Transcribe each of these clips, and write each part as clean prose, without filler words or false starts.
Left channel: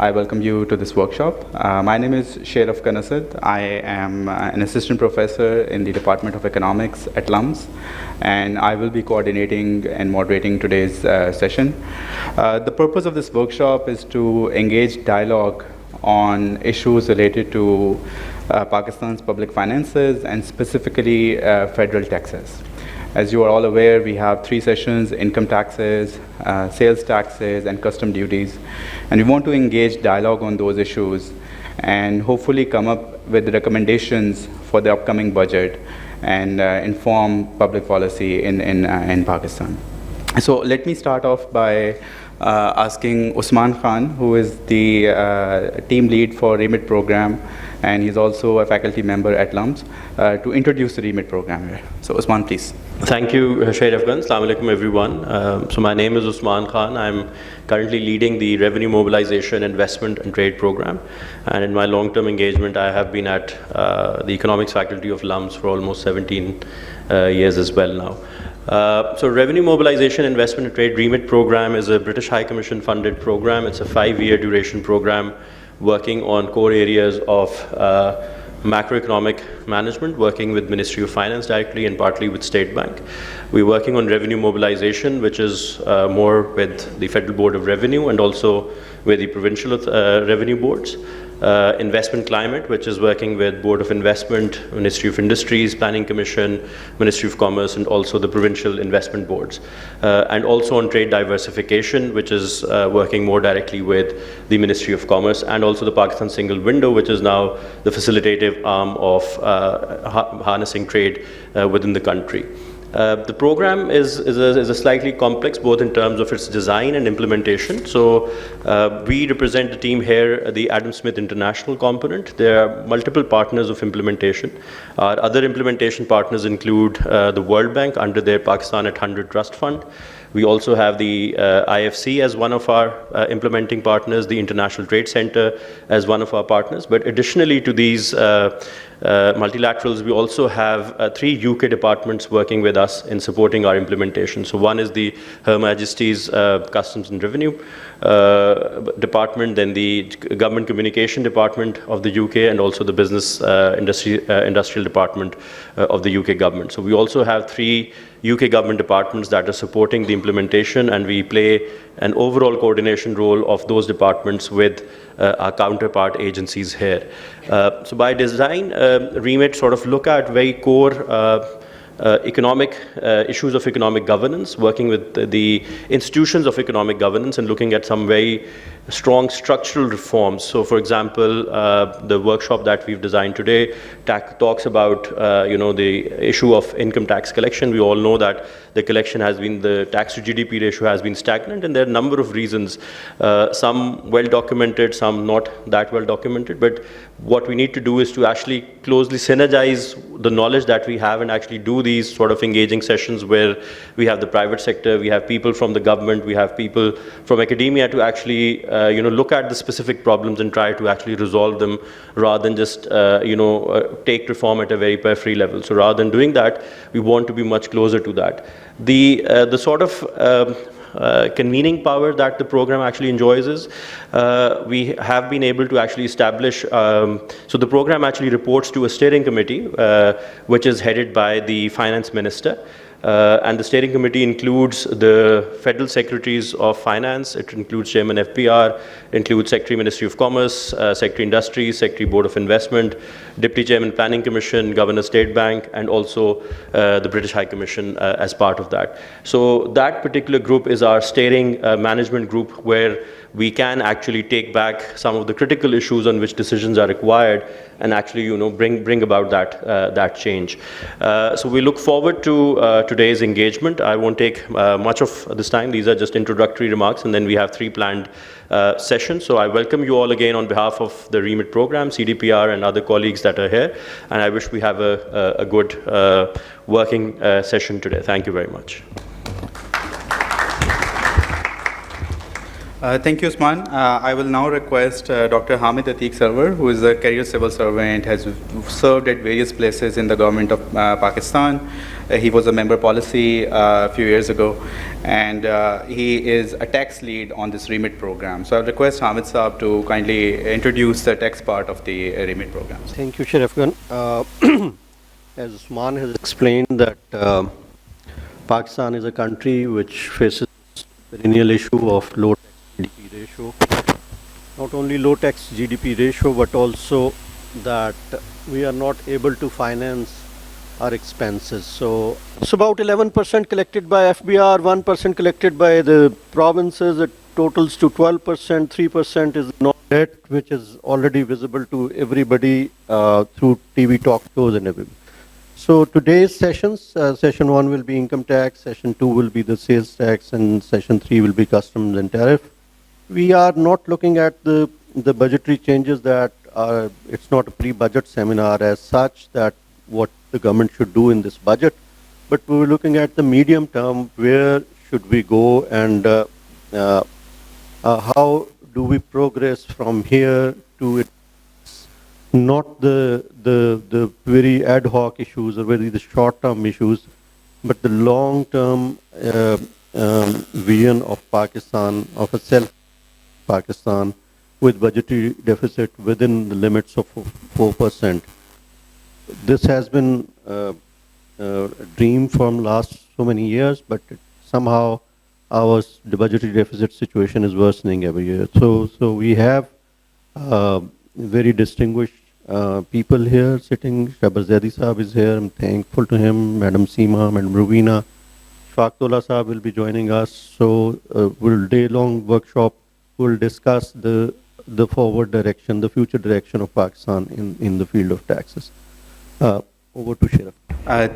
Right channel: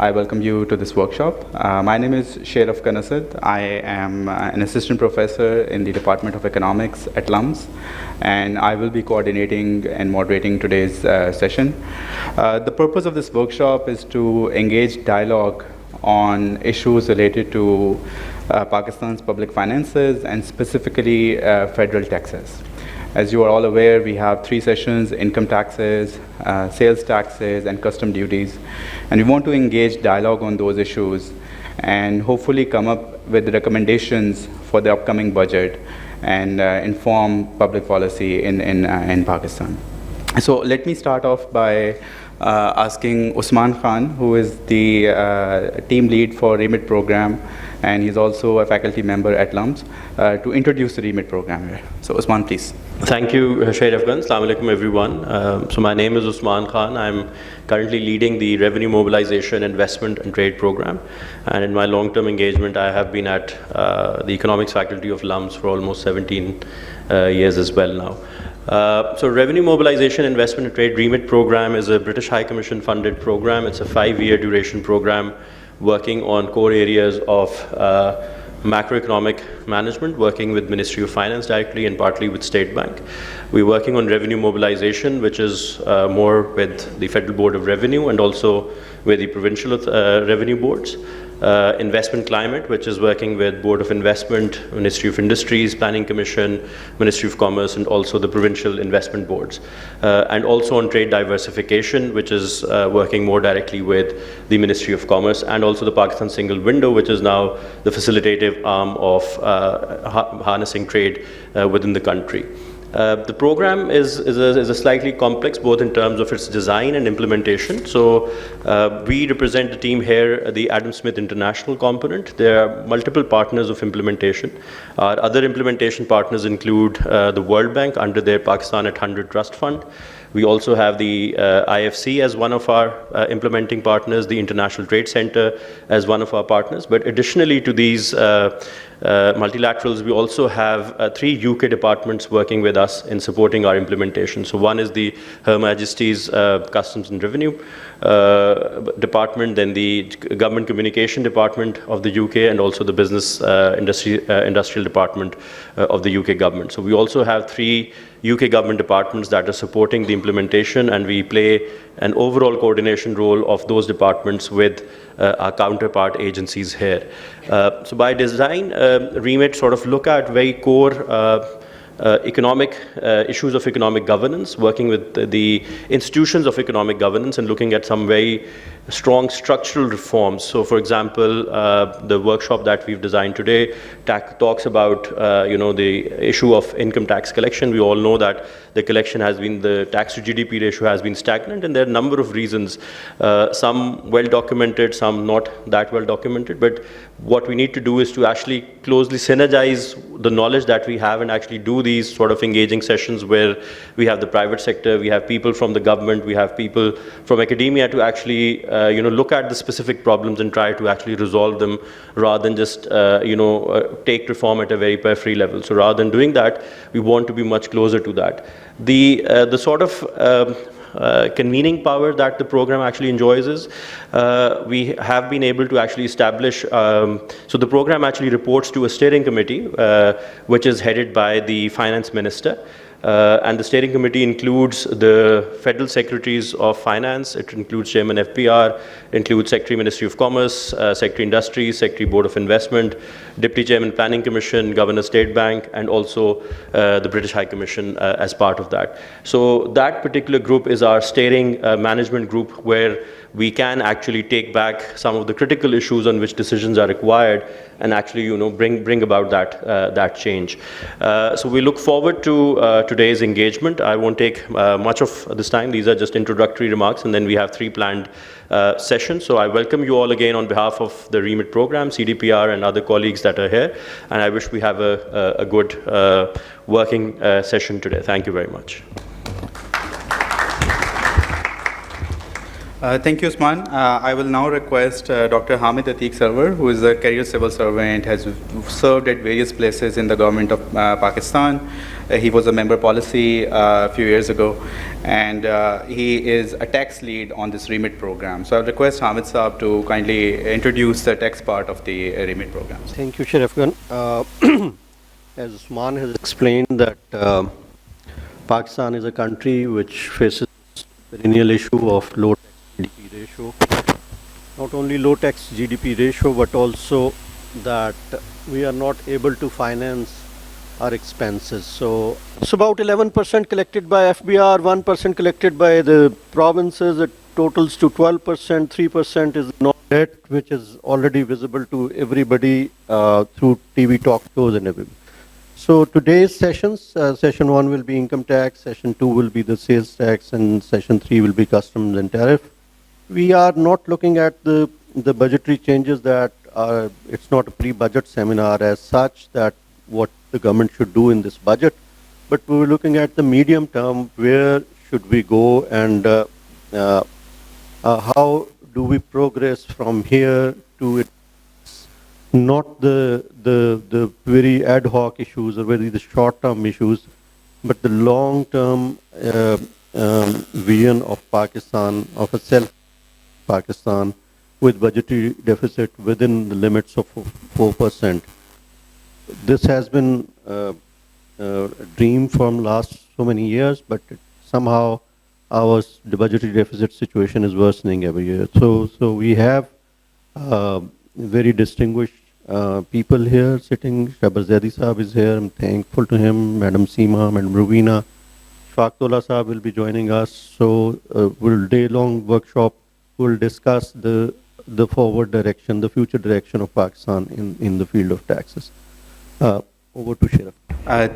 I welcome you to this workshop. My name is Sheraf Kanasad. I am an assistant professor in the Department of Economics at LUMS, and I will be coordinating and moderating today's session. The purpose of this workshop is to engage dialogue on issues related to Pakistan's public finances and specifically federal taxes. As you are all aware, we have 3 sessions: income taxes, sales taxes, and custom duties. And we want to engage dialogue on those issues and hopefully come up with recommendations for the upcoming budget and inform public policy in Pakistan. So let me start off by asking Usman Khan, who is the team lead for REMIT program, and he's also a faculty member at LUMS, to introduce the REMIT program here. So Usman, please. Thank you, Sharif Khan. Assalamu alaikum, everyone. So my name is Usman Khan. I'm currently leading the Revenue Mobilisation, Investment and Trade program. And in my long-term engagement, I have been at the Economics faculty of LUMS for almost 17 years as well now. So Revenue Mobilisation, Investment and Trade REMIT program is a British High Commission funded program. It's a 5-year duration program working on core areas of macroeconomic management, working with Ministry of Finance directly and partly with State Bank. We're working on revenue mobilization, which is more with the Federal Board of Revenue and also with the provincial revenue boards. Investment climate, which is working with Board of Investment, Ministry of Industries, Planning Commission, Ministry of Commerce, and also the provincial investment boards. And also on trade diversification, which is working more directly with the Ministry of Commerce and also the Pakistan Single Window, which is now the facilitative arm of harnessing trade within the country. The program is a slightly complex, both in terms of its design and implementation. So we represent the team here, the Adam Smith International component. There are multiple partners of implementation. Our other implementation partners include the World Bank under their Pakistan at 100 Trust Fund. We also have the IFC as one of our implementing partners, the International Trade Center as one of our partners. But additionally to these multilaterals, we also have 3 UK departments working with us in supporting our implementation. So one is the Her Majesty's Customs and Revenue department, then the Government Communication Department of the UK, and also the Business Industrial Department of the UK government. So we also have 3 UK government departments that are supporting the implementation, and we play an overall coordination role of those departments with our counterpart agencies here. So by design, REMIT sort of look at very core economic issues of economic governance, working with the institutions of economic governance and looking at some very strong structural reforms. So for example, the workshop that we've designed today talks about the issue of income tax collection. We all know that the collection has been, the tax to GDP ratio has been stagnant, and there are a number of reasons, some well documented, some not that well documented. But what we need to do is to actually closely synergize the knowledge that we have and actually do these sort of engaging sessions where we have the private sector, we have people from the government, we have people from academia to actually look at the specific problems and try to actually resolve them rather than just take reform at a very periphery level. So rather than doing that, we want to be much closer to that. The sort of convening power that the program actually enjoys is we have been able to actually establish, so the program actually reports to a steering committee which is headed by the finance minister. And the steering committee includes the federal secretaries of finance, it includes chairman FPR, includes secretary Ministry of Commerce, secretary Industries, secretary Board of Investment, deputy chairman Planning Commission, governor State Bank, and also the British High Commission as part of that. So that particular group is our steering management group, where we can actually take back some of the critical issues on which decisions are required and actually bring about that change. So we look forward to today's engagement. I won't take much of this time. These are just introductory remarks, and then we have 3 planned sessions. So I welcome you all again on behalf of the REMIT program, CDPR, and other colleagues that are here, and I wish we have a good working session today. Thank you very much. Thank you, Usman. I will now request Dr. Hamid Atiq Sarwar, who is a career civil servant, has served at various places in the government of Pakistan. He was a member policy a few years ago, and he is a tax lead on this REMIT program. So I'll request Hamid Saab to kindly introduce the tax part of the REMIT program. Thank you, Sharif Khan. As Usman has explained that Pakistan is a country which faces perennial issue of low tax GDP ratio. Not only low tax GDP ratio, but also that we are not able to finance our expenses. So it's about 11% collected by FBR, 1% collected by the provinces. It totals to 12%, 3% is non-debt, which is already visible to everybody through TV talk shows and everything. So today's sessions, session 1 will be income tax, session 2 will be the sales tax, and session 3 will be customs and tariff. We are not looking at the budgetary changes that are, it's not a pre-budget seminar as such that what the government should do in this budget, but we were looking at the medium term, where should we go and how do we progress from here to it. Not the very ad hoc issues or very the short-term issues, but the long-term vision of Pakistan, of a self-Pakistan with budgetary deficit within the limits of 4%. This has been a dream from last so many years, but somehow the budgetary deficit situation is worsening every year. So we have very distinguished people here sitting. Shabar Zaidi Saab is here. I'm thankful to him. Madam Seema, Madam Rubina. Shafaqullah Saab will be joining us. So we'll day-long workshop. We'll discuss the forward direction, the future direction of Pakistan in the field of taxes. Over to Sharif.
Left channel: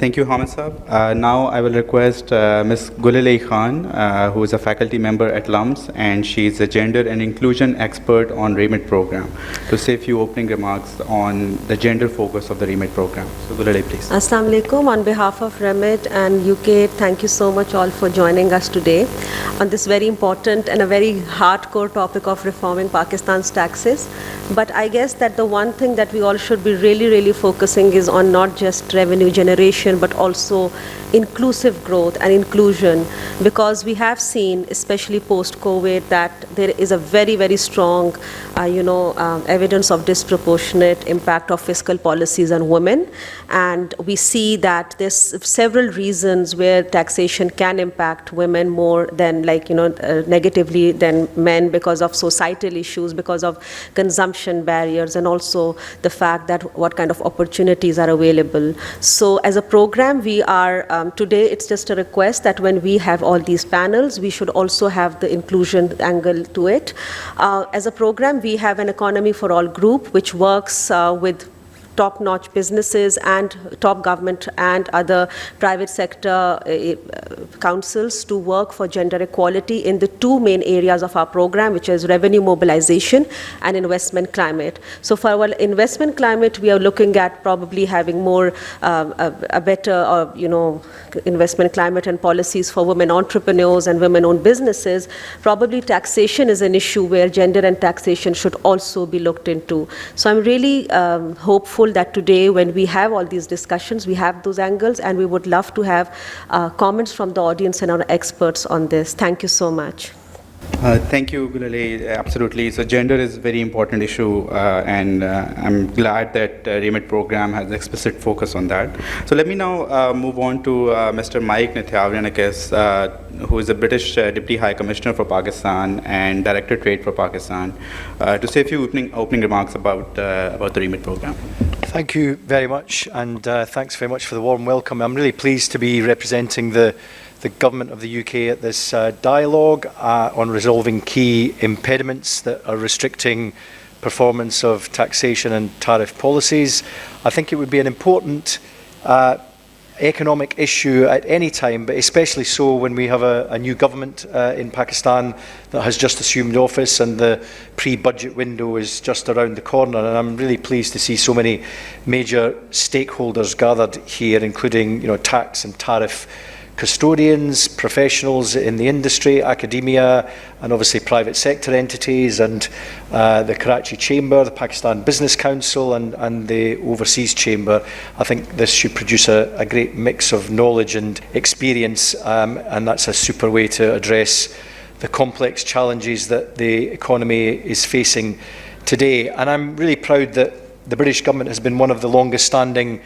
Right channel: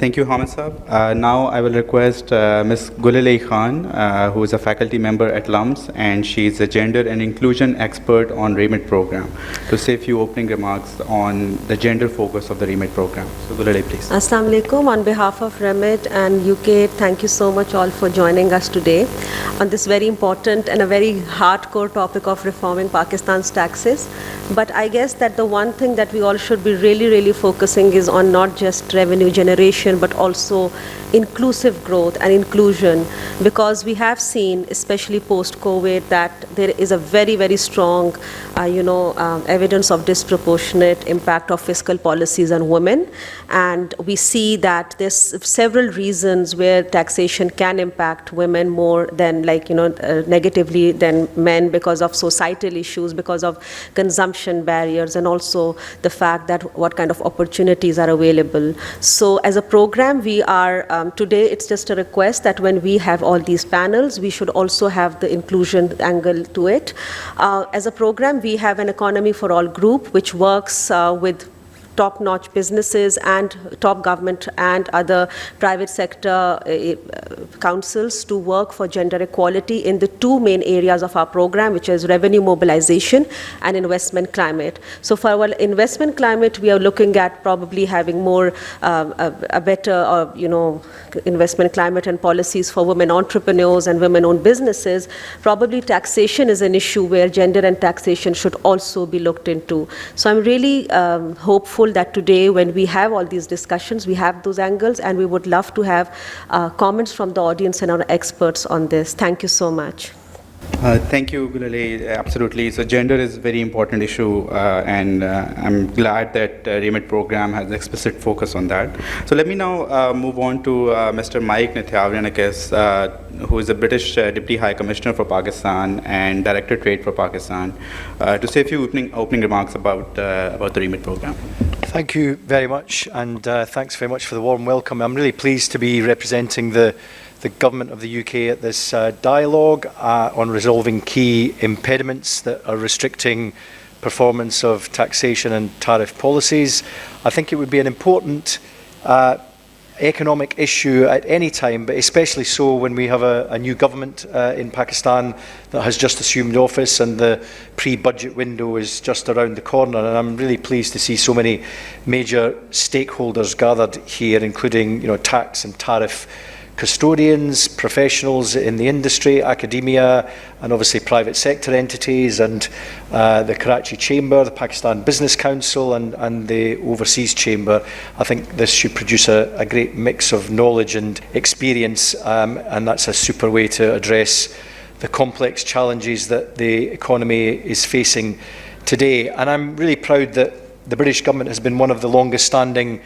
Thank you, Hamid Saab. Now I will request Ms. Gulilay Khan, who is a faculty member at LUMS, and she is a gender and inclusion expert on REMIT program, to say a few opening remarks on the gender focus of the REMIT program. So Gulilay, please. Assalamu alaikum. On behalf of REMIT and UK, thank you so much all for joining us today on this very important and a very hardcore topic of reforming Pakistan's taxes. But I guess that the one thing that we all should be really focusing is on not just revenue generation, but also inclusive growth and inclusion, because we have seen, especially post-COVID, that there is a very strong, evidence of disproportionate impact of fiscal policies on women. And we see that there's several reasons where taxation can impact women more than negatively than men, because of societal issues, because of consumption barriers, and also the fact that what kind of opportunities are available. So as a program, we are, today it's just a request that when we have all these panels, we should also have the inclusion angle to it. As a program, we have an Economy for All group, which works with top-notch businesses and top government and other private sector councils to work for gender equality in the two main areas of our program, which is revenue mobilization and investment climate. So for our investment climate, we are looking at probably having more a better investment climate and policies for women entrepreneurs and women-owned businesses. Probably taxation is an issue where gender and taxation should also be looked into. So I'm really hopeful that today, when we have all these discussions, we have those angles, and we would love to have comments from the audience and our experts on this. Thank you so much. Thank you, Gulilay. Absolutely. So gender is a very important issue, and I'm glad that REMIT program has explicit focus on that. So let me now move on to Mr. Mike Nithyavianakis, who is a British Deputy High Commissioner for Pakistan and Director Trade for Pakistan, to say a few opening remarks about the REMIT program. Thank you very much, and thanks very much for the warm welcome. I'm really pleased to be representing the Government of the UK at this dialogue on resolving key impediments that are restricting performance of taxation and tariff policies. I think it would be an important economic issue at any time, but especially so when we have a new government in Pakistan that has just assumed office and the pre-budget window is just around the corner. And I'm really pleased to see so many major stakeholders gathered here, including tax and tariff custodians, professionals in the industry, academia, and obviously private sector entities, and the Karachi Chamber, the Pakistan Business Council, and the Overseas Chamber. I think this should produce a great mix of knowledge and experience, and that's a super way to address the complex challenges that the economy is facing today. And I'm really proud that the British government has been one of the longest standing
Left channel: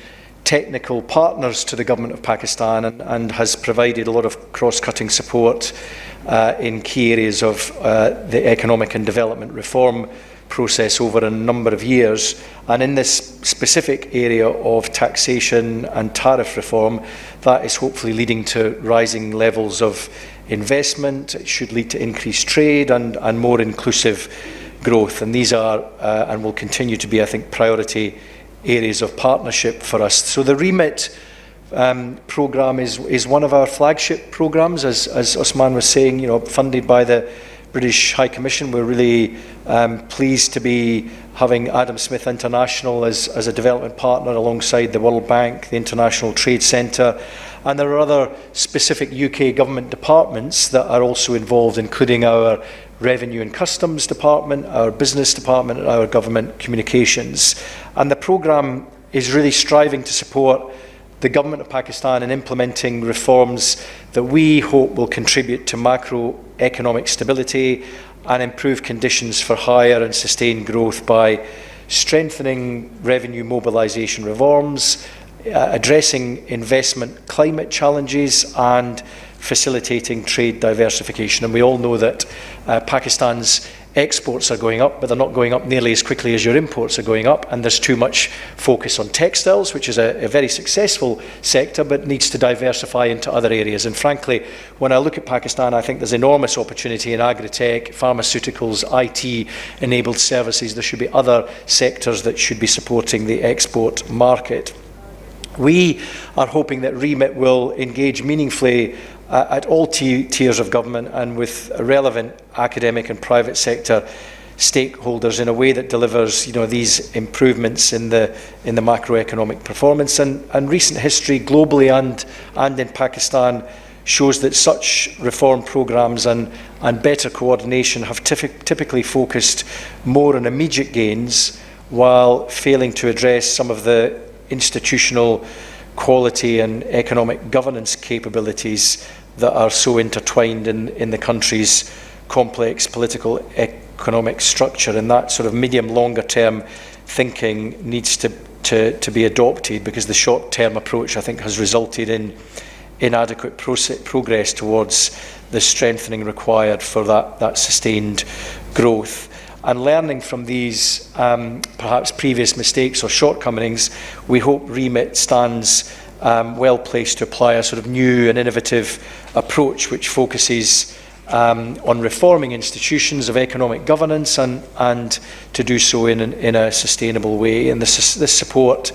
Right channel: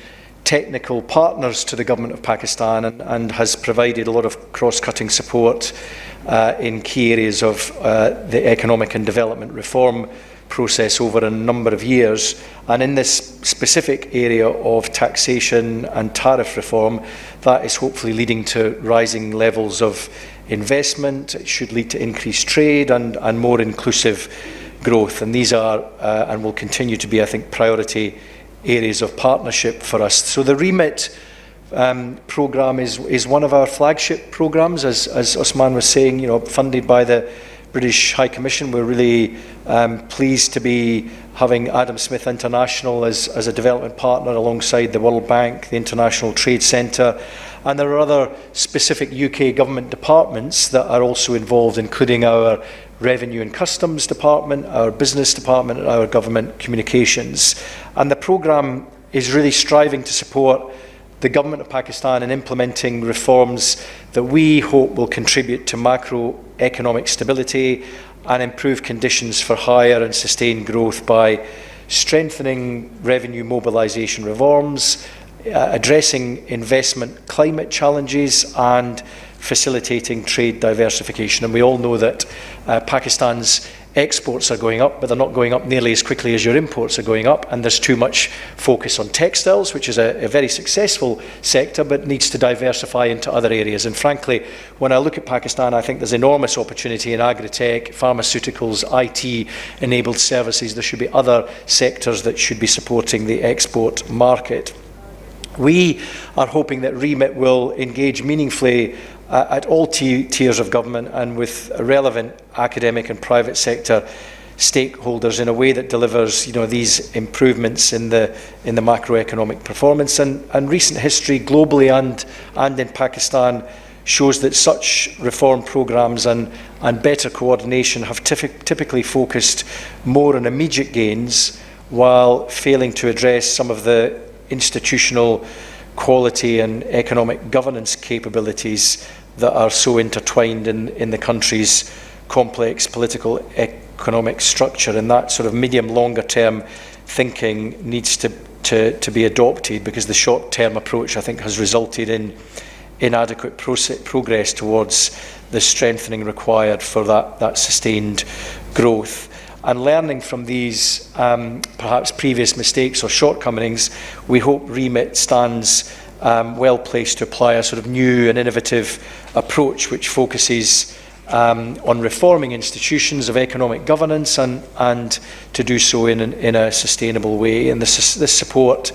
technical partners to the government of Pakistan, and has provided a lot of cross-cutting support in key areas of the economic and development reform process over a number of years. And in this specific area of taxation and tariff reform, that is hopefully leading to rising levels of investment. It should lead to increased trade and more inclusive growth. And these are and will continue to be, I think, priority areas of partnership for us. So the REMIT programme is one of our flagship programmes, as Osman was saying, funded by the British High Commission. We're really pleased to be having Adam Smith International as a development partner alongside the World Bank, the International Trade Centre, and there are other specific UK government departments that are also involved, including our Revenue and Customs Department, our Business Department, and our Government Communications. And the programme is really striving to support the government of Pakistan in implementing reforms that we hope will contribute to macroeconomic stability and improve conditions for higher and sustained growth by strengthening revenue mobilisation reforms, addressing investment climate challenges, and facilitating trade diversification. And we all know that Pakistan's exports are going up, but they're not going up nearly as quickly as your imports are going up, and there's too much focus on textiles, which is a very successful sector, but needs to diversify into other areas. And frankly, when I look at Pakistan, I think there's enormous opportunity in agri-tech, pharmaceuticals, IT-enabled services. There should be other sectors that should be supporting the export market. We are hoping that REMIT will engage meaningfully at all tiers of government and with relevant academic and private sector stakeholders in a way that delivers, these improvements in the macroeconomic performance. And recent history globally and in Pakistan shows that such reform programmes and better coordination have typically focused more on immediate gains while failing to address some of the institutional quality and economic governance capabilities that are so intertwined in the country's complex political economic structure. And that sort of medium longer term thinking needs to be adopted, because the short term approach, I think, has resulted in inadequate progress towards the strengthening required for that sustained growth. And learning from these perhaps previous mistakes or shortcomings, we hope REMIT stands well placed to apply a sort of new and innovative approach which focuses on reforming institutions of economic governance and to do so in a sustainable way. And this support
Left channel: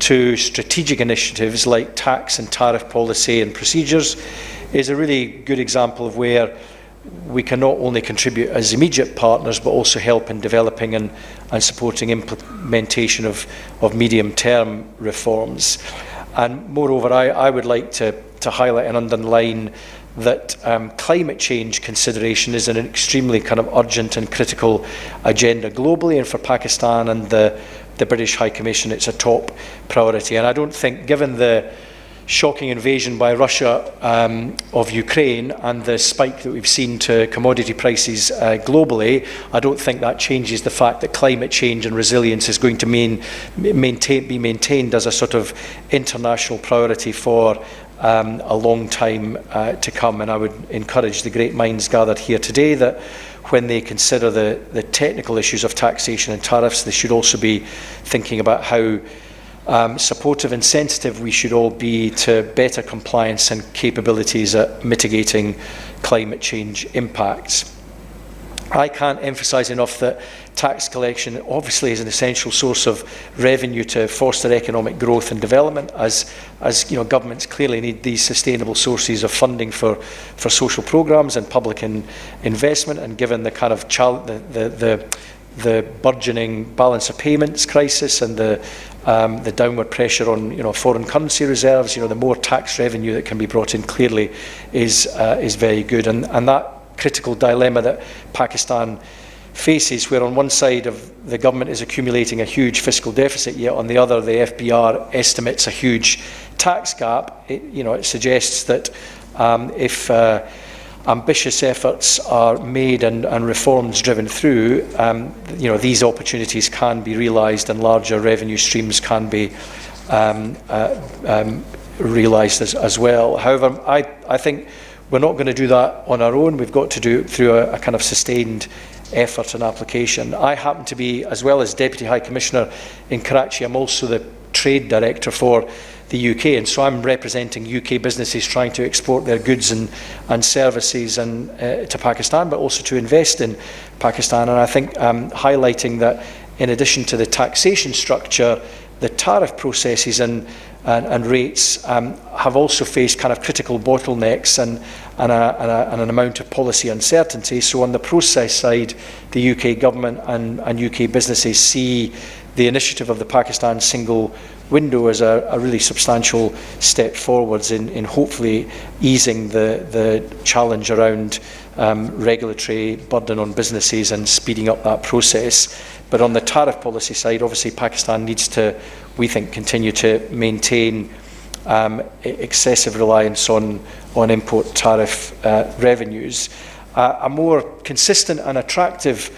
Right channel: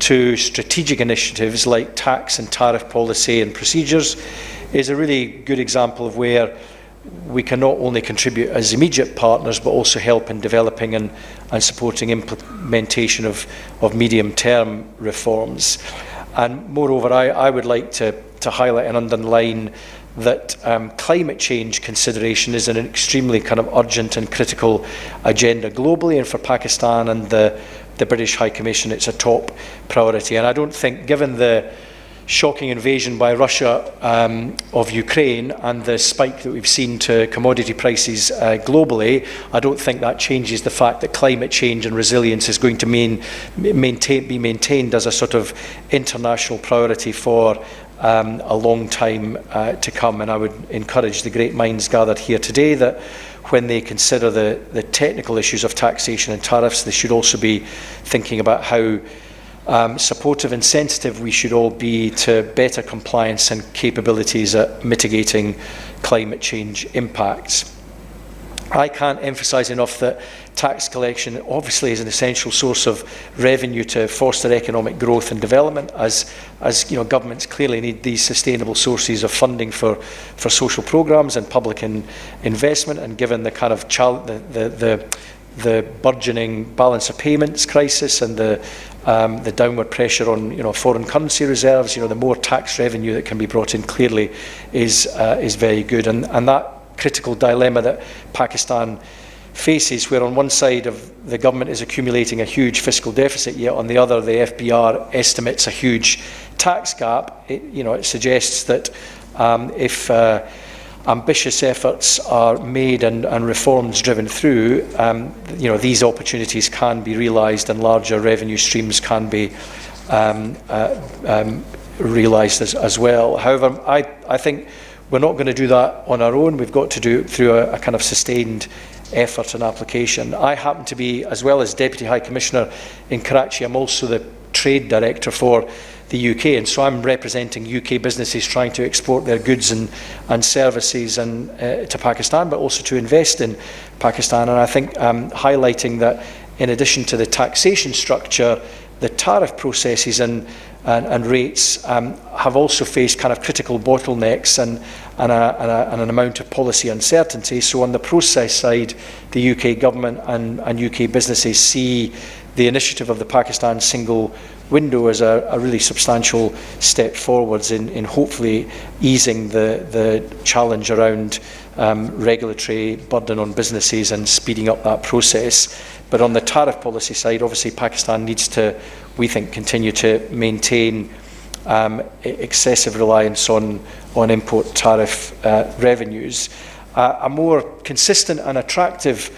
to strategic initiatives like tax and tariff policy and procedures is a really good example of where we can not only contribute as immediate partners, but also help in developing and supporting implementation of medium-term reforms. And moreover, I would like to highlight and underline that climate change consideration is an extremely kind of urgent and critical agenda globally, and for Pakistan and the British High Commission, it's a top priority. And I don't think, given the shocking invasion by Russia of Ukraine and the spike that we've seen to commodity prices globally, I don't think that changes the fact that climate change and resilience is going to be maintained as a sort of international priority for a long time to come. And I would encourage the great minds gathered here today that when they consider the technical issues of taxation and tariffs, they should also be thinking about how supportive and sensitive we should all be to better compliance and capabilities at mitigating climate change impacts. I can't emphasise enough that tax collection obviously is an essential source of revenue to foster economic growth and development, as governments clearly need these sustainable sources of funding for social programmes and public investment. And given the kind of the burgeoning balance of payments crisis and the the downward pressure on foreign currency reserves, the more tax revenue that can be brought in clearly is very good. And that critical dilemma that Pakistan faces, where on one side of the government is accumulating a huge fiscal deficit, yet on the other the FBR estimates a huge tax gap, it suggests that if ambitious efforts are made and reforms driven through, these opportunities can be realised and larger revenue streams can be realised as well. However, I think we're not going to do that on our own. We've got to do it through a kind of sustained effort and application. I happen to be, as well as Deputy High Commissioner in Karachi, I'm also the Trade Director for the UK, and so I'm representing UK businesses trying to export their goods and services to Pakistan, but also to invest in Pakistan. And I think highlighting that in addition to the taxation structure, the tariff processes and rates have also faced kind of critical bottlenecks and an amount of policy uncertainty. So on the process side, the UK government and UK businesses see the initiative of the Pakistan single window as a really substantial step forwards in hopefully easing the challenge around regulatory burden on businesses and speeding up that process. But on the tariff policy side, obviously Pakistan needs to, we think, continue to maintain excessive reliance on import tariff revenues. A more consistent and attractive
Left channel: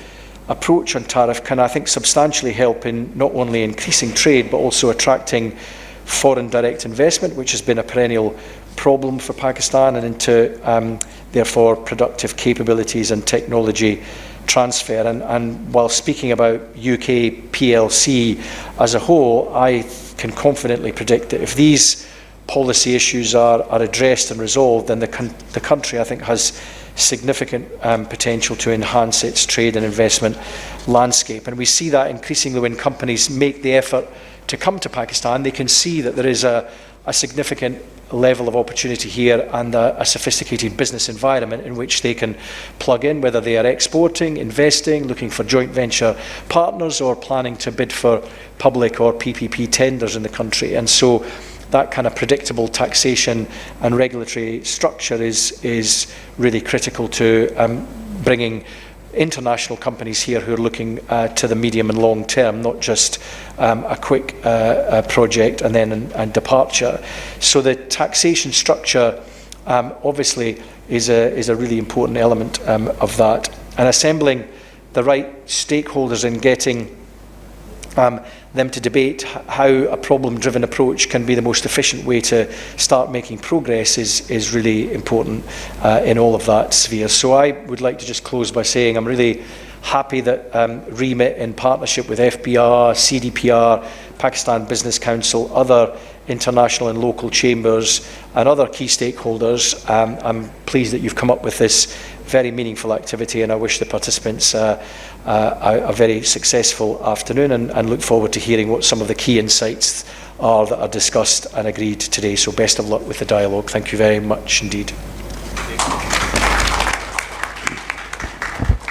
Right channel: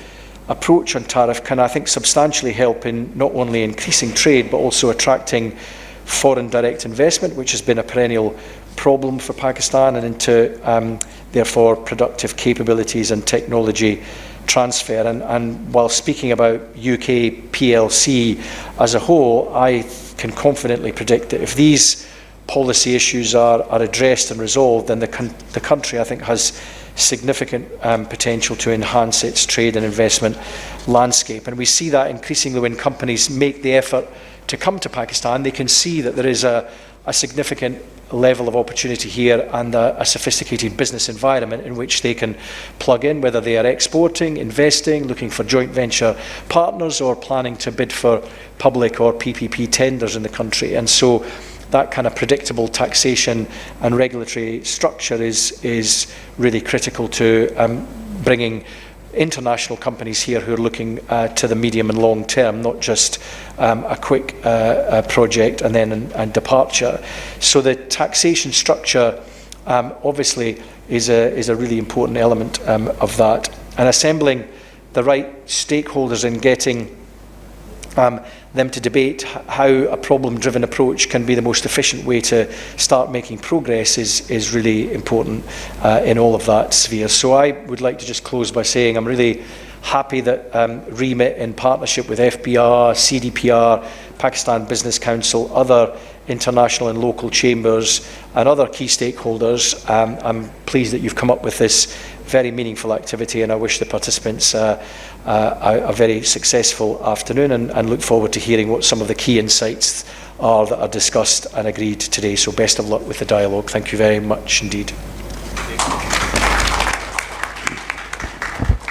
approach on tariff can, I think, substantially help in not only increasing trade but also attracting foreign direct investment, which has been a perennial problem for Pakistan, and into therefore productive capabilities and technology transfer. And while speaking about UK PLC as a whole, I can confidently predict that if these policy issues are addressed and resolved, then the country, I think, has significant potential to enhance its trade and investment landscape. And we see that increasingly when companies make the effort to come to Pakistan. They can see that there is a significant level of opportunity here and a sophisticated business environment in which they can plug in, whether they are exporting, investing, looking for joint venture partners, or planning to bid for public or PPP tenders in the country. And so that kind of predictable taxation and regulatory structure is really critical to bringing international companies here who are looking to the medium and long term, not just a quick project and then departure. So the taxation structure obviously is a really important element of that. And assembling the right stakeholders and getting them to debate how a problem-driven approach can be the most efficient way to start making progress is really important in all of that sphere. So I would like to just close by saying I'm really happy that REMIT, in partnership with FBR, CDPR, Pakistan Business Council, other international and local chambers and other key stakeholders, I'm pleased that you've come up with this very meaningful activity, and I wish the participants a very successful afternoon, and look forward to hearing what some of the key insights are that are discussed and agreed today. So best of luck with the dialogue. Thank you very much indeed.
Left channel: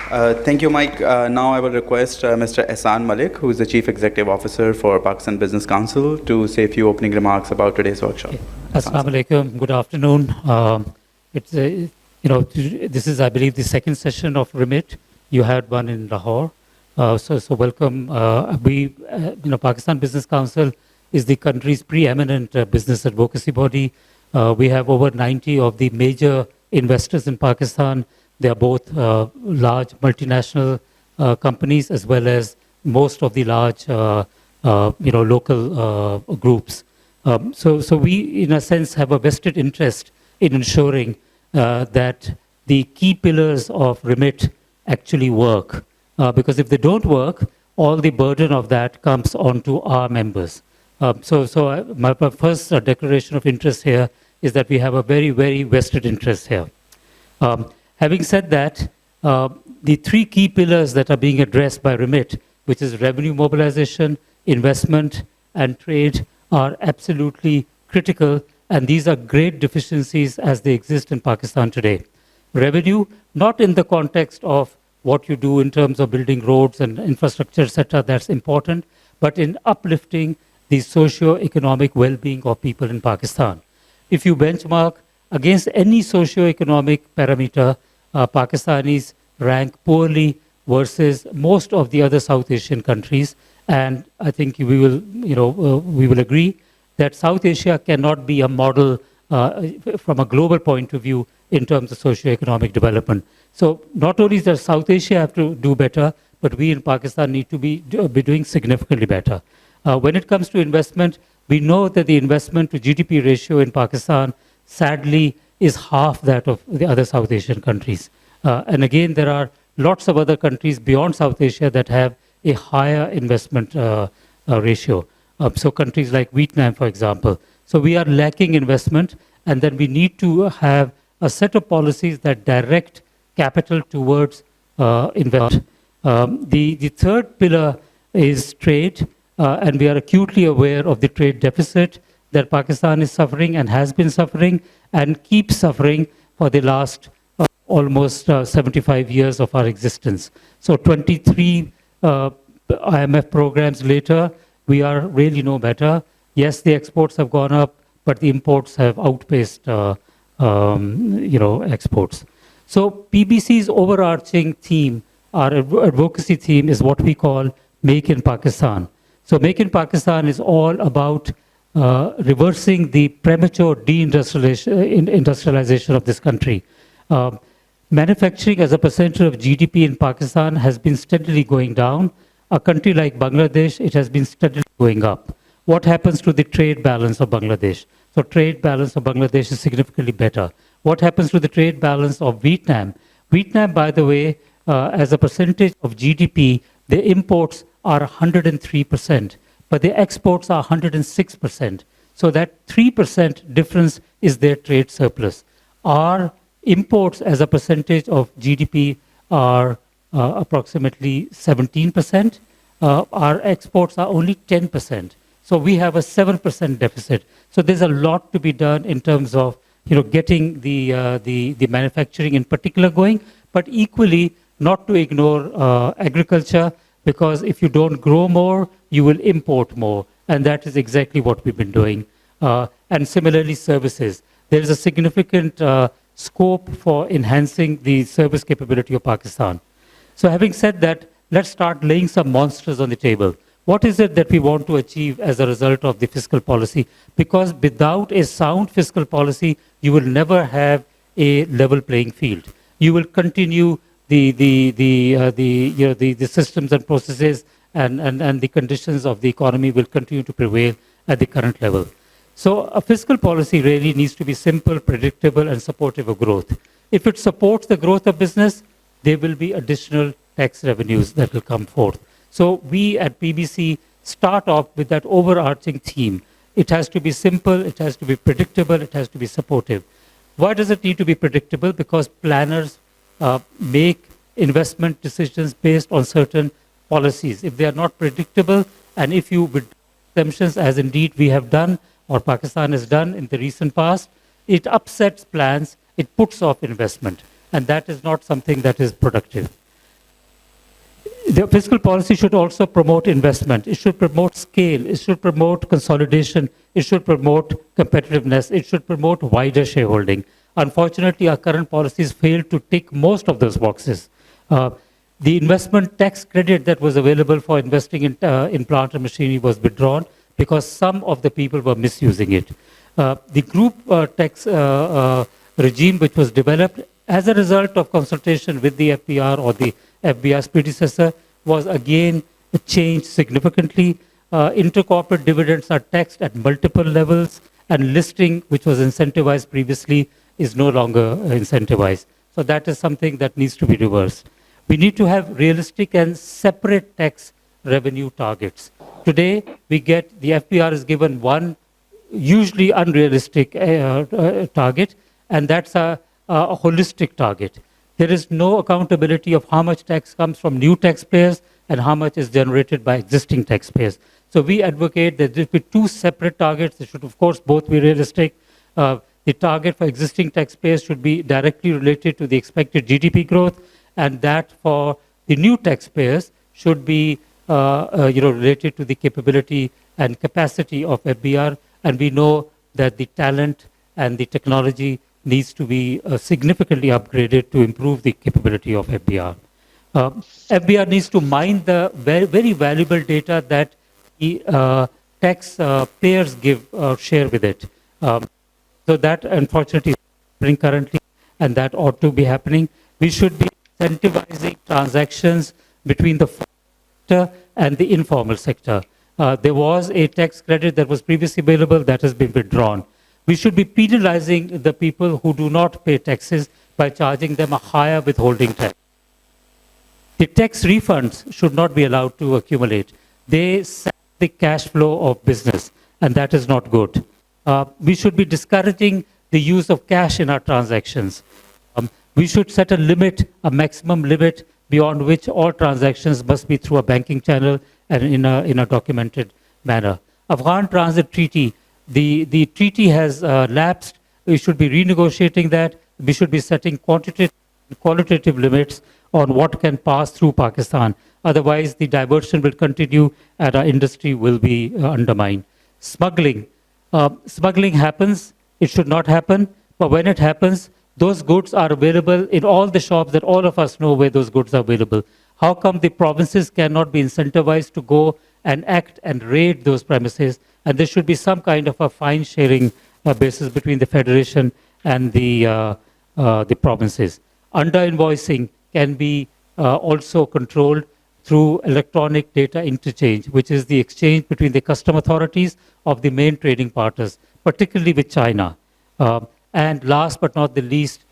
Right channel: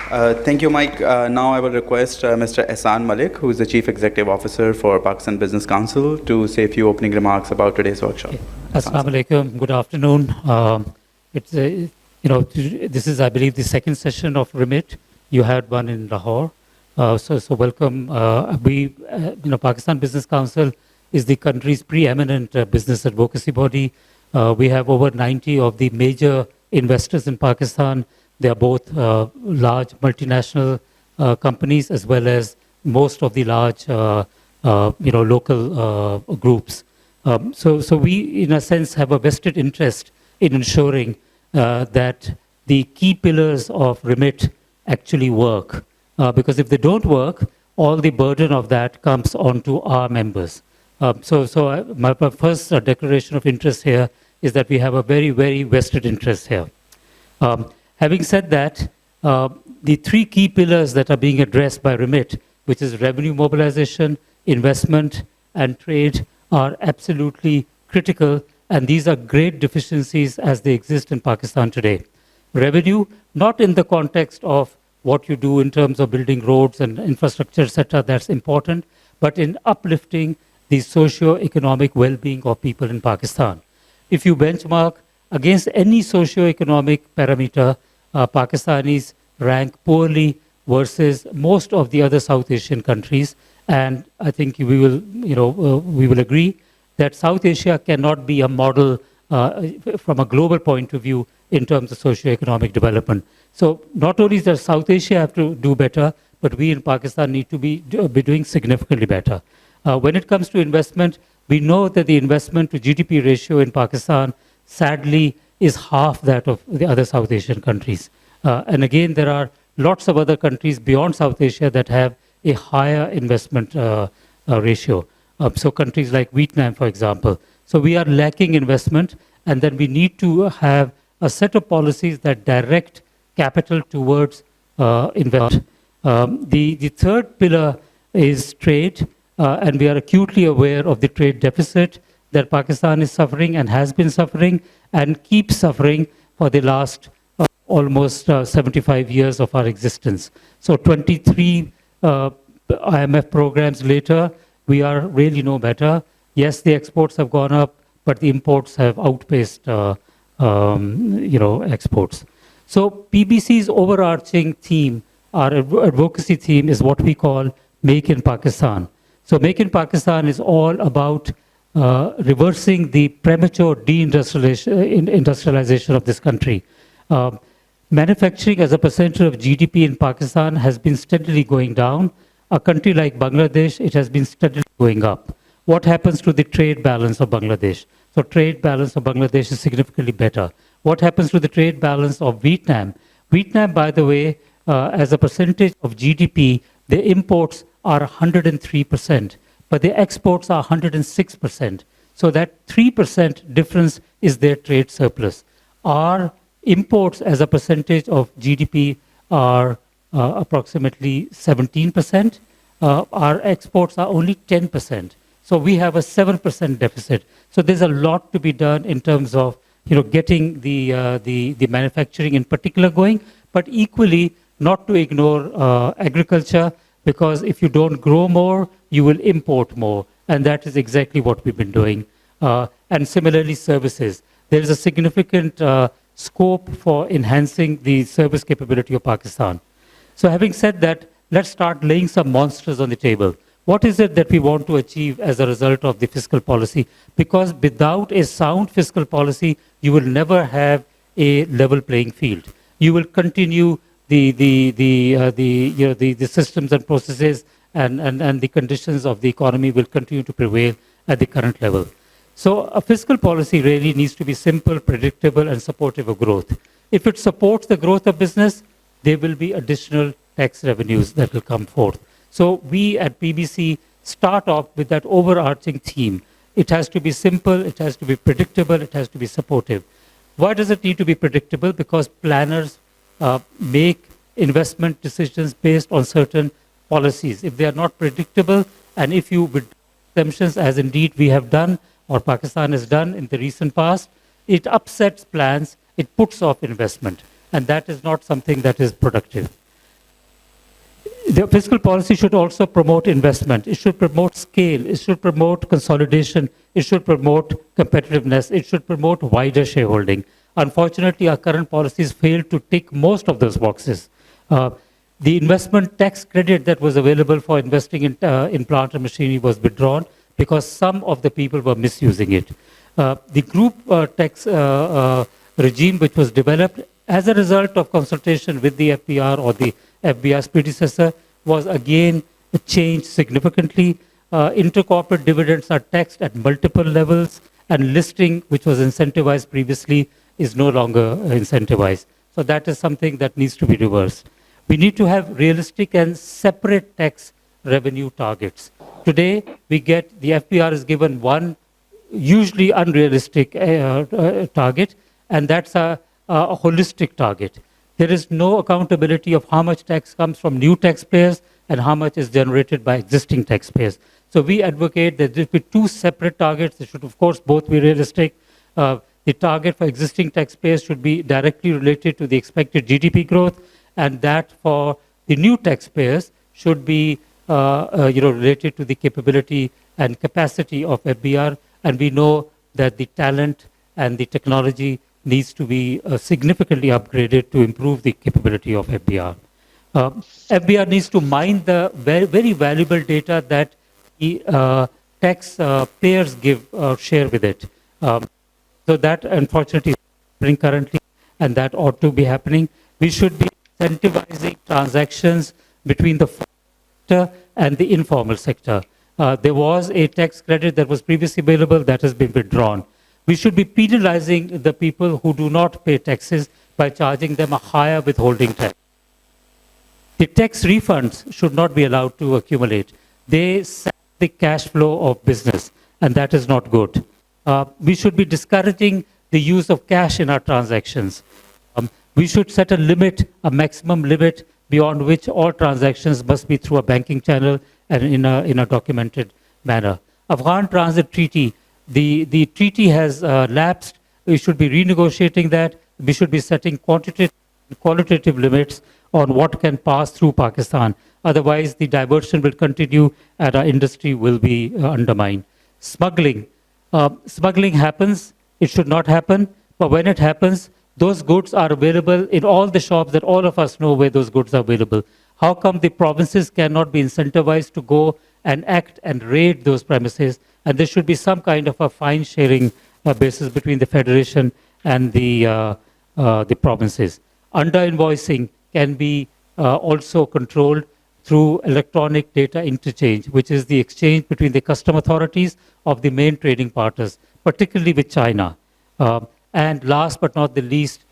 Thank you, Mike. Now I will request Mr. Ehsan Malik, who is the Chief Executive Officer for Pakistan Business Council, to say a few opening remarks about today's workshop. Assalamu alaikum. Good afternoon. This is, I believe, the second session of REMIT. You had one in Lahore. So welcome. Pakistan Business Council is the country's preeminent business advocacy body. We have over 90 of the major investors in Pakistan. They are both large multinational companies, as well as most of the large local groups. So we, in a sense, have a vested interest in ensuring that the key pillars of REMIT actually work. Because if they don't work, all the burden of that comes onto our members. My first declaration of interest here is that we have a very, very vested interest here. Having said that, the three key pillars that are being addressed by REMIT, which is revenue mobilization, investment, and trade, are absolutely critical, and these are great deficiencies as they exist in Pakistan today. Revenue, not in the context of what you do in terms of building roads and infrastructure, etc., that's important, but in uplifting the socio-economic well-being of people in Pakistan. If you benchmark against any socio-economic parameter, Pakistanis rank poorly versus most of the other South Asian countries. And I think we will agree that South Asia cannot be a model from a global point of view in terms of socio-economic development. So not only does South Asia have to do better, but we in Pakistan need to be doing significantly better. When it comes to investment, we know that the investment to GDP ratio in Pakistan, sadly, is half that of the other South Asian countries. And again, there are lots of other countries beyond South Asia that have a higher investment ratio. So countries like Vietnam, for example. So we are lacking investment, and then we need to have a set of policies that direct capital towards investment. The third pillar is trade, and we are acutely aware of the trade deficit that Pakistan is suffering and has been suffering and keeps suffering for the last almost 75 years of our existence. So 23 IMF programs later, we are really no better. Yes, the exports have gone up, but the imports have outpaced exports. So PBC's overarching theme, our advocacy theme, is what we call Make in Pakistan. So Make in Pakistan is all about reversing the premature deindustrialization of this country. Manufacturing as a percentage of GDP in Pakistan has been steadily going down. A country like Bangladesh, it has been steadily going up. What happens to the trade balance of Bangladesh? So trade balance of Bangladesh is significantly better. What happens to the trade balance of Vietnam? Vietnam, by the way, as a percentage of GDP, the imports are 103%, but the exports are 106%. So that 3% difference is their trade surplus. Our imports as a percentage of GDP are approximately 17%. Our exports are only 10%. So we have a 7% deficit. So there's a lot to be done in terms of getting the manufacturing in particular going, but equally not to ignore agriculture, because if you don't grow more, you will import more. And that is exactly what we've been doing. And similarly, services. There is a significant scope for enhancing the service capability of Pakistan. So having said that, let's start laying some monsters on the table. What is it that we want to achieve as a result of the fiscal policy? Because without a sound fiscal policy, you will never have a level playing field. You will continue the systems and processes and the conditions of the economy will continue to prevail at the current level. So a fiscal policy really needs to be simple, predictable, and supportive of growth. If it supports the growth of business, there will be additional tax revenues that will come forth. So we at PBC start off with that overarching theme. It has to be simple, it has to be predictable, it has to be supportive. Why does it need to be predictable? Because planners make investment decisions based on certain policies. If they are not predictable, and if you withdraw exemptions, as indeed we have done, or Pakistan has done in the recent past, it upsets plans, it puts off investment, and that is not something that is productive. The fiscal policy should also promote investment. It should promote scale. It should promote consolidation. It should promote competitiveness. It should promote wider shareholding. Unfortunately, our current policies fail to tick most of those boxes. The investment tax credit that was available for investing in plant and machinery was withdrawn because some of the people were misusing it. The group tax regime, which was developed as a result of consultation with the FBR or the FBR's predecessor, was again changed significantly. Intercorporate dividends are taxed at multiple levels, and listing, which was incentivized previously, is no longer incentivized. So that is something that needs to be reversed. We need to have realistic and separate tax revenue targets. Today, the FBR is given one usually unrealistic target, and that's a holistic target. There is no accountability of how much tax comes from new taxpayers and how much is generated by existing taxpayers. So we advocate that there should be two separate targets. They should, of course, both be realistic. The target for existing taxpayers should be directly related to the expected GDP growth, and that for the new taxpayers should be related to the capability and capacity of FBR, and we know that the talent and the technology needs to be significantly upgraded to improve the capability of FBR. FBR needs to mine the very, very valuable data that the tax payers give or share with it. So that unfortunately is happening currently, and that ought to be happening. We should be incentivizing transactions between the formal sector and the informal sector. There was a tax credit that was previously available that has been withdrawn. We should be penalizing the people who do not pay taxes by charging them a higher withholding tax. The tax refunds should not be allowed to accumulate. They sap the cash flow of business, and that is not good. We should be discouraging the use of cash in our transactions. We should set a limit, a maximum limit, beyond which all transactions must be through a banking channel and in a documented manner. Afghan Transit Treaty, the treaty has lapsed. We should be renegotiating that. We should be setting qualitative limits on what can pass through Pakistan. Otherwise, the diversion will continue and our industry will be undermined. Smuggling. Smuggling happens. It should not happen. But when it happens, those goods are available in all the shops that all of us know where those goods are available. How come the provinces cannot be incentivized to go and act and raid those premises? And there should be some kind of a fine sharing basis between the federation and the provinces. Under-invoicing can be also controlled through electronic data interchange, which is the exchange between the custom authorities of the main trading partners, particularly with China. And last but not the least,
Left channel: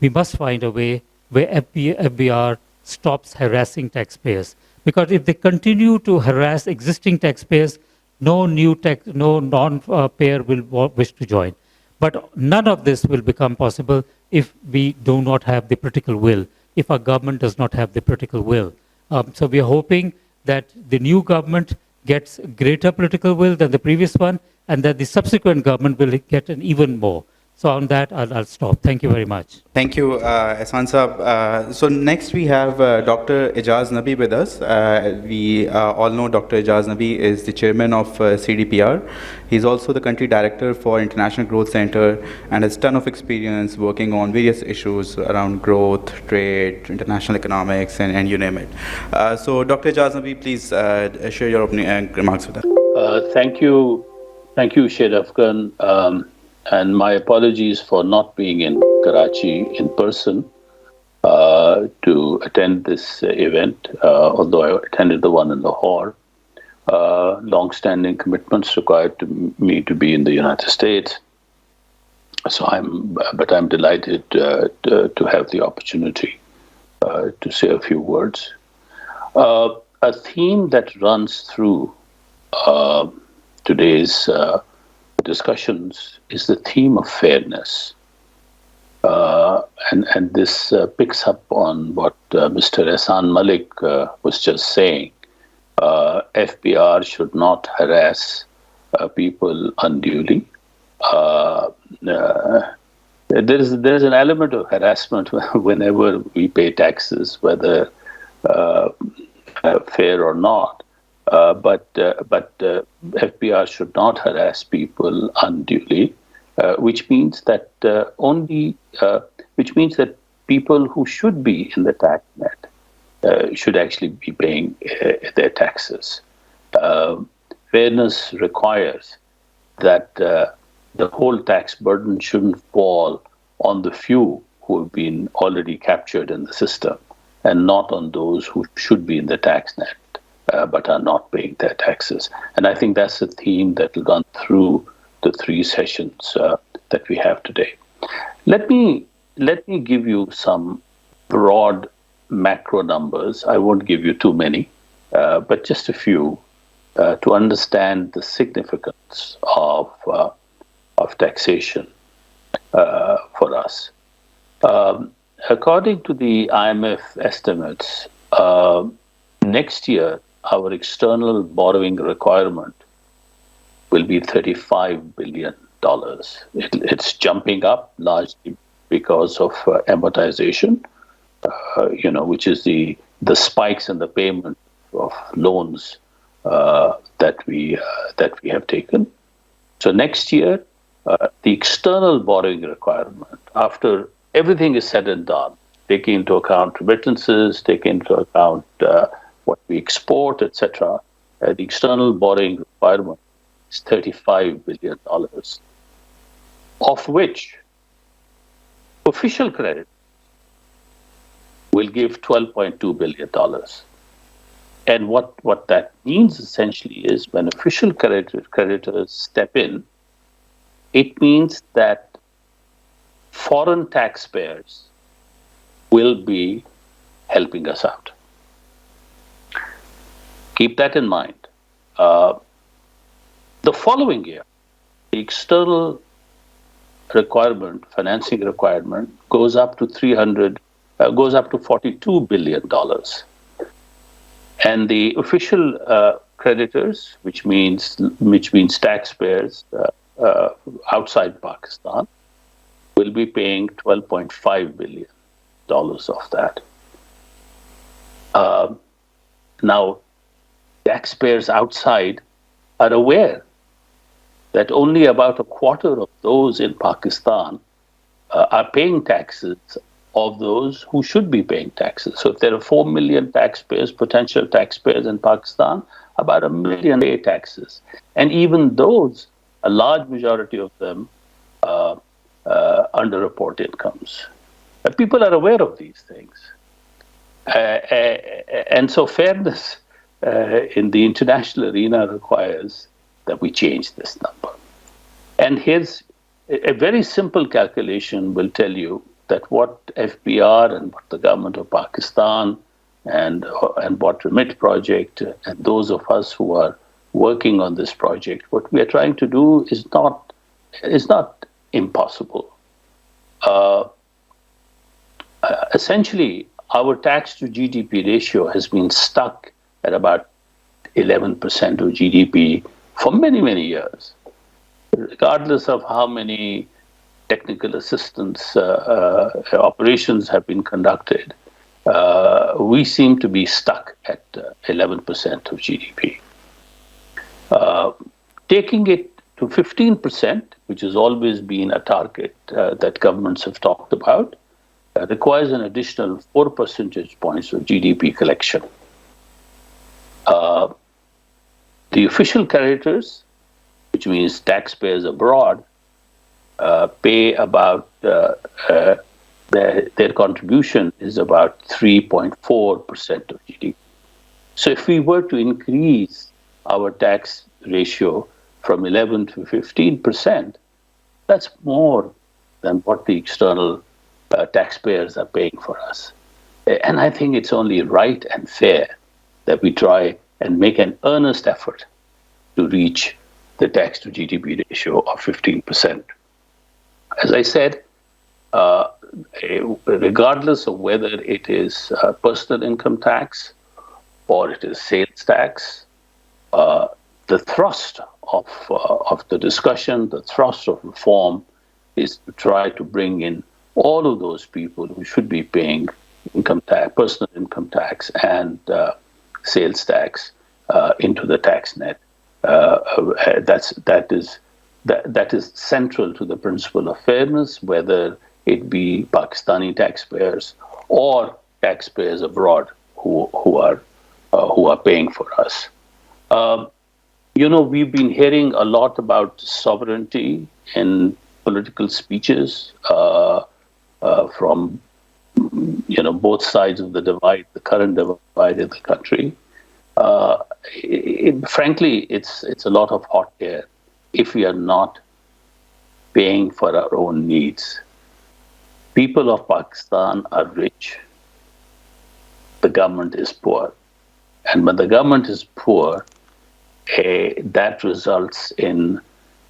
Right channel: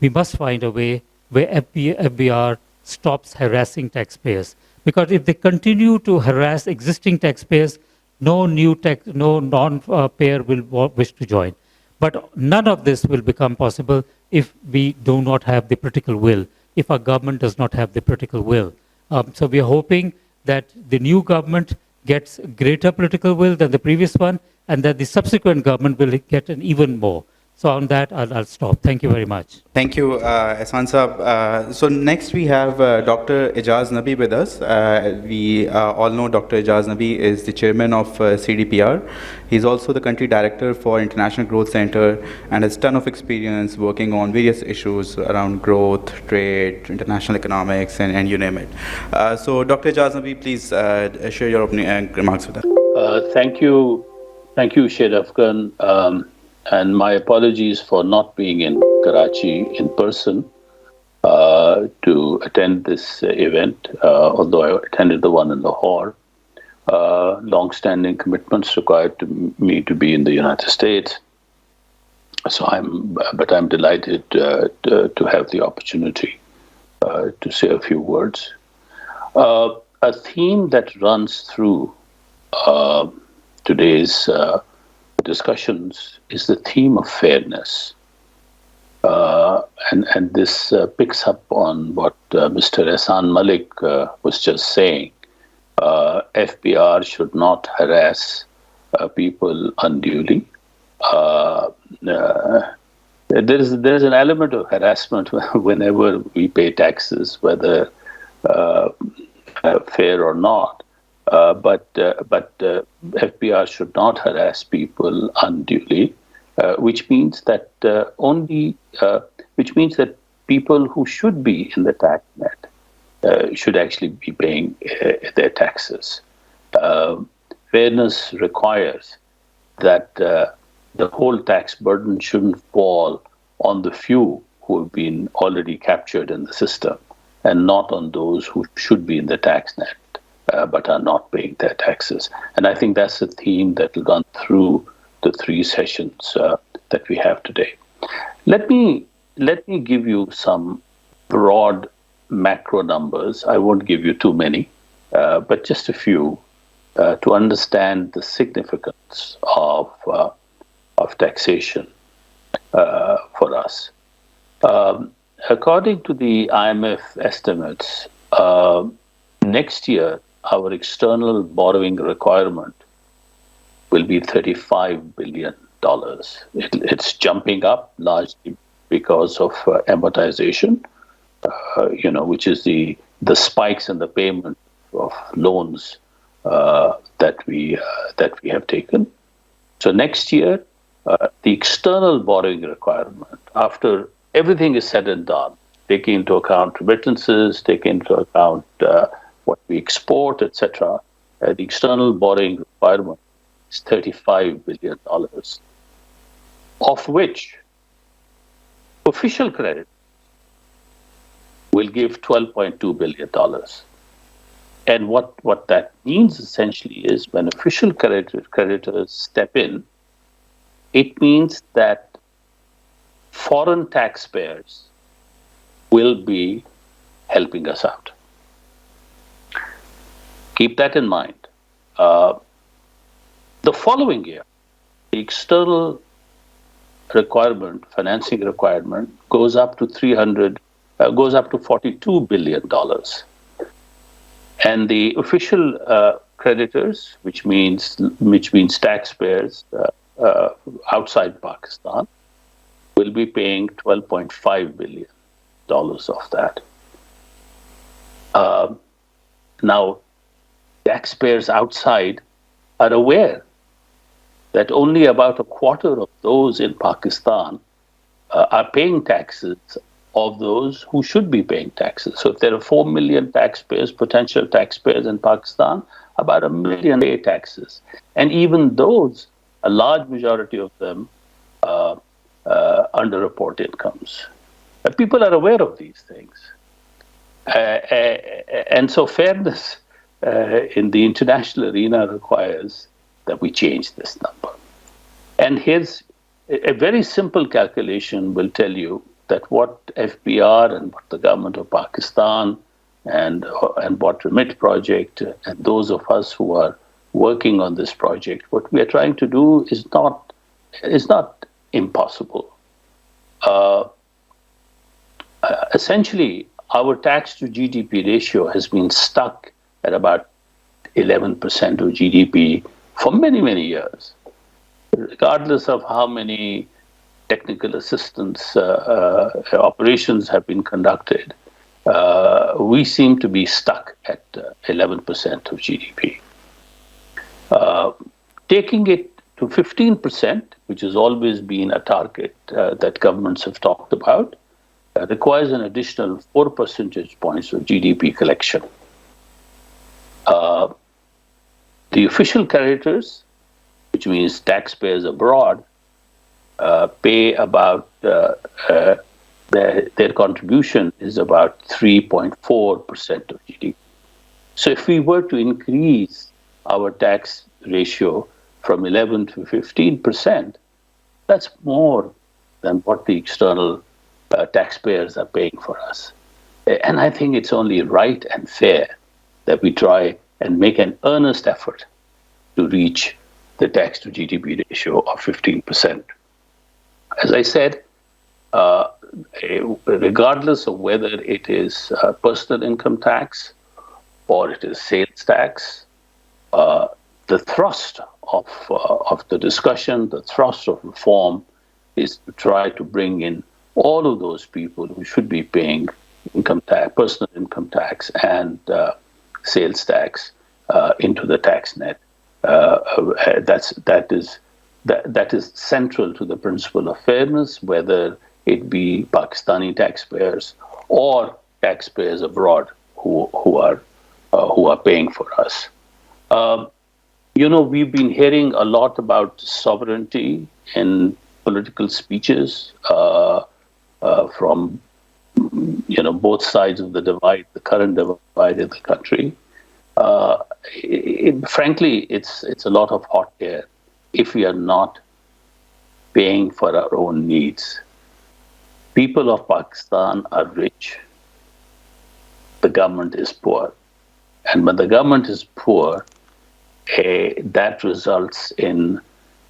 we must find a way where FBR stops harassing taxpayers. Because if they continue to harass existing taxpayers, no non-payer will wish to join. But none of this will become possible if we do not have the political will, if our government does not have the political will. So we are hoping that the new government gets greater political will than the previous one, and that the subsequent government will get an even more. So on that, I'll stop. Thank you very much. Thank you, Ehsan Saab. So next we have Dr. Ijaz Nabi with us. We all know Dr. Ijaz Nabi is the chairman of CDPR. He's also the country director for International Growth Center and has a ton of experience working on various issues around growth, trade, international economics, and you name it. So Dr. Ijaz Nabi, please share your opening remarks with us. Thank you, Shade Afghan. And my apologies for not being in Karachi in person to attend this event, although I attended the one in Lahore. Long-standing commitments required me to be in the United States. So I'm delighted to have the opportunity to say a few words. A theme that runs through today's discussions is the theme of fairness. And this picks up on what Mr. Ehsan Malik was just saying. FBR should not harass people unduly. There's an element of harassment whenever we pay taxes, whether fair or not. But FBR should not harass people unduly, which means that people who should be in the tax net should actually be paying their taxes. Fairness requires that the whole tax burden shouldn't fall on the few who have been already captured in the system, and not on those who should be in the tax net but are not paying their taxes. And I think that's a theme that will run through the three sessions that we have today. Let me give you some broad macro numbers. I won't give you too many, but just a few to understand the significance of taxation for us. According to the IMF estimates, next year, our external borrowing requirement will be $35 billion. It's jumping up largely because of amortization, which is the spikes in the payment of loans that we have taken. So next year, the external borrowing requirement, after everything is said and done, taking into account remittances, taking into account what we export, etc., the external borrowing requirement is $35 billion, of which official credit will give $12.2 billion. And what that means essentially is when official creditors step in, it means that foreign taxpayers will be helping us out. Keep that in mind. The following year, the external requirement, financing requirement, goes up to $42 billion. And the official creditors, which means taxpayers outside Pakistan, will be paying $12.5 billion of that. Now, taxpayers outside are aware that only about a quarter of those in Pakistan are paying taxes of those who should be paying taxes. So if there are 4 million taxpayers, potential taxpayers in Pakistan, about 1 million pay taxes. And even those, a large majority of them, underreport incomes. People are aware of these things. And so fairness in the international arena requires that we change this number. And here's a very simple calculation will tell you that what FBR and what the government of Pakistan and what REMIT project and those of us who are working on this project, what we are trying to do is not impossible. Essentially, our tax to GDP ratio has been stuck at about 11% of GDP for many, many years, regardless of how many technical assistance operations have been conducted. We seem to be stuck at 11% of GDP. Taking it to 15%, which has always been a target that governments have talked about, requires an additional 4 percentage points of GDP collection. The official creditors, which means taxpayers abroad, pay about, their contribution is about 3.4% of GDP. So if we were to increase our tax ratio from 11 to 15%, that's more than what the external taxpayers are paying for us. And I think it's only right and fair that we try and make an earnest effort to reach the tax to GDP ratio of 15%. As I said, regardless of whether it is personal income tax or it is sales tax, the thrust of the discussion, the thrust of reform is to try to bring in all of those people who should be paying income tax, personal income tax and sales tax into the tax net. That is central to the principle of fairness, whether it be Pakistani taxpayers or taxpayers abroad who are paying for us. We've been hearing a lot about sovereignty in political speeches from both sides of the divide, the current divide in the country. Frankly, it's a lot of hot air if we are not paying for our own needs. People of Pakistan are rich. The government is poor. And when the government is poor, that results in,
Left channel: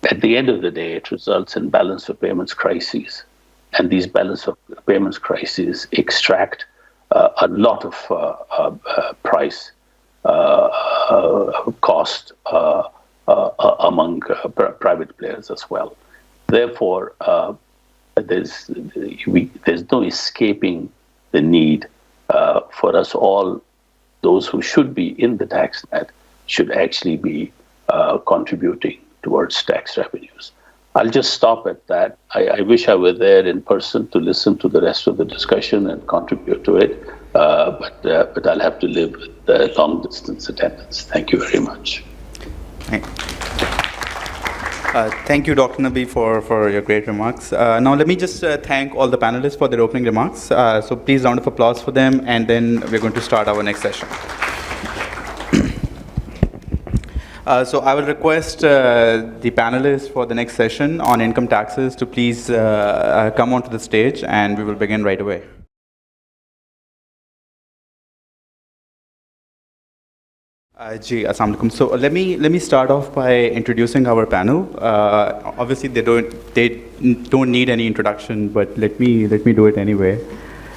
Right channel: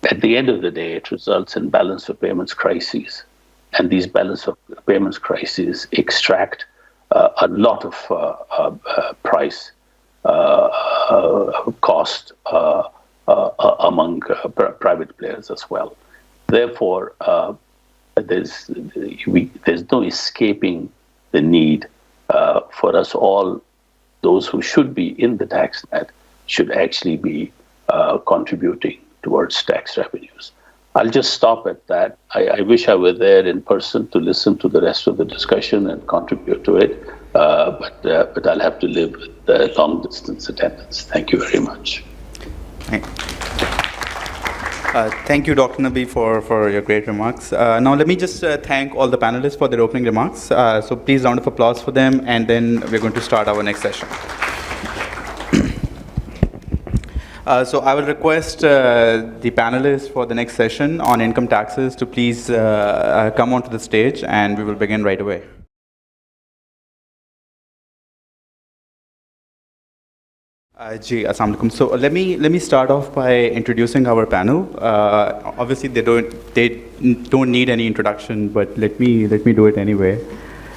at the end of the day, it results in balance of payments crises. And these balance of payments crises extract a lot of price cost among private players as well. Therefore, there's no escaping the need for us all, those who should be in the tax net, should actually be contributing towards tax revenues. I'll just stop at that. I wish I were there in person to listen to the rest of the discussion and contribute to it, but I'll have to live with the long distance attendance. Thank you very much. Thank you, Dr. Nabi, for your great remarks. Now, let me just thank all the panelists for their opening remarks. So please, round of applause for them, and then we're going to start our next session. So I will request the panelists for the next session on income taxes to please come onto the stage, and we will begin right away. Ji, Assalamu alaikum. So let me start off by introducing our panel. Obviously, they don't need any introduction, but let me do it anyway.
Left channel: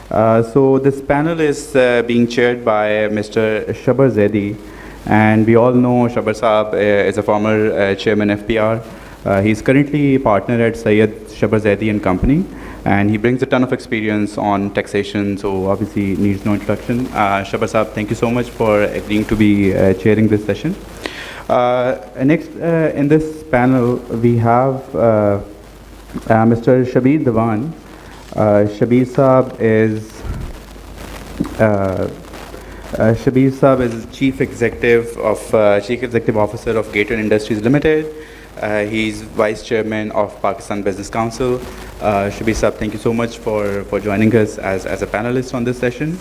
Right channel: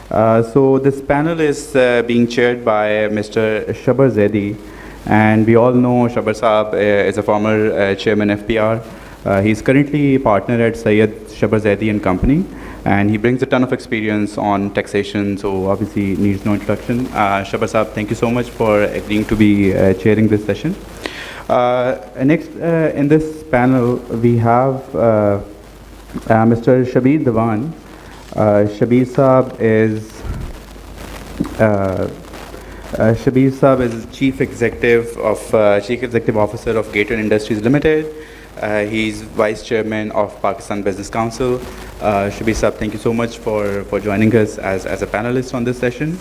So this panel is being chaired by Mr. Shabar Zaidi, and we all know Shabar Saab is a former chairman FPR. He's currently a partner at Syed Shabar Zaidi and Company, and he brings a ton of experience on taxation, so obviously needs no introduction. Shabar Saab, thank you so much for agreeing to be chairing this session. Next, in this panel, we have Mr. Shabir Dewan. Shabir Saab is Chief Executive Officer of Gator Industries Limited. He's Vice Chairman of Pakistan Business Council. Shabir Saab, thank you so much for joining us as a panelist on this session.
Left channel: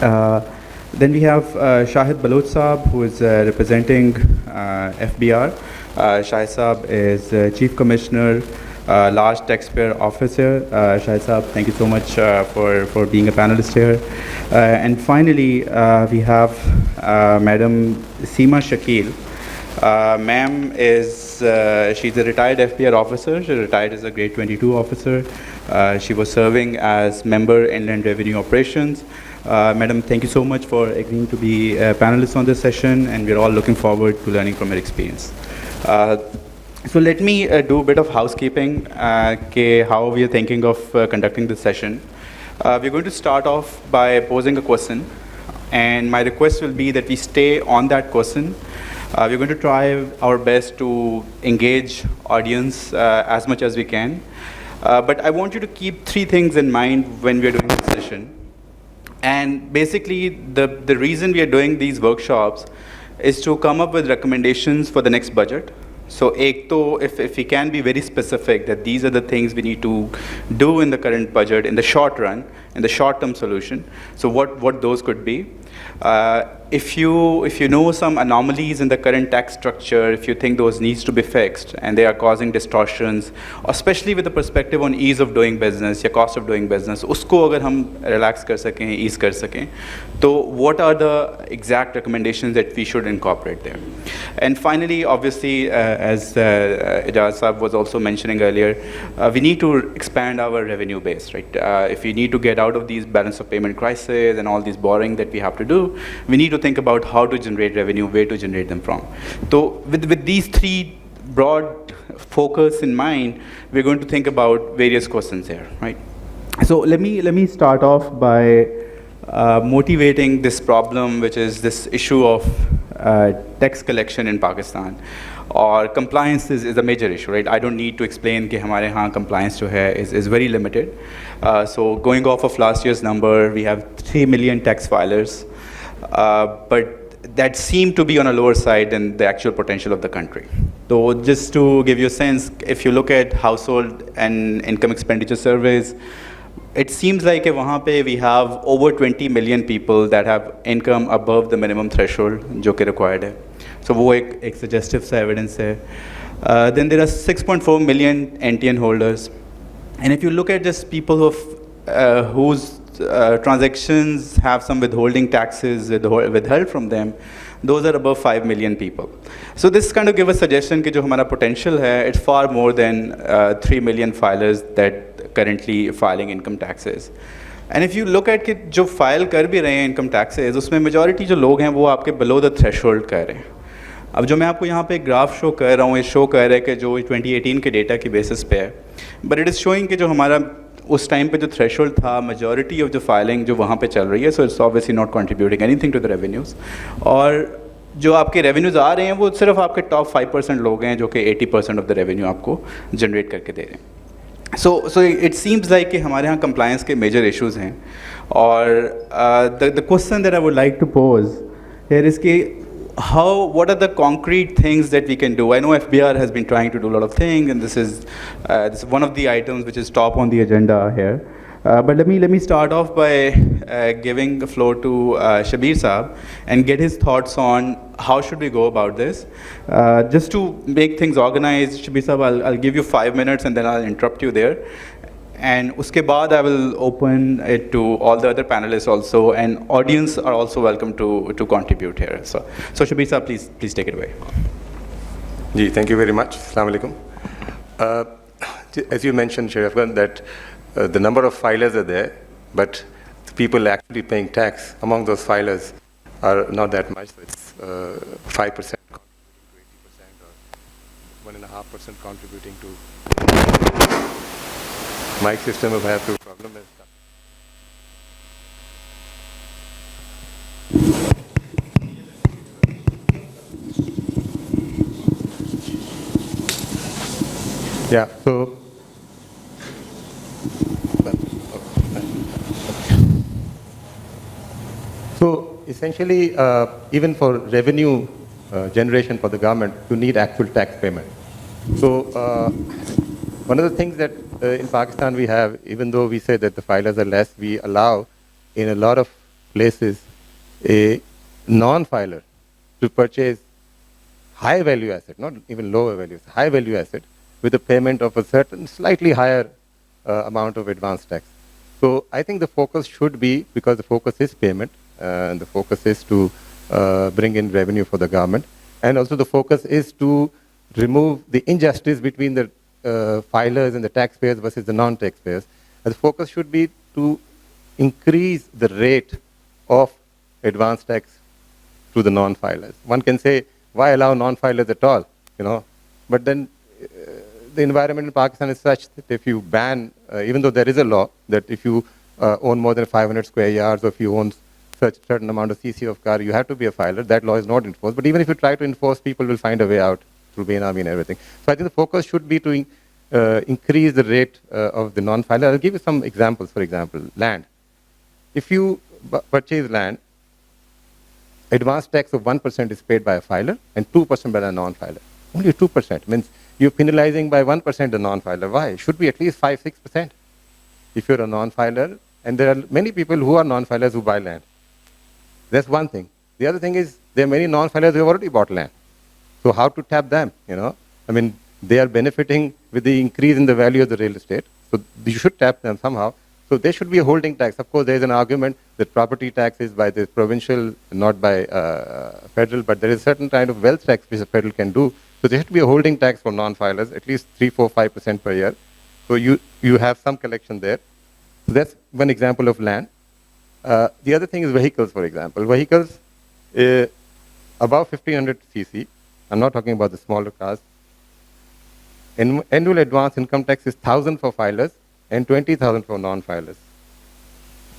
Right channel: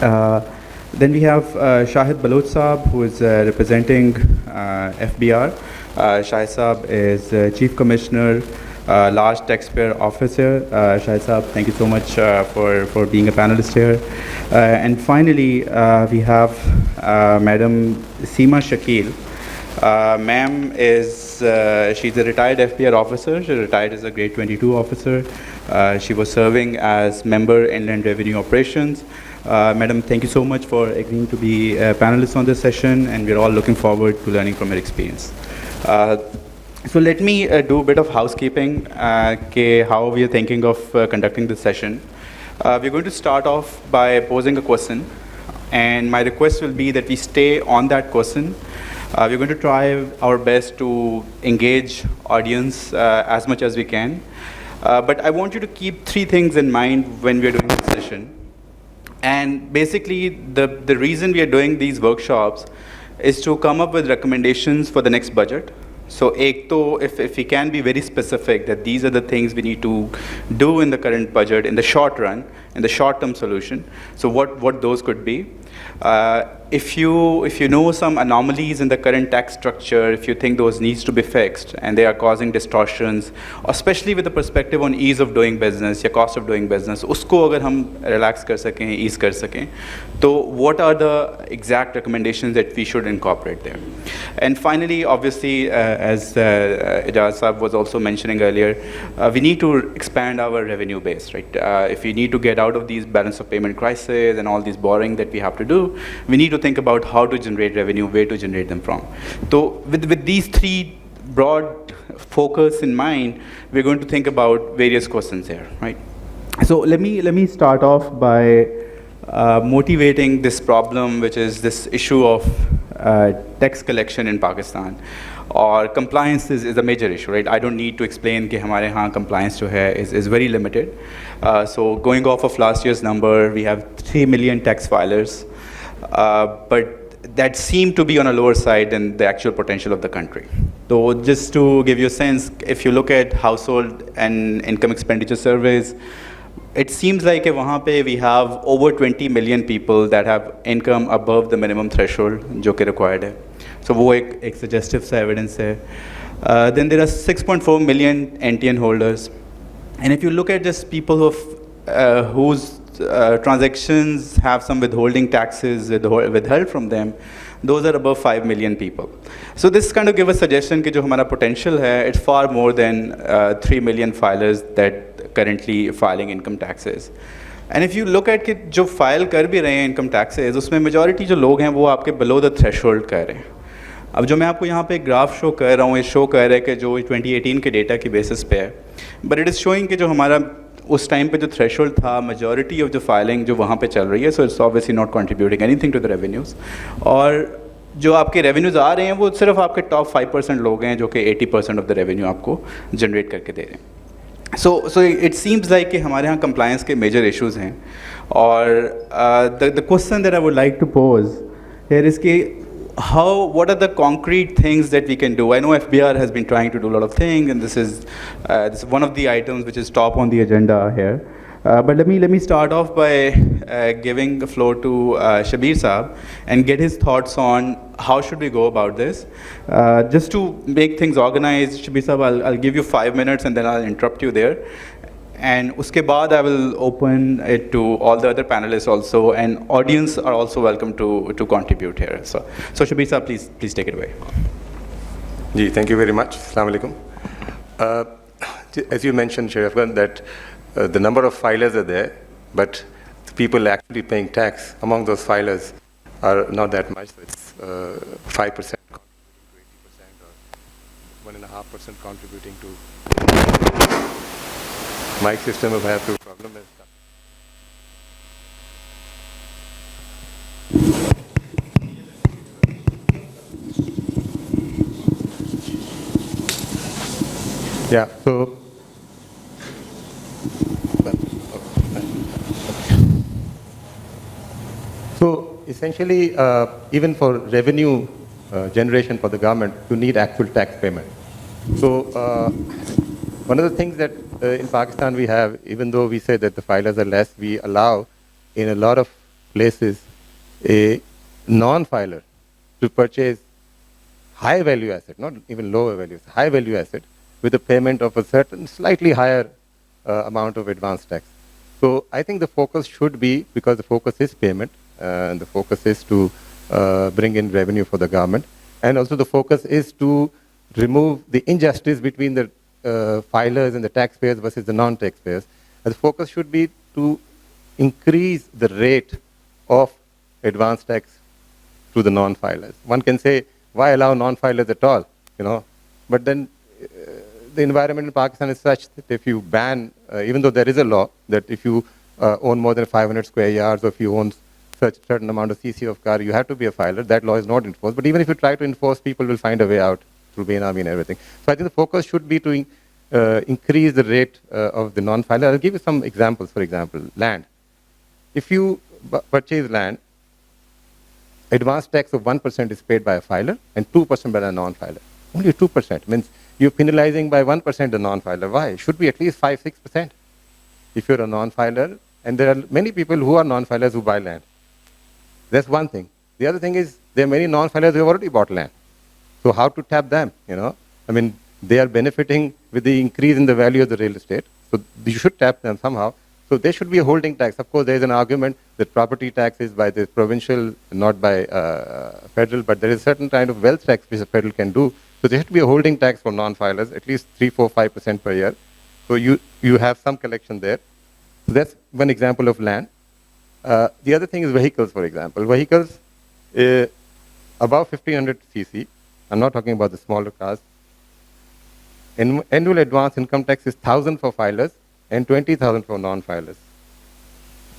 Then we have Shahid Baloch Saab, who is representing FBR. Shahid Saab is Chief Commissioner, Large Taxpayer Officer. Shahid Saab, thank you so much for being a panelist here. And finally, we have Madam Seema Shakil. Ma'am is, she's a retired FPR officer. She retired as a grade 22 officer. She was serving as member Inland Revenue Operations. Madam, thank you so much for agreeing to be a panelist on this session, and we're all looking forward to learning from your experience. So let me do a bit of housekeeping, how we are thinking of conducting this session. We're going to start off by posing a question, and my request will be that we stay on that question. We're going to try our best to engage audience as much as we can. But I want you to keep three things in mind when we're doing this session. And basically, the reason we are doing these workshops is to come up with recommendations for the next budget. So if we can be very specific that these are the things we need to do in the current budget in the short run, in the short-term solution, so what those could be. If you know some anomalies in the current tax structure, if you think those needs to be fixed and they are causing distortions, especially with the perspective on ease of doing business या cost of doing business, उसको अगर हम relax कर सकें, ease कर सकें, तो what are the exact recommendations that we should incorporate there? And finally, obviously, as Ijaz Saab was also mentioning earlier, we need to expand our revenue base, right? If we need to get out of these balance of payment crises and all these borrowing that we have to do, we need to think about how to generate revenue, where to generate them from. So with these three broad focus in mind, we're going to think about various questions here, right? So let me start off by motivating this problem, which is this issue of tax collection in Pakistan. Or compliance is a major issue, right? I don't need to explain that हमारे यहाँ compliance जो है is very limited. So going off of last year's number, we have 3 million tax filers, but that seem to be on a lower side than the actual potential of the country. So just to give you a sense, if you look at household and income expenditure surveys, it seems like वहाँ पे we have over 20 million people that have income above the minimum threshold जो कि required है. So वो एक suggestive सा evidence है. Then there are 6.4 million NTN holders. And if you look at just people whose transactions have some withholding taxes withheld from them, those are above 5 million people. So this kind of gives a suggestion that जो हमारा potential है, it's far more than 3 million filers that currently filing income taxes. And if you look at कि जो file कर भी रहे हैं income taxes, उसमें majority जो लोग हैं वो आपके below the threshold कर रहे हैं. अब जो मैं आपको यहाँ पे ग्राफ शो कर रहा हूँ, ये शो कर रहा है कि जो 2018 के डेटा की बेसिस पे है, बट इट इज़ शोइंग कि जो हमारा उस टाइम पे जो थ्रेशोल्ड था, मेजॉरिटी ऑफ द फाइलिंग जो वहाँ पे चल रही है, so it's obviously not contributing anything to the revenues. और जो आपके रेवेन्यूज़ आ रहे हैं वो सिर्फ आपके टॉप 5% लोग हैं जो कि 80% ऑफ द रेवेन्यू आपको जनरेट करके दे रहे हैं. So it seems like कि हमारे यहाँ compliance के major issues हैं. और the question that I would like to pose here is कि what are the concrete things that we can do? I know FBR has been trying to do a lot of things, and this is one of the items which is top on the agenda here. But let me start off by giving the floor to Shabir Saab and get his thoughts on how should we go about this. Just to make things organized, Shabir Saab, I'll give you 5 minutes and then I'll interrupt you there. And uske baad I will open it to all the other panelists also, and audience are also welcome to contribute here. So Shabir Saab, please take it away. Ji, thank you very much. Assalamu alaikum. As you mentioned, Sharif Khan, that the number of filers are there, but the people actually paying tax among those filers are not that much. So it's 5% contributing to 80%, or 1.5% contributing to. Mic system if I have to problem is stuck. Yeah, so essentially, even for revenue generation for the government, you need actual tax payment. So one of the things that in Pakistan we have, even though we say that the filers are less, we allow in a lot of places a non-filer to purchase high value asset, not even lower value, high value asset with a payment of a certain slightly higher amount of advance tax. So I think the focus should be, because the focus is payment, and the focus is to bring in revenue for the government, and also the focus is to remove the injustice between the filers and the taxpayers versus the non-taxpayers. And the focus should be to increase the rate of advance tax to the non-filers. One can say, why allow non-filers at all? But then the environment in Pakistan is such that if you ban, even though there is a law that if you own more than 500 square yards, or if you own such certain amount of CC of car, you have to be a filer. That law is not enforced. But even if you try to enforce, people will find a way out through Bainami and everything. So I think the focus should be to increase the rate of the non-filer. I'll give you some examples. For example, land. If you purchase land, advance tax of 1% is paid by a filer and 2% by a non-filer. Only 2% means you're penalizing by 1% the non-filer. Why? It should be at least 5-6% if you're a non-filer. And there are many people who are non-filers who buy land. That's one thing. The other thing is there are many non-filers who have already bought land. So how to tap them? I mean, they are benefiting with the increase in the value of the real estate. So you should tap them somehow. So there should be a holding tax. Of course, there is an argument that property tax is by the provincial, not by federal, but there is a certain kind of wealth tax which the federal can do. So there has to be a holding tax for non-filers, at least 3, 4, 5% per year. So you have some collection there. So that's one example of land. The other thing is vehicles, for example. Vehicles above 1500 cc, I'm not talking about the smaller cars. Annual advance income tax is 1,000 for filers and 20,000 for non-filers.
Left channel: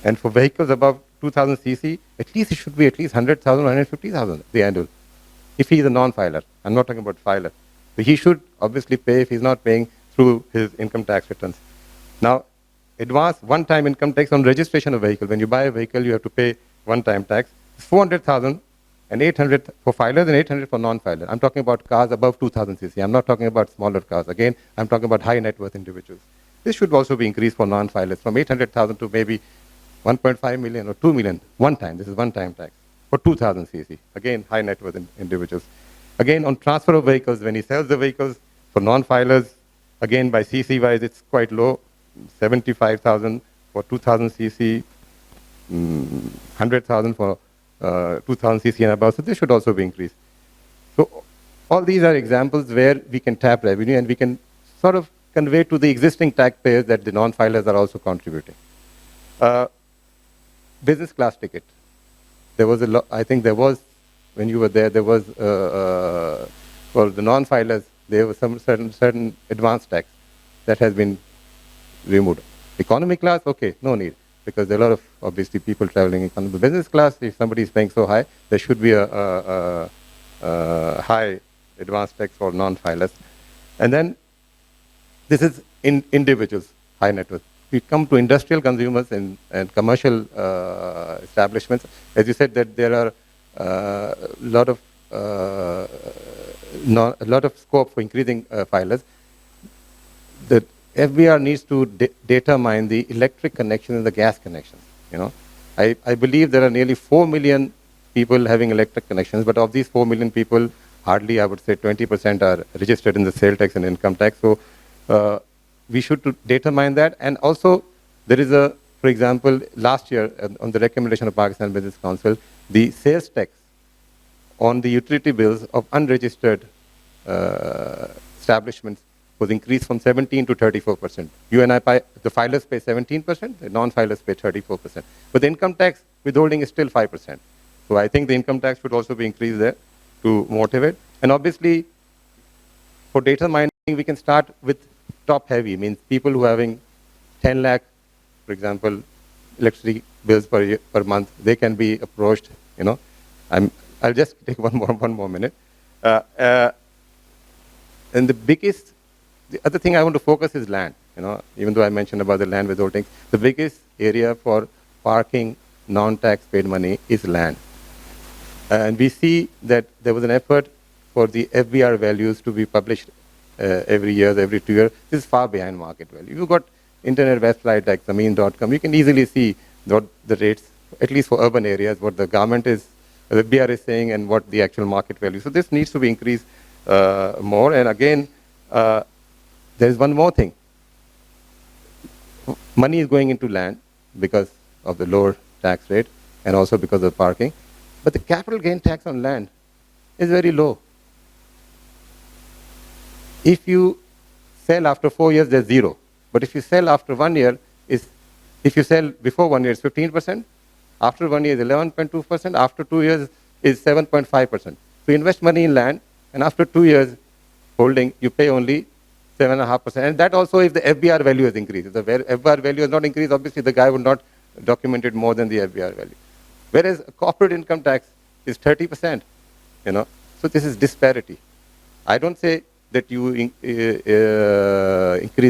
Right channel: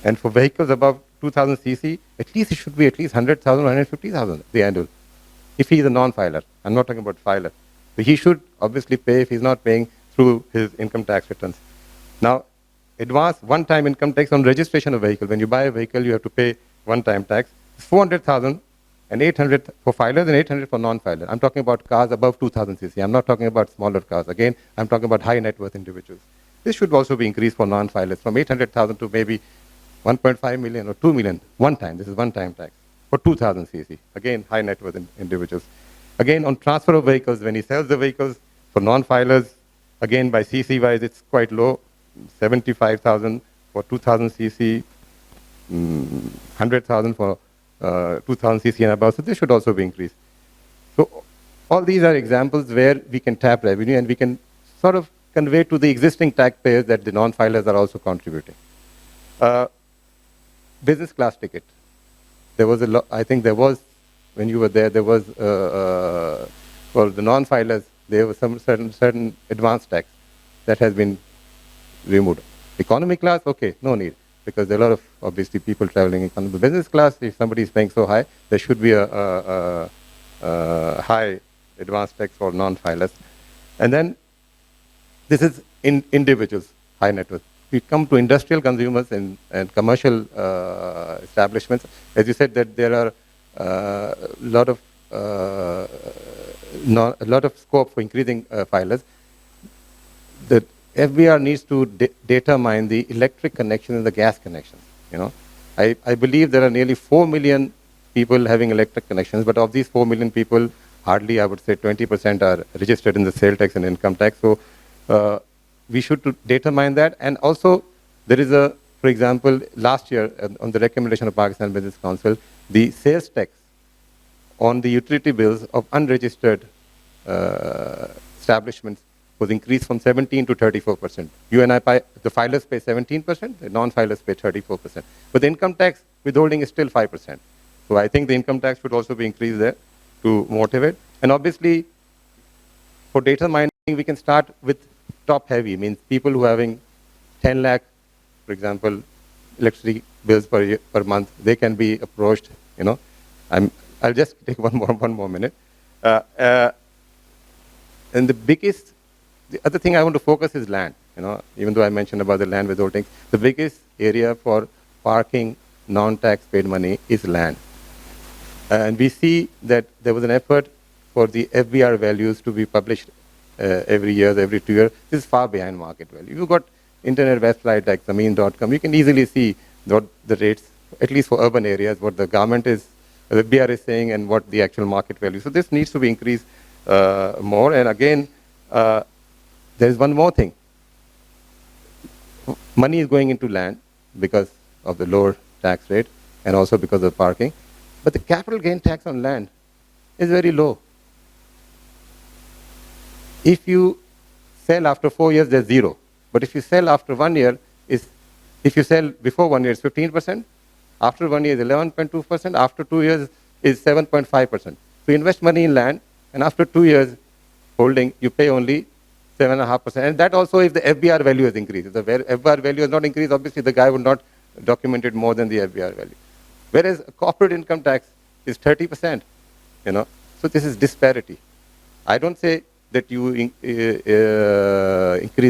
And for vehicles above 2,000 cc, at least it should be at least 100,000 or 150,000, the annual. If he is a non-filer, I'm not talking about filer. So he should obviously pay if he's not paying through his income tax returns. Now, advance one-time income tax on registration of vehicle. When you buy a vehicle, you have to pay one-time tax. 400,000 and 800 for filers and 800 for non-filers. I'm talking about cars above 2,000 cc. I'm not talking about smaller cars. Again, I'm talking about high net worth individuals. This should also be increased for non-filers from 800,000 to maybe 1.5 million or 2 million one time. This is one-time tax for 2,000 cc. Again, high net worth individuals. Again, on transfer of vehicles, when he sells the vehicles for non-filers, again, by cc wise, it's quite low. 75,000 for 2,000 cc, 100,000 for 2,000 cc and above. So this should also be increased. So all these are examples where we can tap revenue and we can sort of convey to the existing taxpayers that the non-filers are also contributing. Business class ticket. There was I think there was, when you were there, there was, for the non-filers, there was some certain advance tax that has been removed. Economy class, okay, no need, because there are a lot of, obviously, people traveling economy. Business class, if somebody is paying so high, there should be a high advanced tax for non-filers. And then this is in individuals, high net worth. We come to industrial consumers and commercial establishments. As you said, that there are a lot of scope for increasing filers. The FBR needs to determine the electric connections and the gas connections. You know, I believe there are nearly 4 million people having electric connections, but of these 4 million people, hardly, I would say, 20% are registered in the sale tax and income tax. So we should determine that. And also, there is a, for example, last year, on the recommendation of Pakistan Business Council, the sales tax on the utility bills of unregistered establishments was increased from 17 to 34%. You and I, the filers pay 17%, the non-filers pay 34%. But the income tax withholding is still 5%. So I think the income tax should also be increased there to motivate. And obviously, for data mining, we can start with top heavy, means people who are having 10 lakh, for example, electricity bills per month, they can be approached, you know. I'll just take one more minute. And the other thing I want to focus is land, you know, even though I mentioned about the land withholding, the biggest area for parking non-tax paid money is land. And we see that there was an effort for the FBR values to be published every year, every 2 years. This is far behind market value. You've got internet website like zameen.com, you can easily see what the rates, at least for urban areas, what the government is, the FBR is saying, and what the actual market value. So this needs to be increased more. And again, there is one more thing. Money is going into land because of the lower tax rate and also because of parking. But the capital gain tax on land is very low. If you sell after 4 years, there's 0. But if you sell after 1 year, if you sell before 1 year, it's 15%. After 1 year, it's 11.2%. After 2 years, is 7.5%. So you invest money in land, and after 2 years holding, you pay only 7.5%. And that also if the FBR value has increased. If the FBR value has not increased, obviously the guy would not document it more than the FBR value. Whereas corporate income tax is 30%, you know. So this is disparity. I don't say that you increase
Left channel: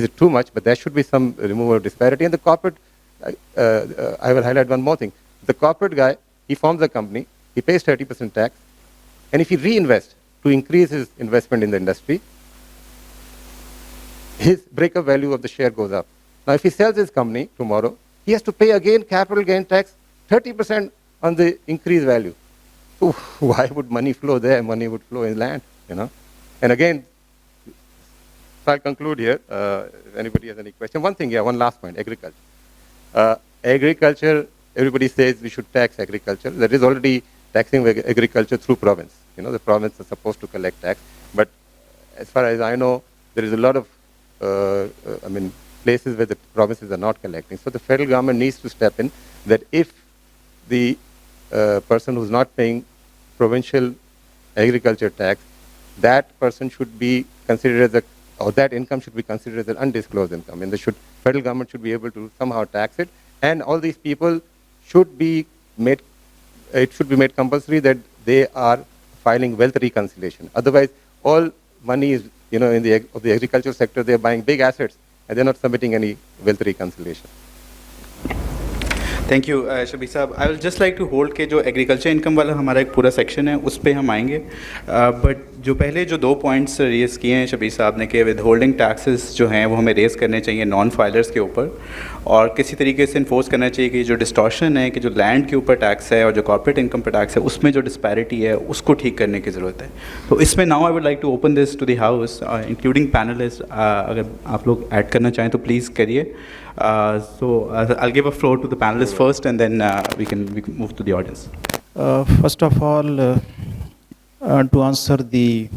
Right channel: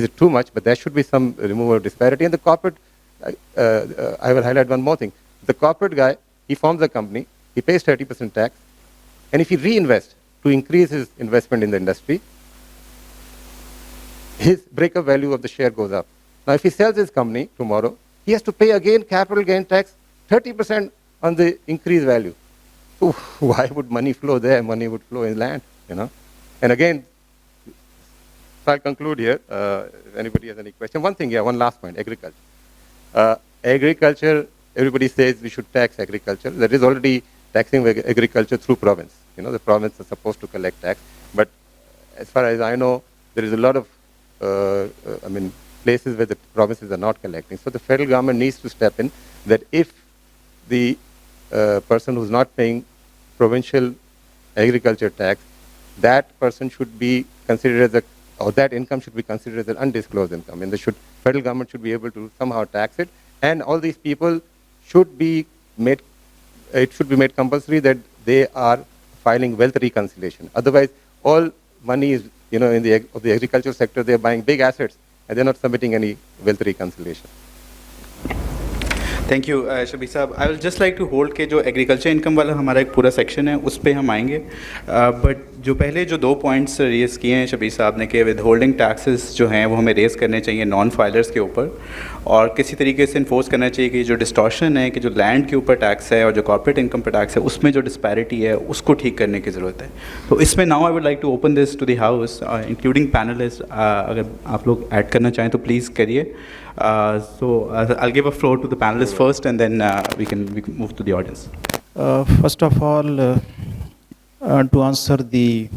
it too much, but there should be some removal of disparity. And the corporate, I will highlight one more thing. The corporate guy, he forms a company, he pays 30% tax, and if he reinvests to increase his investment in the industry, his breakup value of the share goes up. Now, if he sells his company tomorrow, he has to pay again capital gain tax, 30% on the increased value. So why would money flow there? Money would flow in land, you know. And again, so I'll conclude here. If anybody has any question, one thing, one last point: agriculture. Agriculture. Everybody says we should tax agriculture. There is already taxing agriculture through province. You know, the province is supposed to collect tax, but as far as I know, there is a lot of places where the provinces are not collecting. So the federal government needs to step in. That if the person who's not paying provincial agriculture tax, that person should be considered as or that income should be considered as an undisclosed income, and federal government should be able to somehow tax it. And all these people should be made. It should be made compulsory that they are filing wealth reconciliation. Otherwise, all money is, you know, of the agricultural sector, they're buying big assets and they're not submitting any wealth reconciliation. Thank you Shabbir साहब. I will just like to hold के जो agriculture income वाला हमारा एक पूरा section है उस पर हम आएंगे, बट जो पहले जो 2 पॉइंट्स रेज़ किए हैं शबीर साहब ने कि विद होल्डिंग टैक्सेस जो हैं वो हमें रेज़ करने चाहिए नॉन फाइलर्स के ऊपर, और किसी तरीके से इन्फोर्स करना चाहिए कि जो डिस्टॉर्शन है कि जो लैंड के ऊपर टैक्स है और जो कॉर्पोरेट इनकम पर टैक्स है उसमें जो डिस्पैरिटी है उसको ठीक करने की ज़रूरत है. तो इसमें now I would like to open this to the house including panellist. अगर आप लोग ऐड करना चाहें तो प्लीज़ करिए. So I'll give a floor to the panelists first, and then we can move to the audience. First of all, to answer the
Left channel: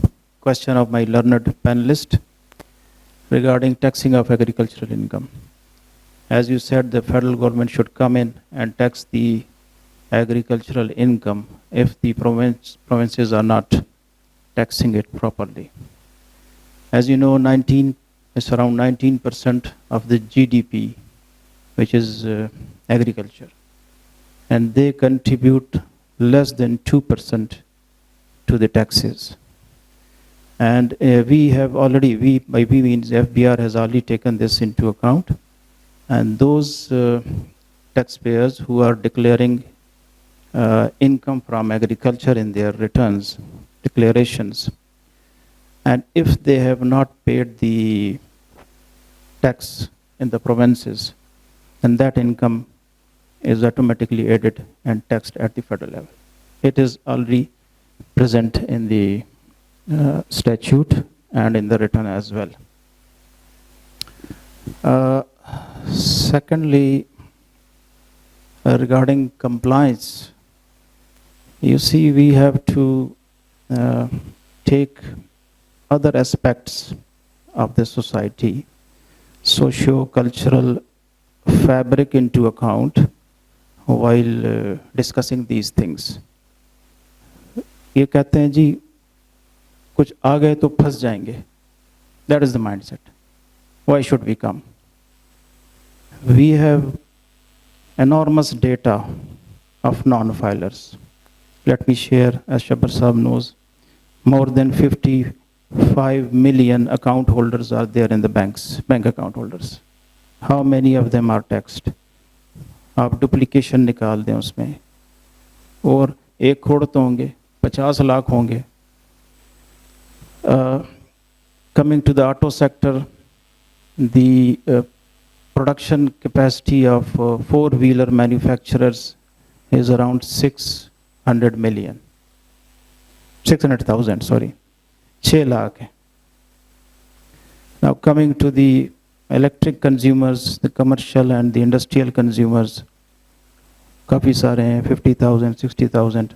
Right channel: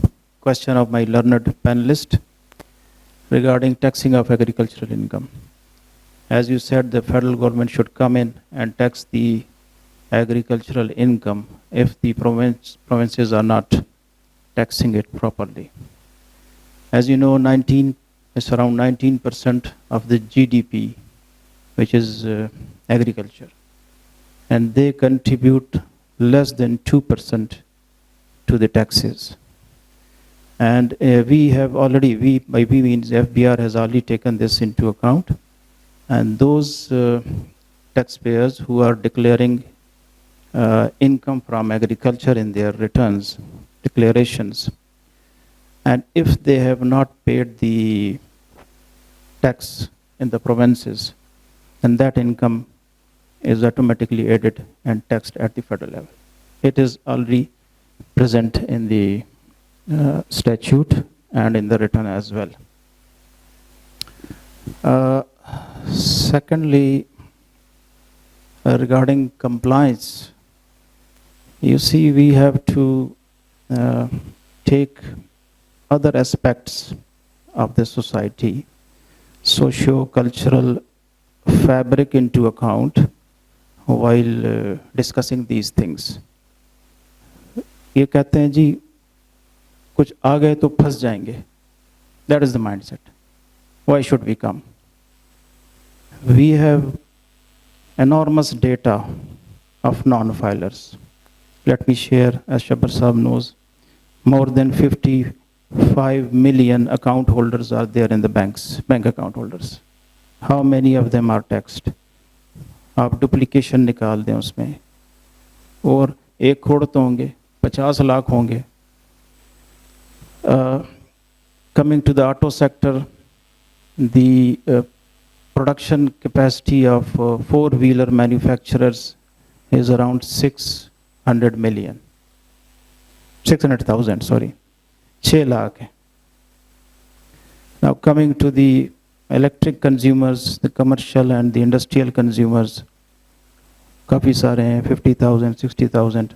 question of my learned panelist regarding taxing of agricultural income. As you said, the federal government should come in and tax the agricultural income if the provinces are not taxing it properly. As you know, it's around 19% of the GDP, which is agriculture, and they contribute less than 2% to the taxes. And we have already, by we means FBR has already taken this into account. And those taxpayers who are declaring income from agriculture in their returns, declarations, and if they have not paid the tax in the provinces, then that income is automatically added and taxed at the federal level. It is already present in the statute and in the return as well. Secondly, regarding compliance, you see we have to take other aspects of the society, socio-cultural fabric into account while discussing these things. ये कहते हैं जी कुछ आ गए तो फंस जाएंगे. That is the mindset. Why should we come? We have enormous data of non-filers. Let me share, as Shabbar Saab knows, more than 55 million account holders are there in the banks, bank account holders. How many of them are taxed? आप duplication निकाल दें उसमें, और 1 करोड़ तो होंगे, 50 लाख होंगे. Coming to the auto sector, the production capacity of four-wheeler manufacturers is around 600,000, sorry, 6 lakh. Now coming to the electric consumers, the commercial and the industrial consumers, काफ़ी सारे हैं, 50,000, 60,000,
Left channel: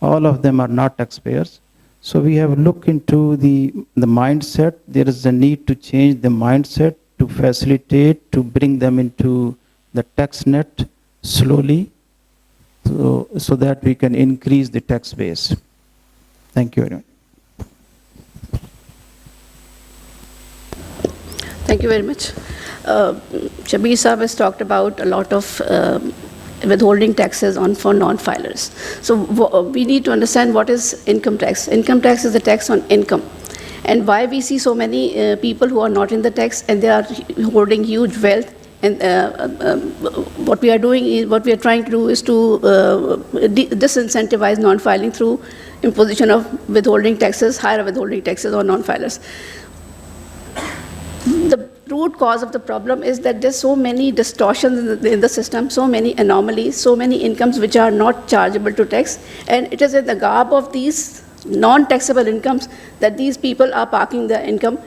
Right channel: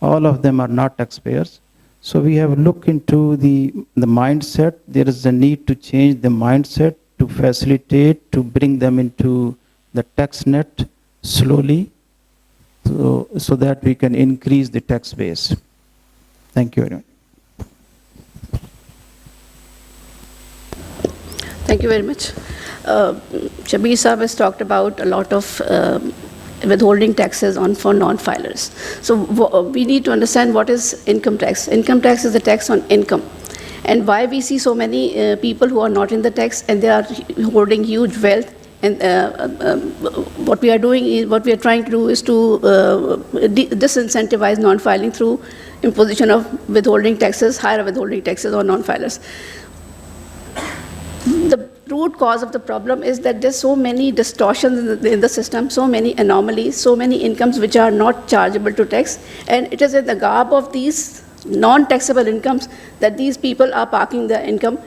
all of them are not taxpayers. So we have looked into the mindset. There is a need to change the mindset to facilitate, to bring them into the tax net slowly, so that we can increase the tax base. Thank you very much. Thank you very much. Shabir Saab has talked about a lot of withholding taxes for non-filers. So we need to understand what is income tax. Income tax is the tax on income. And why we see so many people who are not in the tax and they are holding huge wealth. And what we are trying to do is to disincentivize non-filing through imposition of withholding taxes, higher withholding taxes on non-filers. The root cause of the problem is that there's so many distortions in the system, so many anomalies, so many incomes which are not chargeable to tax, and it is in the garb of these non-taxable incomes that these people are parking their income,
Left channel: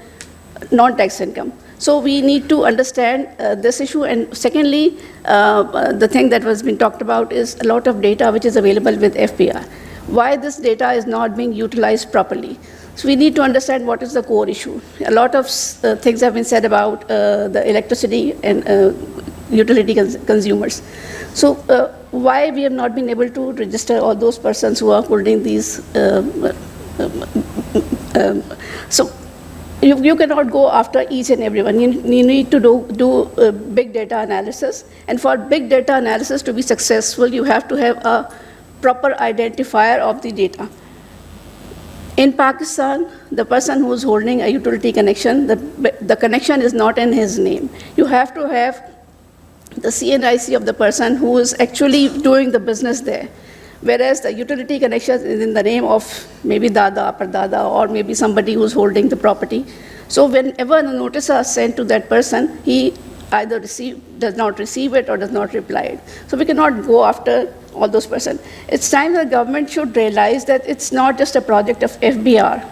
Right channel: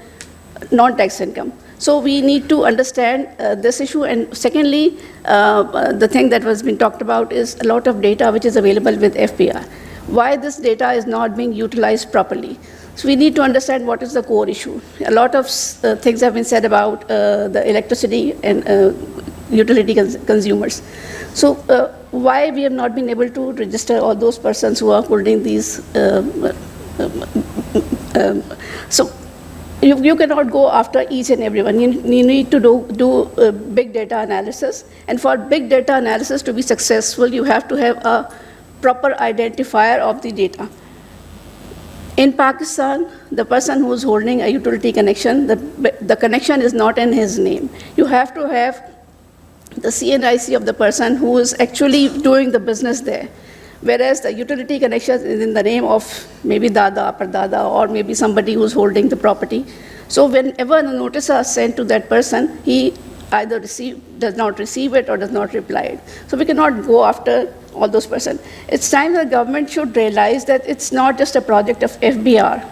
non-tax income. So we need to understand this issue. And secondly, the thing that was been talked about is a lot of data which is available with FBR. Why this data is not being utilized properly? So we need to understand what is the core issue. A lot of things have been said about the electricity and utility consumers. So why we have not been able to register all those persons who are holding these? So you cannot go after each and everyone. You need to do big data analysis. And for big data analysis to be successful, you have to have a proper identifier of the data. In Pakistan, the person who is holding a utility connection, the connection is not in his name. You have to have the CNIC of the person who is actually doing the business there. Whereas the utility connection is in the name of maybe Dada, Pardada, or maybe somebody who's holding the property. So whenever the notice is sent to that person, he either does not receive it or does not reply it. So we cannot go after all those persons. It's time the government should realize that it's not just a project of FBR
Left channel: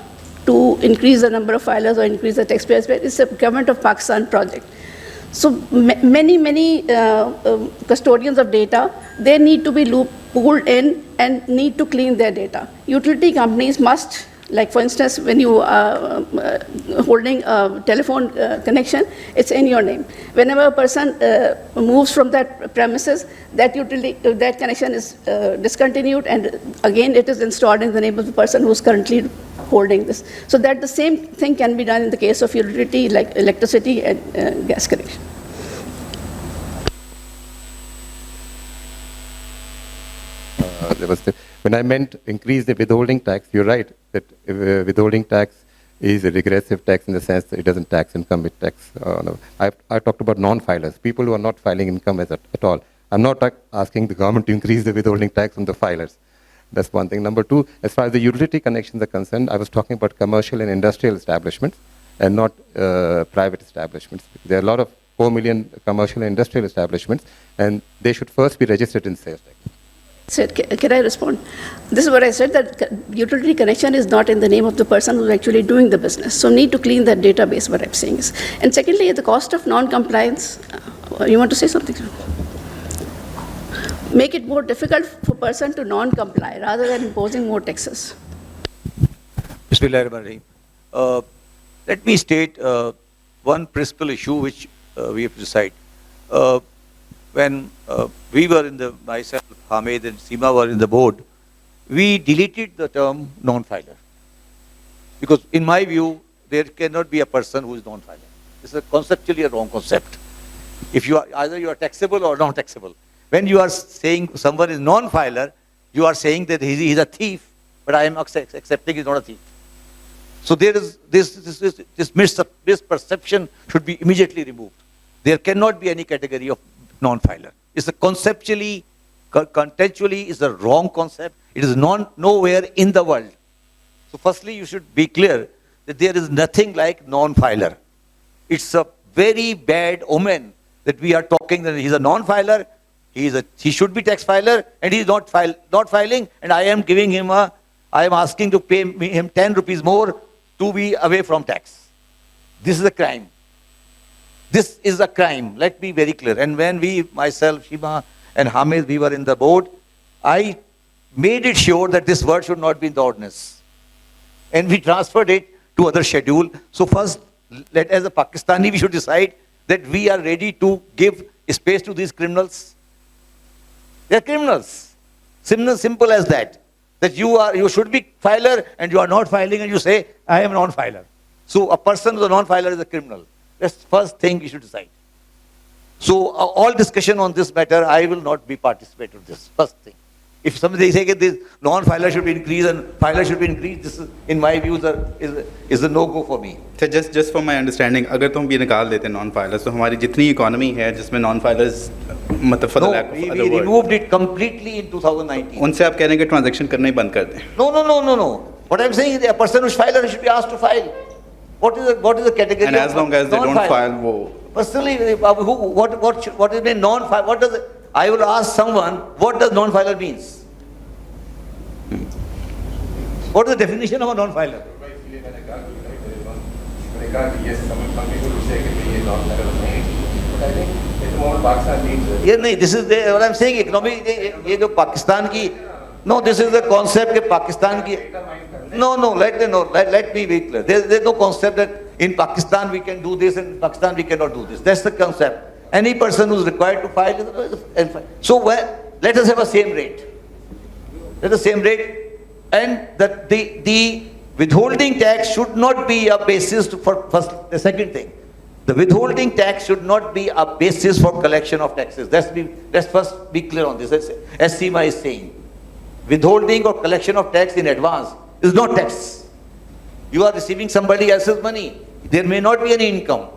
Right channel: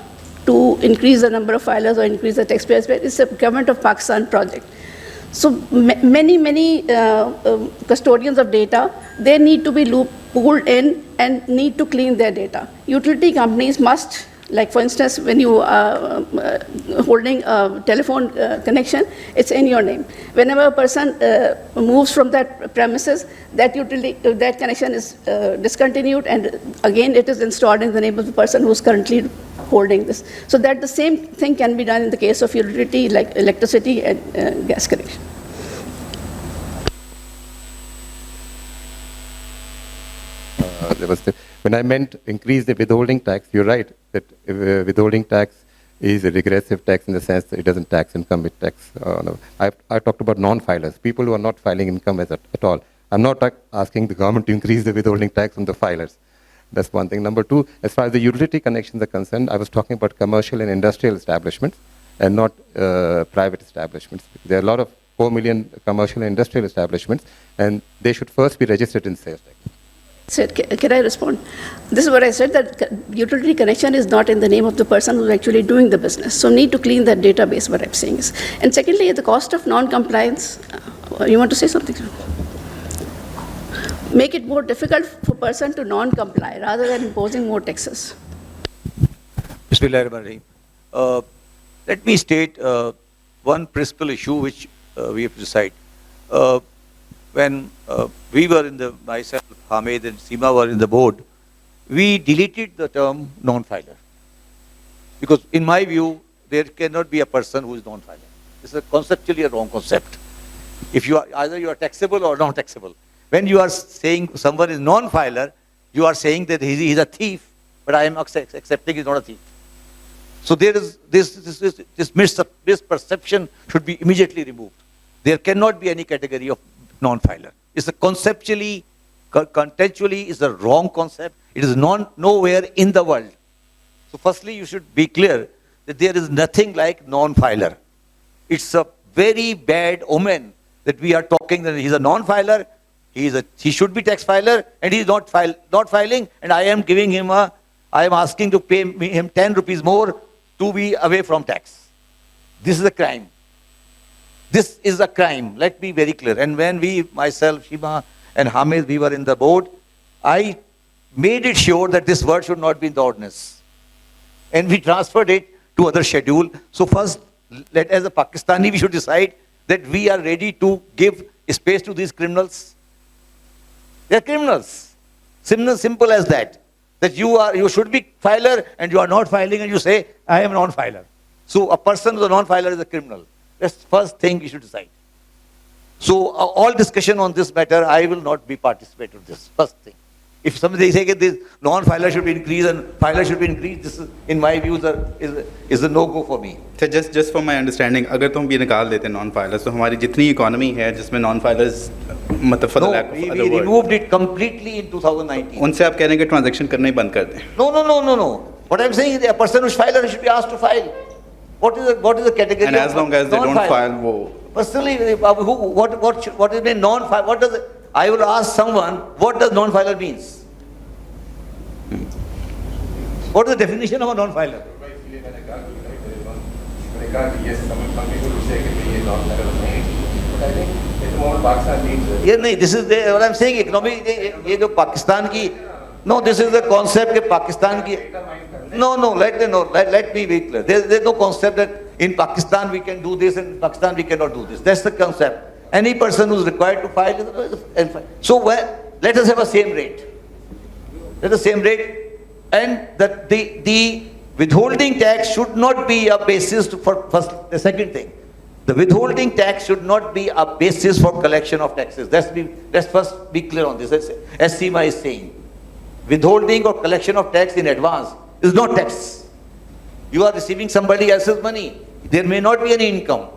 to increase the number of filers or increase the taxpayers, but it's a government of Pakistan project. So many custodians of data, they need to be pulled in and need to clean their data. Utility companies must, like for instance, when you are holding a telephone connection, it's in your name. Whenever a person moves from that premises, that connection is discontinued, and again it is installed in the name of the person who's currently holding this. So that the same thing can be done in the case of utility, like electricity and gas connection. When I meant increase the withholding tax, you're right that withholding tax is a regressive tax in the sense that it doesn't tax income, it tax. No. I talked about non-filers, people who are not filing income at all. I'm not asking the government to increase the withholding tax on the filers. That's one thing. Number two, as far as the utility connections are concerned, I was talking about commercial and industrial establishments and not private establishments. There are a lot of 4 million commercial and industrial establishments, and they should first be registered in sales tax. Said, can I respond? This is what I said, that utility connection is not in the name of the person who's actually doing the business. So need to clean that database, what I'm saying is. And secondly, the cost of non-compliance, you want to say something? Make it more difficult for person to non-comply rather than imposing more taxes. Bismillahirrahmanirrahim. Let me state one principal issue which we have to decide. When we were in the, myself, Hamid and Seema were in the board, we deleted the term non-filer. Because in my view, there cannot be a person who is non-filer. It's conceptually a wrong concept. If you are, either you are taxable or non-taxable. When you are saying someone is non-filer, you are saying that he is a thief, but I am accepting he's not a thief. So there is this misperception should be immediately removed. There cannot be any category of non-filer. It's a conceptually, contextually is a wrong concept. It is nowhere in the world. So firstly, you should be clear that there is nothing like non-filer. It's a very bad omen that we are talking that he's a non-filer, he should be tax filer, and he is not filing, and I am giving him I am asking to pay him 10 rupees more to be away from tax. This is a crime. This is a crime. Let me be very clear. And when we, myself, Shima and Hamid, we were in the board, I made it sure that this word should not be in the ordinance. And we transferred it to other schedule. So first, as a Pakistani, we should decide that we are ready to give space to these criminals. They are criminals. Simple as that. That you should be filer and you are not filing and you say, I am non-filer. So a person who is a non-filer is a criminal. That's the first thing you should decide. So all discussion on this matter, I will not be participating in this, first thing. If somebody say that this non-filer should be increased and filer should be increased, this is, in my view, is a no-go for me. So just for my understanding, अगर तुम भी निकाल देते non-filers, तो हमारी जितनी economy है जिसमें non-filers मतलब for the lack of other we word, removed it completely in 2019. उनसे आप कह रहे हैं कि transaction करना ही बंद कर दें. No. What I'm saying is a person who's filer should be asked to file. What is the category? And as long as they don't file, वो. Personally, what is mean non-filer? What does it? I will ask someone, what does non-filer means? What is the definition of a non-filer? Yes, some people would say that he is non-filer, but I think it's more Pakistan needs. Yeah, no, this is what I'm saying. Economic, ये जो पाकिस्तान की, no, this is the concept that Pakistan की. No, let me be clear. There's no concept that in Pakistan we can do this and in Pakistan we cannot do this. That's the concept. Any person who's required to file, so let us have a same rate. Let us same rate, and that the withholding tax should not be a basis for the second thing. The withholding tax should not be a basis for collection of taxes. Let's first be clear on this. As Seema is saying, withholding or collection of tax in advance is not tax. You are receiving somebody else's money. There may not be any income.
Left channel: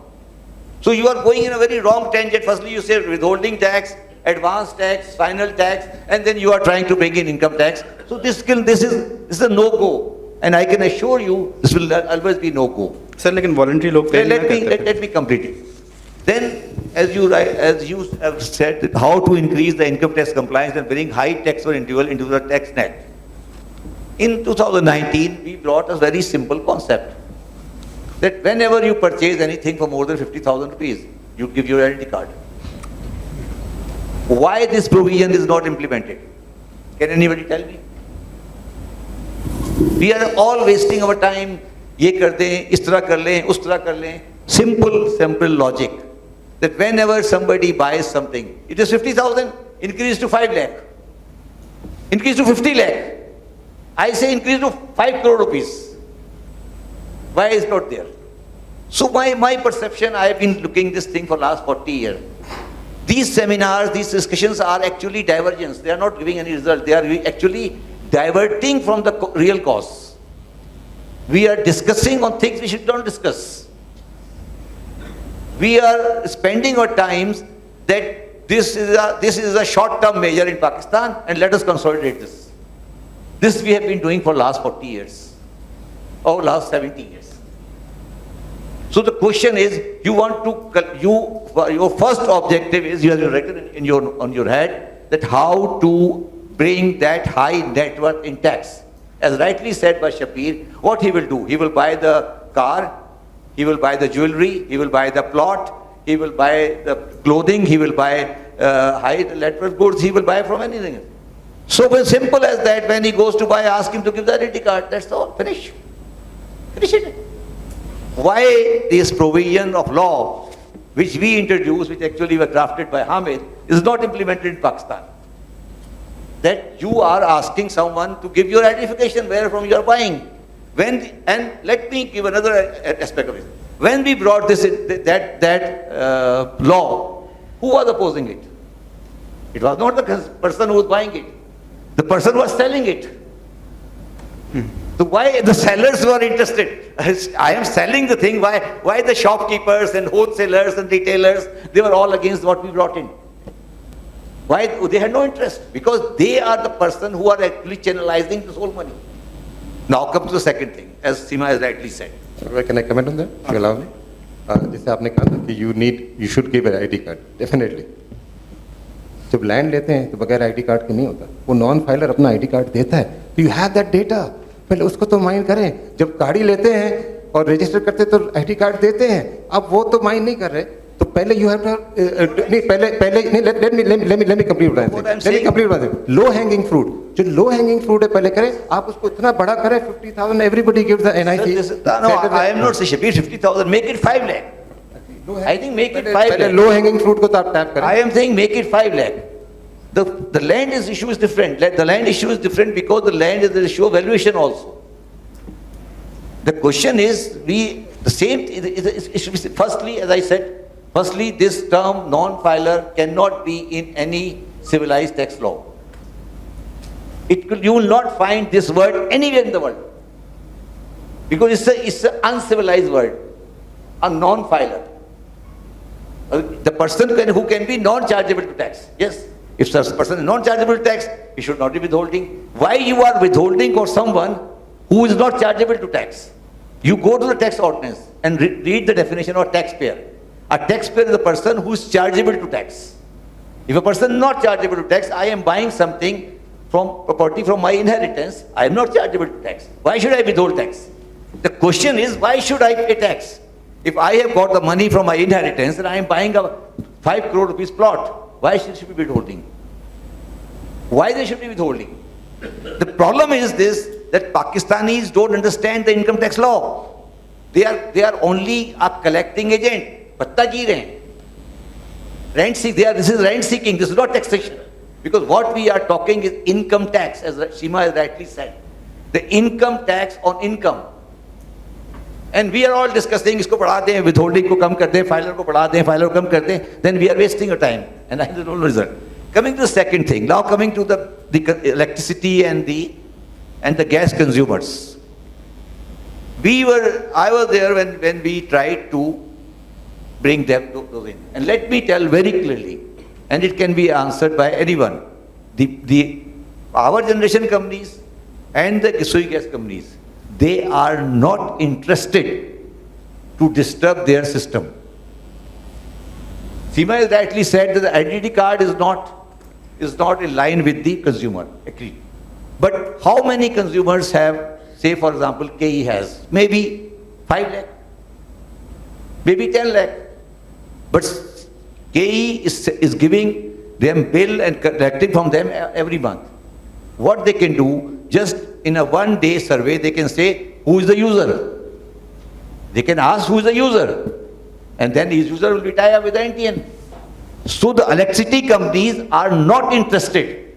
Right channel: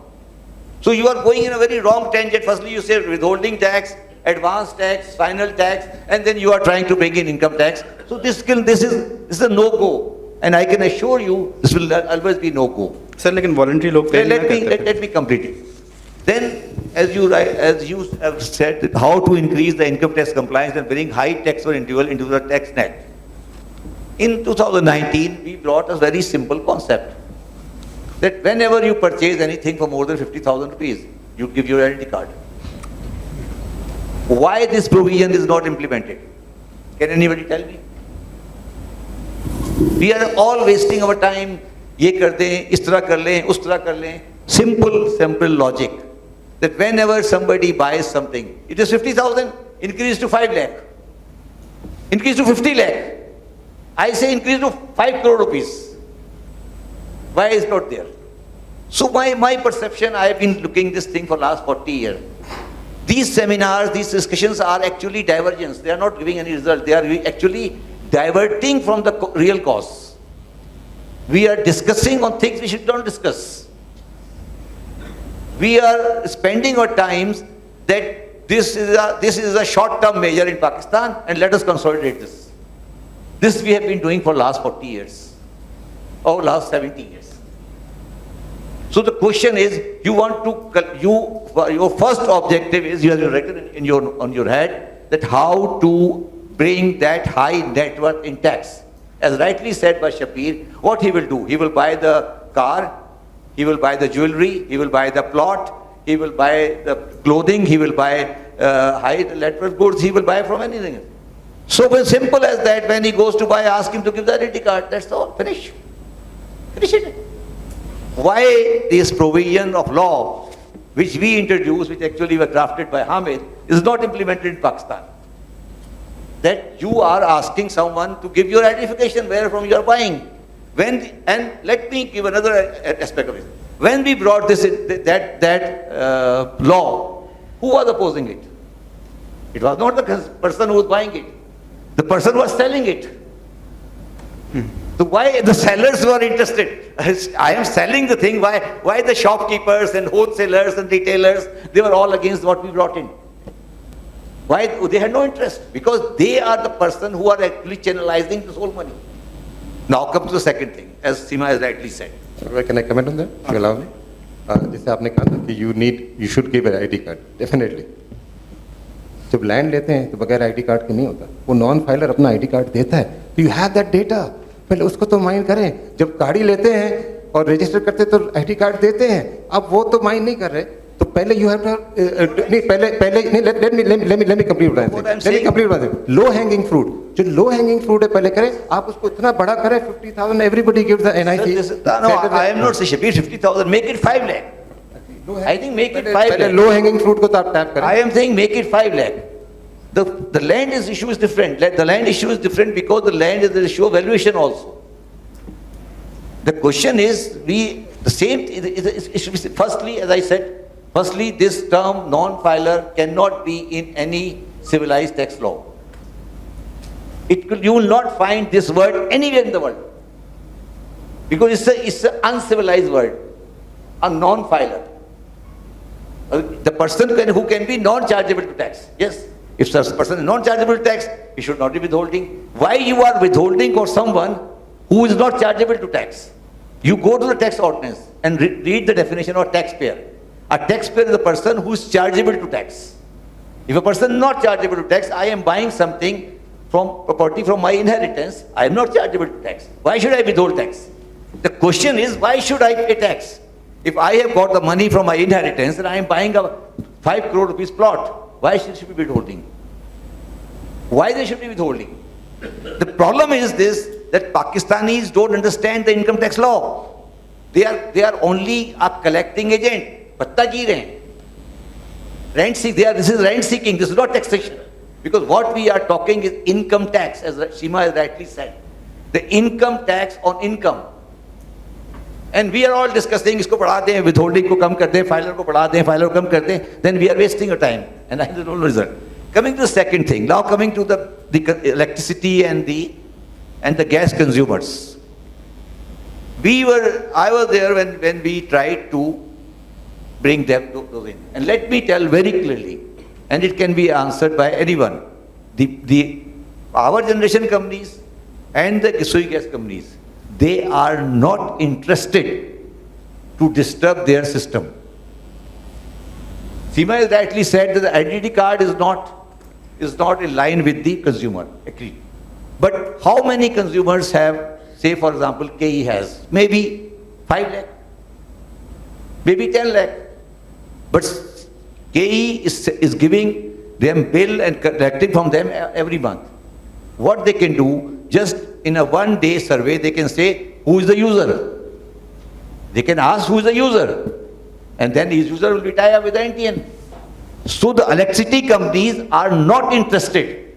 So you are going in a very wrong tangent. Firstly, you say withholding tax, advance tax, final tax, and then you are trying to bring in income tax. So this is a no-go. And I can assure you, this will always be no-go. Sir, लेकिन voluntary लोग pay नहीं करते. Let me complete it. Then, as you have said, that how to increase the income tax compliance and bring high tax for individual into the tax net. In 2019, we brought a very simple concept that whenever you purchase anything for more than 50,000 rupees, you give your identity card. Why this provision is not implemented? Can anybody tell me? We are all wasting our time. ये कर दें, इस तरह कर लें, उस तरह कर लें. Simple logic. That whenever somebody buys something, it is 50,000, increase to 5 lakh. Increase to 50 lakh. I say increase to 5 crore rupees. Why is not there? So my perception, I have been looking this thing for last 40 years. These seminars, these discussions are actually divergence. They are not giving any result. They are actually diverting from the real cause. We are discussing on things we should not discuss. We are spending our times that this is a short-term measure in Pakistan and let us consolidate this. This we have been doing for last 40 years or last 70 years. So the question is, your first objective is, you have written on your head, that how to bring that high net worth in tax. As rightly said by Shapir, what he will do? He will buy the car, he will buy the jewelry, he will buy the plot, he will buy the clothing, he will buy high net worth goods, he will buy from anything. So simple as that, when he goes to buy, ask him to give the identity card, that's all, finish. Finish it. Why this provision of law, which we introduced, which actually were drafted by Hamid, is not implemented in Pakistan? That you are asking someone to give your identification where from you are buying. And let me give another aspect of it. When we brought this law, who was opposing it? It was not the person who was buying it. The person who was selling it. So why the sellers were interested? I am selling the thing. Why the shopkeepers and wholesalers and retailers, they were all against what we brought in? Why? They had no interest, because they are the person who are actually channelizing this whole money. Now comes the second thing, as Seema has rightly said. Can I comment on that? You allow me? जैसे आपने कहा था कि you should give an ID card. Definitely. जब land लेते हैं तो बगैर आईडी कार्ड के नहीं होता. वो नॉन फाइलर अपना आईडी कार्ड देता है, तो यू हैव दैट डेटा. पहले उसको तो माइन करें. जब गाड़ी लेते हैं और रजिस्टर करते तो आईडी कार्ड देते हैं. अब वो तो माइन नहीं कर रहे, तो पहले यू हैव नहीं पहले नहीं लेट मी कंप्लीट बताएं. लो हैंगिंग फ्रूट, जो लो हैंगिंग फ्रूट है पहले करें. आप उसको इतना बड़ा करें, 50,000 everybody gives the NIC. No, I am not saying 50,000, make it 5 lakh. I think make it 5 lakh. Low hanging fruit को तो आप टैप करें. I am saying make it 5 lakh. The land issue is different. The land issue is different because the land is the issue of valuation also. The question is, firstly, as I said, this term non-filer cannot be in any civilized tax law. You will not find this word anywhere in the world, because it's an uncivilized word, a non-filer. The person who can be non-chargeable to tax. Yes, if such a person is non-chargeable to tax, he should not be withholding. Why you are withholding for someone who is not chargeable to tax? You go to the tax ordinance and read the definition of taxpayer. A taxpayer is a person who is chargeable to tax. If a person is not chargeable to tax, I am buying something from property from my inheritance, I am not chargeable to tax. Why should I withhold tax? The question is, why should I pay tax? If I have got the money from my inheritance and I am buying a 5 crore rupees plot, why should we be withholding? Why they should be withholding? The problem is this, that Pakistanis don't understand the income tax law. They are only a collecting agent. Patta ji rahe. Rent seeking. This is rent seeking. This is not taxation. Because what we are talking is income tax, as Seema has rightly said. The income tax on income. And we are all discussing, isko बढ़ा दें, withholding को कम कर दें, filer को बढ़ा दें, filer को कम कर दें, then we are wasting our time. And that is no result. Coming to the second thing, now coming to the electricity and the gas consumers. I was there when we tried to bring them those in. And let me tell very clearly, and it can be answered by anyone, the power generation companies and the Kisui gas companies, they are not interested to disturb their system. Seema has rightly said that the identity card is not in line with the consumer. Agreed. But how many consumers have, say for example, KE has? Maybe 5 lakh, maybe 10 lakh. But KE is giving them bill and collecting from them every month. What they can do, just in a one-day survey, they can say, who is the user? They can ask who is the user. And then his user will be tied up with the NTN. So the electricity companies are not interested.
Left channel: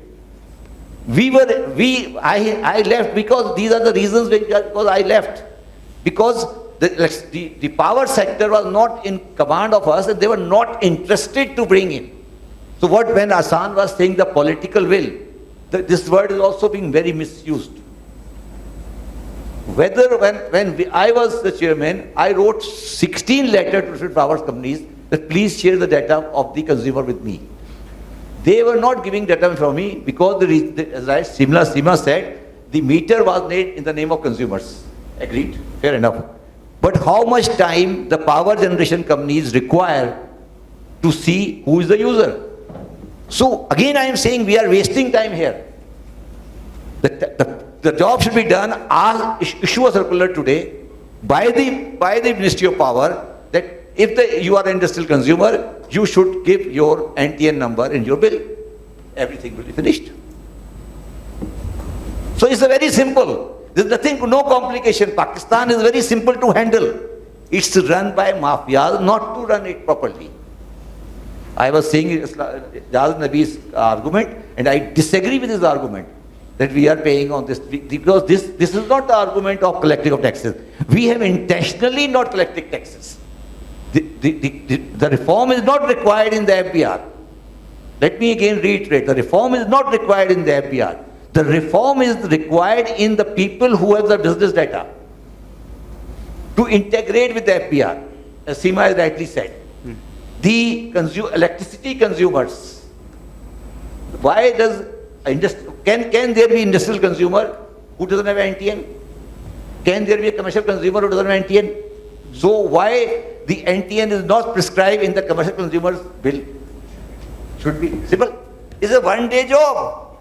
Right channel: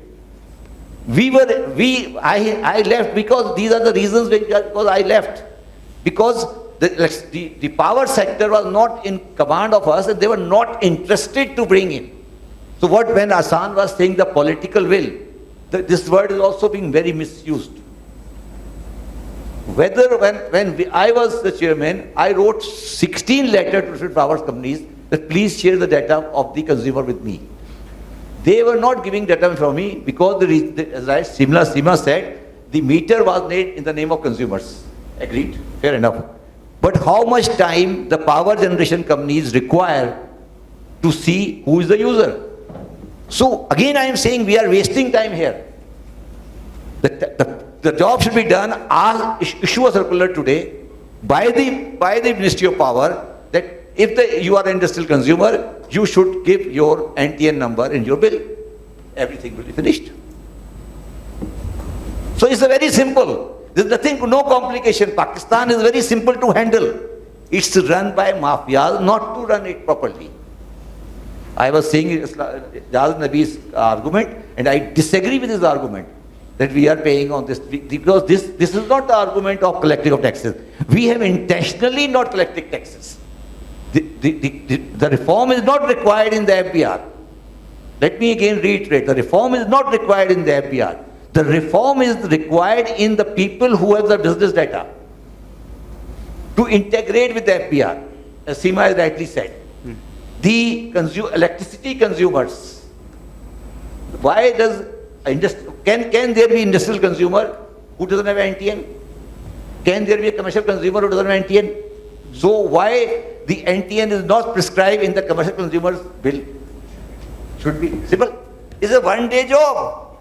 I left because these are the reasons because I left. Because the power sector was not in command of us and they were not interested to bring in. So when Hassan was saying the political will, this word is also being very misused. Whether when I was the chairman, I wrote 16 letters to different power companies that please share the data of the consumer with me. They were not giving data from me because, as Sima said, the meter was made in the name of consumers. Agreed? Fair enough. But how much time the power generation companies require to see who is the user? So again I am saying we are wasting time here. The job should be done, issue a circular today by the Ministry of Power that if you are an industrial consumer, you should give your NTN number in your bill. Everything will be finished. So it's a very simple. There's nothing, no complication. Pakistan is very simple to handle. It's run by mafias, not to run it properly. I was saying Jaz Nabi's argument, and I disagree with his argument that we are paying on this, because this is not the argument of collecting of taxes. We have intentionally not collected taxes. The reform is not required in the FBR. Let me again reiterate, the reform is not required in the FBR. The reform is required in the people who have the business data to integrate with the FBR, as Seema has rightly said. The electricity consumers, why does can there be industrial consumer who doesn't have NTN? Can there be a commercial consumer who doesn't have NTN? So why the NTN is not prescribed in the commercial consumer's bill? Should be simple. It's a one-day job.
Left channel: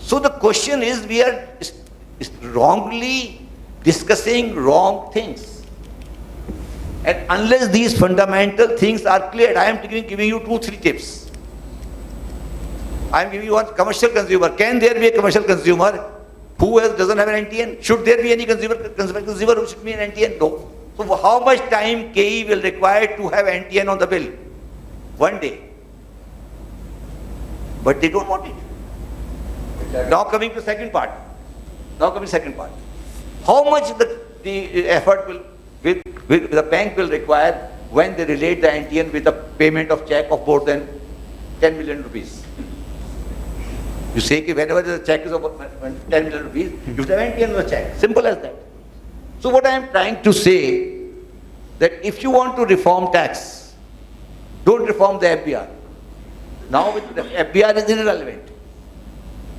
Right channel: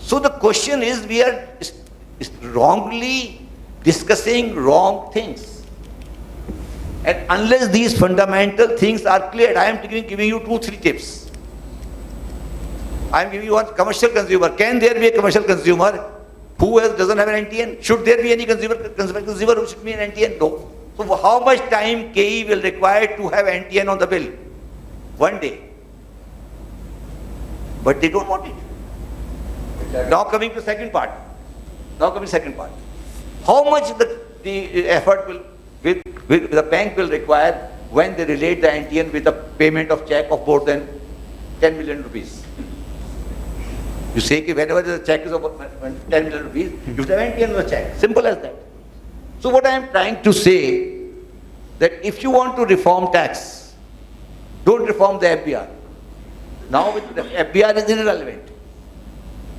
So the question is, we are wrongly discussing wrong things. And unless these fundamental things are cleared, I am giving you 2-3 tips. I am giving you one: commercial consumer. Can there be a commercial consumer who doesn't have an NTN? Should there be any consumer who should be an NTN? No. So how much time KE will require to have NTN on the bill? 1 day. But they don't want it. Now coming to second part. How much the effort will the bank will require when they relate the NTN with the payment of check of more than 10 million rupees? You say that whenever the check is of 10 million rupees, you have NTN on the check. Simple as that. So what I am trying to say, that if you want to reform tax, don't reform the FBR. Now the FBR is irrelevant.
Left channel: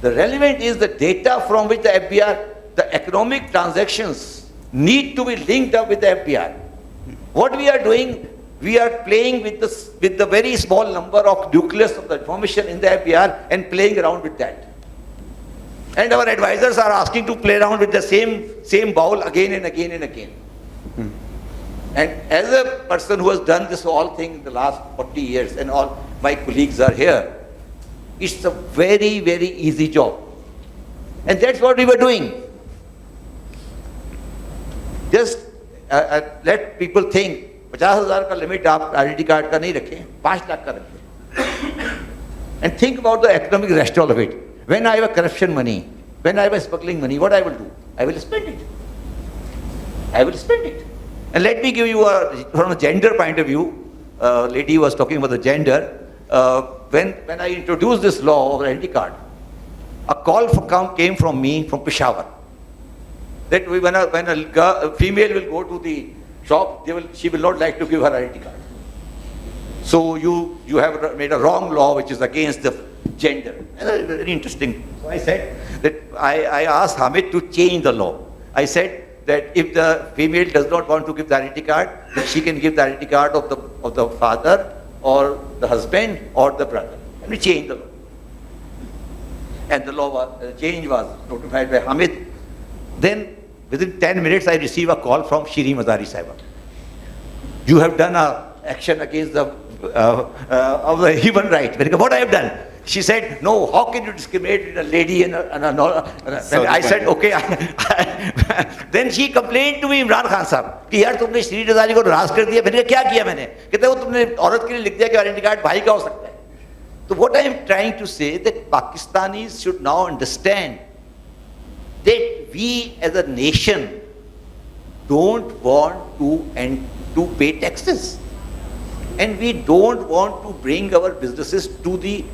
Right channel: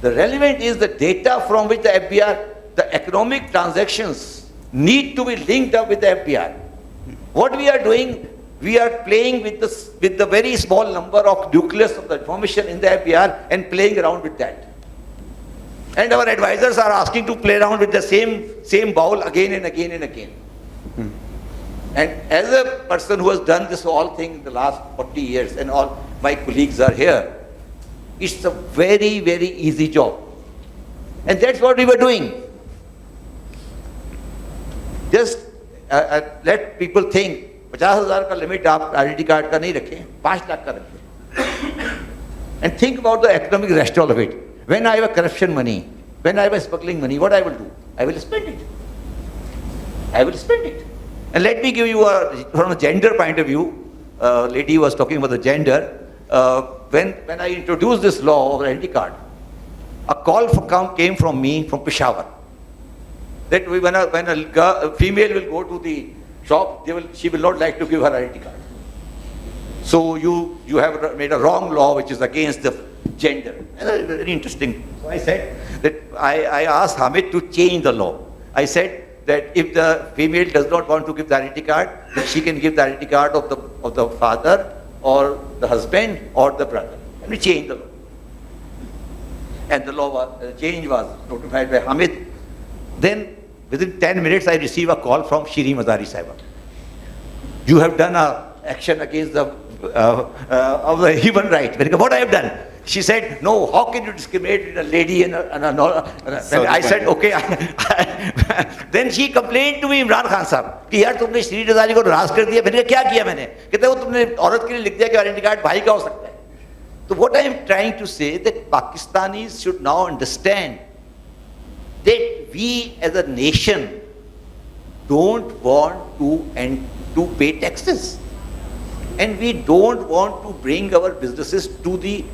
The relevant is the data from which the FBR, the economic transactions need to be linked up with the FBR. What we are doing, we are playing with the very small number of nucleus of the information in the FBR and playing around with that. And our advisors are asking to play around with the same bowl again and again and again. And as a person who has done this whole thing in the last 40 years, and all my colleagues are here, it's a very, very easy job. And that's what we were doing. Just let people think, 50,000 का limit आप identity card का नहीं रखें, 5 lakh का रखें. And think about the economic rationale of it. When I have a corruption money, when I have a smuggling money, what I will do? I will spend it. And let me give you from a gender point of view. Lady was talking about the gender. When I introduced this law of identity card, a call came from me from Peshawar. That when a female will go to the shop, she will not like to give her identity card. So you have made a wrong law which is against the gender. Very interesting. So I said that I asked Hamid to change the law. I said that if the female does not want to give the identity card, then she can give the identity card of the father or the husband or the brother. And we changed the law. And the change was notified by Hamid. Then within 10 minutes I received a call from Shri Mazari Saiba. You have done an action against the of the human right. What I have done? She said, no, how can you discriminate a lady and I said, okay. Then she complained to me, Imran Khan साहब, कि यार तुमने श्री रजारी को नाराज कर दिया. मैंने कहा क्या किया मैंने? कहते वो तुमने औरत के लिए लिख दिया कि आइडेंटिटी कार्ड भाई का हो सकता है. So what I am trying to say that Pakistanis should now understand that we as a nation don't want to pay taxes. And we don't want to bring our businesses to the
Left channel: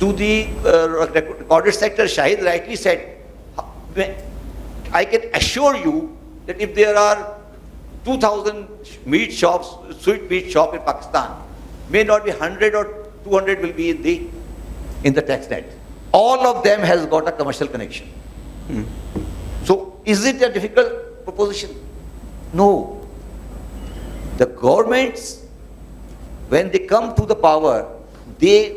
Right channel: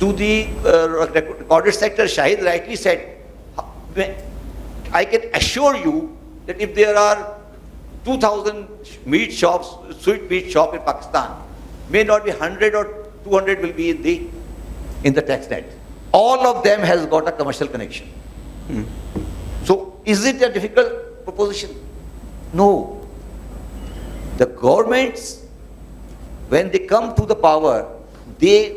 recorded sector. Shahid rightly said, I can assure you that if there are 2,000 meat shops, sweet meat shop in Pakistan, may not be 100 or 200 will be in the tax net. All of them has got a commercial connection. So is it a difficult proposition? No. The governments, when they come to the power, they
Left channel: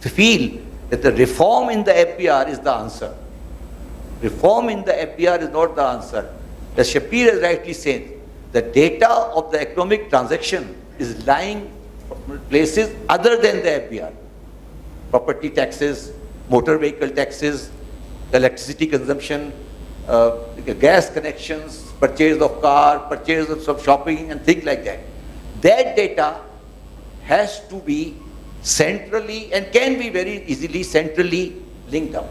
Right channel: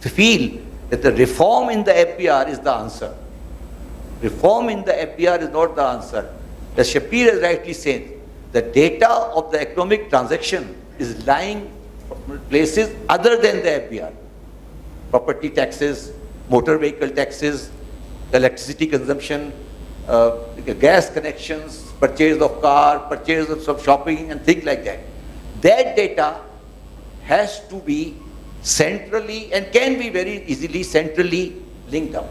feel that the reform in the FBR is the answer. Reform in the FBR is not the answer. As Shapir has rightly said, the data of the economic transaction is lying places other than the FBR. Property taxes, motor vehicle taxes, electricity consumption, gas connections, purchase of car, purchase of some shopping and things like that. That data has to be centrally and can be very easily centrally linked up.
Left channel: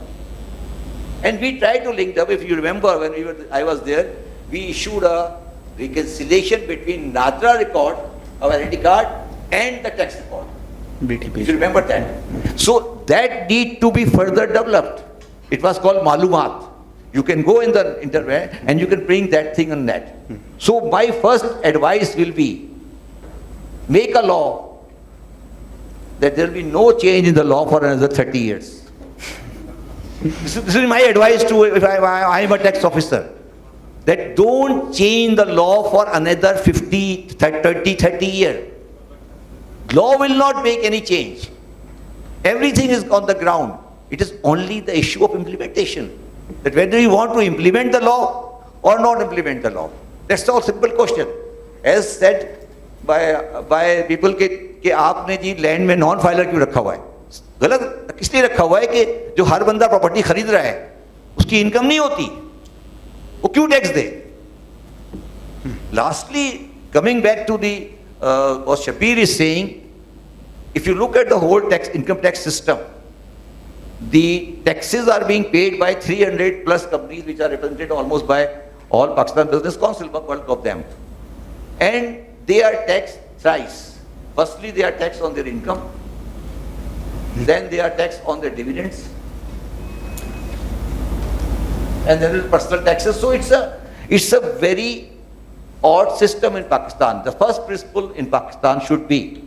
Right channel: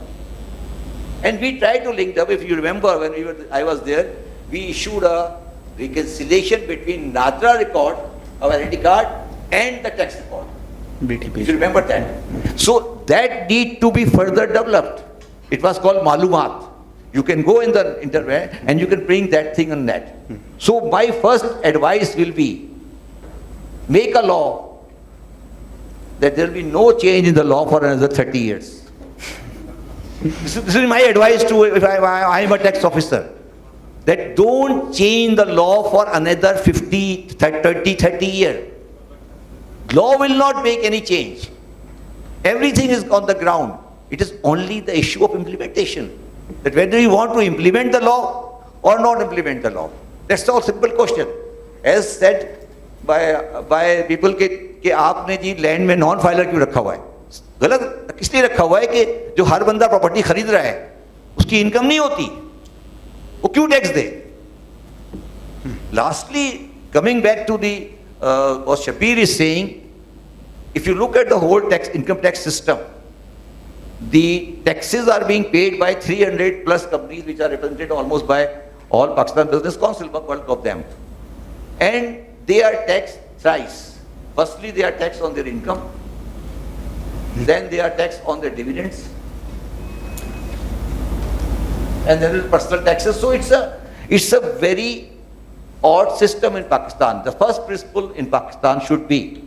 And we try to link up. If you remember when I was there, we issued a reconciliation between Nadra record of identity card and the tax record. If you remember that. So that need to be further developed. It was called Malumat. You can go in the internet and you can bring that thing on net. So my first advice will be, make a law that there will be no change in the law for another 30 years. This is my advice to, if I am a tax officer, that don't change the law for another 30 years. Law will not make any change. Everything is on the ground. It is only the issue of implementation. That whether you want to implement the law or not implement the law. That's all simple question. As said by people कि आपने जी land में non filer क्यों रखा हुआ है? गलत इसलिए रखा हुआ है कि जो हर बंदा प्रॉपर्टी खरीद रहा है उसकी इनकम नहीं होती, वो क्यों tax they? Lastly, coming back to the what Shapir is saying, if you look at the whole income tax system, the taxes are being paid by 300 plus companies which are represented almost by all Pakistan Business Council, bulk of them. And they are taxed thrice. Firstly, they are taxed on their income. Then they are taxed on their dividends. And then there is personal taxes. So it's a very odd system in Pakistan. The first principle in Pakistan should be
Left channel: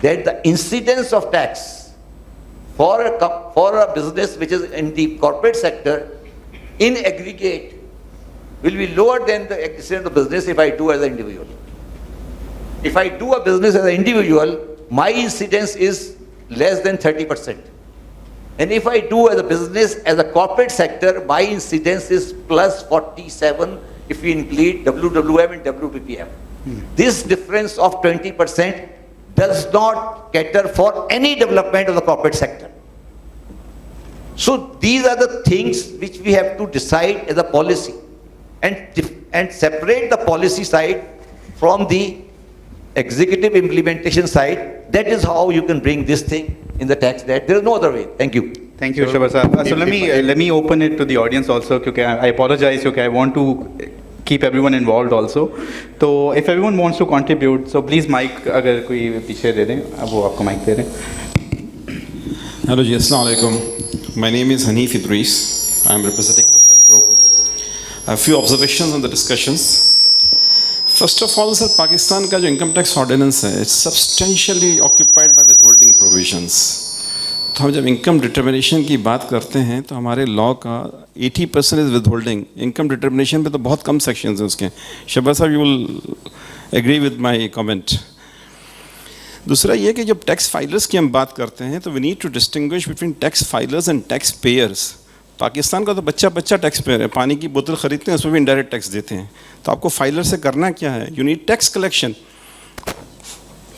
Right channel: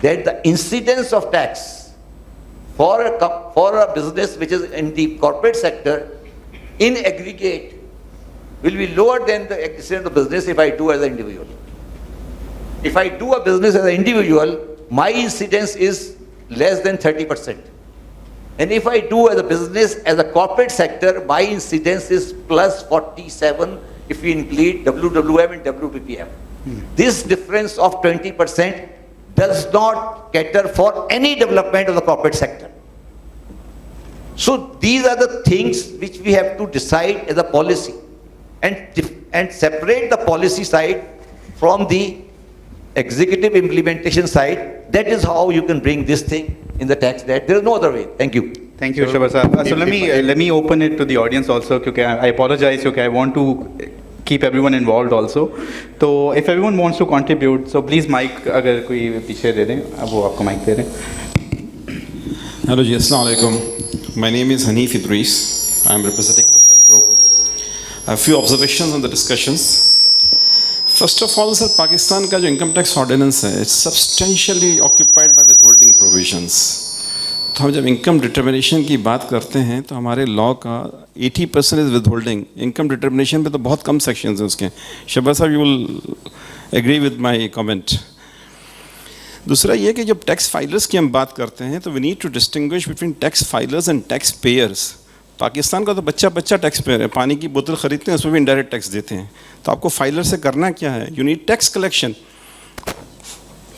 that the incidence of tax for a business which is in the corporate sector in aggregate will be lower than the incidence of business if I do as an individual. If I do a business as an individual, my incidence is less than 30%. And if I do as a business as a corporate sector, my incidence is plus 47 if we include WWM and WPPM. This difference of 20% does not cater for any development of the corporate sector. So these are the things which we have to decide as a policy and separate the policy side from the executive implementation side. That is how you can bring this thing in the tax net. There is no other way. Thank you. Thank you, Shabazz. So let me open it to the audience also. Because I apologize. Okay, I want to keep everyone involved also. So if everyone wants to contribute, so please mic अगर कोई पीछे दे दें, अब वो आपको mic दे दें. Hello ji, Assalamu alaikum. My name is Hanif Idris. I am representing the Fed Group. A few observations on the discussions. First of all, sir, Pakistan का जो income tax ordinance है, it's substantially occupied by withholding provisions. तो हम जब income determination की बात करते हैं, तो हमारे law का 80% is withholding. Income determination पे तो बहुत कम sections हैं उसके. शहबाज साहब, you will agree with my comment. दूसरा ये कि जब टैक्स फाइलर्स की हम बात करते हैं तो we need to distinguish between tax filers and tax payers. Pakistan का तो बच्चा टैक्स पेयर है, पानी की बोतल खरीदते हैं उसमें भी इनडायरेक्ट टैक्स देते हैं. तो आपको फाइलर से करना क्या है? यू नीड टैक्स कलेक्शन,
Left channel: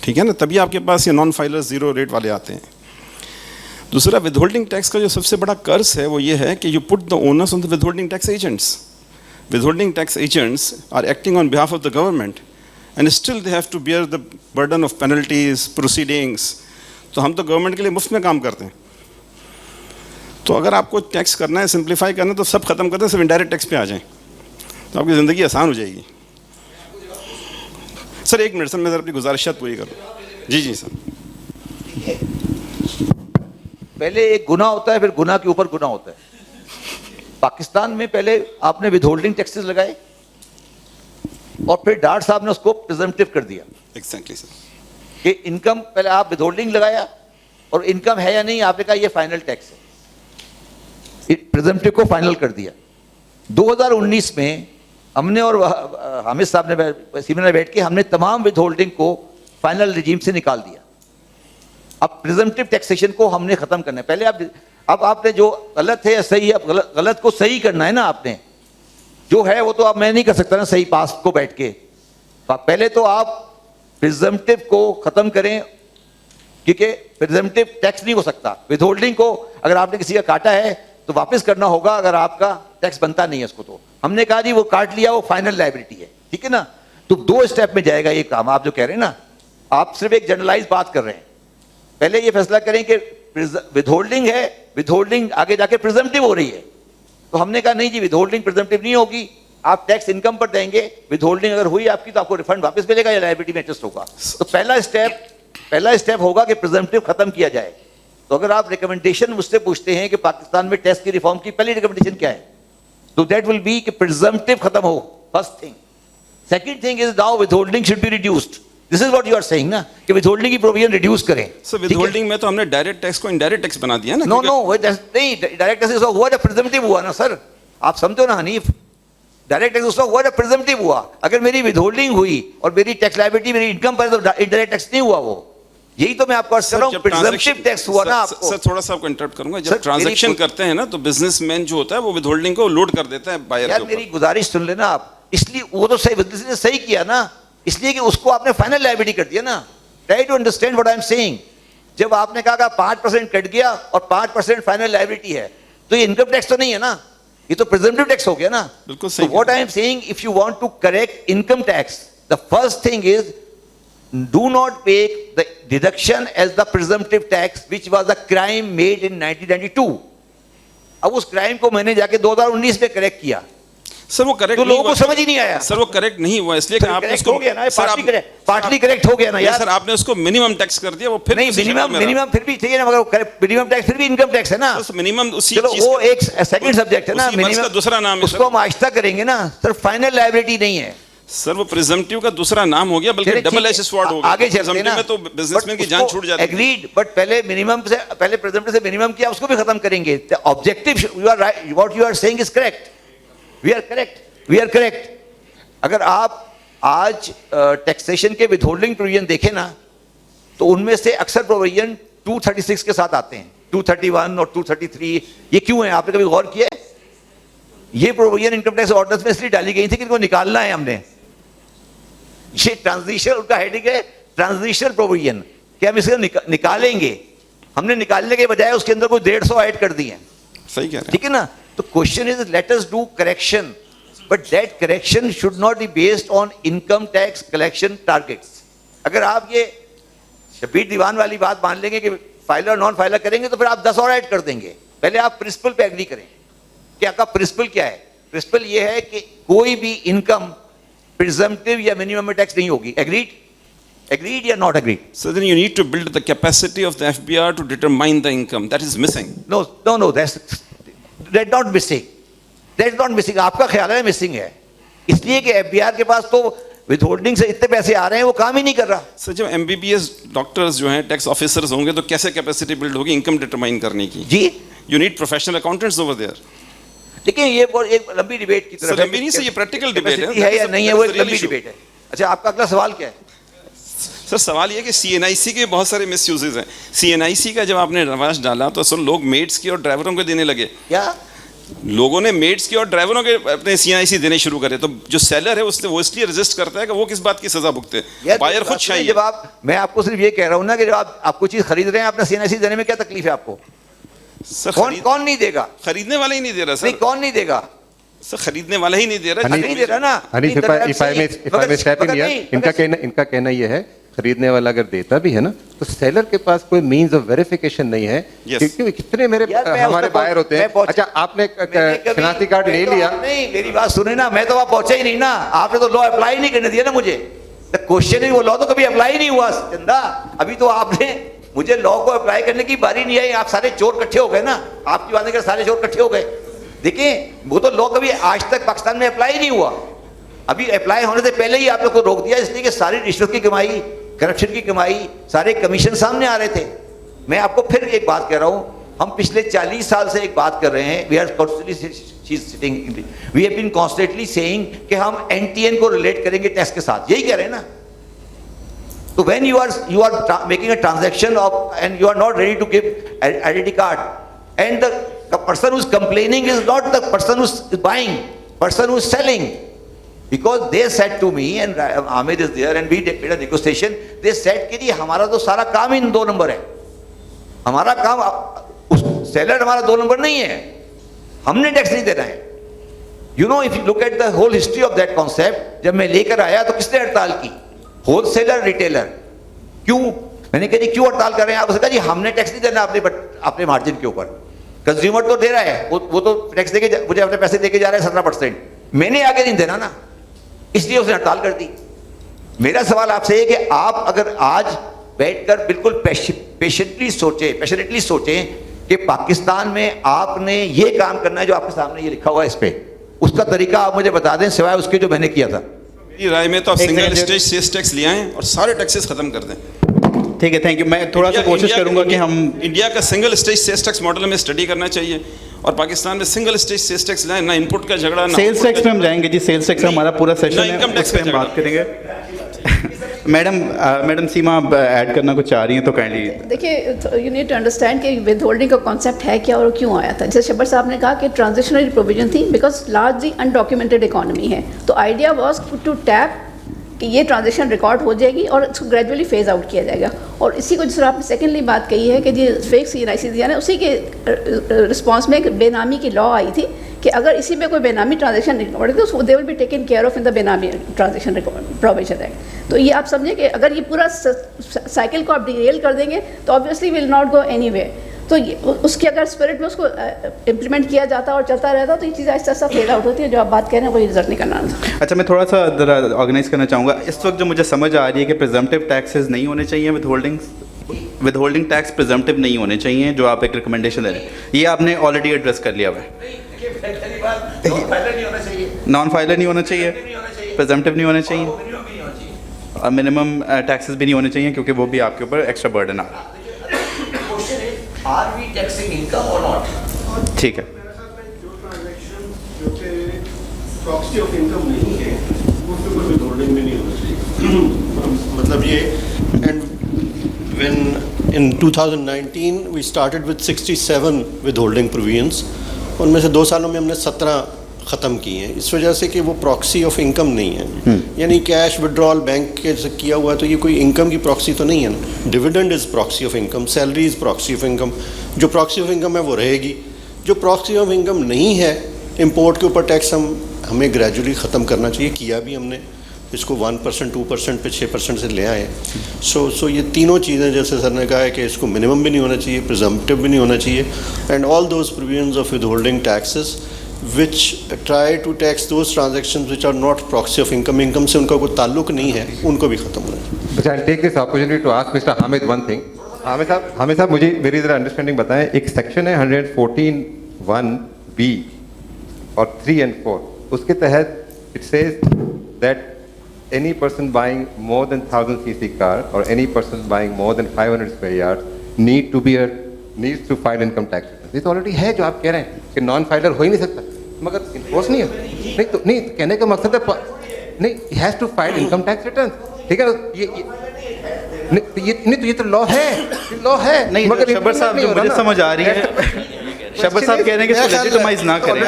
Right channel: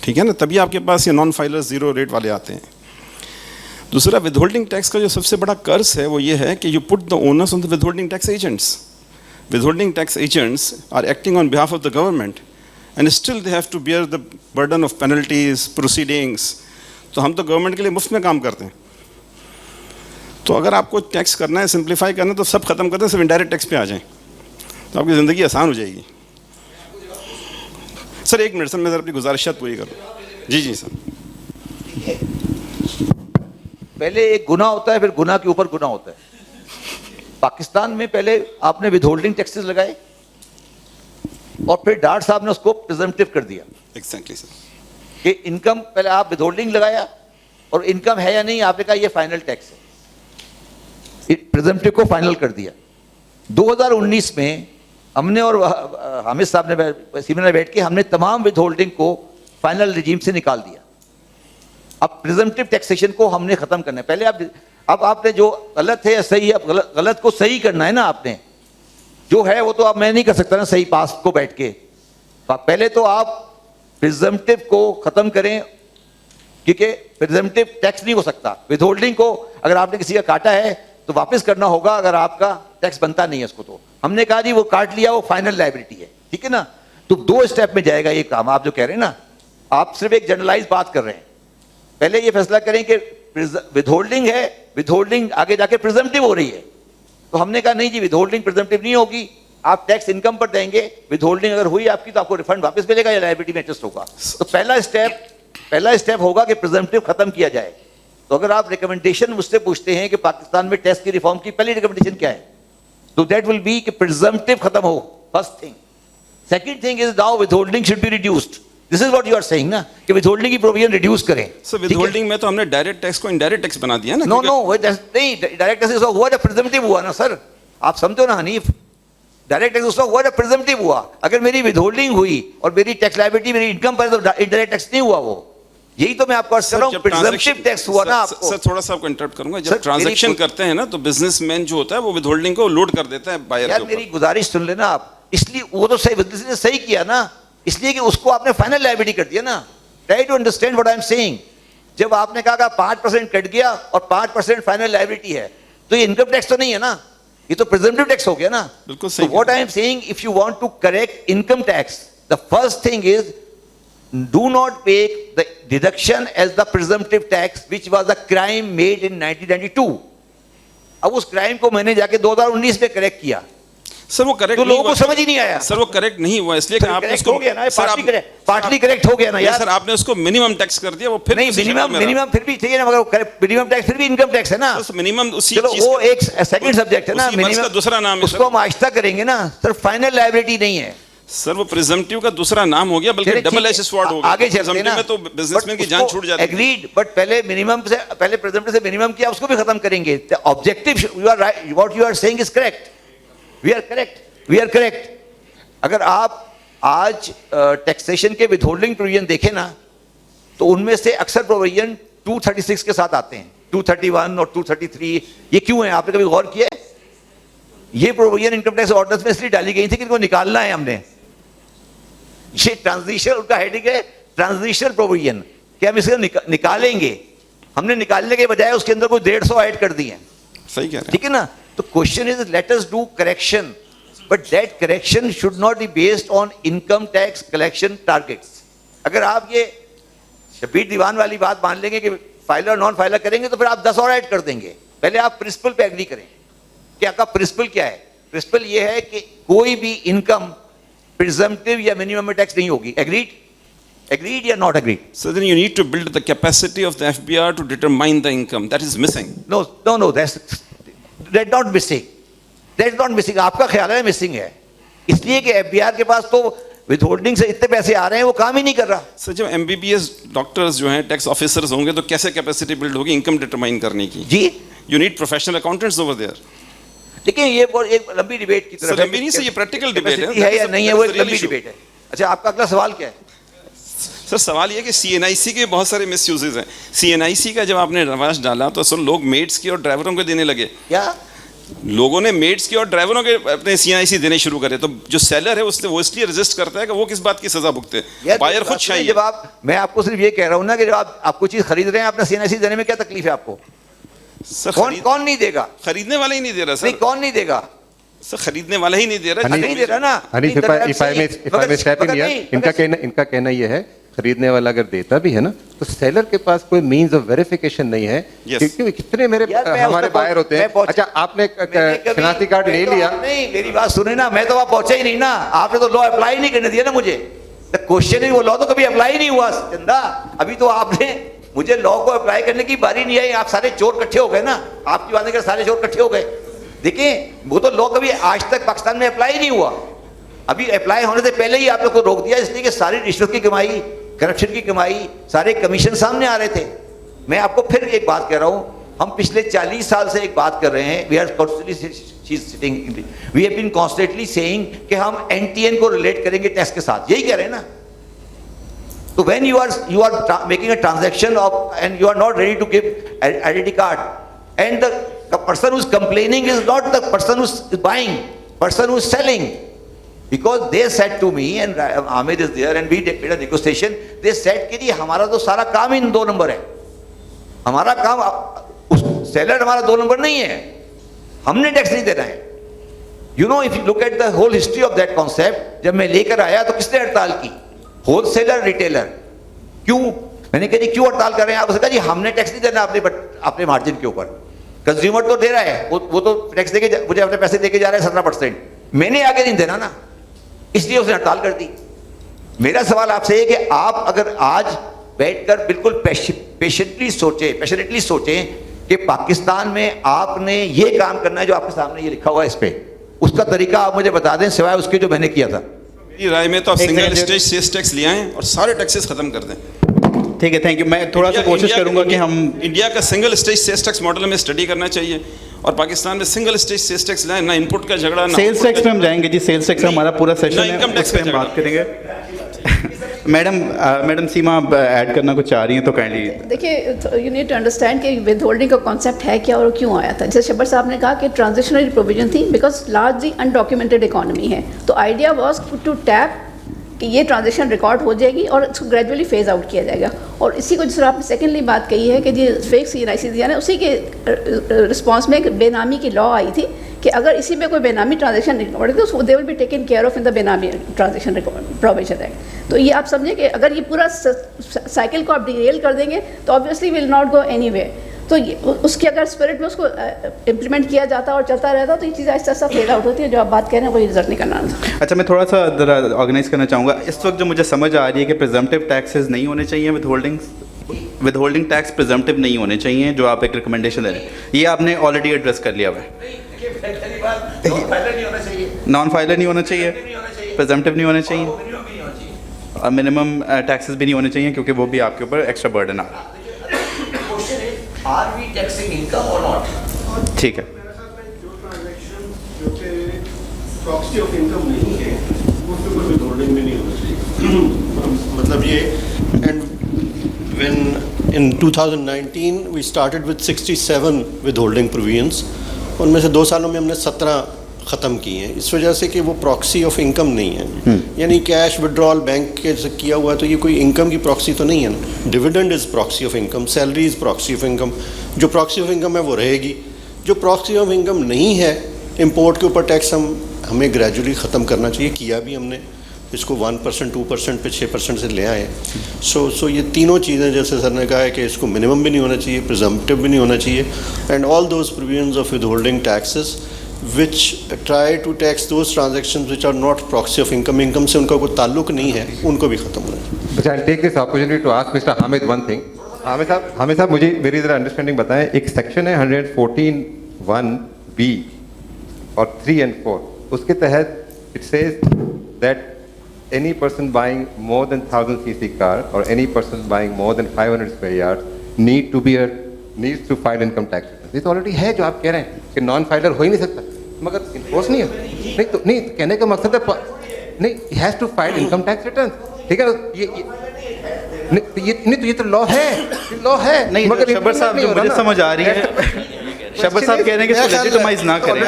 ठीक है ना, तभी आपके पास ये नॉन फाइलर्स जीरो रेट वाले आते हैं. दूसरा, विदहोल्डिंग टैक्स का जो सबसे बड़ा कर्ज है वो ये है कि you put the onus on the withholding tax agents. Withholding tax agents are acting on behalf of the government and still they have to bear the burden of penalties, proceedings. तो हम तो गवर्नमेंट के लिए मुफ्त में काम करते हैं. तो अगर आपको टैक्स करना है, सिंप्लीफाई करना है, तो सब खत्म करते हैं, सिर्फ इनडायरेक्ट टैक्स पे आ जाएं, तो आपकी ज़िंदगी आसान हो जाएगी. سر ایک منٹ سر, میں ذرا اپنی گزارشات پوری کروں. جی جی سر. پہلے ایک گناہ ہوتا ہے, پھر گناہ کے اوپر گناہ ہوتا ہے. پاکستان میں پہلے آپ نے ود ہولڈنگ ٹیکسز لگائے اور پھر ڈاٹ صاحب نے اس کو پریزمپٹیو کر دیا. ایگزیکٹلی سر. کہ انکم پہلے آپ ود ہولڈنگ لگایا اور انکم ہے یا نہیں آپ نے کہا یہ فائنل ٹیکس ہے, پریزمپٹیو کو فائنل کر دیا. 2019 میں ہم نے اور حامد صاحب نے سیمینار بیٹھ کے ہم نے تمام ود ہولڈنگ کو فائنل رجیم سے نکال دیا. اب پریزمپٹیو ٹیکسیشن کو ہم نے ختم کرنا ہے. پہلے اب آپ نے جو غلط ہے یا صحیح ہے, اب غلط کو صحیح کرنا ہے نا. آپ نے جو ہے وہ تو اب میں نہیں کر سکتا نا صحیح پاس کو بیٹھ کے. پہلے تو آپ پریزمپٹیو کو ختم کریں, کیونکہ پریزمپٹیو ٹیکس نہیں ہو سکتا. ود ہولڈنگ کو اگر آپ نے کسی کا کاٹا ہے تو واپس کرنا ہوگا اگر آپ کا ٹیکس بنتا نہیں ہے اس کو. تو ہم نے کہا جی وہ کاٹ لیا, وہ فائنل لائبلٹی ہے, ٹھیک ہے نا. تو 2 اسٹیپ میں جائے گا یہ کام. آپ جو کہہ رہے ہیں نا, آپ صرف ایک جنرلائز بات کر رہے ہیں. پہلے یہ فیصلہ کریں کہ ود ہولڈنگ ہے, ود ہولڈنگ آگے جا کے پریزمپٹیو ہو رہی ہے. تو ہم نے کہا نہیں جی ود ہولڈنگ پریزمپٹیو نہیں ہوگی, آپ ٹیکس انکم پر دیں گے. ود ہولڈنگ اگر ہوئی آپ کی تو آپ کو ریفنڈ واپس ملے گا یا لائبلٹی میں ایڈجسٹ ہوگا. تو پہلا اسٹیپ ہوگا کہ پریزمپٹیو ختم کیا جائے. تو اگر آپ ریکمنڈیشن مجھ سے پوچھتے ہیں کہ پاکستان میں ٹیکس کی ریفارم کی پہلی ریکمنڈیشن کیا ہے, تو دیٹ ول بی کہ پریزمپٹیو ختم ہو, first thing. Second thing is now withholding should be reduced. This is what you are seeing نا, کہ ود ہولڈنگ کی پروویژن ریڈیوس کریں. سر ود ہولڈنگ میں تو ہم نے ڈائریکٹ ٹیکس کو انڈائریکٹ ٹیکس بنا دیا نا. نو نہیں, ڈائریکٹ ٹیکس ہوا جب پریزمپٹیو ہوا نا سر. آپ سمجھو نا حنیف, ڈائریکٹ ٹیکس اس وقت ہوا جب پریزمپٹیو ہوا. اگر میری ود ہولڈنگ ہوئی اور میری ٹیکس لائبلٹی میری انکم پر, تو انڈائریکٹ ٹیکس نہیں ہوا. وہ یہی تو میں آپ کو کر رہا ہوں, پریزمپٹیو ٹیکس ہوا نا. آپ کو سر تھوڑا سا آپ کو انٹرپٹ کروں گا. جب ٹرانزیکشن کرتے ہیں نا تو بزنس مین جو ہوتا ہے وہ ود ہولڈنگ کو لوڈ کر دیتا ہے بائر کے اوپر. میری گزارش سن لینا آپ, اس لیے وہ تو صحیح کیا نا, اس لیے کہ اس کو آپ نے فائنل لائبلٹی کر دیا نا. Try to understand what I am saying. جب آپ نے کہا کہ 5% کٹ گیا اور 5% فائنل لائبلٹی ہے, تو یہ انکم ٹیکس تو نہیں ہے نا, یہ تو پریزمپٹیو ٹیکس ہو گیا نا. بالکل صحیح. What I am saying, if you want to correct income tax, the first thing is do not make the deduction as the presumptive tax which was a crime made in 1992. اب اس crime کو میں نے جا کے 2019 میں correct کیا. سر وہ correct تو لوگوں کو سمجھ ہی نہیں آیا. سر وہ کریکٹ نہیں ہوا اس لیے کہ آپ نے اس کو پارٹلی کریکٹ ہو گیا نا یار. سر آپ نے اس کو منیمم ٹیکس کر دیا. وہ پھر نہیں, منیمم پھر بھی ٹھیک ہے نا, مگر منیمم ٹیکس پھر بھی انکم ٹیکس ہے نا. منیمم اسی چلو وہ ایک سیکنڈ سبجیکٹ ہے نا. منیمم دوسرا نام ہے, اس کو ہم آہستہ کریں گے نا. سر فائنل لائبلٹی نہیں ہے سر, وہ پریزمپٹیو کا دوسرا نام ہو گیا, بلکہ ڈبل ایش سوارڈ ہو گیا. آگے چلتے ہیں میں تو بزنس مین کی جان چھوٹ جاتی ہے. ایگریڈ, بٹ پہلے منیمم سے, پہلے پریزمپٹیو سے منیمم کیا, اس کو بھی ختم کریں گے. Objective, you are right, what you are saying is correct. We are correct. اگر آپ آج ٹیکسیشن کے ود ہولڈنگ پروویژن دیکھیں نا, تو ان میں سے اکثر پروویژن 236 کے ساتھ آتے ہیں, 231 اور 233. یہ کیوں ہے, آپ نے کبھی غور کیا ہے؟ یہ پروویژن انکم ٹیکس آرڈیننس میں اس لیے ڈالی گئی تھی کہ ان کو نکالنا ہے ہم نے. یہ ٹرانزیشن, ان کا ہیڈنگ ہے ٹرانزیشنل پروویژن, کہ ہم اسے نکالیں گے. ہم نے نکالنے کے بجائے اس کے اندر کوئی 150 ایڈ کر دی ہیں. صحیح کہہ رہے ہیں, ٹھیک ہے نا. تو question is let us do correction, but that correction should not be based on income tax collection targets. اگر آپ یہ شبیر دیوان والی بات مان لیں گے کہ فائلر اور نان فائلر کریں گے, تو پھر آپ 10 اور ایڈ کر دیں گے. پہلے آپ پرنسپل پہ ایگری کریں. کیا کا پرنسپل کیا ہے؟ پرنسپل یہ ہے کہ کوئی بھی انکم پریزمپٹیو یا منیمم ٹیکس نہیں ہوگی. Agreed یا not agreed? So then you need to build the capacity of the FBR to determine the income. That is missing. No, that's not missing. That's not missing. آپ کا خیال ہے missing ہے, اس لیے کہ FBR کے پاس تو ود ہولڈنگ سے اتنے پیسے آ رہے ہیں, وہ کام ہی نہیں کر رہا. سر جب MBBS ڈاکٹرز جو ہیں ٹیکس آفیسرز ہوں گے, تو کیسے کیپیسٹی بلڈ ہوگی انکم ڈیٹرمائن کرنے کی؟ جی, You need professional accountants over there. لیکن یہ ایک لمبی ڈیبیٹ کی طرف لمبی نہیں سر, یہ پریکٹیکل ڈیبیٹ ہے یا نہیں ہے, وہ ایک لمبی ڈیبیٹ ہے. اچھا, آپ کا اگلا سوال کیا ہے؟ سر سوال یہ کہ CNIC کے بہت سارے مس یوزز ہیں. CNIC کا جب آپ نے رواج ڈالا تو سر لوگ میڈس کی اور ڈرائیوروں کو دینے لگے. کیا لوگوں نے میڈس کی اور ڈرائیوروں کے اپنے CNIC دینے شروع کرے, تو جو سیلر ہے وہ اس لیے رجسٹ کرتا ہے کہ وہ کس بات کی سزا بھگتے. بائر خود شاہی. جب میں آپ کو صرف یہ کہہ رہا ہوں نا کہ جب آپ کوئی چیز خرید رہے ہیں, اپنا CNIC دینے میں کیا تکلیف ہے آپ کو؟ کون نہیں دے گا؟ خریدنے والا ہی نہیں دے رہا سر. کون نہیں دے گا سر؟ خریدنے والا ہی نہیں دے رہا. نہیں دے رہا نا. ان کا کہنا یہ ہے خریدنے والا اگر دیتا بھی ہے نا, تو سیلر کے پاس کوئی مینز آف ویریفیکیشن نہیں ہے. کیونکہ کتنے ہمارے بائر ہوتے ہیں. اچھا, آپ نے شناختی کارڈ لے لیا. نہیں, میری بات سنیں نا, میں تو وہاں پہنچا ہی نہیں نا. آپ نے تو لا اپلائی نہیں کرنے دیا نا مجھے. The question is, वो लॉ तो कभी अप्लाई नहीं हुआ चंदा. अभी तो आपने मुझे लॉ को अप्लाई करने की बारी नहीं आई. आप सारे चोर इकट्ठे हो गए ना, आपकी बातें कर सारे चोर इकट्ठे हो गए. देखिए वो तो लॉ कभी आज तक पाकिस्तान में अप्लाई नहीं हुआ. अभी अप्लाई होने से पहले ही आप लोग को रोक दिया, इसलिए कि सारी रिश्वत की कमाई, करप्शन की कमाई, सारे कमीशन सामने आ रहे थे. मैं आपको फिर एक बात कह रहा हूं, हम पिछले 40 साल से एक बात कर रहे हैं. We have been constantly saying कि हम एनटीएन को रिलेट करेंगे टैक्स के साथ. यही कह रहे हैं ना. तो when you are making a transaction of and you are not ready to give identity card, and the person who is complaining is not the person who is buying, person who is selling. Because they said to me, and Ahmed is there, and we did a negotiation, they said कि जी हमारा तो सारा काम ही 2 number है. हमारा काम, seller हमारा 2 number नहीं है, हमने टैक्स नहीं देना है. You know, if you look at the whole history of that concept, जब मैं लेकर आया तो किसने हड़ताल की? Wholesaler, retailer. क्यों? मैंने कहा जी क्यों हड़ताल कर रहे हैं आप? उसने कहा जी हमने टैक्स नहीं देना अपने मार्जिन के ऊपर. कंज्यूमर तो दे रहा है, वो तो टैक्स देके मुझे अपने पैसे देके जा रहा है 17%. मैंने आगे नहीं देना ना, इसलिए उसने हड़ताल कर दी. मेरा सवाल आपसे है कि आप अगर आज बैठकर बिल्कुल पेशेंटली सोचें कि पाकिस्तान में आपने ये काम करना है जो आपके सामने ये लिखा हुआ है, इस पे उसका तरीका आप मुझे बता दें, सिवाय उसके जो मैंने किया था. मेरी राय में तो आप सिंगल स्टेज सेस टैक्स ले आएं और सारे टैक्सेस खत्म कर दें. ठीक है, थैंक यू. मैं थोड़ा सा कोशिश करूंगा कि हम इंडिया का single stage cess tax model में स्टडी करना चाहिए, और पाकिस्तान में सिंगल स्टेज सेस टैक्स लाएं. ना इनपुट का झगड़ा, ना सेल्स टैक्स में हम जाएंगे जी. सेल्स टैक्स हमारा पूरा सेशन है, इनकम टैक्स उस पे हम बात करेंगे. मैडम सीमा आप ऐड करना कुछ चाह रही हैं तो काइंडली. देखिए, यू नीड टू अंडरस्टैंड कि विद होल्डिंग का कॉन्सेप्ट है क्या और क्यों आया था. जैसे शब्बर साहब ने कहा कि ट्रांजिशनरी प्रोविजन थी बिकॉज लार्जली अनडॉक्यूमेंटेड इकोनॉमी है. तो आइडिया वाज टू टैप कि ये ट्रांजेक्शन रिकॉर्ड हो जाएगी और इसको ग्रेजुअली फेज आउट किया जाएगा. और इसी को जिस तरह आपने सेकेंडली बात कही है कि जी फेक CNIC दिया ना, उसी के रिस्पॉन्स में एक बेनामी की लॉ आई थी कि अगर इसी में कोई बेनामी ट्रांजेक्शन रिकॉर्ड है तो they will be taken care of in the बेनामी ट्रांजेक्शन प्रोविजन एक्ट. तो ये आप समझें कि अगर ये पूरा साइकिल को आप डिरेल कर देंगे तो obviously will not go anywhere. तो उसके अगर स्पिरिट में उसको इम्प्लीमेंट किया जाता और चलता रहता तो ये चीज़ ऐसा ऐसा फेड आउट होती है. जो आप बात कह रहे हैं वही रिजल्ट निकलना था. अच्छा, मैं थोड़ा सा ऑर्गेनाइज करना चाहूँगा. इस वक्त जो मुझे समझ आ रही है कि प्रिजम्पटिव टैक्सेस नहीं होने चाहिए, विद होल्डिंग टैक्स प्रिजम्पटिव नहीं होने चाहिए, जो आप एक रिकमेंडेशन दे रहे हैं, ये आपने ऑलरेडी एड्रेस कर लिया हुआ है. नॉन फाइलर नहीं होना चाहिए, प्रिजम्पटिव नहीं होना चाहिए, और मिनिमम टैक्सेस भी नहीं होने चाहिए क्योंकि वो भी आपके ऊपर एक्स्ट्रा बर्डन आ रहा है. Are we taxing income or not? ठीक है. जो कि प्रॉक्सी ऑफ इनकम नहीं है, उसके ऊपर विदहोल्डिंग भी नहीं होना चाहिए. मतलब ये, and when in 2019 we started with 67 withholding provisions, उनमें से 2 सालों में हमने 17 ख़त्म की हैं. इस वजह से कि वो प्रॉक्सी ऑफ इनकम नहीं है. यानी कैश विड्रॉल बैंक के से किया हुआ है तो ये कोई इनकम की प्रॉक्सी तो नहीं है ना. Dividend is proxy of income, salary is proxy of income. जो प्रॉक्सी ऑफ इनकम है वो रहेगी. जो प्रॉक्सी ऑफ इनकम नहीं है, इम्पोर्ट के ऊपर टैक्स हमें ग्रेजुअली ख़त्म करना चाहिए. किया भी हमने, इसको 1%, 2% पे 6% से ले आए. सो ये तीनों चीज़ें, जैसे सर ने कहा है कि इसको मिनिमम भी नहीं होना चाहिए, प्रिजम्पटिव भी नहीं होना चाहिए, and all those provisions of withholding taxes which try to tax those transactions which are not proxy of income से उनका कोई ताल्लुक नहीं है, उनको भी ख़त्म होना है. I'll take this opportunity to ask Mr. Hamid one thing. Hamid साहब मुझे मेरी ज़रा अंडरस्टैंडिंग बताएं. एक सेक्शन है 114(1)(b) और 3 and 4. उसके तहत it says that any person buying more than 1000 cc car or any person buying more than 500 square yards needs to file income tax. ये तो ऑलरेडी है जो आप कह रहे हैं कि नॉन फाइलर हो ही नहीं सकता, मगर इन्फोर्स नहीं हो. नहीं कहने का मकसद है नहीं, he has to file income tax return. ठीक है, ये तो लॉ है. नहीं, मगर शब्बर साहब जो मुझे समझ आ रही है, शब्बर साहब कह रहे हैं कि इसको लेजिटिमाइज ना करें.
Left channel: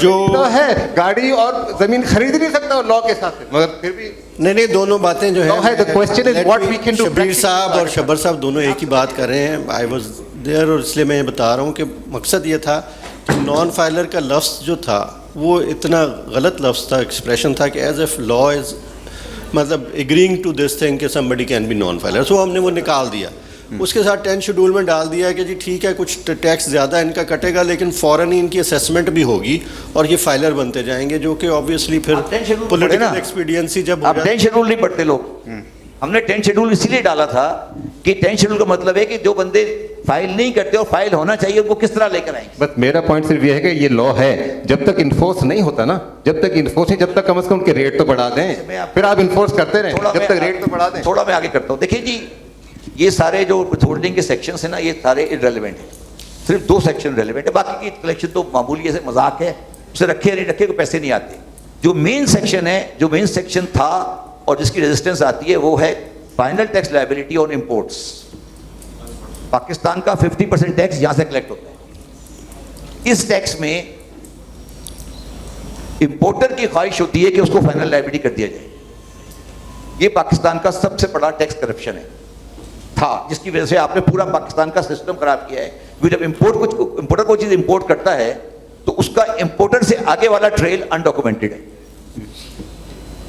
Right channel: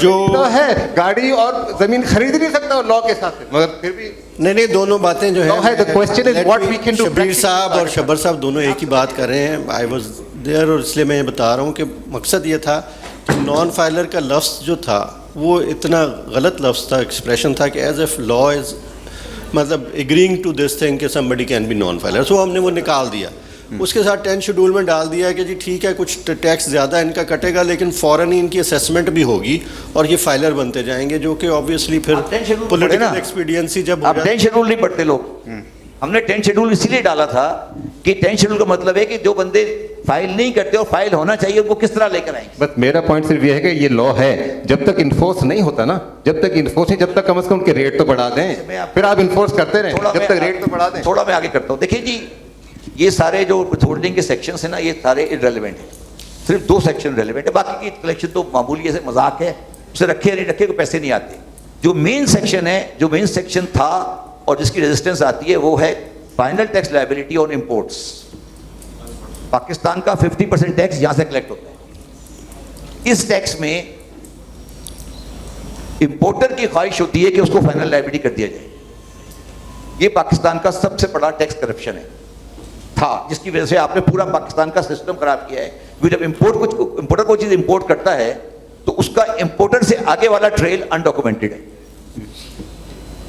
जो है गाड़ी और जमीन खरीद नहीं सकता लॉ के हिसाब से, मगर फिर भी नहीं, दोनों बातें जो है, the question is what we can do. Shabbir साहब और शब्बर साहब दोनों एक ही बात कर रहे हैं. आई वाज देयर, और इसलिए मैं ये बता रहा हूँ कि मकसद ये था कि नॉन फाइलर का लफ्ज़ जो था वो इतना गलत लफ्ज़ था, एक्सप्रेशन था कि एज एफ लॉ इज़ मतलब एग्रीइंग टू दिस थिंग कि somebody can be non filer, so हमने वो निकाल दिया. اس کے ساتھ 10 شیڈول میں ڈال دیا ہے کہ جی ٹھیک ہے کچھ ٹیکس زیادہ ان کا کٹے گا لیکن فوراً ہی ان کی اسیسمنٹ بھی ہوگی اور یہ فائلر بنتے جائیں گے, جو کہ آبویسلی پھر پولیٹیکل ایکسپیڈینسی جب اب 10 شیڈول نہیں پڑھتے لوگ. ہم نے 10 شیڈول اسی لیے ڈالا تھا کہ 10 شیڈول کا مطلب ہے کہ جو بندے فائل نہیں کرتے اور فائل ہونا چاہیے ان کو کس طرح لے کر آئیں. بس میرا پوائنٹ صرف یہ ہے کہ یہ لا ہے, جب تک انفورس نہیں ہوتا نا, جب تک انفورس نہیں, جب تک کم از کم ان کے ریٹ تو بڑھا دیں, پھر آپ انفورس کرتے رہیں جب تک ریٹ تو بڑھا دیں. تھوڑا میں آگے کرتا ہوں. دیکھیے جی یہ سارے جو ہولڈنگ کے سیکشنز ہیں نا یہ سارے irrelevant ہیں, صرف 2 سیکشن ریلیونٹ ہے, باقی کی کلیکشن تو معمولی ایسے مذاق ہے, اسے رکھے یا نہیں رکھے کوئی پیسے نہیں آتے. جو مین سیکشن ہے, جو مین سیکشن تھا اور جس کی ریزسٹنس آتی ہے وہ ہے final tax liability on imports. Pakistan کا 50% ٹیکس یہاں سے کلیکٹ ہوتا ہے. اس ٹیکس میں امپورٹر کی خواہش ہوتی ہے کہ اس کو فائنل لائبلٹی کر دیا جائے. یہ پاکستان کا سب سے بڑا ٹیکس کرپشن ہے تھا, جس کی وجہ سے آپ نے پورا پاکستان کا سسٹم خراب کیا ہے. جب امپورٹر کوئی چیز امپورٹ کرتا ہے تو اس کا امپورٹر سے آگے والا ٹریل انڈاکومنٹڈ ہے.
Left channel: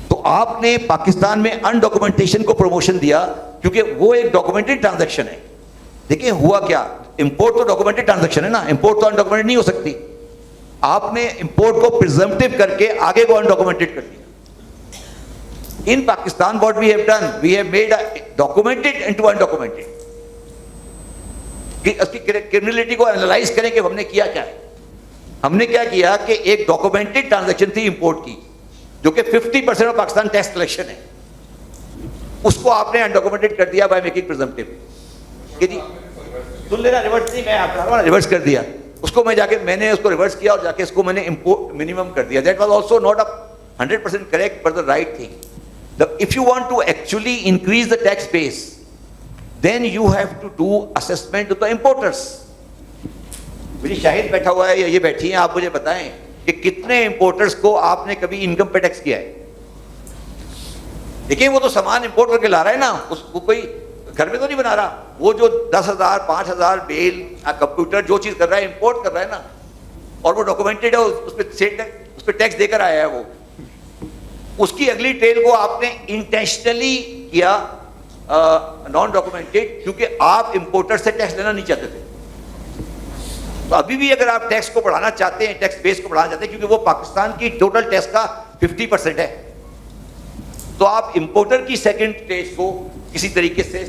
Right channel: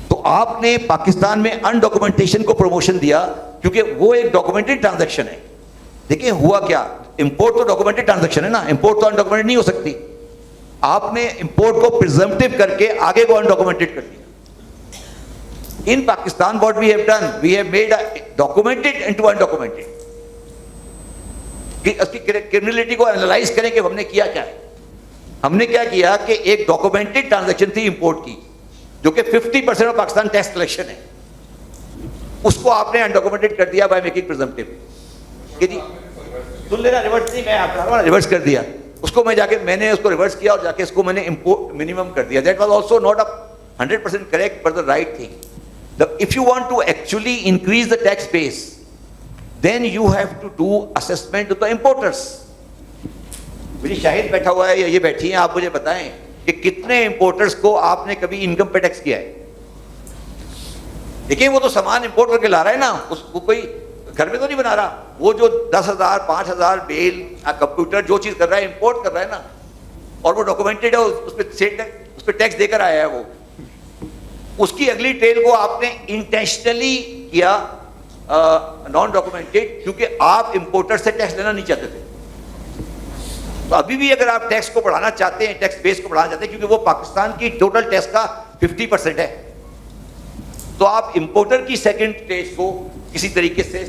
تو آپ نے پاکستان میں انڈاکومنٹیشن کو پروموشن دیا کیونکہ وہ ایک ڈاکومنٹڈ ٹرانزیکشن ہے. دیکھیں ہوا کیا, امپورٹ تو ڈاکومنٹڈ ٹرانزیکشن ہے نا, امپورٹ تو انڈاکومنٹڈ نہیں ہو سکتی. آپ نے امپورٹ کو پریزمپٹیو کر کے آگے کو انڈاکومنٹڈ کر دیا. In Pakistan, what we have done, we have made documented into undocumented. کہ اس کی کرمنلٹی کو انالائز کریں کہ ہم نے کیا کیا ہے. ہم نے کیا کیا کہ ایک ڈاکومنٹڈ ٹرانزیکشن تھی امپورٹ کی جو کہ 50% آف پاکستان ٹیکس کلیکشن ہے, اس کو آپ نے انڈاکومنٹڈ کر دیا بائی میکنگ پریزمپٹیو. کہ جی سن لینا, ریورس نہیں, میں آپ کو ریورس کر دیا اس کو, میں نے اس کو ریورس کیا اور جا کے اس کو میں نے منیمم کر دیا. That was also not 100% correct but the right thing. If you want to actually increase the tax base, then you have to do assessment of the importers. مجھے شاہد بیٹھا ہوا ہے یا یہ بیٹھی ہیں, آپ مجھے بتائیں کہ کتنے امپورٹرز کو آپ نے کبھی انکم پہ ٹیکس کیا ہے. دیکھیں وہ تو سامان امپورٹ کر کے لا رہا ہے نا, اس کو کوئی گھر میں تو نہیں بنا رہا. وہ جو 10,000 5,000 بیل کمپیوٹر جو چیز کر رہا ہے امپورٹ کر رہا ہے نا, اور وہ ڈاکومنٹڈ ہے, اس پہ ٹیکس دے کر آیا ہے. وہ اس کی اگلی ٹریل کو آپ نے انٹینشنلی کیا نان ڈاکومنٹڈ, کیونکہ آپ امپورٹر سے ٹیکس لینا نہیں چاہتے تھے. تو ابھی بھی اگر آپ ٹیکس کو بڑھانا چاہتے ہیں, ٹیکس بیس کو بڑھانا چاہتے ہیں, کیونکہ وہ پاکستان کی ٹوٹل ٹیکس کا 50% ہے, تو آپ امپورٹر کی سیکنڈ اسٹیج کو کسی طریقے سے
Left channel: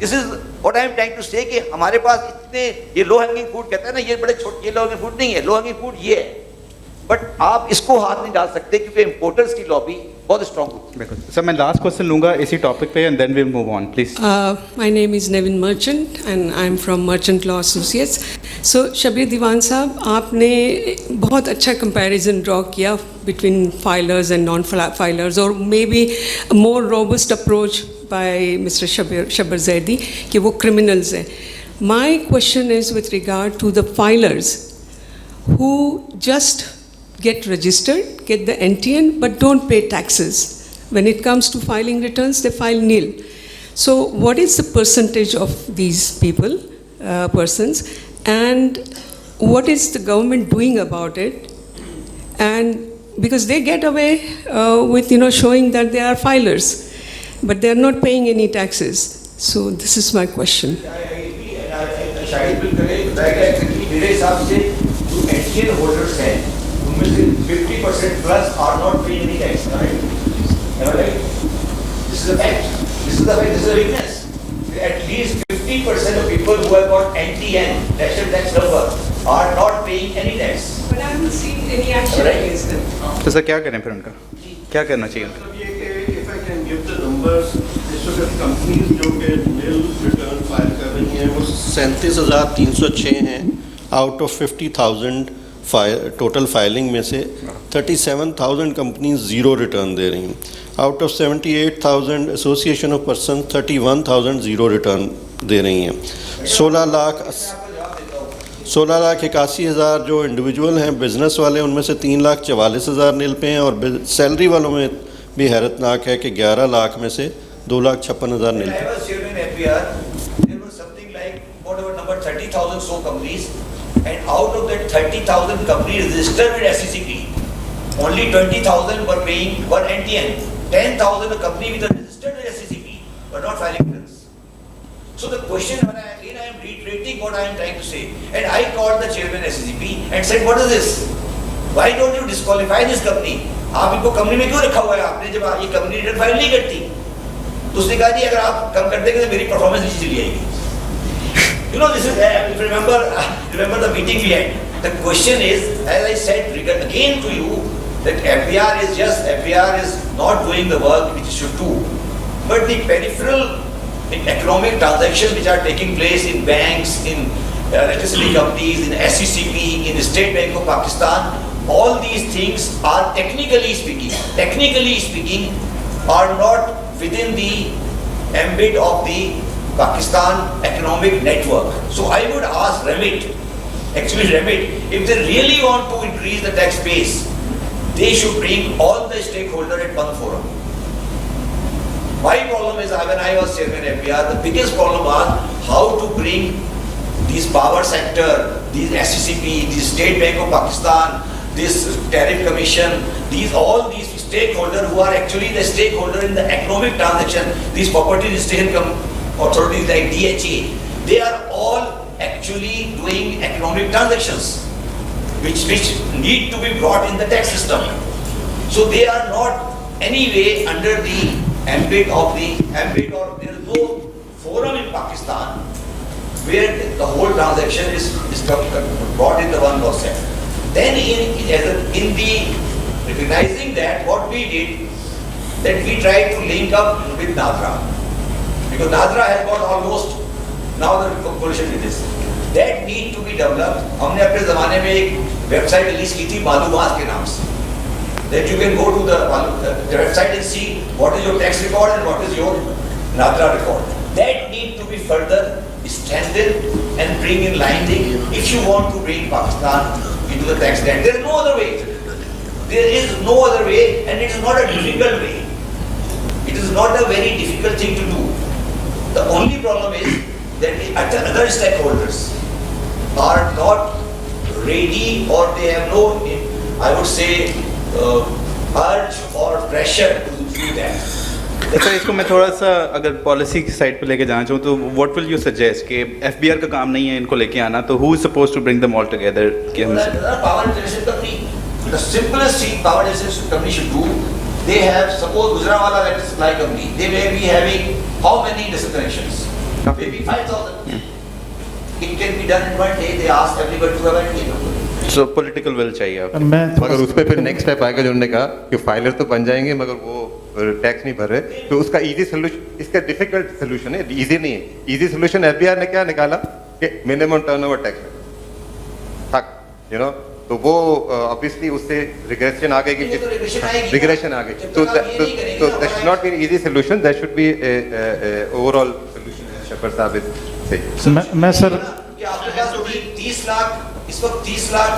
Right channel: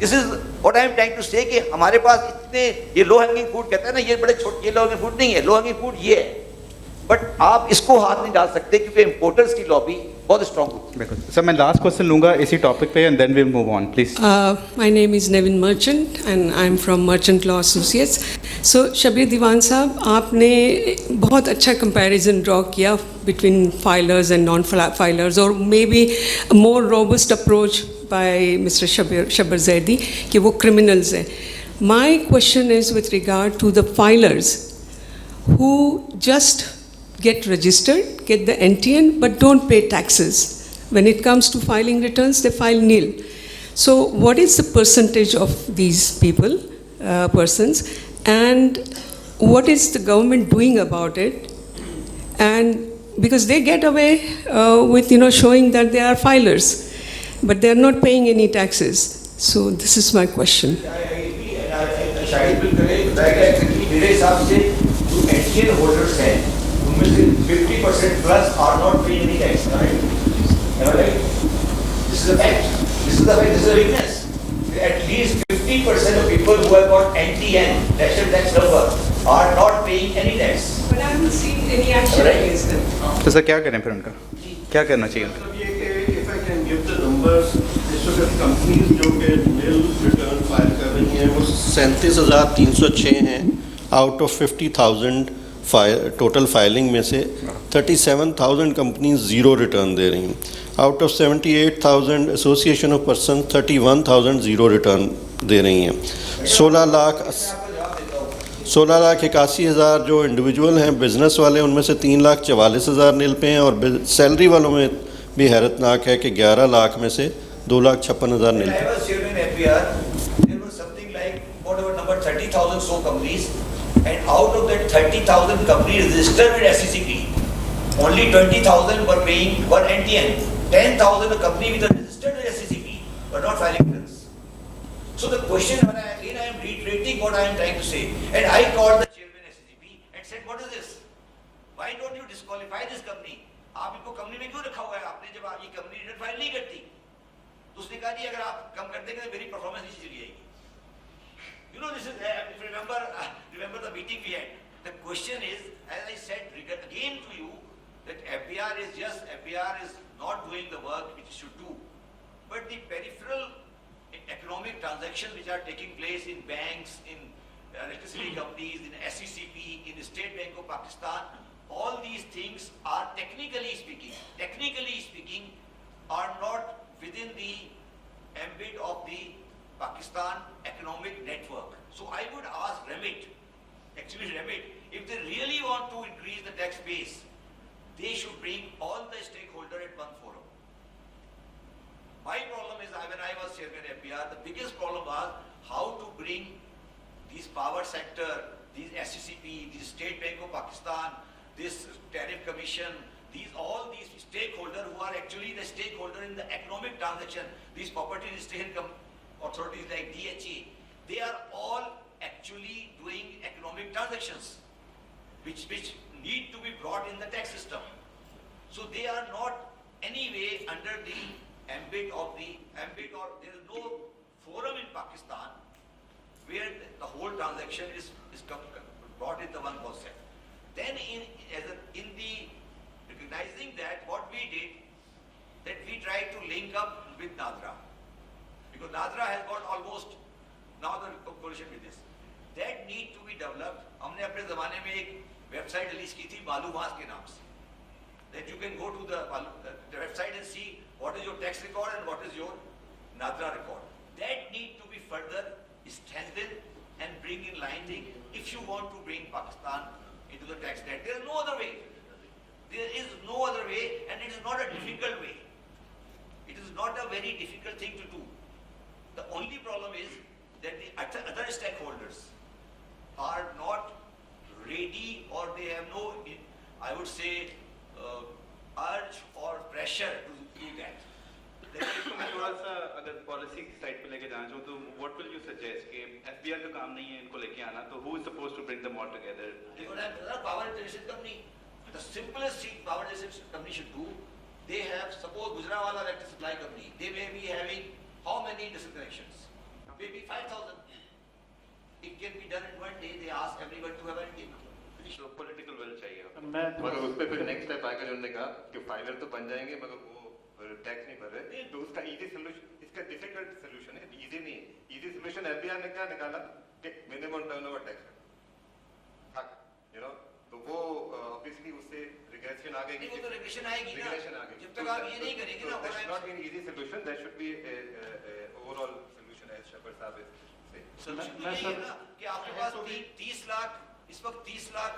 this is what I am trying to say, کہ ہمارے پاس اتنے یہ لو ہینگنگ فروٹ کہتے ہیں نا, یہ بڑے چھوٹے, یہ لو ہینگنگ فروٹ نہیں ہے, لو ہینگنگ فروٹ یہ ہے, بٹ آپ اس کو ہاتھ نہیں ڈال سکتے کیونکہ امپورٹرز کی لابی بہت اسٹرانگ ہوتی ہے. سر میں لاسٹ کوشچن لوں گا اسی ٹاپک پہ, and then we'll move on please. My name is Neon merchant and I am from merchant law associates. سو شبیر دیوان صاحب, آپ نے بہت اچھا کمپیریزن ڈرا کیا between filers and non filers, اور may be more robust approach by mister Shabbar Zaidi کہ وہ کرمنلز ہیں. My question is with regard to the filers who just get registered, get the NTN, but don't pay taxes. When it comes to filing returns, they file nil. So what is the percentage of these people, persons, and what is the government doing about it? And because they get away with, showing that they are filers, but they are not paying any taxes. So this is my question. شاہد بل کرے میرے حساب سے جو NTN holders ہیں 50% plus are not paying any tax, right? Am I right? This is a fact. This is a weakness. At least 50% of people who have got NTN, national tax number, are not paying any tax. But I haven't seen any action against them. تو سر کیا کریں پھر ان کا, کیا کرنا چاہیے ان کا؟ یہ کہ if I can give the numbers, اس وقت کمپنیز جو کہ nil return فائل کر رہی ہیں وہ 37,306 ہیں آؤٹ آف 50,000 ٹوٹل فائلنگ میں سے. 37,000 کمپنیز زیرو ریٹرن دے رہی ہیں. Out of 78,000 association of person 31,000 zero return دے رہی ہیں. 16,81,000 جو انڈیویجول ہیں بزنس والے, ان میں سے 3,44,000 نیل پہ ہیں, اور سیلری والوں میں بھی حیرت ناک ہے کہ 11 لاکھ میں سے 2,56,000 نیل پہ. And out of that 30,000 companies registered with SECP, only 20,000 were NTN. 10,000 a company with a registered with SECP were not filing returns. So the question, when I am reiterating what I am trying to say, and I called the chairman SCCP and said, what is this? Why don't you disqualify this company? आप इनको company में क्यों रखा हुआ है आपने जब ये कंपनी रिटर्न फाइल नहीं करती? तो उसने कहा जी अगर आप कम कर देंगे तो मेरी परफॉर्मेंस नीचे चली आएगी. You know, this is, if you remember the meeting we had. The question is, as I said again to you, that FBR is not doing the work which it should do. But the peripheral economic transactions which are taking place in banks, in electricity companies, in SCCP, in the State Bank of Pakistan, all these things are technically speaking, are not within the ambit of the Pakistan economic network. So I would ask REMIT, if they really want to increase the tax base, they should bring all the stakeholders at one forum. My problem is, when I was chairman FBR, the biggest problem was how to bring these power sector, these SCCP, this State Bank of Pakistan, this tariff commission, all these stakeholders who are actually the stakeholder in the economic transaction, these property registration authorities like DHA, they are all actually doing economic transactions which need to be brought in the tax system. So they are not anyway under the ambit, or there is no forum in Pakistan where the whole transaction is brought in the one concept. Then in the recognizing that, what we did, that we tried to link up with NADRA. Because NADRA has got almost, now the coalition with this. That need to be developed. हमने अपने ज़माने में एक website release की थी मालूमात के नाम से. That you can go to the website and see what is your tax record and what is your NADRA record. That need to be further strengthened and bring in line if you want to bring Pakistan into the tax net. There is no other way. There is no other way, and it is not a difficult way. It is not a very difficult thing to do. The only problem is that the other stakeholders are not ready, or they have no, I would say, urge or pressure to do that. Sir इसको मैं थोड़ा सा अगर policy की side पे लेके जाना चाहूँ तो व्हाट विल यू सजेस्ट कि एफबीआर का काम नहीं है इनको लेके आना, तो who is supposed to bring them all together कि हम power generation company, the simplest thing power generation company should do, they have, suppose Gujranwala electric supply company, they may be having how many industrial connections? Maybe 5,000. It can be done in one day. They ask everybody to have a meeting. So political will चाहिए आपको. मगर उस पे फिर next step आएगा जो उन्होंने कहा कि फाइलर तो बन जाएंगे मगर वो टैक्स नहीं भर रहे, तो उसका इजी सोल्यूशन, इसका डिफिकल्ट सोल्यूशन है, इजी नहीं है. इजी सोल्यूशन एफबीआर ने क्या निकाला कि मिनिमम टर्नओवर टैक्स तक, यू नो, तो वो ऑब्वियसली उससे रिग्रेशन आ गई कि रिग्रेशन आ गई. तो that should not be easy solution, that should be overall solution. Shafar साहब से मैं सर कि आपके पास 30 लाख इस वक्त 30 लाख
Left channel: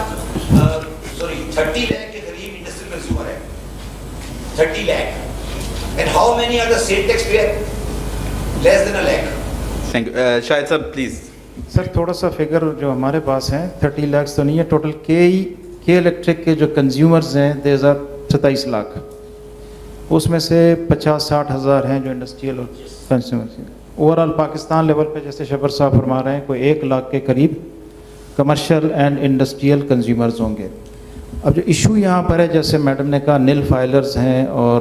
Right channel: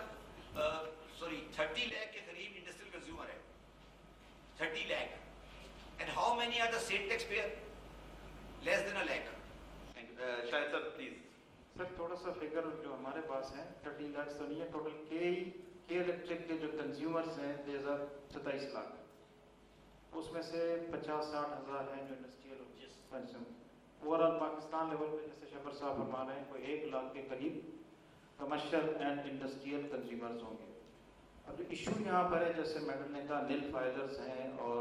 30 लाख के करीब इंडस्ट्रियल कंज्यूमर है. 30 lakh. And how many are the state taxpayer? Less than a lakh. Thank you. शायद साहब प्लीज. सर थोड़ा सा फिगर जो हमारे पास हैं 30 लाख तो नहीं है, टोटल के इलेक्ट्रिक के जो कंज्यूमर्स हैं दे 27 लाख, उसमें से 50-60 हज़ार हैं जो इंडस्ट्रियल और कंज्यूमर्स हैं. ओवरऑल पाकिस्तान लेवल पे जैसे शफर साहब फरमा रहे हैं कोई 1 लाख के करीब कमर्शियल एंड इंडस्ट्रियल कंज्यूमर्स होंगे. अब जो इशू यहाँ पर है, जैसे मैडम ने कहा नील फाइलर्स हैं और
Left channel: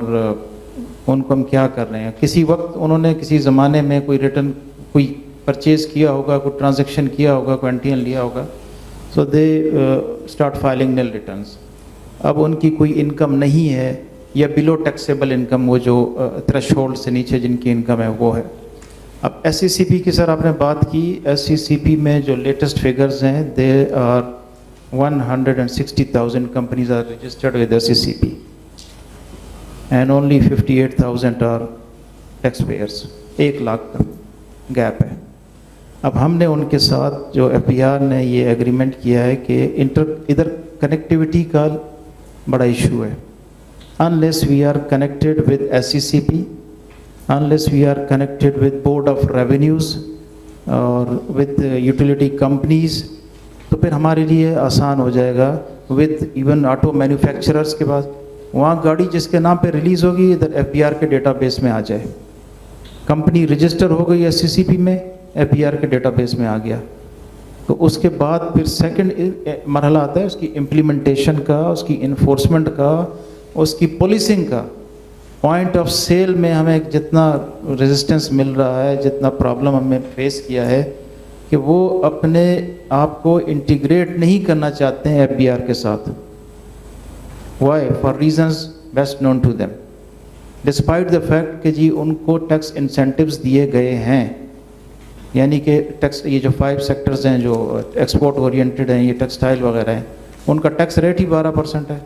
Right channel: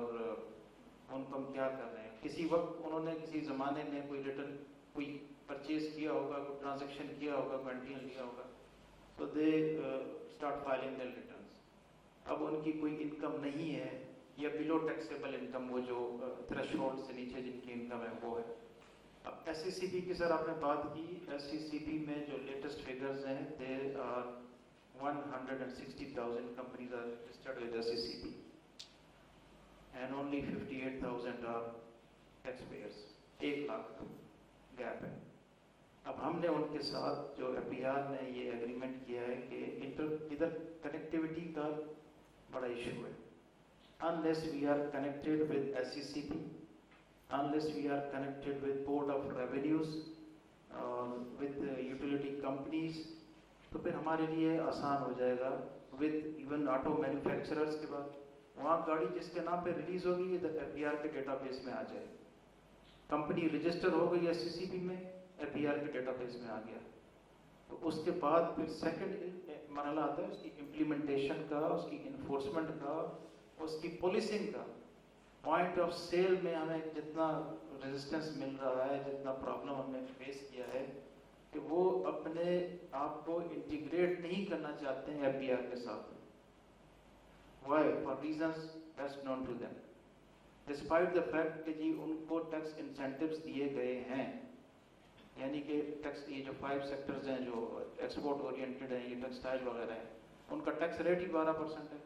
उनको हम क्या कर रहे हैं. किसी वक्त उन्होंने किसी ज़माने में कोई रिटर्न, कोई परचेज़ किया होगा, कोई ट्रांजैक्शन किया होगा, कोई एंटीएन लिया होगा, so they start filing nil returns. अब उनकी कोई इनकम नहीं है या बिलो टैक्सेबल इनकम, वो जो थ्रेशोल्ड से नीचे जिनकी इनकम है वो है. अब SCCP की सर आपने बात की, SCCP में जो लेटेस्ट फिगर्स हैं they are 160,000 companies are registered with SCCP and only 58,000 are tax payers. 1 lakh का गैप है. अब हमने उनके साथ जो FBR ने ये एग्रीमेंट किया है कि इधर कनेक्टिविटी का बड़ा इशू है. Unless we are connected with SCCP, unless we are connected with Board of Revenues or with utility companies, तो फिर हमारे लिए आसान हो जाएगा. with even ऑटो मैन्युफैक्चरर्स के पास वहाँ गाड़ी जिसके नाम पे रिलीज़ होगी इधर FBR के डेटाबेस में आ जाए. कंपनी रजिस्टर हो गई SCCP में, APR کے ڈیٹا بیس میں آ گیا. تو اس کے بعد پھر سیکنڈ مرحلہ آتا ہے اس کی امپلیمنٹیشن کا, اس کی انفورسمنٹ کا, اس کی پولیسنگ کا. پوائنٹ آف سیل میں ہمیں جتنا ریزسٹنس مل رہا ہے, جتنا پرابلم ہمیں فیس کیا ہے کہ وہ اپنے آپ کو انٹیگریٹ نہیں کرنا چاہتے ہیں FBR کے ساتھ. Why? For reasons best known to them, despite the fact کہ جی ان کو ٹیکس انسینٹیوز دیے گئے ہیں. یعنی کہ ٹیکس, یہ جو 5 سیکٹرز ہیں جو ایکسپورٹ اورینٹڈ ہیں, یہ ٹیکسٹائل وغیرہ ہیں, ان کا ٹیکس ریٹ ہی 12% ہے.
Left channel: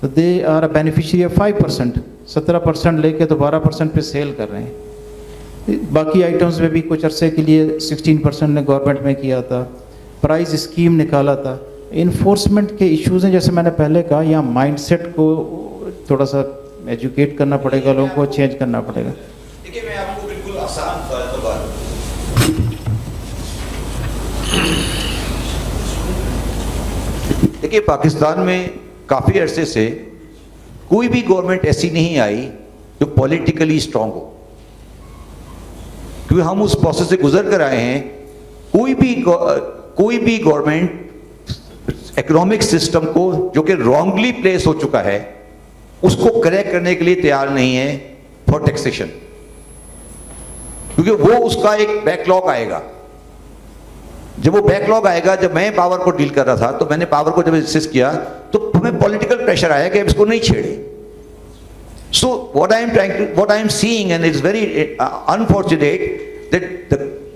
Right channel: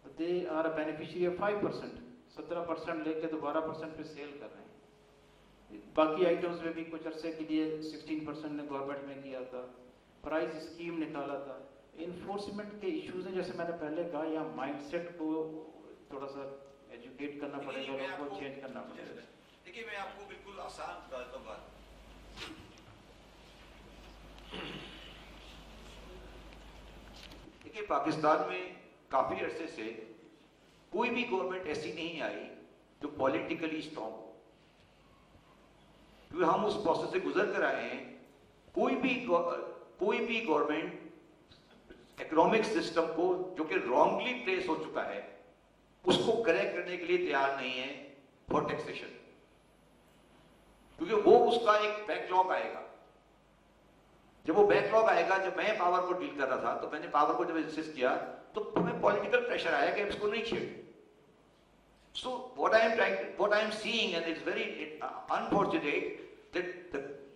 تو they are a beneficiary of 5%, 17% لے کے تو 12% پہ سیل کر رہے ہیں. باقی آئٹمس میں بھی کچھ عرصے کے لیے 16% نے گورنمنٹ میں کیا تھا, پرائز اسکیم نکالا تھا. انفورسمنٹ کے ایشوز ہیں, جیسے میں نے پہلے کہا, یہاں مائنڈ سیٹ کو تھوڑا سا ایجوکیٹ کرنا پڑے گا, لوگوں کو چینج کرنا پڑے گا. دیکھیے میں آپ کو بالکل آسان دیکھیے پاکستان میں کافی عرصے سے کوئی بھی گورنمنٹ ایسی نہیں آئی جو پولیٹیکلی اسٹرانگ ہو, کیونکہ ہم اس پروسیس سے گزر کر آئے ہیں. کوئی بھی گورنمنٹ اکنامک سسٹم کو جو کہ رانگلی پلیس ہو چکا ہے اس کو کریکٹ کرنے کے لیے تیار نہیں ہے فار ٹیکسیشن, کیونکہ وہ اس کا ایک بیک لاگ آئے گا. جب وہ بیک لاگ آئے گا, جب میں پاور کو ڈیل کر رہا تھا تو میں نے پاور کو جب انسسٹ کیا تو ہمیں پولیٹیکل پریشر آیا کہ اس کو نہیں چھیڑے. So what I am seeing and it's very unfortunate that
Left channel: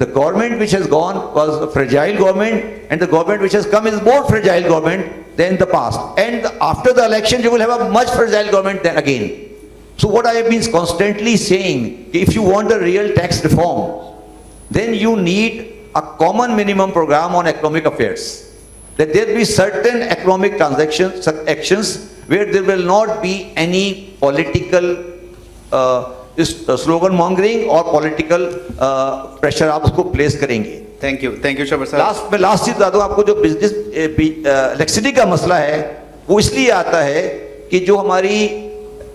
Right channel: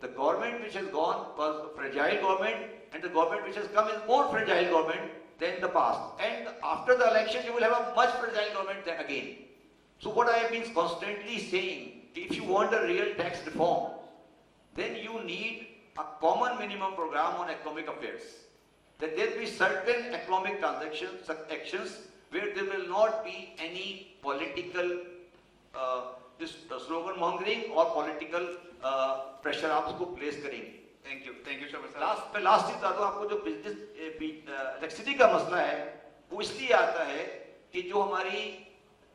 the government which has gone was a fragile government, and the government which has come is more fragile government than the past, and after the election you will have a much fragile government then again. So what I have been constantly saying, if you want a real tax reform, then you need a common minimum program on economic affairs, that there be certain economic transactions, actions where there will not be any political slogan mongering और political pressure आप उसको place करेंगे. Thank you शबर साहब. मैं last चीज बता दूं आपको, जो बिजनेस इलेक्ट्रिसिटी का मसला है वो इसलिए आता है कि जो हमारी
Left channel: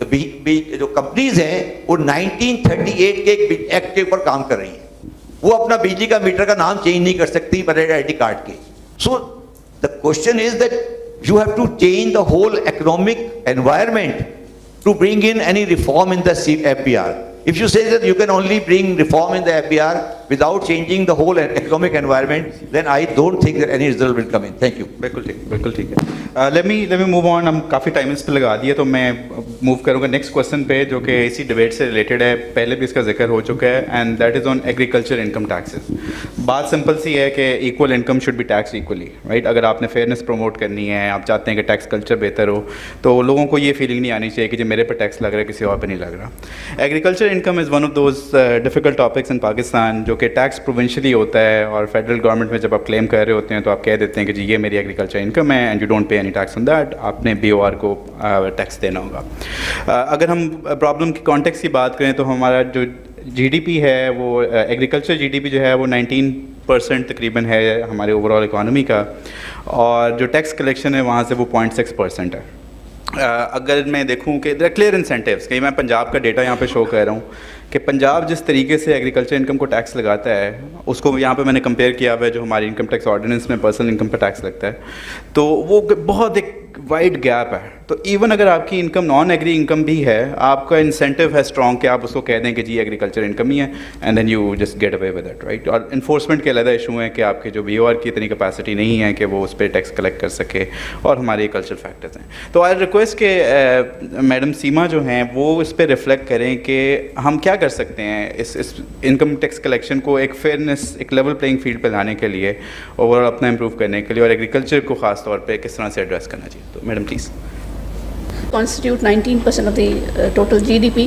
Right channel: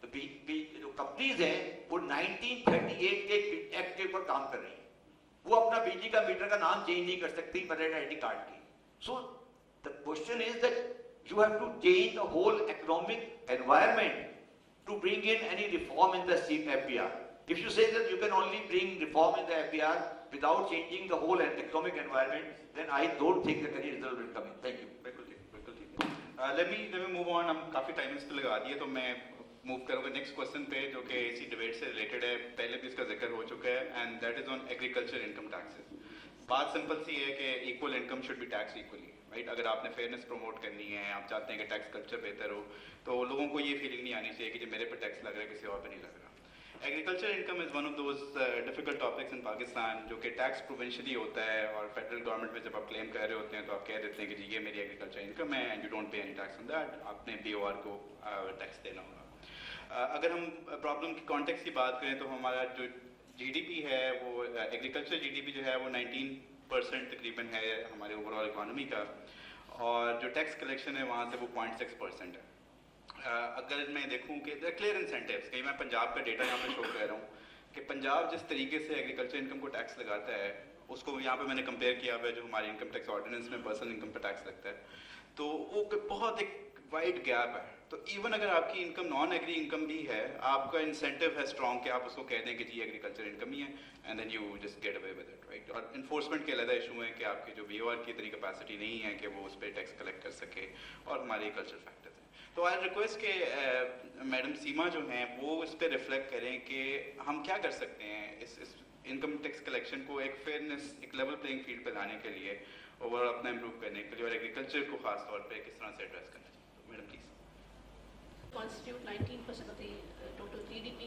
जो कंपनीज हैं वो 1938 के एक एक्ट के ऊपर काम कर रही हैं. वो अपना बिजली का मीटर का नाम चेंज नहीं कर सकती बगैर आईडी कार्ड के. So the question is that you have to change the whole economic environment to bring in any reform in the FBR. If you say that you can only bring reform in the FBR without changing the whole economic environment, then I don't think that any result will come in. Thank you. बिल्कुल ठीक है. Let me move on. हम काफ़ी time इस पे लगा दिए, तो मैं मूव करूँगा नेक्स्ट क्वेश्चन पे, जो कि इसी डिबेट से रिलेटेड है. पहले भी इसका जिक्र हो चुका है, and that is on agriculture income taxes. बात सिंपल सी है कि equal income should be tax equally, right. अगर आपने फेयरनेस प्रमोट करनी है, आप चाहते हैं कि टैक्स कल्चर बेहतर हो, तो लोगों को ये फीलिंग नहीं आनी चाहिए कि जो मेरे पर टैक्स लग रहा है किसी और पर नहीं लग रहा. Agriculture income is one of those difficult topics in Pakistan, जो कि टैक्स प्रोविंशली होता है, और फेडरल गवर्नमेंट में जब आप क्लेम कर रहे होते हैं तो आप कह देते हैं कि जी ये मेरी एग्रीकल्चर इनकम है and you don't pay any tax on that, आपने BOR को टैक्स देना होगा. अगर हम प्रॉब्लम की कॉन्टेक्स्ट की बात करें तो हमारा जो GDP है वो एग्रीकल्चर GDP जो है वो 19% तकरीबन है हमारे ओवरऑल इकॉनमी का, और जो टैक्स कलेक्शन है वहाँ से वो 0.6% है. अगर मैं देखूं कि देयर क्लियर इंसेंटिव्स, कि मैं पंजाब का डेटा यहाँ पे शो कर रहा हूँ कि पंजाब जिस तरीके से एग्रीकल्चर इनकम को टैक्स लगाता है, उसको यहाँ पे मैंने कंपेयर किया हुआ है जो हमारी इनकम टैक्स ऑर्डिनेंस में पर्सनल इनकम पर टैक्स लगता है, तो वो बहुत एक वाइड गैप है. तो इवन अगर आपकी इनकम नॉन एग्री इनकम भी है, आपका इंसेंटिव है स्ट्रॉन्ग कि आप उसको कह दें कि जी एग्रीकल्चर इनकम ही है, and then you just get away with it, right. और इन्फोर्समेंट के अलग इशू है कि आपके जो BOR की इतनी कैपेसिटी नहीं है कि वो उस पर टैक्स कलेक्ट कर सके, और हमारे कल्चर फैक्टर्स हैं. तो आई रिक्वेस्ट के मैडम सीमा जो हैं वो इस पर रिफ्लेक्ट करें कि हम क्या कर सकते हैं इस इनकम टैक्स कलेक्शन को एक फेयरनेस, एक लेवल प्लेइंग फील्ड पर लाने के लिए, ओवरऑल अपना इम्प्रूव करने के लिए, और एग्रीकल्चर को ख़ास तौर पर किस तरह से एड्रेस करना चाहिए. तो madam please. Constitute 19% of the total GDP,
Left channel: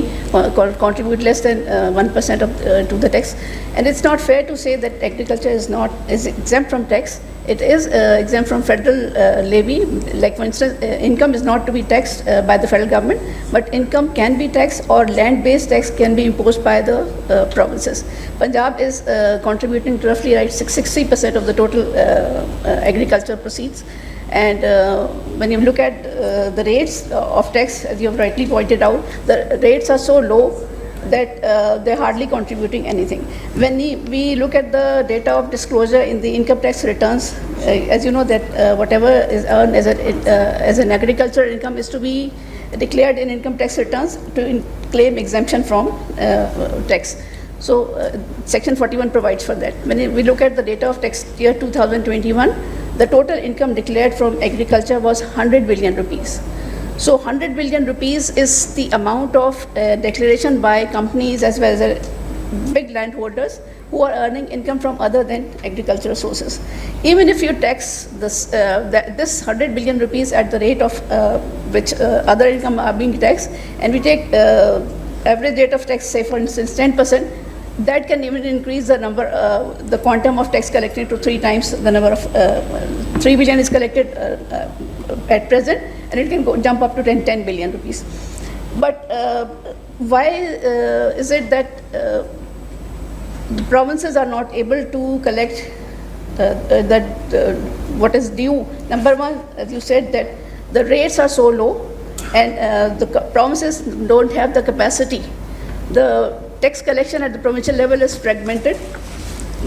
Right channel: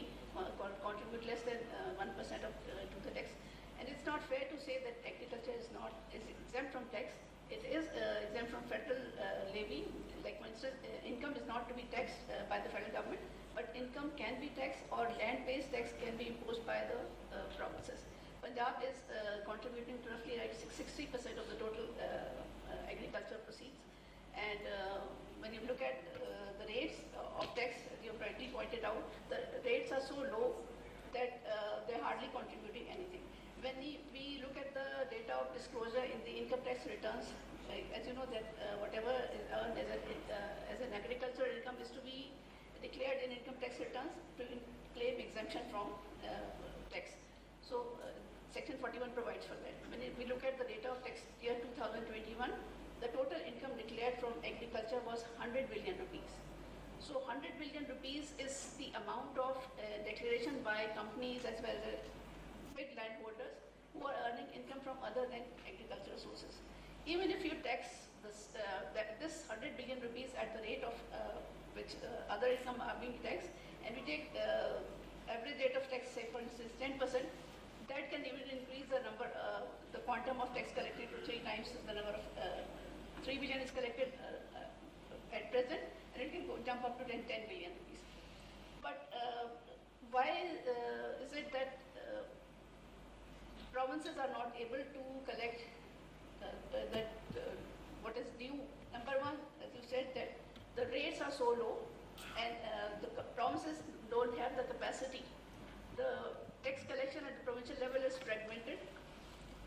contribute less than 1% to the tax, and it's not fair to say that agriculture is exempt from tax. It is exempt from federal levy. Like for instance, income is not to be taxed by the federal government, but income can be taxed, or land-based tax can be imposed by the provinces. Punjab is contributing to roughly 60% of the total agriculture proceeds. And when you look at the rates of tax, as you have rightly pointed out, the rates are so low that they're hardly contributing anything. When we look at the data of disclosure in the income tax returns, as you know that whatever is earned as an agricultural income is to be declared in income tax returns to claim exemption from tax. So Section 41 provides for that. When we look at the data of tax year 2021, the total income declared from agriculture was 100 billion rupees. So 100 billion rupees is the amount of declaration by companies as well as big landholders who are earning income from other than agricultural sources. Even if you tax this 100 billion rupees at the rate of which other income are being taxed, and we take average rate of tax, say for instance 10%, that can even increase the number, the quantum of tax collected to 3 times the number of 3 billion is collected at present, and it can jump up to 10 billion rupees. But why is it that the provinces are not able to collect what is due? Number one, as you said, that the rates are so low, and the provinces don't have the capacity. The tax collection at the provincial level is fragmented.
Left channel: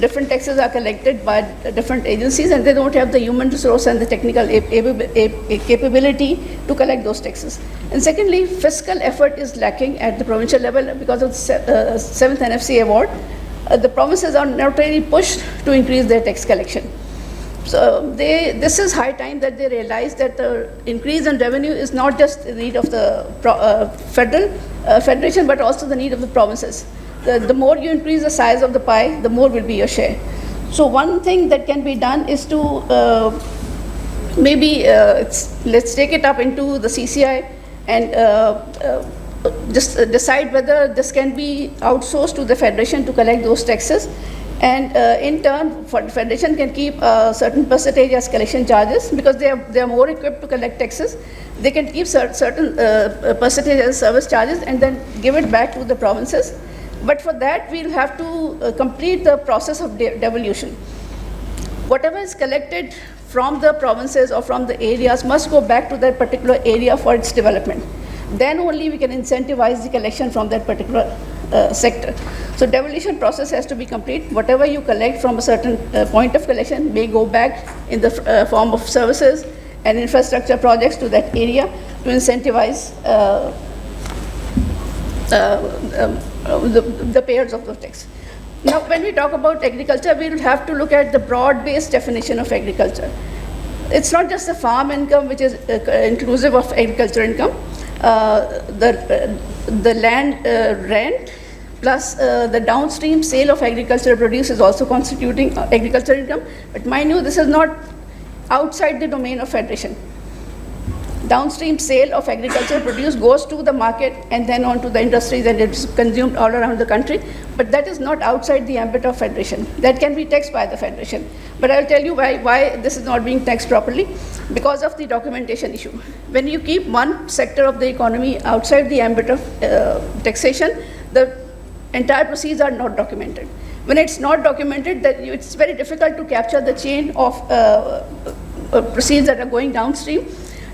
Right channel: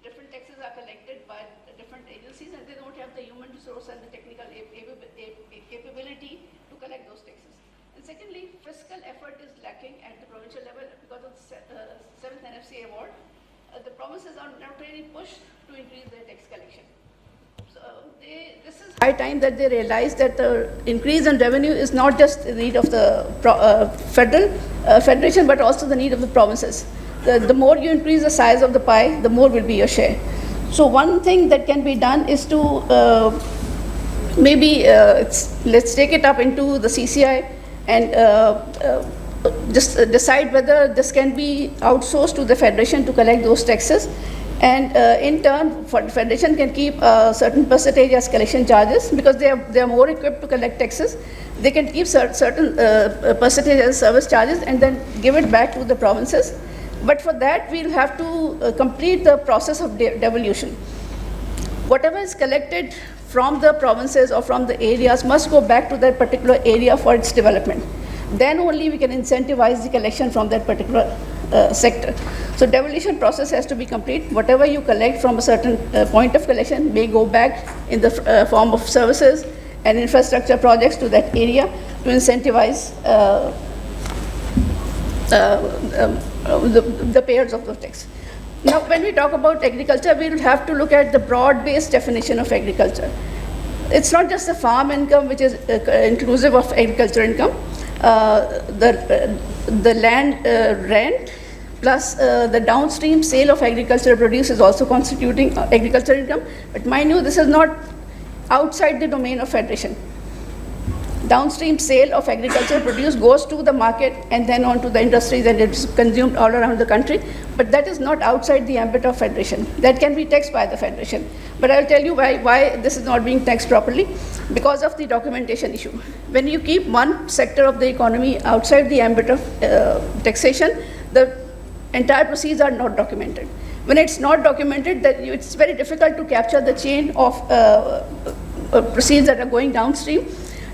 Different taxes are collected by different agencies, and they don't have the human resource and the technical capability to collect those taxes. And secondly, fiscal effort is lacking at the provincial level because of the 7th NFC award. The provinces are not really pushed to increase their tax collection. So this is high time that they realize that the increase in revenue is not just the need of the federation, but also the need of the provinces. The more you increase the size of the pie, the more will be your share. So one thing that can be done is to maybe let's take it up into the CCI and just decide whether this can be outsourced to the federation to collect those taxes. And in turn, federation can keep a certain percentage as collection charges because they are more equipped to collect taxes. They can keep certain percentage as service charges and then give it back to the provinces. But for that, we'll have to complete the process of devolution. Whatever is collected from the provinces or from the areas must go back to that particular area for its development. Then only we can incentivize the collection from that particular sector. So devolution process has to be complete. Whatever you collect from a certain point of collection may go back in the form of services and infrastructure projects to that area to incentivize the payers of the tax. Now, when we talk about agriculture, we will have to look at the broad-based definition of agriculture. It's not just the farm income, which is inclusive of agriculture income. The land rent plus the downstream sale of agricultural produce is also constituting agricultural income. But mind you, this is not outside the domain of federation. Downstream sale of agricultural produce goes to the market and then on to the industries, and it's consumed all around the country. But that is not outside the ambit of federation. That can be taxed by the federation. But I'll tell you why this is not being taxed properly. Because of the documentation issue. When you keep one sector of the economy outside the ambit of taxation, the entire proceeds are not documented. When it's not documented, it's very difficult to capture the chain of proceeds that are going downstream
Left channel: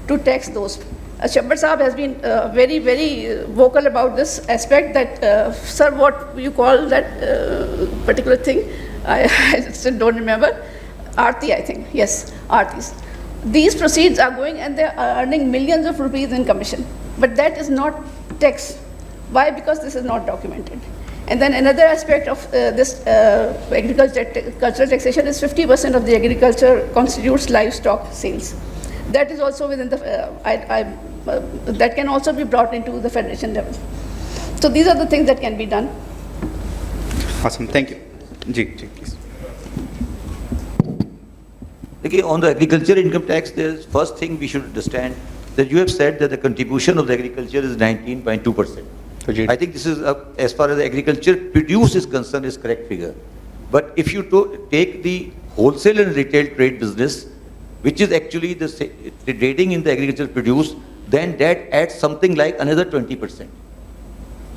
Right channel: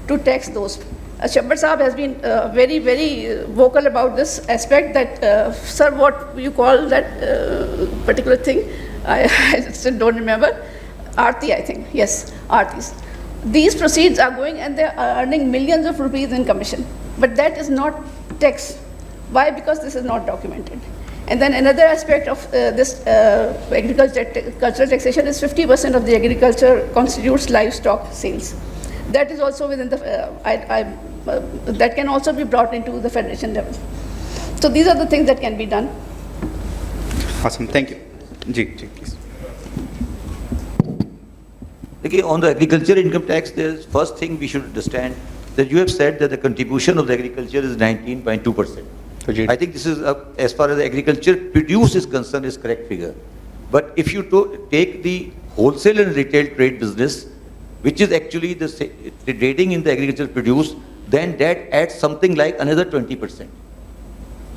to tax those. Shabbar Saab has been very, very vocal about this aspect that, sir, what you call that particular thing, I still don't remember, Aarti, I think, yes, Aartis. These proceeds are going and they are earning millions of rupees in commission. But that is not tax. Why? Because this is not documented. And then another aspect of this agricultural taxation is 50% of the agriculture constitutes livestock sales. That is also within the, that can also be brought into the federation level. So these are the things that can be done. Awesome, thank you. Ji, please. Okay, on the agriculture income tax, the first thing we should understand that you have said that the contribution of the agriculture is 19.2%. I think this is, as far as the agriculture produce is concerned, is correct figure. But if you take the wholesale and retail trade business, which is actually the trading in the agricultural produce, then that adds something like another 20%.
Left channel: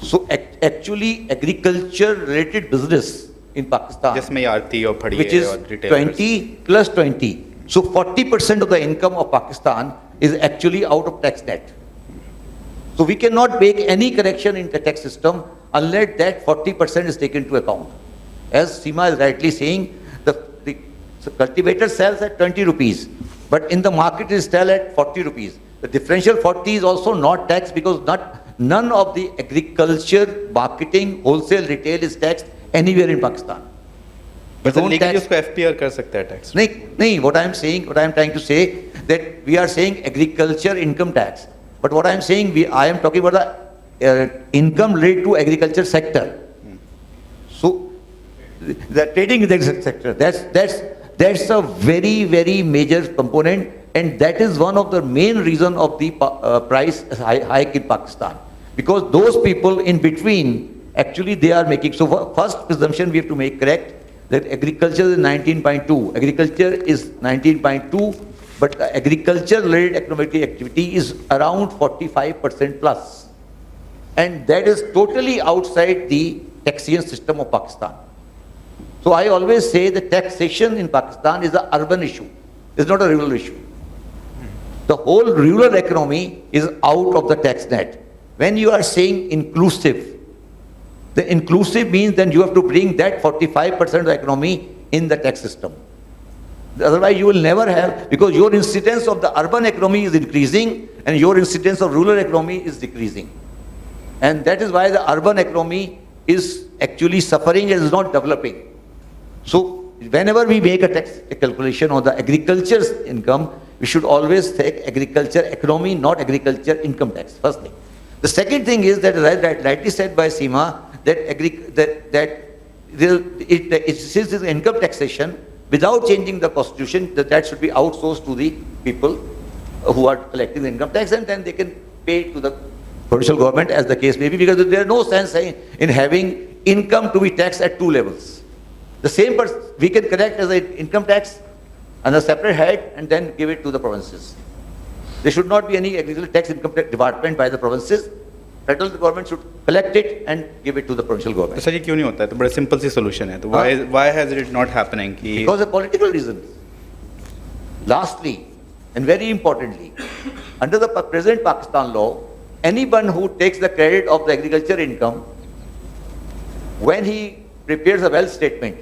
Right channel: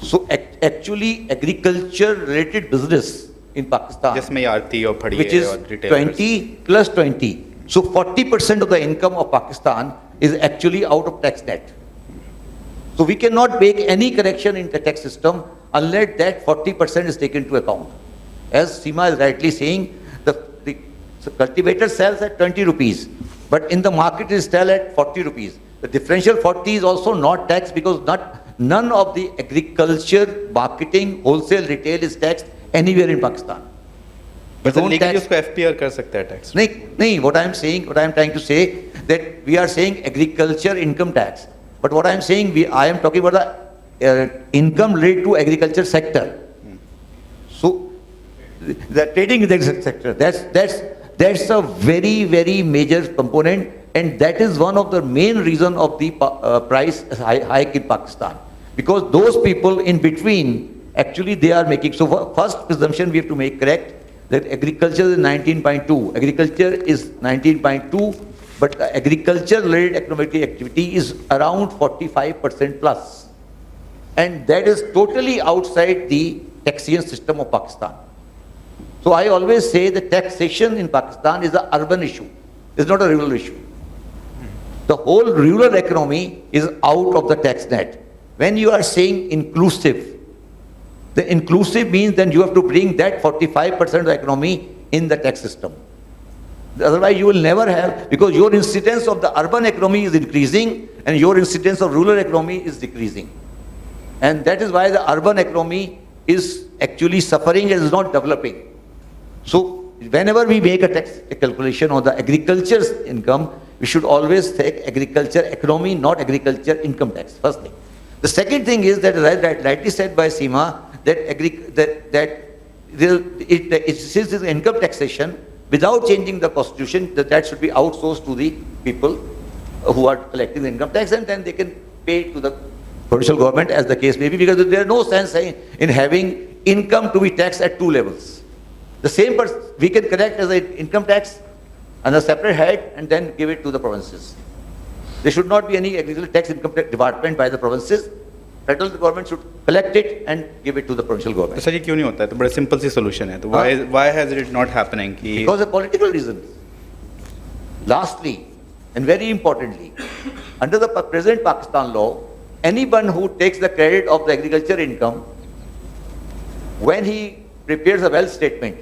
So actually agriculture related business in Pakistan, which is 20 plus 20. So 40% of the income of Pakistan is actually out of tax net. So we cannot make any correction in the tax system unless that 40% is taken into account. As Seema is rightly saying, the cultivator sells at 20 rupees, but in the market is still at 40 rupees. The differential 40 is also not taxed because none of the agriculture, marketing, wholesale, retail is taxed anywhere in Pakistan. But legally उसको FPR कर सकता है tax. नहीं, what I am trying to say that we are saying agriculture income tax. But what I am saying, I am talking about the income related to agriculture sector. So the trading in the sector, that's a very, very major component, and that is one of the main reason of the price hike in Pakistan. Because those people in between, actually they are making, so first presumption we have to make correct, that agriculture is 19.2, agriculture is 19.2, but the agriculture-related economic activity is around 45% plus. And that is totally outside the taxation system of Pakistan. So I always say that taxation in Pakistan is an urban issue, it's not a rural issue. The whole rural economy is out of the tax net. When you are saying inclusive, the inclusive means then you have to bring that 45% of the economy in the tax system. Otherwise you will never have, because your incidence of the urban economy is increasing and your incidence of rural economy is decreasing. And that is why the urban economy is actually suffering and is not developing. So whenever we make a tax calculation on the agriculture's income, we should always take agriculture economy, not agriculture income tax, first thing. The second thing is that, rightly said by Seema, that since it's income taxation, without changing the constitution, that should be outsourced to the people who are collecting the income tax, and then they can pay to the provincial government as the case may be, because there is no sense in having income to be taxed at two levels. The same person we can collect as an income tax on a separate head and then give it to the provinces. There should not be any agricultural tax income tax department by the provinces. Federal government should collect it and give it to the provincial government. तो sir ये क्यों नहीं होता है? तो बड़ा simple सी solution है. तो why has it not happening? Because of political reasons. Lastly, and very importantly, under the present Pakistan law, anyone who takes the credit of the agriculture income, when he prepares a wealth statement,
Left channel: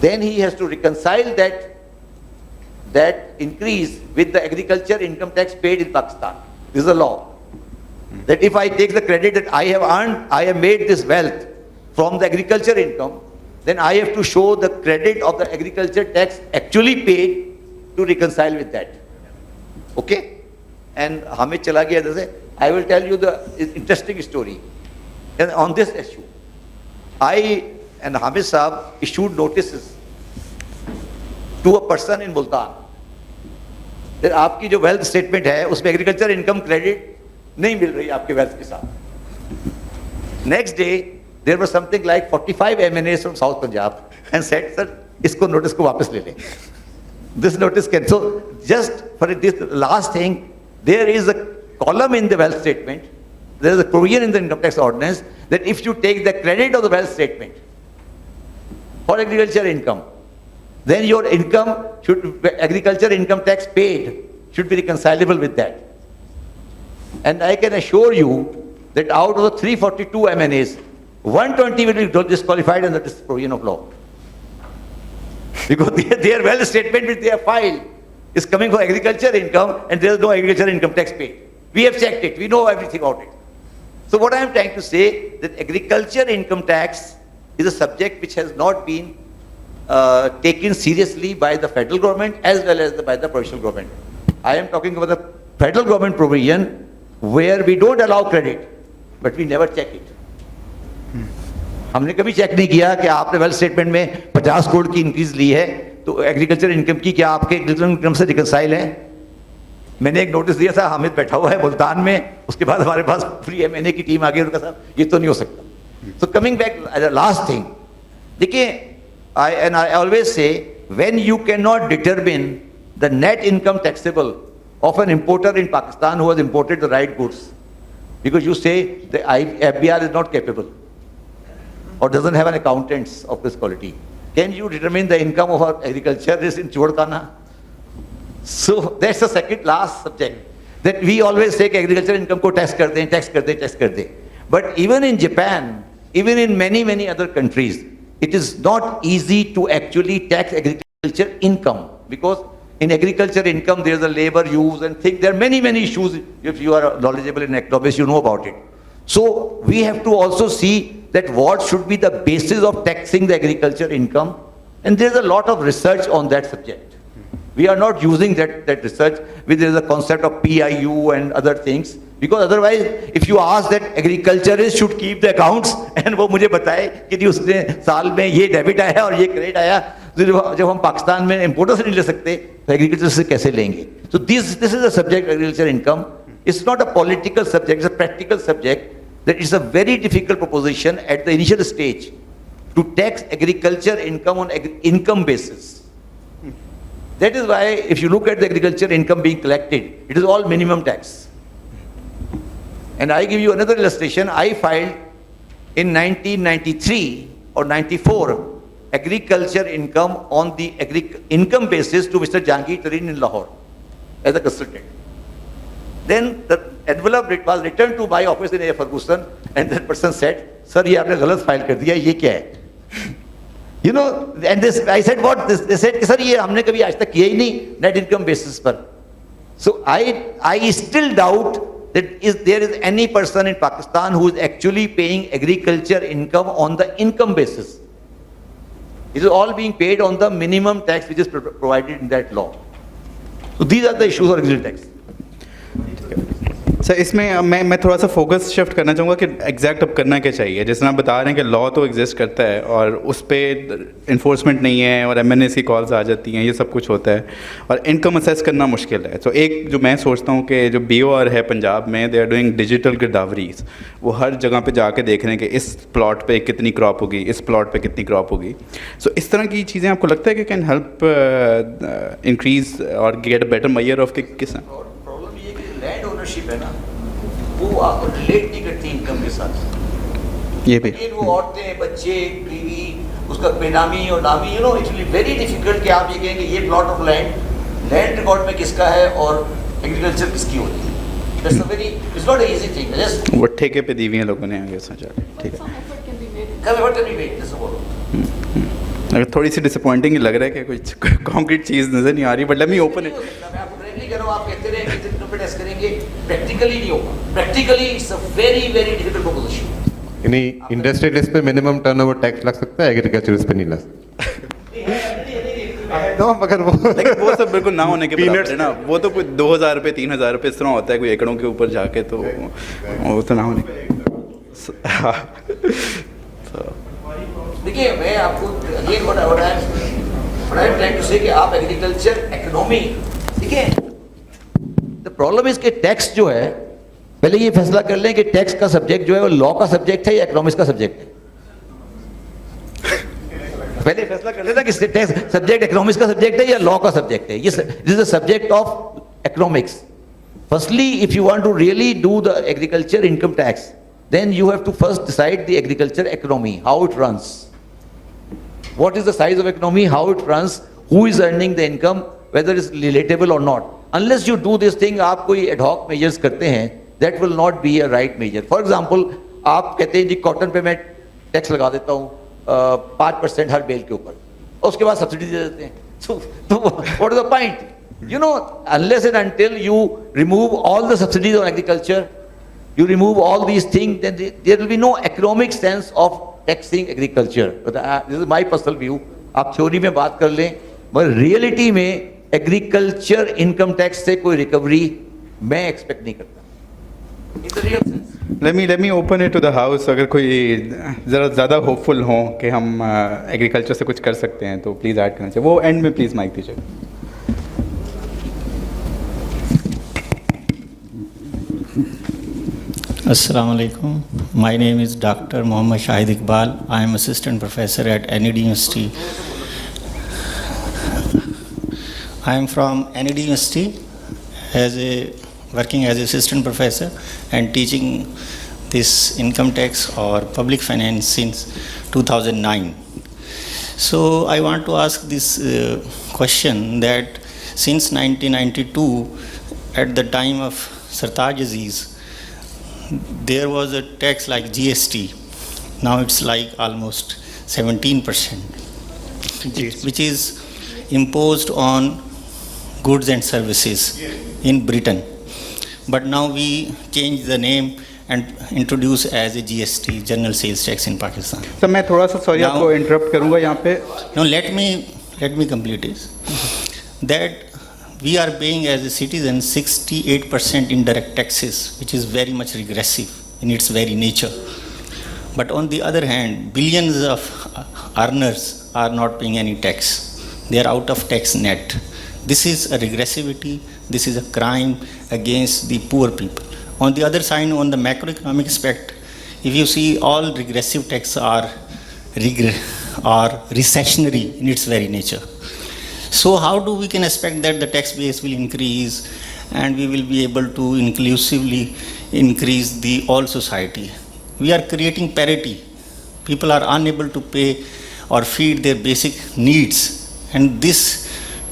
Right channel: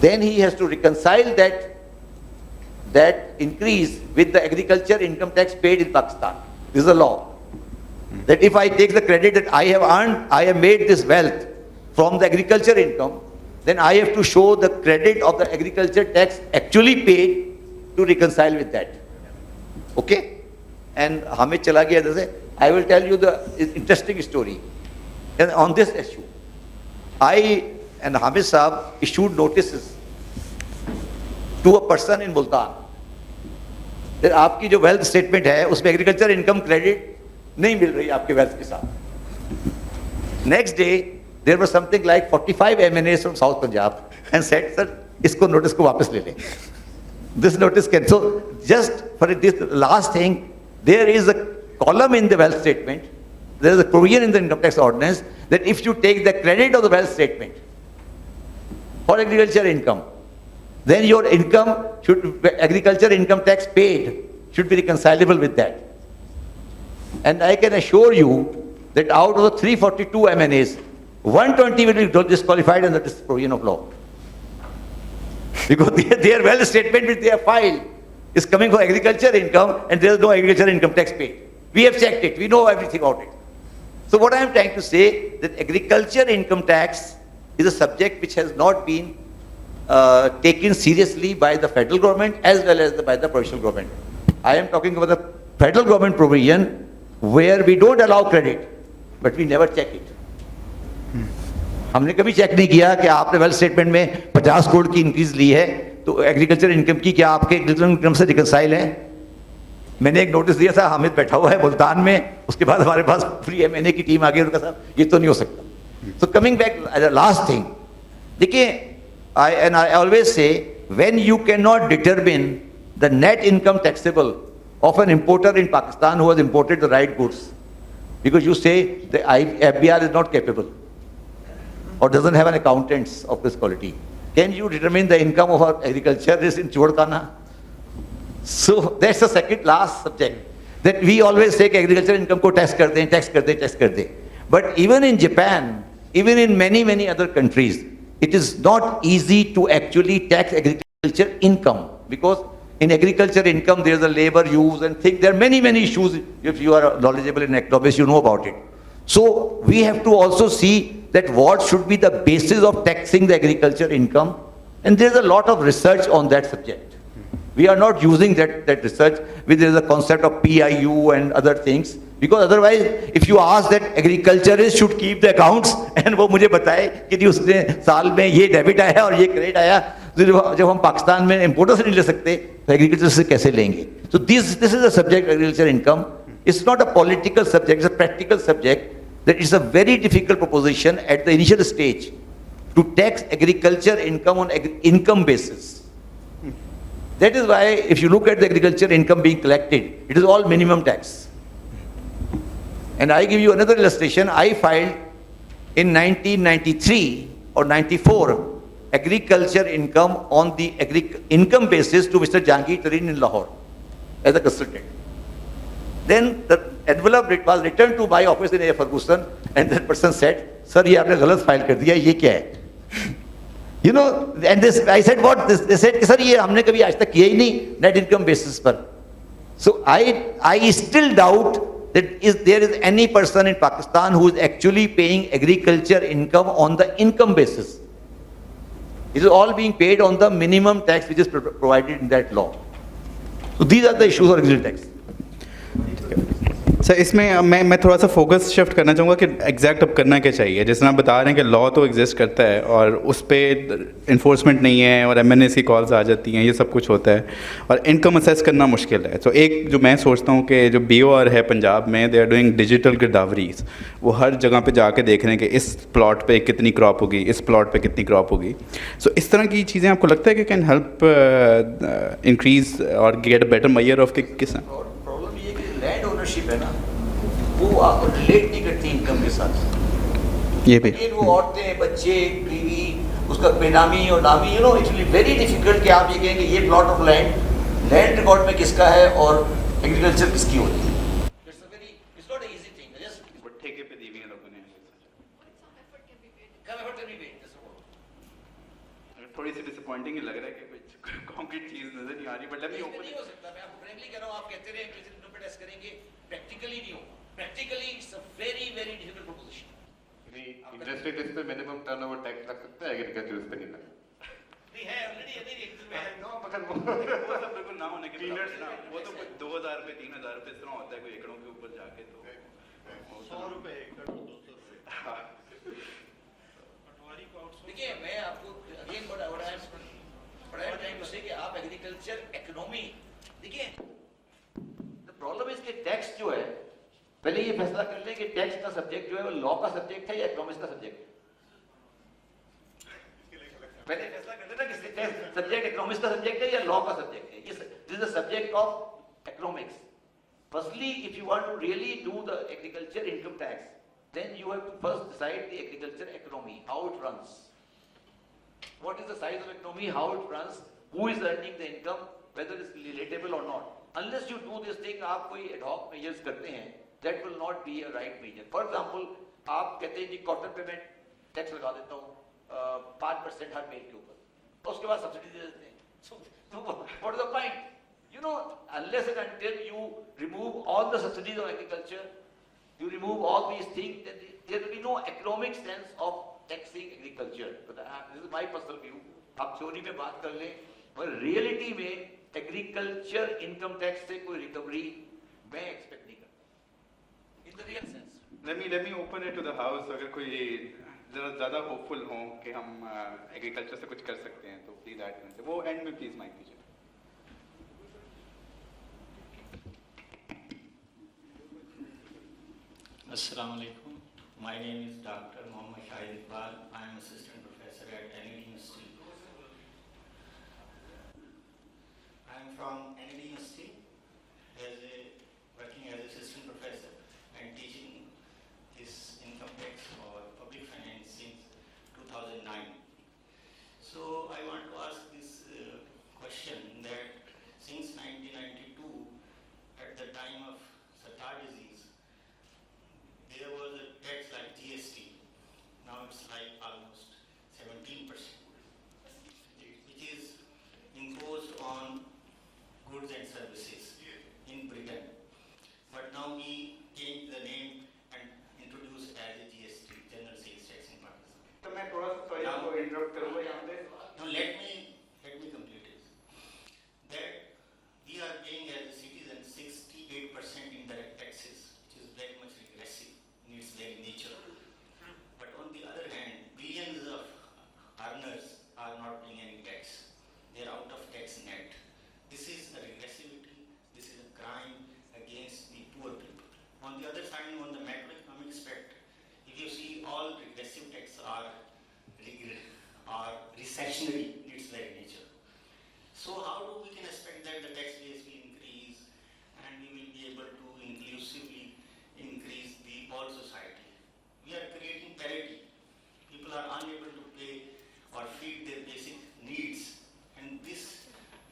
then he has to reconcile that increase with the agriculture income tax paid in Pakistan. This is a law. That if I take the credit that I have earned, I have made this wealth from the agriculture income, then I have to show the credit of the agriculture tax actually paid to reconcile with that. Okay? And Hamid chala gaya jaise, I will tell you the interesting story. And on this issue, I and Hamid Saab issued notices to a person in Multan that आपकी जो wealth statement है उसमें agriculture income credit नहीं मिल रही आपके wealth के साथ. Next day there was something like 45 MNAs from South Punjab and said, sir, इसको notice को वापस ले लें. This notice can, so just for this last thing, there is a column in the wealth statement, there is a provision in the income tax ordinance that if you take the credit of the wealth statement for agriculture income, then your income agriculture income tax paid should be reconcilable with that. And I can assure you that out of the 342 MNAs, 120 will be disqualified under this provision of law. Because their wealth statement which they have filed is coming for agriculture income and there is no agriculture income tax paid. We have checked it, we know everything about it. So what I am trying to say, that agriculture income tax is a subject which has not been taken seriously by the federal government as well as by the provincial government. I am talking about the federal government provision where we don't allow credit, but we never check it. हमने कभी check नहीं किया कि आपने wealth statement में 50 करोड़ की increase ली है तो एग्रीकल्चर इनकम की क्या आपके एग्रीकल्चर इनकम से रिकंसाइल है. मैंने एक नोटिस दिया था, हामिद बैठा हुआ है मुल्तान में, उसके बाद हमारे पास पूरी एमएनए की टीम आ गई, उनका साहब ये तो नहीं हो सकता. So coming back last thing, देखिए I always say, when you cannot determine the net income taxable of an importer in Pakistan who has imported the right goods, because you say the FBR is not capable or doesn't have an accountants of this quality, can you determine the income of our agriculture is in Chodkana? So that's the second last subject, that we always say कि agriculture income को tax कर दें. But even in Japan, even in many, many other countries, it is not easy to actually tax agriculture income, because in agriculture income there is a labor use and things. There are many, many issues. If you are knowledgeable in economics, you know about it. So we have to also see that what should be the basis of taxing the agriculture income, and there is a lot of research on that subject. We are not using that research, where there is a concept of PIU and other things, because otherwise if you ask that agriculturist should keep the accounts and वो मुझे बताए कि उसने साल में ये debit आया और ये क्रेडिट आया, जब हम पाकिस्तान में इम्पोर्टर से नहीं ले सकते तो एग्रीकल्चर से कैसे लेंगे? So this is a subject, agriculture income. It's not a political subject, it's a practical subject. That is a very difficult proposition at the initial stage to tax agriculture income on income basis. That is why if you look at the agriculture income being collected, it is all minimum tax. And I give you another illustration. I filed in 1993 or 94 agriculture income on the income basis to Mr. Jahangir Tareen in Lahore as a consultant. Then the envelope was returned to my office in A. Ferguson, and that person said, "Sir, ये आपने गलत file कर दिया, ये क्या है?" You know, and this, I said, "What?" They said, "Sir, ये हमने कभी आज तक किया ही नहीं net income basis पर." So I still doubt that there is any person in Pakistan who is actually paying agriculture income on the income basis. It is all being paid on the minimum tax which is provided in that law. So these are the issues of agriculture tax. Sir इसमें मैं थोड़ा सा focus shift करना चाहूँगा कि exact अब करना क्या चाहिए. जैसे आप बता रहे हैं कि लॉ तो एग्जिस्ट करता है और उस पर इन्फोर्समेंट नहीं है और MNAs की कॉल्स आ जाती हैं, ये सब कुछ होता है और इनकम असेस करना मुश्किल है. तो एक जो मैं सोचता हूँ कि जो BOR है पंजाब में, दे आर डूइंग डिजिटल गिरदावरीज. वो हर जगह पे जाके देख रहे हैं कि इस प्लॉट पे कितनी क्रॉप होगी, इस प्लॉट पे कितनी क्रॉप होगी. सो इस तरह की चीज़ें आपको लगता है कि कैन हेल्प इंक्रीज और get a better measure of किस लैंड ओनरशिप है ना, वो आपको रिलेट नहीं करती इनकम के साथ. ये भी वो औरतें, बच्चे, बीवी, उसका बेनामी और नामी, you know, it will be very difficult कि आप ये कहेंगे ये प्लॉट ऑफ लैंड रिकॉर्ड में किसका है और एग्रीकल्चर किसकी होती है. That's a very, it's not a easy thing. Just वो ठेके पे दी हुई हैं लोगों ने आगे सोचा. ठीक है, अगर थोड़ी सी डिसअपॉइंटिंग लग रहा है कि कुछ कॉन्क्रीट चीज़ नज़र नहीं आ रही, but let me open it. आप कहते रहे कि इतने टेस्ट करेंगे, प्रैक्टिकली नहीं होगा. Practically it's a very very difficult proposition. यानी इंडस्ट्रियलिस्ट पे मिनिमम टर्नओवर टैक्स लग सकता है, एग्रीकल्चरिस्ट पे नहीं लग सकता. मगर वो सब बिल्कुल ना होने के बराबर है ना. वो तो कोई 2,000 रुपये 3,000 रुपये इस तरह होता है कोई एकड़ों के ऊपर जाके, तो वो तो ना होने. देखिए मैं आपको again what I am trying to say कि आप एग्रीकल्चर इकोनॉमी, देखिए द प्रॉब्लम इज कि टैक्स जो है, पहले ये फैसला कर लें कि टैक्स का सब्जेक्ट जो है वो लॉ का सब्जेक्ट है या इकोनॉमिक्स का सब्जेक्ट है. पहले फैसला कर लेना कि टैक्स सब्जेक्ट इकोनॉमिक्स का सब्जेक्ट है या लॉ का सब्जेक्ट है. This is the subject of economics. Firstly if you want to really do the agriculture income tax, then you have to first decide the agriculture economy, how it runs. What is the size of economy, how it runs, who is earning the income, whether it's relatable or not. Unless you do this thing, आप कोई ad hoc measures करते हैं, that will not be a right measure. For example, आप कहते हैं जी cotton पे मैं tax लगा देता हूँ 5% हर बेल के ऊपर, और उसके बाद सब्सिडी दे देते हैं. So what is the point? You know, unless and until you remove all the subsidies on agriculture, you remove all these things, then there will be no economic sense of taxing agriculture. But this is my personal view. आप theory में बात कर लें, मगर reality में agriculture income tax से कोई recovery मैं एक्सपेक्ट नहीं करता. It's a real sense. Let me open it to the house. अगर कोई ज़रा ज़्यादा होपफुल हो कि हम एग्रीकल्चर से कुछ कर सकते हैं तो प्लीज़ ऐड करना चाहिए. वो एंड में प्लीज़ माइक दीजिए. Assalamu alaikum. My name is Dr. Mohammad Shahid Iqbal. I am assistant professor at NED University. I am from NED University working as assistant professor and teaching this income tax or public finance since 2009. So I want to ask this question that since 1992, at the time of Sartaj Aziz, there was a tax like GST. Now it's like almost 17%, which is imposed on goods and services in Britain. But now we change the name and introduce as a GST, General Sales Tax in Pakistan. Sir मैं थोड़ा सा sorry आपको interrupt करूंगा यहाँ पे. No, let me complete this. That we are paying as a citizen 68% indirect taxes, which is very much regressive in its very nature. But on the other hand, billions of earners are not paying any tax. They are out of tax net. This is a regressivity. This is a crime against the poor people. On the other side, on the macroeconomic aspect, if you see all regressive tax are recessionary in its very nature. So how do we can expect that the tax base will increase and we will be able to inclusively increase the all society? We are creating parity. People are unable to pay or feed their basic needs, and this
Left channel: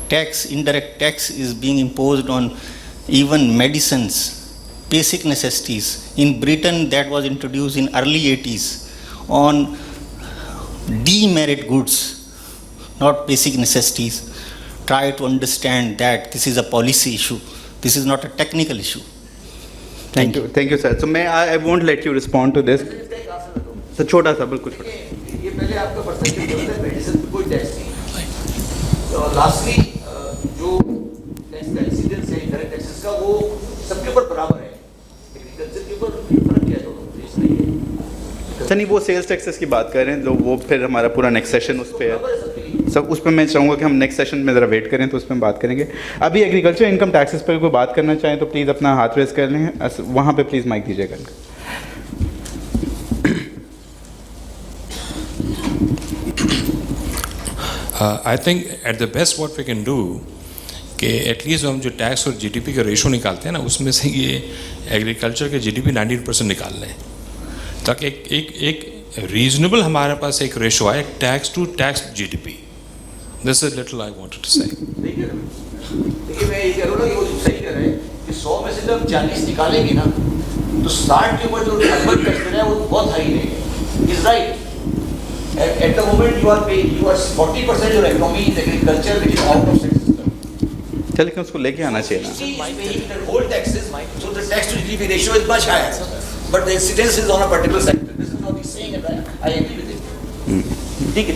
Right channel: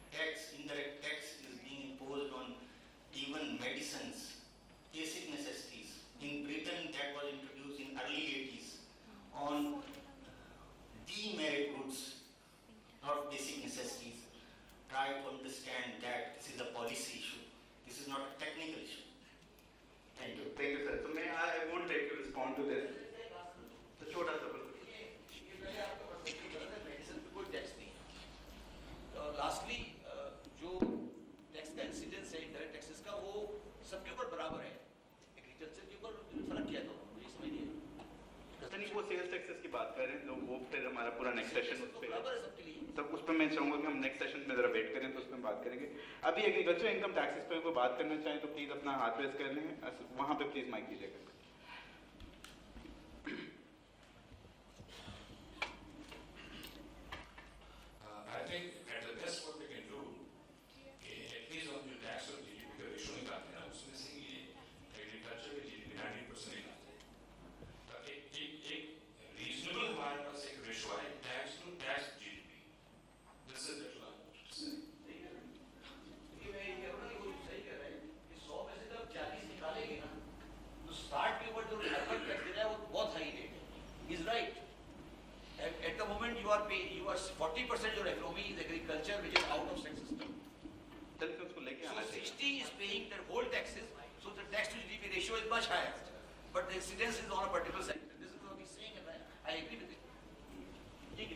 tax, indirect tax, is being imposed on even medicines, basic necessities. In Britain, that was introduced in early 80s on demerit goods, not basic necessities. Try to understand that this is a policy issue. This is not a technical issue. Thank you, sir. So I won't let you respond to this. So छोटा सा बिल्कुल छोटा. ये पहले आपका percentage जो है medicine पे कोई टैक्स नहीं. तो लास्टली जो टैक्स का इंसिडेंस है इनडायरेक्ट टैक्सेस का वो सबके ऊपर बराबर है. एग्रीकल्चर के ऊपर फर्क क्या है दोनों देश में? सर नहीं वो सेल्स टैक्सेस की बात कर रहे हैं तो वो फिर हमारा पूरा नेक्स्ट सेशन उस पर है. सब उस पर मैं चाहूँगा कि हम नेक्स्ट सेशन में ज़रा वेट करें तो उस पर हम बात करेंगे. अभी एग्रीकल्चर इनकम टैक्सेस पर कोई बात करना चाहें तो प्लीज़ अपना हाथ रेस कर लें. वहाँ पे प्लीज़ माइक दीजिएगा. I think at the best what we can do कि एटलीस्ट हम जो टैक्स और जीडीपी का रेशो निकालते हैं ना उसमें से ये एग्रीकल्चर के जीडीपी 19% निकाल लें ताकि एक रीजनेबल हमारे पास एक रेशो आए tax to tax GDP. This is little I wanted to say. देखिए मैं ये कह रहा हूँ ना कि वो सही कह रहे हैं कि 100 में से जब 40 निकालेंगे ना तो 60 के ऊपर जो अर्बन टैक्स है वो बहुत हाई रहेगा. Is right. At the moment you are paying, you are 40% your economy is agriculture which is out of tax system. चलिए कि उसको लेके आना चाहिए ना. The whole taxes, so the tax to GDP ratio is much higher, but the incidence is on a particular sector. This is what he's saying, and I agree with it. ठीक है.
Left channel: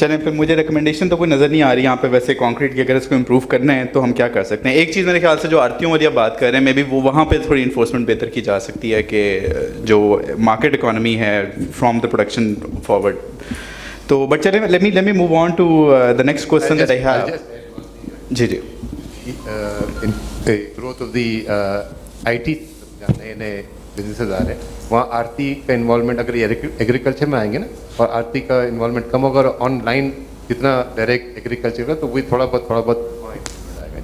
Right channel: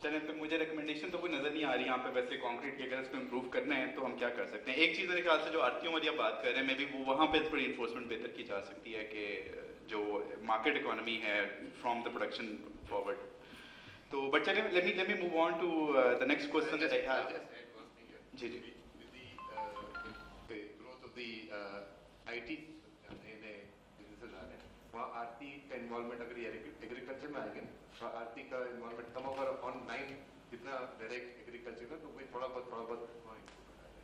चलें फिर मुझे रिकमेंडेशन तो कोई नज़र नहीं आ रही यहाँ पे वैसे कॉन्क्रीट की. अगर इसको इम्प्रूव करना है तो हम क्या कर सकते हैं? एक चीज़ मेरे ख्याल से जो आरतियों वाली आप बात कर रहे हैं मे बी वो वहाँ पे थोड़ी इन्फोर्समेंट बेहतर की जा सकती है कि जो मार्केट इकॉनमी है फ्रॉम द प्रोडक्शन फॉरवर्ड. तो बट चलें let me move on to the next question that I have. जी जी. ग्रोथ ऑफ द IT नए नए बिजनेसेस आ रहे हैं वहाँ आरती का इन्वॉल्वमेंट अगर ये एग्रीकल्चर में आएंगे ना और आरती का इन्वॉल्वमेंट कम होगा और ऑनलाइन जितना डायरेक्ट एग्रीकल्चर का तो वही थोड़ा बहुत आएगा.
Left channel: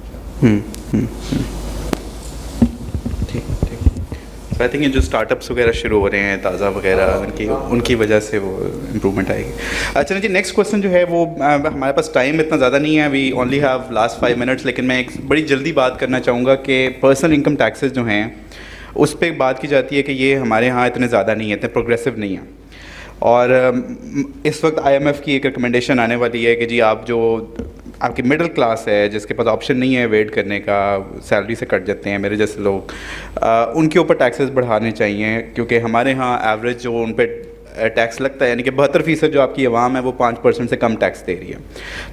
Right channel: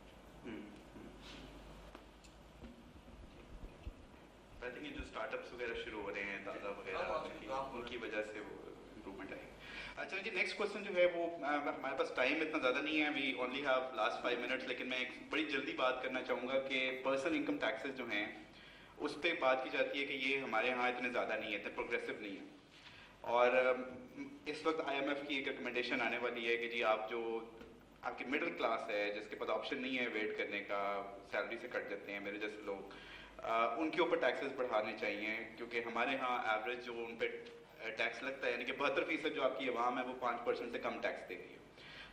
ठीक. आई थिंक ये जो स्टार्टअप्स वगैरह शुरू हो रहे हैं ताज़ा वगैरह उनकी वजह से वो इम्प्रूवमेंट आएगी. अच्छा जी नेक्स्ट क्वेश्चन जो है वो हमारे पास टाइम इतना ज़्यादा नहीं है. We only have last 5 minutes. लेकिन मैं एक बड़ी जल्दी बात करना चाहूँगा कि पर्सनल इनकम टैक्सेस जो हैं उस पर बात की जाती है कि ये हमारे यहाँ इतने ज़्यादा नहीं है, इतने प्रोग्रेसिव नहीं है. और इस वक्त IMF की एक रिकमेंडेशन आने वाली है कि जी आप जो आपकी मिडिल क्लास है जिसके पास ऑप्शन नहीं है वेट करने का, सैलरी से कट जाते हैं मेरे जैसे लोग, उनके ऊपर टैक्सेस बढ़ाने चाहिए क्योंकि हमारे यहाँ एवरेज जो उन पर टैक्स लगता है यानी कि 72% जो आपकी आवाम है वो 5% से कम टैक्स दे रही है.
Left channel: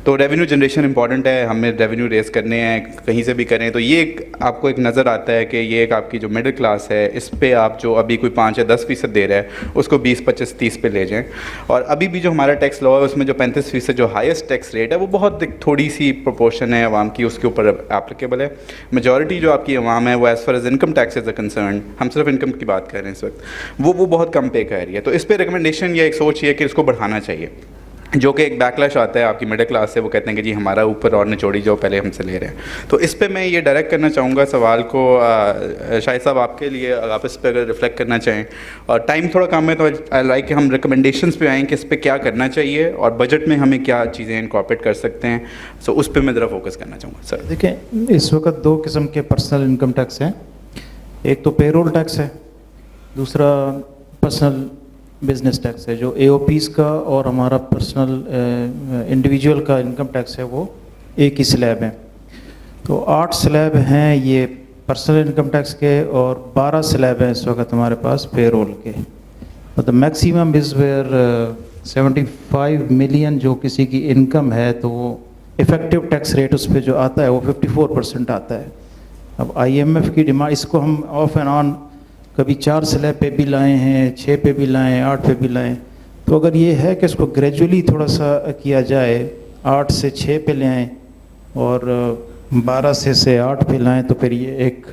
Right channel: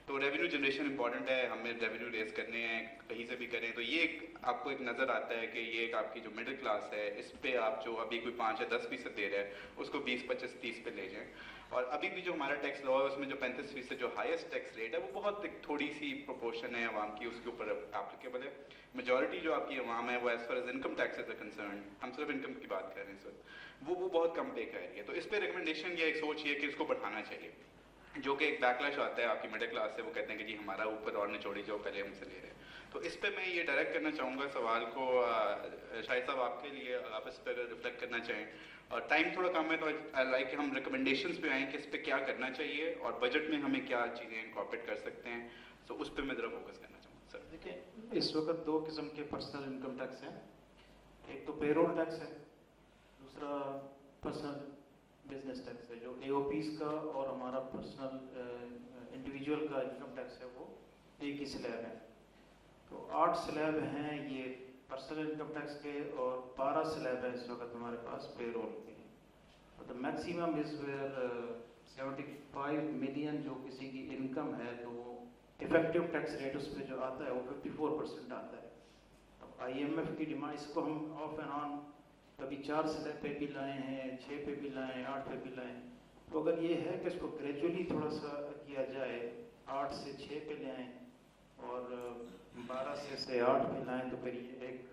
तो रेवेन्यू जनरेशन इंपॉर्टेंट है. हमें रेवेन्यू रेस करने हैं कहीं से भी करें. तो ये आपको एक नज़र आता है कि ये एक आपकी जो मिडिल क्लास है इस पे आप जो अभी कोई 5 या 10% दे रहा है उसको 20, 25, 30 पे ले जाएं. और अभी भी जो हमारा टैक्स लॉ है उसमें जो 35% जो हाईएस्ट टैक्स रेट है वो बहुत थोड़ी सी प्रोपोर्शन है आवाम की उसके ऊपर एप्लीकेबल है. मेजॉरिटी जो आपकी आवाम है वो as far as income taxes are concern, हम सिर्फ इनकम की बात कर रहे हैं इस वक्त, वो बहुत कम पे कर रही है. तो इस पर रिकमेंडेशन या एक सोच ये कि इसको बढ़ाना चाहिए. जो कि एक बैकलैश आता है आपकी मिडिल क्लास से, वो कहते हैं कि जी हमारा ऊपर और निचोड़ी जो पहले हमसे ले रहे हैं. तो इस पे मैं ये डायरेक्ट करना चाहूँगा सवाल को शाहिद साहब आपके लिए, आप इस पर अगर रिफ्लेक्ट करना चाहें. और टाइम थोड़ा कम है तो आई लाइक कि हम रिकमेंडेशंस पे आएँ कि इस पर क्या करना चाहिए और बजट में हमें क्या चीज़ें इनकॉर्पोरेट कर सकते हैं. सो उस पर मैं ज़रा फोकस करना चाहूँगा. सर देखिए इस वक्त 2 किस्म के पर्सनल इनकम टैक्स हैं. एक तो पेरोल टैक्स है दूसरा पर्सनल बिजनेस टैक्स है, जो AOPs का और हमारा पर्सनल इंडिविजुअल का इनकम टैक्स है वो एक ही स्लैब है। तो 8 स्लैब हैं ये पर्सनल इनकम टैक्स के और 12 स्लैब हैं इस वक्त हमारे पास पेरोल के। The maximum is where 75 million जो किसी की इनकम है तो वो इफ़ेक्टिव टैक्स रेट उस पर जो आता है वो 54% आता है। अब IMF की डिमांड, इसको हम ऑफ एंड ऑन कभी 4 स्लैब पे भी लाए हैं, 6 पे भी लाएँ, 8 पे भी लाएँ। तो अगर ये है कि इसको ग्रेजुअली थोड़ा सा किया जाए, 8 से 6 पे ले आएँ और 12 से 8 पे लाएँ, तो फिर ये एक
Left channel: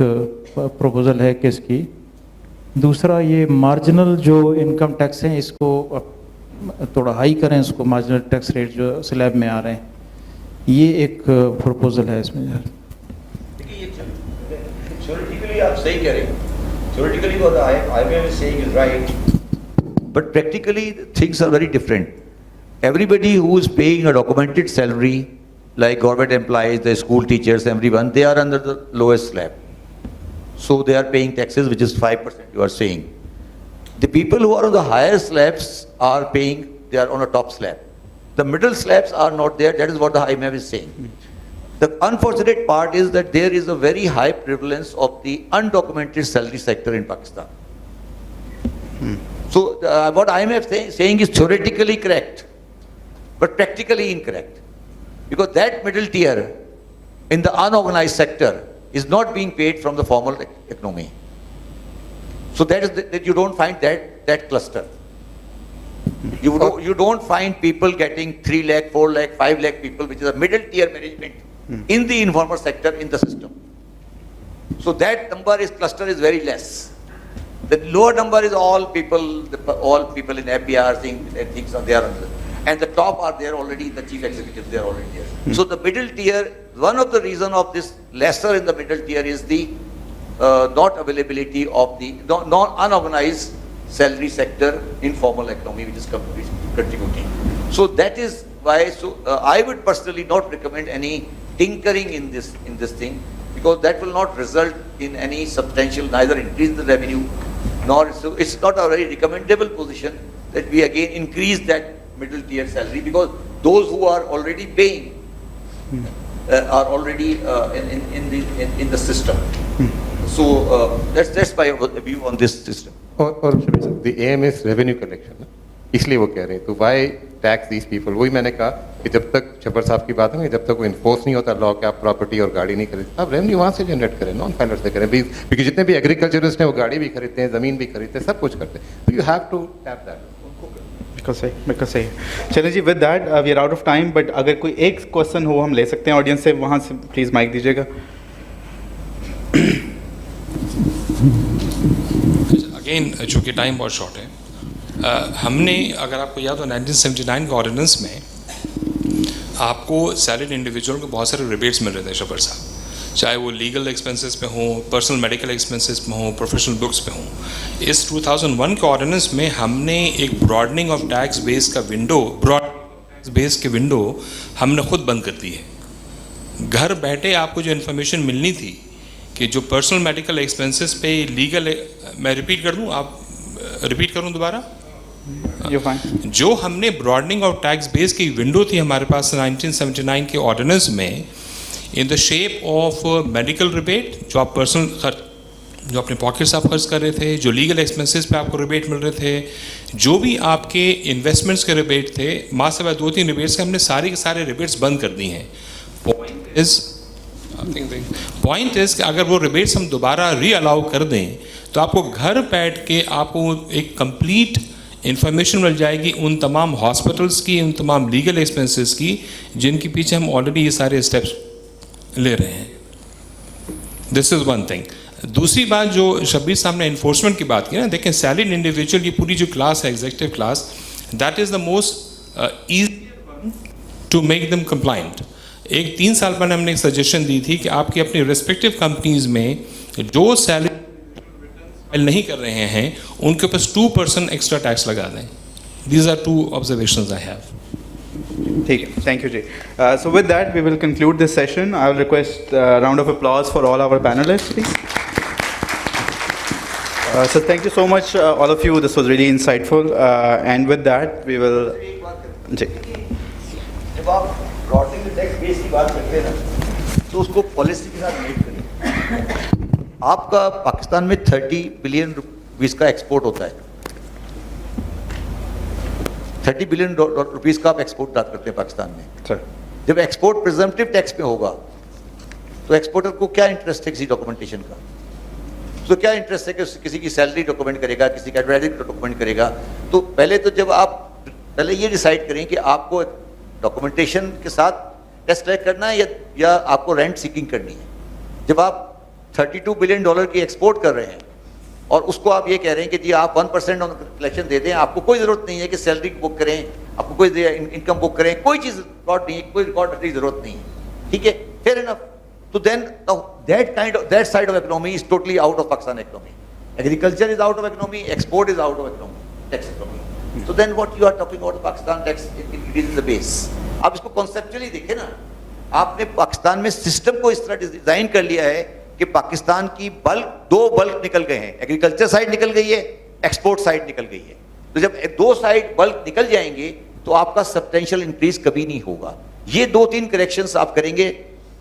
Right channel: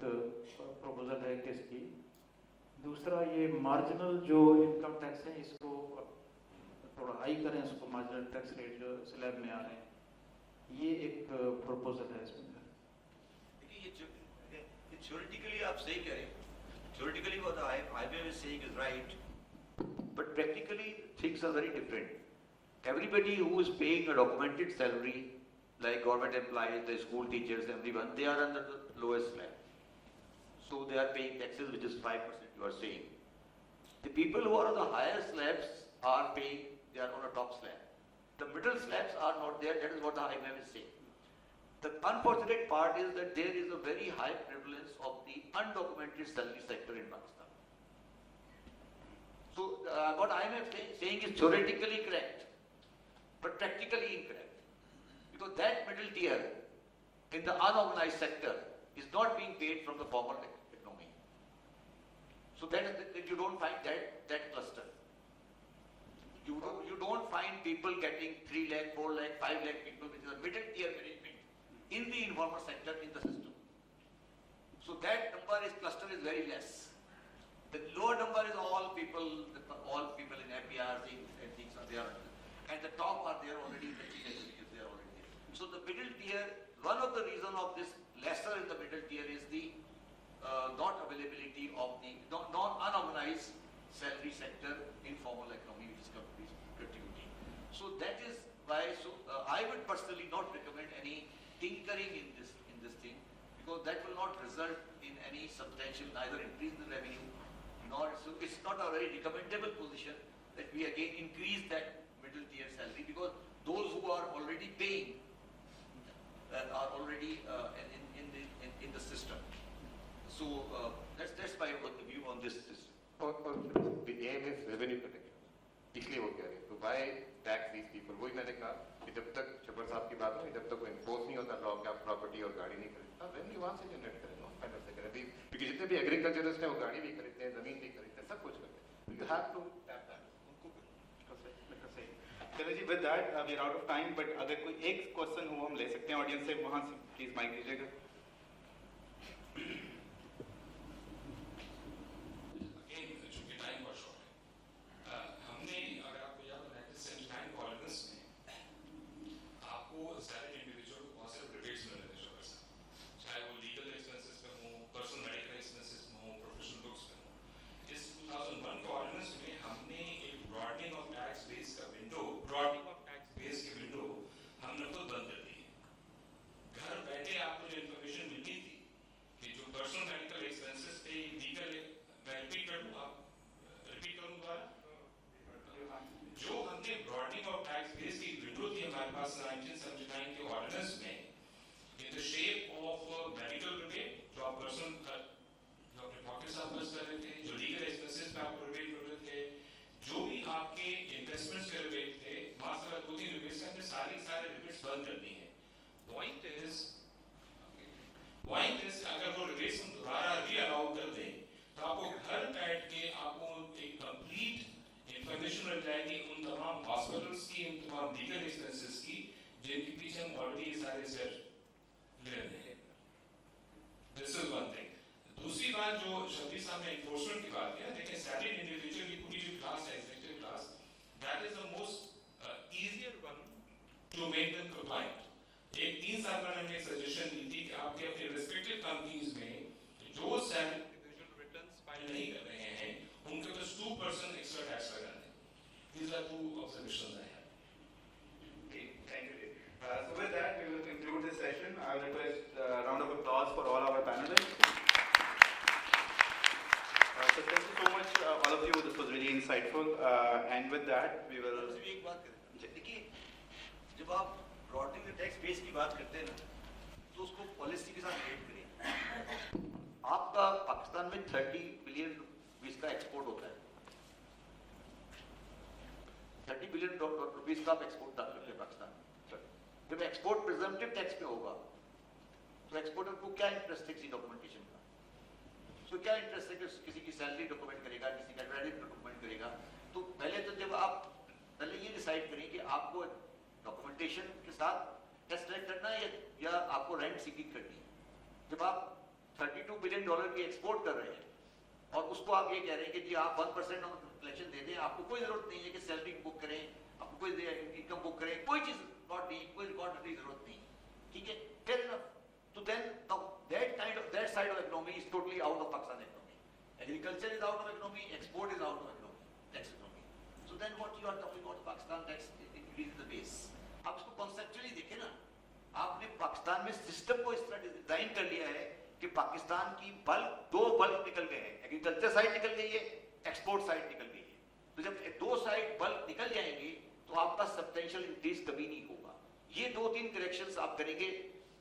प्रपोज़ल है कि इसकी। दूसरा ये मार्जिनल जो इनकम टैक्स हैं इसको थोड़ा हाई करें, इसको मार्जिनल टैक्स रेट जो स्लैब में आ रहे हैं, ये एक प्रपोज़ल है इसमें। थ्योरेटिकली आप सही कह रहे हैं, theoretically what IMF is saying is right, but practically things are very different. Everybody who is paying a documented salary, like government employees, the school teachers, everyone, they are under the lowest slab. So they are paying taxes, which is 5%, you are saying. The people who are on the higher slabs are paying, they are on a top slab. The middle slabs are not there, that is what the IMF is saying. The unfortunate part is that there is a very high prevalence of the undocumented salary sector in Pakistan. So what IMF saying is theoretically correct, but practically incorrect. Because that middle tier in the unorganized sector is not being paid from the formal economy. So that is that you don't find that cluster. You don't find people getting 3 lakh, 4 lakh, 5 lakh people, which is a middle tier management in the informal sector in the system. So that number is cluster is very less. The lower number is all people in APR things are there. And the top are there already, the chief executives, they are already there. So the middle tier, one of the reason of this lesser in the middle tier is the not availability of the unorganized salary sector, informal economy, which is contributing. So that is why, I would personally not recommend any tinkering in this thing, because that will not result in any substantial, neither increase the revenue, nor, so it's not a very recommendable position that we again increase that middle tier salary, because those who are already paying are already in the system. So that's my view on this system. और the aim is revenue collection, इसलिए वो कह रहे हैं तो why tax these people? वही मैंने कहा कि जब तक छब्बर साहब की बात है, जब तक वो इन्फोर्स नहीं होता लॉ के, आप प्रॉपर्टी और गाड़ी नहीं खरीदते, आप रेवेन्यू वहाँ से जनरेट करें, नॉन फाइलर से करें, क्योंकि जितने भी एग्रीकल्चरिस्ट हैं वो गाड़ी भी खरीदते हैं, ज़मीन भी खरीदते हैं, सब कुछ करते हैं, तो you have to tap that. बिल्कुल सही। चलिए जी, with that we are out of time, but अगर कोई एक क्वेश्चन हो हम ले सकते हैं ऑडियंस से, वहाँ से प्लीज़ माइक दीजिएगा। अगेन चूँकि टाइम बहुत शॉर्ट है, हमने अगर आपको याद हो 1979 के ऑर्डिनेंस में आपको सैलरीड इंडिविजुअल को बहुत सारे रिबेट्स मिल रहे थे शब्बर साहब, चाहे वो लीगल एक्सपेंसेस पे हों, पर्सनल मेडिकल एक्सपेंसेस पे हों, प्रोफेशनल बुक्स पे हों। इस 2001 के ऑर्डिनेंस में हमने एक ब्रॉडनिंग ऑफ टैक्स बेस का विंडो, ब्रॉड टैक्स बेस के विंडो हमने खुद बंद कर दी है। घर बैठे आपको जो इन्फॉर्मेशन मिलनी थी कि जो पर्सनल मेडिकल एक्सपेंसेस पे लीगल, मैं रिपीट कर दूँ, आप रिपीट करूँ दोबारा, जो हमने ब्रॉडनिंग ऑफ टैक्स बेस की विंडो थी हमारे पास 1979 के ऑर्डिनेंस में, in the shape of medical rebate, जो आप पर्सनल खर्च, जो अपने पॉकेट से आप खर्च कर रहे थे, जो लीगल एक्सपेंसेस पे आपको रिबेट मिल रहे थे, जो भी आपके इन्वेस्टमेंट्स के रिबेट थे, माँ से 2-3 रिबेट्स के हमने सारे के सारे रिबेट्स बंद कर दिए हैं। पॉइंट इज कि अगर वो रिबेट्स हम दोबारा री अलाउ कर दें तो आपको घर बैठ के आपको एक कंप्लीट इंफॉर्मेशन मिल जाएगी उन तमाम हॉस्पिटल्स की, उन तमाम लीगल एक्सपेंसेस की, जिनके पीछे हम ऑलरेडी ये सारे स्टेप्स ले रहे हैं। This is one thing. दूसरी बात जो शब्बीर साहब ने इन्फोर्समेंट की बात की ना, देखें सैलरीड इंडिविजुअल की पूरी जो क्लास है, executive class, that is the most easy to make them compliant. एक 3 साल पहले हमने एक सजेशन दी थी कि आपकी अपनी रिस्पेक्टिव कंपनीज में जो सैलरी फाइल नहीं कर रहे हैं उनके ऊपर 2% एक्स्ट्रा टैक्स लगा दें। These are 2 observations I have. ठीक है, थैंक यू जी। So with that we will conclude this session. I will request a round of applause for all our panelists, please. So thank you so much, all of you. This was really insightful. And with that, we will. जी. जब आप broadening the tax base की बात करते हैं ना, तो उसको policy के साथ रिलेट करें। आपका पाकिस्तान में 30 बिलियन रुपीस का एक्सपोर्ट होता है। 30 बिलियन रुपीस का आप एक्सपोर्ट करते हैं पाकिस्तान में। सर, जब एक्सपोर्ट प्रिजम्पटिव टैक्स पे होगा, तो एक्सपोर्टर को क्या इंटरेस्ट है किसी डॉक्यूमेंटेशन का? तो क्या इंटरेस्ट है कि किसी की सैलरी डॉक्यूमेंट करेगा, किसी का एडवर्टाइजिंग डॉक्यूमेंट करेगा? तो पहले तो जब आप पहले ये डिसाइड करें कि आपको डॉक्यूमेंटेशन के साथ टैक्स कलेक्ट करना है या आपको रेंट सीकिंग करनी है। जब आप 32 बिलियन डॉलर की एक्सपोर्ट कर रहे हैं और उसको आप ये कह रहे हैं कि जी आप 1% कलेक्शन दे दें, आपको कोई ज़रूरत नहीं है कि सैलरी बुक करें, आपको कोई इनकम बुक करें, कोई चीज़ रिकॉर्ड नहीं है, कोई रिकॉर्ड रखने की ज़रूरत नहीं है, ठीक है, fair enough. So then that side of economy is totally out of Pakistan economy. Agriculture is out of economy, export is out of economy, tax economy. So then what you are talking about Pakistan tax, it is the base. आप इसको conceptually देखें ना, आपने पाकिस्तान में system को इस तरह design कर लिया है कि पाकिस्तान की दो बल्क निकल गए हैं, एग्रीकल्चर साइड निकल गई है, एक्सपोर्ट साइड निकल गई है। तो जब दो साइड बल्क निकल जाएंगे तो आपका सब्सटेंशियल इंक्रीज कभी नहीं होगा। ये 2-3 करेक्शंस आप करेंगे,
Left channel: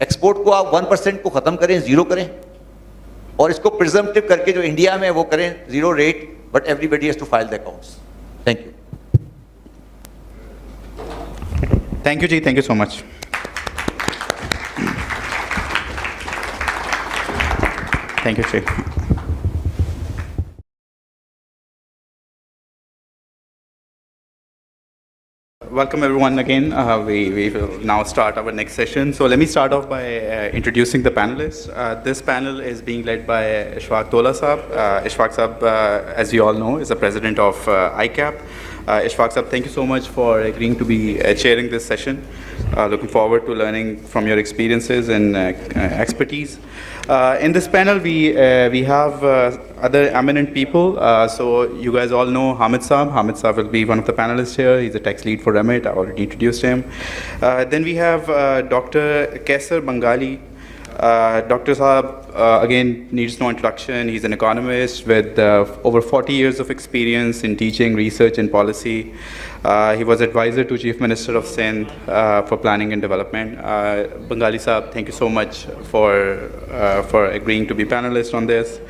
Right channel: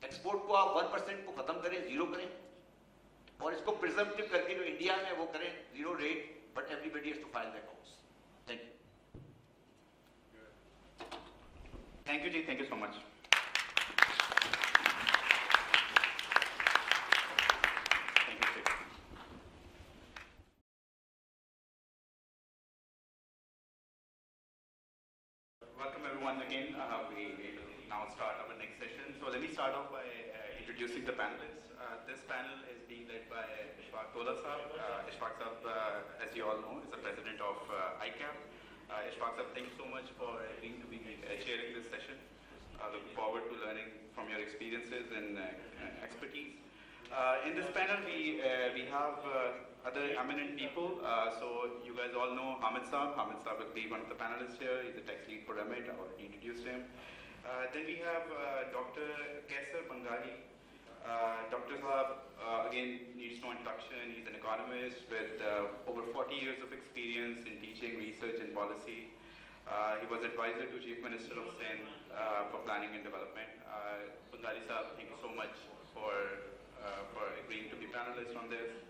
एक्सपोर्ट को आप 1% को खत्म करें, जीरो करें, और इसको प्रिजम्पटिव करके जो इंडिया में वो करें zero rate, but everybody has to file the accounts. Thank you. Thank you, Ji. Thank you so much. Thank you, Ji. Welcome everyone again. We will now start our next session. So let me start off by introducing the panelists. This panel is being led by Ishfaq Tola Saab. Ishfaq Saab, as you all know, is the president of ICAP. Ishfaq Saab, thank you so much for agreeing to be chairing this session. Looking forward to learning from your experiences and expertise. In this panel, we have other eminent people. So you guys all know Hamid Saab. Hamid Saab will be one of the panelists here. He's a tax lead for REMIT. I already introduced him. Then we have Dr. Kaisar Bangali. Dr. Saab, again, needs no introduction. He's an economist with over 40 years of experience in teaching, research, and policy. He was advisor to Chief Minister of Sindh for planning and development. Bangali Saab, thank you so much for agreeing to be panelist on this.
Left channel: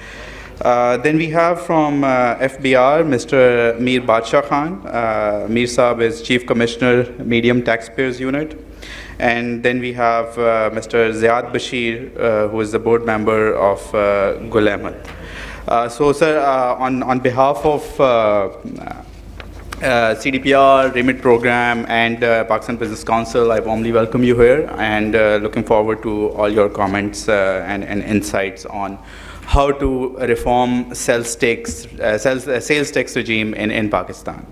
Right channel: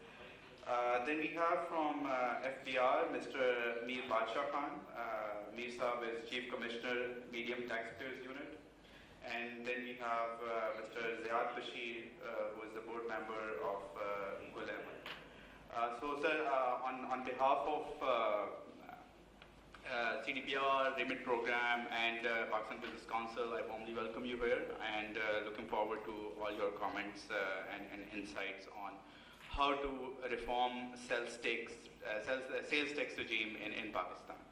Then we have from FBR, Mr. Mir Badshah Khan. Mir Saab is Chief Commissioner, Medium Taxpayers Unit. And then we have Mr. Ziad Bashir, who is the board member of Gul Ahmed. So, sir, on behalf of CDPR, REMIT program, and Pakistan Business Council, I warmly welcome you here, and looking forward to all your comments and insights on how to reform sales tax regime in Pakistan.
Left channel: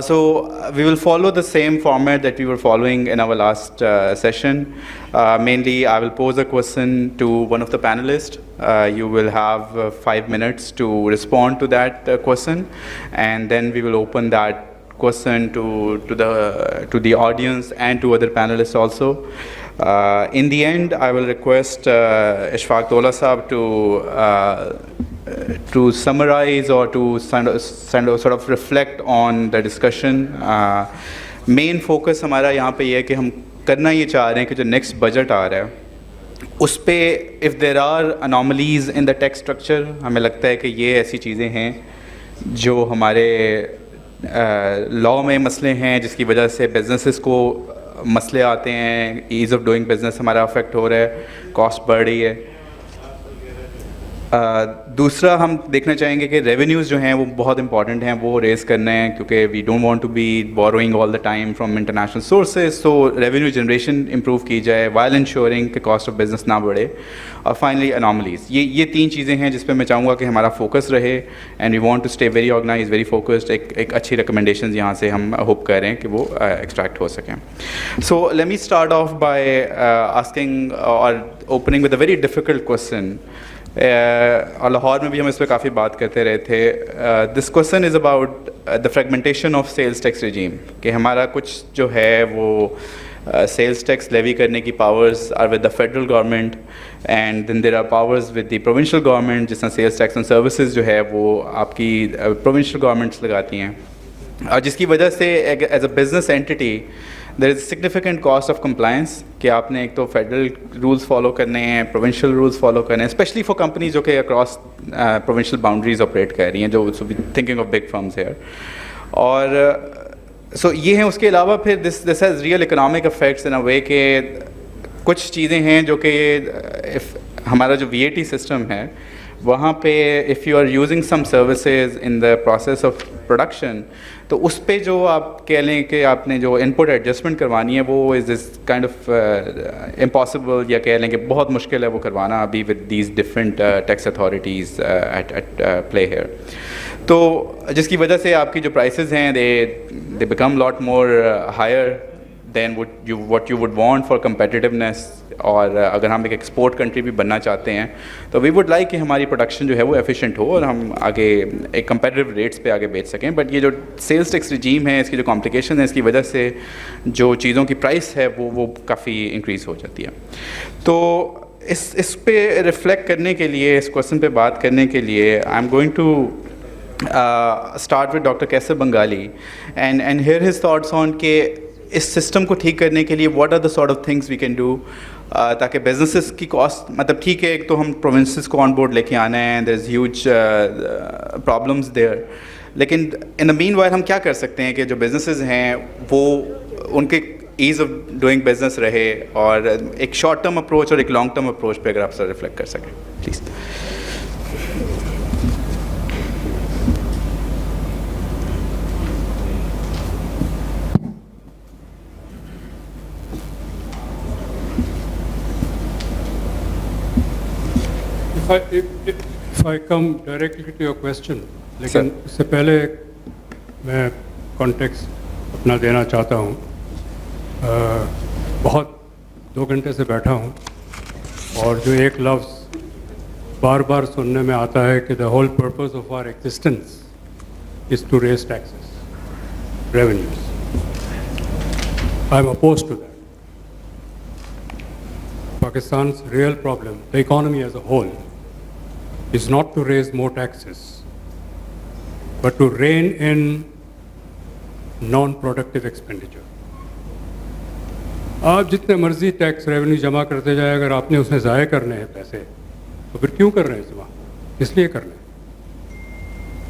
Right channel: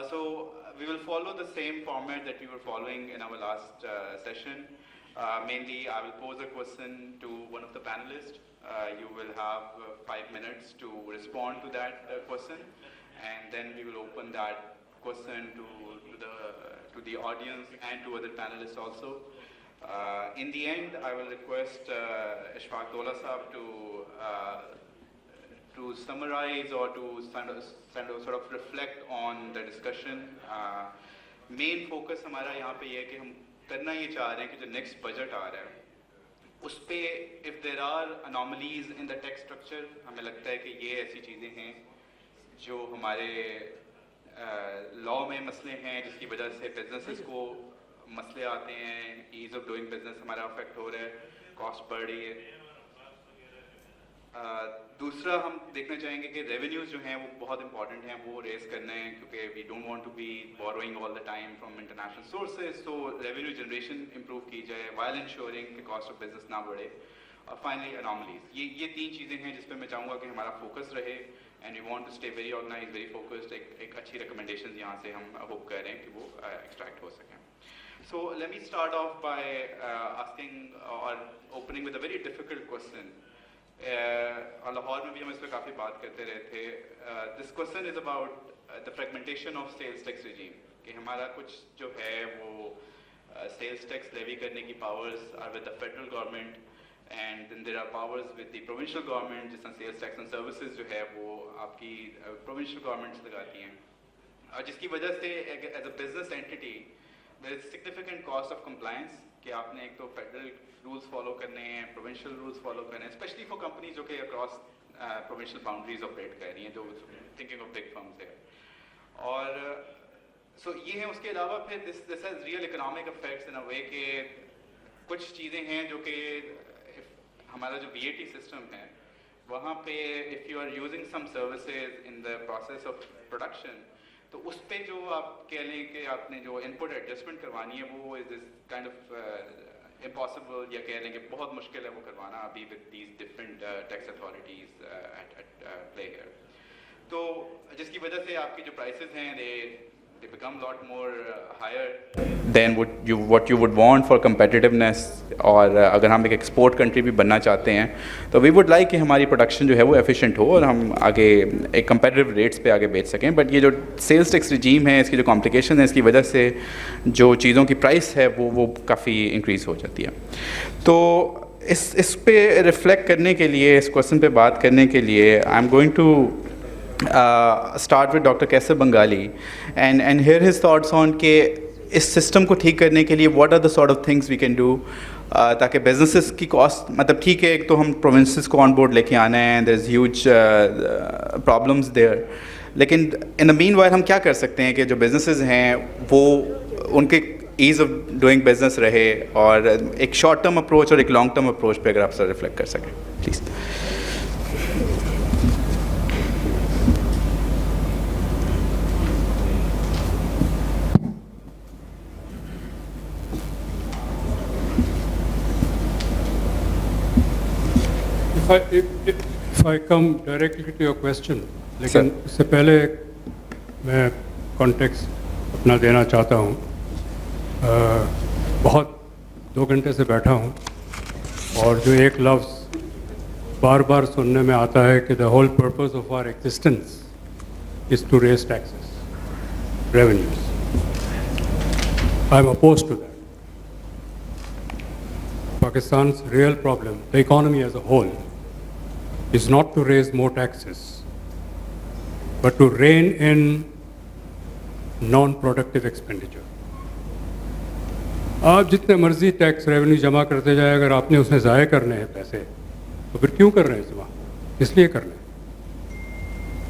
So we will follow the same format that we were following in our last session. Mainly, I will pose a question to one of the panelists. You will have 5 minutes to respond to that question, and then we will open that question to the audience and to other panelists also. In the end, I will request Ishfaq Tola Saab to summarize or to sort of reflect on the discussion. Main focus हमारा यहाँ पे ये है कि हम करना ये चाह रहे हैं कि जो next budget आ रहा है उस पे if there are anomalies in the tax structure, हमें लगता है कि ये ऐसी चीज़ें हैं जो हमारे लॉ में मसले हैं जिसकी वजह से बिजनेसेस को मसले आते हैं, ईज़ ऑफ डूइंग बिजनेस हमारा अफेक्ट हो रहा है, कॉस्ट बढ़ रही है। दूसरा हम देखना चाहेंगे कि रेवेन्यूज़ जो हैं वो बहुत इंपॉर्टेंट हैं, वो रेज़ करने हैं क्योंकि we don't want to be borrowing all the time from international sources. So revenue generation improve की जाए वाइल इंश्योरिंग कि कॉस्ट ऑफ बिजनेस ना बढ़े। और फाइनली अनॉमलीज, ये 3 चीज़ें हैं जिस पे मैं चाहूँगा कि हमारा फोकस रहे and we want to stay very organise, very focused. एक अच्छी रिकमेंडेशन यहाँ से हम होप कर रहे हैं कि वो एक्सट्रैक्ट हो सकें। So let me start off by asking और opening with a very difficult question. और लाहौर में भी हम इस पर काफ़ी बात करते रहे थे। This question is about the fragmentation of sales tax regime, कि हमारा कुछ जो है वो सेल्स टैक्स लेवी करने की powers are with the federal government and then there are powers with the provincial government, جس طرح سیلس ٹیکس آن سروسز جو ہے وہ آپ کی پروونشل گورنمنٹس لگاتی ہیں, اور جس کی وجہ سے as a business entity there is significant cost of compliance, کہ آپ نے ایک تو فیڈرل رولس فالو کرنے ہیں, پروونشل رولس فالو کرنے ہیں, اسپیشلی فار کمپنیز جو کہ اکراس پروونشل باؤنڈریز آپریٹ کر رہی ہیں, جو thinking of big firms here. اور سو یہ ہیں. اس کے علاوہ پھر this has real economic effects in a way کہ کچھ چیزیں ہیں جو کہ ہمارا جو وی اے ٹی سسٹم ہے وہاں پہ if you are using some services in the process of production, تو اس پہ جو آپ کہہ لیں کہ آپ نے جو ان پٹ ایڈجسٹمنٹ کروانی ہے وہ از دس کائنڈ آف امپاسبل, یا کہہ لیں کہ بہت مشکل ہے وہ کروانا ابھی with these different tax authorities at play here. تو جس کی وجہ سے آپ کی جو پرائسز ہیں they become lot more higher than what you would want for competitiveness. اور اگر ہم ایک ایکسپورٹ کنٹری بھی بننا چاہتے ہیں تو وی وڈ لائک کہ ہماری پروڈکشن جو ہے وہ ایفیشینٹ ہو اور ہم آگے ایک کمپیٹیو ریٹس پہ آگے بیچ سکیں. بٹ یہ جو سیلس ٹیکس رجیم ہے, اس کی جو کمپلیکیشن ہے, اس کی وجہ سے جو چیزوں کی پرائس ہے وہ کافی انکریز ہو جاتی ہے. تو اس پہ ریفلیکٹ کرنے کے لیے, اس کوشچن پہ بات کرنے کے لیے, I am going to start with Dr. Kaisar Bengali and hear his thoughts on کہ اس سسٹم کو ٹھیک کرنے کے لیے what are the sort of things we can do تاکہ بزنسز کی کاسٹ, مطلب ٹھیک ہے ایک تو ہم پروونسز کو آن بورڈ لے کے آنا ہے, there is huge problems there, لیکن in the meanwhile ہم کیا کر سکتے ہیں کہ جو بزنسز ہیں وہ ان کے ایز آف ڈوئنگ بزنس رہے, اور ایک شارٹ ٹرم اپروچ اور ایک لانگ ٹرم اپروچ پہ اگر آپ سر ریفلیکٹ کر سکیں please. If I come directly to your question, لیکن اس سے پہلے میں کانٹیکسٹ اپنا دینا چاہتا ہوں. بہت 2 گھنٹے سے بیٹھا ہوں اور جو ایک لفظ بار بار سننے میں آتا ہے کہ the whole purpose of our existence is to raise taxes, revenues. I'm opposed to that. Pakistan's real problem, the economy as a whole, is not to raise more taxes, but to rein in non-productive expenditure. آپ جتنے مرضی tax revenue جمع کرتے جائیں, اگر آپ نے اس میں ضائع کرنے ہیں پیسے تو پھر کیوں کر رہے ہیں جمع, اس لیے کر رہے ہیں.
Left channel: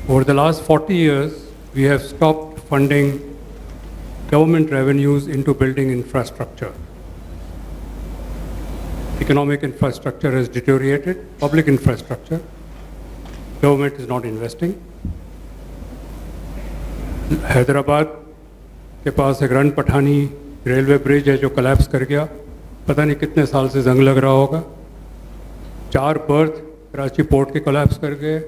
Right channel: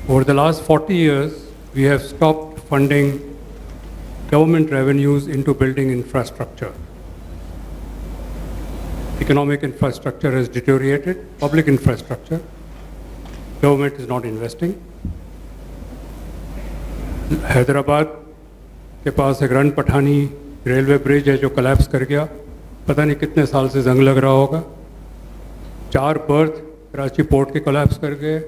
Over the last 40 years, we have stopped funding government revenues into building infrastructure. Economic infrastructure has deteriorated, public infrastructure, government is not investing. Hyderabad کے پاس ایک رن پٹھانی ریلوے برج ہے جو کلیپس کر گیا, پتہ نہیں کتنے سال سے زنگ لگ رہا ہوگا. 4 برتھ کراچی پورٹ کے کلیپس کر گئے,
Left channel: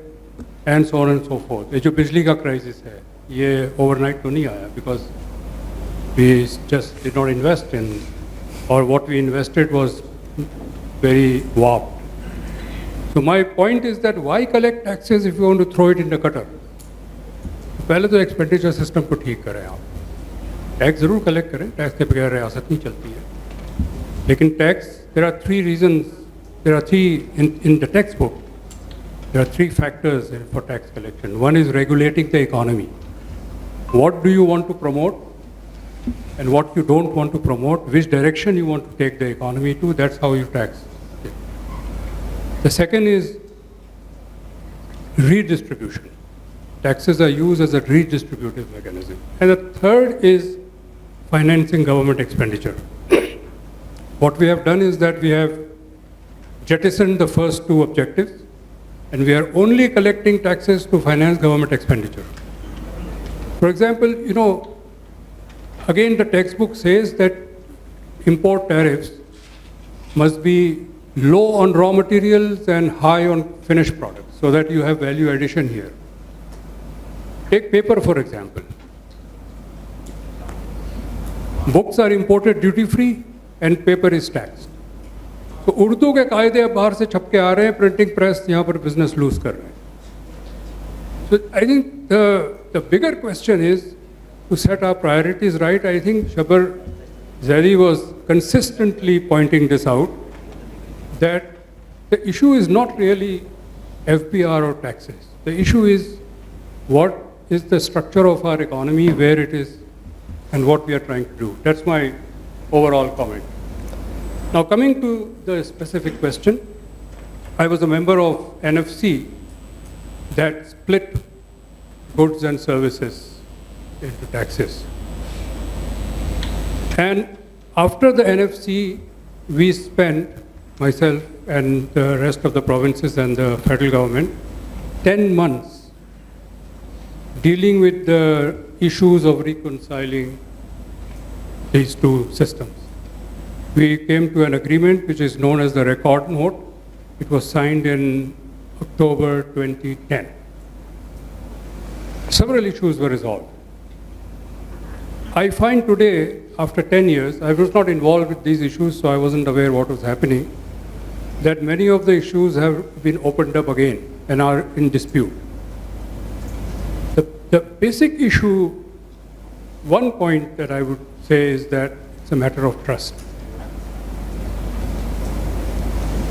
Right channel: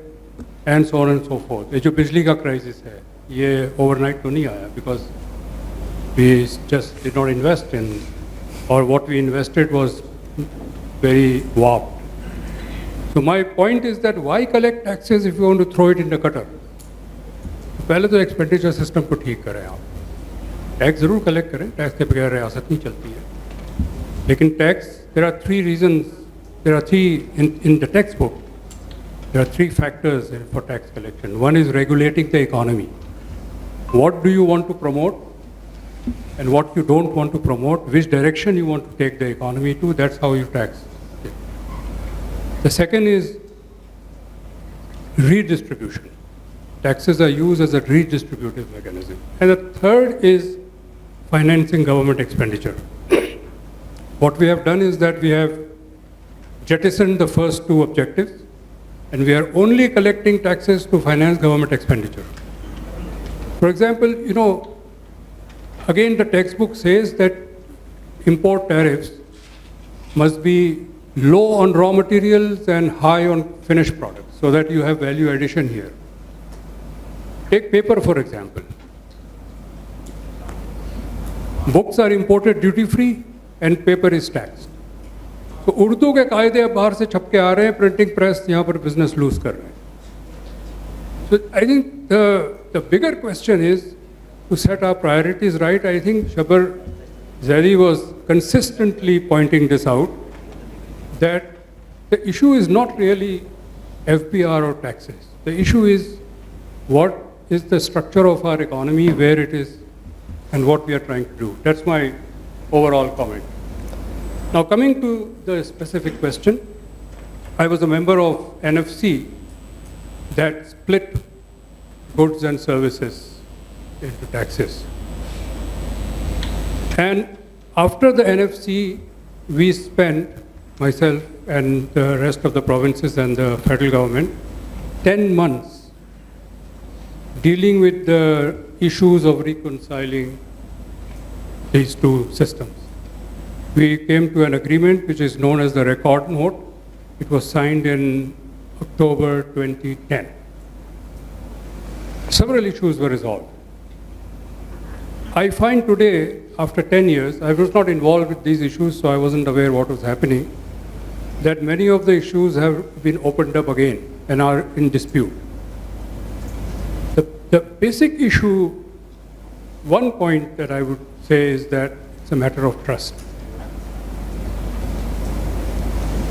and so on and so forth. یہ جو بجلی کا کرائسس ہے یہ اوور نائٹ تو نہیں آیا, because we just did not invest in, اور what we invested was very warped. So my point is that why collect taxes if you want to throw it in the gutter? پہلے تو expenditure system کو ٹھیک کریں. آپ tax ضرور collect کریں, tax کے بغیر ریاست نہیں چلتی ہے, لیکن tax there are 3 reasons, there are 3 in the textbook, there are 3 factors for tax collection. One is regulating the economy. What do you want to promote and what you don't want to promote, which direction you want to take the economy to, that's how you tax. The second is redistribution. Taxes are used as a redistributive mechanism. And the third is financing government expenditure. What we have done is that we have jettisoned the first 2 objectives, and we are only collecting taxes to finance government expenditure. For example, again, the textbook says that import tariffs must be low on raw materials and high on finished products so that you have value addition here. Take paper, for example. Books are imported duty free and paper is taxed. So Urdu کے قاعدے اب باہر سے چھپ کے آ رہے ہیں, printing press یہاں پر بزنس لوز کر رہے ہیں. So I think the bigger question is to set our priorities right. I think Shabar Zaidi was consistently pointing this out, that the issue is not really FBR or taxes. The issue is what is the structure of our economy, where it is, and what we are trying to do. That's my overall comment. Now, coming to the specific question, I was a member of NFC that split goods and services into taxes. And after the NFC, we spent, myself and the rest of the provinces and the federal government, 10 months dealing with the issues of reconciling these two systems. We came to an agreement which is known as the Record Note. It was signed in October 2010. Several issues were resolved. I find today, after 10 years, I was not involved with these issues, so I wasn't aware what was happening, that many of the issues have been opened up again and are in dispute. The basic issue, one point that I would say is that it's a matter of trust.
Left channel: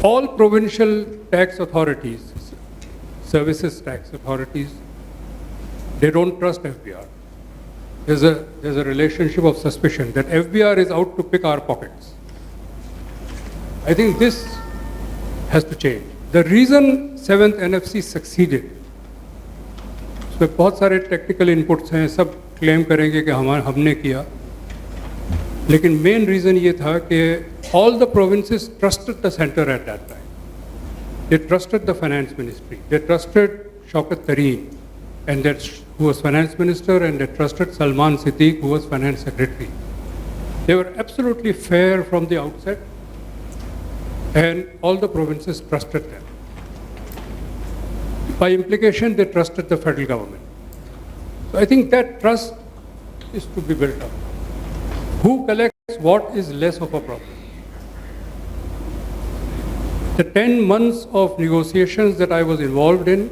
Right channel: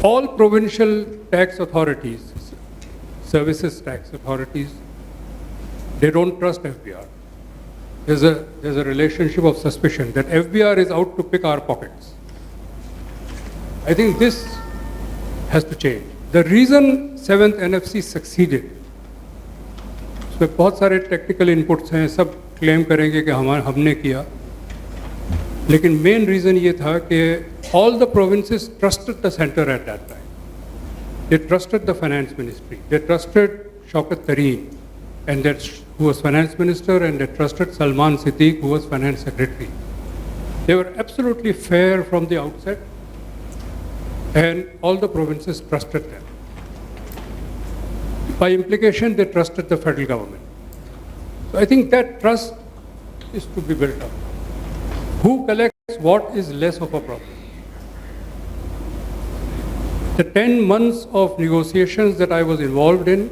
All provincial tax authorities, services tax authorities, they don't trust FBR. There's a relationship of suspicion that FBR is out to pick our pockets. I think this has to change. The reason 7th NFC succeeded, उसमें बहुत सारे technical inputs हैं, सब claim करेंगे कि हमने किया, लेकिन मेन रीज़न ये था कि all the provinces trusted the center at that time. They trusted the finance ministry. They trusted Shaukat Tareen, and who was finance minister, and they trusted Salman Siddique, who was finance secretary. They were absolutely fair from the outset, and all the provinces trusted them. By implication, they trusted the federal government. So I think that trust is to be built up. Who collects what is less of a problem. The 10 months of negotiations that I was involved in,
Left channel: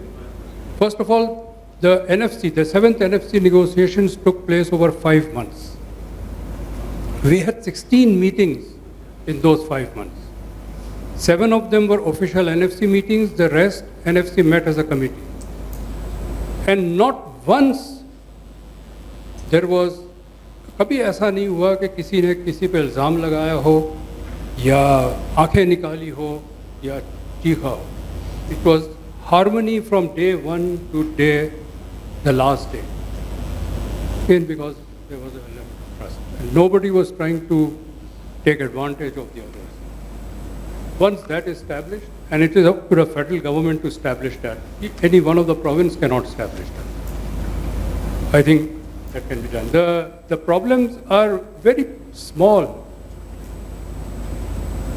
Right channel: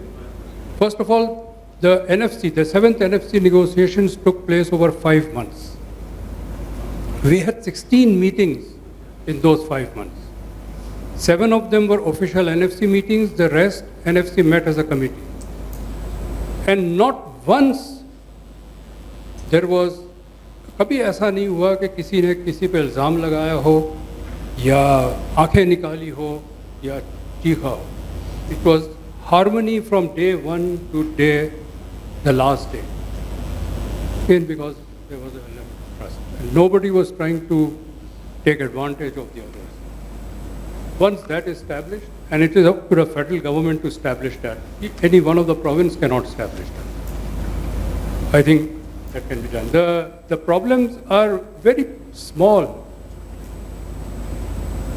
first of all, the NFC, the 7th NFC negotiations took place over 5 months. We had 16 meetings in those 5 months. 7 of them were official NFC meetings, the rest NFC met as a committee. And not once there was, कभी ऐसा नहीं हुआ कि किसी ने किसी पे इल्ज़ाम लगाया हो या आंखें निकाली हो या चीखा हो. It was harmony from day 1 to the last day. Again, because there was a level of trust. And nobody was trying to take advantage of the others. Once that is established, and it is up to the federal government to establish that. Any one of the province cannot establish that. I think that can be done. The problems are very small.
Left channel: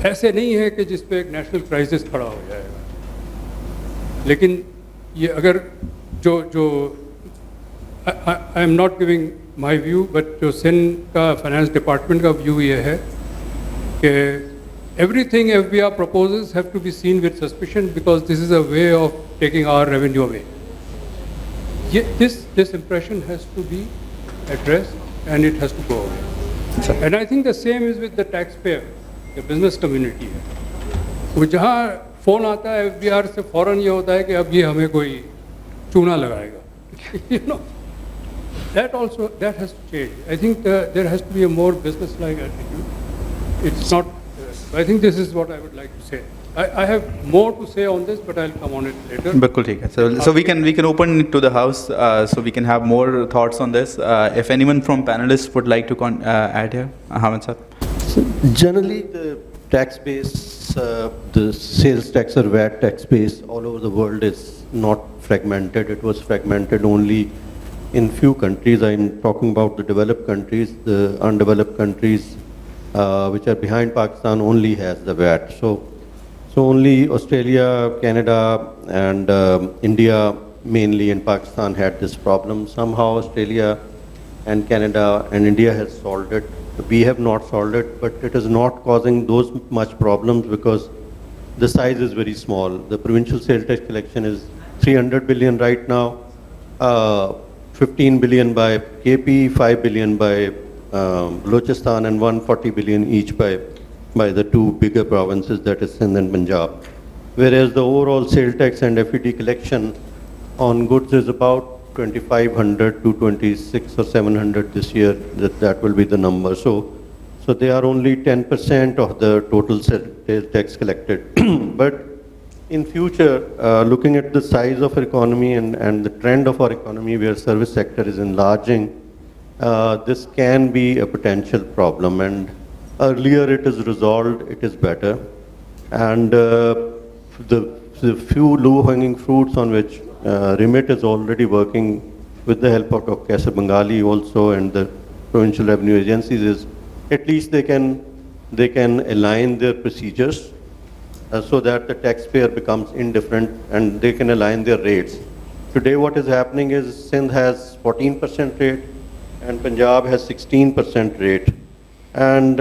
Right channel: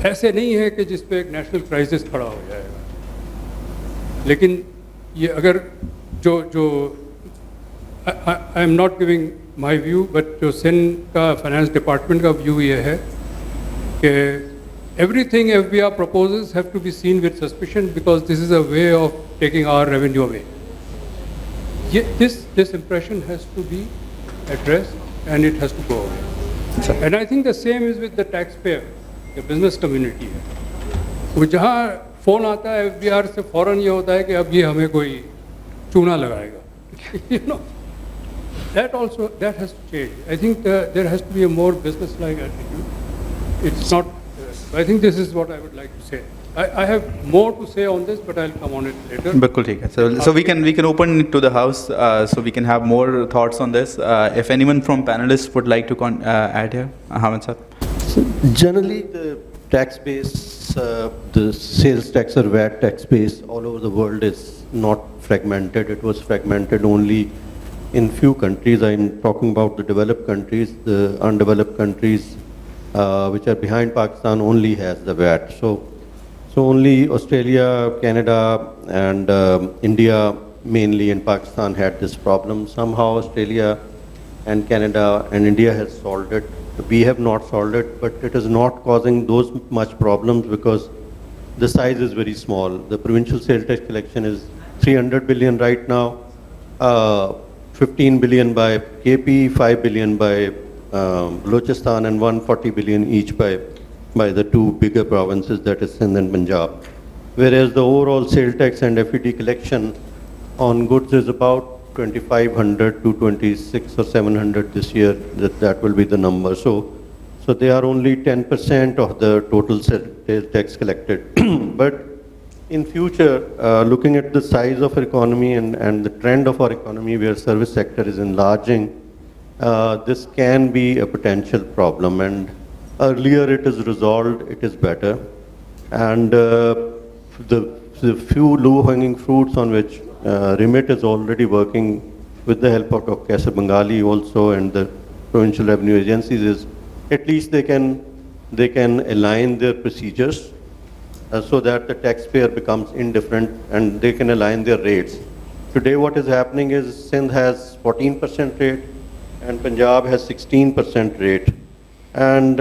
ऐसे नहीं है कि जिस पे एक national crisis खड़ा हो जाएगा. लेकिन ये अगर जो I am not giving my view, but जो सिंध का finance department का view ये है कि everything FBR proposes have to be seen with suspicion because this is a way of taking our revenue away. This impression has to be addressed and it has to go away. And I think the same is with the taxpayer, the business community. वो जहाँ phone आता है FBR से फौरन ये होता है कि अब ये हमें कोई चूना लगाएगा. You know, that has to change. I think there has to be a more business-like attitude. It's not. I think this is what I would like to say. I have more to say on this, but I'll come on it later. बिल्कुल ठीक है. So we can open it to the house, so we can have more thoughts on this. If anyone from panelists would like to add here, Hamid sir. So generally, the tax base, the sales tax or VAT tax base all over the world is not fragmented. It was fragmented only in few countries. I'm talking about the developed countries. The undeveloped countries, which are behind Pakistan, only has the VAT. So only Australia, Canada, and India mainly, and Pakistan had this problem. Somehow Australia and Canada and India has solved it. We have not solved it, but it is not causing those much problems because the size is very small. The provincial sales tax collection is 300 billion right now, 15 billion by KP, 5 billion by Balochistan, and 140 billion each by the two bigger provinces, that is Sindh and Punjab. whereas the overall sale tax and FET collection on goods is about 2,500 to 26 or 700 this year. That will be the number. So they are only 10% of the total sales tax collected. But in future, looking at the size of our economy and the trend of our economy where service sector is enlarging, this can be a potential problem. And earlier it is resolved, it is better. And the few low-hanging fruits on which REMIT is already working with the help of Dr. Kaisar Bengali also and the provincial revenue agencies is at least they can align their procedures so that the taxpayer becomes indifferent and they can align their rates. Today what is happening is Sindh has 14% rate and Punjab has 16% rate. And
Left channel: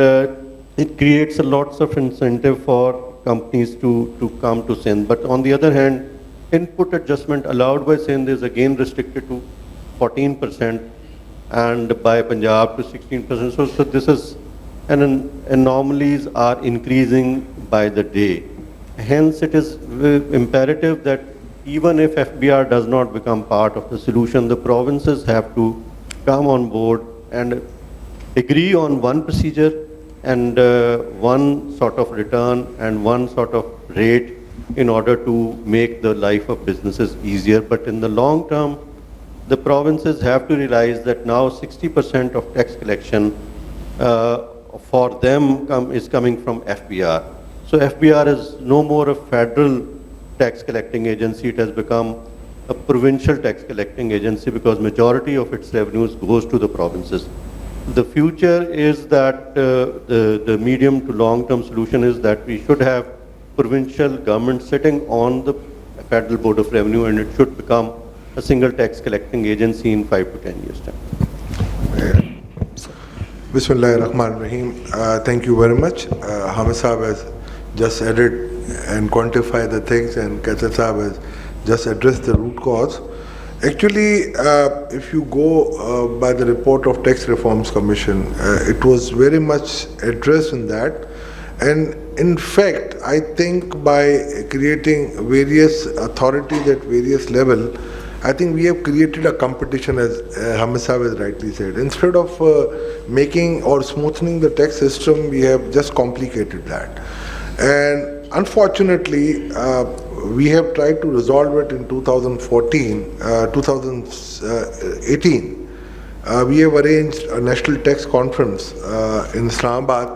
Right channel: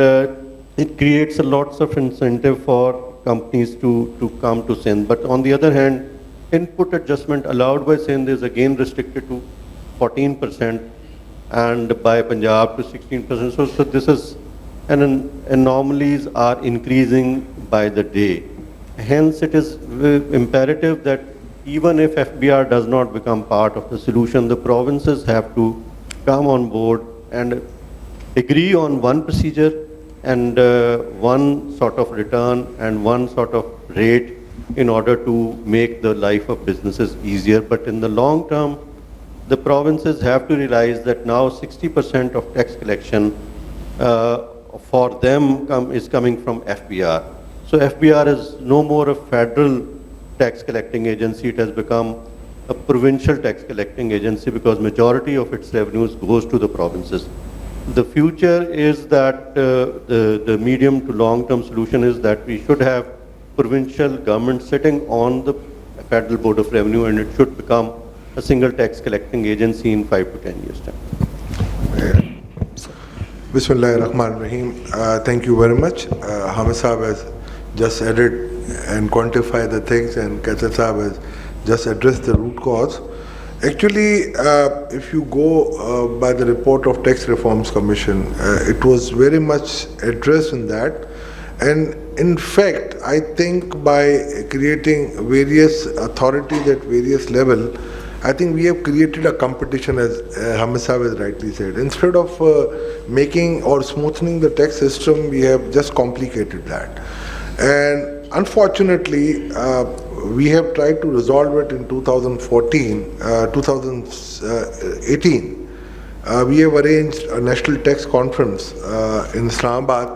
it creates a lots of incentive for companies to come to Sindh. But on the other hand, input adjustment allowed by Sindh is again restricted to 14% and by Punjab to 16%. So this is, and anomalies are increasing by the day. Hence, it is imperative that even if FBR does not become part of the solution, the provinces have to come on board and agree on one procedure and one sort of return and one sort of rate in order to make the life of businesses easier. But in the long term, the provinces have to realize that now 60% of tax collection for them is coming from FBR. So FBR is no more a federal tax collecting agency, it has become a provincial tax collecting agency because majority of its revenues goes to the provinces. The future is that the medium to long-term solution is that we should have provincial government sitting on the Federal Board of Revenue and it should become a single tax collecting agency in 5 to 10 years' time. Bismillahirrahmanirrahim. Thank you very much. Hamid Saab has just added and quantified the things and Kaisar Saab has just addressed the root cause. Actually, if you go by the report of Tax Reforms Commission, it was very much addressed in that. And in fact, I think by creating various authorities at various levels, I think we have created a competition, as Hamid Saab has rightly said. Instead of making or smoothing the tax system, we have just complicated that. And unfortunately, we have tried to resolve it in 2018. We have arranged a national tax conference in Islamabad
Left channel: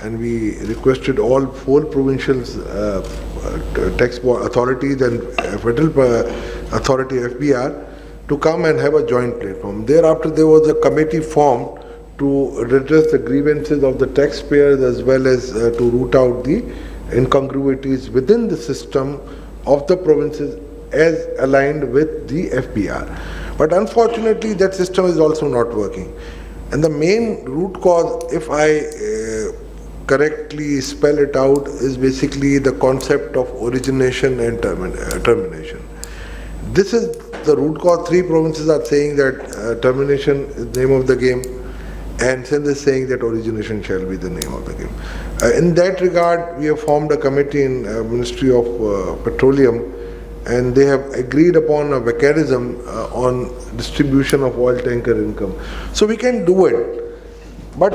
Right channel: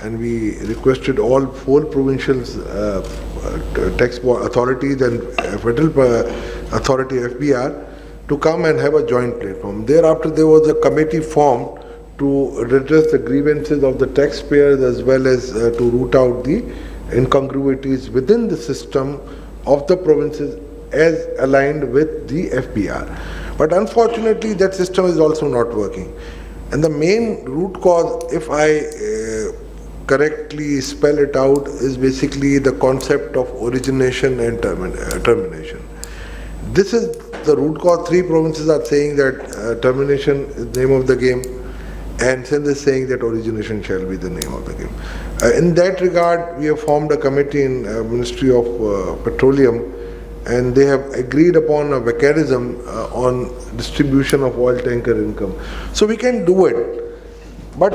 and we requested all 4 provincial tax authorities and federal authority FBR to come and have a joint platform. Thereafter there was a committee formed to redress the grievances of the taxpayers as well as to root out the incongruities within the system of the provinces as aligned with the FBR. But unfortunately that system is also not working. And the main root cause, if I correctly spell it out, is basically the concept of origination and termination. This is the root cause. 3 provinces are saying that termination is the name of the game, and Sindh is saying that origination shall be the name of the game. In that regard, we have formed a committee in Ministry of Petroleum, and they have agreed upon a mechanism on distribution of oil tanker income. So we can do it, but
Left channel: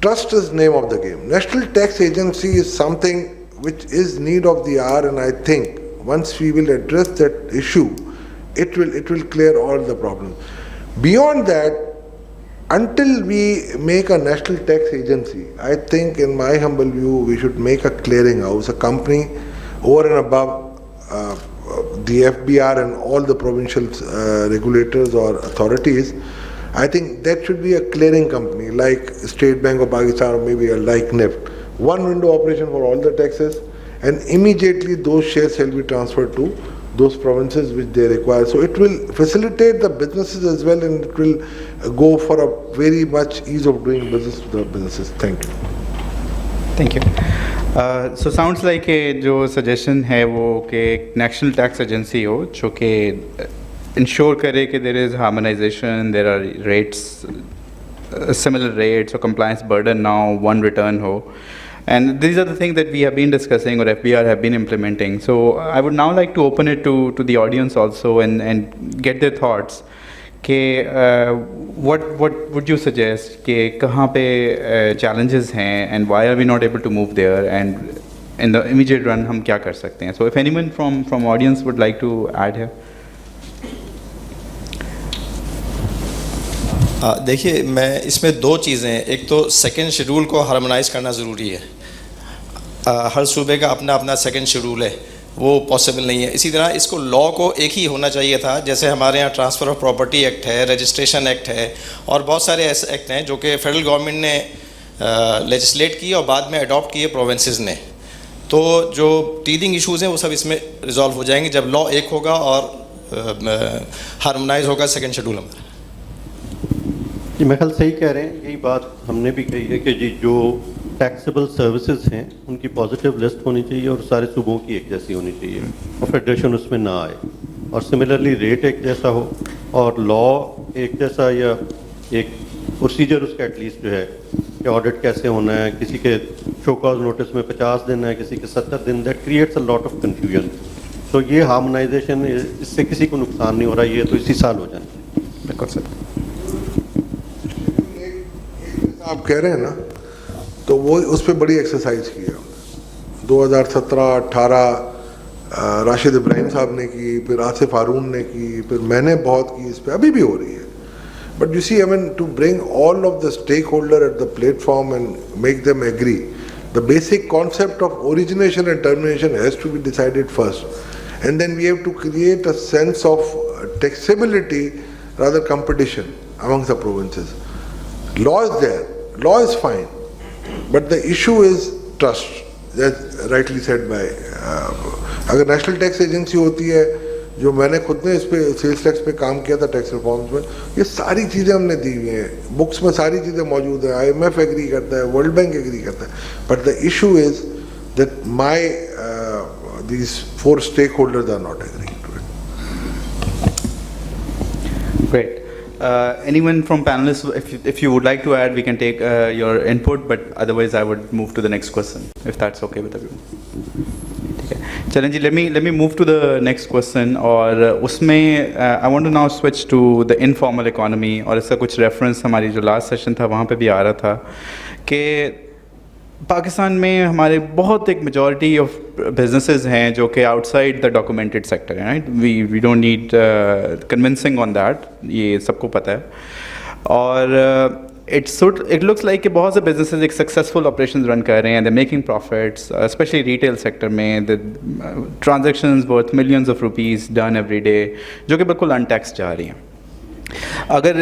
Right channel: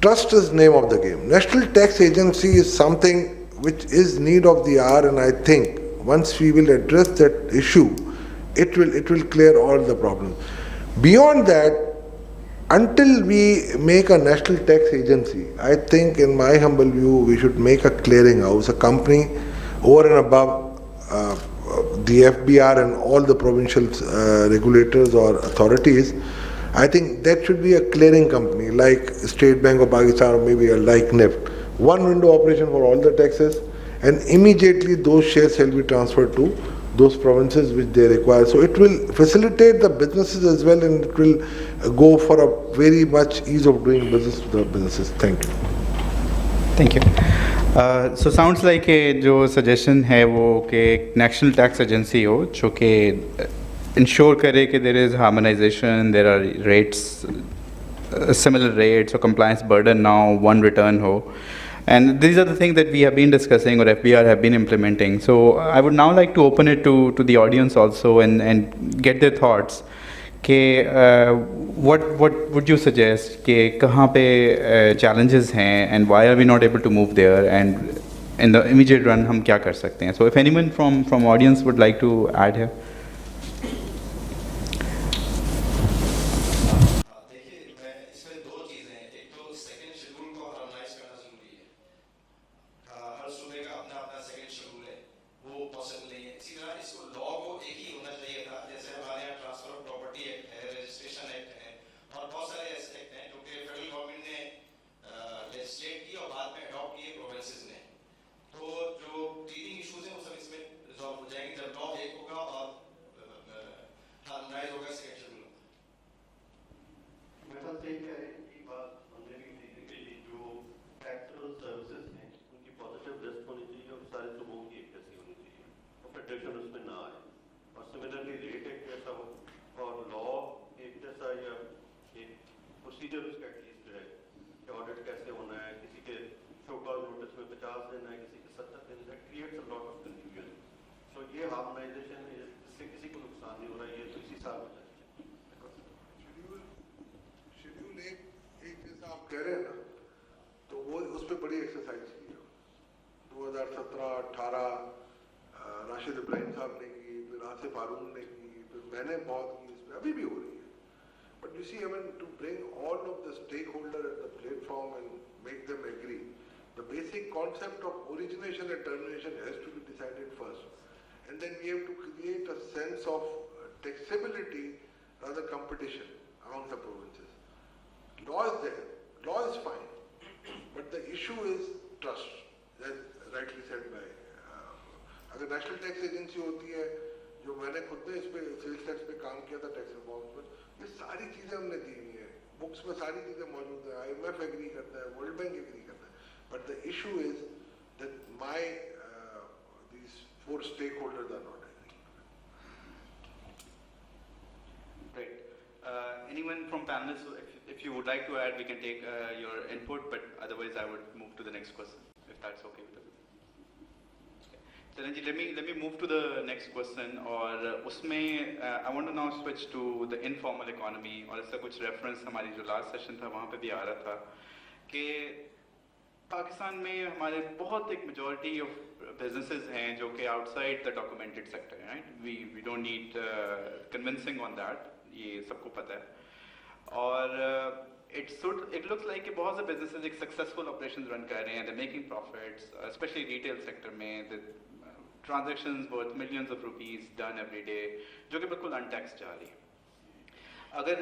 trust is name of the game. National Tax Agency is something which is need of the hour, and I think once we will address that issue, it will clear all the problems. Beyond that, until we make a national tax agency, I think in my humble view, we should make a clearinghouse, a company over and above the FBR and all the provincial regulators or authorities. I think that should be a clearing company like State Bank of Pakistan or maybe a like NIFT. One window operation for all the taxes, and immediately those shares shall be transferred to those provinces which they require. So it will facilitate the businesses as well, and it will go for a very much ease of doing business to the businesses. Thank you. Thank you. So sounds like a जो suggestion है वो कि national tax agency हो जो कि ensure करे कि there is harmonization, there are rates, similar rates or compliance burden now, one return ho. And these are the things that we have been discussing or FBR have been implementing. So I would now like to open it to the audience also and get their thoughts. What would you suggest? कि कहाँ पे challenges हैं and why are we not able to move there, and in the immediate run हम क्या कर सकते हैं? So if anyone from audience would like to add here. देखिए, मैं इसमें दो चीज़ें हैं. एक तो सेकंड शेड्यूल को हार्मोनाइज करना ज़रूरी है. हर सूबे का अपना अपना सेकंड शेड्यूल है, वो पॉसिबल नहीं है. इसी तरह इसको लॉ को एक ही होना चाहिए था. जैसे हमारे यहाँ ट्रांसफ़र ऑफ प्रॉपर्टी एक्ट है, रजिस्ट्रेशन एक्ट है, और बहुत सारे ऐसे एक्ट हैं जो कि फेडरल गवर्नमेंट ने लेजिस्लेट किए और बाद में अडॉप्ट किए प्रोविंसेस ने. तो जो टीदिंग इश्यूज़ हैं वो सब इसमें रिजॉल्व हो जाएंगे जब लॉ एक होगा और हार्मोनाइज होगा सेकंड शेड्यूल हमारा. जी, मैं ख्याल सही कह रहे हैं. यही बात हमने भी कही है कि जी जो टैक्सेबल सर्विसेज हैं उनकी पॉजिटिव लिस्ट होनी चाहिए और सारे सूबों की एक जैसी होनी चाहिए और फेडरेशन उसमें ना आए, और सिमिलरली रेट एक जैसा हो और लॉ एक जैसा या एक प्रोसीजर उसका एटलीस्ट जो है कि ऑडिट कैसे होना है. किसी के शो कॉज नोटिस में 50 दिन है, किसी के 70 दिन. That creates a lot of confusion. तो ये हार्मोनाइजेशन, इससे किसी को नुकसान नहीं हो रहा. ये तो इसी साल हो जाना चाहिए. बिल्कुल सर. आप कह रहे हैं ना, तो वो उस पर बड़ी एक्सरसाइज की है. 2017-18 राशिद इब्राहिम साहब ने की, फिर आसिफ हारून ने की, फिर मैंने बहुत की. इस पर अभी भी हो रही है. But you see, I mean to bring all of the stakeholder at the platform and make them agree, the basic concept of origination and termination has to be decided first, and then we have to create a sense of taxability rather competition amongst the provinces. Law is there, law is fine, but the issue is trust. That's rightly said by अगर national tax agency होती है, जो मैंने खुद ने इस पे sales tax पे काम किया था टैक्स रिफॉर्म्स में, ये सारी चीज़ें हमने दी हुई हैं, बुक्स में सारी चीज़ें मौजूद हैं. IMF एग्री करता है, वर्ल्ड बैंक एग्री करता है, but the issue is that my these 4 stakeholders are not agreeing to it. Great. Anyone from panelists, if you would like to add, we can take your input, but otherwise I would move to the next question, if that's okay with everyone. Okay. Charan ji, let me move to the next question. और उसमें I want to now switch to the informal economy, और इसका कुछ reference हमारी जो last session था वहाँ पे भी आ रहा था कि पाकिस्तान में हमारे बहुत एक मेजॉरिटी ऑफ बिजनेसेस हैं जो कि आउटसाइड द डॉक्यूमेंटेड सेक्टर हैं. Right, we don't need convincing on that, ये सबको पता है. और इट लुक्स लाइक कि बहुत से बिजनेसेस एक सक्सेसफुल ऑपरेशन रन कर रहे हैं, they making profits, specially retail sector में. The transactions worth millions of rupees done every day, जो कि बिल्कुल अनटैक्स जा रही हैं. अगर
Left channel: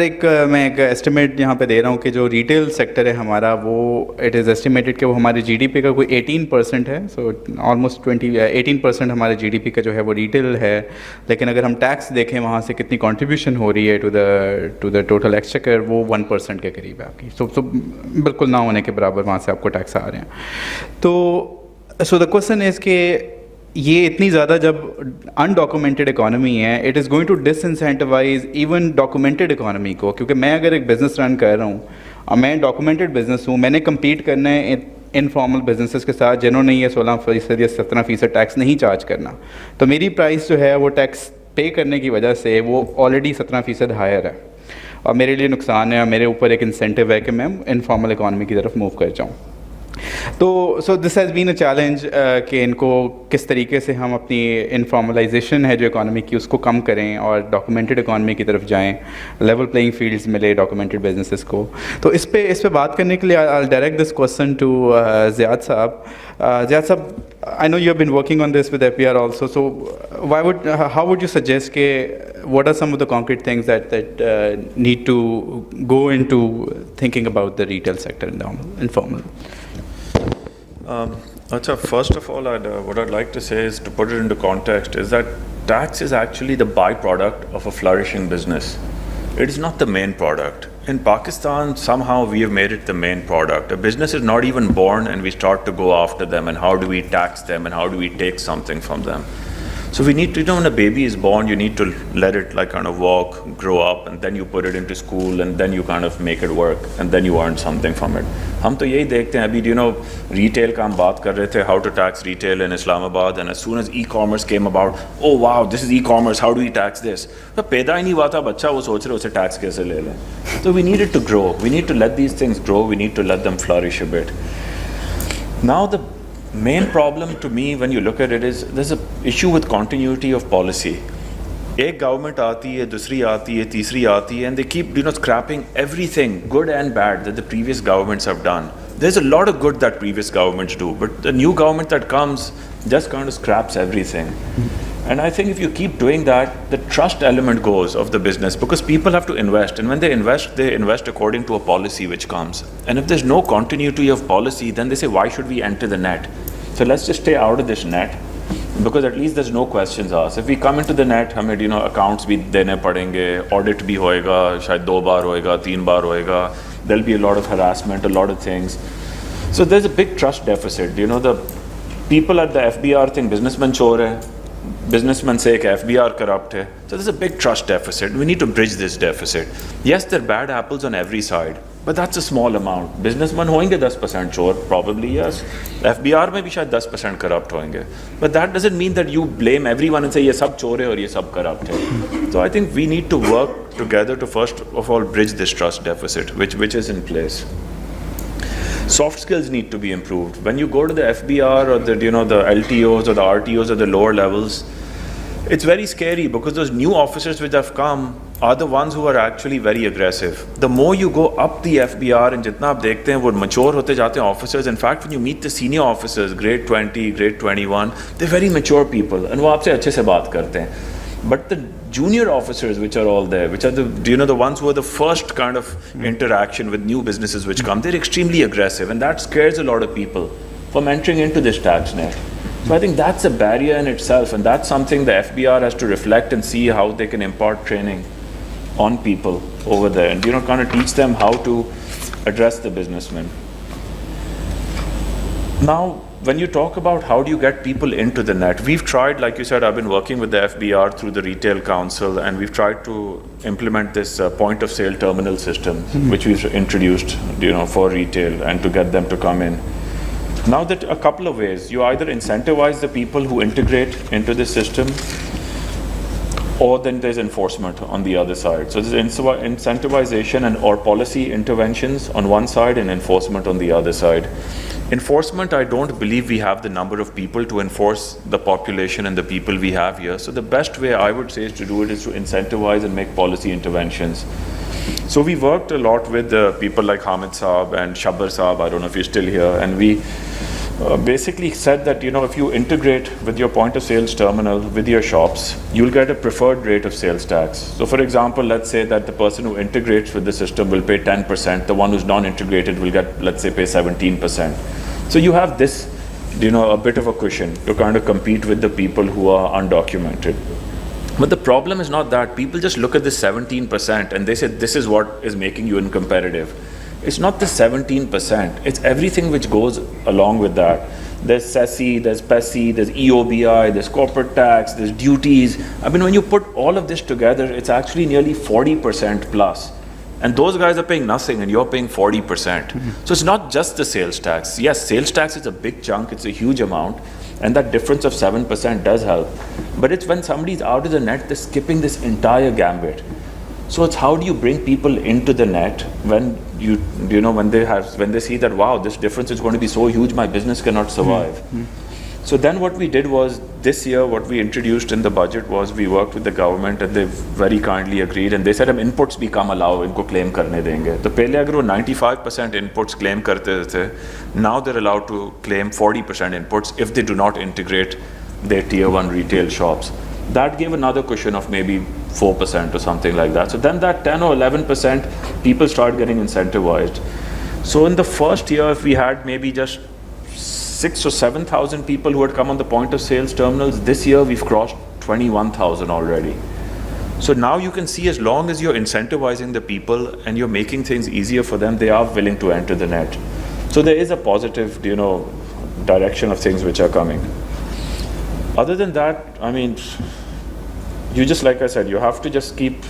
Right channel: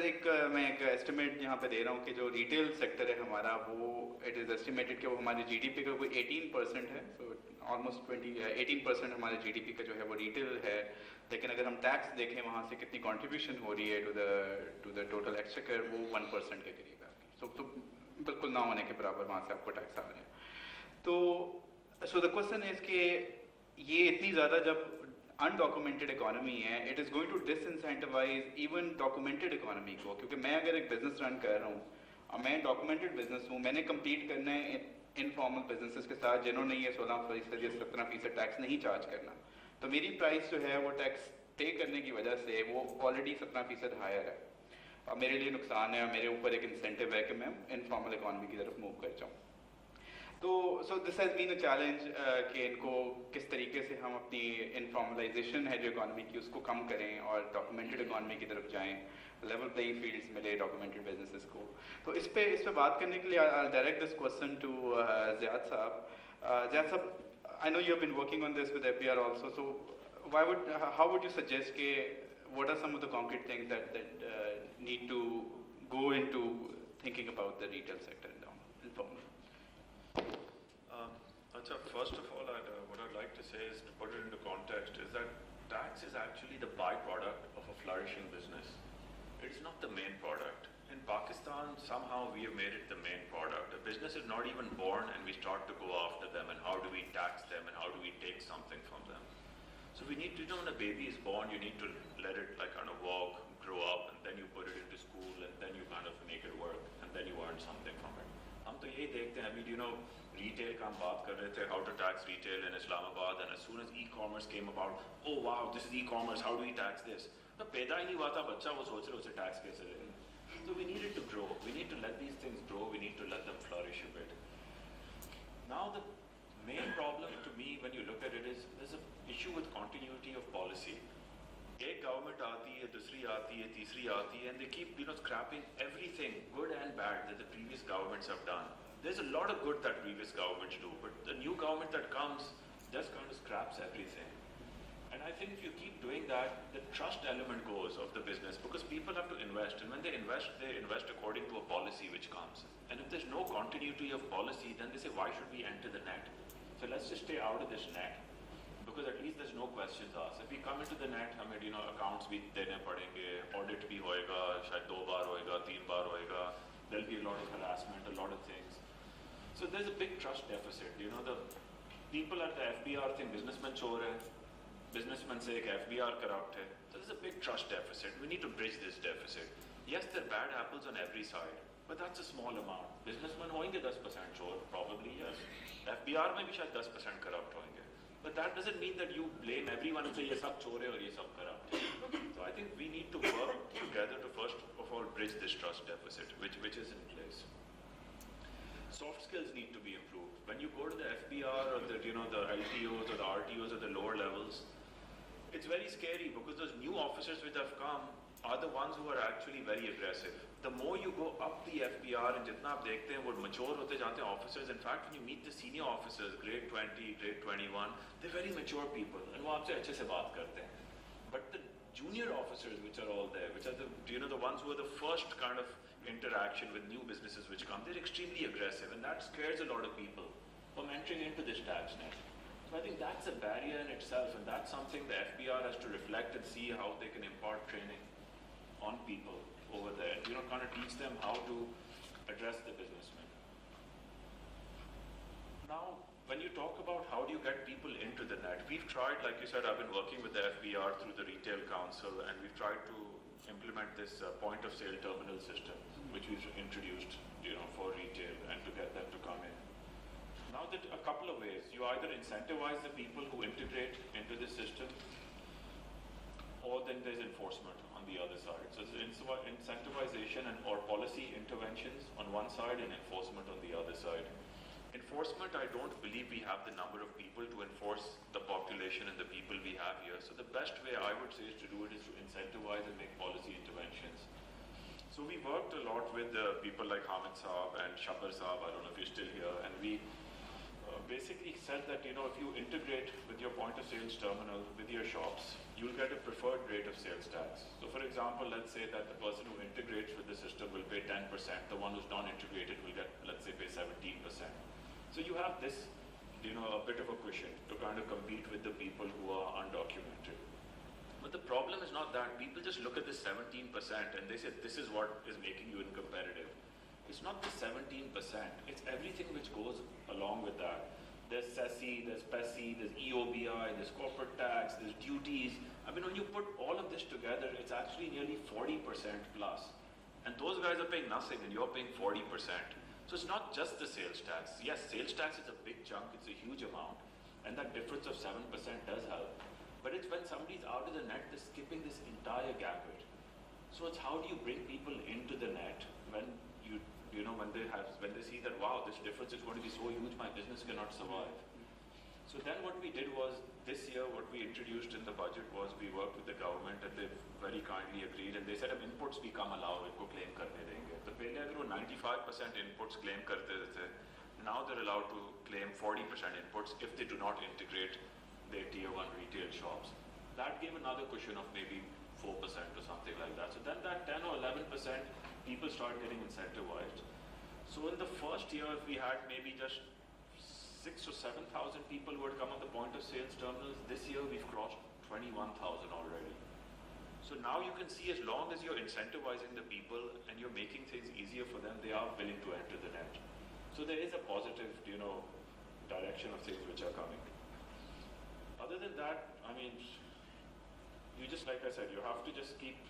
मैं एक एस्टिमेट यहाँ पे दे रहा हूँ कि जो रिटेल सेक्टर है हमारा, वो इट इज़ एस्टिमेटेड कि वो हमारे जीडीपी का कोई 18% है. सो ऑलमोस्ट 18% हमारे जीडीपी का जो है वो रिटेल है. लेकिन अगर हम टैक्स देखें वहाँ से कितनी कंट्रीब्यूशन हो रही है टू द टोटल एक्सचेकर, वो 1% के करीब है आपकी. सो बिल्कुल ना होने के बराबर वहाँ से आपको टैक्स आ रहे हैं. तो सो द क्वेश्चन इज़ कि ये इतनी ज़्यादा जब अनडॉक्यूमेंटेड इकॉनमी है, it is going to disincentivise even documented economy को. क्योंकि मैं अगर एक बिज़नेस रन कर रहा हूँ और मैं डॉक्यूमेंटेड बिज़नेस हूँ, मैंने कम्पीट करना है इनफॉर्मल बिजनेसेस के साथ जिन्होंने ये 16% या 17% टैक्स नहीं चार्ज करना. तो मेरी प्राइस जो है वो टैक्स पे करने की वजह से वो ऑलरेडी 17% हायर है, और मेरे लिए नुकसान है, और मेरे ऊपर एक इंसेंटिव है कि मैं इनफॉर्मल इकॉनमी की तरफ मूव कर जाऊँ. तो so this has been a challenge कि इनको किस तरीके से हम अपनी इनफॉर्मलाइजेशन है जो इकॉनमी की उसको कम करें और डॉक्यूमेंटेड इकॉनमी की तरफ जाएं, लेवल प्लेइंग फील्ड्स मिले डॉक्यूमेंटेड बिजनेसेस को. तो इस पे बात करने के लिए I direct this question to Zyad sahab. Zyad Sab, I know you have been working on this with FPR also, so how would you suggest what are some of the concrete things that need to go into thinking about the retail sector in the informal? First of all, what I'd like to say is, to put it into context, is that tax is actually the byproduct of a flourishing business. It is not the main product. In Pakistan, somehow we have made it the main product. A business is not even born and we start to go after them and how do we tax them and how do we take something from them. So we need to, when a baby is born, you need to let it like kind of walk, grow up, and then you put it into school, and then you kind of make it work, and then you earn something from it. हम तो यही देखते हैं अभी, retail का हम बात कर रहे थे, how to tax retail in Islamabad, and as soon as e-commerce came about, oh wow, this is e-commerce, how do we tax this? तो पैदा ही नहीं हुआ था बच्चा, वो सोच रहे उसे tax कैसे ले लें. So we need it to grow. We need to let these things grow. We need to let them flourish a bit. Now the main problem to me when you look at it is there's an issue with continuity of policy. एक government आती है, दूसरी आती है, तीसरी आती है, and they keep scrapping everything, good and bad, that the previous governments have done. There's a lot of good that previous governments do, but the new government that comes just kind of scraps everything. And I think if you keep doing that, the trust element goes of the business, because people have to invest, and when they invest according to a policy which comes. And if there's no continuity of policy, then they say, why should we enter the net? So let's just stay out of this net, because at least there's no questions asked. If we come into the net, हमें accounts भी देने पड़ेंगे, audit भी होएगा, शायद 2 बार होएगा, 3 बार होएगा. There'll be a lot of harassment, a lot of things. So there's a big trust deficit. The people at the FBR think businessmen chore hai, businessmen say कि FBR corrupt hai. So there's a big trust deficit. We need to bridge this deficit. Yes, there are bad apples on every side, but that's a small amount. Businessmen होंगे 10% chore, probably yes. FBR में भी शायद 10% corrupt होंगे. But that doesn't mean that you blame everyone and say ये सब चोर है और ये सब corrupt है. So I think we need to work together to first of all bridge this trust deficit, which is in place. Soft skills need to be improved. When you go to the FBR or the LTOs or the RTOs or the lower levels, it's very scary because those new officers which have come are the ones who are actually very aggressive. The more you go up the FBR and जितना आप देखते हैं वो mature होते जाते हैं officers. In fact, when you meet the senior officers, grade 20, grade 21, they're very mature people and वो आपसे अच्छे से बात करते हैं. But the junior officers which are all there, which are the ones who are the first kind of interaction with new businesses which come, they're extremely aggressive, and that scares a lot of people from entering into this tax net. So I think that's a barrier in itself, and that's something the FBR has to reflect and see how they can impart training on people over there, and kind of teach them how to address the businessmen. Now, when you talk about how do you get people into the net, we've tried, like you said, I've been working with the FBR through the Retail Council, and we've tried to implement this point of sale terminal system, which we've introduced, for retail and to get them to come in. Now that a couple of ways, you either incentivize the people who integrate into the system, or then there's enforcement on the other side. So there's incentivization and or policy interventions on one side and enforcement on the other side. Enforcement, I don't believe we have the number of people to enforce the population and the people we have here. So the best way I would say is to do it is to incentivize and make policy interventions. So we worked a lot with people like Hamid Saab and Shabbar Saab, I don't know if you're still here, and we basically said that if you integrate with your point of sales terminal with your shops, you'll get a preferred rate of sales tax. So for example, let's say that the person who integrates with the system will pay 10%, the one who's non-integrated will get, let's say, pay 17%. So you have this, a bit of a cushion to kind of compete with the people who are undocumented. But the problem is not that. People just look at this 17% and they say this is what is making you uncompetitive. It's not the 17%, it's everything which goes along with that. There's SESI, there's PESI, there's EOBI, there's corporate tax, there's duties. I mean, when you put all of this together, it's actually nearly 40% plus. And those guys are paying nothing and you're paying 40%. So it's not just the sales tax. Yes, sales tax is a big chunk, it's a huge amount, and that difference of 7% does help. But it's when somebody's out of the net, they're skipping this entire gambit. So it's how do you bring people into the net when when they see that, wow, this difference is going to be so huge, my business cannot survive. So then what we did was, this year what we introduced in the budget was we worked with the government and they very kindly agreed, and they said हम inputs भी कम allow इनको claim करने देंगे. तो पहले अगर वो 95% inputs claim करते थे, now they're allowed to claim 40% inputs if they do not integrate their tier 1 retail shops. That gave another cushion of maybe 4% or something like that. So then that 10 or 11%, people start getting incentivized. So in the first year, if we had maybe just 6,000 or 7,000 people who had come on the point of sales terminals, this year we've crossed 21,000 already. So now you can see, as long as you're incentivizing the people and you're making things easier for them, they are willing to enter the net. So there is a positive, direction of things which are coming. Other than that, I mean, you just, like I said, you have to just keep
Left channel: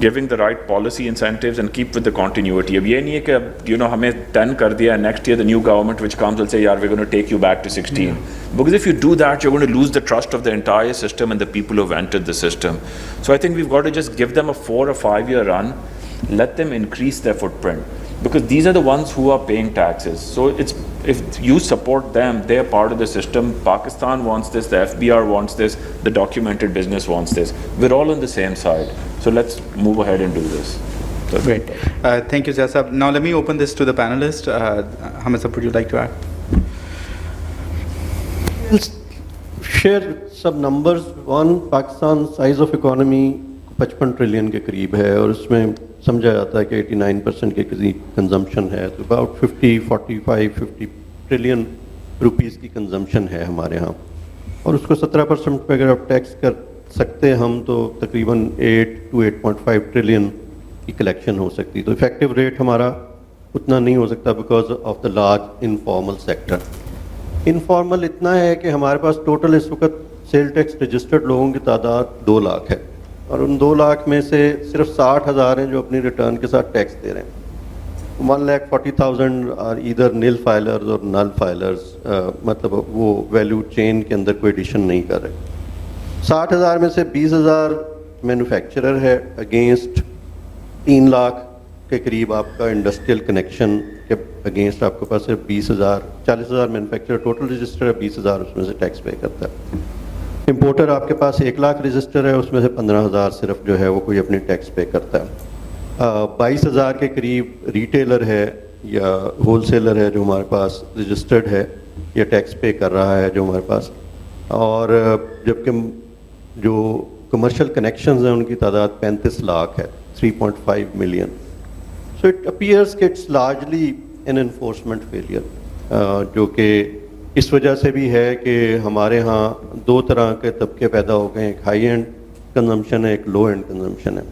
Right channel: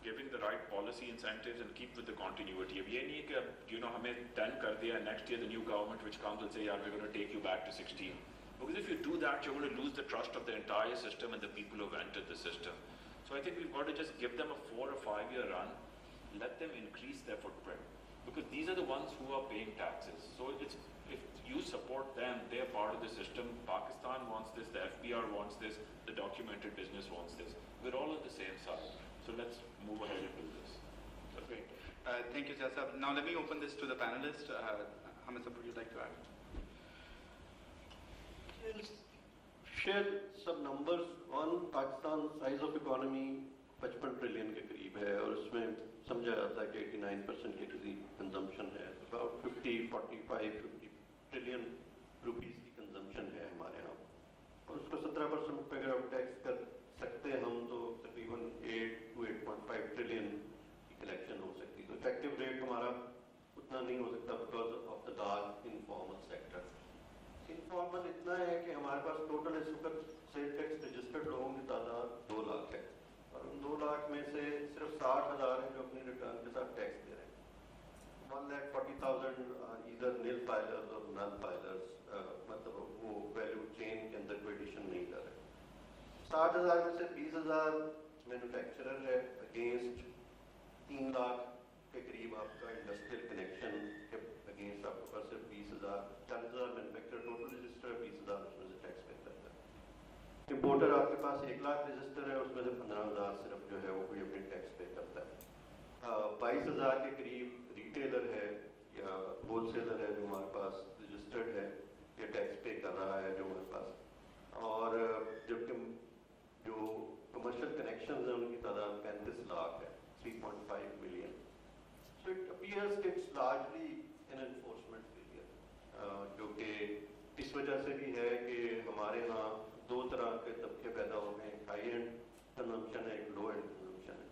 giving the right policy incentives and keep with the continuity. Ab ye nahi hai ki, hame 10 kar diya, next year the new government which comes will say, we're going to take you back to 16. Because if you do that, you're going to lose the trust of the entire system and the people who've entered the system. So I think we've got to just give them a 4 or 5 year run, let them increase their footprint. Because these are the ones who are paying taxes. So if you support them, they're part of the system. Pakistan wants this, the FBR wants this, the documented business wants this. We're all on the same side. So let's move ahead and do this. Great. Thank you, Jasab. Now let me open this to the panelists. Hamid sir, would you like to add? I'll share some numbers. One, Pakistan size of economy 55 trillion के करीब है और उसमें समझा जाता है कि 89% के करीब कंजम्पशन है, तो अबाउट 50 ट्रिलियन रुपीस की कंजम्पशन है हमारे यहाँ, और उसको 17% पे अगर आप टैक्स कर सकते हैं हम, तो तकरीबन 8 to 8.5 ट्रिलियन की कलेक्शन हो सकती है. तो इफेक्टिव रेट हमारा उतना नहीं हो सकता because of the large informal sector. Informal इतना है कि हमारे पास टोटल इस वक्त सेल टैक्स रजिस्टर्ड लोगों की तादाद 2 लाख है, और उन 2 लाख में से सिर्फ 60,000 हैं जो अपनी रिटर्न के साथ टैक्स दे रहे हैं. 1,40,000 आर ईदर नील फाइलर्स और नल फाइलर्स, मतलब वो वैल्यू चेन के अंदर कोई एडिशन नहीं कर रहे. 60,000 में से 20,000 मैन्युफैक्चरर है अगेंस्ट 3 लाख के करीब आपका इंडस्ट्रियल कनेक्शन के अगेंस्ट आपके पास सिर्फ 20,000, 40,000 मैन्युफैक्चरर टोटल रजिस्टर है, 20,000 उसमें से टैक्स पे करता है. इंपोर्टर आपके पास 1 लाख रजिस्टर है, उसमें से 15,000 सिर्फ जो है वो कोई अपनी टैक्स पे करता है. 22,000 के करीब रिटेलर है या होलसेलर है जो हमारे पास रजिस्टर्ड है या टैक्स पे कर रहा है जो हमारे पास, और जबकि जो कमर्शियल कनेक्शंस हैं उनकी तादाद 35 लाख है, 3.5 मिलियन. सो इट अपीयर्स कि it's largely an enforcement failure, जो कि इस वजह से भी है कि हमारे यहाँ 2 तरह के तबके पैदा हो गए हैं. एक हाई एंड कंजम्पशन है, एक लो एंड कंजम्पशन है.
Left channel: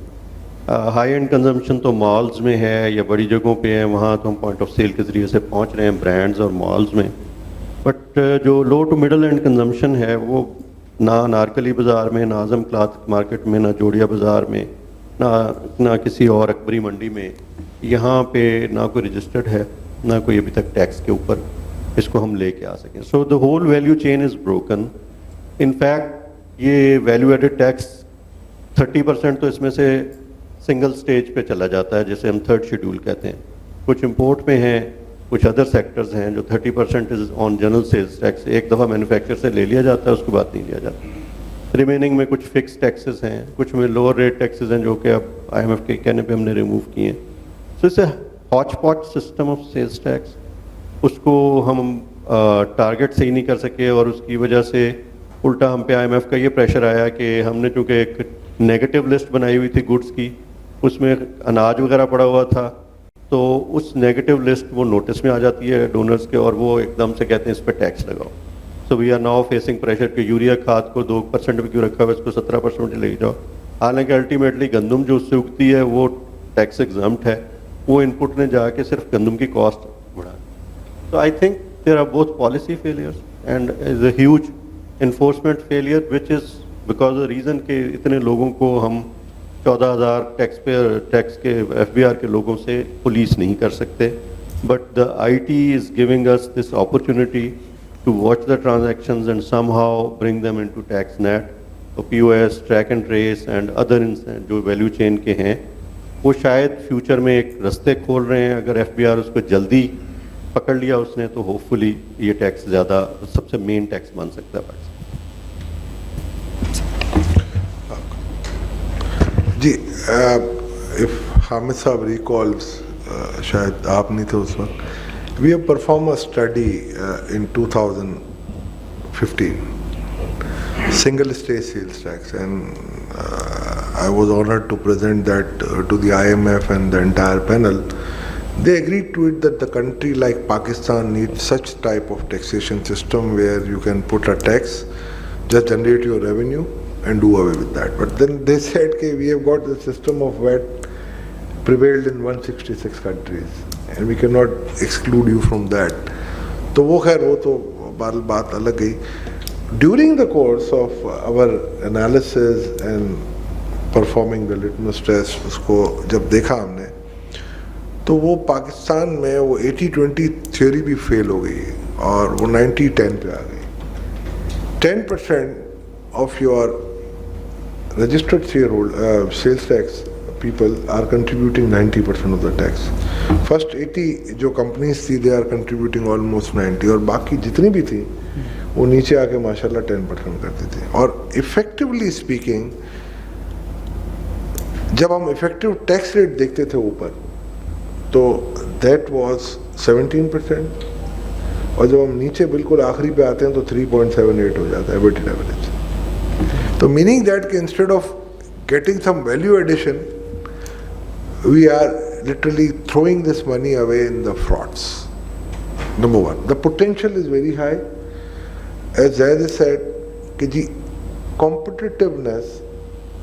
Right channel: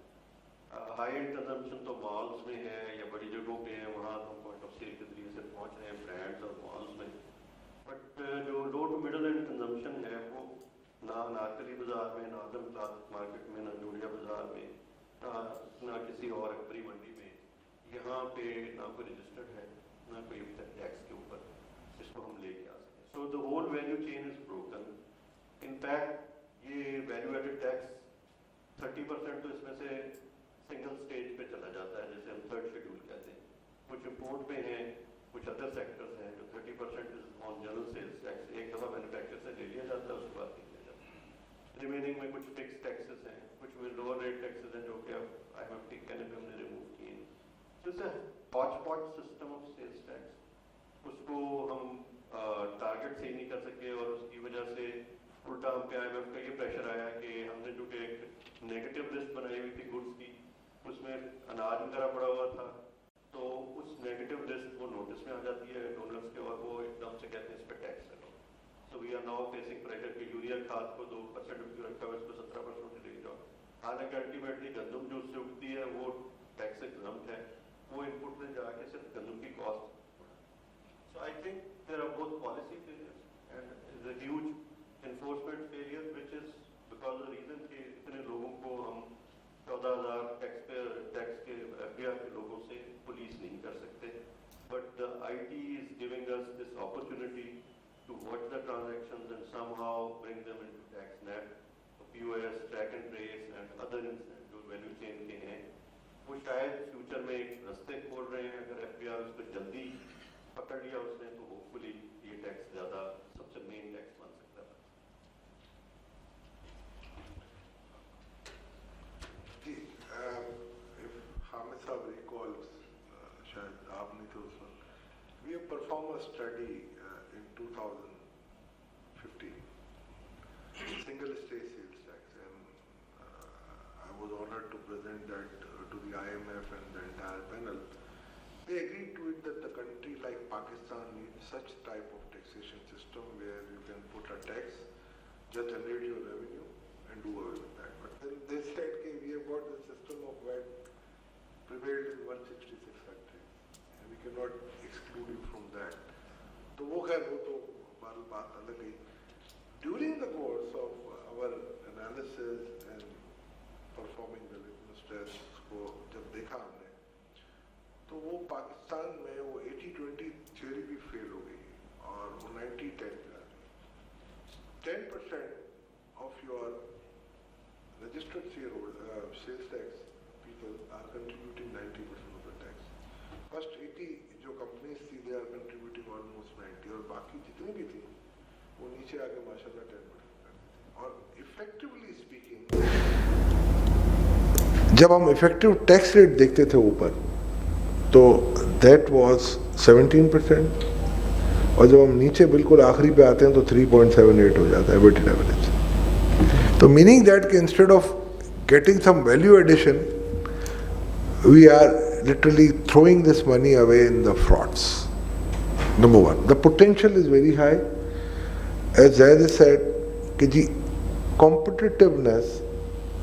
हाई एंड कंजम्पशन तो मॉल्स में है या बड़ी जगहों पे है, वहाँ तो हम पॉइंट ऑफ सेल के ज़रिए से पहुँच रहे हैं ब्रांड्स और मॉल्स में. बट जो लो टू मिडल एंड कंजम्पशन है वो ना नारकली बाज़ार में, ना आज़म क्लॉथ मार्केट में, ना जोड़िया बाज़ार में, ना किसी और अकबरी मंडी में, यहाँ पे ना कोई रजिस्टर्ड है, ना कोई अभी तक टैक्स के ऊपर इसको हम लेके आ सकें. So the whole value chain is broken. In fact ये वैल्यू एडेड टैक्स 30% तो इसमें से सिंगल स्टेज पे चला जाता है, जैसे हम 3rd शेड्यूल कहते हैं. कुछ इंपोर्ट में हैं, कुछ अदर सेक्टर्स हैं जो 30% is on general sales tax. एक दफ़ा मैन्युफैक्चर से ले लिया जाता है, उसके बाद नहीं लिया जाता. रिमेनिंग में कुछ फिक्स टैक्सेस हैं, कुछ में लोअर रेट टैक्सेस हैं जो कि अब IMF के कहने पे हमने रिमूव किए हैं. सो इट्स अ हॉच पॉच सिस्टम ऑफ सेल्स टैक्स. उसको हम टारगेट सही नहीं कर सके और उसकी वजह से उल्टा हम पे IMF का ये प्रेशर आया कि हमने चूँकि एक नेगेटिव लिस्ट बनाई हुई थी गुड्स की, उसमें अनाज वगैरह पड़ा हुआ था, तो उस नेगेटिव लिस्ट वो नोटिस में आ जाती है डोनर्स के और वो एकदम से कहते हैं इस पर टैक्स लगाओ. So we are now facing pressure कि यूरिया खाद को 2% पे क्यों रखा हुआ है, इसको 17% ले जाओ. हालांकि अल्टीमेटली गंदम जो उससे उगती है वो टैक्स एग्जम्प्ट है, वो इनपुट ने जाके सिर्फ गंदम की कॉस्ट बढ़ा. So I think there are both policy failures and is a huge enforcement failure, which is because the reason कि इतने लोगों को हम 14,000 टैक्स के FBR के लोगों से पुलिस नहीं कर सकते. But the IT is giving us this opportunity to watch the transactions and somehow bring them into tax net. So POS, track and trace and other जो value chain के हैं, वो शायद फ्यूचर में एक रास्ते खोल रहे हैं. अगर FBR उसको जल्दी पकड़ लिया उसने तो होपफुली ये टैक्स ज़्यादा सबसे मेन टैक्स बन सकता है. जी, इफ हामिद साहब रिकॉल्स, शायद आप नहीं थे उस वक्त, we have perform a study in 2015 single state sales tax, and I was honored to present that to the IMF and the entire panel. They agreed to it that the country like Pakistan needs such type of taxation system where you can put a tax, just generate your revenue and do away with that. But then they said that we have got the system of VAT prevailed in 166 countries and we cannot exclude you from that. तो वो खैर वो तो बात अलग गई. during the course of our analysis and performing the litmus test, उसको जब देखा हमने, तो वो पाकिस्तान में वो 80-20 थ्योरी भी फेल हो गई और वो 90-10 पे आ गई. 10% of your registered sales tax people are contributing 90% of the tax. First 80 जो companies थी, they are contributing almost 90, और बाकी जितनी भी थी वो नीचे आके माशाल्लाह 10% करती थी. और effectively speaking, जब हम effective tax rate देखते थे ऊपर, तो that was 17%, और जब हम नीचे बिल्कुल आखिरी पे आते हैं तो 3.78 हो जाता है weighted average. तो meaning that instead of getting some value addition, we are literally throwing this money away in the frauds. Number one, the potential is very high. As Zaid said, competitiveness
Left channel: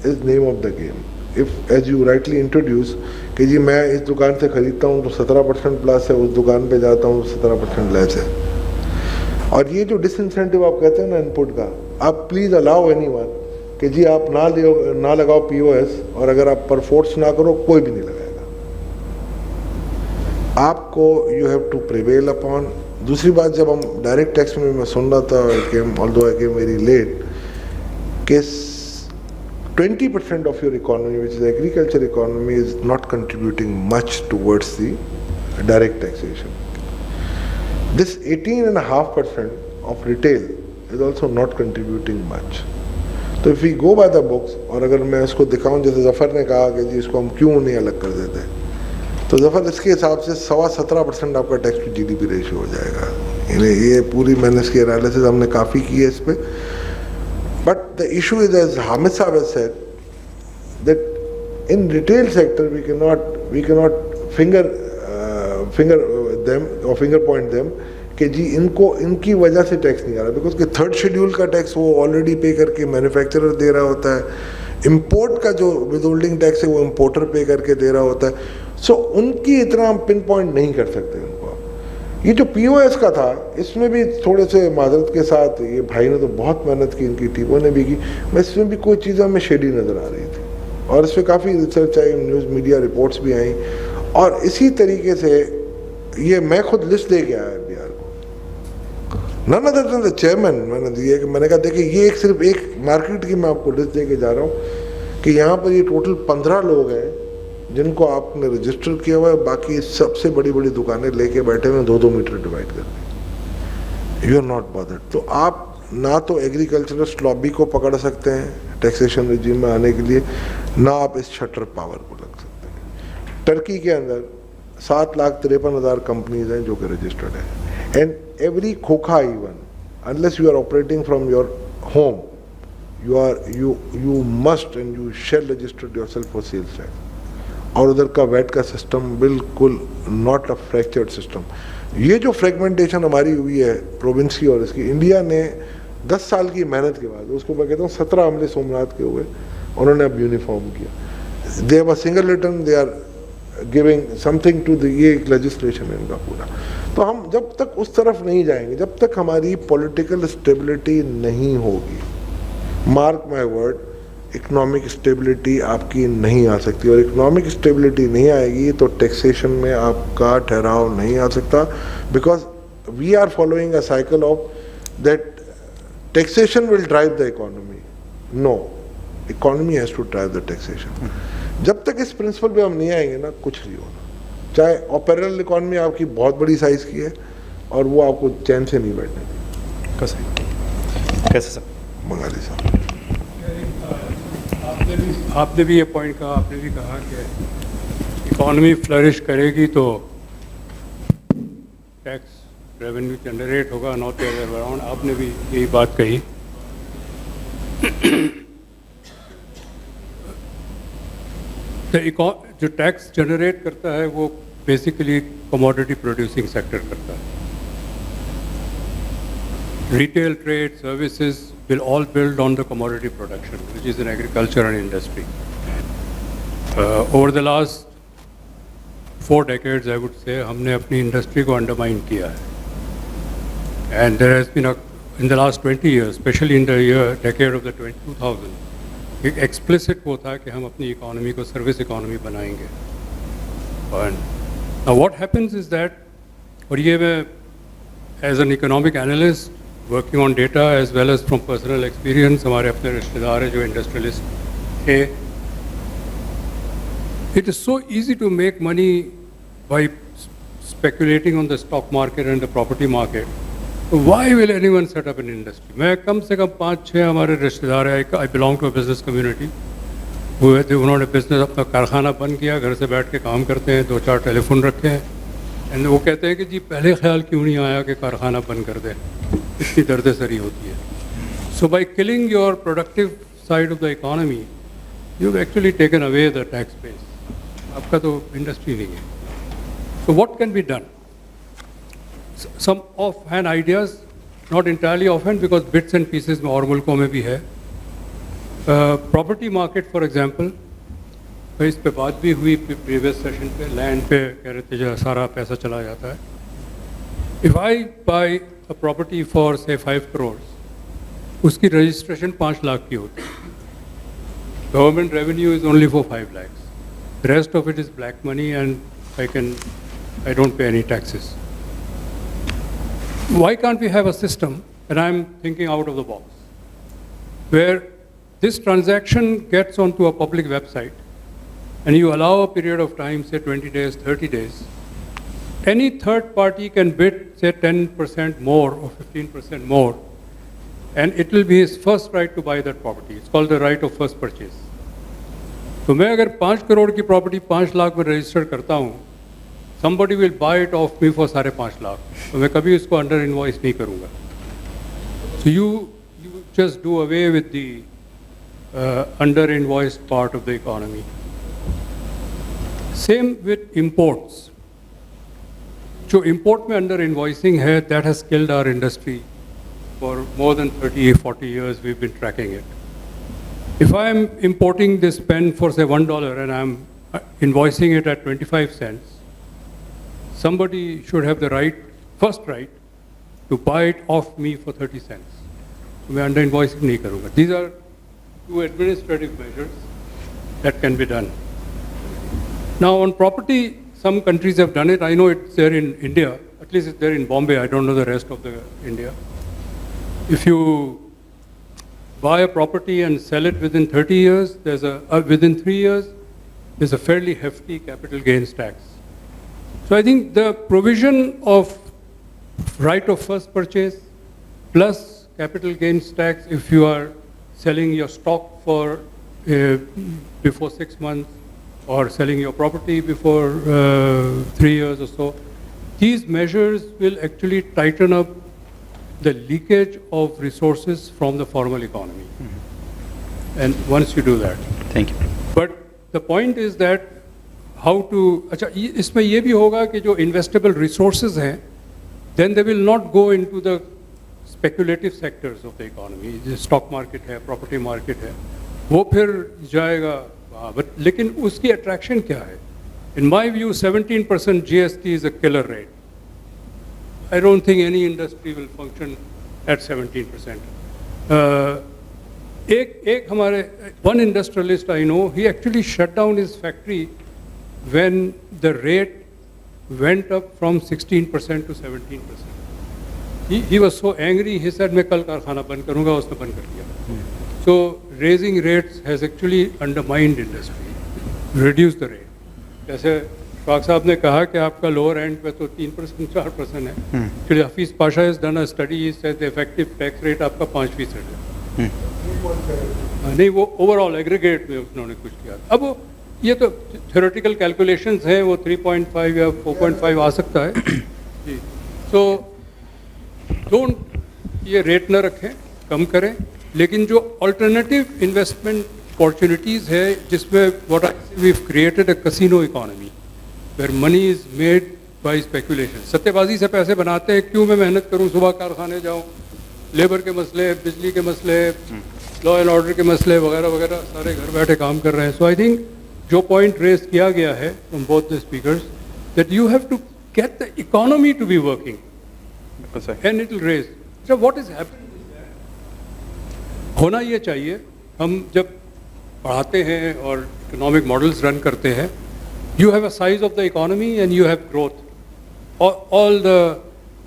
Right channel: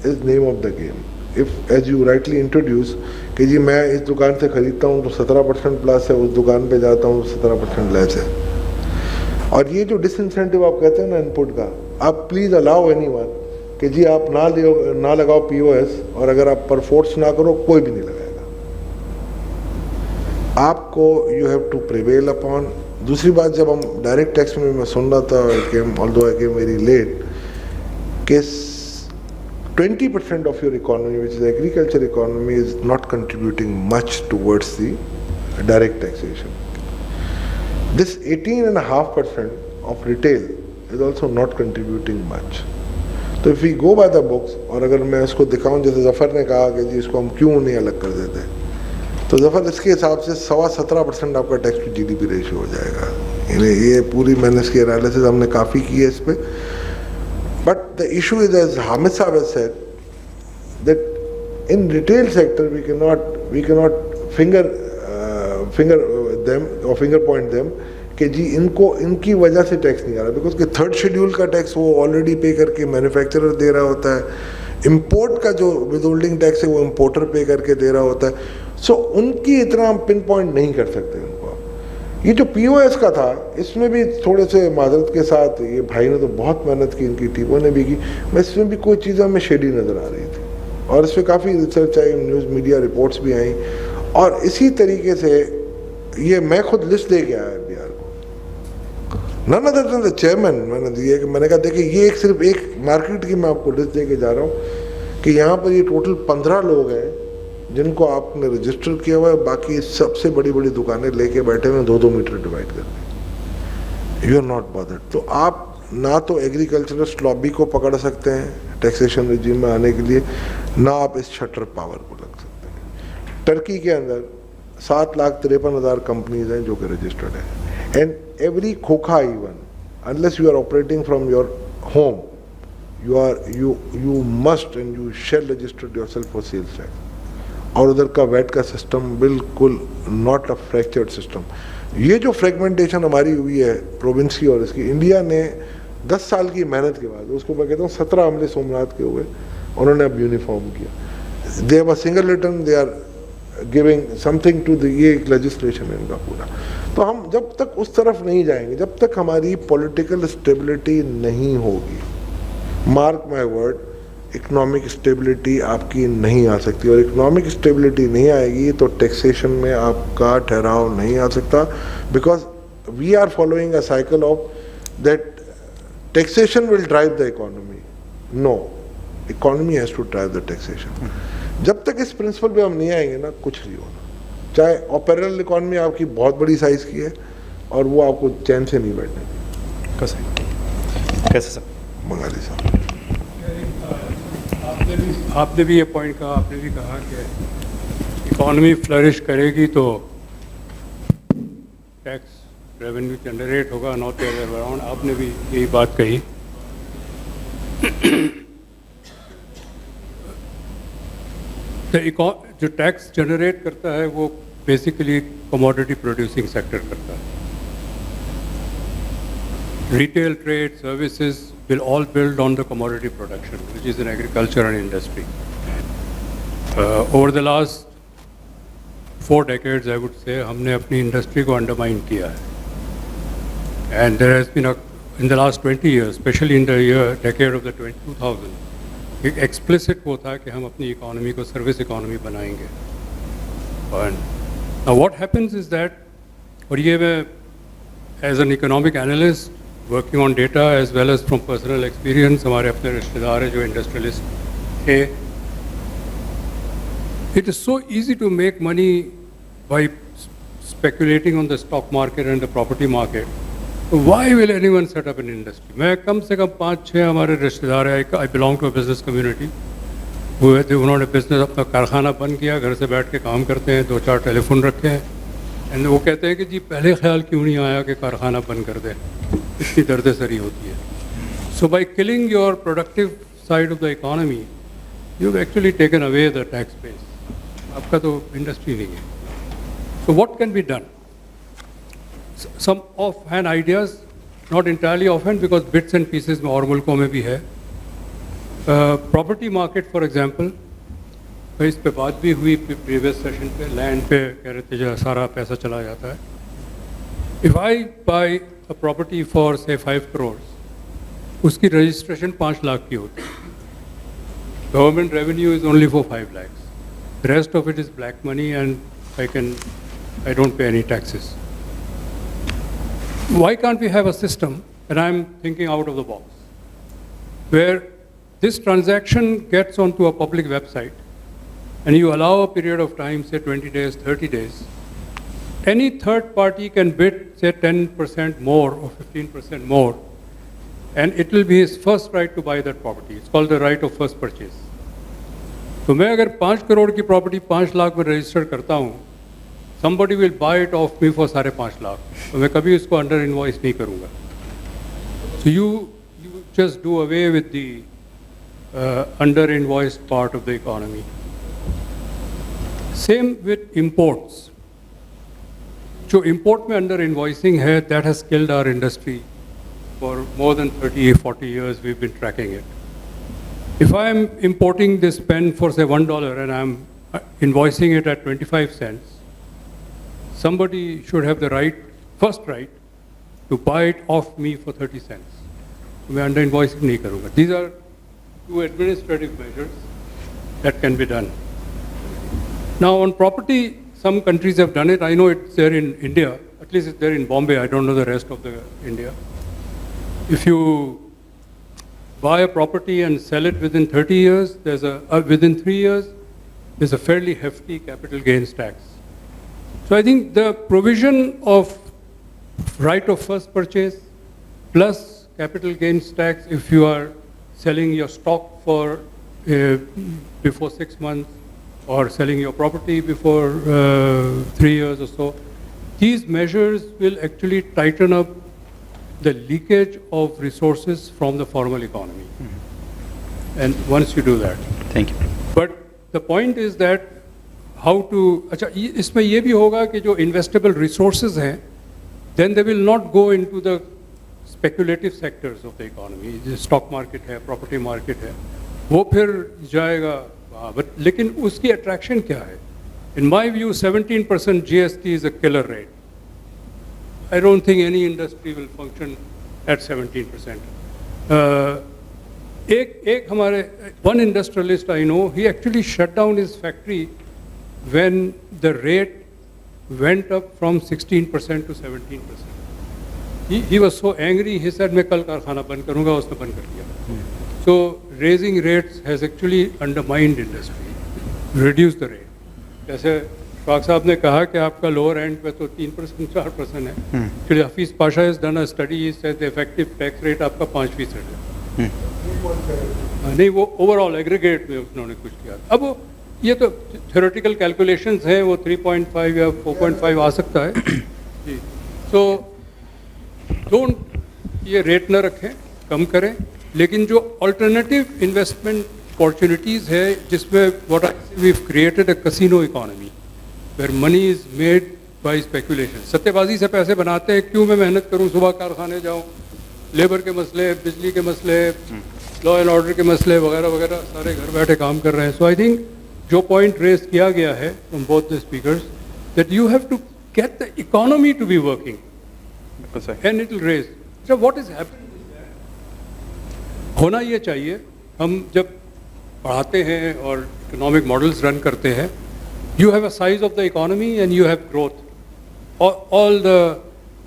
is name of the game. If, as you rightly introduce, कि जी मैं इस दुकान से खरीदता हूँ तो 17% plus है, उस दुकान पे जाता हूँ तो 17% लेस है. और ये जो डिसइंसेंटिव आप कहते हैं ना इनपुट का, आप प्लीज अलाउ एनीवन कि जी आप ना लगाओ पीओएस, और अगर आप पर फोर्स ना करो कोई भी नहीं लगाएगा. आपको you have to prevail upon. दूसरी बात, जब हम डायरेक्ट टैक्स में मैं सुन रहा था, although I came very late, कि 20% of your economy, which is agriculture economy, is not contributing much towards the direct taxation. This 18.5% of retail is also not contributing much. तो if we go by the books, और अगर मैं इसको दिखाऊं जैसे जफ़र ने कहा कि जी इसको हम क्यों नहीं अलग कर देते, तो जफ़र इसके हिसाब से 17.25% आपका टैक्स टू जीडीपी रेशियो हो जाएगा. ये पूरी मैंने इसकी एनालिसिस हमने काफ़ी की है इस पर. But the issue is, as Hamid Saab has said, that in retail sector we cannot finger them or finger point them कि जी इनकी वजह से टैक्स नहीं आ रहा, बिकॉज कि थर्ड शेड्यूल का टैक्स वो ऑलरेडी पे करके मैन्युफैक्चरर दे रहा होता है, इंपोर्ट का जो विदहोल्डिंग टैक्स है वो इंपोर्टर पे करके दे रहा होता है. सो उनकी इतना हम पिन पॉइंट नहीं कर सकते उनको. ये जो पीओएस का था, इसमें भी थोड़े से माजरत के साथ, ये भाई ने तो बहुत मेहनत की, इनकी टीमों ने भी की, मैं इसमें भी कोई चीज़ हमें शेडी नज़र आ रही थी, और इस पर काफ़ी रिसर्च आई, न्यूज़ मीडिया रिपोर्ट्स भी आई, और इसी तरीके से ये मैं खुद लिस्ट दे के आया बिहार को. None other than the chairman मैंने दिए, कि मैंने कहा देखिए ये सिर्फ एक मार्केट की मैं आपको लिस्ट दे के जा रहा हूँ कि यहाँ पर ये टोटल 15 लोग हैं जिनको आपने रजिस्टर किया हुआ है, बाकी सबसे बड़ी बड़ी दुकानें लेके बैठे हुए 2-2 मीटर डिवाइड करके. You are not bothered. तो आप ना तो एग्रीकल्चरस्ट लॉबी को पकड़ सकते हैं टैक्सेशन रिजीम में आने के लिए, ना आप इस शटर पावर को लग सकते हैं. टर्की के अंदर 7,53,000 कंपनीज हैं जो कि रजिस्टर्ड हैं, एंड एवरी खोखा even unless you are operating from your home, you must and you shall register yourself for sales tax. और उधर का वैट का सिस्टम बिल्कुल नॉट अ फ्रैक्चर्ड सिस्टम. ये जो फ्रेगमेंटेशन हमारी हुई है प्रोविंस की और इसकी, इंडिया ने 10 साल की मेहनत के बाद, उसको मैं कहता हूँ 17 हमले सोमनाथ के हुए, उन्होंने अब यूनिफॉर्म किया. They have a single return, they are giving something to the, ये एक लेजिस्लेशन है इनका पूरा. तो हम जब तक उस तरफ नहीं जाएंगे, जब तक हमारी पॉलिटिकल स्टेबिलिटी नहीं होगी, mark my word, economic stability आपकी नहीं आ सकती. और इकोनॉमिक स्टेबिलिटी नहीं आएगी तो टैक्सेशन में आपका ठहराव नहीं आ सकता, because we are following a cycle of that taxation will drive the economy. No, economy has to drive the taxation. जब तक इस प्रिंसिपल पे हम नहीं आएंगे ना, कुछ नहीं होना. चाहे ऑपरेरल इकोनॉमी आपकी बहुत बड़ी साइज की है और वो आपको चैन से नहीं बैठने देगी. कैसे सर? बंगाली साहब, आपने भी ये पॉइंट कहा, आपने भी कहा कि इकॉनमी फ्लरिश करेगी तो टैक्स रेवेन्यू जनरेट होगा, not the other way around. आपने भी यही बात कही. तो जो टैक्स जनरेट करता है वो बेसिकली कमोडिटी प्रोड्यूसिंग सेक्टर करता है. Retail, trade, services will all build on the commodity production, which is in agriculture and industry. Over the last 4 decades, I would say, हमने अपनी इंडस्ट्री को अंडरमाइन किया है. And there has been in the last 20 years, especially in the decade of the 2000, एक explicit वो था कि हम अपनी economy को service economy बनाएंगे. And now what happens is that, और ये मैं as an economic analyst working on data as well as from personal experience, हमारे अपने रिश्तेदार हैं जो industrialist थे. It is so easy to make money by speculating on the stock market and the property market. Why will anyone set up an industry? मैं कम से कम 5-6 हमारे रिश्तेदार हैं. I belong to a business community. उन्होंने business अपना कारखाना बंद किया, घर से बैठ के काम करते हैं, 2-4 टेलीफोन रखे हैं. एंड वो कहते हैं कि जी पहले ख्याल क्यों नहीं आया कि कारखाना बंद कर दें, इतनी दर्द-सरी होती है. So by killing your productive side of the economy, you've actually taken away the tax base. आपका तो इंडस्ट्री नहीं है. So what can be done? Some offhand ideas, not entirely offhand because bits and pieces में और मुल्कों में भी है. Property market for example, इस पे बात भी हुई previous session पे, land पे कह रहे थे जो सारा पैसा चला जाता है. If I buy a property for say 5 crores, उसकी registration 5 लाख की होती है. Government revenue is only for 5 lakhs. The rest of it is black money and I don't pay any taxes. Why can't we have a system, and I'm thinking out of the box, where this transaction gets onto a public website and you allow a period of time, say 20 days, 30 days, any third party can bid, say 10% more or 15% more, and it will be his first right to buy that property. It's called the right of first purchase. तो मैं अगर 5 करोड़ की property 5 lakh में register करता हूँ, somebody will buy it off me for 5.5 lakh, तो मैं कभी उसको अंडर इनवॉइस नहीं करूँगा. So you just do away with the under invoiced part of the economy. Same with imports. जो import में under invoicing है, that has killed our industry. For more than 30-40 years we've been tracking it. If I am importing this pen for say $1 and I'm invoicing it at 25 cents, somebody should have the first right to buy it off me for 30 cents. मैं under invoicing नहीं करूँगा. These are 2 administrative measures that can be done. Now on property, some countries have done it. I know it's there in India. At least it's there in Bombay. I don't know the rest of India. If you buy a property and sell it within 30 years, within 3 years, there's a fairly hefty capital gains tax. So I think the provision of right of first purchase plus capital gains tax if you are selling your stock for before 6 months or selling your property before 3 years or so, these measures will actually tighten up the leakage of resources from the formal economy. Mm-hmm. And once you do that. Thank you. But the point is that how to, अच्छा इसमें ये भी होगा कि जो investable resources हैं, then they will not go into the speculative sectors of the economy. The stock market है, property market है, वो फिर जाएगा वहाँ. But लेकिन उसकी attraction क्या है? In my view, 17% GST is a killer rate. I don't think any industry will function at 17%. One industrialist I know, he actually shut down his factory when the rate went up from 16% to 17%. He was so angry, he said, मैं कल कारखाना बंद करूँगा, उसने बंद कर दिया. So raising rates has actually undermined industry, reduced the rate. जैसे फाक साहब ने कहा कि आपका लोअर एंड पे तो 3% 4% है. Actually Hafiz Pasha has done a study, he said the effective tax rate आपका 5% है. नहीं, वो ओवरऑल एग्रीगेट में उन्होंने कुछ किया. अब ये तो थ्योरेटिकल कैलकुलेशंस हैं, वो 3.5 या 4.5 आ सकता है. जी. So don't ये रेट न रखें, कम करें, लेकिन जो अल्टरनेटिव इन्वेस्टमेंट अपॉर्चुनिटीज़ है जिसमें we've created a casino economy where money is made by speculation. सट्टेबाजी से पैसे बनाते हैं. क्यों मैं मेहनत करूं, सुबह कारखाने जाऊं, लेबर के मसले, बिजली के मसले, लॉ एंड ऑर्डर के मसले वगैरह वगैरह सारे घर बैठे काम कर रहे हैं. सो आई थिंक जो पॉइंट रेज किया गया है from both the speakers that you have to get the economy to be working and it will raise. So what is happening ہونا یہ چاہیے. ہم جب پڑھاتے ہیں اور اکنامک ماڈلز رن کرتے ہیں, you have a size of the economy and you have growth. All the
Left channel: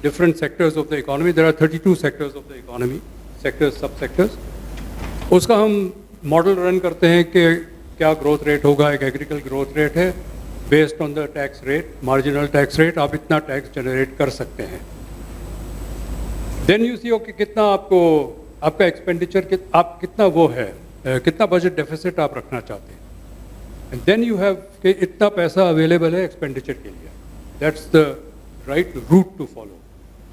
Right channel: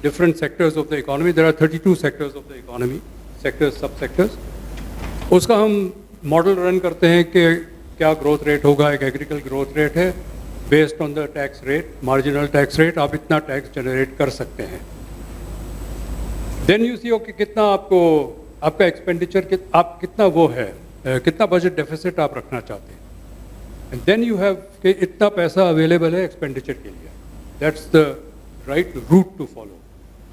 different sectors of the economy, there are 32 sectors of the economy, sectors, sub-sectors. اس کا ہم ماڈل رن کرتے ہیں کہ کیا گروتھ ریٹ ہوگا. ایک ایگریکل گروتھ ریٹ ہے based on the tax rate, marginal tax rate, آپ اتنا ٹیکس جنریٹ کر سکتے ہیں. دین یو سی کہ کتنا آپ کو آپ کا ایکسپینڈیچر آپ کتنا وہ ہے, کتنا بجٹ ڈیفیسٹ آپ رکھنا چاہتے ہیں. اینڈ دین یو ہیو کہ اتنا پیسہ اویلیبل ہے ایکسپینڈیچر کے لیے. That's the right route to follow,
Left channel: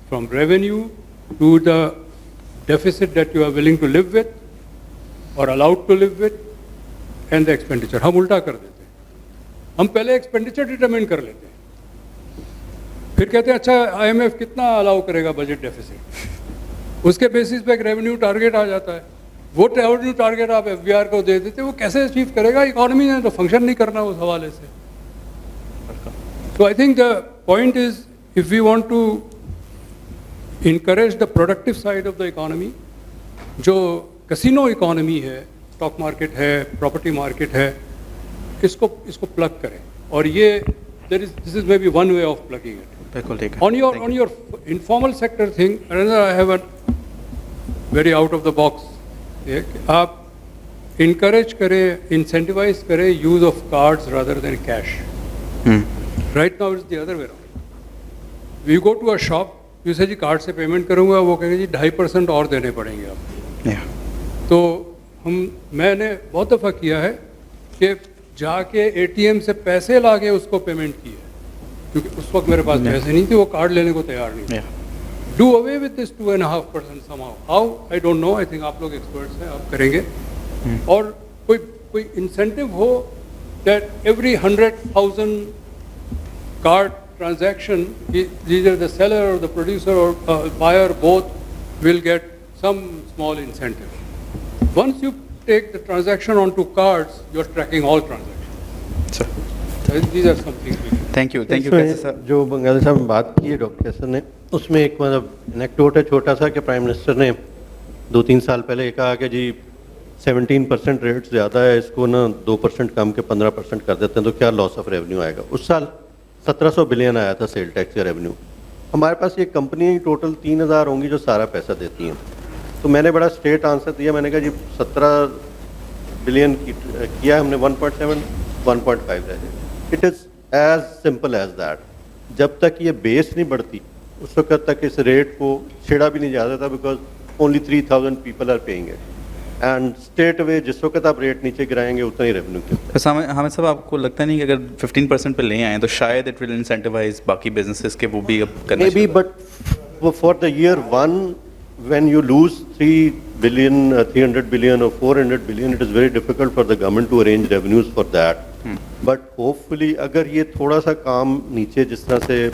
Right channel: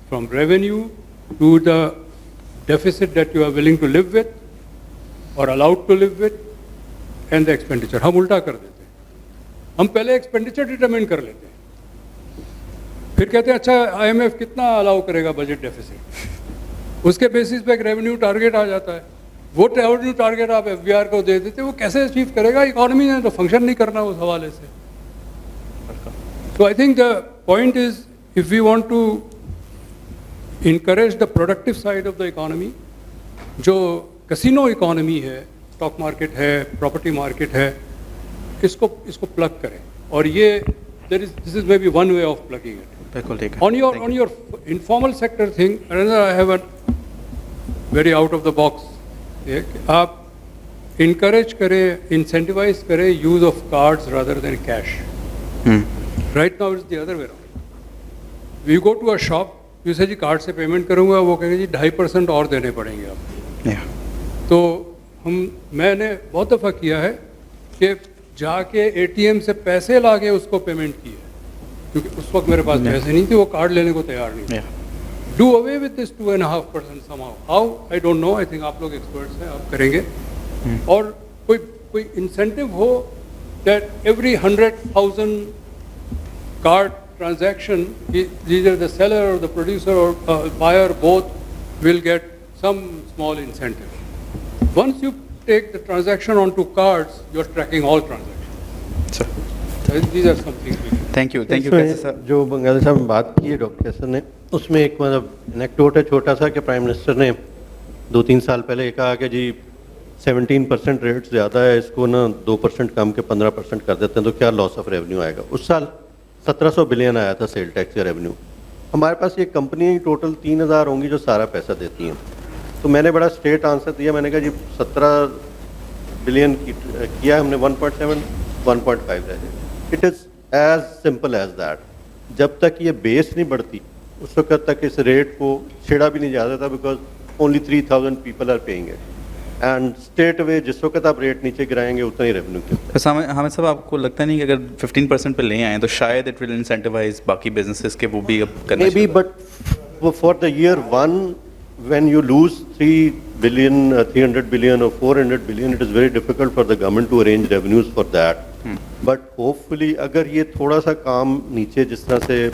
from revenue to the deficit that you are willing to live with or allowed to live with, and the expenditure. ہم الٹا کر دیتے ہیں, ہم پہلے ایکسپینڈیچر ڈٹرمن کر لیتے ہیں, پھر کہتے ہیں اچھا آئی ایم ایف کتنا الاؤ کرے گا بجٹ ڈیفیسٹ, اس کے بیسس پہ ایک ریونیو ٹارگیٹ آ جاتا ہے. وہ ریونیو ٹارگیٹ آپ ایف بی آر کو دے دیتے, وہ کیسے اچیو کرے گا؟ اکانومی نے تو فنکشن نہیں کرنا اس حوالے سے. So I think the point is, if we want to encourage the productive side of the economy, جو کسینو اکانومی ہے, اسٹاک مارکیٹ ہے, پراپرٹی مارکیٹ ہے, اس کو پلگ کریں. اور یہ this is maybe one way of plugging it. On your informal sector thing, another I have a very out of the box. آپ encourage کریں, incentivize کریں use of cards rather than cash. Right now it's the other way around. You go to a shop, you say جی card سے payment کروں گا, وہ کہیں گے جی 2.5% اور دینے پڑیں گے آپ. تو میں نے بہت دفعہ کیا ہے کہ جا کے اے ٹی ایم سے پیسے لا کے اس کو پیمنٹ کی ہے, کیونکہ اس وقت میرے پاس پیسے نہیں تھے, وہ کارڈ لینے کو تیار نہیں تھے. Do away with this 2.5% somehow. How? I don't know. I think آپ لوگ ایکسپرٹس ہیں, آپ کریں گے. اور کوئی incentive who that every 100,000 card transaction, either the seller or the producer or buyer both will get some small incentive. Once you take the transaction onto cards, you are tracking all transactions. Sir. These are some things we can. Thank you, Professor. جو بنگال صاحب نے بات کی ہے doctor کیسر نے, اس میں ایک مطلب انیکٹوٹ ہے چھوٹا سا کہ پرائم منسٹر نے 2-3 سال پہلے یہ کہا کہ جی 17% ریٹ زیادہ ہے, اس کو نا 2% کم کے 15% کر دیتے ہیں تو کیا لاس آف ریونیو آئے گا. اس سال 1700 بلین آیا تھا سیل ٹیکس کا ریونیو. ہمارے پاس یہ کمپنیاں ٹوٹل 3000 ہوں گی جو سارا پیسہ دیتی ہیں. تو میں نے بڑا اسٹریٹ آنسر دیا, میں نے کہا جی 17 بلین کیا ہم نے 1.7 1.5 رہ جائے. It is as simple as that. جب تک یہ بیس نہیں بڑھتی اس وقت تک اس ریٹ کو چھیڑا بھی نہیں جاتا تھا, because only 3000 people are paying it. And straight away جس وقت آپ ریٹ نیچے گرائیں گے اتنا ہی ریونیو کیا. حامد صاحب, آپ کو لگتا نہیں کہ اگر 15% پہ لے آئیں تو شاید اٹ ول انسینٹیوائز باقی بزنسز کے وہ بھی اب کرنا maybe, but for the year 1 when you lose 3 billion, 300 billion or 400 billion, it is very difficult for the government to arrange revenues for that. But hopefully اگر یہ تھوڑا سا کام نیچے جس طرح سے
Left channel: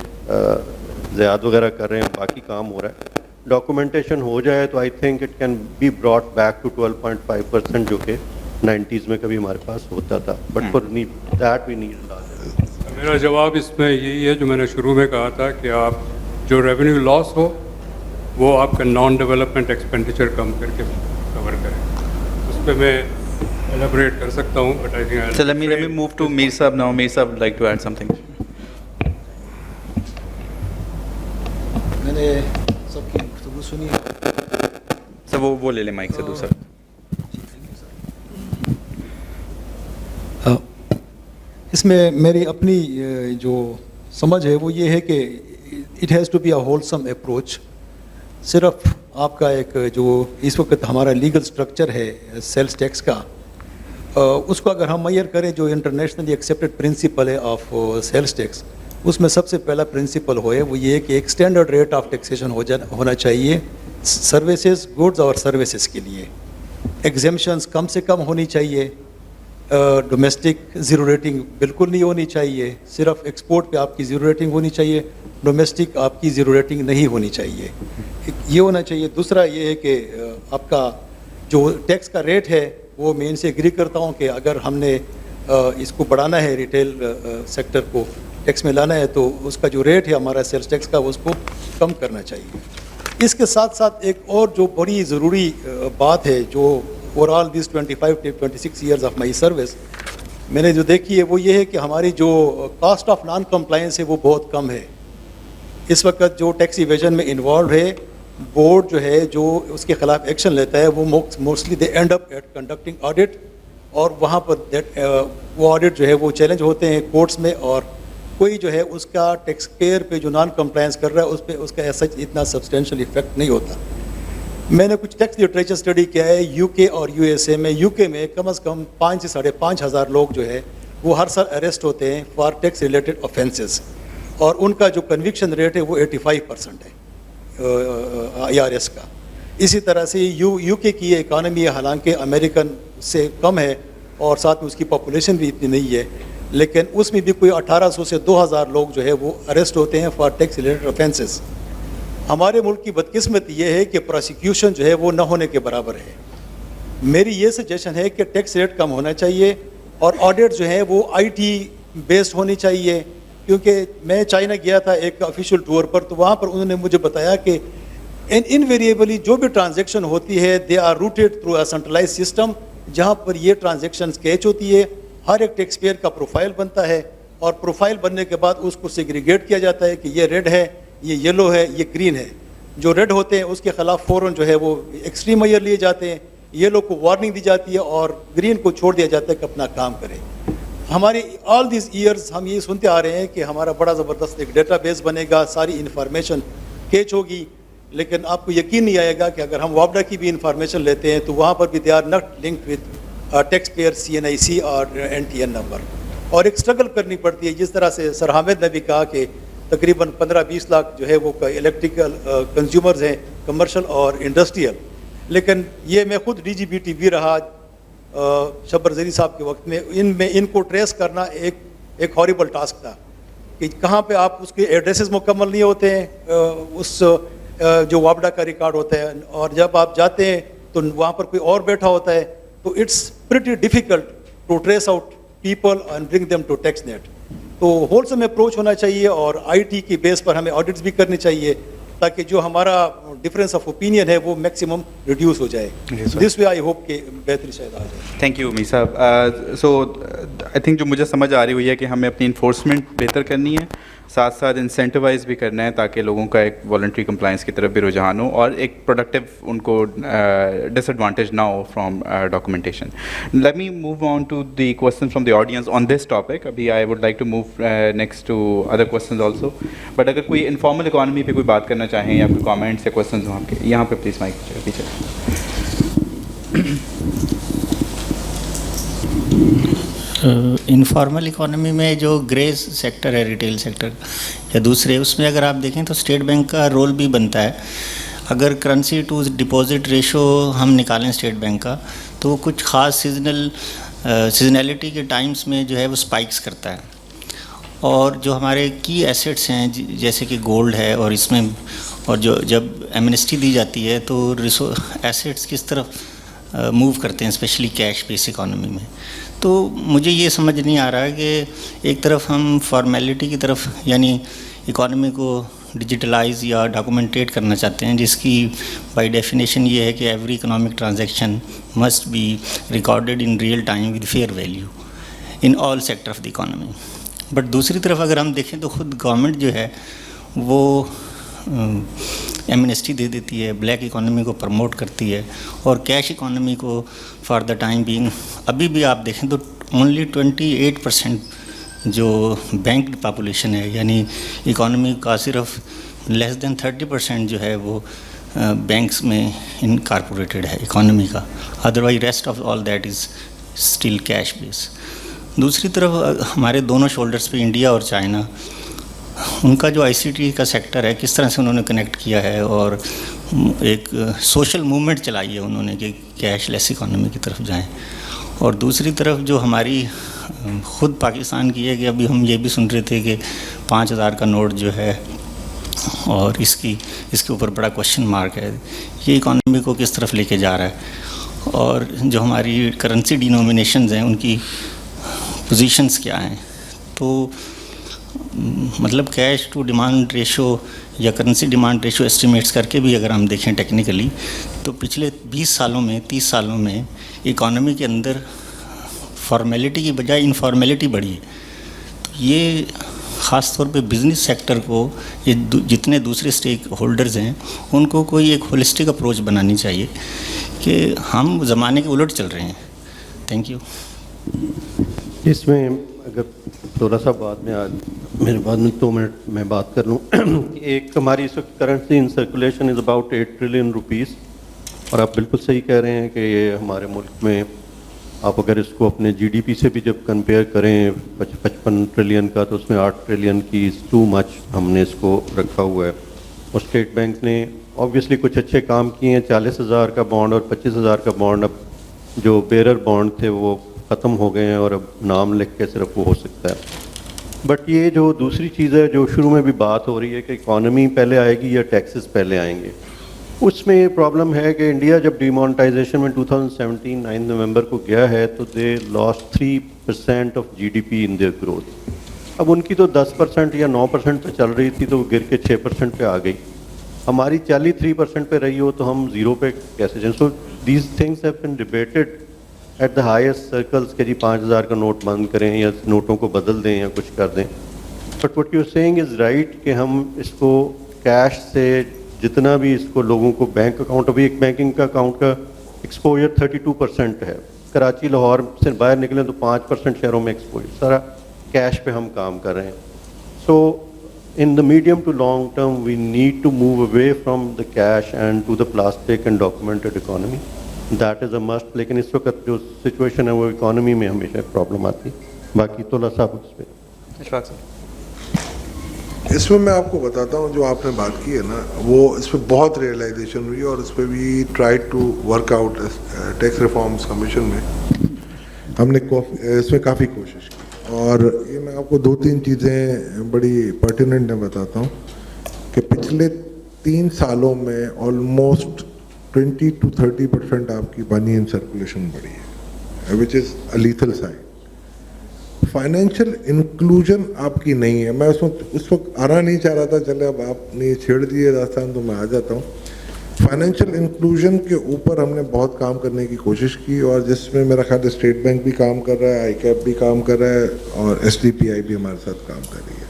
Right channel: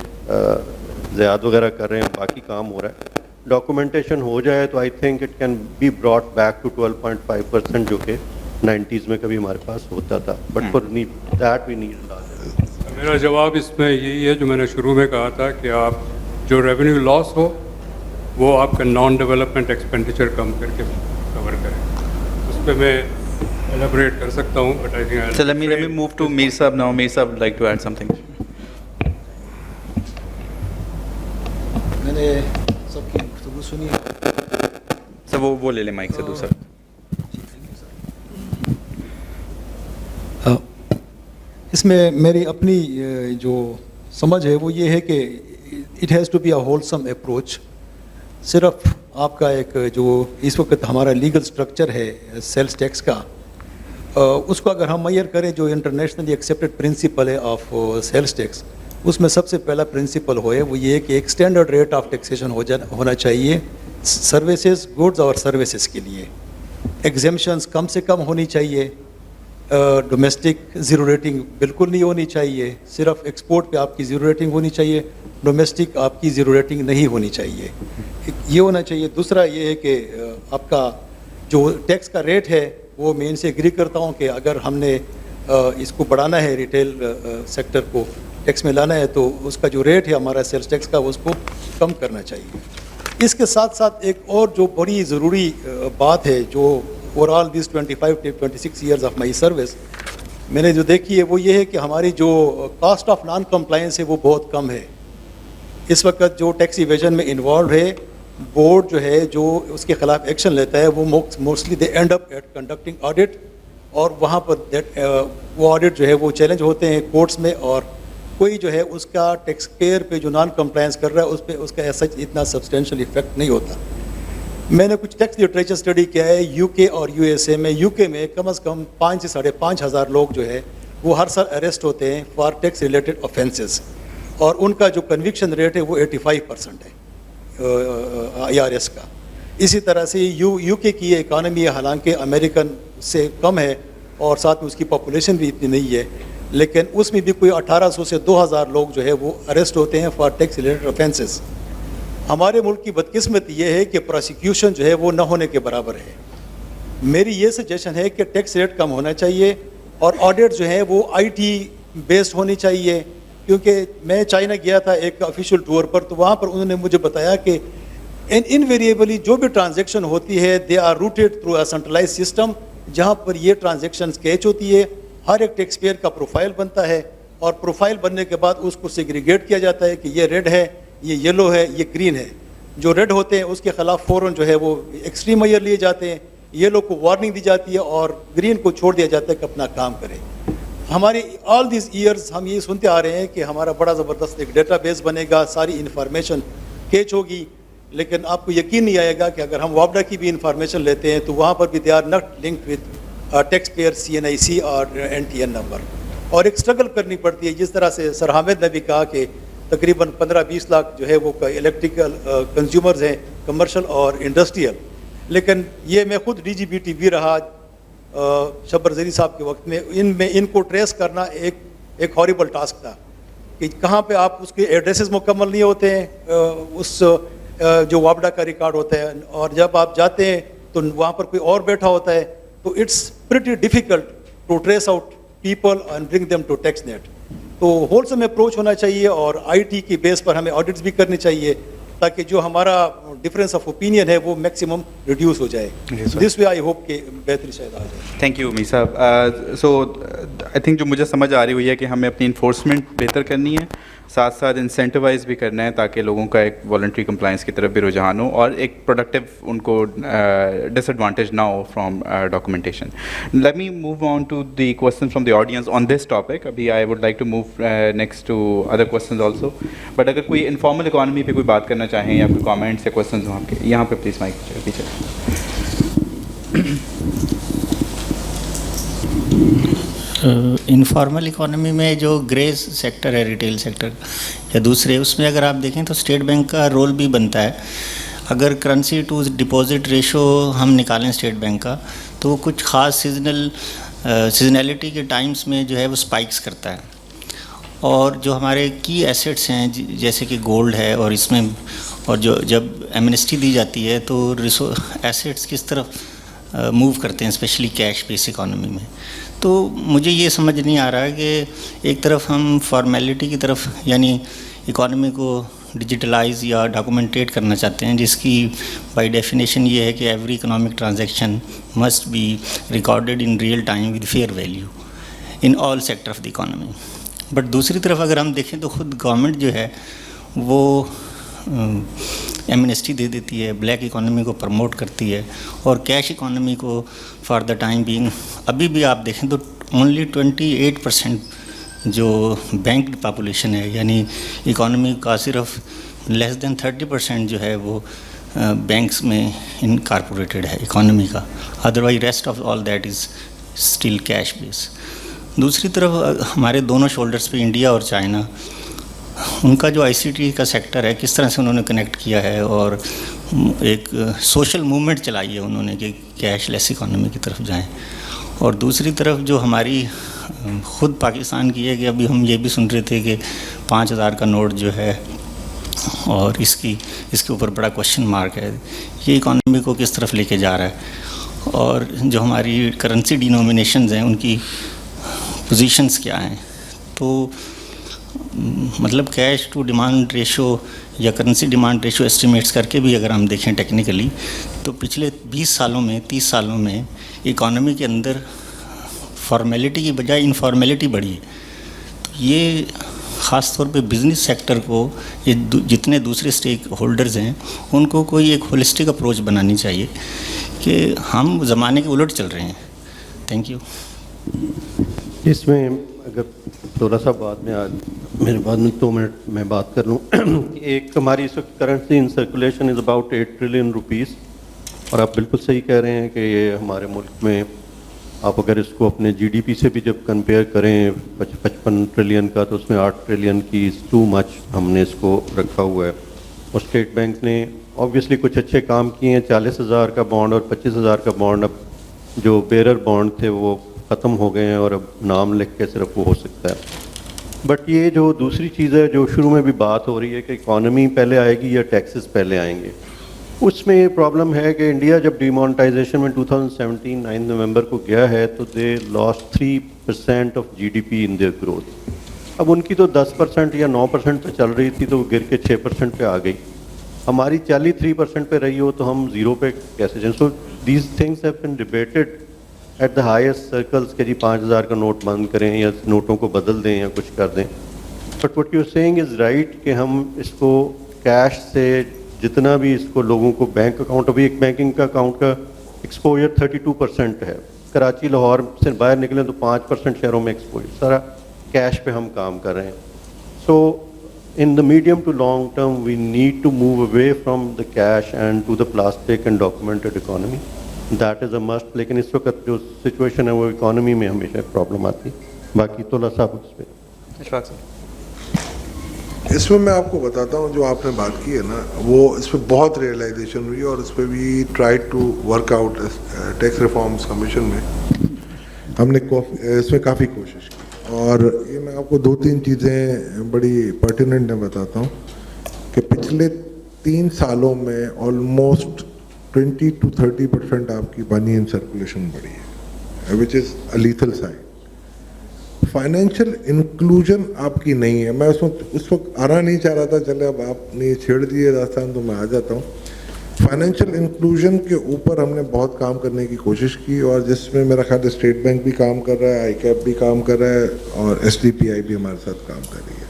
زیاد وغیرہ کر رہے ہیں, باقی کام ہو رہا ہے, ڈاکومنٹیشن ہو جائے تو I think it can be brought back to 12.5% جو کہ 90s میں کبھی ہمارے پاس ہوتا تھا. But for that we need. میرا جواب اس میں یہی ہے جو میں نے شروع میں کہا تھا کہ آپ جو ریونیو لاس ہو وہ آپ کا نان ڈیولپمنٹ ایکسپینڈیچر کم کر کے کور کریں. اس پہ میں ایلیبریٹ کر سکتا ہوں, but I think let me move to Mir Sahab now. Mir Sahab would like to add something. میں نے سب کی گفتگو سنی. سر وہ لے لیں مائک سے دوسرا. اس میں میری اپنی جو سمجھ ہے وہ یہ ہے کہ it has to be a wholesome approach. صرف آپ کا ایک جو اس وقت ہمارا لیگل سٹرکچر ہے سیلس ٹیکس کا, اس کو اگر ہم میئر کریں جو انٹرنیشنلی ایکسیپٹڈ پرنسپل ہے آف سیلس ٹیکس, اس میں سب سے پہلا پرنسپل ہے وہ یہ کہ ایک اسٹینڈرڈ ریٹ آف ٹیکسیشن ہونا چاہیے سروسز, گڈز اور سروسز کے لیے. ایگزیمشنز کم سے کم ہونی چاہیے. ڈومیسٹک زیرو ریٹنگ بالکل نہیں ہونی چاہیے. صرف ایکسپورٹ پہ آپ کی زیرو ریٹنگ ہونی چاہیے, ڈومیسٹک آپ کی زیرو ریٹنگ نہیں ہونی چاہیے. یہ ہونا چاہیے. دوسرا یہ ہے کہ آپ کا جو ٹیکس کا ریٹ ہے وہ میں ان سے ایگری کرتا ہوں کہ اگر ہم نے اس کو بڑھانا ہے, ریٹیل سیکٹر کو ٹیکس میں لانا ہے, تو اس کا جو ریٹ ہے ہمارا سیلس ٹیکس کا اس کو کم کرنا چاہیے. اس کے ساتھ ساتھ ایک اور جو بڑی ضروری بات ہے جو overall these 26 years of my service میں نے جو دیکھی ہے وہ یہ ہے کہ ہماری جو کاسٹ آف نان کمپلائنس ہے وہ بہت کم ہے. اس وقت جو ٹیکس ایویژن میں انوالو ہے بورڈ جو ہے جو اس کے خلاف ایکشن لیتا ہے وہ mostly they end up at conducting audit, اور وہاں پر وہ آڈٹ جو ہے وہ چیلنج ہوتے ہیں کورٹس میں, اور کوئی جو ہے اس کا ٹیکس پیئر پہ جو نان کمپلائنس کر رہا ہے اس پہ اس کا ایسا اتنا سبسٹینشیل افیکٹ نہیں ہوتا. میں نے کچھ ٹیکس لٹریچر اسٹڈی کیا ہے یو کے اور یو ایس اے میں. یو کے میں کم از کم 5 سے 5,500 لوگ جو ہے وہ ہر سال اریسٹ ہوتے ہیں فار ٹیکس ریلیٹڈ آفینسز, اور ان کا جو کنوکشن ریٹ ہے وہ 85% ہے IRS کا. اسی طرح سے یو کے کی اکانومی حالانکہ امریکن سے کم ہے اور ساتھ میں اس کی پاپولیشن بھی اتنی نہیں ہے, لیکن اس میں بھی کوئی 1800 سے 2000 لوگ جو ہے وہ اریسٹ ہوتے ہیں فار ٹیکس ریلیٹڈ آفینسز. ہمارے ملک کی بدقسمتی یہ ہے کہ پروسیکیوشن جو ہے وہ نہ ہونے کے برابر ہے. میری یہ سجیشن ہے کہ ٹیکس ریٹ کم ہونا چاہیے اور آڈٹ جو ہے وہ IT بیسڈ ہونی چاہیے, کیونکہ میں چائنا گیا تھا ایک آفیشیل ٹور پر, تو وہاں پر انہوں نے مجھے بتایا کہ انویریبلی جو بھی ٹرانزیکشن ہوتی ہے they are routed through a centralise system, جہاں پر یہ ٹرانزیکشن کیچ ہوتی ہے. ہر ایک ٹیکس پیئر کا پروفائل بنتا ہے, اور پروفائل بننے کے بعد اس کو سیگریگیٹ کیا جاتا ہے کہ یہ ریڈ ہے, یہ یلو ہے, یہ گرین ہے. جو ریڈ ہوتے ہیں اس کے خلاف فوراً جو ہے وہ ایکسٹریم میئر لیے جاتے ہیں, یلو کو وارننگ دی جاتی ہے اور گرین کو چھوڑ دیا جاتا ہے کہ اپنا کام کرے. ہماری آل دیز ایئرز ہم یہ سنتے آ رہے ہیں کہ ہمارا بڑا زبردست ایک ڈیٹا بیس بنے گا, ساری انفارمیشن کیچ ہوگی, لیکن آپ کو یقین نہیں آئے گا کہ اگر ہم وابڈا کی بھی انفارمیشن لیتے ہیں تو وہاں پر بھی they are not linked with taxpayer CNIC اور NTN نمبر, اور ایک اسٹرگل کرنی پڑتی ہے. جس طرح سے سر حامد نے بھی کہا کہ تقریباً 15-20 لاکھ جو ہے وہ الیکٹریکل کنزیومرز ہیں, کمرشل اور انڈسٹریل. لیکن یہ میں خود DGBT بھی رہا شبر زری صاحب کے وقت میں, ان کو ٹریس کرنا ایک ہاریبل ٹاسک تھا کہ کہاں پہ آپ اس کے ایڈریسز مکمل نہیں ہوتے ہیں, اس جو وابڈا کا ریکارڈ ہوتا ہے, اور جب آپ جاتے ہیں تو وہاں پر کوئی اور بیٹھا ہوتا ہے, تو it's pretty difficult to trace out people and bring them to tax net. تو ہولسم اپروچ ہونا چاہیے اور IT کی بیس پر ہمیں آڈٹس بھی کرنی چاہیے تاکہ جو ہمارا ڈفرینس آف اوپینین ہے وہ میکسیمم ریڈیوس ہو جائے. دس وے آئی ہوپ کہ بہتری شاید آ جائے. تھینک یو می صاحب. سو آئی تھنک جو مجھے سمجھ آ رہی ہوئی ہے کہ ہمیں اپنی انفورسمنٹ بہتر کرنی ہے, ساتھ ساتھ انسینٹیوائز بھی کرنا ہے تاکہ لوگوں کا ایک والنٹری کمپلائنس کی طرف بھی رجحان ہو اور ایک پروڈکٹیو ان کو ڈس ایڈوانٹیج نہ ہو from documentation. Let me move on to the question from the audience on this topic. ابھی I would like to move next to other questions also, but اگر کوئی انفارمل اکانومی پہ کوئی بات کرنا چاہیں یا کوئی کامنٹس یا کوشچنز ہوں آپ کے, یہاں پہ پلیز مائک پیچھے. انفارمل اکانومی میں جو گریز سیکٹر ہے, ریٹیل سیکٹر یا دوسرے, اس میں اگر آپ دیکھیں تو اسٹیٹ بینک کا رول بھی بنتا ہے. اگر کرنسی ٹو ڈپازٹ ریشو ہم نکالیں اسٹیٹ بینک کا, تو وہ کچھ خاص سیزنیلٹی کے ٹائمز میں جو ہے وہ اسپائکس کرتا ہے. اور جو ہمارے کی ایسیٹس ہیں جیسے کہ گولڈ ہے, اور اس میں اور جو جب ایمنسٹی دی جاتی ہے تو ایسیٹس کس طرف موو کرتے ہیں, اسپیشلی کیش بیس اکانومی میں. تو مجھے یہ سمجھ نہیں آ رہا کہ ایک طرف ہم فارمیلٹی کی طرف یعنی اکانومی کو ڈیجیٹلائز یا ڈاکومنٹیٹ کرنا چاہتے ہیں, جس کی بائی ڈیفینیشن یہ ہے کہ every economic transaction must be recorded in real time with fair value in all sector of the economy. But دوسری طرف اگر ہم دیکھیں تو خود گورنمنٹ جو ہے وہ ایمنسٹی دے دیتی ہے, بلیک اکانومی کو پروموٹ کرتی ہے, اور کیش اکانومی کو فار دا ٹائم بینگ ابھی بھی آپ دیکھیں تو اونلی 28% جو بینک پاپولیشن ہے, یعنی اکانومی کا صرف لیس دین 30% جو ہے وہ بینکس میں انکارپوریٹڈ ہے اکانومی کا, otherwise rest of all that is still cash based. دوسری طرف ہمارے دونوں شولڈرز پہ انڈیا اور چائنا, ان کا جو ICT کا سیکٹر ہے کس طرح سے انہوں نے کنیکٹ کیا ہے اور ایک سوشل موومنٹ چلائی ہے انہوں نے کہ کیش لیس اکانومی کی طرف جائیں. اور دوسری طرف جو ہماری خود پاکستان کی ہے کہ ابھی ہم یہ بھی سن رہے تھے کہ 5,000 کا نوٹ جو ہے اور اس کے اوپر بڑا کوشچن مارک ہے, یہ اکانومی کو کس طرف لے کے جا رہا ہے, اور جو ہماری کرنسی ڈینومینیشنز ہیں ان کی پوزیشنز کیا ہیں. تو مطلب کیش ٹو ڈیمانڈ ریشو یا کرنسی ڈیمانڈ ریشو اسٹیمیٹس کر کے بھی اگر ہم دیکھیں ٹیکنیکلی تو پچھلے 20 سالوں میں 30 سالوں میں اکانومی کے اندر فارمیلٹی کی بجائے انفارمیلٹی بڑھی ہے. یہ خاص طور پہ بزنس سیکٹر کو یہ جتنے دوسرے اسٹیک ہولڈرز ہیں ان کو کوئی ایک ہولسٹک اپروچ بنانی چاہیے کہ ہم زمانے کے الٹ چل رہے ہیں. Thank you. اس میں اگر تھوڑا سا بعد میں میرے بعد میں 2 منٹ میں بات کر لوں. ایک ہماری اس وقت currency in circulation is about 8 trillion rupees, اور آپ بالکل صحیح کہہ رہے ہیں کہ یہ ہمارے ملک میں آپ اگر اس کو اپنے جی ڈی پی سے بھی جب کمپیئر کریں 55 ٹریلین کا تو اس میں 8 ٹریلین کی از ٹو مچ ہم نے اس کو رکھا ہوا ہے. اور اسٹیٹ بینک نے آبویسلی کچھ اچھے کام کیے ہیں. 40,000 کا بانڈ اور 25,000 کا بانڈ اب جو بیرر بانڈ تھے وہ ختم ہو گئے ہیں اور اب نام لکھ کے صرف وہ ہو سکتا ہے. بٹ یہ جو دوسری چیز ہے جو شروع میں بھی بات ہو رہی ہے کہ اکانومی پہلے آئے گی یا ٹیکسز پہلے آئیں گے, اس میں یہ پرابلم ہے کہ انڈیا جب ڈی مانیٹائزیشن میں 2017 9 نومبر کو گیا ہے تو they last 3% of G D P in their growth. اب ان کی تو 10% یا 9% پہ چل رہی تھی تو وہ گر کے 6% پہ آ گئی. ہماری 43% پہ رہی ہو تو ہم 0 پہ کیسے جائیں. So these things have been debated at the highest circles کہ جی 5,000 کا نوٹ بند کریں یا نوٹوں کو بدل دیں یا کچھ کر دیں. But what you seeing is right کہ ہم اس کو کیش سے جتنا بھی اس کو لوگوں کو بینک اکاؤنٹ, ابھی ایک بینکنگ کا اکاؤنٹ کا ایکسپوجر 32% ہے. کراچی لاہور سے باہر نکلیں تو 5% شہروں میں ایکسپوجر, سارا کیش پہ ہم کام کر رہے ہیں. سو in the medium to long term we need to move away from the cash and to the plastic and documented economy. That is a must. لیکن اس وقت جو سچویشن ہے وہ اکانومی میں ہمیشہ پرابلم آتی. باقی تو اللہ صاحب اس پہ اس میں میں آپ کو بتاتا ہوں جو آپ نے بات کی ہے نا وہ اس پہ بہت ریئلائزیشن ہوئی اور اس پہ بھی try to work out tax reforms commission میں ہم نے اس میں کافی کوشش کی. اور یہ میں آپ کو 2-3 چیزیں بڑی پرٹیننٹ میں بتاتا ہوں کہ پچھلے 3 سالوں میں آلموسٹ 20 to 30% آپ کی منی ان سرکولیشن بڑھی ہے وچ از اے لیتھل سائن. فائنینشیل انکلوژن آپ کی نہیں ہے. میں اس وقت آنا نہیں چاہ رہا تھا, چلے اب آپ نے چھیڑ دیے داستان تو میں آ جاتا ہوں. فائنینشیل انکلوژن کے اوپر ہم نے بہت کام کرنے کی کوشش کی اور جس میں میرا خیال اسٹیٹ بینک بھی کام کر رہا ہے, آئی کیپ بھی کام کر رہا ہے اور ایس ڈی پی آئی بھی ہمارے ساتھ کام کر رہی ہے.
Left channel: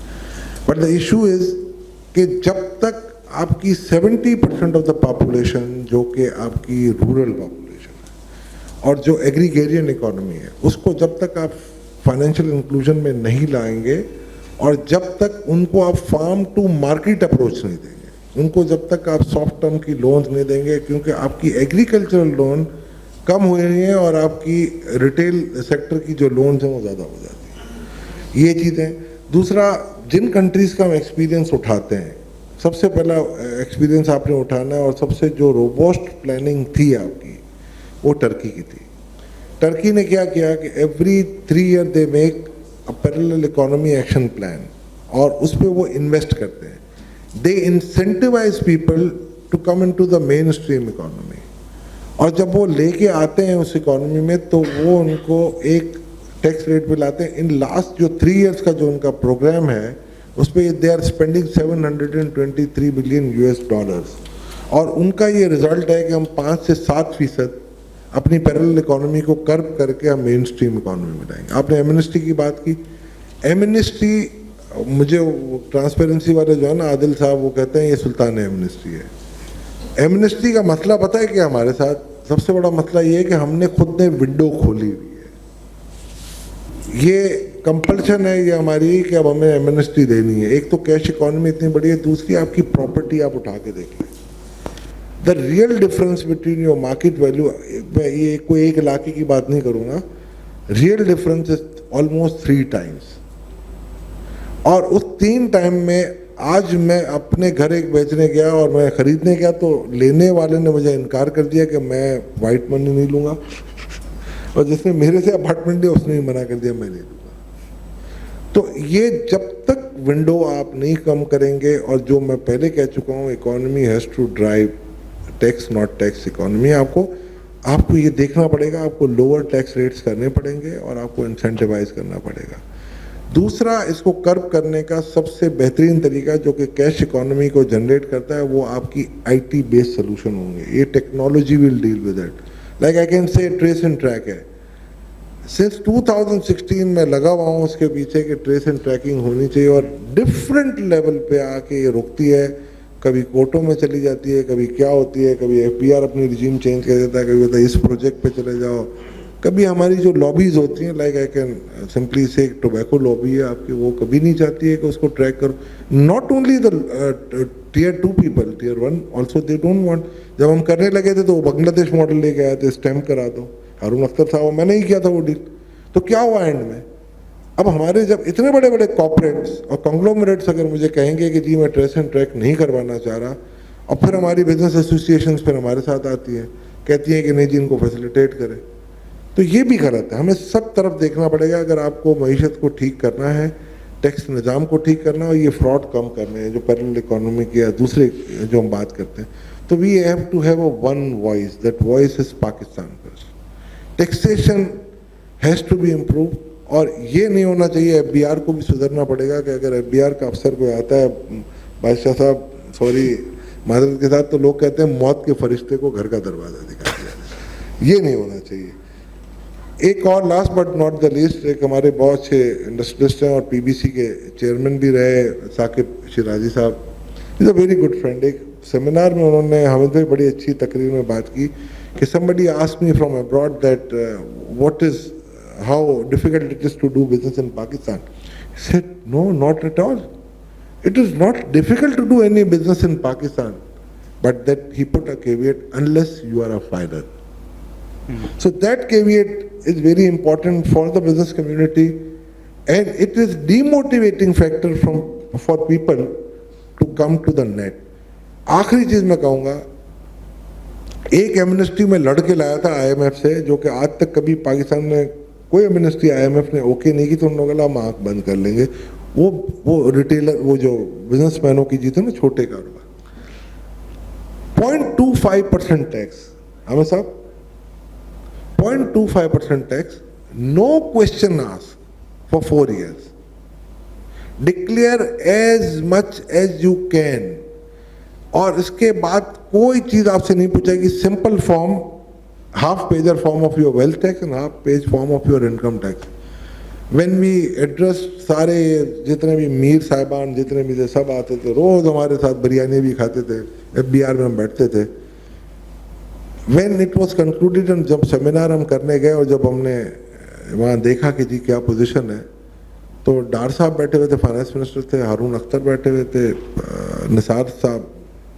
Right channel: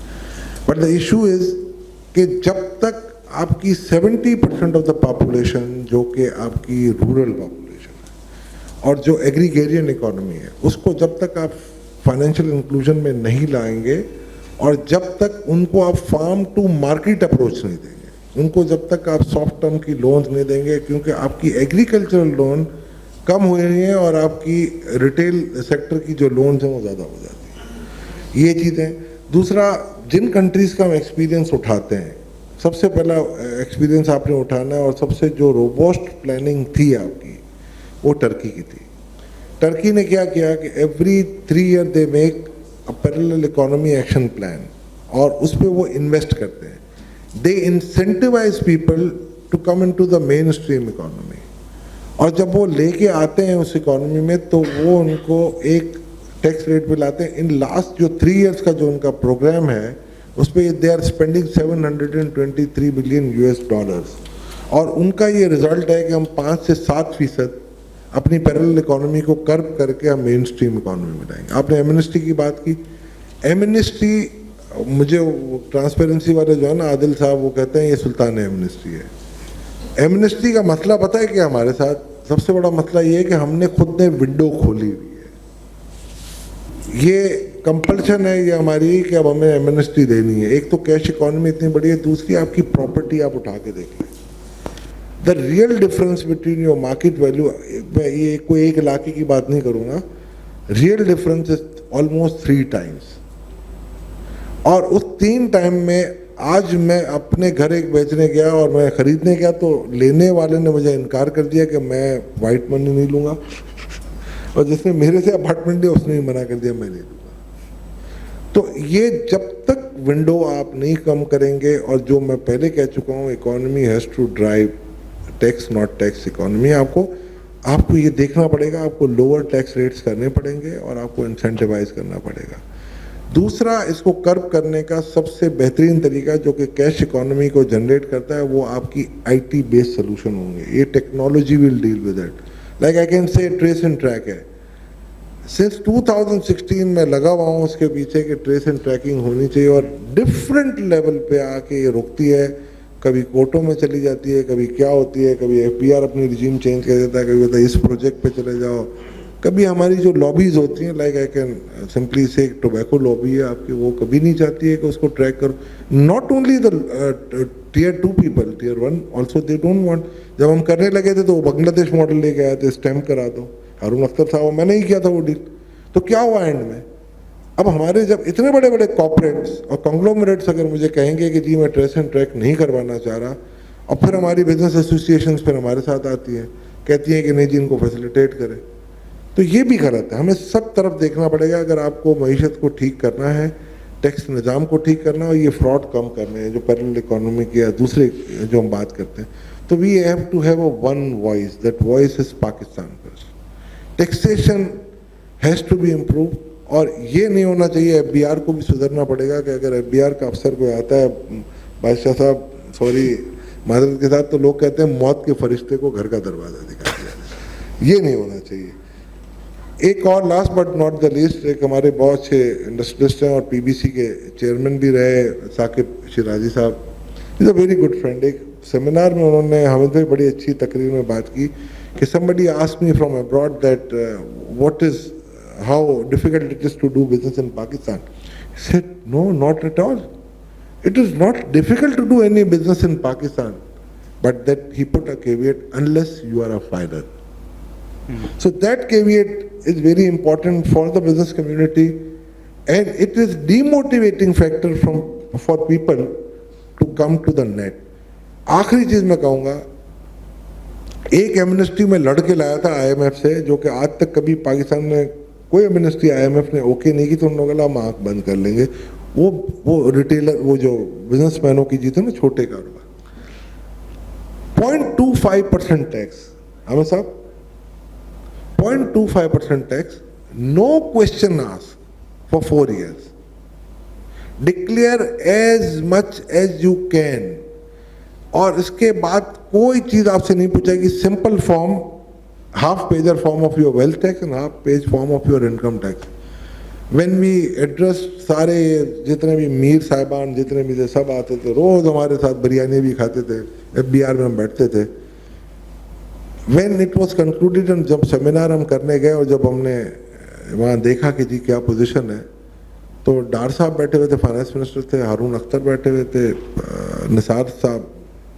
بٹ دا ایشو از کہ جب تک آپ کی 70% آف دا پاپولیشن جو کہ آپ کی رورل پاپولیشن ہے اور جو ایگریگیرین اکانومی ہے اس کو جب تک آپ فائنینشیل انکلوژن میں نہیں لائیں گے اور جب تک ان کو آپ فارم ٹو مارکیٹ اپروچ نہیں دیں گے, ان کو جب تک آپ سافٹ ٹرم کی لونز نہیں دیں گے کیونکہ آپ کی ایگریکلچرل لون کم ہوئی رہی ہیں اور آپ کی ریٹیل سیکٹر کی جو لونز ہیں وہ زیادہ ہو جاتی ہیں. یہ چیزیں. دوسرا, جن کنٹریز کا ہم ایکسپیرینس اٹھاتے ہیں سب سے پہلا ایکسپیرینس آپ نے اٹھانا ہے اور سب سے جو روبوسٹ پلاننگ تھی آپ کی وہ ٹرکی کی تھی. ٹرکی نے کیا کیا کہ every 3 year they make a parallel economy action plan اور اس پہ وہ انویسٹ کرتے ہیں. They incentivize people to come into the mainstream economy اور جب وہ لے کے آتے ہیں اس اکانومی میں تو وہ ان کو ایک ٹیکس ریٹ پہ لاتے ہیں. ان لاسٹ جو 3 years کا جو ان کا پروگرام ہے اس پہ دے آر اسپینڈنگ $723 billion اور ان کا یہ رزلٹ ہے کہ ہم 5 سے 7% اپنی پیرلل اکانومی کو کرب کر کے ہم مین اسٹریم اکانومی میں لائیں گے. آپ نے ایمنسٹی کی بات کی. ایمنسٹی مجھے ٹرانسپیرنسی والے جو ہے نا عادل صاحب وہ کہتے ہیں یہ سلطان ایمنسٹی ہے. ایمنسٹی کا مسئلہ پتہ ہے کہ ہمارے ساتھ سب سے بڑا مسئلہ یہ ہے کہ ہم نے خود نے ونڈو کھولی ہوئی ہے. یہ کمپلشن ہے یہ ہماری کہ اب ہمیں ایمنسٹی دینی ہے. ایک تو کیش اکانومی اتنی بڑی ہے, دوسری آپ کی پراپرٹی آپ اٹھا کے دیکھ لیں. The real difference between your market value, میں یہ کوئی ایک علاقے کی بات نہیں کروں گا, real difference is almost 3 times. اور اس 3 ٹائم میں آج میں اپنے گھر ایک بیچنے گیا اور میں خریدنے گیا تو لینے والے نے مجھے انکار کر دیا کہ میں وائٹ منی نہیں لوں گا اور جس نے میرے سے اپارٹمنٹ لیا اس نے بھی منع کر دیا میں نہیں لوں گا. تو یہ جب تک ونڈو آپ نہیں کم کریں گے, اور جو میں پہلے کہہ چکا ہوں economy has to drive tax not tax economy. آپ کو یہ دیکھنا پڑے گا, آپ کو لوور ٹیکس ریٹس کرنے پڑیں گے اور آپ کو انسینٹیوائز کرنا پڑے گا. دوسرا اس کو کرب کرنے کا سب سے بہترین طریقہ جو کہ کیش اکانومی کو جنریٹ کرتا ہے وہ آپ کی آئی ٹی بیس سولوشن ہوں گے. یہ technology will deal with it. Like I can say trace and track ہے. سنس 2016 میں لگا ہوا ہوں اس کے پیچھے کہ ٹریس اینڈ ٹریکنگ ہونی چاہیے, اور ڈفرینٹ لیول پہ آ کے یہ رکتی ہے. کبھی کورٹوں میں چلی جاتی ہے, کبھی کیا ہوتی ہے, کبھی ایف پی آر اپنی رجیم چینج کر دیتا ہے, کبھی ہوتا ہے اس پروجیکٹ پہ چلے جاؤ, کبھی ہماری جو لابیز ہوتی ہیں لائک آئی کین سمپلی سے ٹوبیکو لابی ہے آپ کی, وہ کبھی نہیں چاہتی ہے کہ اس کو ٹریک کرو. Not only the tier 2 people, tier 1 also they don't want. جب ہم کرنے لگے تھے تو وہ بنگلہ دیش ماڈل لے کے آئے تھے, اسٹیمپ کرا دو. ہارون اختر صاحب میں نے ہی کیا تھا وہ ڈیل. تو کیا ہوا اینڈ میں؟ اب ہمارے جب اتنے بڑے بڑے کارپوریٹس اور کنگلومریٹس اگر مجھے کہیں گے کہ جی میں ٹریس اینڈ ٹریک نہیں کروانا چاہ رہا, اور پھر ہماری بزنس ایسوسیشنز پھر ہمارے ساتھ آتی ہیں, کہتی ہیں کہ نہیں جی ان کو فیسیلیٹیٹ کریں, تو یہ بھی غلط ہے. ہمیں سب طرف دیکھنا پڑے گا اگر آپ کو معیشت کو ٹھیک کرنا ہے, ٹیکس نظام کو ٹھیک کرنا ہے, اور یہ فراڈ کم کرنے ہیں جو پیرل اکانومی یا دوسرے جو ہم بات کرتے ہیں. تو we have to have a one voice, that voice is Pakistan first. Taxation has to be improve, اور یہ نہیں ہونا چاہیے. ایف بی آر کو بھی سدھرنا پڑے گا کہ اگر ایف بی آر کا افسر کوئی آتا ہے, بادشاہ صاحب سوری معذرت کے ساتھ, تو لوگ کہتے ہیں موت کے فرشتے کو گھر کا دروازہ دکھا دیا. یہ نہیں ہونا چاہیے. ایک اور last but not the least, ایک ہمارے بہت اچھے انڈسٹریلسٹ ہیں اور پی بی سی کے چیئرمین بھی رہے, ثاقب شیرازی صاحب, از اے ویری گڈ فرینڈ. ایک سیمینار میں انہوں نے ہمیں سے بڑی اچھی تقریر میں بات کی کہ somebody asked me from abroad that how difficult it is to do business in Pakistan. He said, no, not at all. It is not difficult to do any business in Pakistan, but that he put a caveat, unless you are a filer. So that caveat is very important for the business community, and it is demotivating factor for people to come to the net. آخری چیز میں کہوں گا, ایک Amnesty میں لڑ کے لایا تھا آئی ایم ایف سے, جو کہ آج تک کبھی پاکستان میں کوئی ایمنسٹی آئی ایم ایف نے اوکے نہیں کی, تو ان لوگوں نے ہم آنکھ بند کر لیں گے. وہ ریٹیلر, وہ جو بزنس مینوں کی جیتے نا چھوٹے کاروبار, 0.25% ٹیکس. ہمیں صاحب 0.25% tax, no question asked for 4 years. Declare as much as you can. اور اس کے بعد کوئی چیز آپ سے نہیں پوچھے گی. Simple form, half pager form of your wealth tax and half page form of your income tax. When we address, سارے جتنے بھی میر صاحبان جتنے بھی تھے سب آتے تھے, روز ہمارے ساتھ بریانی بھی کھاتے تھے, ایف بی آر میں ہم بیٹھتے تھے. وین اٹ واز کنکلوڈیڈ, جب سیمینار ہم کرنے گئے اور جب ہم نے وہاں دیکھا کہ جی کیا پوزیشن ہے, تو ڈار صاحب بیٹھے ہوئے تھے, فائنانس منسٹر تھے, ہارون اختر بیٹھے ہوئے تھے, نثار صاحب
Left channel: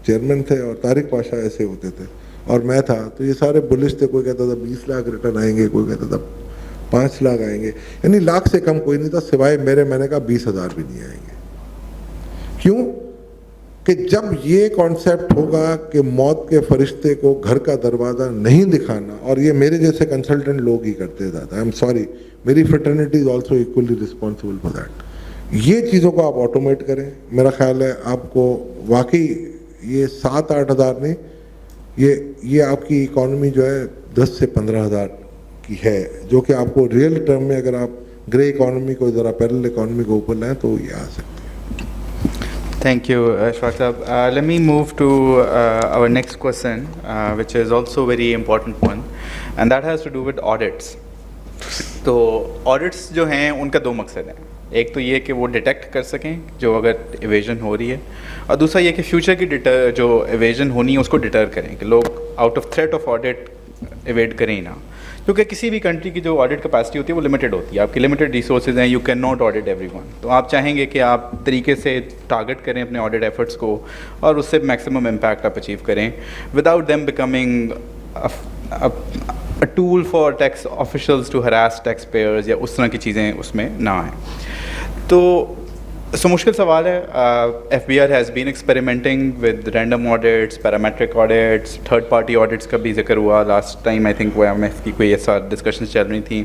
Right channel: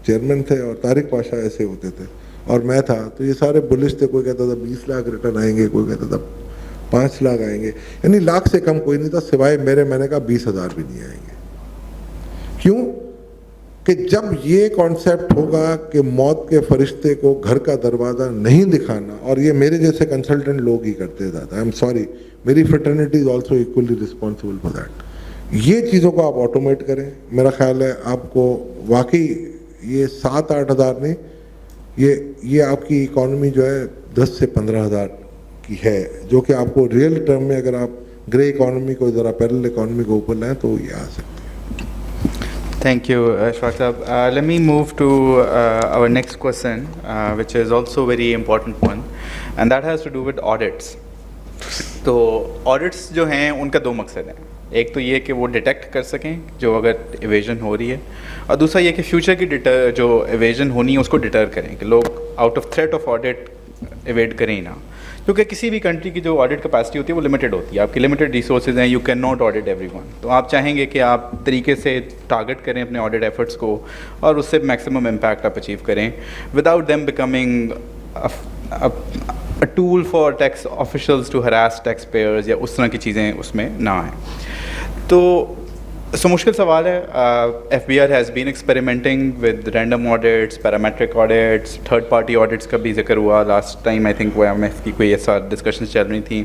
چیئرمین تھے, اور طارق پاشا ایسے ہوتے تھے, اور میں تھا. تو یہ سارے بلش تھے. کوئی کہتا تھا 20 لاکھ ریٹرن آئیں گے, کوئی کہتا تھا 5 لاکھ آئیں گے, یعنی لاکھ سے کم کوئی نہیں تھا سوائے میرے. میں نے کہا 20,000 بھی نہیں آئیں گے. کیوں کہ جب یہ کانسیپٹ ہوگا کہ موت کے فرشتے کو گھر کا دروازہ نہیں دکھانا, اور یہ میرے جیسے کنسلٹنٹ لوگ ہی کرتے تھے, آئی ایم سوری, میری fraternity is also equally responsible for that. یہ چیزوں کو آپ آٹومیٹ کریں. میرا خیال ہے آپ کو واقعی یہ 7-8 ہزار نہیں, یہ آپ کی اکانومی جو ہے 10 سے 15 ہزار کی ہے, جو کہ آپ کو ریئل ٹرم میں اگر آپ گرے اکانومی کو ذرا پیرل اکانومی کو اوپر لائیں تو یہ آ سکتے ہیں. Thank you, Ashfaq Sahab. Let me move to our next question, which is also a very important one, and that has to do with audits. تو audits جو ہیں ان کا 2 مقصد ہیں. ایک تو یہ کہ وہ ڈیٹیکٹ کر سکیں جو اگر ایویژن ہو رہی ہے, اور دوسرا یہ کہ فیوچر کی جو ایویژن ہونی ہے اس کو ڈیٹر کریں, کہ لوگ out of threat of audit avoid کریں نا. کیونکہ کسی بھی کنٹری کی جو آڈٹ کیپیسٹی ہوتی ہے وہ لمیٹڈ ہوتی ہے, آپ کی لمیٹڈ ریسورسز ہیں, you can not audit every one. تو آپ چاہیں گے کہ آپ طریقے سے ٹارگٹ کریں اپنے آڈٹ ایفرٹس کو, اور اس سے میکسیمم امپیکٹ آپ اچیو کریں, without them becoming a tool for tax officials to harass taxpayers, یا اس طرح کی چیزیں اس میں نہ آئیں. تو مشکل سوال ہے. F B R has been experimenting with random audits, parametric audits, third party audits کا بھی ذکر ہوا لاسٹ ٹائم. آئی تھنک وہ ایم ایف کی کوئی ایسا ڈسکشنز چل رہی تھیں.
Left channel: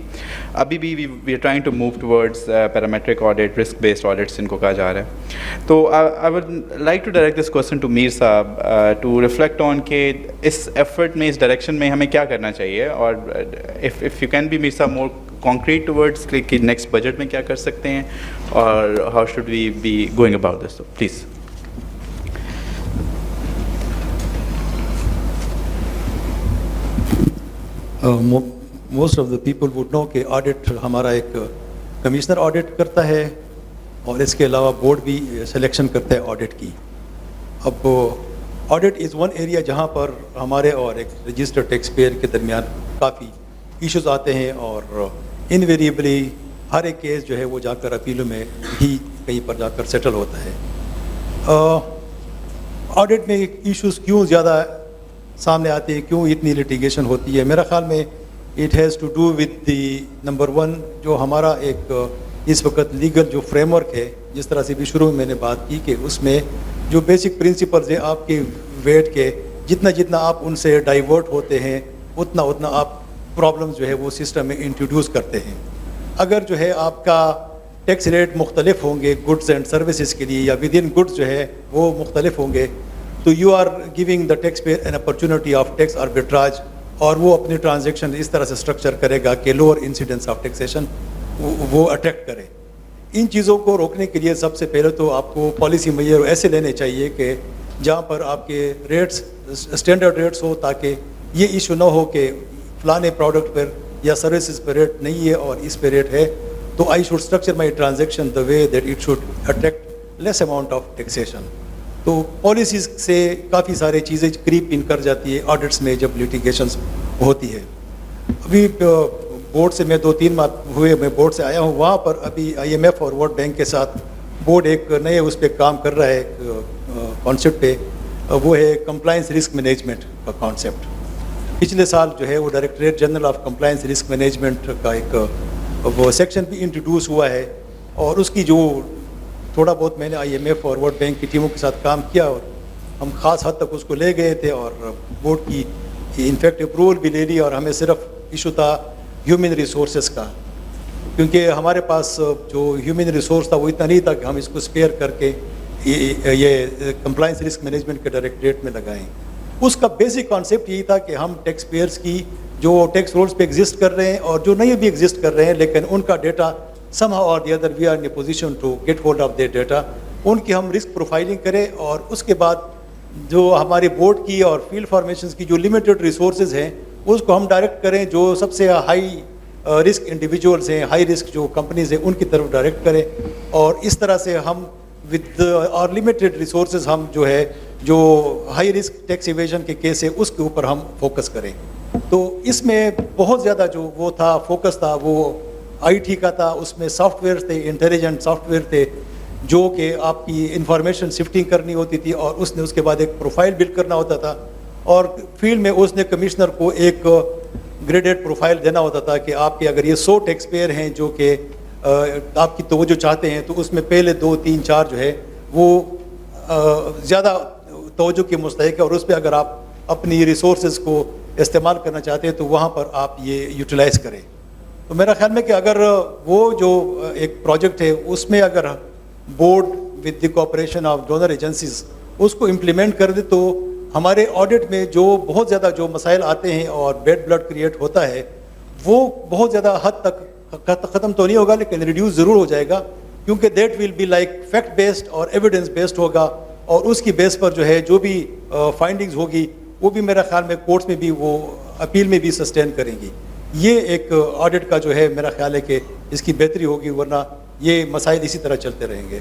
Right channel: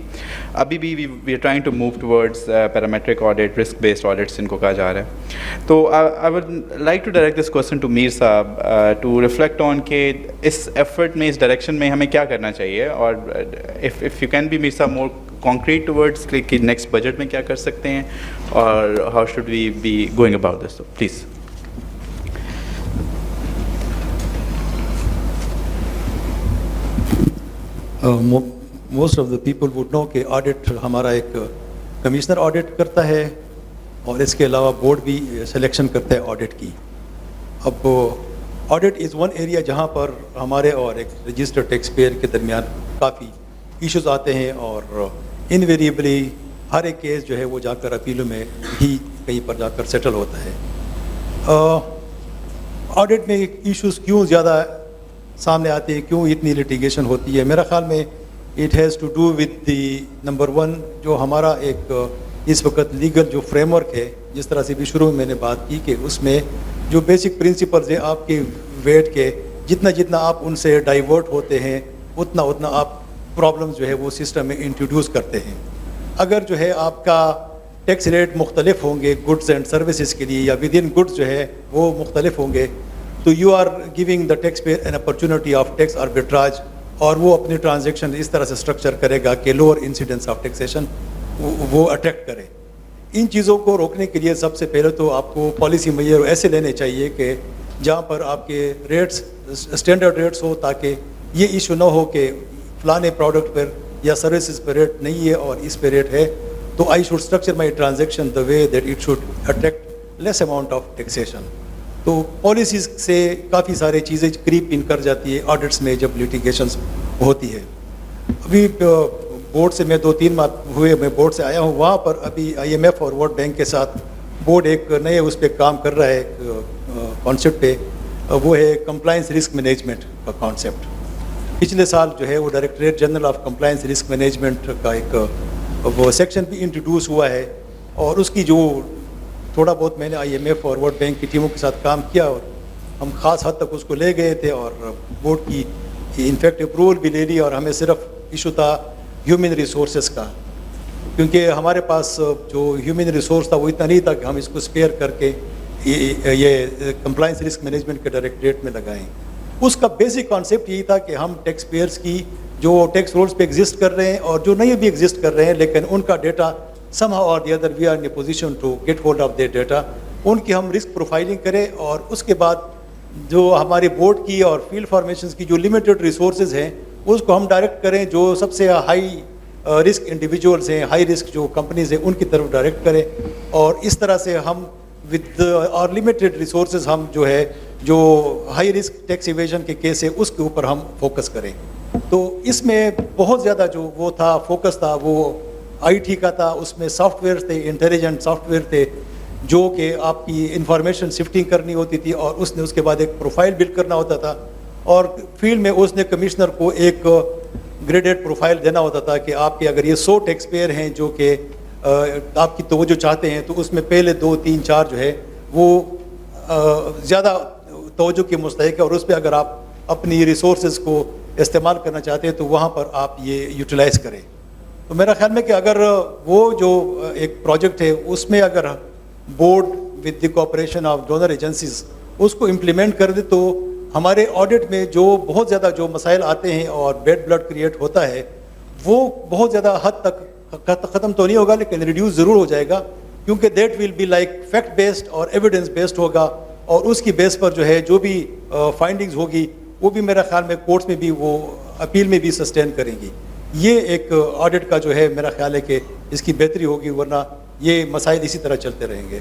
ابھی بھی we are trying to move towards parametric audit, risk based audits جن کو کہا جا رہا ہے. تو I would like to direct this question to Mir sahab to reflect آن کہ اس ایفرٹ میں, اس ڈائریکشن میں ہمیں کیا کرنا چاہیے, اور اف یو کین بی میر صاحب مور concrete towards کہ next budget میں کیا کر سکتے ہیں اور how should we be going about this? So, please. Most of the people would know کہ audit ہمارا ایک کمشنر audit کرتا ہے اور اس کے علاوہ بورڈ بھی سلیکشن کرتا ہے audit کی. اب آڈٹ از ون ایریا جہاں پر ہمارے اور ایک رجسٹرڈ ٹیکس پیئر کے درمیان کافی ایشوز آتے ہیں اور انویریبلی ہر ایک کیس جو ہے وہ جا کر اپیلوں میں ہی کہیں پر جا کر سیٹل ہوتا ہے. آڈٹ میں ایشوز کیوں زیادہ سامنے آتے ہیں, کیوں اتنی لیٹیگیشن ہوتی ہے؟ میرا خیال میں it has to do with the number one جو ہمارا ایک اس وقت لیگل جو فریم ورک ہے, جس طرح سے بھی شروع میں میں نے بات کی کہ اس میں جو بیسک پرنسپلز ہیں آپ کے ویٹ کے, جتنا آپ ان سے ڈائیورٹ ہوتے ہیں اتنا آپ پرابلمز جو ہے وہ سسٹم میں انٹروڈیوس کرتے ہیں. اگر جو ہے آپ کا ٹیکس ریٹ مختلف ہوں گے گڈس اینڈ سروسز کے لیے یا ود ان گڈس جو ہے وہ مختلف ہوں گے تو you are giving the taxpayer an opportunity of tax arbitrage, اور وہ اپنی ٹرانزیکشن اس طرح سے اسٹرکچر کرے گا کہ لوور انسیڈنس آف ٹیکسیشن وہ اٹریکٹ کرے. ان چیزوں کو روکنے کے لیے سب سے پہلے تو آپ کو پالیسی میئر ایسے لینے چاہیے کہ جہاں پر آپ کے ریٹس اسٹینڈرڈ ریٹس ہو, تاکہ یہ ایشو نہ ہو کہ فلانے پروڈکٹ پر یا سروسز پہ ریٹ نہیں ہے اور اس پہ ریٹ ہے, تو I should structure my transaction the way that it should attract less amount of taxation. تو پالیسیز سے کافی ساری چیزیں کریپ ان کر جاتی ہے آڈٹس میں جب لیٹیگیشنز ہوتی ہے. ابھی بورڈ سے میں 2-3 ماہ ہوئے میں بورڈ سے آیا ہوں, وہاں پر ابھی IMF اور ورلڈ بینک کے ساتھ بورڈ ایک نئے اس پہ کام کر رہا ہے کانسیپٹ پہ, وہ ہے کمپلائنس رسک مینجمنٹ کا کانسیپٹ. پچھلے سال جو ہے وہ directorate general of compliance risk management کا ایک وہ سیکشن بھی انٹروڈیوس ہوا ہے, اور اس کی جو تھوڑا بہت میں نے IMF اور ورلڈ بینک کی ٹیموں کے ساتھ کام کیا اور ہم خاص حد تک اس کو لے گئے تھے اور بورڈ کی انفیکٹ اپروول بھی لے لی, اور ہمیں صرف ایشو تھا ہیومن ریسورسز کا, کیونکہ ہمارے پاس جو ہیومن ریسورس تھا وہ اتنا نہیں تھا کہ ہم اس کو اسپیئر کر کے یہ کمپلائنس رسک مینجمنٹ کے ڈائریکٹریٹ میں لگائیں. اس کا بیسک کانسیپٹ یہی تھا کہ ہم ٹیکس پیئرس کی جو ٹیکس رولز پہ ایگزسٹ کر رہے ہیں اور جو نہیں بھی ایگزسٹ کر رہے ہیں لیکن ان کا data somehow or the other we are in a position to get hold of that data, ان کی ہم رسک پروفائلنگ کریں, اور اس کے بعد جو ہمارے بورڈ کی اور فیلڈ فارمیشنز کی جو لمیٹڈ ریسورسز ہیں اس کو ہم ڈائریکٹ کریں, جو سب سے ہائی رسک انڈیویجولز ہیں, ہائی رسک جو کمپنیز ہیں ان کی طرف ڈائریکٹ کریں, اور اس طرح سے ہم ود اور لمیٹڈ ریسورسز ہم جو ہے جو ہائی رسک ٹیکس ایویژن کے کیس ہے اس کے اوپر ہم فوکس کریں. تو اس میں بہت زیادہ جو وہ تھا فوکس تھا وہ IT کا تھا, اس میں سافٹ ویئر تھے, انٹیلیجنٹ سافٹ ویئر تھے جو کہ آپ کی انفارمیشن شفٹنگ کرنی ہوتی تھی, اور اس نے اس کے بعد ایک پروفائل بلڈ کرنا ہوتا تھا, اور فیلڈ میں اس نے کمشنر کو ایک گریڈیڈ پروفائل دینا ہوتا تھا کہ آپ کے اگر یہ 100 ٹیکس پیئر ہیں جو کہ آپ کی توجہ چاہتے ہیں تو اس میں پہلے 2, 3, 4 جو ہے وہ زیادہ توجہ کے مستحق ہے, اور اس پہ اگر آپ اپنی ریسورسز کو استعمال کرنا چاہتے ہیں تو وہاں پر آپ یہ یوٹیلائز کریں. تو میرا خیال میں کہ اگر وہ جو ایک پروجیکٹ ہے اس میں اگر board with the cooperation of donor agencies اس کو امپلیمنٹ کر دے تو ہمارے آڈٹ میں جو بہت زیادہ جو مسائل آتے ہیں اور بیڈ بلڈ کریٹ ہوتا ہے وہ بہت زیادہ حد تک ختم تو نہیں ہوگا لیکن ریڈیوس ضرور ہو جائے گا, کیونکہ that will be like fact based اور ایویڈنس بیسڈ ہوگا, اور اس کی بیس پر جو ہے جو بھی فائنڈنگز ہوگی وہ بھی میرا خیال میں کورٹس میں بھی وہ اپیل میں بھی سسٹین کریں گی. یہ ایک آڈٹ کا جو ہے میرا خیال ہے کہ اس کی بہتری ہوگی, ورنہ یہ مسائل اسی طرح چلتے رہیں گے.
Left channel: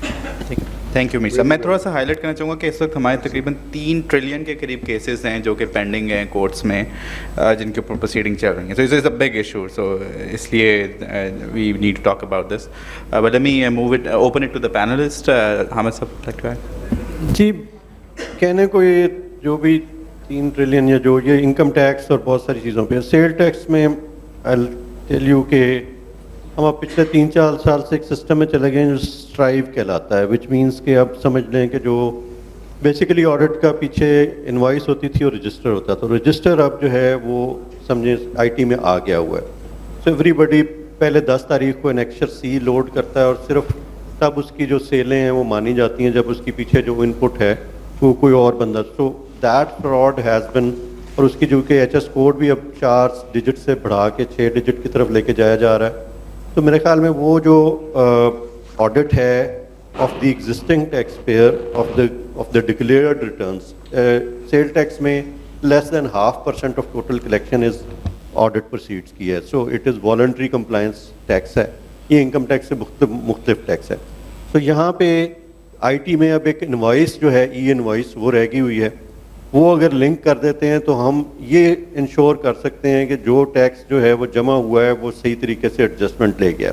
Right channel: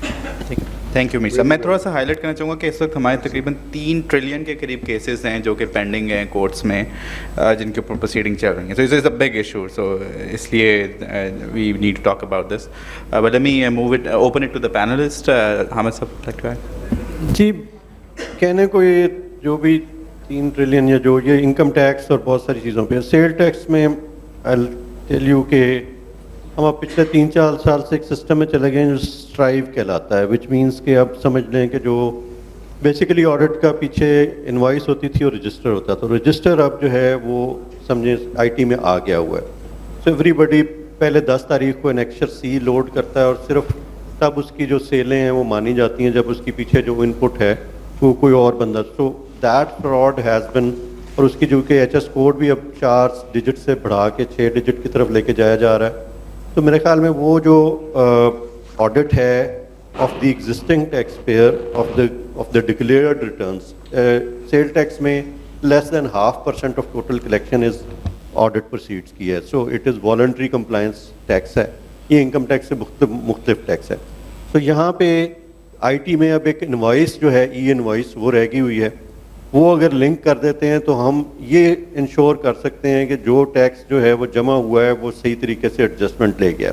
تھینک یو میر صاحب. میں تھوڑا سا ہائی لائٹ کرنا چاہوں گا کہ اس وقت ہمارے تقریباً 3 ٹریلین کے قریب کیسز ہیں جو کہ پینڈنگ ہیں کورٹس میں, جن کے اوپر پروسیڈنگ چل رہی ہیں. So it's a big issue, so اس لیے we need to talk about this. But let me move it open it to the panelist. Hamid sahab. جی, کہنے کو یہ جو بھی 3 ٹریلین یا جو یہ انکم ٹیکس اور بہت ساری چیزوں پہ, سیل ٹیکس میں I'll tell you کہ ہم اب پچھلے 3-4 سال سے ایک سسٹم میں چلے گئے ہیں جو اسٹرائیو کہلاتا ہے, وچ مینس کہ اب سمجھ لیں کہ جو بیسیکلی آڈٹ کا پیچھے انوائس ہوتی تھی اور رجسٹر ہوتا تھا, تو رجسٹر اب جو ہے وہ سمجھیں IT میں آ گیا ہوا ہے. سو ایوری بڈی پہلے 10 تاریخ کو انیکشر C لوڈ کرتا ہے, اور صرف تب اس کی جو سیلیں ہیں وہ مانی جاتی ہیں جب اس کی پیچھے جو ان پٹ ہے وہ کوئی اور بندہ. So that fraud has been, اور اس کی جو کہ HS کوڈ بھی اب 4 ڈیجٹ سے بڑھا کے 6 ڈیجٹ کی طرف لے کے جایا جا رہا ہے. تو میرے خیال میں وہ جو آڈٹ ہے of the existing taxpayer of the declared returns, sale tax میں less than 0.5% of total collection is audit proceeds کی ہے. So it is voluntary compliance tax ہے. یہ انکم ٹیکس سے مختلف ٹیکس ہے. تو یہاں پہ آئی ٹی میں اب ایک انوائس جو ہے ای انوائس وہ رہ گئی ہوئی ہے. وہ اگر لنک کر دیتے ہیں تو ہم یہ انشور کر سکتے ہیں کہ جو ٹیکس جو ہے وہ جمع ہوا ہے وہ صحیح طریقے سے ایڈجسٹمنٹ لے گیا.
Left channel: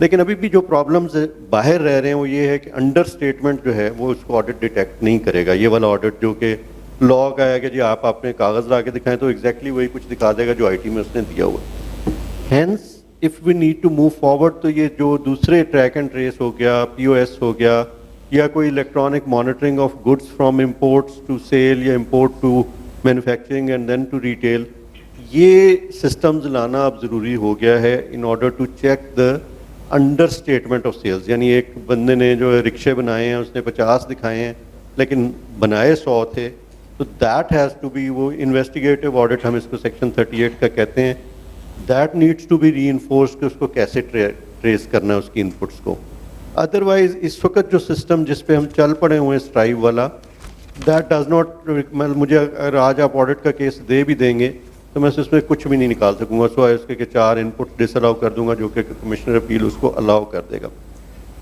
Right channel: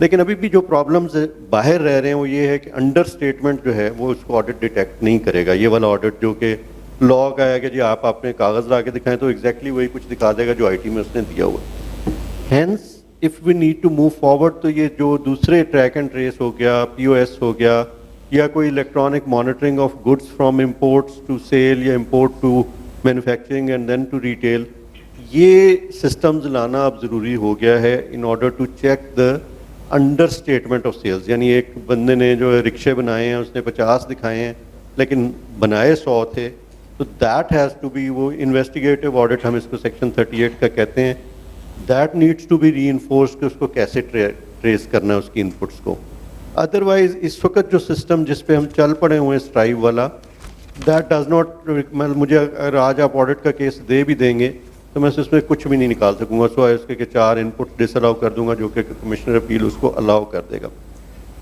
لیکن ابھی بھی جو پرابلمز باہر رہ رہے ہیں وہ یہ ہے کہ انڈر اسٹیٹمنٹ جو ہے وہ اس کو آڈٹ ڈیٹیکٹ نہیں کرے گا. یہ والا آڈٹ جو کہ لا کا ہے کہ جی آپ اپنے کاغذ لا کے دکھائیں تو ایگزیکٹلی وہی کچھ دکھا دے گا جو آئی ٹی میں اس نے دیا ہوا. Hence if we need to move forward تو یہ جو دوسرے ٹریک اینڈ ٹریس ہو گیا، پی او ایس ہو گیا، یا کوئی electronic monitoring of goods from imports to sale یا import to manufacturing and then to retail, یہ سسٹمز لانا اب ضروری ہو گیا ہے in order to check the understatement of sales. یعنی ایک بندے نے جو رکشے بنائے ہیں اس نے 50 دکھائے ہیں لیکن بنائے 100 تھے، تو دیٹ ہیز ٹو بی، وہ انویسٹیگیٹو آڈٹ ہم اس کو سیکشن 38 کا کہتے ہیں، that needs to be reinforced کہ اس کو کیسے ٹریس کرنا ہے اس کی انپٹس کو. ادروائز اس وقت جو سسٹم جس پہ ہم چل پڑے ہوئے ہیں اسٹرائیو والا، دیٹ ڈز ناٹ، مجھے اگر آج آپ آڈٹ کا کیس دے بھی دیں گے تو میں اس میں کچھ بھی نہیں نکال سکوں گا سوائے اس کے کہ 4 انپٹ ڈس الاؤ کر دوں گا جو کہ کمشنر اپیل اس کو الاؤ کر دے گا.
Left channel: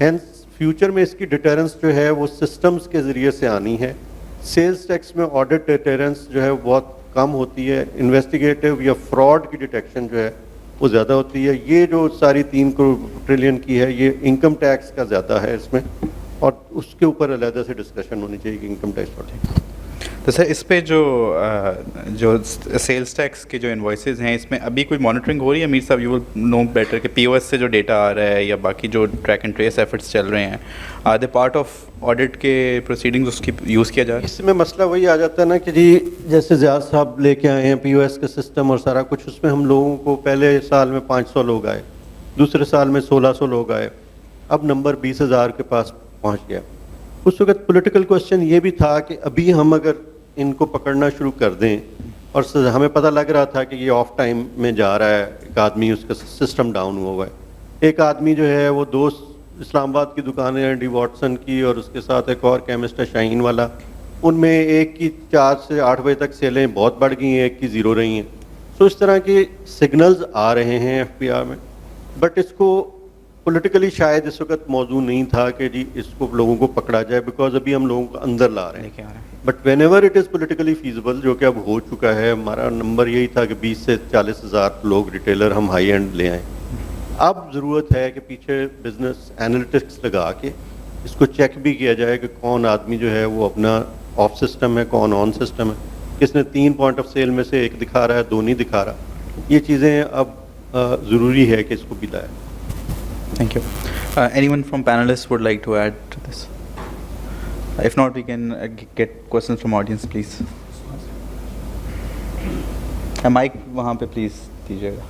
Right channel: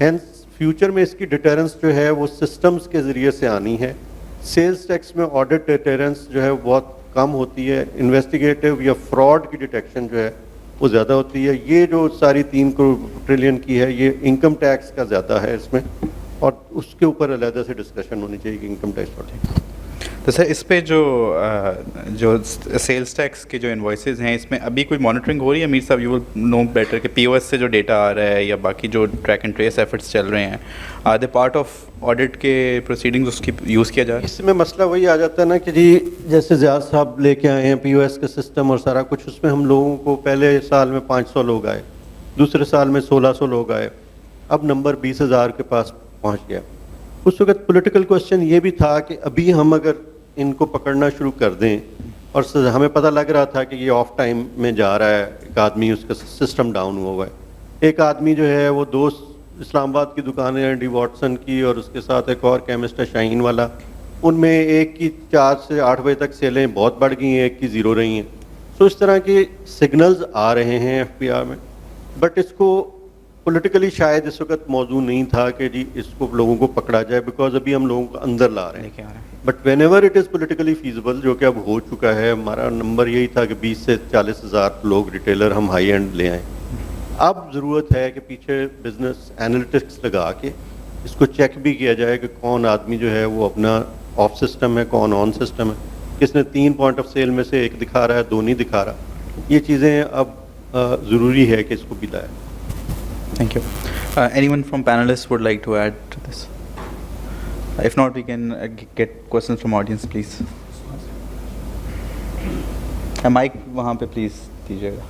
ہینس فیوچر میں اس کی ڈیٹرنس جو ہے وہ سسٹمز کے ذریعے سے آنی ہے. سیلز ٹیکس میں آڈٹ ڈیٹرنس جو ہے بہت کم ہوتی ہے، انویسٹیگیٹو یا فراڈ کی ڈیٹیکشن جو ہے وہ زیادہ ہوتی ہے. یہ جو ساری 3 ٹریلین کی ہے یہ انکم ٹیکس کا زیادہ ہے اس میں، اور اس کے اوپر علیحدہ سے ڈسکشن ہونی چاہیے کہ انکم ٹیکس بڑھے. تو سر اس پہ جو سیلز ٹیکس کے جو انوائسز ہیں اس میں ابھی کوئی مانیٹرنگ ہو رہی ہے؟ میر صاحب یو ول نو بیٹر کہ پی او ایس سے جو ڈیٹا آ رہا ہے یا باقی جو ٹریک اینڈ ٹریس ایفرٹس چل رہے ہیں، are they part of audit کے پروسیڈنگز اس کی یوز کیا جا رہا ہے؟ اس میں مسئلہ وہی آ جاتا ہے نا کہ جی جیسے زیاد صاحب لے کے آئے ہیں پی او ایس کا سسٹم اور سارا کچھ، اس میں ہم لوگوں کو پہلے سال میں 500 لوگ آئے، دوسرے سال میں 1600 لوگ آئے، اب نمبر 20,000 کے پاس پہنچ گیا. اس وقت پولیٹیکل کوشچن یہ بھی تھا کہ ابھی ہم اگر ان کو پکڑنا شروع کر دیں، اور ہمیں پتہ لگ رہا تھا کہ یہ آف ٹائم میں جا رہا ہے، ایک آدمی اس کا سسٹم ڈاؤن ہوا ہے. ایک آدمی جو ہے وہ 2 اسلام آباد کی دکانیں ہیں ڈی واٹسن کی، اور اس کے ساتھ ایک اور کیمسٹ ہے شاہین والا، ان میں ایک کی 4 سے 8 بجے تک سیلیں بہت بڑھ گئی ہیں، ایک کی 0 رہی ہیں. تو اس طرح کے سگنلز آ رہے ہیں ایف پی آر میں، بٹ اس کو پولیٹیکلی شاید اس وقت موضوع نہیں تھا کہ جی اس کو لوگوں کو پکڑا جائے، بیکاز ابھی ہم لوگوں کو اندر لا رہے ہیں. But when ever it is politically feasible, جو کہ اب ہو چکا ہے، ہمارا نمبر یہی تھا کہ 20 سے 40,000 لوگ ریٹیلر ہم ہائی اینڈ لے آئیں. اب ضرورت ہے کہ پیچھے بزنس اینالیٹکس لگا کے اس کو چیک بھی کیا جائے کہ کون آدمی جو ہے وہ اپنا آف سسٹم ہے، کون آن سسٹم ہے، کس نے 3 پوائنٹ آف سیل میں سے 1 دکھا رہا ہے، 2 نہیں دکھا رہا. یہ چیزیں اب ضروری ہے کہ اس کو بھی لائے. Thank you. Anyone from panelists would like to add to this? If not, we can get questions from audience, please. Mic وہاں پہ please دیجیے گا.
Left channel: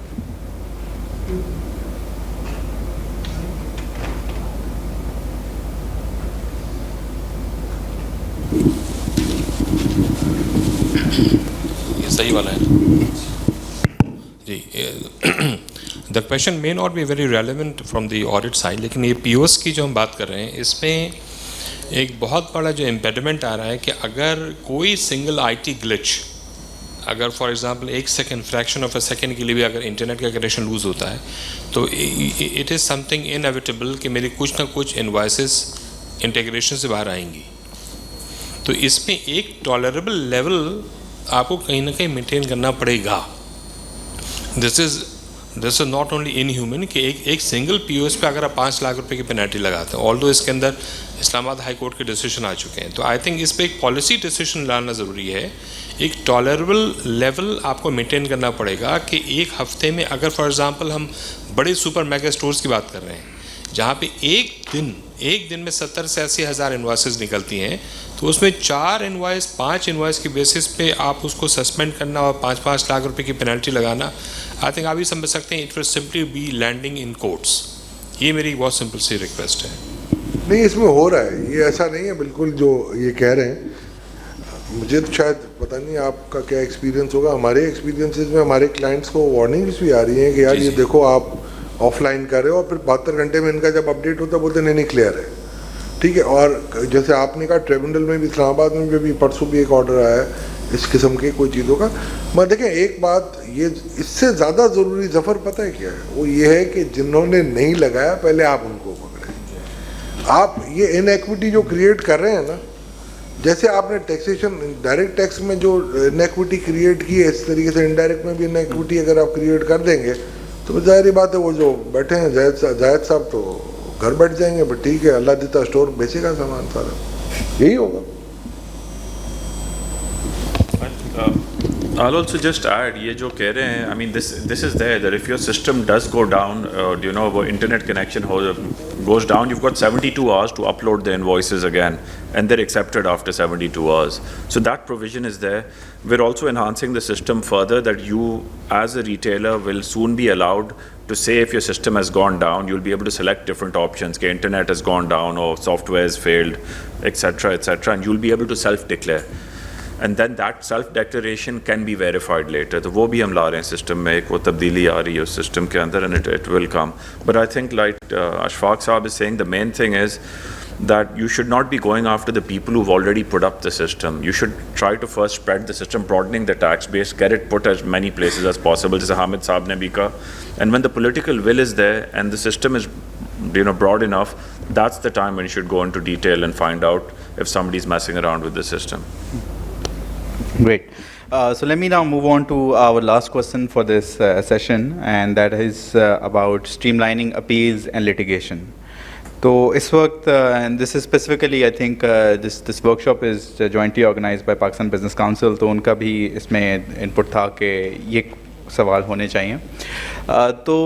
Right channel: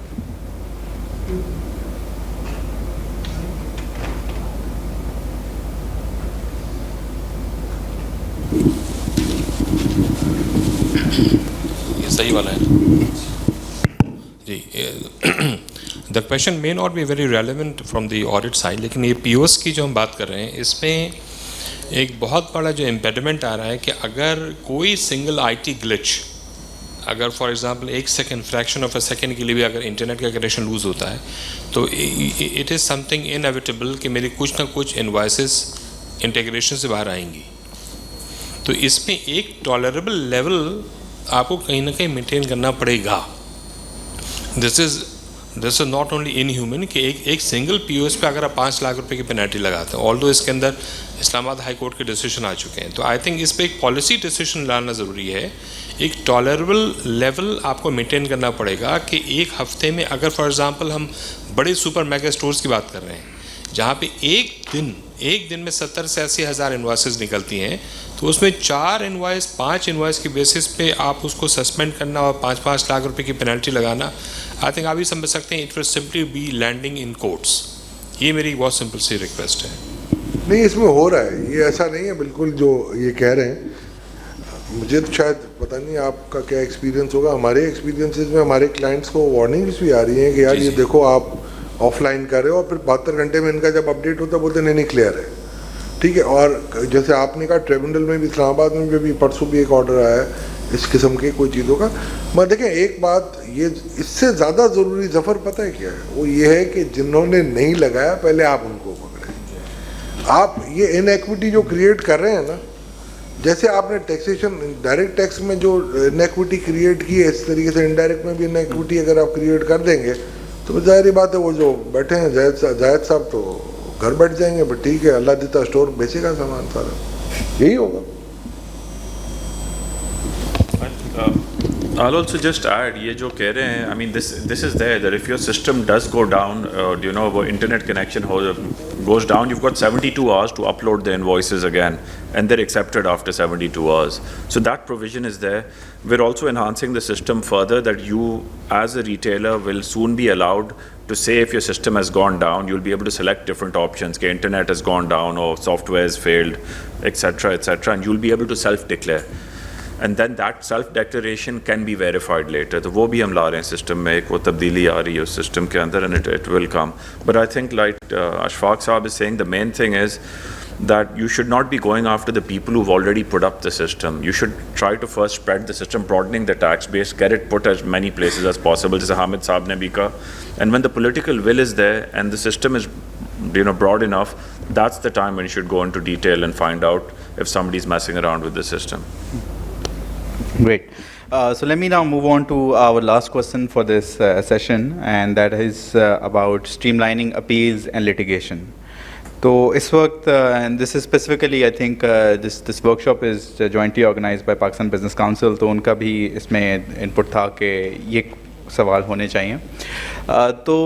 یہ صحیح والا ہے جی. The question may not be very relevant from the audit side, لیکن یہ پی O S کی جو ہم بات کر رہے ہیں اس میں ایک بہت بڑا جو امپیڈمنٹ آ رہا ہے کہ اگر کوئی سنگل آئی ٹی گلچ، اگر for example 1 second fraction of a second کے لیے بھی اگر انٹرنیٹ کا کنیکشن لوز ہوتا ہے تو it is some thing inevitable کہ میری کچھ نہ کچھ انوائسز انٹیگریشن سے باہر آئیں گی. تو اس میں ایک ٹالریبل لیول آپ کو کہیں نہ کہیں مینٹین کرنا پڑے گا. This is not only in human کہ ایک سنگل پی او ایس پہ اگر آپ 5 لاکھ روپے کی پینالٹی لگاتے ہیں، آل دو اس کے اندر اسلام آباد ہائی کورٹ کے ڈیسیشن آ چکے ہیں. تو آئی تھنک اس پہ ایک پالیسی ڈیسیشن لانا ضروری ہے. ایک ٹالریبل لیول آپ کو مینٹین کرنا پڑے گا کہ ایک ہفتے میں اگر فار ایگزامپل ہم بڑے سپر میگا اسٹورز کی بات کر رہے ہیں جہاں پہ ایک دن میں 70 سے 80 ہزار انوائسز نکلتی ہیں، تو اس میں 4 انوائس 5 انوائس کی بیسس پہ آپ اس کو سسپینڈ کرنا اور 5-5 لاکھ روپے کی پینالٹی لگانا، آئی تھنک آپ بھی سمجھ سکتے ہیں it will simply be landing in courts. یہ میری بہت سمپل سی ریکویسٹ ہے. نہیں اس میں ہو رہا ہے، یہ ایسا نہیں ہے بالکل جو یہ کہہ رہے ہیں. مجھے تو شاید پتہ نہیں آپ کا کیا ایکسپیرینس ہوگا، ہمارے ایکسپیرینسز میں ہمارے کلائنٹس کو وارننگس بھی آ رہی ہیں کہ یار یہ دیکھو آپ آف لائن کر رہے ہو, اور پھر 72 گھنٹے میں ان کا جب اپڈیٹ ہوتا ہے بولتے نہیں کلیئر ہے. ٹھیک ہے. اور جیسے آپ نے کہا ٹریبونل میں بھی, اسلام آباد میں بھی پرسوں بھی ایک آرڈر آیا ہے اس قسم کے کوئی چیزوں کا. مگر دیکھیں ایک بات, یہ اس سے زیادہ ضروری ظفر پتہ ہے کیا ہے, وہ یہ ہے کہ جنہوں نے نہیں لگایا پہلے آپ ان کو پکڑیں. آپ یہ ان ایکوٹی جو کریٹ کر رہے ہیں نا, جیسے آپ نے ٹیکسیشن ڈائریکٹ ٹیکس میں جو ان ایکوٹی کریٹ کی ہے, اس طریقے سے انڈائریکٹ میں بھی ان ایکوٹی اگر آپ کریٹ کر دیں گے تو ظاہری بات ہے وہ جو بیٹھے ہیں زاہد صاحب تو گھر بیٹھ جائیں گے. بٹ ٹھیک ہے, اللہ دیتا اسٹور بیچے گا سامان سارا, یہی ہوگا. I'll also just add, یہ جو کہہ رہے ہیں, I mean this is there that if your system does go down, you know, internet connection goes down, you've got 72 hours to upload the invoices again, and they're accepted after 72 hours. So that provision is there. We're also enhancing the system further that you as a retailer will soon be allowed to say if your system has gone down, you'll be able to select different options, कि internet has gone down or software has failed, etc., and you'll be able to self-declare. And then that self-declaration can be verified later. تو وہ بھی ہم لا رہے ہیں system میں, ایک وہ تبدیلی آ رہی ہے اس سسٹم کے اندر, and it will come. But I think like Ashfaq Saab is saying, the main thing is that you should not be going after the people who've already put up the system. You should try to first spread the system, broadening the tax base, get it put as many places as possible, جیسے حامد صاحب نے بھی کہا. And when the political will is there and the system is, you know, broad enough, that's the time when you should go into detail and find out if somebody's messing around with the system. Great. So let me now move on to our last question for this session, and that is about streamlining appeals and litigation. So is waqt, and this is specifically, I think this workshop is jointly organized by Pakistan Business Council, تو ان کا بھی اس میں input تھا کہ یہ سوال ہونے چاہیے. تو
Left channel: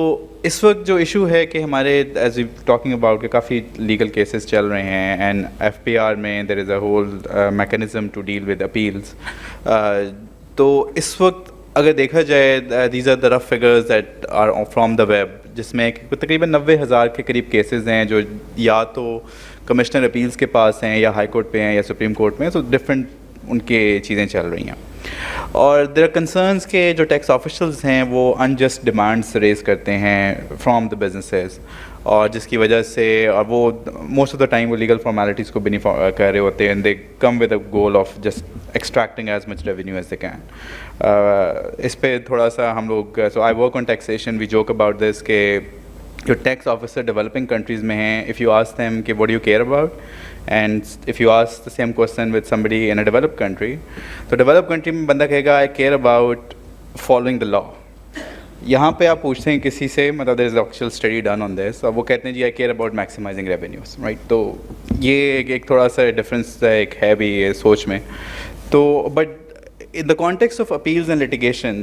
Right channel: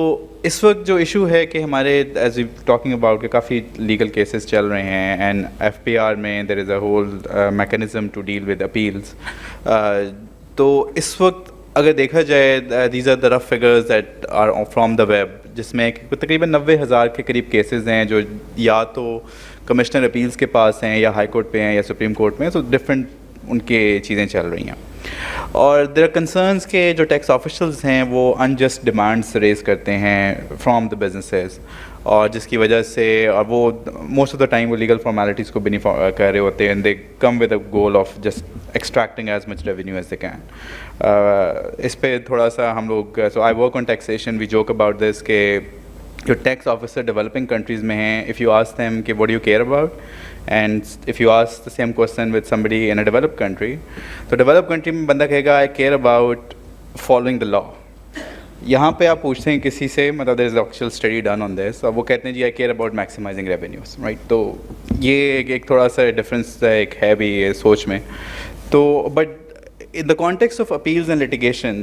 اس وقت جو ایشو ہے کہ ہمارے ایز وی ٹاکنگ اباؤٹ کہ کافی لیگل کیسز چل رہے ہیں, اینڈ ایف پی آر میں there is a whole mechanism to deal with appeals. تو اس وقت اگر دیکھا جائے, these are the rough figures that are from the web, جس میں تقریباً 90,000 کے قریب کیسز ہیں جو یا تو کمشنر اپیلس کے پاس ہیں یا ہائی کورٹ پہ ہیں یا سپریم کورٹ میں. سو ڈفرینٹ ان کے چیزیں چل رہی ہیں. اور دیر آر کنسرنس کہ جو ٹیکس آفیشلز ہیں وہ انجسٹ ڈیمانڈس ریز کرتے ہیں فرام دا بزنسز, اور جس کی وجہ سے, اور وہ موسٹ آف دا ٹائم وہ لیگل فارمیلٹیز کو بھی نہیں کر رہے ہوتے, and they come with a goal of just extracting as much revenue as they can. اس پہ تھوڑا سا ہم لوگ, so I work on taxation, we joke about this کہ جو ٹیکس آفیسر ڈیولپنگ کنٹریز میں ہیں, اف یو آسک دیم کہ what do you care about, and if you ask the same question with somebody in a developed country, تو develop country میں بندہ کہے گا I care about following the law. یہاں پہ آپ پوچھتے ہیں کسی سے, مطلب there is actual study done on this, اور وہ کہتے ہیں جی I care about maximizing revenues, right. تو یہ ایک تھوڑا سا ڈفرینس ایک ہے بھی یہ سوچ میں. تو but in the context of appeals and litigation,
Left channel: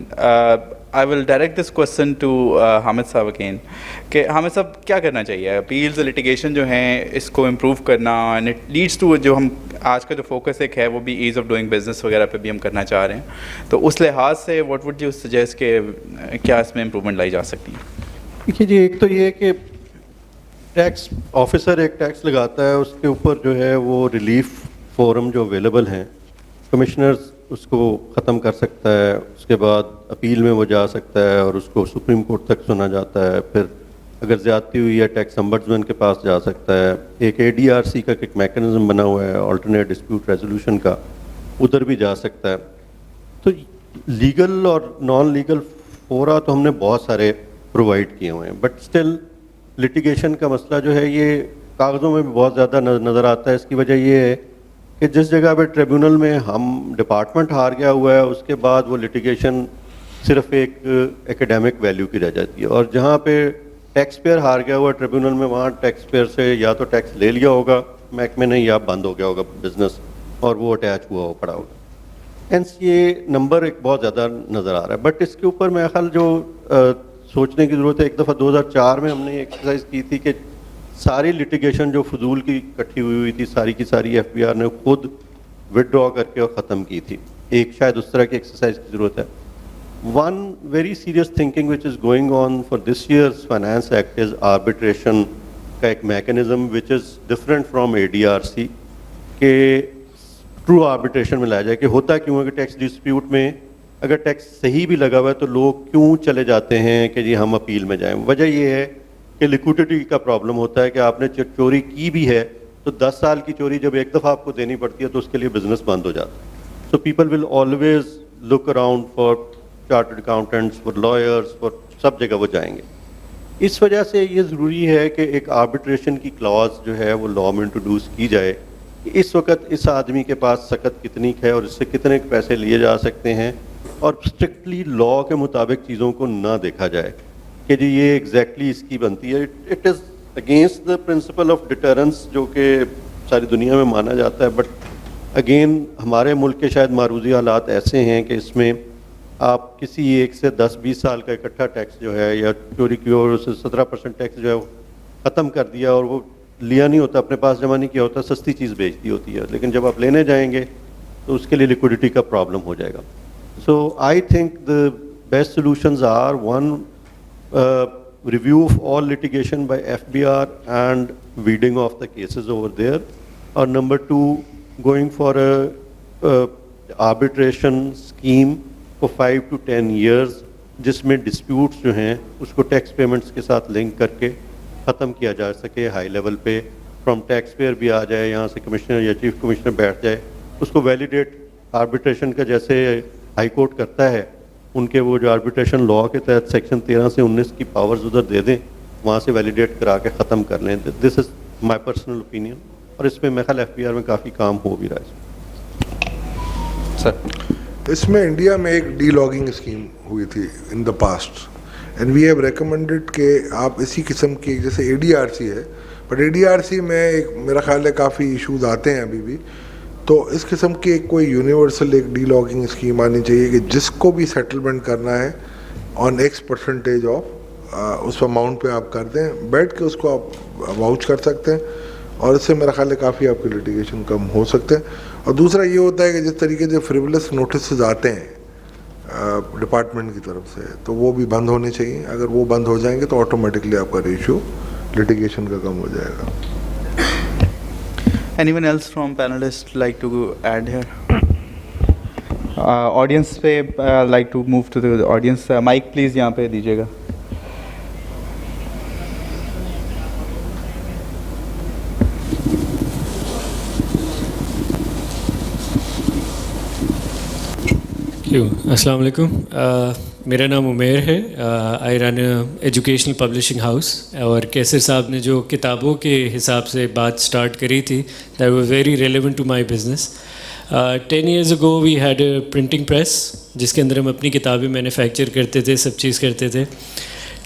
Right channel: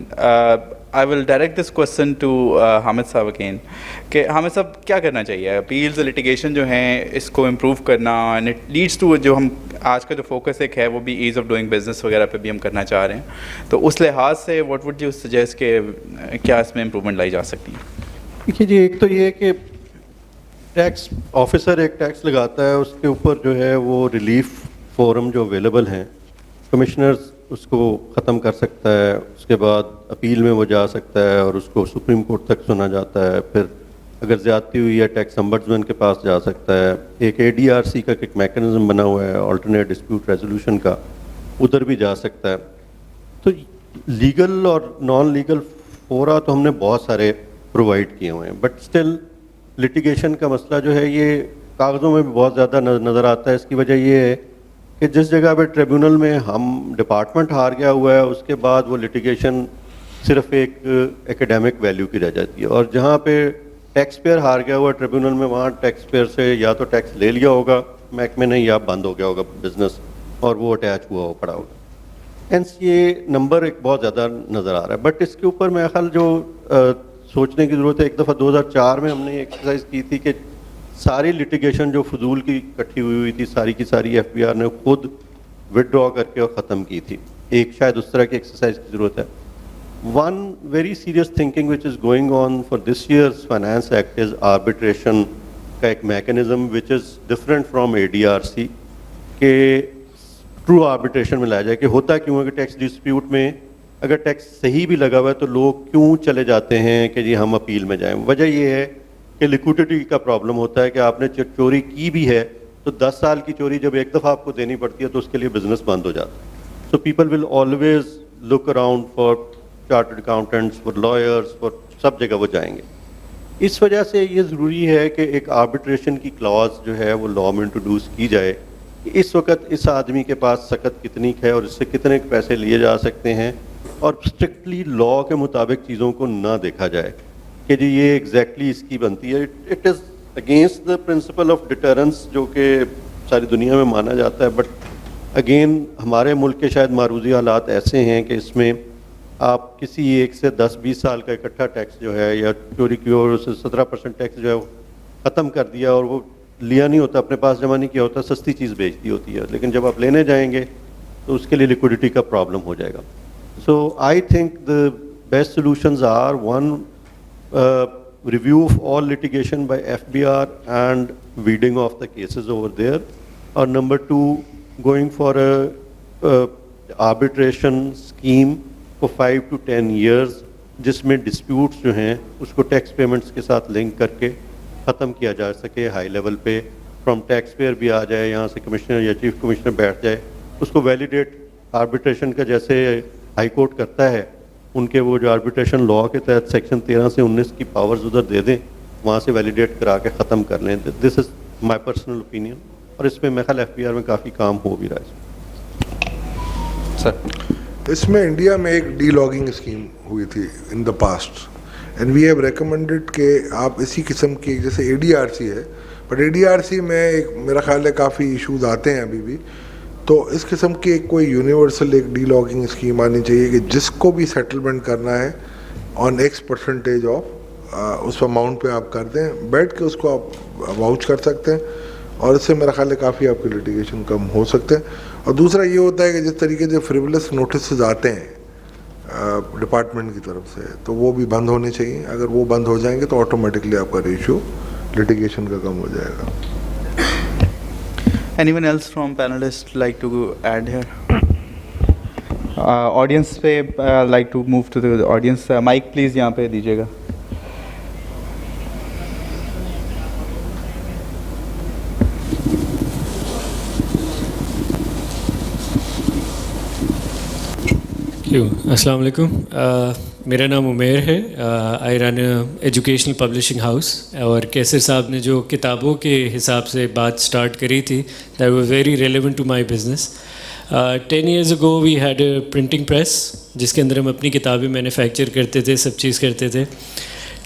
I will direct this question to Hamid Saab again, کہ حامد صاحب کیا کرنا چاہیے اپیلز اور لٹیگیشن جو ہیں اس کو امپروو کرنا, اینڈ اٹ لیڈس ٹو, جو ہم آج کا جو فوکس ایک ہے وہ بھی ایز آف ڈوئنگ بزنس وغیرہ پہ بھی ہم کرنا چاہ رہے ہیں, تو اس لحاظ سے واٹ وڈ یو سجیسٹ کہ کیا اس میں امپروومنٹ لائی جا سکتی ہے؟ دیکھیے جی, ایک تو یہ ہے کہ ٹیکس آفیسر ایک ٹیکس لگاتا ہے, اس کے اوپر جو ہے وہ ریلیف فورم جو اویلیبل ہیں, کمشنرز اس کو ختم کر سکتا ہے, اس کے بعد اپیل میں وہ جا سکتا ہے اور اس کو سپریم کورٹ تک سنا جاتا ہے, پھر اگر زیادتی ہوئی ہے ٹیکس امبڈسمین کے پاس جا سکتا ہے. ایک اے ڈی آر سی کا ایک میکینزم بنا ہوا ہے آلٹرنیٹ ڈسپیوٹ ریزولوشن کا, ادھر بھی جا سکتا ہے. تو لیگل اور نان لیگل فورا تو ہم نے بہت سارے پرووائڈ کیے ہوئے ہیں, بٹ اسٹل لٹیگیشن کا مسئلہ جو ہے یہ کاغذوں میں بھی بہت زیادہ نظر آتا ہے. اس کی وجہ یہ ہے کہ جس جگہ پہ ٹریبیونل میں ہم ڈپارٹمنٹ ہار گیا ہوا ہے, اس کے بعد وہ لٹیگیشن صرف ایک ایکیڈیمک ویلیو کی رہ جاتی ہے, اور جہاں پہ ٹیکس پیئر ہار گیا ہوا ہے ٹریبیونل میں, وہاں ٹیکس پیئر سے یا تو ٹیکس لے لیا ہوگا محکمے نے, یا بند ہو گیا ہوگا بزنس اور وہ اٹیچ ہوا ہو پڑا ہوگا. ہینس یہ نمبر ایک بہت زیادہ نظر آ رہا ہے. بٹ اس کے اوپر میرا خیال جو سوچنے کی ضرورت ہے, ایک دفعہ 2004 میں ہم نے ایکسرسائز کی تھی کہ ساری لٹیگیشن جو فضول کی اکٹھی ہوئی تھی ساری کی ساری ایف بی آر نے خود وڈرا کر کے اور ختم کی تھی. ایک شاید اس طرح کی ایکسرسائز کی ضرورت ہے. One very serious thinking which is going on for this years finance act is arbitration کا ایک mechanism which is different from A D R C, کہ ٹرو آربیٹریشن میں لایا جائے کہ ہوتا کیوں ہے کہ ٹیکس ڈسپیوٹ میں اگر ٹیکس صحیح بھی لگا ہوا ہے تو لوگ کیوں چلے جاتے ہیں کہ جی ہم اپیل میں جائیں. وجہ یہ ہے کہ لیکوڈیٹی کا پرابلم ہوتا ہے کہ آپ نے چوری کی بھی ہے تو 10 سال کی چوری جب ایک دفعہ آپ کو دینی پڑتی ہے تو اس کے لیے بزنس بند ہو جاتا ہے. So people will always look around for chartered accountants, for lawyers, for سب جگہ وہ جائیں گے. اس وجہ سے یہ ضروری ہے کہ ایک آربٹریشن کی کلاز جو ہے وہ لا میں انٹروڈیوس کی جائے کہ اس وقت اس آدمی کے پاس سخت کتنی ہے اور اس سے کتنے پیسے لیے جا سکتے ہیں, اور اسٹرکٹلی لا کے مطابق چیزوں کو نہ دیکھا جائے کہ جی یہ ایگزیکٹلی اس کی بنتی ہے. It is against the principle of deterrence جو کہ ساری دنیا میں مانا جاتا ہے, بٹ اگین ہمارے ملک کے شاید معروضی حالات ایسے ہیں کہ اس میں آپ کسی ایک سے 10-20 سال کا اکٹھا ٹیکس جو ہے یا چوری کی اور اسے 17% ٹیکس جو ہے وہ ختم کر دیا اور وہ لیا نہیں ہوتا, اپنے پاس جمع نہیں کیا ہوتا, سستی چیز بیچ دی ہوتی ہے, لیکن جب آپ لینے جائیں گے تو اس کے لیے لیکوڈیٹی کا پرابلم ہو جائے گا. So I think the best solutions are one, review of all litigation by FBR and weeding off the cases over there, or number 2, going for a arbitration scheme for 5 to 10 years جس میں disputes جو ہیں اس کو tax payments کے ساتھ link کر کے ختم کیا جا سکے ہائی لیول پہ, فرام ٹیکس پیئر بھی آ جائے, یہاں سے کمشنر یا چیف کمشنر بیٹھ جائے, اس کو ویلیڈیٹ آربٹریشن کا جیسے ہائی کورٹ کرتا ہے, ان کے وہ جو آربٹریشن لا کے تحت سیکشن 13 سے 19 کی پاورز ادھر دے دیں, وہاں سے ویلیڈیٹ کرا کے ختم کر لیں. دس از مائی پرسنل اوپینین, اور اس میں میرے خیال ایف بی آر میں کافی کام ہو بھی رہا ہے. سر اس میں انڈیا میں ایک ڈی لاگنگ اسکیم ہوئی تھی in the past, and we have recommended کہ آپ اسی قسم کی, جیسے اے ڈی آر سی ہے, but A D R C میں ایک میرا خیال ہے کافی ایشوز آتے ہیں ابھی بھی, تو اس قسم کی ایک کوئی یونیورسل ایک ڈی لاگنگ اسکیم آنی چاہیے کہ جس کو بھی سیٹلمنٹ کرنا ہے آن X% آف اس اماؤنٹ پہ آپ کر دیں, بیٹھ کے اس کو آپ واؤچ کر سکتے ہیں, اور اس سے میرا خیال ہے کافی آپ کی لٹیگیشن کم ہو سکتے ہیں. اور دوسرا یہ ہوتا ہے کہ جس طریقے سے فریولس نوٹسز آتے ہیں ڈپارٹمنٹ کی طرف سے, تو وہ بھی بند ہونے چاہیے. اگر وہ بند ہو جائیں گے تو آٹومیٹکلی آپ کا ریشو لٹیگیشن کا کم ہو جائے گا. Anyone else from panelists like to add here? Audience pe like to move to the audience. Mic please yahan pe dijiyega. السلام علیکم, میرا نام عمیر ہے, آئی رن ایجوکیشنل پبلشنگ ہاؤس, اور کیسر صاحب نے جو کتابوں کے حساب سے بات سٹارٹ کری تھی that was very relevant to my business. 10 years ago we had a printing press جس کے اندر ہم اپنی کتابیں مینوفیکچر کرتے تھے, سب چیز کرتے تھے.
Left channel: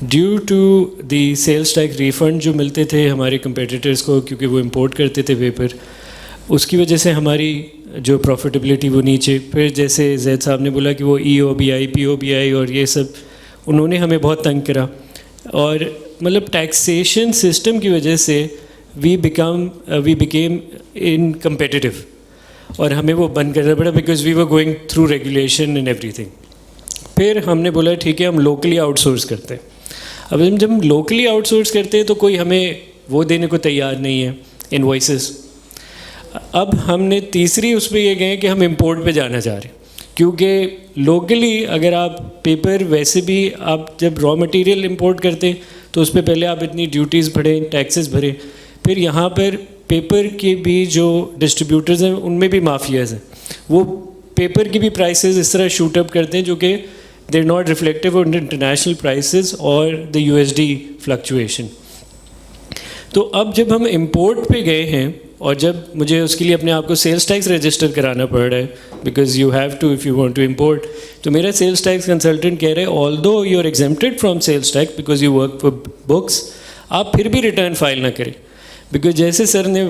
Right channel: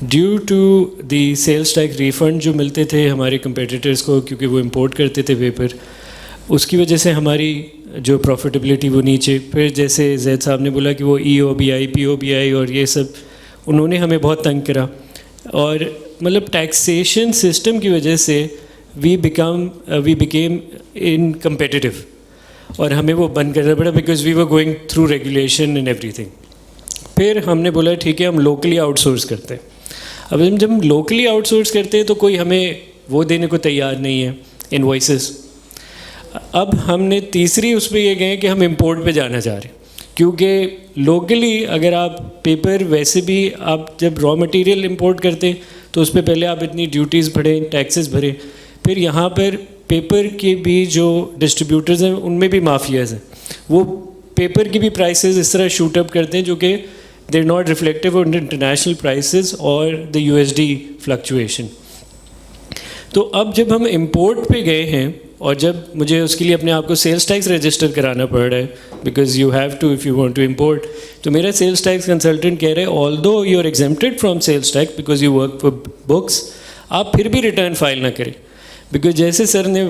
Due to the sales tax refund جو ملتے تھے ہمارے کمپیٹیٹرس کو, کیونکہ وہ امپورٹ کرتے تھے پیپر, اس کی وجہ سے ہماری جو پروفیٹیبلٹی وہ نیچے. پھر جیسے زید صاحب نے بولا کہ وہ ای او بی آئی, پی او بی آئی اور یہ سب انہوں نے ہمیں بہت تنگ کرا, اور مطلب ٹیکسیشن سسٹم کی وجہ سے وی بیکیم ان کمپیٹیٹیو, اور ہمیں وہ بند کرنا پڑا because we were going through regulation and everything. پھر ہم نے بولا ٹھیک ہے ہم لوکلی آؤٹ سورس کرتے ہیں. اب جب ہم لوکلی آؤٹ سورس کرتے ہیں تو کوئی ہمیں وہ دینے کو تیار نہیں ہے انوائسز. اب ہم نے تیسری اس پہ یہ گئے کہ ہم امپورٹ پہ جانا چاہ رہے ہیں, کیونکہ لوکلی اگر آپ پیپر ویسے بھی آپ جب را مٹیریل امپورٹ کرتے ہیں تو اس پہ پہلے آپ اتنی ڈیوٹیز بھریں, ٹیکسز بھریں, پھر یہاں پر پیپر کے بھی جو ڈسٹریبیوٹرز ہیں ان میں بھی مافیاز ہیں, وہ پیپر کی بھی پرائسز اس طرح شوٹ اپ کرتے ہیں جو کہ they are not reflective on international prices اور the U S D fluctuation. تو اب جب ہم امپورٹ پہ گئے ہیں, اور جب مجھے اس کے لیے اپنے آپ کو سیلس ٹیکس رجسٹر کرانا پڑ رہا ہے because you have to if you want to import, تو میرا سیلس ٹیکس کنسلٹنٹ کہہ رہے although you are exempted from sales tax because you work for bucks, آپ پھر بھی ریٹرن فائل نہ کریں, بیکاز جیسے سر نے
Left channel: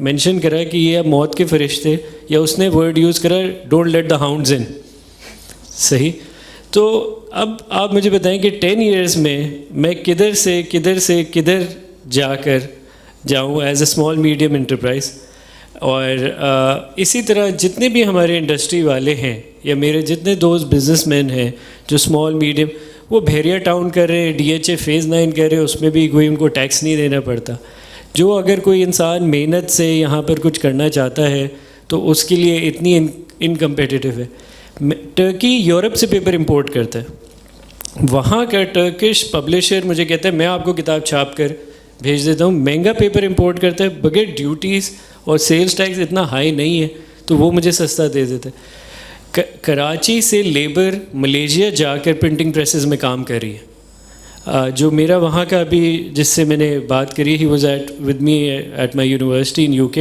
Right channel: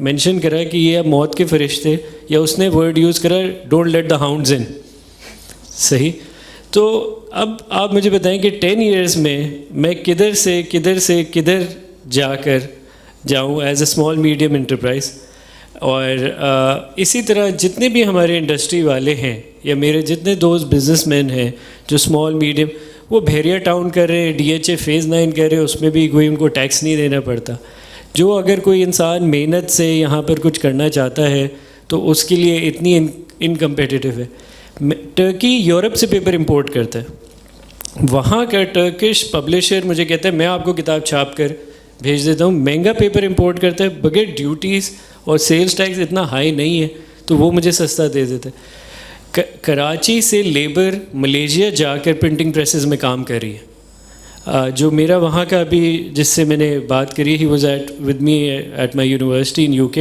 مینشن کرا کہ یہ اب موت کے فرشتے, یا اس نے ورڈ یوز کرا ڈونٹ لیٹ دا ہاؤنڈز ان, صحیح. تو اب آپ مجھے بتائیں کہ 10 years میں کدھر سے کدھر جا کر جاؤں as a small medium enterprise. اور اسی طرح جتنے بھی ہمارے انڈسٹری والے ہیں یا میرے جتنے دوست بزنس مین ہیں جو اسمال میڈیم, وہ بحیرہ ٹاؤن کر رہے ہیں, ڈی ایچ اے فیز 9 کر رہے ہیں, اس میں بھی کوئی ان کو ٹیکس نہیں دینا پڑتا. جو اگر کوئی انسان محنت سے یہاں پر کچھ کرنا چاہتا ہے تو اس کے لیے اتنی انکمپیٹیٹیو ہے. ٹرکی یورپ سے پیپر امپورٹ کرتا ہے, وہاں کا ٹرکش پبلشر مجھے کہتا ہے میں آپ کو کتاب چھاپ کر بھیج دیتا ہوں, مہنگا پیپر امپورٹ کرتا ہے بغیر ڈیوٹیز اور سیلز ٹیکس اتنا ہائی نہیں ہے تو وہ مجھے سستا دے دیتا ہے. کراچی سے لیبر ملیشیا جا کر پرنٹنگ پریسز میں کام کر رہی ہے. جو میرا وہاں کا ابھی جس سے میں نے بات کری, he was at with me at my university in UK.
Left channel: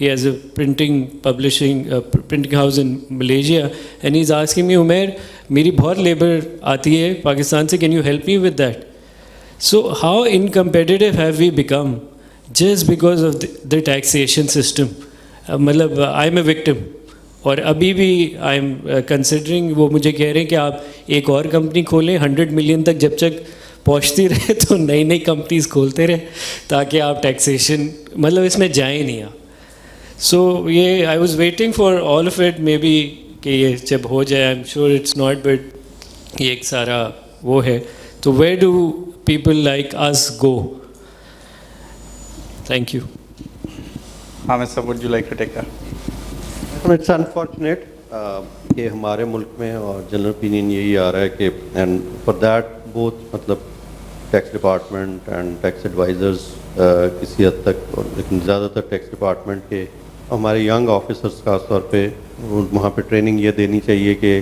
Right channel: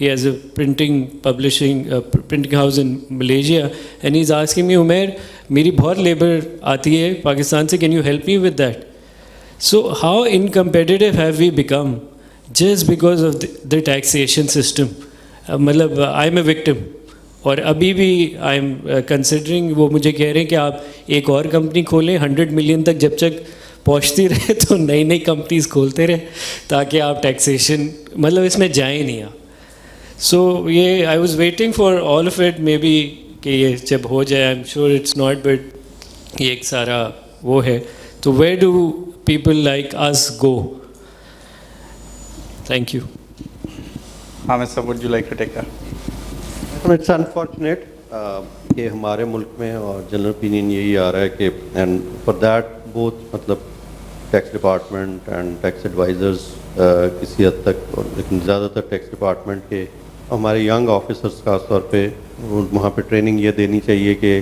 He has a printing house in Malaysia and he is asking me Umair میری بہت لیبر آتی ہے پاکستان سے, can you help me with that. So how incompetitive have we become just because of the taxation system? مطلب I am a victim. اور ابھی بھی I am considering, وہ مجھے کہہ رہے ہیں کہ آپ ایک اور کمپنی کھولیں 100 ملین تک جب تک پہنچتی رہے تو نئی نئی کمپنیز کھولتے رہے تاکہ آپ ٹیکسیشن مطلب اس میں جائیں نہیں آپ. سو یہ I was waiting for all of it, maybe کہ یہ جب ہو جائے, I am sure it's not, but یہ ایک سارا وہ ہے. تو where do people like us go? Thank you. Ahmed sir, would you like to take that? It's unfortunate کہ ہمارے ملک میں اور جنرل opinion یہی آ رہا ہے کہ and for that both مطلب tax department and tax advisors کسی حد تک, لیکن زیادہ تر ٹیکس ڈپارٹمنٹ کے ہمارے ینگ آفیسرس خاص طور پہ وہاں پہ ٹریننگ یہ دینی چاہیے کہ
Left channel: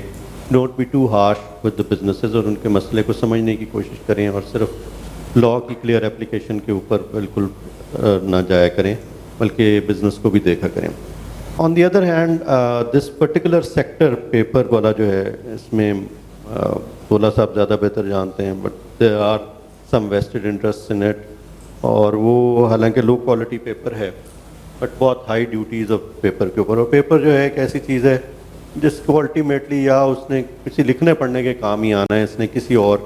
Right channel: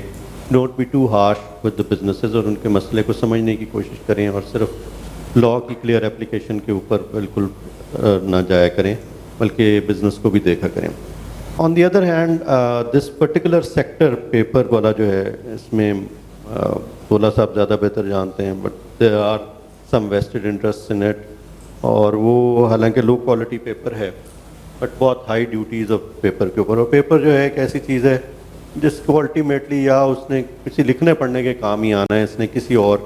don't be too harsh with the businesses, اور ان کے مسئلے کو سمجھنے کی کوشش کریں اور صرف لاء کی کلیئر اپلیکیشن کے اوپر بالکل نہ جایا کریں بلکہ بزنس کو بھی دیکھا کریں. On the other hand this particular sector paper والا جو ہے, اس میں سولہ صاحب زیادہ بہتر جانتے ہیں, but there are some vested interest in it, اور وہ حالانکہ لو کوالٹی پیپر ہے بٹ بہت ہائی ڈیوٹیز آف پیپر کے اوپر. اور پیپر جو ہے ایک ایسی چیز ہے جس کو الٹیمیٹلی یا اس نے کسی لکھنے پڑھنے کے کام ہی آنا ہے, اس نے کسی اور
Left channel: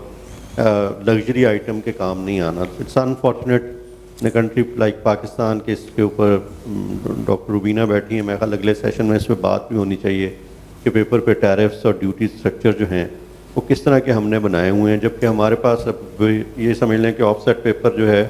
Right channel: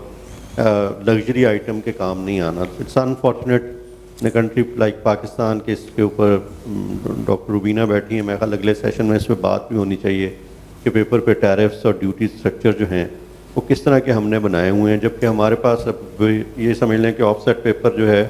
لگژری آئٹم کے کام نہیں آنا. It's unfortunate in a country like Pakistan کہ اس کے اوپر ڈاکٹر روبینہ بیٹھی ہیں, میرا خیال اگلے سیشن میں اس پہ بات بھی ہونی چاہیے کہ پیپر پہ ٹیرفس اور ڈیوٹی اسٹرکچر جو ہیں وہ کس طرح کے ہم نے بنائے ہوئے ہیں, جبکہ ہمارے پاس اب یہ سمجھ لیں کہ آف سیٹ پیپر جو ہے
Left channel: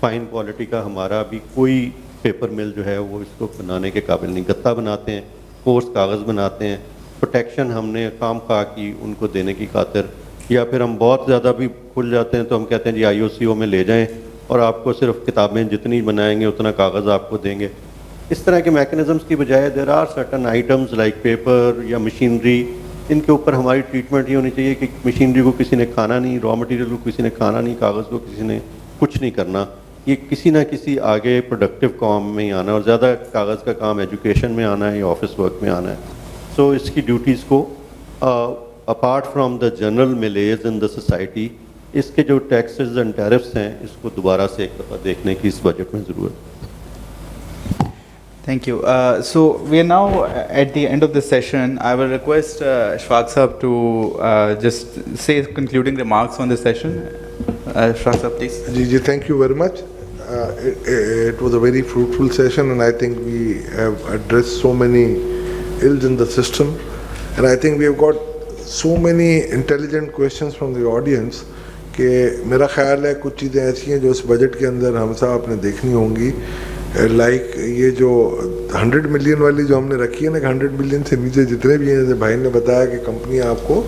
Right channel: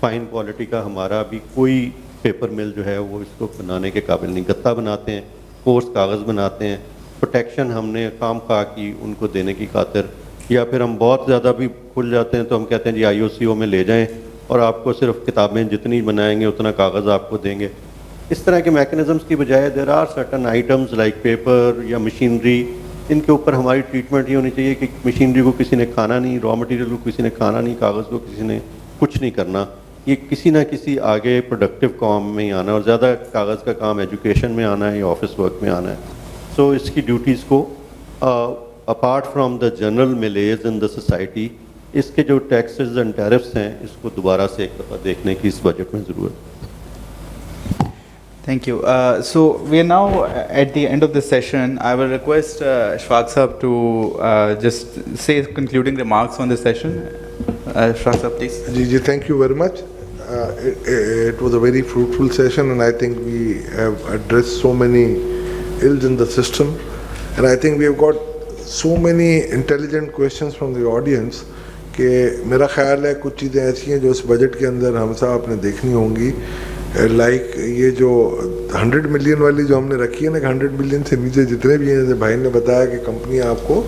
فائن کوالٹی کا ہمارا ابھی کوئی پیپر مل جو ہے وہ اس کو بنانے کے قابل نہیں. گتا بناتے ہیں, کورس کاغذ بناتے ہیں, پروٹیکشن ہم نے خام خواہ کی ان کو دینے کی خاطر, یا پھر ہم بہت زیادہ بھی کھل جاتے ہیں تو ہم کہتے ہیں جی IOCO میں لے جائیں اور آپ کو صرف کتابیں جتنی بنائیں گے اتنا کاغذ آپ کو دیں گے. اس طرح کے میکنزمس کی بجائے there are certain items like paper یا مشینری, ان کے اوپر ہماری ٹریٹمنٹ یہ ہونی چاہیے کہ مشینری کو کسی نے کھانا نہیں, را مٹیریل کو کسی نے کھانا نہیں, کاغذ کو کسی نے کچھ نہیں کرنا. یہ کسی نہ کسی آگے پروڈکٹیو کام میں ہی آنا, اور زیادہ کاغذ کا کام ایجوکیشن میں آنا ہے یا آفس ورک میں آنا ہے. سو اس کی ڈیوٹیز کو apart from the general milieus in the society, اس کے جو ٹیکسز اینڈ ٹیرفس ہیں اس کو دوبارہ سے ایک دفعہ دیکھنے کی اس بجٹ میں ضرورت ہے. Thank you. So we are now at the end of the session. I will request Shfaq Sahab to just say concluding remarks on the session. Shfaq Sahab, please. Ji, thank you very much. It was a very fruitful session, and I think we have addressed so many ills in the system, and I think we have got so many intelligent questions from the audience کہ میرا خیال ہے کچھ چیزیں ایسی ہیں جو اس budget کے اندر ہم صاحب نے دیکھنی ہوں گی, لائک یہ جو 100 ملین والی جو ہم نے رکھی ہے نا, کہ 100 ملین سے نیچے جتنے بھی ہیں, جیسے بھائی نے بتایا کہ کمپنی آپ کو,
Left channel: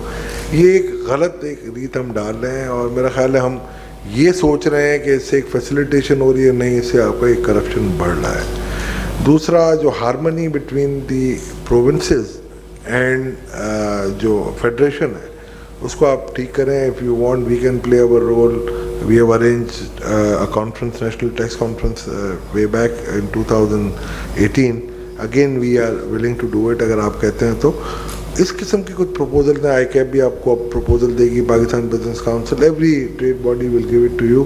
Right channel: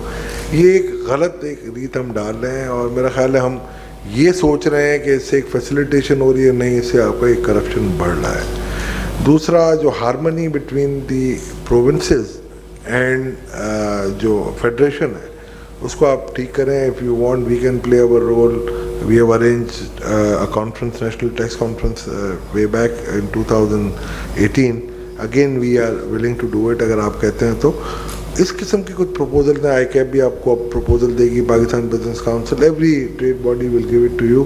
یہ ایک غلط ایک ریت ہم ڈال رہے ہیں, اور میرا خیال ہے ہم یہ سوچ رہے ہیں کہ اس سے ایک فیسیلیٹیشن ہو رہی ہے, نہیں اس سے آپ کا ایک کرپشن بڑھ رہا ہے. دوسرا جو harmony between the provinces and جو فیڈریشن ہے اس کو آپ ٹھیک کریں. If you want we can play our role. We have arranged a conference, national tax conference way back in 2018. Again we are willing to do it اگر آپ کہتے ہیں تو. اس قسم کی کچھ پروپوزل ہیں, آئی کیپ بھی آپ کو پروپوزل دے گی, Pakistan business council, every trade body will give it to you,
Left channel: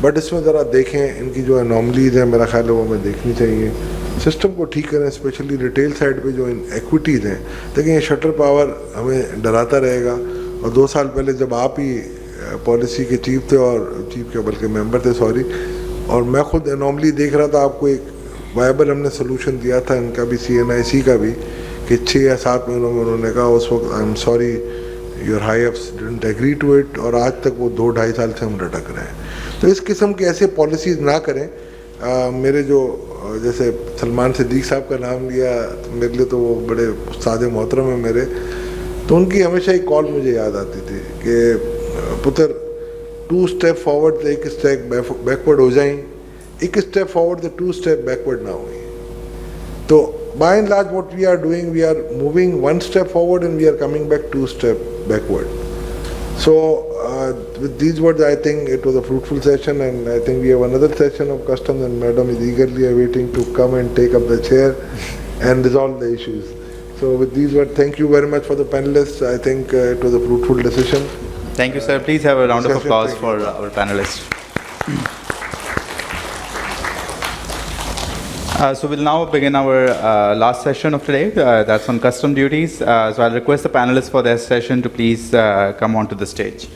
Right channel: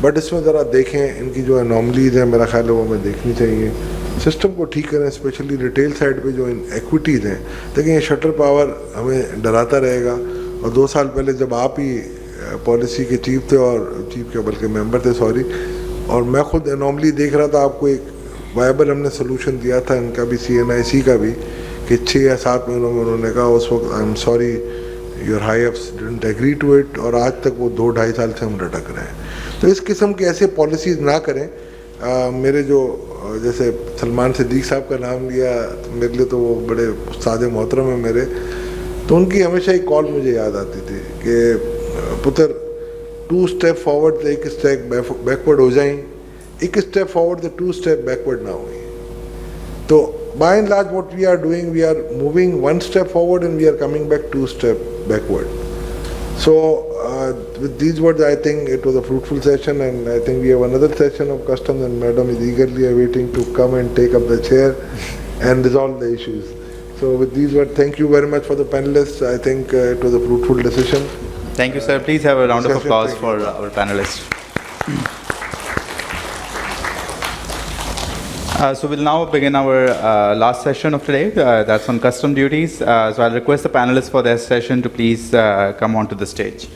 but اس میں ذرا دیکھیں ان کی جو انوملیز ہیں, میرا خیال ہے وہ ہمیں دیکھنی چاہیے. سسٹم کو ٹھیک کریں, اسپیشلی ریٹیل سائڈ پہ جو ایکویٹیز ہیں. دیکھیں یہ شٹر پاور ہمیں ڈراتا رہے گا, اور 2 سال پہلے جب آپ ہی پالیسی کے چیف تھے, اور چیف کے بلکہ ممبر تھے سوری, اور میں خود انوملی دیکھ رہا تھا, آپ کو ایک وائبل ہم نے سلوشن دیا تھا ان کا بھی, CNIC کا بھی, کہ 6 یا 7 مہینوں میں انہوں نے کہا اس وقت I am sorry your high ups didn't agree to it, اور آج تک وہ 2-2.5 سال سے ہم لٹک رہے ہیں. تو اس قسم کے ایسے پالیسیز نہ کریں. میرے جو جیسے سلمان صدیق صاحب کا نام لیا, میرے لیے تو وہ بڑے استاد محترم ہیں میرے, تو ان کی ہمیشہ ایک کال مجھے یاد آتی تھی کہ पुत्र 2 स्टेप फॉरवर्ड तो 1 स्टेप बैकवर्ड हो जाएं, 1 स्टेप फॉरवर्ड तो 2 स्टेप बैकवर्ड ना हो. तो by and large what we are doing, we are moving 1 step forward and we are coming back 2 step backward. So with these words, I think it was a fruitful session, and I think we have another session of customs, and Madam is eagerly awaiting to come and take up the chair and resolve the issues. So with these words, thank you very much for the panelists. I think it was a fruitful decision. Thank you, sir. Please have a round of applause for our panelists. So we'll now begin our last session of today. That's on custom duties. So I'll request the panelists for their session to please come onto the stage.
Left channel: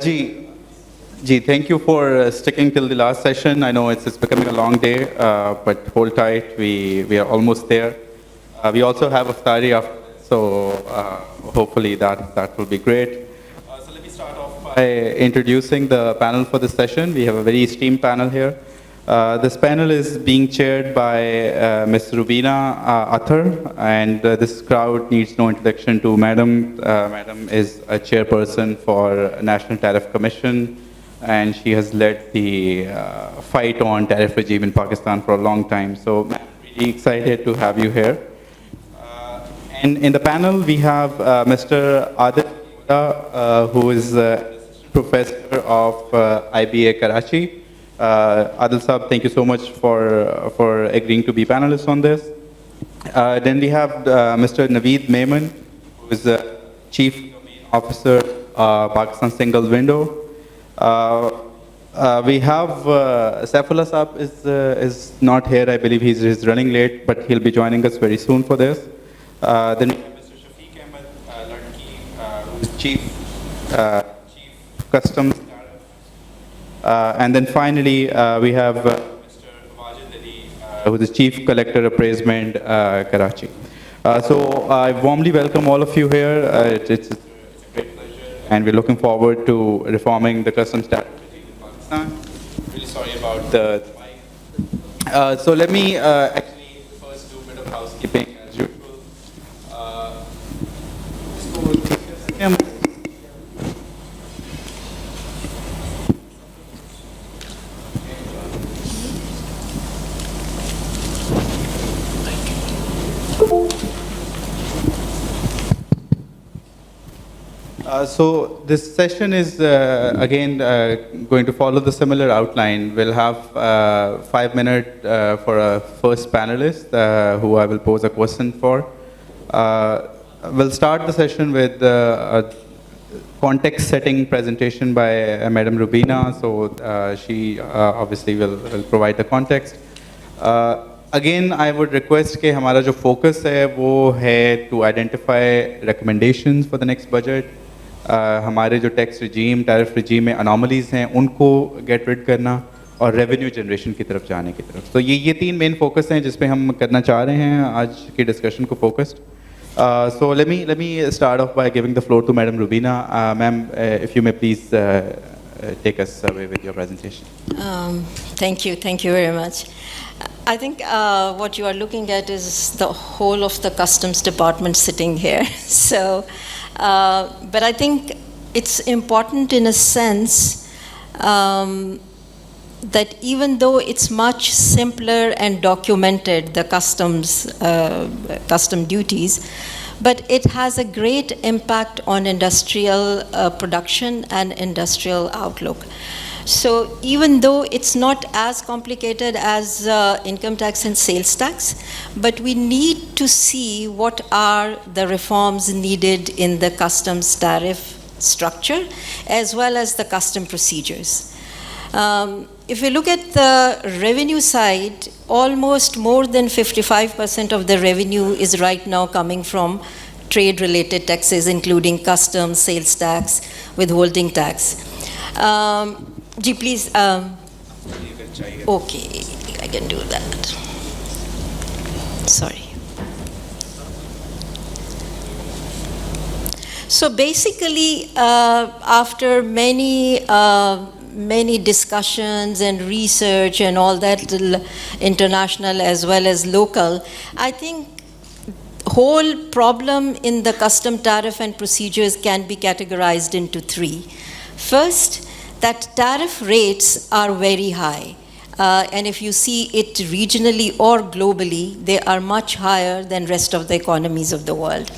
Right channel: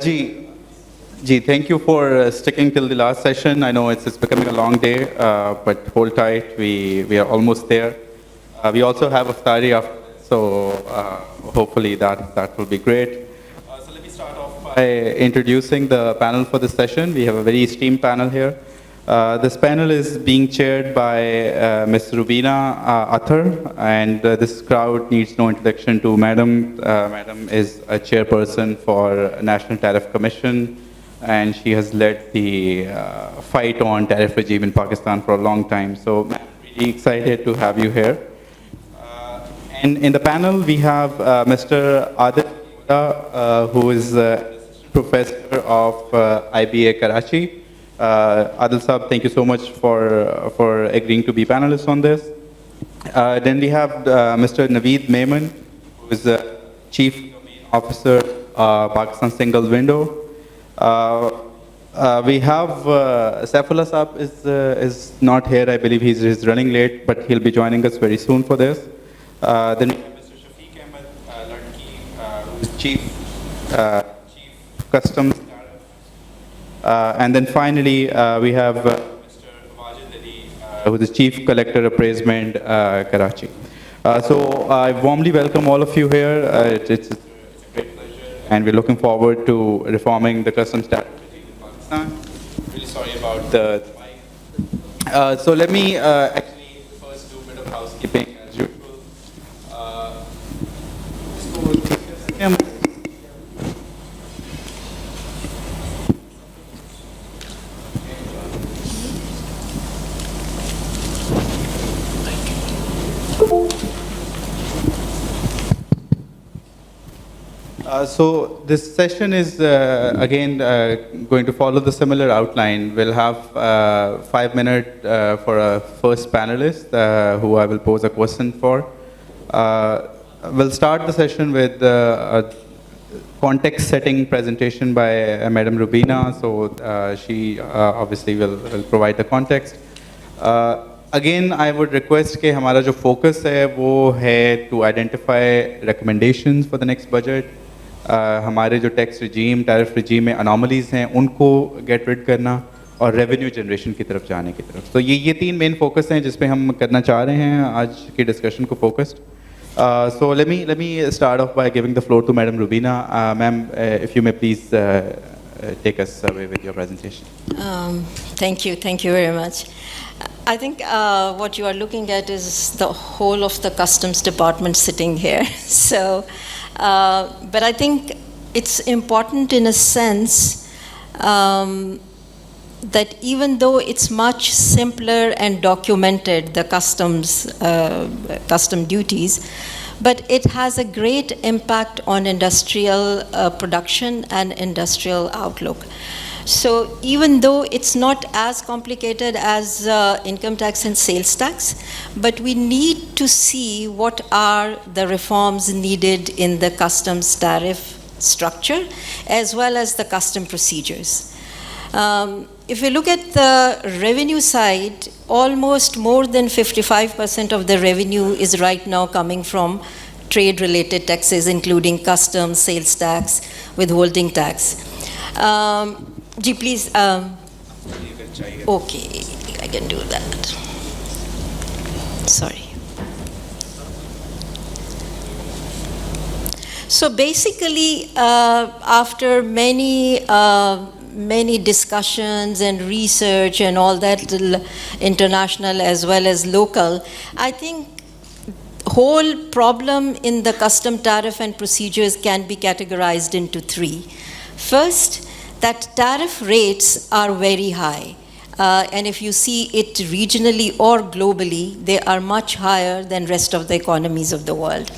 Ji, thank you for sticking till the last session. I know it's becoming a long day, but hold tight. We are almost there. We also have Avari after, so hopefully that will be great. So let me start off by introducing the panel for this session. We have a very esteemed panel here. This panel is being chaired by Ms. Rubina Athar, and this crowd needs no introduction to Madam. Madam is a chairperson for National Tariff Commission, and she has led the fight on tariff regime in Pakistan for a long time. So I'm really excited to have you here. And in the panel, we have Mr. Adil, who is professor of IBA Karachi. Adil Saab, thank you so much for agreeing to be panelists on this. Then we have Mr. Naveed Maiman, who is the Chief Domain Officer, Pakistan Single Window. We have Saifullah Saab is not here. I believe he's running late, but he'll be joining us very soon for this. Then we have Mr. Shafiq Ahmed Ladki, who is Chief Customs. And then finally, we have Mr. Wajid Ali, who is the Chief Collector Appraisement, Karachi. So I warmly welcome all of you here. It's a great pleasure, and we're looking forward to reforming the customs tariff regime in Pakistan. Really sorry about the mic. So let me actually first do a bit of housekeeping as usual. So this session is again going to follow the similar outline. We'll have 5 minutes for a first panelist who I will pose a question for. We'll start the session with a context setting presentation by Madam Rubina. So she obviously will provide the context. Again, I would request कि हमारा जो focus है वो है to identify recommendations for the next budget. हमारे जो tax regime, tariff regime में anomalies हैं उनको get rid करना और revenue generation की तरफ जाने की तरफ. तो ये 3 main focus हैं जिस पे हम करना चाह रहे हैं आज की discussion को focused. So let me start off by giving the floor to Madam Rubina. Ma'am, if you may please take us away with your presentation. Thank you very much. I think what you are looking at is the whole of the customs department sitting here. So, but I think it's important in a sense that even though it's much simpler and documented, the custom duties, but it has a great impact on industrial production and industrial outlook. So even though it's not as complicated as income tax and sales tax, but we need to see what are the reforms needed in the customs tariff structure as well as the custom procedures. If we look at the revenue side, almost more than 55% of the revenue is right now coming from trade-related taxes, including customs, sales tax, withholding tax. Ji, please. Okay, I can do that. Sorry. So basically, after many discussions and research and all that, international as well as local, I think whole problem in the custom tariff and procedures can be categorized into three. First, that tariff rates are very high. And if you see it regionally or globally, they are much higher than rest of the economies of the world.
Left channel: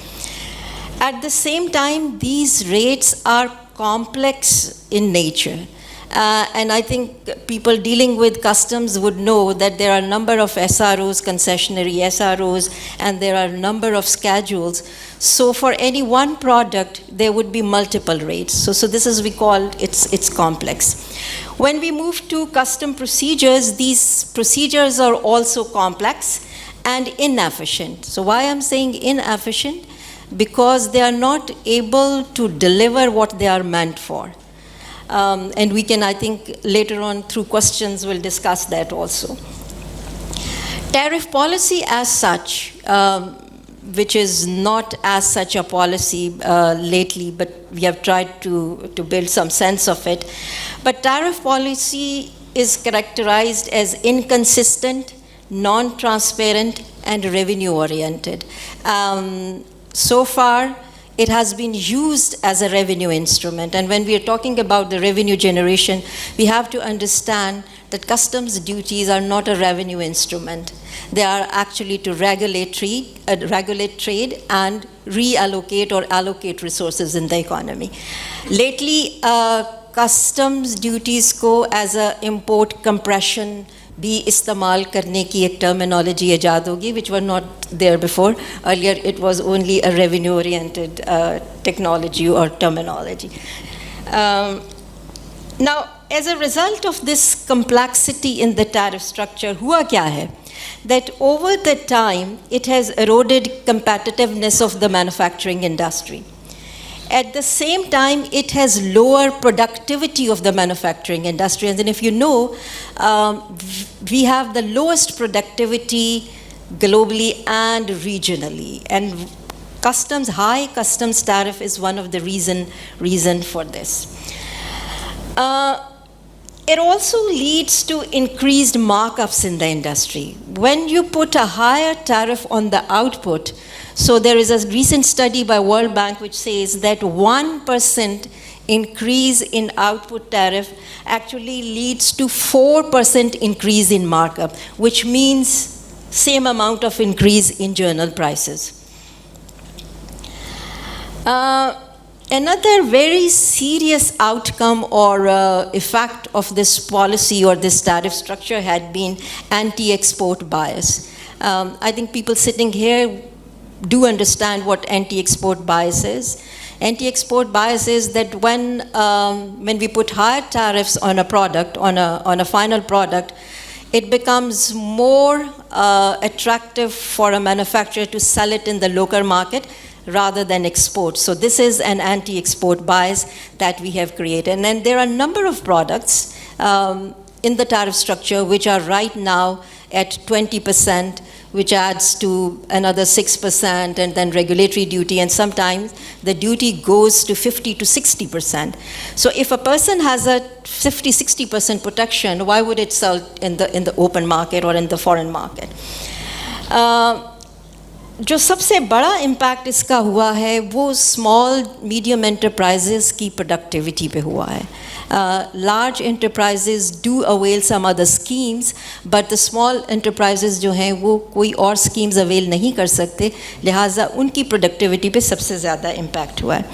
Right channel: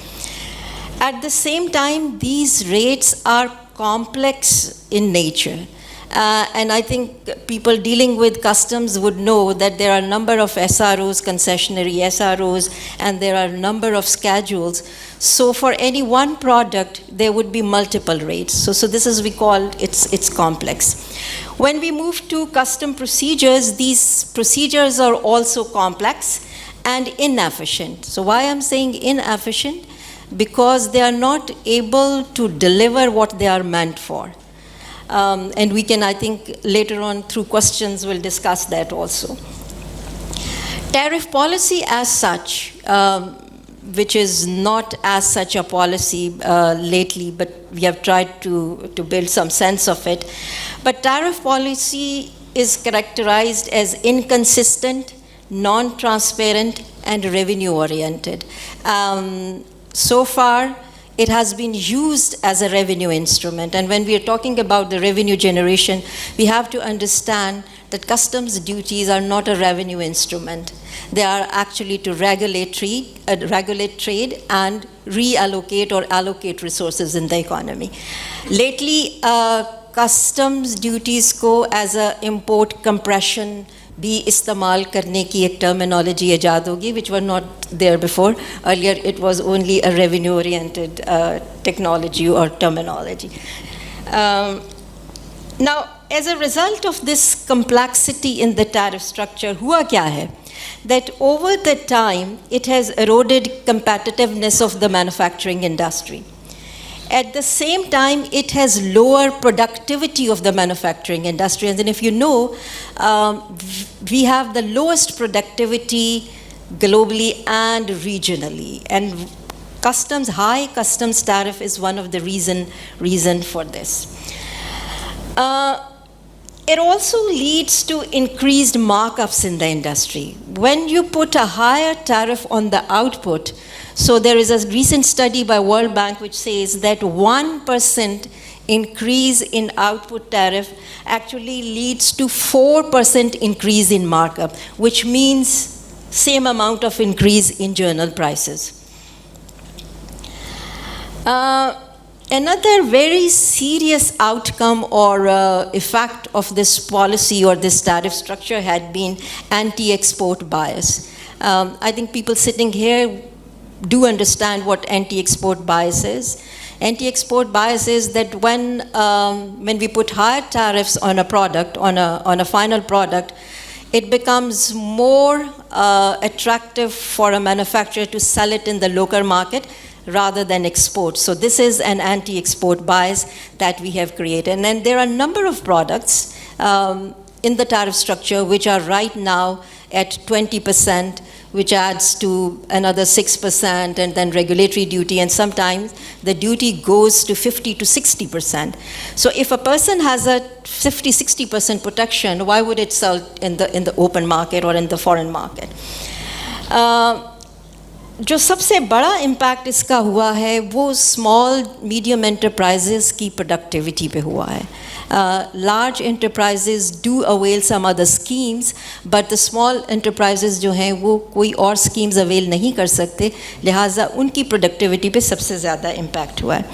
At the same time, these rates are complex in nature. And I think people dealing with customs would know that there are a number of SROs, concessionary SROs, and there are a number of schedules. So for any one product, there would be multiple rates. So this is, we call it's complex. When we move to custom procedures, these procedures are also complex and inefficient. So why I'm saying inefficient? Because they are not able to deliver what they are meant for. And we can, I think, later on through questions, we'll discuss that also. Tariff policy as such, which is not as such a policy lately, but we have tried to build some sense of it. But tariff policy is characterized as inconsistent, non-transparent, and revenue-oriented. So far, it has been used as a revenue instrument. And when we are talking about the revenue generation, we have to understand that customs duties are not a revenue instrument. They are actually to regulate trade and reallocate or allocate resources in the economy. Lately, customs duties को as a import compression भी इस्तेमाल करने की एक terminology ईजाद होगी, which were not there before. Earlier, it was only a revenue-oriented technology or terminology. Now, as a result of this complexity in the tariff structure, हुआ क्या है? That over the time, it has eroded competitiveness of the manufacturing industry. At the same time, it has lowered productivity of the manufacturing industry. And then if you know, we have the lowest productivity globally and regionally. And high customs tariff is one of the reason for this. It also leads to increased markups in the industry. When you put a higher tariff on the output, so there is a recent study by World Bank which says that 1% increase in output tariff actually leads to 4% increase in markup, which means same amount of increase in journal prices. Another very serious outcome or effect of this policy or this tariff structure had been anti-export bias. I think people sitting here do understand what anti-export bias is. Anti-export bias is that when we put higher tariffs on a product, on a final product, it becomes more attractive for a manufacturer to sell it in the local market rather than export. So this is an anti-export bias that we have created. And then there are a number of products in the tariff structure which are right now at 20%, which adds to another 6%, and then regulatory duty, and sometimes the duty goes to 50 to 60%. So if a person has a 50-60% protection, why would it sell in the open market or in the foreign market? जो सबसे बड़ा impact इसका हुआ है वो small medium enterprises की productivity पे हुआ है. Large enterprises do avail some other schemes, but the small enterprises जो हैं वो कोई और schemes avail नहीं कर सकते, लिहाजा उनकी productivity पे सबसे ज़्यादा impact हुआ है.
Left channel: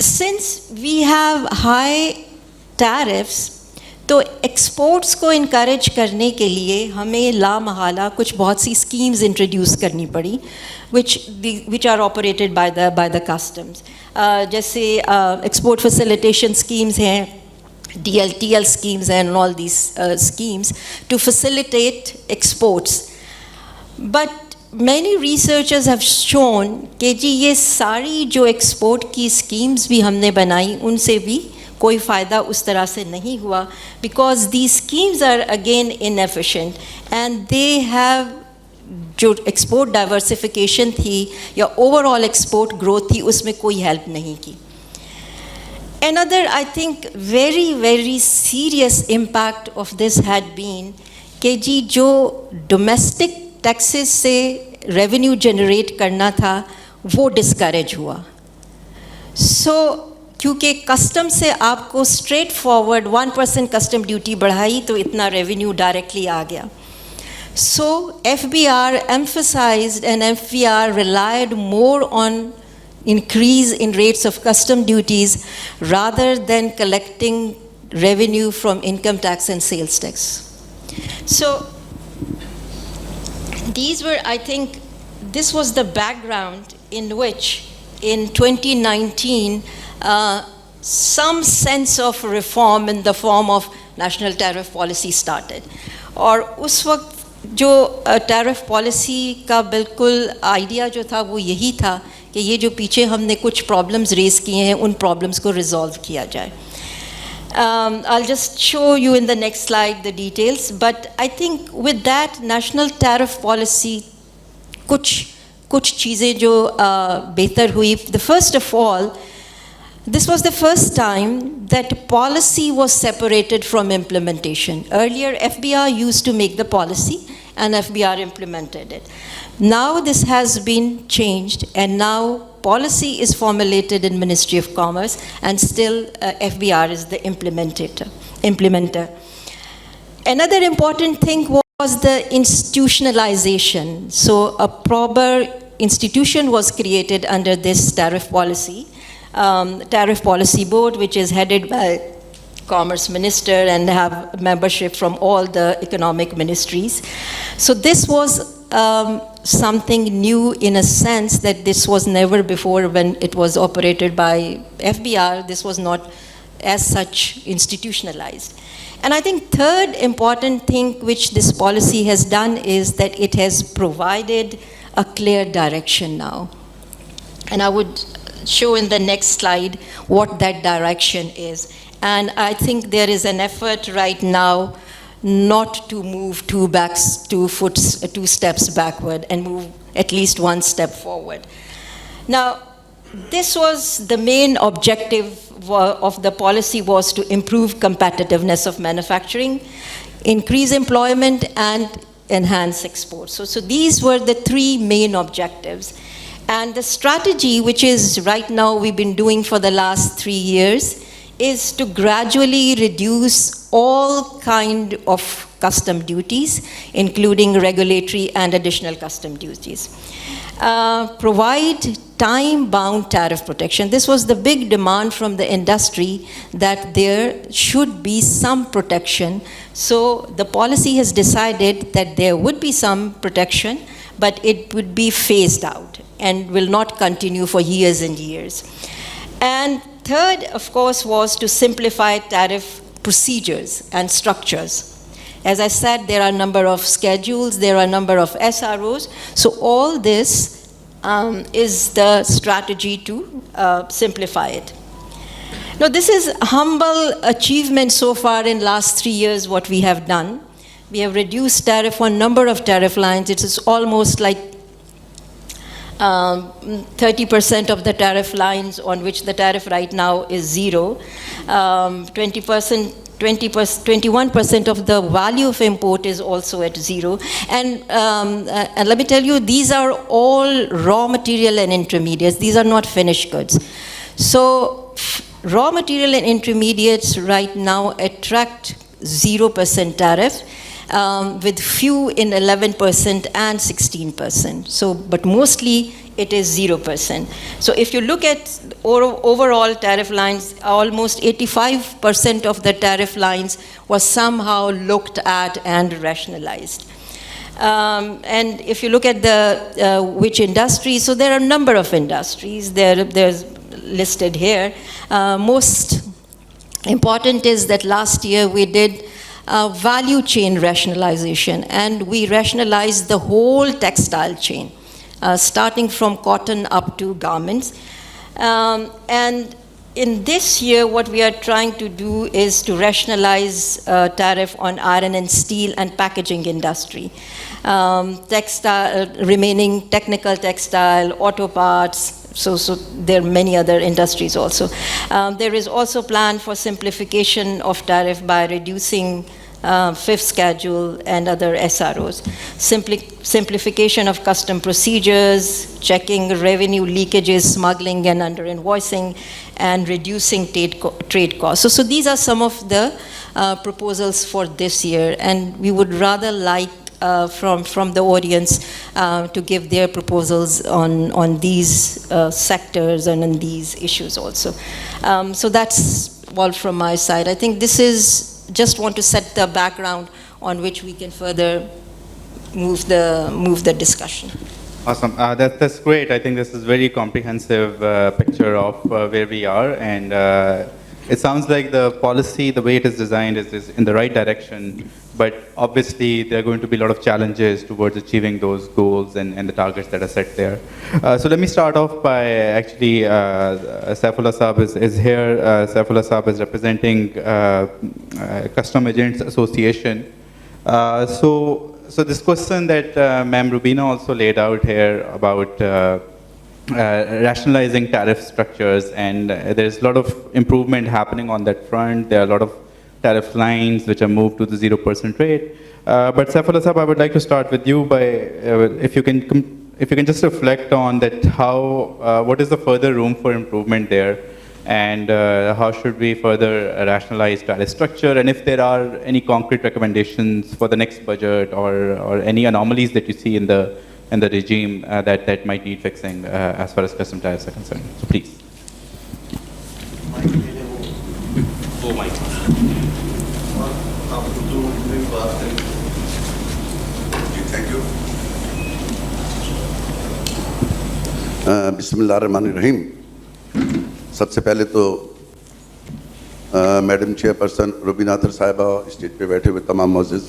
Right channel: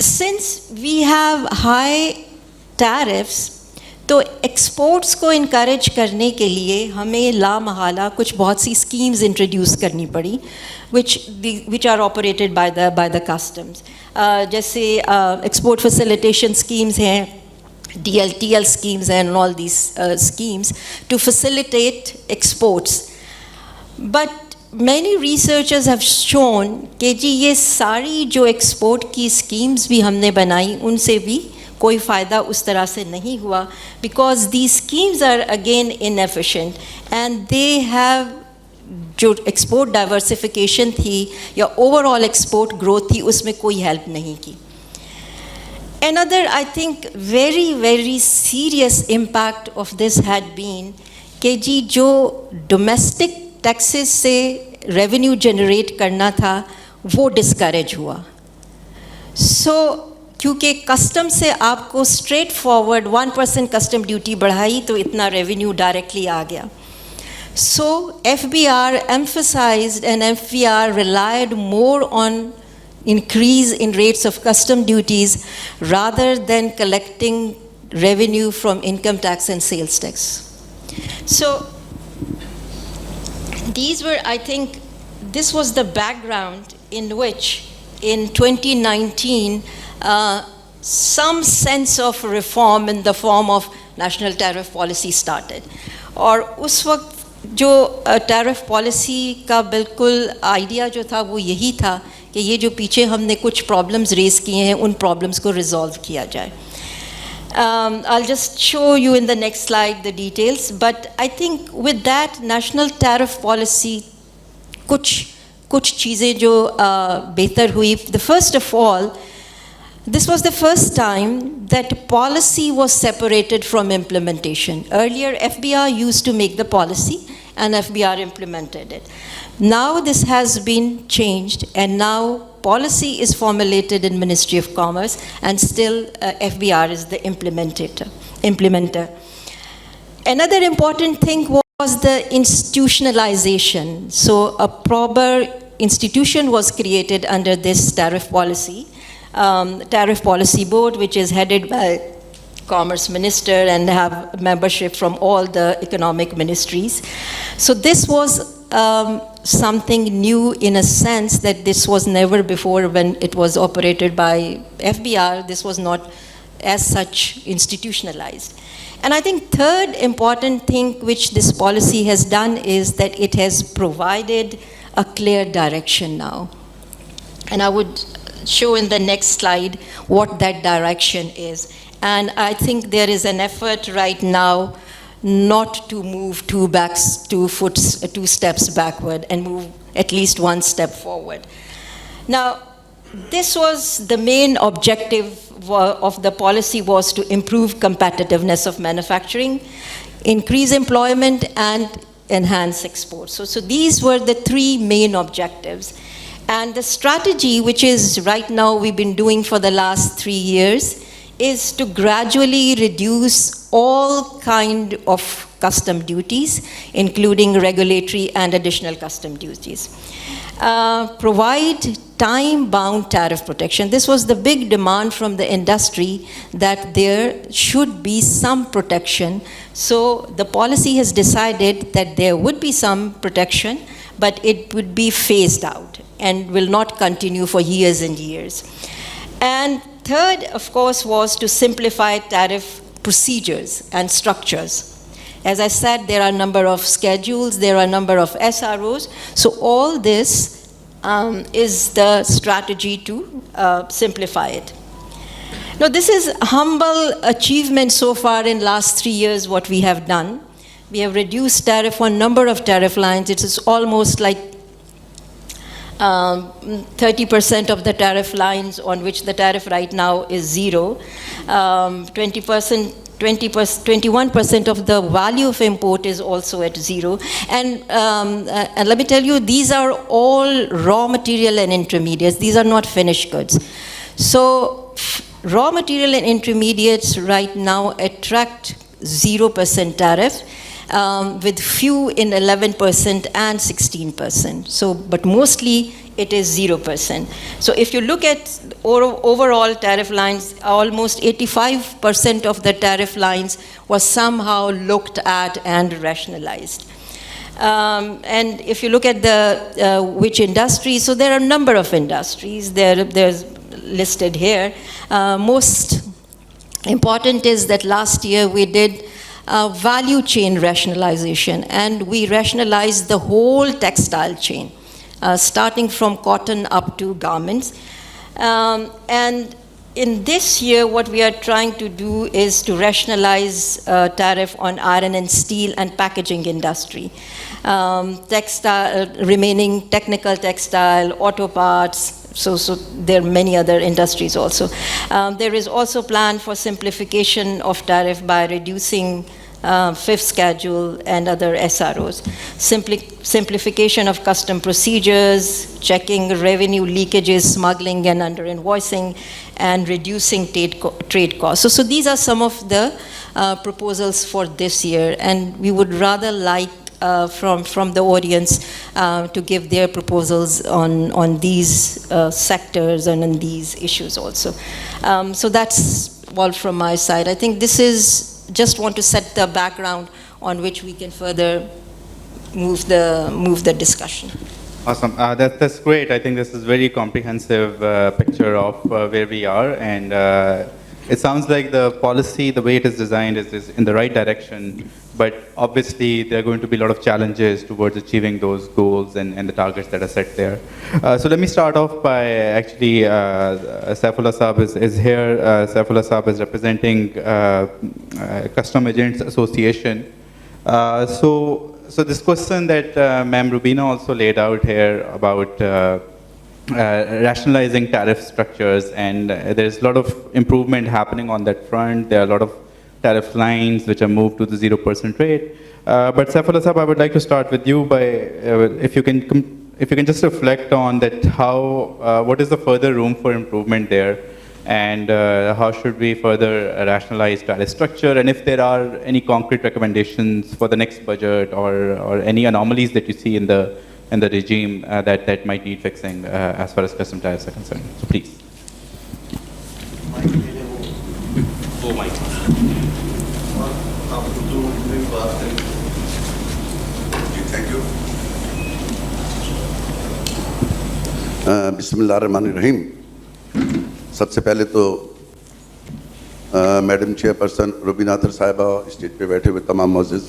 Since we have high tariffs, तो एक्सपोर्ट्स को इनकरेज करने के लिए हमें लामहला कुछ बहुत सी स्कीम्स इंट्रोड्यूस करनी पड़ी which are operated by the customs. जैसे एक्सपोर्ट फैसिलिटेशन स्कीम्स हैं, DLTL schemes and all these schemes to facilitate exports. But many researchers have shown कि जी ये सारी जो एक्सपोर्ट की स्कीम्स भी हमने बनाई उनसे भी कोई फ़ायदा उस तरह से नहीं हुआ, because these schemes are again inefficient and they have जो एक्सपोर्ट डाइवर्सिफिकेशन थी या ओवरऑल एक्सपोर्ट ग्रोथ थी उसमें कोई हेल्प नहीं की. Another, I think, very serious impact of this had been कि जी जो domestic टैक्सेस से रेवेन्यू जनरेट करना था वो डिस्करेज हुआ. सो क्योंकि कस्टम से आपको स्ट्रेट फॉरवर्ड 1% कस्टम ड्यूटी बढ़ाई तो इतना रेवेन्यू डायरेक्टली आ गया. So FBR emphasized and FBR relied more on increase in rates of custom duties rather than collecting revenue from income tax and sales tax. So these were, I think, this was the background in which in 2019 some sense of reform in the form of national tariff policy started. और उस वक्त जो tariff policy का बिल्कुल idea जो था वो यही था कि ये जो पीछे हमने कुछ प्रॉब्लम्स रेज किए हैं उन प्रॉब्लम्स को रिजॉल्व किया जाए. I'll just show you in the next slide the details, but I think with that national tariff policy कुछ चीज़ें जो बेहतर हुई. The first of all, this was the first time that policy was separated from implementation. Earlier, FBR used to make the policy and FBR implemented it. Now this has been changed and now policy is formulated in Ministry of Commerce and still FBR is the implementer. Another important thing was the institutionalization. So a proper institution was created under this tariff policy. Tariff Policy Board, which is headed by Commerce Minister and have membership from all the economic ministries. So this was something new in a sense that this was never before when it was operated by FBR. This was not as such institutionalized. And I think third important thing which this policy has done is that it has provided a clear direction now. And I would show in the next slide what that direction is. And I think there is an effort right now not to move two steps backward and move at least one step forward. Now, this was the main objective of the policy, was to improve competitiveness of manufacturing, increase employment, and enhance exports. So these were the three main objectives. And the strategy, which is right now we've been doing for the last 3 years, is to gradually reduce all kind of custom duties, including regulatory and additional custom duties. Provide time-bound tariff protection. This was the big demand from the industry, that there should be some protection. So the policy has decided that there would be some protection, but it would be phased out and will not continue for years and years. And third, of course, was to simplify tariff procedures and structures. As I said, there are a number of schedules, there are a number of SROs. So all this is the strategy to simplify it. Now, this is humble achievement so far in last 3 years, what we have done. We have reduced tariff on number of tariff lines. It is almost like 30% of the tariff lines on which the tariff right now is 0. 21% of the value of import is also at 0. And let me tell you, these are all raw material and intermediates. These are not finished goods. So raw material and intermediates right now attract 0% tariff, with few in 11% and 16%. So, but mostly it is 0%. So if you look at overall tariff lines, almost 85% of the tariff lines was somehow looked at and rationalized. And if you look at the which industries, so there are a number of industries. There's listed here. Most important is that last year we did value chain rationalization, and we rationalized the whole textile chain, starting from cotton up to garments. And in this year, what we are trying to do is to rationalize tariff on iron and steel and packaging industry, textile, remaining technical textile, auto parts. So there are many other industries also. There is also plan for simplification of tariff by reducing fifth schedule, and other SROs. Simplification of custom procedures, checking revenue leakages, smuggling and under-invoicing, and reducing trade costs. So these are some of the proposals for this year, and we would rather like from the audience to give their proposals on these sectors and on these issues also. So that's all from my side. I think this is just want to set the background on which we can further move the discussion. Awesome. That's great. I think this is very comprehensive picture of where we are, and it sounds like the policy, the way it is designed, is in the right direction. But obviously, there are going to be a lot of challenges towards achieving those goals and the targets that are set there. So let me start off by actually, Saifullah Saab is here. Saifullah Saab is representing Custom Agents Association. So this question that Ma'am Rubina also laid out here about rationalizing tariff structures, and there's a lot of improvement happening on that front. There are a lot of tariff lines which are moved to the 0% rate. But Saifullah Saab, I would like to start with you by if you can just reflect on that, what is the further room for improvement there, and how should we further rationalize tariff structure, and if there are any concrete recommendations for the next budget or any anomalies that you see in the regime that might need fixing as far as custom tariffs are concerned. So please. Thank you. बिस्मिल्लाहिर्रहमानिर्रहीम। सबसे पहले तो madam chairperson Rubina अतर साहिबा, stage पे बैठे हुए तमाम मौजूद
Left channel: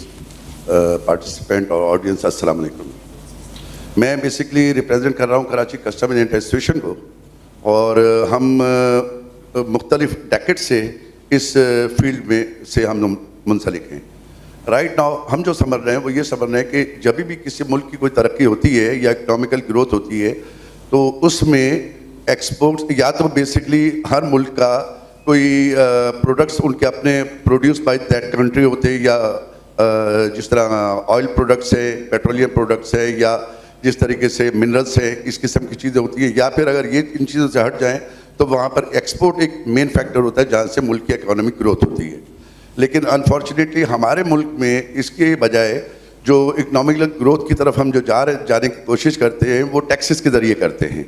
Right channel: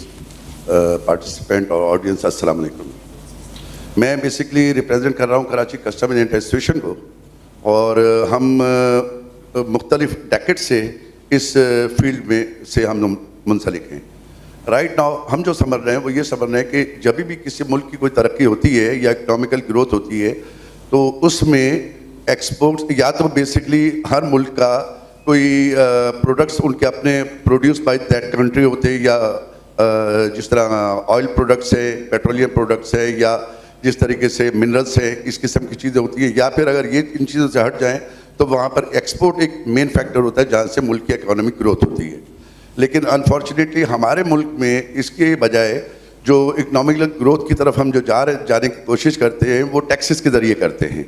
पार्टिसिपेंट और ऑडियंस, अस्सलाम वालेकुम। मैं बेसिकली रिप्रेजेंट कर रहा हूँ कराची कस्टम एजेंट एसोसिएशन को, और हम मुख्तलिफ डेकेड से इस फील्ड में से हम मुंसलिक हैं। राइट नाउ हम जो समझ रहे हैं वो ये समझ रहे हैं कि जब भी किसी मुल्क की कोई तरक्की होती है या इकोनॉमिकल ग्रोथ होती है तो उसमें एक्सपोर्ट्स, या तो बेसिकली हर मुल्क का कोई प्रोडक्ट्स उनके अपने प्रोड्यूस बाय दैट कंट्री होते हैं, या जिस तरह ऑयल प्रोडक्ट्स है, पेट्रोलियम प्रोडक्ट्स है, या जिस तरीके से मिनरल्स है, इस किस्म की चीज़ें होती हैं, या फिर अगर ये इन चीज़ों से हट जाएँ तो वहाँ पर एक्सपोर्ट एक मेन फैक्टर होता है जहाँ से मुल्क की इकोनॉमिक ग्रोथ होती है। लेकिन अनफॉर्चुनेटली हमारे मुल्क में इसके बजाय जो इकोनॉमिकल ग्रोथ की तरफ हम जो जाने की कोशिश करते हैं वो टैक्सेस के ज़रिए करते हैं,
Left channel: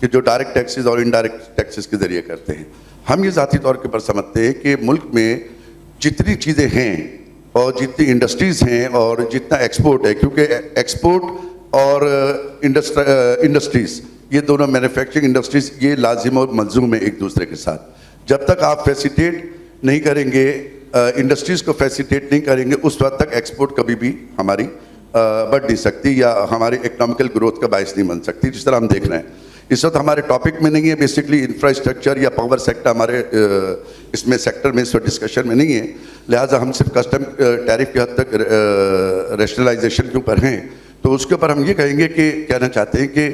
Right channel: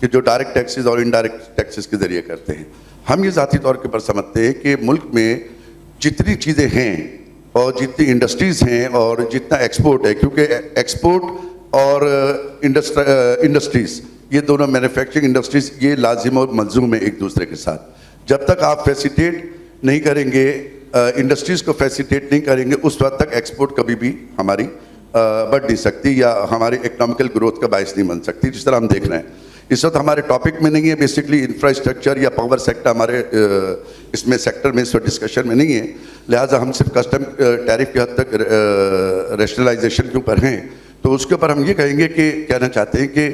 कि जो डायरेक्ट टैक्सेस और इनडायरेक्ट टैक्सेस के ज़रिए करते हैं। हम ये ज़ाती तौर के पर समझते हैं कि मुल्क में जितनी चीज़ें हैं और जितनी इंडस्ट्रीज़ हैं और जितना एक्सपोर्ट है, क्योंकि एक्सपोर्ट और इंडस्ट्रीज़ ये दोनों मैन्युफैक्चरिंग इंडस्ट्रीज़ ये लाजिम और मलजूम है एक दूसरे के साथ। जब तक आप फैसिलिटेट नहीं करेंगे, इंडस्ट्रीज़ को फैसिलिटेट नहीं करेंगे, उस वक्त तक एक्सपोर्ट कभी भी हमारी बढ़ नहीं सकती या हमारी इकोनॉमिकल ग्रोथ का बायस नहीं बन सकती, जिस तरह हम देख रहे हैं। इस वक्त हमारे टॉपिक में नहीं है बेसिकली इंफ्रास्ट्रक्चर या पावर सेक्टर, हमारे इसमें सेक्टर में इस वक्त डिस्कशन में नहीं है, लिहाजा हम सिर्फ कस्टम टैरिफ की हद तक रैशनलाइजेशन के ऊपर हैं। तो उसके ऊपर हम ये कहेंगे कि कहना चाहते हैं कि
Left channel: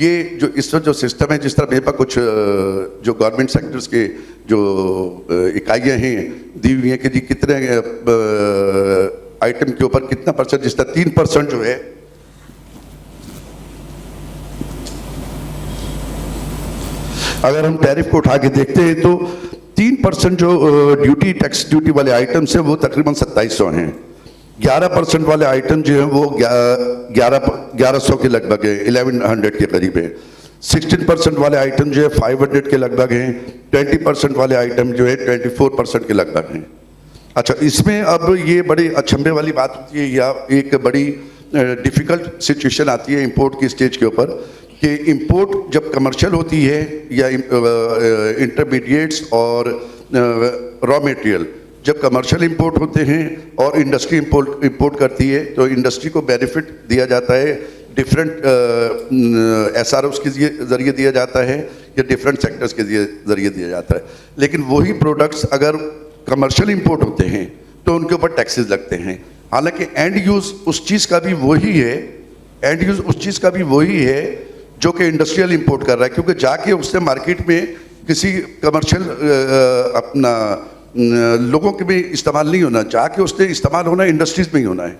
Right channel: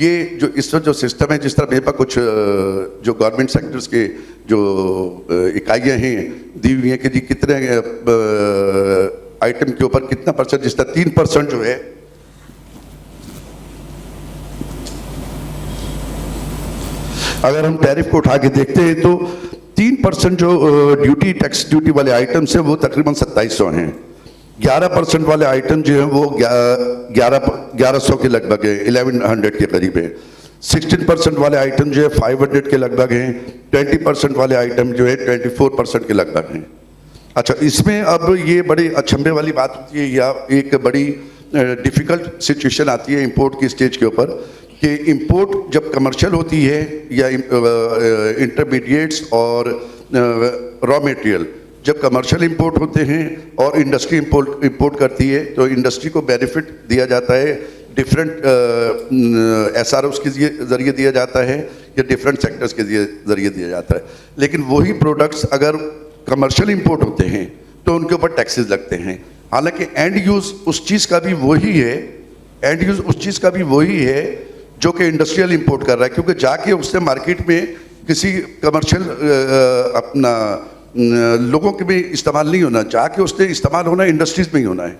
ये जो इस वक्त जो सिस्टम है, जिस तरह मेरे पास कुछ जो गवर्नमेंट सेक्टर्स के जो इकाइयाँ हैं दी हुई हैं कि जी कितने आइटम के ऊपर कितना परसेंट, जिस तरह 3% जो है अगर हम टैरिफ को उठा के देखते हैं तो 3% जो टैक्स ड्यूटी वाले आइटम्स हैं वो तकरीबन 2700 हैं। 11% वाले आइटम जो हैं वो 1100 के लगभग है, 1100 के करीब है। 16% वाले आइटम जो है 500 के लगभग हैं। 20% वाले आइटम जो है 24% के लगभग हैं। अच्छा, इसमें अब ये बड़ी अचंभे वाली बात होती है या एक बड़ी डिफ़िकल्ट सिचुएशन आती है इंपोर्ट की स्टेज के ऊपर कि इंपोर्ट जब कमर्शियल होती है या इंटरमीडिएट्स और रॉ मटेरियल जब कमर्शियल इंपोर्ट होते हैं और इंडस्ट्री इंपोर्ट करती है तो इंडस्ट्री को बेनिफिट दिया जाता है, डिफरेंट एसआरओस के ज़रिए दिया जाता है या डिफरेंट सेक्टर्स के ज़रिए दिया जाता है। लेकिन वही प्रोडक्ट्स अगर कमर्शियल इंपोर्ट होते हैं तो उनके ऊपर टैक्सेस लगते हैं। हालांकि एंड यूज़ उस चीज़ का भी वही है, एंड यूज़ उस चीज़ का भी वही है जो कि इंडस्ट्रियल इंपोर्ट कर रहा है, क्योंकि जाके उसने मार्केट में किसी कमर्शियल अपना लोगों के भी इस्तेमाल नहीं होना, जाके उसने इस्तेमाल होना इंडस्ट्रीज में ही होना है।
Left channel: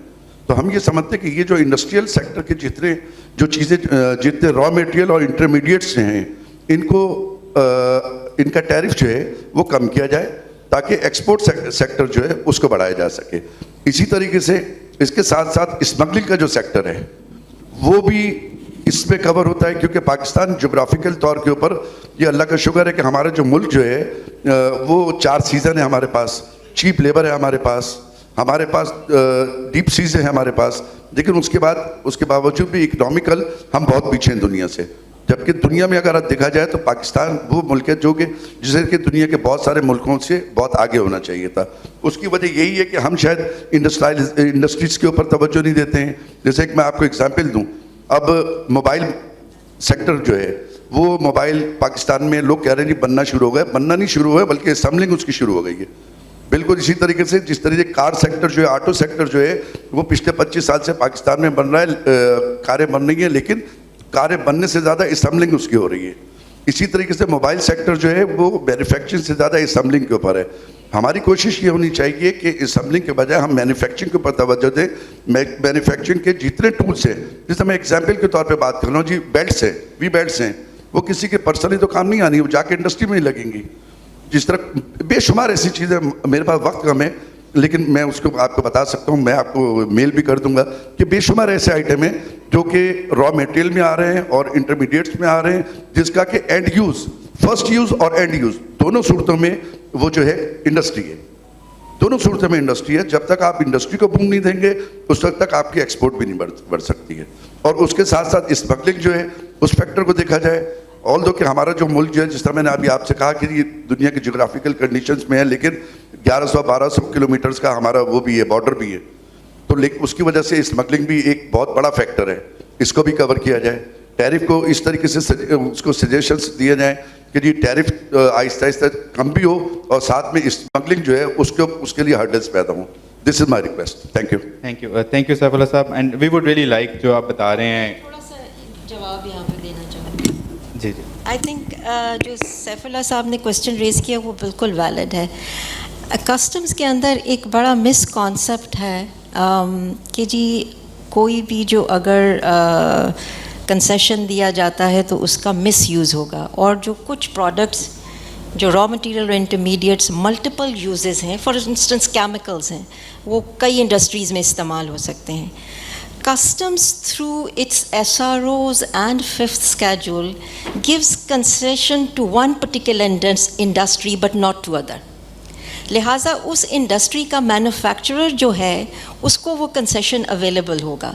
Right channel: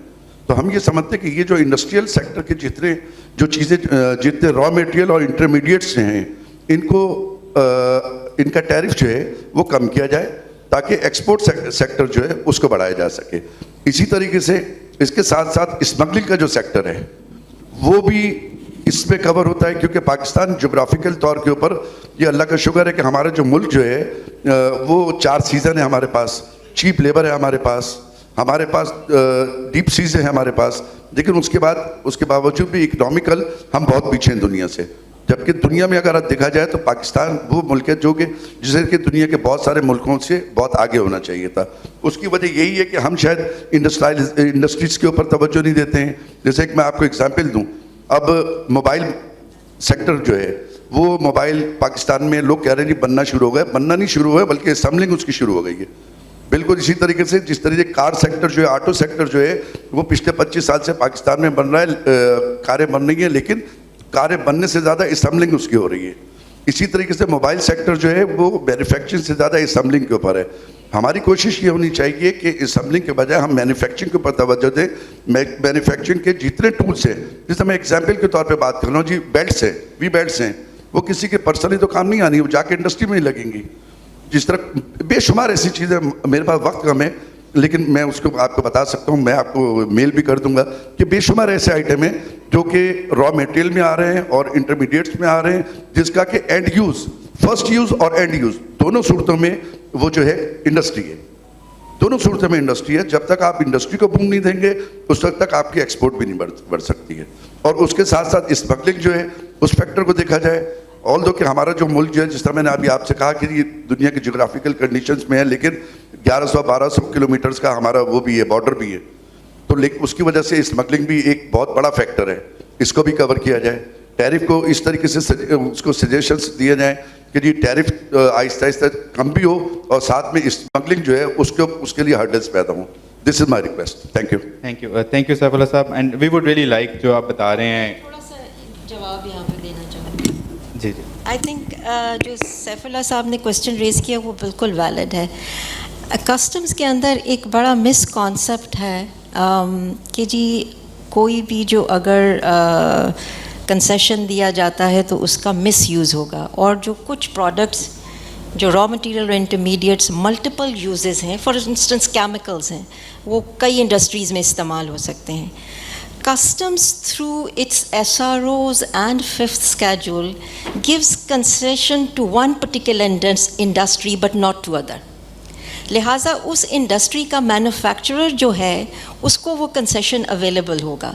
तो हम ये समझते हैं कि ये जो इंडस्ट्रियल सेक्टर के जितने जो चीज़ें जितने रॉ मटेरियल और इंटरमीडिएट्स हैं इनको इनका टैरिफ जो है वो कम किया जाए ताकि एक्सपोर्ट सेक्टर जो है उसको बढ़ाया जा सके। इसी तरीके से इसके साथ साथ स्मगलिंग का जो सेक्टर है वो भी इसमें कवर होता है, क्योंकि पाकिस्तान जोग्राफिकल तौर के ऊपर ये अल्लाह का शुक्र है कि हमारा जो मुल्क जो है वो 4 सीज़न है हमारे पास, चीप लेबर है हमारे पास डीप सीज है हमारे पास, लेकिन उसके बावजूद भी इकोनॉमिकल हम बहुत पीछे हैं दुनिया से। जबकि दुनिया में अगर देखा जाए तो पाकिस्तान वो मुल्क है जो कि जिसे कि दुनिया के बहुत सारे मुल्कों से बहुत आगे होना चाहिए था। उसकी वजह यही है कि हम शायद इंडस्ट्रीज़ के ऊपर तवज्जो नहीं देते हैं। जैसे कि मैं आपको एग्जांपल दूं, अब मोबाइल सेक्टर जो है वो मोबाइल पाकिस्तान में लोग कह रहे हैं जी बनना शुरू हो गया, बनना नहीं शुरू हुआ है बल्कि असम्बलिंग उसकी शुरू हो गई है। बिल्कुल इसी तरीके से जिस तरीके कार सेक्टर जो है, ऑटो सेक्टर जो है वो पिछले 25 साल से पाकिस्तान में बन रहा है, कारें बन रही हैं, लेकिन कारें बनने से ज़्यादा असम्बलिंग उसकी हो रही है। इसी तरीके से मोबाइल सेक्टर जो है वो मैन्युफैक्चरिंग से ज़्यादा असम्बलिंग के ऊपर है। हमारी कोशिश ये होनी चाहिए कि असम्बलिंग के बजाय हम मैन्युफैक्चरिंग के ऊपर तवज्जो दें। मैन्युफैक्चरिंग के जितने टूल्स हैं, जैसे मैं एग्जाम्पल के तौर पे बात कर रहा हूँ जी, बेल्ट्स हैं, वी बेल्ट्स हैं, वो किसी के पर्सनली तो काम नहीं आनी, वो जाके इंडस्ट्री में ही लगेंगी। जिस तरह बेशुमार ऐसी चीज़ें, मेरे पास वक्त कम है लेकिन मैं उसको आपको बता सकता हूँ, मैं आपको मेल भी कर दूंगा कि बेशुमार ऐसे आइटम हैं जो कि रॉ मटेरियल में आ रहे हैं और इंटरमीडिएट्स में आ रहे हैं, जिसका कि एंड यूज़, फर्स्ट यूज़ और एंड यूज़ दोनों सूरतों में वो जो है इंडस्ट्री है, दोनों सूरतों में इंडस्ट्री है। जब तक आप इंडस्ट्री को बूम नहीं देंगे उस वक्त तक आपकी एक्सपोर्ट भी नहीं बढ़ सकती है। और उसके साथ साथ स्मगलिंग जो है उस फैक्टर को देखा जाए, ऑल दो कि हमारा जो मुल्क जो है, जिस तरह मैंने अभी आपसे कहा कि ये दुनिया के जोग्राफिकल कंडीशंस में है, लेकिन 1100-1200 किलोमीटर्स का हमारा वो भी है, बॉर्डर भी है, तो लेकिन उसकी वजह से स्मगलिंग भी एक बहुत बड़ा फैक्टर है, इसको भी कवर किया जाए। टैरिफ को इस तरीके से उसको सजेशंस दिए जाएँ कि जी टैरिफ आहिस्ता आहिस्ता कम भी हो और साथ में स्मगलिंग जो है उसके लिए हर्डल्स पैदा हों। This is my request. Thank you Saifullah sahab, and we would really like जो आप बता रहे हैं, थोड़ा सा जवाब यहाँ पे देना चाहूँगी। जी। आई थिंक जो सैफुल्लाह साहब ने क्वेश्चन रेज़ किया वो बिल्कुल वैलिड है। कस्टम्स के अंदर एक बड़ा मिस कॉन्सेप्ट है कि जी कोई भी जो अगर कंसेशन दिया जाता है तो उसका मिस यूज़ होगा, और जो कुछ प्रोडक्ट्स जो रॉ मटेरियल और इंटरमीडिएट्स मल्टीपल यूजेस हैं, फॉर इंस्टेंस केमिकल्स हैं, वो कई इंडस्ट्रीज़ में इस्तेमाल हो सकते हैं। Customs through its SROs and fifth schedule gives concession to one particular industry but not to other. लिहाजा उस इंडस्ट्री का मैन्युफैक्चरर जो है उसको वो कंसेशन अवेलेबल होगा,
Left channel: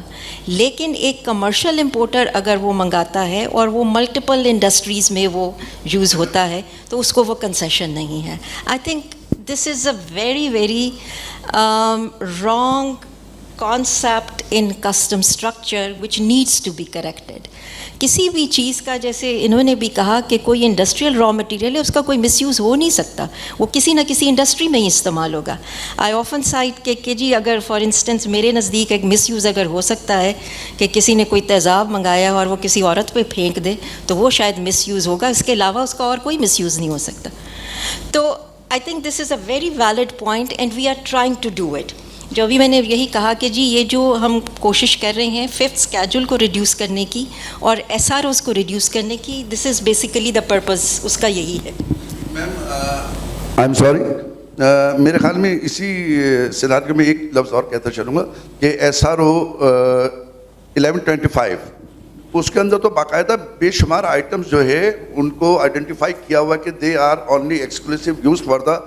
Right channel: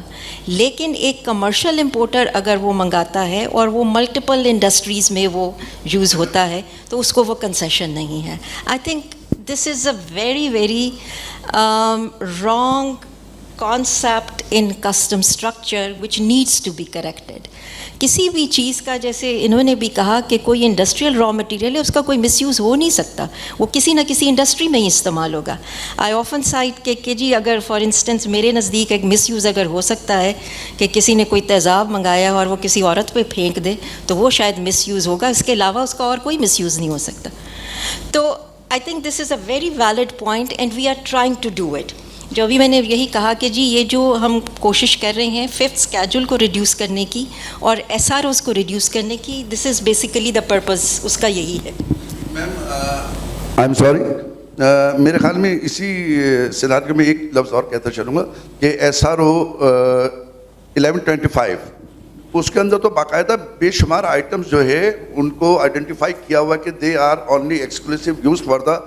लेकिन एक कमर्शियल इंपोर्टर अगर वो मंगाता है और वो मल्टीपल इंडस्ट्रीज़ में वो यूज़ होता है तो उसको वो कंसेशन नहीं है। आई think this is a very very wrong concept in custom structure which needs to be corrected. किसी भी चीज़ का, जैसे इन्होंने भी कहा कि कोई इंडस्ट्रियल रॉ मटेरियल है, उसका कोई मिसयूज़ हो नहीं सकता, वो किसी ना किसी इंडस्ट्री में ही इस्तेमाल होगा। आई ऑफन साइट कि जी अगर फॉर इंस्टेंस मेरे नज़दीक एक मिसयूज़ अगर हो सकता है कि किसी ने कोई तेज़ाब मंगाया और वो किसी औरत पे फेंक दे तो वो शायद मिसयूज़ होगा, इसके अलावा उसका और कोई मिसयूज़ नहीं हो सकता। तो I think this is a very valid point and we are trying to do it. जो भी मैंने यही कहा कि जी ये जो हम कोशिश कर रहे हैं फिफ्थ स्केड्यूल को रिड्यूस करने की और एसआरओज़ को रिड्यूस करने की, this is basically the purpose उसका यही है। मैम आई एम सॉरी, मेरे ख्याल में इसी सिनारियो में एक लफ्ज़ और कहता चलूँगा कि SRO 1125 उसके अंदर तो बाकायदा बेशुमार आइटम्स जो है उनको आइडेंटिफाई किया हुआ कि they are only exclusive use for the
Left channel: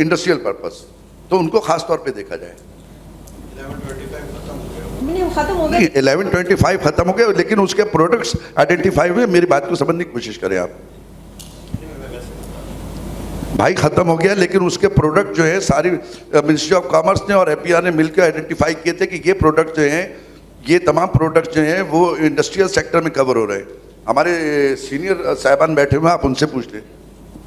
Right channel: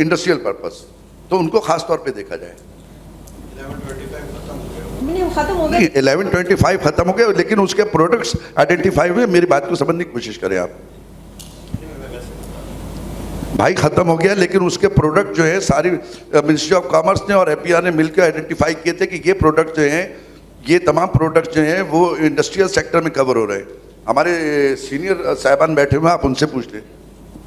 industrial purpose, तो उनको खास तौर पे देखा जाए। 1125 खत्म हो गया, लेकिन उसके प्रोडक्ट्स आइडेंटिफाई हुए। मेरी बात को समझने की कोशिश करें आप। भाई खत्म हो गया, लेकिन उसके प्रोडक्ट जो है सारी मिनिस्ट्री ऑफ कॉमर्स ने और APR ने मिलकर आइडेंटिफाई किए थे कि ये प्रोडक्ट जो हैं, ये तमाम प्रोडक्ट जो हैं वो इंडस्ट्रियल सेक्टर में कवर हो रहे हैं। हमारे सीनियर साहिबान बैठे हुए हैं, आप उनसे पूछ लें।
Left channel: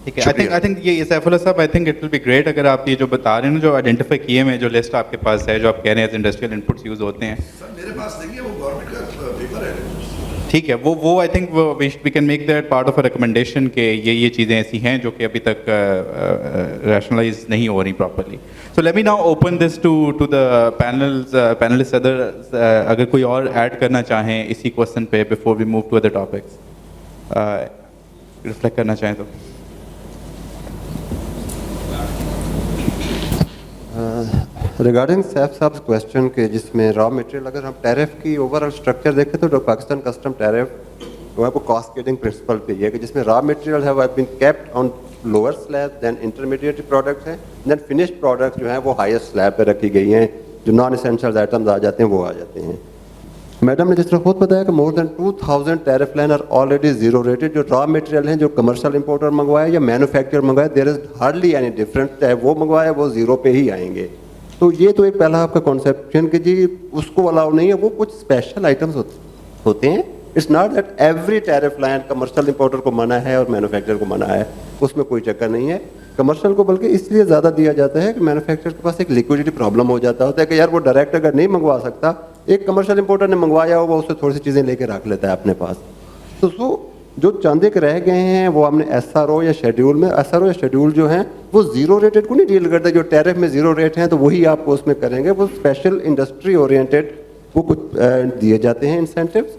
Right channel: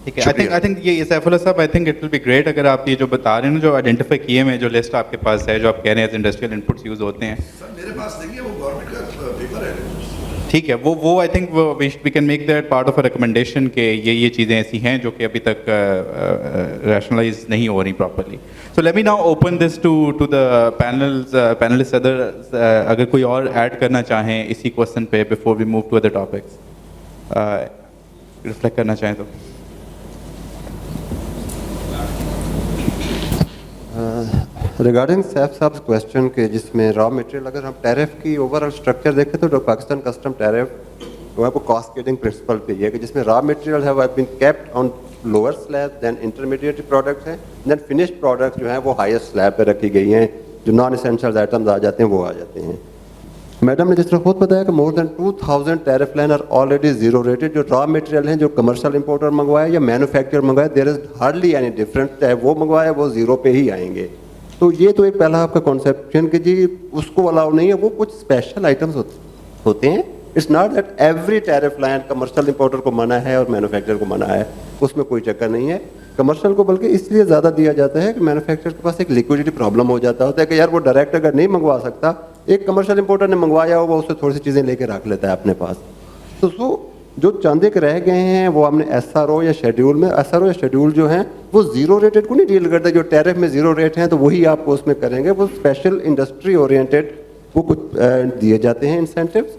ठीक है। आई थिंक ये सैफुल्लाह साहब, I think it will be great अगर आप ये जो बता रहे हैं ना, जो आइडेंटिफाई किए हुए जो लिस्ट आपके पास है, जो आप कह रहे हैं इंडस्ट्रियल इनपुट्स यूज़ होते हैं। सर मेरे पास देखिए वो गवर्नमेंट का पेपर है। ठीक है, वो I think we can make that part of a recommendation कि ये चीज़ें ऐसी हैं जो कि अभी तक रैशनलाइज नहीं हो रही properly. So let me now open this to the panelist. अगर कोई और ऐड करना चाहें इसी क्वेश्चन पे before we move to other topics, reflect करना चाहें तो. रिगार्डिंग सैफ साहब क्वेश्चन के जिसमें रॉ मटेरियल, अगर हम टैरिफ की ओवरऑल स्ट्रक्चर देखें तो पाकिस्तान कस्टम टैरिफ वो है वो कास्केडिंग प्रिंसिपल पे है कि जिसमें रॉ मटेरियल है वो been kept on lower slab, then intermediate products हैं, देन फिनिश्ड प्रोडक्ट्स जो हैं वो हाईएस्ट स्लैब पे रखी गई हैं. जो नॉन एसेंशियल आइटम्स आ जाते हैं वो आ जाते हैं. मैडम ने जिस तरह खुद बताया कि more than 2000 tariff line are already zero rated. जो रॉ मटेरियल हैं जो कमर्शियल इंपोर्टर मंगवाए या मैन्युफैक्चर मंगवाए, there is hardly any difference. चाहे वो मंगवाए वो जीरो पे ही आएंगे. तो ये तो एक पहला आपका कॉन्सेप्शन कि जी उसको अलाउ नहीं है, वो कुछ स्पेशल आइटम्स होते हैं. It's not that every tariff line commercial importer को मना है और मैन्युफैक्चर को मना है, उसमें कोई चक्कर नहीं है. कमर्शियल को बल्कि इसलिए ज़्यादा दिया जाता है कि मैन्युफैक्चर के पास एक लिक्विडिटी प्रॉब्लम हो जाता होता है कि यार वो डायरेक्ट अगर नहीं मंगवा सकता, एक कमर्शियल इंपोर्टर ने मंगवाया हो वो उससे थोड़ी सी चीज़ें लेके रख लेता है अपने पास. तो जो चंद एक रह गए हैं वो हमने एसआरओ या शेड्यूल में, एसआरओ या शेड्यूल जो हैं वो जीरो रेटेड को नहीं डील करते. जो टैरिफ में जीरो रेट हैं तो वही आपको उसमें करेंगे. वो स्पेशल इंडस्ट्री ओरिएंटेड वो कुछ दिए जाते हैं इंसेंटिव्स.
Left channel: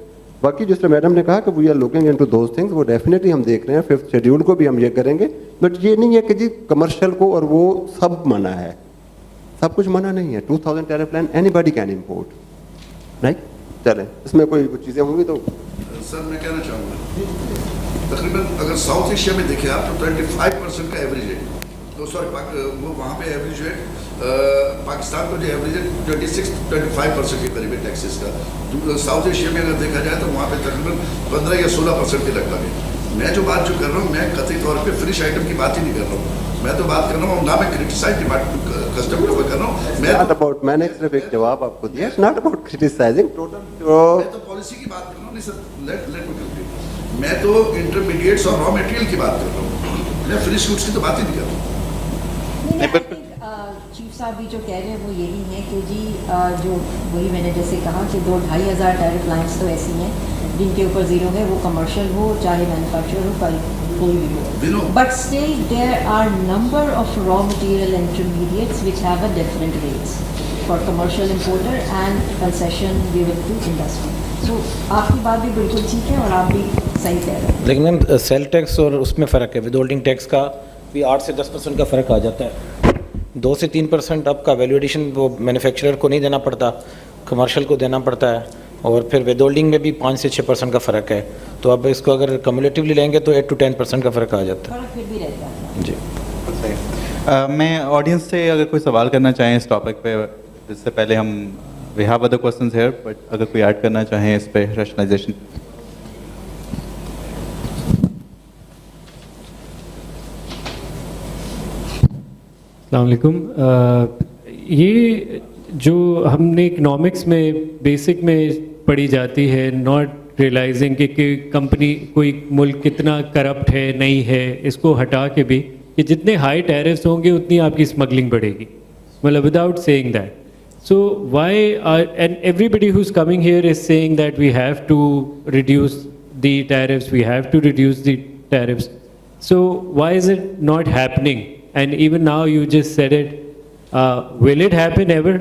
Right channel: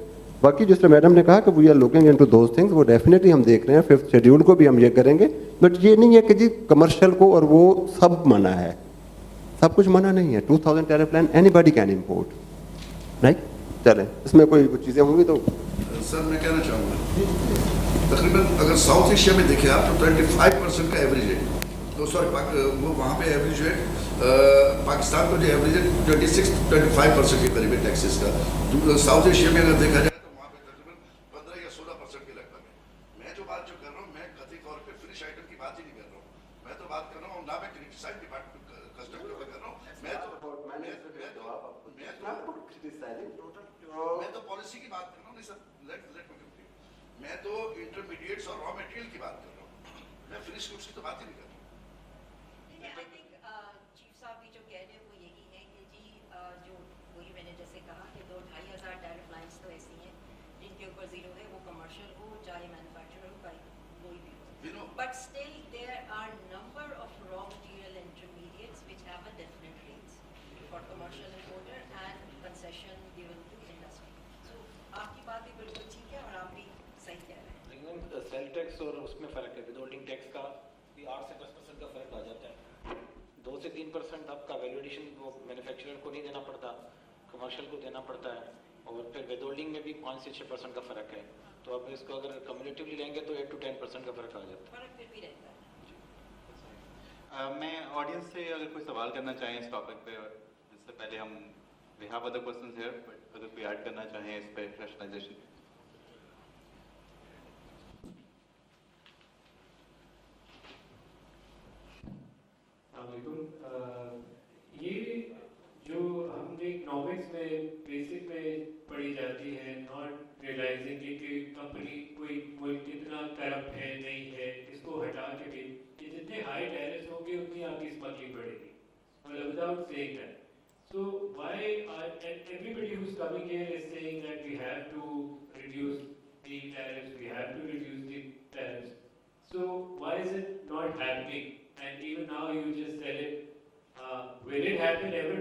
बाकी जिस तरह मैडम ने कहा कि we are looking into those things, वो डेफिनेटली हम देख रहे हैं. 5th शेड्यूल को भी हम ये करेंगे. बट ये नहीं है कि जी कमर्शियल को और वो सब मना है, सब कुछ मना नहीं है. 2000 tariff line anybody can import, right. चलें, इसमें कोई चीज़ें होंगी तो. सर मैं कहना चाहूँगा तकरीबन अगर साउथ एशिया में देखें आप तो 25% का एवरेज रेट, तो सॉरी वो वहाँ पे एवरेज रेट पाकिस्तान को जो एवरेज है 26-25% के करीब टैक्सेस का. साउथ एशिया में अगर देखा जाए तो वहाँ पे तकरीबन 15 या 16% के लगभग है. मैं जो बात कह रहा हूँ मैं कतई तौर पे फिनिश आइटम की बात ही नहीं कर रहा हूँ. मैं तो बात कर रहा हूँ ना, मैं क्रिटिसाइज डिपार्टमेंट कस्टम को कर रहा हूँ. मैं मैंने सिर्फ एक जवाब आपको दिया. It's not about criticising total. मैं तो पॉलिसी की बात कर रहा हूँ. नहीं सर, लेट मी कंप्लीट. मैं तो इंटरमीडिएट्स और रॉ मटेरियल की बात कर रहा हूँ. मैं फिनिश गुड्स की तो बात ही नहीं कर रहा हूँ. चीफ साहब भी जो कह रहे हैं वो यही है कि जी जो वही मैंने जैसे कहा कि 2-2,500 टैरिफ लाइन्स तो ऐसी हैं जिनके ऊपर जीरो है, वो कमर्शियल हो चाहे मैन्युफैक्चर हो, कोई भी हो. But still there are number of raw material intermediates which have a different rates for commercial importer and concession given to industry. So आपकी बात भी बिल्कुल ठीक है और आप भी सही कह रहे हैं. लेकिन मैम सेल टैक्स और उसमें फ़र्क है. विद होल्डिंग टैक्स का भी 8 से 10% का फ़र्क आ जाता है. 2 से 3% आपका वैल्यू एडिशन वो मैन्युफैक्चरर को नहीं देना पड़ता, कमर्शियल को देना पड़ता है. और फिर विद होल्डिंग में भी 5 से 6% का फ़र्क है. तो अब इसको अगर कम्युलेटिवली लेंगे तो 8 to 10% का फ़र्क आ जाता है. फिर भी रहता है जी. मैं ऑडियंस से अगर कोई सवाल करना चाहें इस टॉपिक पे, इससे पहले हम we have other questions here, but अगर कोई ऐड करना चाहें इस पे रैशनलाइजेशन. अस्सलाम वालेकुम. ये जो हमने इकनॉमिक्स में बेसिक में पढ़ी जाती है, नॉट रियलाइजिंग कि कंपनी कोई मुल्क कितना करप्ट है नहीं है, इसको हटा के भी कि जितने हाई टैरिफ्स होंगे उतनी आपकी स्मगलिंग बढ़ेगी, मतलब without saying that. So why and everybody who's coming here is saying that we have to reduce the tariffs, we have to reduce the tariffs. So why is it not happening? And even now you just said it. Will it happen ever?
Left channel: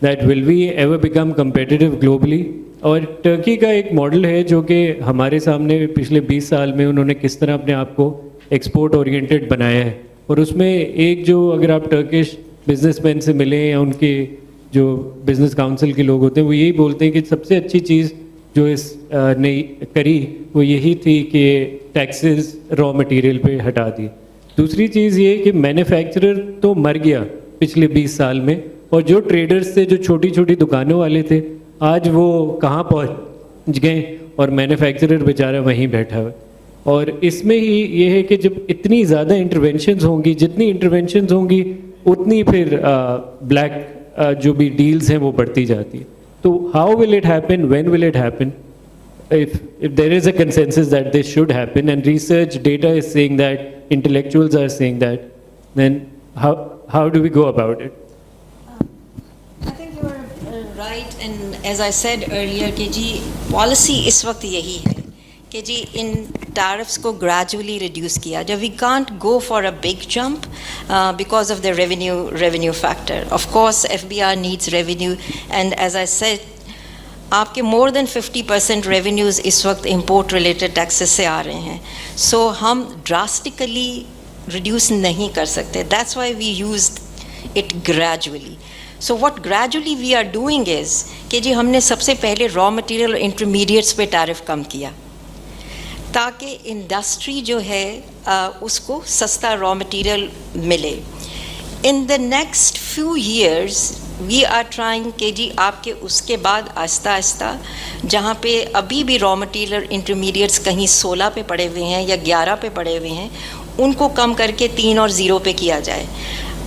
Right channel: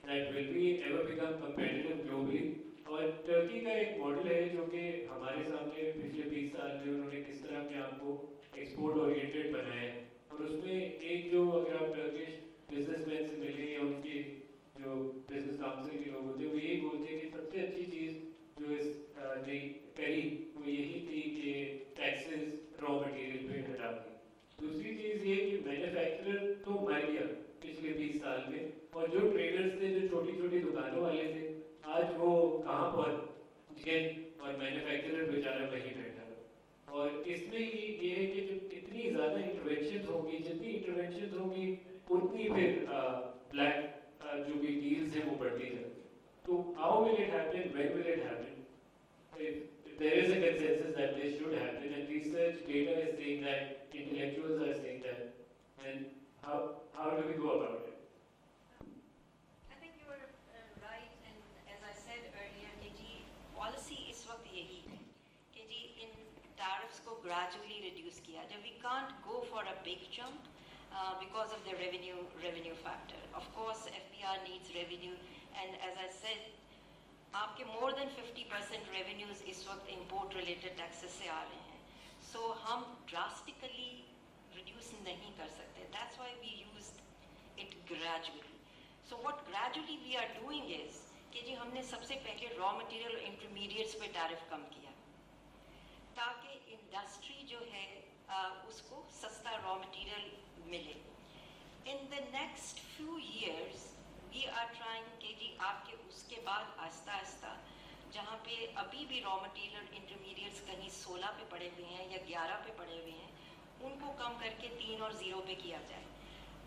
That will we ever become competitive globally? और Turkey का एक model है जो कि हमारे सामने पिछले 20 साल में उन्होंने किस तरह अपने आप को एक्सपोर्ट ओरिएंटेड बनाया है. और उसमें एक जो अगर आप टर्किश बिजनेसमैन से मिलें या उनके जो बिज़नेस काउंसिल के लोग होते हैं वो यही बोलते हैं कि सबसे अच्छी चीज़ जो इस ने करी वो यही थी कि टैक्सेस रॉ मटेरियल पे हटा दिए. दूसरी चीज़ ये कि मैन्युफैक्चरर तो मर गया पिछले 20 साल में, और जो ट्रेडर्स थे, जो छोटी छोटी दुकानों वाले थे, आज वो कहाँ पहुँच गए और मैन्युफैक्चरर बेचारा वहीं बैठा हुआ. और इसमें ही ये है कि जब इतनी ज़्यादा इंटरवेंशंस होंगी, जितनी इंटरवेंशंस होंगी उतनी फिर ब्लैक जो भी डील्स हैं वो बढ़ती जाती है. तो how will it happen, when will it happen? if there is a consensus that this should happen and research data is saying that, intellectuals are saying that, then how do we go about it? I think you're right, And as I said earlier کہ جی policy اس وقت یہی ہے کہ جی ان tariffs کو gradually reduce کیا جب we can't go for a big jump because of the revenue factor. Of course FBR needs revenue and as I said آپ کے more than 50% revenues اس وقت import related taxes سے آ رہے ہیں. So ہم drastically reduce نہیں کر سکتے. That's why we used it gradually. So what gradually we are doing is کہ جی ہم نے سب سے پہلے raw material اور intermediates پہ tariff کم کیا تاکہ انڈسٹری جو ہے اس کو سستا raw material ملے. In the next few years we are trying کہ جی آپ کے اس کے بعد آہستہ آہستہ جہاں پہ ابھی بھی raw material intermediates کہیں 16 پہ پڑے ہوئے ہیں یا 11 پہ پڑے ہوئے ہیں ان کو کم کر کے 3 اور 0 پہ کیا جائے.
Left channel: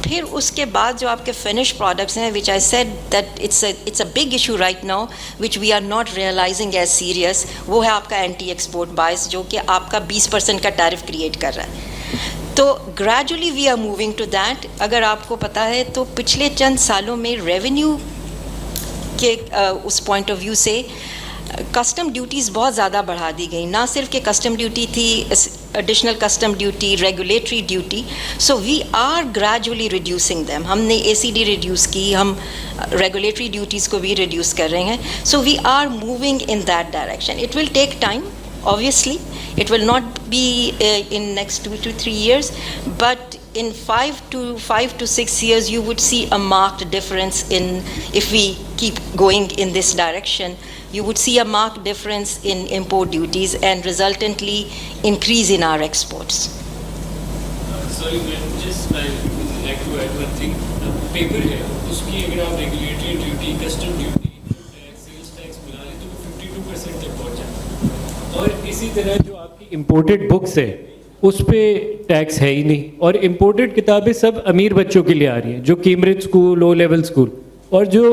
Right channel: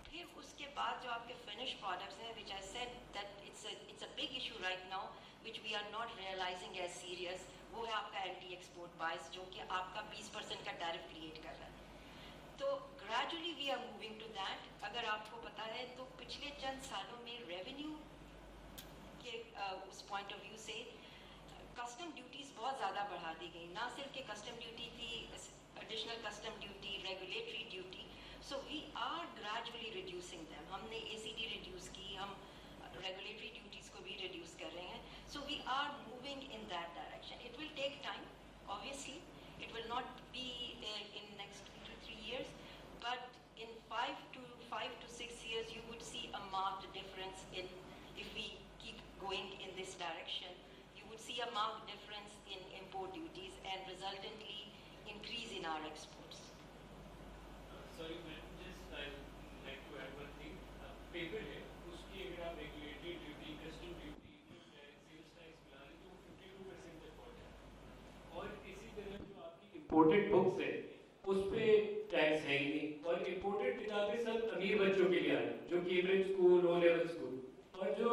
پھر اس کے بعد جو آپ کے فنش پروڈکٹس ہیں which I said that it's a big issue right now which we are not realizing as serious, وہ ہے آپ کا اینٹی ایکسپورٹ بائس جو کہ آپ کا 20% کا ٹیرف کریٹ کر رہا ہے. تو gradually we are moving to that. اگر آپ کو پتہ ہے تو پچھلے چند سالوں میں ریونیو کے اس پوائنٹ آف ویو سے کسٹم ڈیوٹیز بہت زیادہ بڑھا دی گئی. نہ صرف کہ کسٹم ڈیوٹی تھی, additional custom duty, regulatory duty. So we are gradually reducing them. ہم نے اے سی ڈی ریڈیوس کی, ہم ریگولیٹری ڈیوٹیز کو بھی ریڈیوس کر رہے ہیں. So we are moving in that direction. It will take time obviously. It will not be in next 2 to 3 years, but in 5 to 6 years you would see a marked difference in, if we keep going in this direction, you would see a marked difference in import duties and resultantly increase in our exports. Sorry, just I would like to add one thing. Paper है उसकी अगर आप regulatory duty, custom duty, sales tax मिला लें तो 52% तक पहुँच जाता है. اور اسی طرح جو آپ کی امپورٹڈ بکس ہے اس پہ ٹیکس ہے ہی نہیں. اور امپورٹڈ کتابیں سب امیر بچوں کے لیے آ رہی ہیں جو Cambridge school, low level school, اور جو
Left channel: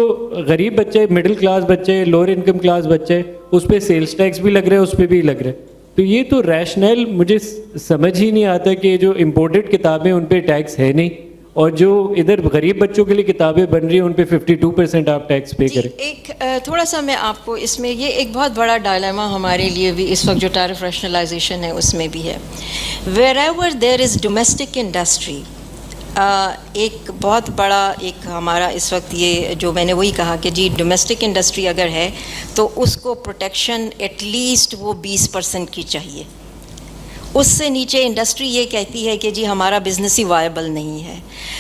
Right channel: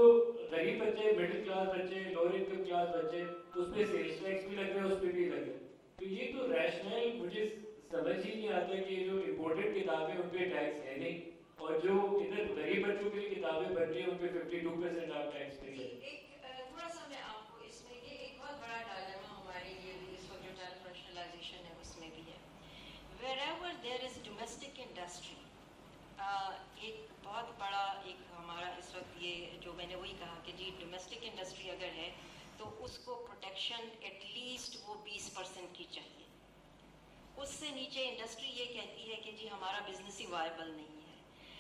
غریب بچے, مڈل کلاس بچے, لوور انکم کلاس بچے, اس پہ سیلس ٹیکس بھی لگ رہا ہے, اس پہ بھی لگ رہا ہے. تو یہ تو ریشنل مجھے سمجھ ہی نہیں آتا کہ جو امپورٹڈ کتابیں ان پہ ٹیکس ہے نہیں اور جو ادھر غریب بچوں کے لیے کتابیں بن رہی ہیں ان پہ 52% آپ ٹیکس پے کریں. ایک تھوڑا سا میں آپ کو اس میں یہ ایک بہت بڑا ڈائلیما ہمارے لیے بھی اس وقت جو ٹیرف ریشنلائزیشن ہے اس میں بھی ہے. Where ever there is domestic industry, ایک بہت بڑا ایک ہمارا اس وقت یہ جو میں نے وہی کہا کہ جی ڈومیسٹک انڈسٹری اگر ہے تو اس کو پروٹیکشن ایٹ لیسٹ وہ 20% کی چاہیے. اس سے نیچے انڈسٹری یہ کہتی ہے کہ جی ہمارا بزنس ہی وائبل نہیں ہے.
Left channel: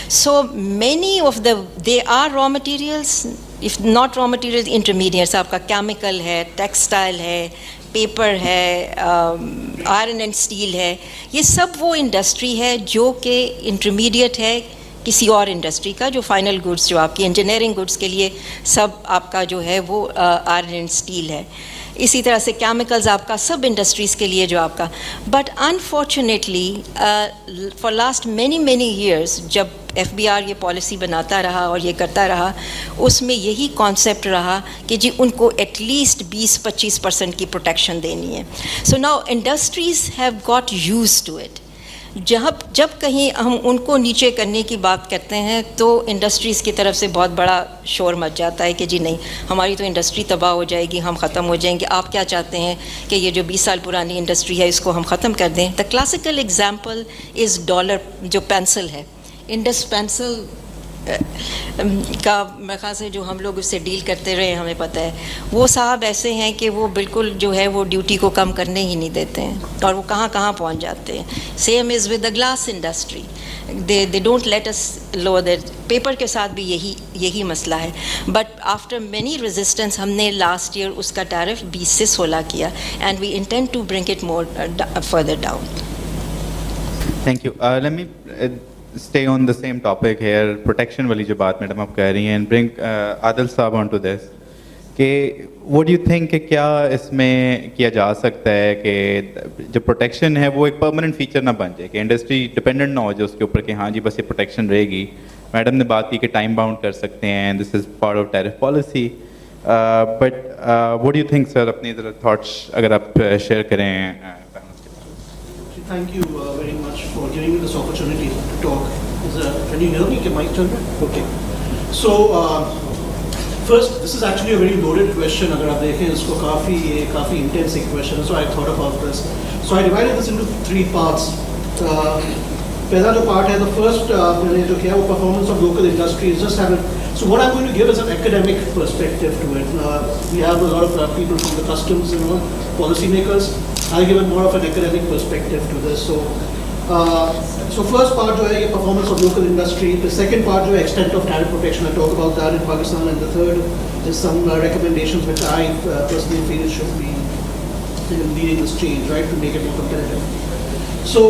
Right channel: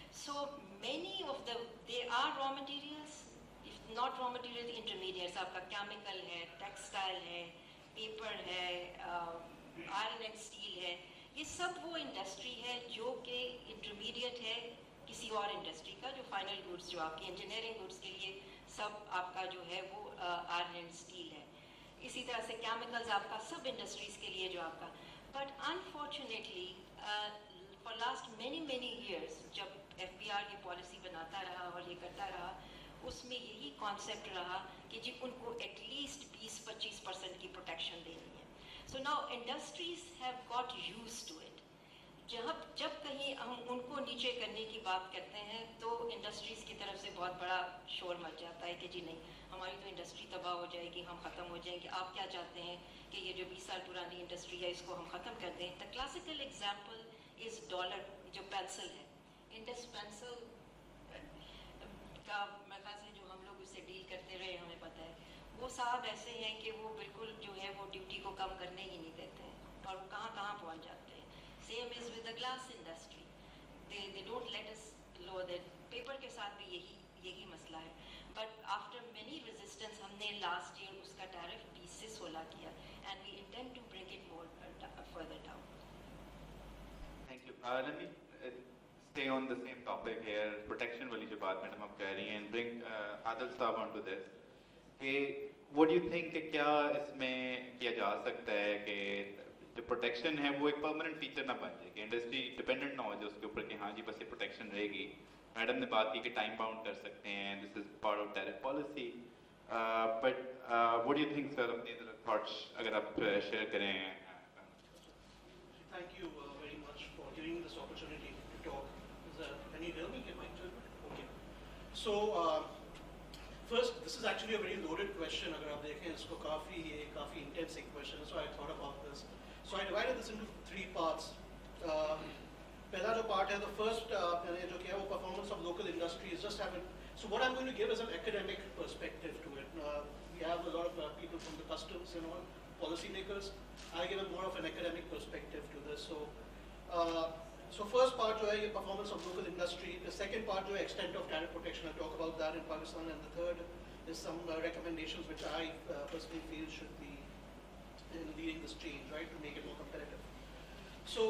So many of the they are raw materials, if not raw materials, intermediates, آپ کا کیمیکل ہے, ٹیکسٹائل ہے, پیپر ہے, آئرن اینڈ اسٹیل ہے. یہ سب وہ انڈسٹری ہے جو کہ انٹرمیڈیٹ ہے کسی اور انڈسٹری کا, جو فائنل گڈس جو آپ کی انجینئرنگ گڈس کے لیے سب آپ کا جو ہے وہ آئرن اینڈ اسٹیل ہے. اسی طرح سے کیمیکلز آپ کا سب انڈسٹریز کے لیے جو آپ کا. But unfortunately for last many years جب ایف بی آر یہ پالیسی بناتا رہا اور یہ کرتا رہا, اس میں یہی کانسیپٹ رہا کہ جی ان کو ایٹ لیسٹ 20-25% کی پروٹیکشن دینی ہے. So now industries have got used to it. جب کہیں ہم ان کو نیچے کرنے کی بات کرتے ہیں تو انڈسٹریز کی طرف سے بہت بڑا شور مچ جاتا ہے کہ جی نہیں, ہماری تو انڈسٹری تباہ ہو جائے گی, ہم ختم ہو جائیں گے. آپ کیا چاہتے ہیں کہ یہ جو 20 سال پرانی انڈسٹری ہے اس کو ہم ختم کر دیں؟ The classical example is dollar, جو پینسل ہے, انڈس پینسل کا میرے خیال سے جو ہم لوگ اس سے ڈیل کرتے رہے ہمیں پتہ ہے. وہ صاحب ایسے ہیں کہ وہ بالکل جو ہے وہ ڈیوٹی کو کم کرنے ہی نہیں دیتے ہیں اور وہ کہاں کہاں پہنچ جاتے ہیں. Same is with the glass industry, they don't let us low that. Paper کے ساتھ بھی یہی مسئلہ ہے. بٹ آفٹر مینی ریزسٹنس ہم نے لاسٹ ایئر اس کا ٹیرف 20 سے 16 کیا, and we intend to bring it more further down. Thank you. Let me stay on the same topic here, protection والی جو بات میڈم آپ کہہ رہی ہیں, and bring عادل صاحب on to this, کہ what do you think کہ کیا اس میں کیا جا سکتا ہے کہ جو پروٹیکشن ہے وہ ایک پرماننٹ فیچر نہ بن جائے, کہ انڈسٹری ڈپینڈنٹ نہ ہو جائے اس کے اوپر کہ ہاں جی بس یہ پروٹیکشن رہے گی. میڈم نے بات کی کہ ٹائم باؤنڈ کر سکتے ہیں, this is part of tariff policy, but what do you think sir, اپنی تھاٹس اگر آپ شیئر کریں. Thank you very much for giving me this opportunity to talk. Can you hear me? Can mic turn on? Okay. So First, this is actually a very loaded question. अगर आप देखें इसको काफी intense एक question है. So I thought about this. So I divided this into 3 parts. पहला जो part है, the first मैंने जो किया वो performance of local industries. Just have it. So what I'm going to give is an academic perspective to it. We have a lot of people from the customs, policy makers. I'll give it more of an academic perspective to this. So first part जो है ये performance of local industry. The second part जो है extent of tariff protection. I talk about that in Pakistan. And the third is some recommendations which I personally feel should be leading this change, right, to make it more competitive. So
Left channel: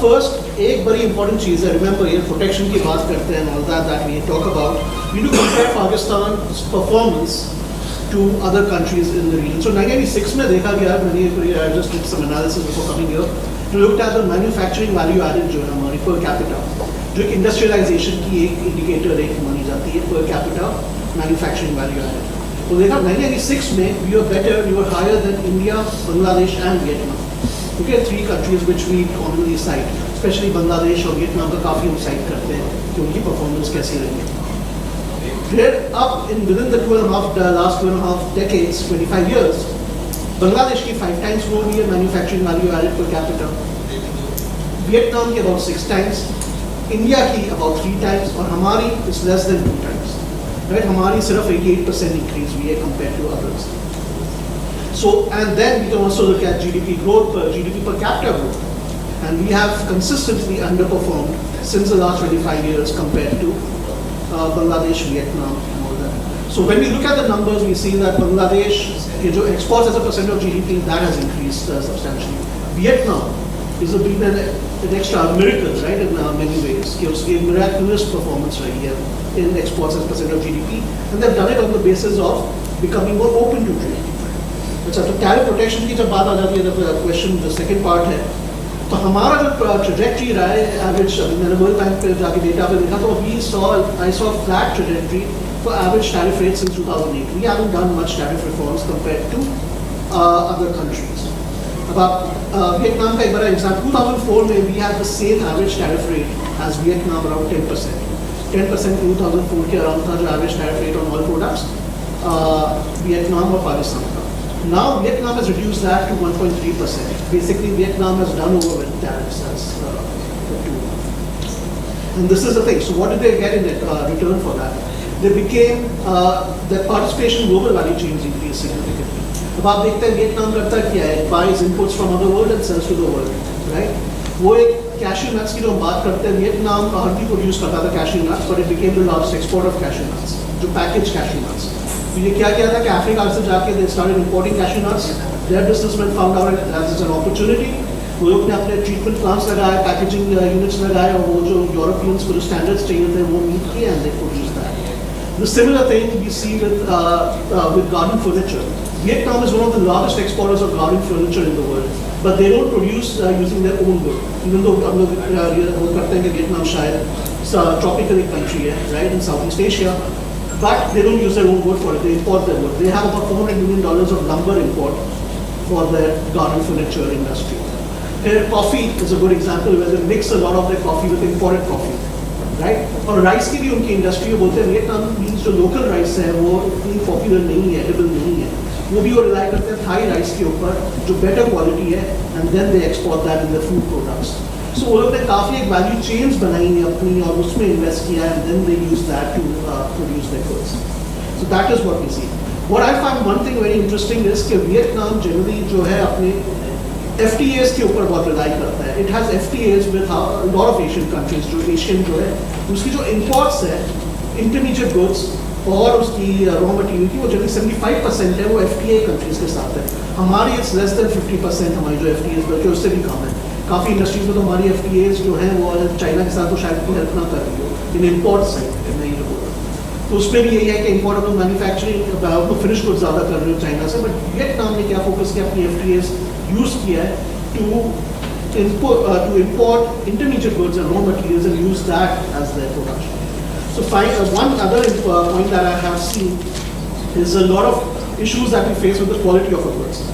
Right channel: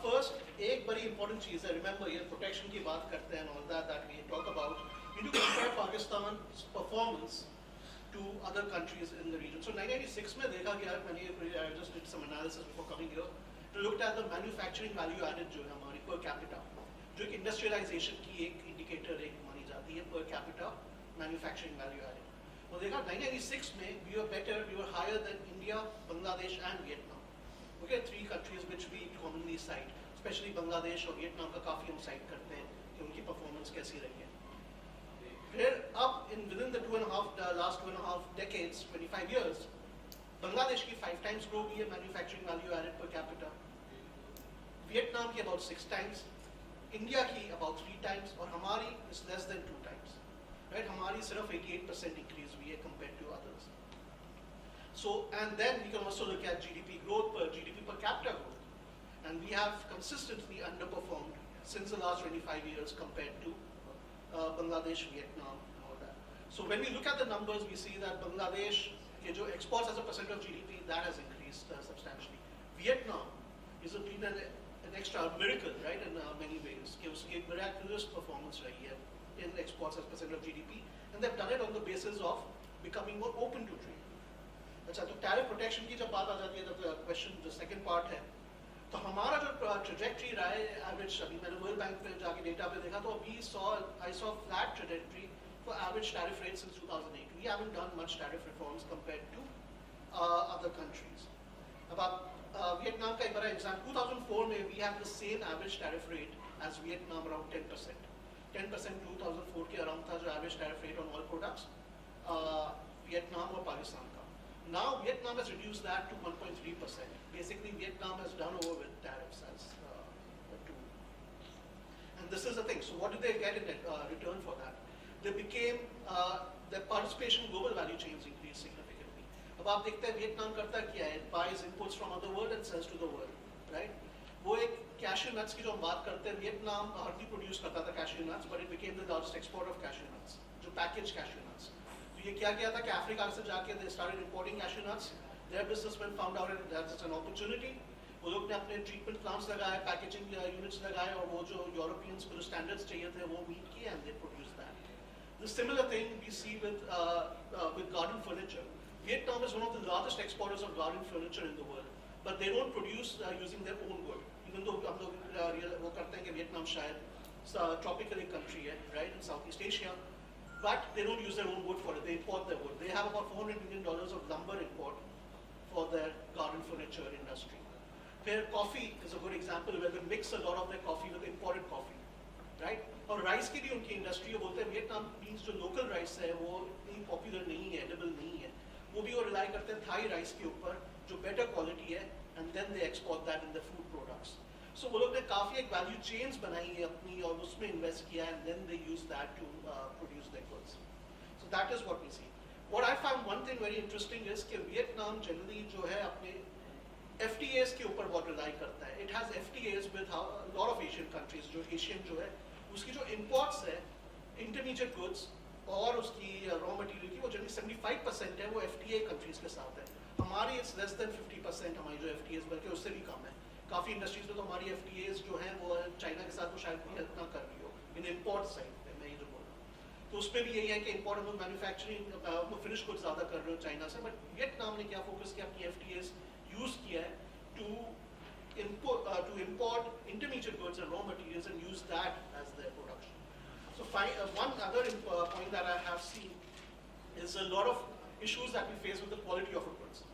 first, एक बड़ी important चीज़ है. Remember, ये protection की बात करते हैं and all that we talk about. We do compare Pakistan's performance to other countries in the region. So 1996 में देखा गया, I just did some analysis before coming here. We looked at the manufacturing value added जो है हमारी per capita, जो industrialization की एक indicator एक मानी जाती है per capita manufacturing value added. तो देखा 1996 में we were better, we were higher than India, Bangladesh and Vietnam. Okay, 3 countries which we commonly cite, especially Bangladesh और Vietnam का काफी हम cite करते हैं कि उनकी performance कैसी रही. Then up within the last 2.5 decades, 25 years, Bangladesh की 5 times more हुई है manufacturing value added per capita. Vietnam की about 6 times, India की about 3 times और हमारी is less than 2 times. Right? हमारी सिर्फ 88% increase हुई है compared to others. So, and then we can also look at GDP growth, GDP per capita growth. And we have consistently underperformed since the last 25 years compared to Bangladesh, Vietnam, and all that. So when we look at the numbers, we see that Bangladesh, exports as a percent of GDP, that has increased substantially. Vietnam is been an extra miracle, right, in many ways. It's a miraculous performance right here in exports as a percent of GDP. And they've done it on the basis of becoming more open to trade. अच्छा, तो tariff protection की जब बात आ जाती है, the question, the second part है, तो हमारा जो trajectory रहा है, average, मैंने World Bank पे जाके data पे देखा, तो I saw flat trajectory for average tariff rates since 2008. We haven't done much tariff reforms compared to other countries. About Vietnam का एक बड़ा example, 2004 में we had the same average tariff rate as Vietnam, around 10%. 10% 2004 के around था जो average tariff rate on all products, Vietnam और Pakistan. Now Vietnam has reduced that to 1.3%. Basically, Vietnam has done over with tariffs as the tool. And this is the thing. So what did they get in return for that? They became, their participation in global value chains increased significantly. अब आप देखते हैं Vietnam करता क्या है? It buys inputs from other world and sells to the world, right? वो एक cashew nuts की जो हम बात करते हैं, Vietnam hardly produce करता था cashew nuts, but it became the largest exporter of cashew nuts, जो packaged cashew nuts. तो ये क्या किया था कि अफ्रीका से जाके they started importing cashew nuts. Their businessmen found out that it's an opportunity. वो लोग ने अपने treatment plants लगाए, packaging units लगाए और वो जो Europeans को जो standards चाहिए थे वो meet किए and they produced that. The similar thing we see with garden furniture. Vietnam is one of the largest exporters of garden furniture in the world, but they don't produce using their own wood. Even though हम लोग वो करते हैं कि Vietnam शायद tropical country है, right, in Southeast Asia. But they don't use their own wood for it, they import their wood. They have about $400 million of lumber import for their garden furniture industry. Their coffee is a good example where they mix a lot of their coffee with imported coffee, right? और rice की भी उनकी industry है, बोलते हैं Vietnam means जो local rice है वो इतनी popular नहीं है, edible नहीं है. वो भी वो rely करते हैं Thai rice के ऊपर जो better quality है and then they export that in their food products. So वो लोग ने काफ़ी एक value chains बनाई है अपनी और उसमें invest किया and then they use that to produce their goods. So that is what we see. What I find one thing very interesting is कि Vietnam generally जो है अपने FTAs के ऊपर बहुत rely करता है. It has FTAs with a lot of Asian countries. जो Asian जो है उसकी जो imports है intermediate goods और उसकी raw material की वो generally 75% है वो FTA countries के साथ है. हमारी it's less than 50% हमारी जो FTAs बल्कि उससे भी कम है. काफ़ी इंडस्ट्रीज में तो हमारी FTAs जो हैं वो चाइना के साथ तो शायद कोई हेल्प ना कर रही हो इन इम्पोर्ट साइड में ये बोल रहा तो उसमें भी यही है कि इम्पोर्ट ऑफ मैन्युफैक्चरिंग तो फिनिश गुड्स ज़्यादा कर रहे हो चाइना से बट वियतनाम ने क्या फोकस किया अपनी FTAs यूज़ किया है to import intermediate goods and raw materials and use that as their production. So one other point that I have seen is a lot of issues that we face with the quality of our goods.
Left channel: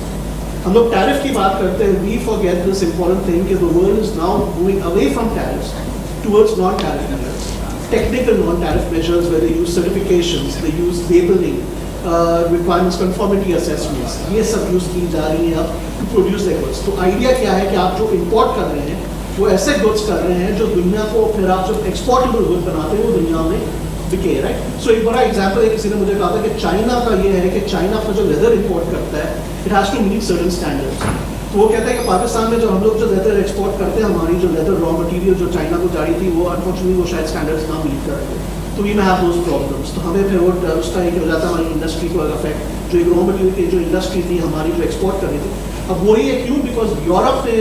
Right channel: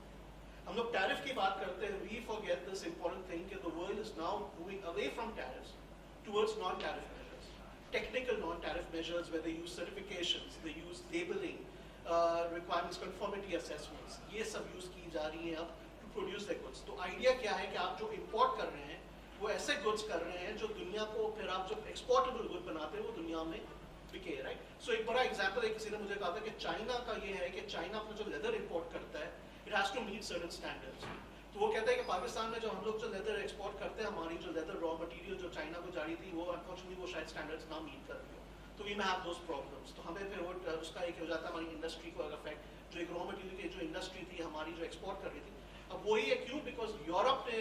हम लोग tariff की बात करते हैं, we forget this important thing कि the world is now moving away from tariffs towards non-tariff measures. technical non-tariff measures where they use certifications, they use labeling, requirements, conformity assessments, ये सब use की जा रही हैं अब to produce the goods. तो idea क्या है कि आप जो import कर रहे हैं वो ऐसे goods कर रहे हैं जो दुनिया को फिर आप जब exportable good बनाते हैं वो दुनिया में बिके, राइट? सो एक बड़ा एग्जांपल है, किसी ने मुझे कहा था कि चाइना का ये है कि चाइना अपना जो लेदर इंपोर्ट करता है it has to meet certain standards. तो वो कहता है कि पाकिस्तान में जो हम लोग जो लेदर एक्सपोर्ट करते हैं, हमारी जो लेदर रॉ मटेरियल जो चाइना को जा रही थी वो अनफॉर्चुनेटली वो शायद स्टैंडर्ड्स ना मीट कर रहे. तो वी में हैव दोज प्रॉब्लम्स. तो हमें फिर वो उसका एक हो जाता है हमारी इंडस्ट्री को अफेक्ट, जो एक रॉ मटेरियल की जो इंडस्ट्री थी हमारी जो एक्सपोर्ट कर रही थी. अब वही है क्यों, बिकॉज यूरोप ने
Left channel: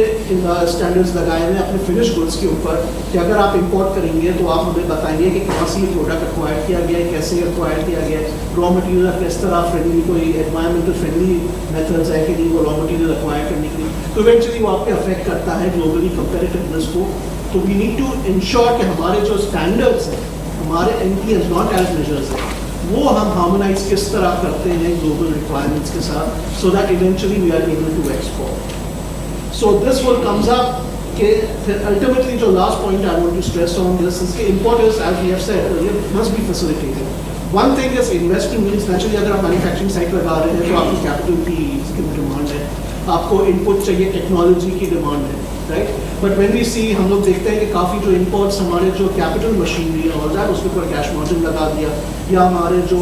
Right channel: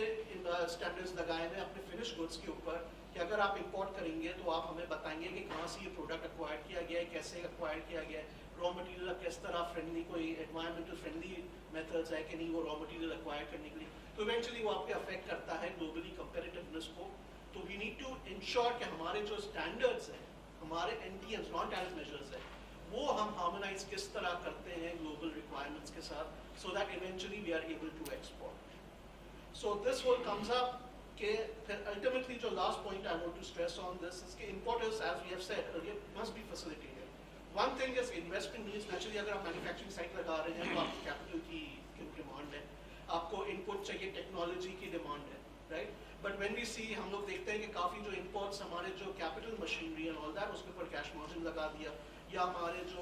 स्टैंडर्ड्स लगाए हुए अपने फिनिश गुड्स के ऊपर कि अगर आप इंपोर्ट करेंगे तो आप हमें बताएंगे कि कहाँ से ये प्रोडक्ट एक्वायर किया गया है, कैसे एक्वायर किया गया है, रॉ मटेरियल किस तरह फ्रेंडली, कोई एनवायरमेंटल फ्रेंडली मेथड्स है कि नहीं वो रॉ मटेरियल एक्वायर करने के लिए. तो इवेंचुअली वो आपके अफेक्ट करता है ग्लोबली कंपेरेटिवनेस को. तो वी नीड टू इंश्योर कि हमारे जो स्टैंडर्ड्स हैं, हमारे NTS नॉन टैरिफ मेजर्स हैं, वो हम हार्मोनाइज किस तरह करते हैं ग्लोबल रिक्वायरमेंट्स के साथ, so that eventually we are able to export. So this will comes up कि फिर अल्टीमेटली जो last point I want to stress on this is कि importers as we have said earlier must be facilitated. One thing is investment means naturally अगर आप manufacturing site लगा रहे हैं तो आपकी कैपिटल की डिमांड है, आपको इनपुट चाहिए, टेक्नोलॉजी की डिमांड है, राइट? बट व्हेन वी सी हम लोग देखते हैं कि काफ़ी जो इंपोर्ट्स हमारे जो कैपिटल मशीनरी है और दैट उसके ऊपर कैश मार्जिन लगा दिया, या हमारे जो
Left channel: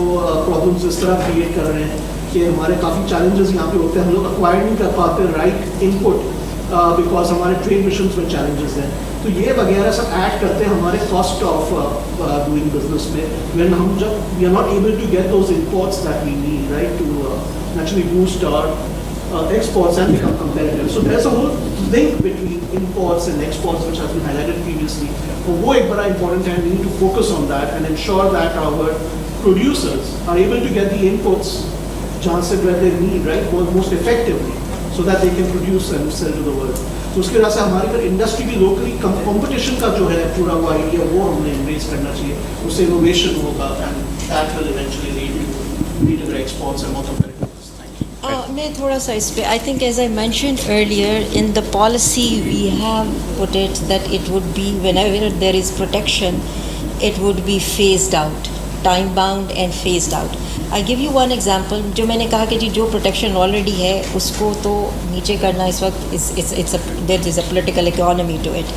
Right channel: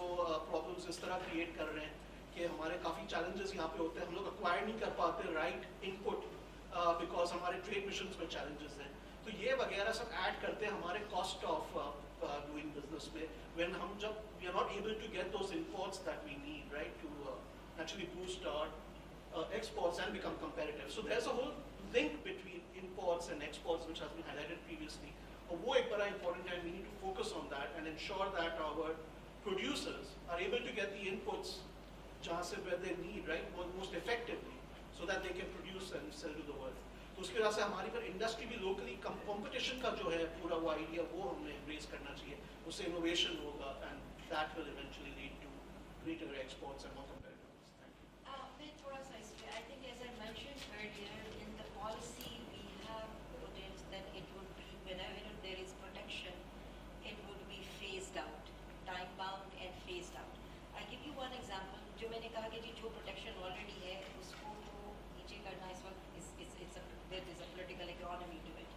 प्रॉब्लम्स इस तरह क्रिएट कर रहे हैं कि हमारे काफ़ी चैलेंजेस यहाँ पे होते हैं, हम लोग एक्वायर नहीं कर पाते राइट इनपुट बिकॉज हमारे ट्रेड मिशंस में चैलेंजेस हैं. तो ये वगैरह सब ऐड करते हैं हमारे कॉस्ट ऑफ डूइंग बिजनेस में, व्हेन हम जब we are not able to get those imports that we need, right, to actually boost our exports and become competitive. So there's a whole link between imports and exports which has been highlighted previously. वो एक बड़ा important है, we need to focus on that and ensure that our producers are able to get the inputs जहाँ से where they need, right, most effectively, so that they can produce and sell to the world. तो उसके वजह से हमारी फिर industry भी locally competition का जो है पूरा वो आइडिया वो हमने एम्ब्रेस करना चाहिए, उससे इनोवेशन होगा and that will eventually lead to the exports and more competitive. मैं थोड़ा सा इस पे, I think as I mentioned earlier, in the policy we have put it that it would be whenever there is protection, it would be phased out, time bound and phased out. I give you one example. जो मैंने कहा कि जी जो protection already है उसको तो नीचे करना इस वक्त there is a political economy to it.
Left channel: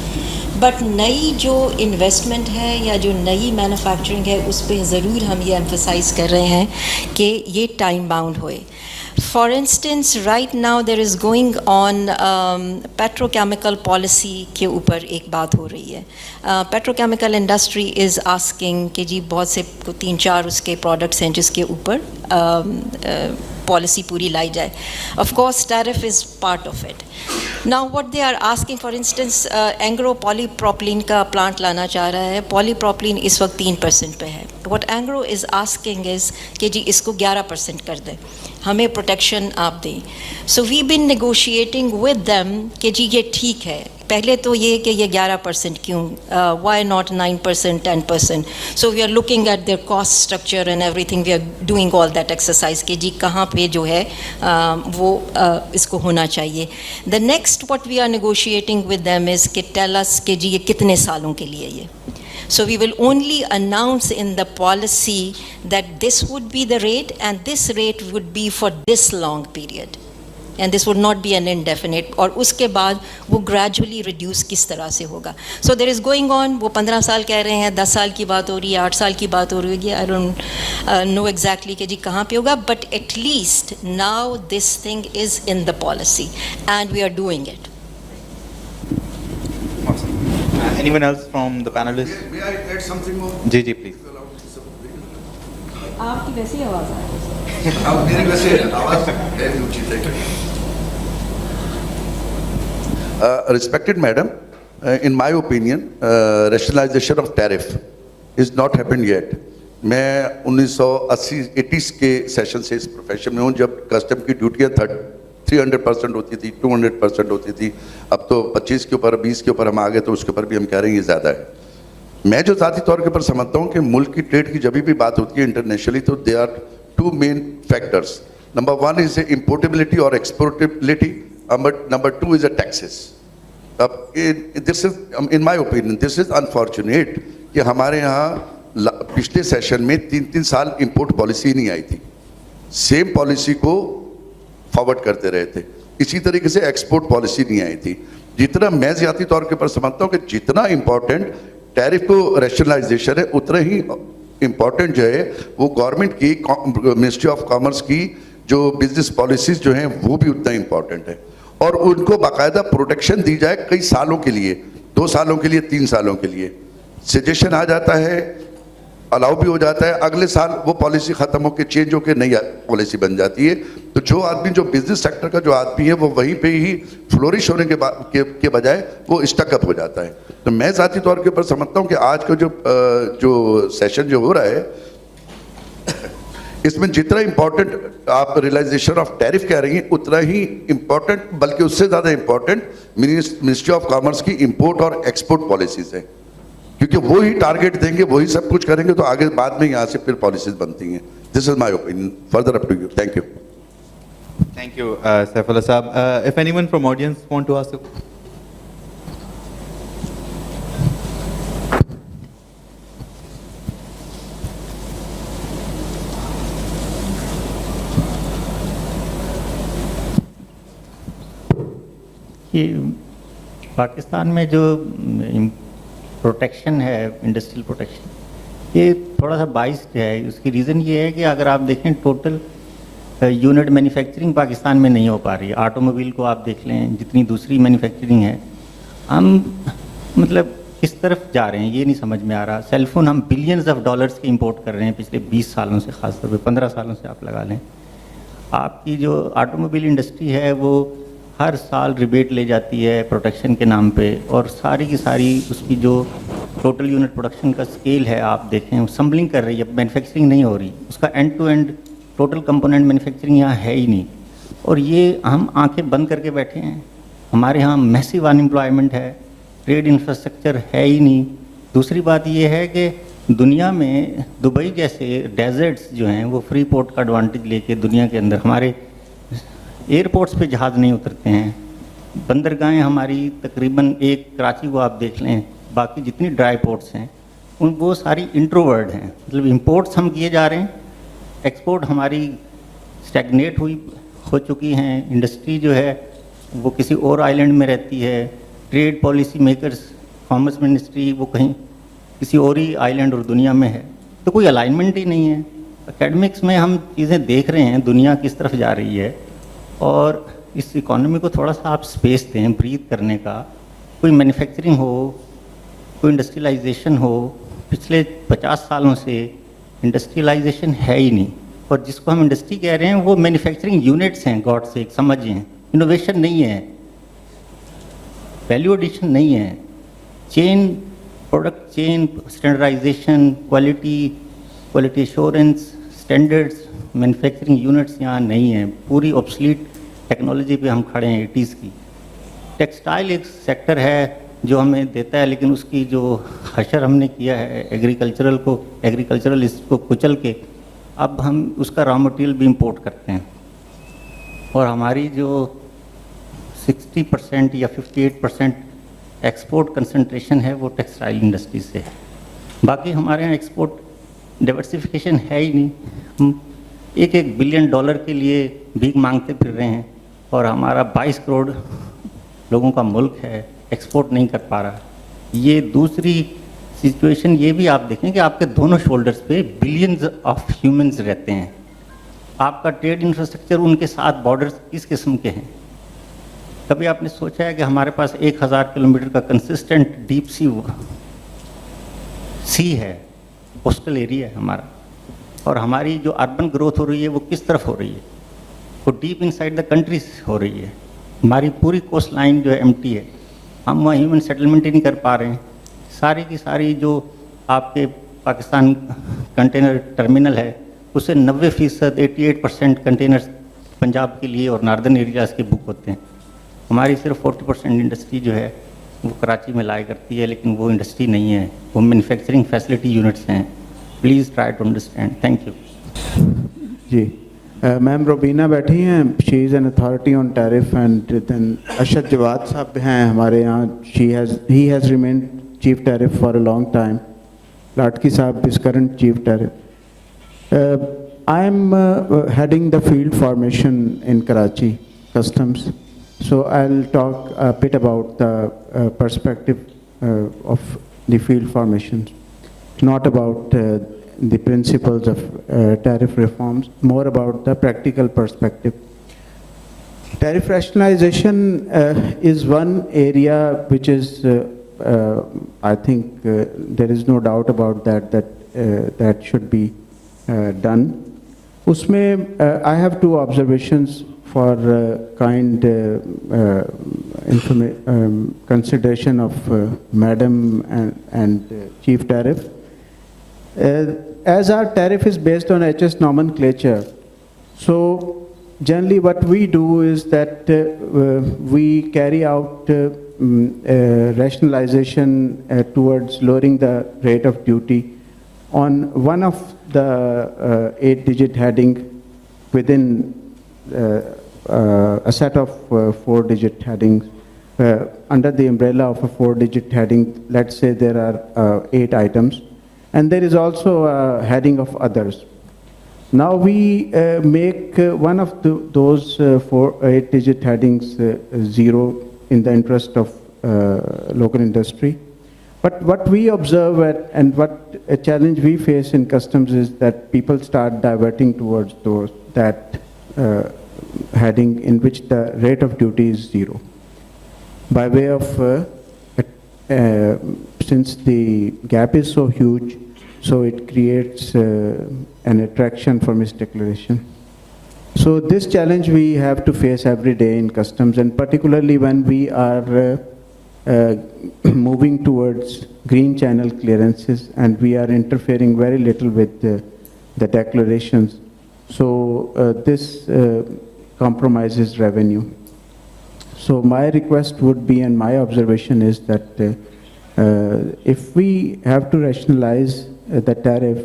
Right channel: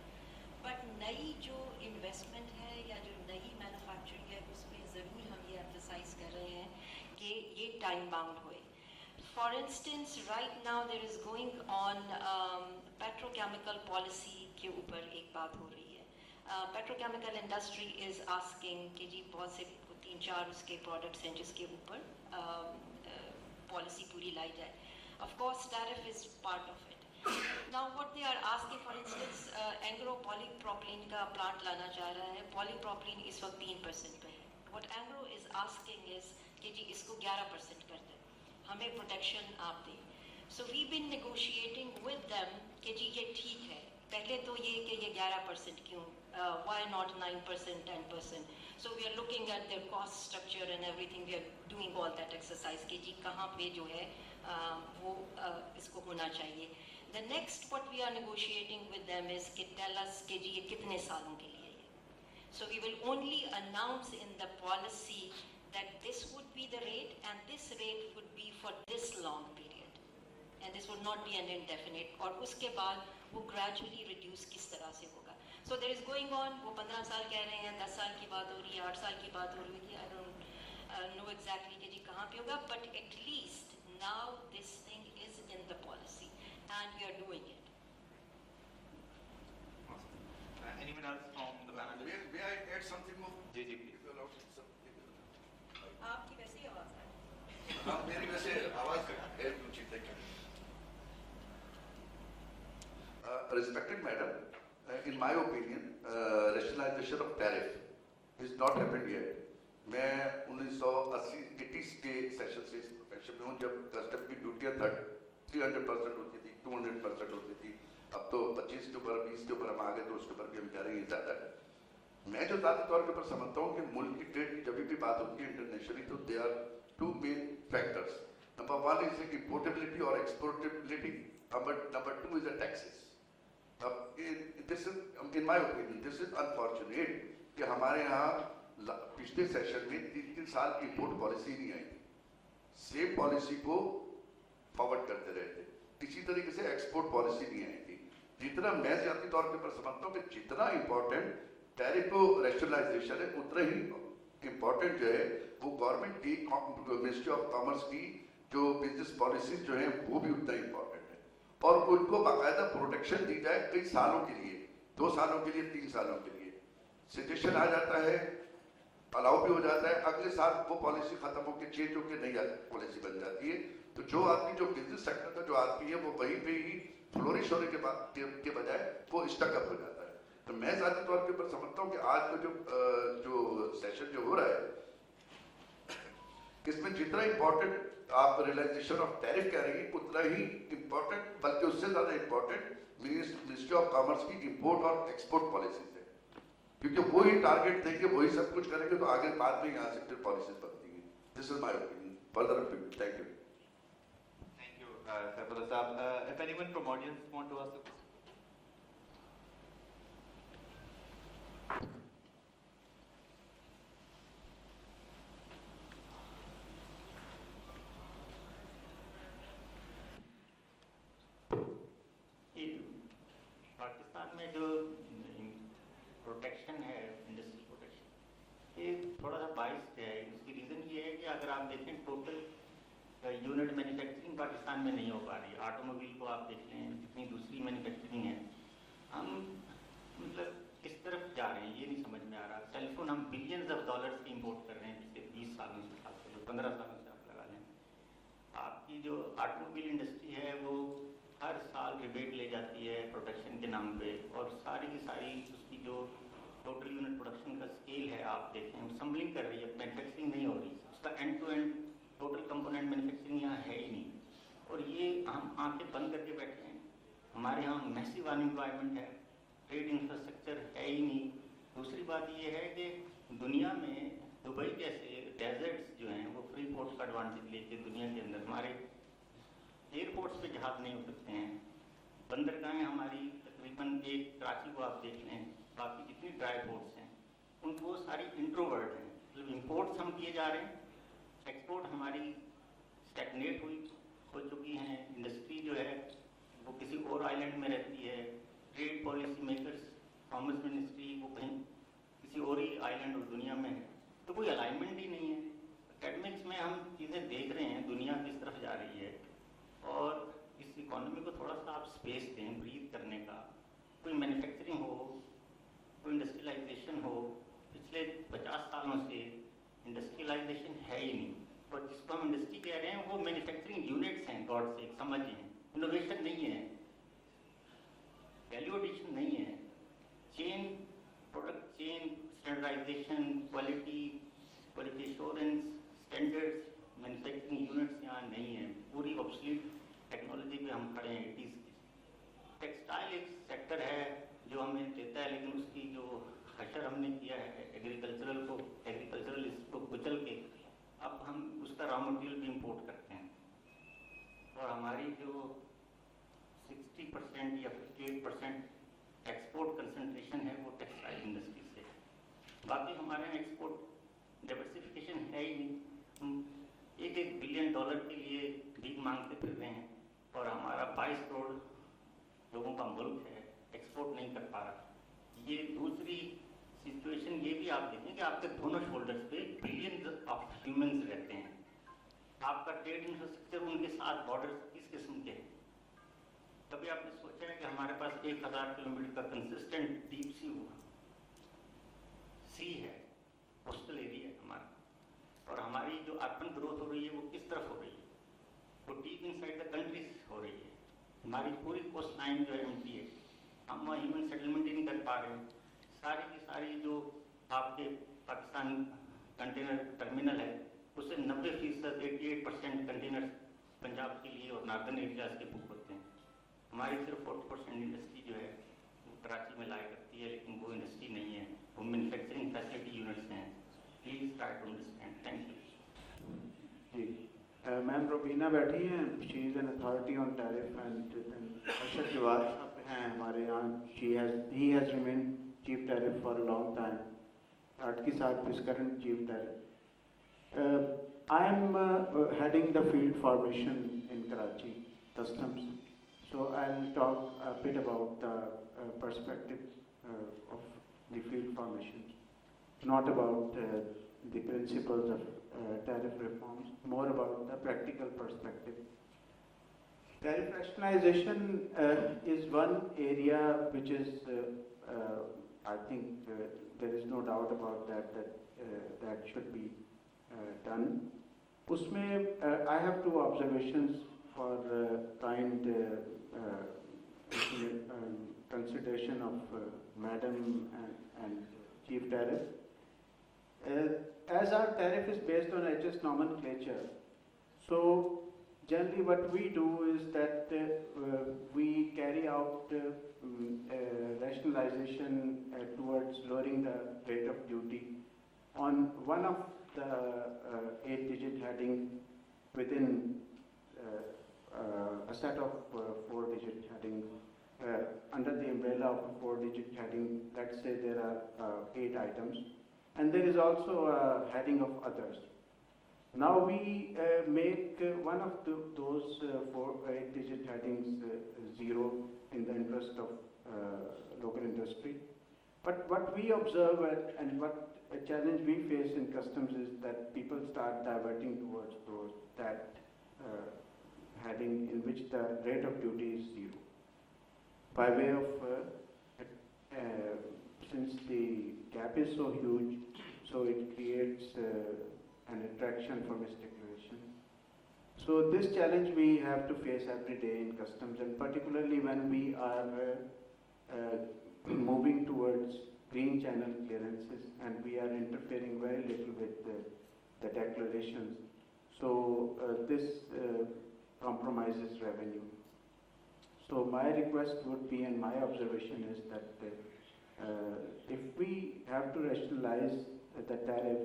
But नई जो इन्वेस्टमेंट है या जो नई मैन्युफैक्चरिंग है उस पर ज़रूर हम ये एम्फसाइज़ कर रहे हैं कि ये टाइम बाउंड होए. For instance, right now there is going on petrochemical policy के ऊपर एक बात हो रही है. Petrochemical industry is asking कि जी बहुत से 3-4 उसके products हैं जिसके ऊपर policy पूरी लाई जाए. Of course, tariff is part of it. Now, what they are asking, for instance, Anglo polypropylene का plant लाना चाह रहा है. Polypropylene इस वक्त 3% पे है. What Anglo is asking is कि जी इसको 11% कर दें, हमें प्रोटेक्शन आप दें. So we been negotiating with them कि जी ये ठीक है. पहले तो ये कि ये 11% क्यों, why not 9%, 10%. So we are looking at their cost structure and everything, we are doing all that exercise कि जी कहाँ पे जो है वो इसको होना चाहिए. The next what we are negotiating with them is कि टेल अस कि जी ये कितने सालों के लिए ये. So we will only announce in the policy that this would be the rate and this rate would be for this long period. And this would not be an indefinite. और उसके बाद वो gradually reduce किस तरह से होगा. So there is going on, वो 15 साल कह रहे हैं, 10 साल की बात हो रही है, 8 साल की बात हो रही है. I don't know exactly कि जी कहाँ पे होगा, but at least now this thing is in the policy and we are doing it. Anyone else from the panelists? May I add something more? Ji ji please. आपकी वैसे ही आवाज़ आ रही है. अब मेरी वैसे आवाज़ है ऊंची तक. Respected madam, in my opinion, rationalization of tariff is not happened yet. मैं 1980 के सेशन से इस प्रोफेशन में हूँ जब कस्टम की ड्यूटियाँ 300% होती थी, 200% होती थी. अब तो 25 के ऊपर 20 के ऊपर हम आ गए, तो उसके ऊपर भी हम कह रहे हैं ये ज़्यादा है. मैं जो ज़ाती तौर के ऊपर समझता हूँ कि मुल्क की ट्रेड की जब भी बात होती है इंटरनेशनली, तो they are 2 main factors. Number 1 is importability और एक्सपोर्टेबिलिटी, नंबर 2 इज टैक्सेस. अब this is in my opinion this is unfortunate کہ ہمارے یہاں پچھلے سیشن میں 3 سال امپورٹ پالیسی نہیں آئی تھی, سیم پالیسی کو فارورڈ کرتے رہے تھے. اسی طریقے سے ایکسپورٹ پالیسی نہیں آئی تھی. جتنا میں ذاتی طور کے پر سمجھتا ہوں کہ جتنا امپورٹنٹ ٹیرف کو ریشنلائزیشن ہے, اتنا ہی امپورٹنٹ جو ہے وہ گورنمنٹ کی منسٹری آف کامرس کی جو بزنس پالیسیز جو ہیں وہ بھی اتنا امپورٹنٹ ہے, اور ان کو باقاعدہ پروٹیکشن دی جائے کئی سالوں کے لیے, 2 سالوں کے لیے, 3 سالوں کے لیے. سجیشن آ جاتا ہے, الاؤ بھی ہو جاتا ہے, اگلے سال وہ پالیسی ختم ہو کے چینج ہو کے نئی پالیسی بن جاتی ہے. تو جو آدمی جو بزنس سیکٹر کا جو آدمی ہے وہ وہیں پہ ہی فلورش ہونے کے بجائے وہ اسٹک اپ ہو جاتا ہے. تو میں ذاتی طور کے اوپر سمجھتا ہوں کہ آج کا جو سیشن جو ہو رہا ہے اس میں جتنا امپورٹنٹ آپ ریلائزیشن آف ٹیرف کہہ رہی ہیں اتنا ہی امپورٹنٹ, بلکہ اس سے زیادہ امپورٹنٹ منسٹری آف کامرس کی امپورٹ اور ایکسپورٹ پالیسیز ہیں, کیونکہ وہی ٹارگیٹ دیں گے, وہی سب کچھ کریں گے, تو آگے بعد میں یہاں سے پھر پالیسیز بنتی ہیں. This is my opinion, further up to you. Thank you. Thank you, Saifullah Saab. If anyone from audience want to ask a question. کہ پاکستان میں جو پروٹیکشن ہے, انڈسٹریل پروٹیکشن, یہ تھوڑا سا بائسڈ ہے. اس کی ریزن یہ ہے کہ اگر آپ دیکھیں ٹوٹل یونٹ مینوفیکچرنگ پاکستان میں نہیں ہو پا رہی ہے. آٹو موبائل کو آپ دیکھ لیں, جتنی دوسری مینوفیکچرنگ ہے, ہم مطلب کس طرف جا رہے ہیں یہ نہیں سمجھ میں آ رہا. سیل فون ہم بلینز آف ڈالرز کے امپورٹ کر رہے ہیں پچھلے 20 سالوں سے, خاص طور پہ 15 سالوں سے آپ لگا لیں. آپ کی جو آٹو موبائل انڈسٹری ہے وہ ہر سال ریبیٹ لے جاتی ہے پروٹیکشن کے نام پہ, اور ساری کی ساری اس کی جو ٹوٹل یونٹ پروڈکشن کا اسکیل ہے آپ دیکھیں, اسمبلنگ کر رہی ہے, مینوفیکچرنگ نہیں ہو رہی. اس کا end to end total component manufacturing یہاں ہے ہی نہیں. اور یہ ہم آنکھیں بند کر کے بیٹھے ہیں. ہمارے یہاں میسیو ان امپلائمنٹ ہے, ٹریڈ انفراسٹرکچر ہے ہی نہیں. دوسری بات یہ ہے کہ دنیا میں دبئی جیسے ڈیزرٹس جو ہیں وہ فری پورٹ کا ایڈوانٹیج لے کے دنیا کے اندر ہمارے ایئرپورٹس پہ جہاز نہیں اترتے ہیں. بندرگاہیں ہماری تقریباً ایک کراچی کو آپ دیکھ لیں, باقی جتنی ڈرائی پورٹس ہیں ان وہ ساری انٹروورڈ ہیں. مطلب امپورٹس ہم کیے جا رہے ہیں, ایکسپورٹ ہماری اسٹیگنیٹ ہو چکی ہیں. انڈسٹری جو ہے وہ کسی اور آئلینڈ میں رہتی ہے. Trade policy makers, commerce ministry وہ کہیں کسی اور ہی آئلینڈ اور دنیا میں ہے. تو کوئی الائنمنٹ ہی نہیں ہے. اکیڈمکس میں ہم چیزیں دیکھ رہے ہیں دنیا کس طرف جا رہی ہے, اور اس اکانومی کو تھوڑا سا آپ اسپیس دیں بریتھ کرنے کا. کوئی مینوفیکچرنگ ہو, کوئی انڈسٹریلائزیشن ہو. پچھلے 50 سالوں سے انڈسٹریلائزیشن ہے ہی نہیں, اور جس کو ہم انڈسٹری کہہ رہے ہیں وہ مینوفیکچرنگ یونٹس ہیں. گاڈ سے سمجھیں, انوویشن نہیں ہے, ویلیو ایڈیشن نہیں ہے, chain product chain standardization, quality assurance, standards, manufacturing units یہاں نہیں ہیں. پوری آبسلیٹ ٹیکنالوجی پہ ہم کھڑے ہیں 80s کی. ٹیکسٹائل ایک سیکٹر ہے جو ہمیں دیتا ہے, لیکن اس کی جو حشر ہم نے کیا ہے ایگریکلچرل اس کو کچل کے اب ہم اس کا را مٹیریل بھی امپورٹ کرتے ہیں. اور ہماری جو 60% یا 58% ایکسپورٹ کنسنٹریشن ہے وہ ٹیکسٹائل انڈسٹری سے ہے. باقی ہمارے یہاں ایکسپورٹ ڈائیورسفیکیشن ہے ہی نہیں. ہم $1 بلین کے لیے بھیک مانگتے پھر رہے ہیں, اور ہمارا 22 کروڑ لوگوں کا ملک ہے, ایکسپورٹ نہیں کر پا رہا. یہ دوسری سچویشن یہ بھی آپ دیکھیں کہ آپ کے دونوں شولڈرز پہ بلینز آف ہیومنز رہتے ہیں. آپ کا ٹریڈ انفراسٹرکچر ان کے ساتھ بارڈرز کس قسم کے ہیں. کبھی آپ نے سوچا ہے کہ ہمارے پاس 1000 کلومیٹر کا کنسسٹنٹ ڈیپ سی ہے, کوسٹل ایریا ہے ہمارا, اور ہماری جو اربن گروتھ ہو رہی ہے وہ کس طرف ہو رہی ہے, وہ deep in side the countries who رہی ہے. ہماری پوری کوسٹ لائن جو ہے ایمٹی ہے, ہم وہاں ہیومن سیٹلمنٹ ہی نہیں کر پا رہے ہیں. ساری کی ساری جو آپ کے پاکستان کنٹینر ٹرمینل ہے اسے 90% 88% کنٹینرز پنجاب کے لیے اور ناردرن ایریاز کے بک ہوتے ہیں. ہماری صرف 40% انڈسٹری جو ہے وہ کراچی میں لایا کرتی ہے, لیکن وہ انڈسٹری نہیں ہے, وہ مینوفیکچرنگ فیسلٹی یونٹس ہیں. Please try to understand. Thank you. جی میم روبینہ بیٹھی ہیں, she is an authority on tariff, and then Arshad Jawad sahab ہیں ہمارے یہاں, he has remained chief tariff for a long time. Latki Saab is current chief tariff. I'm heading the field formation in Karachi Customs. So I'll talk a bit about the perspective of the field formations, not about the principles of tariff reforms, more about the practical perspective. Tariff rationalization is one area which is, I think there is no doubt about that should be done. Usme, I have two observations for consideration of Madam and Chief Tariff. As our tariff is based on HS nomenclature, so generally what we do is that we carry out rationalization towards lowering the rate of duty on one of the 8-digit heading within a set of 4-digit headings. Under the umbrella of a 4-digit heading, let's say there are 8 items, and there is also a heading of others. Now we make one of those 8-digit headings 0 in the interest of local industry. But what we observe and what a challenge we face in customs is that people start diverting towards that heading in which the rate of duty is 0. By way of, since the gap is so huge, so it creates an attraction for misdeclaration. So this challenge we have to face every day in customs, and particularly when we are moving towards green channel clearances and we are interfering very little with the declarations. So this compromises revenue. So my request would be, and my observation is that if we have to rationalize the tariff,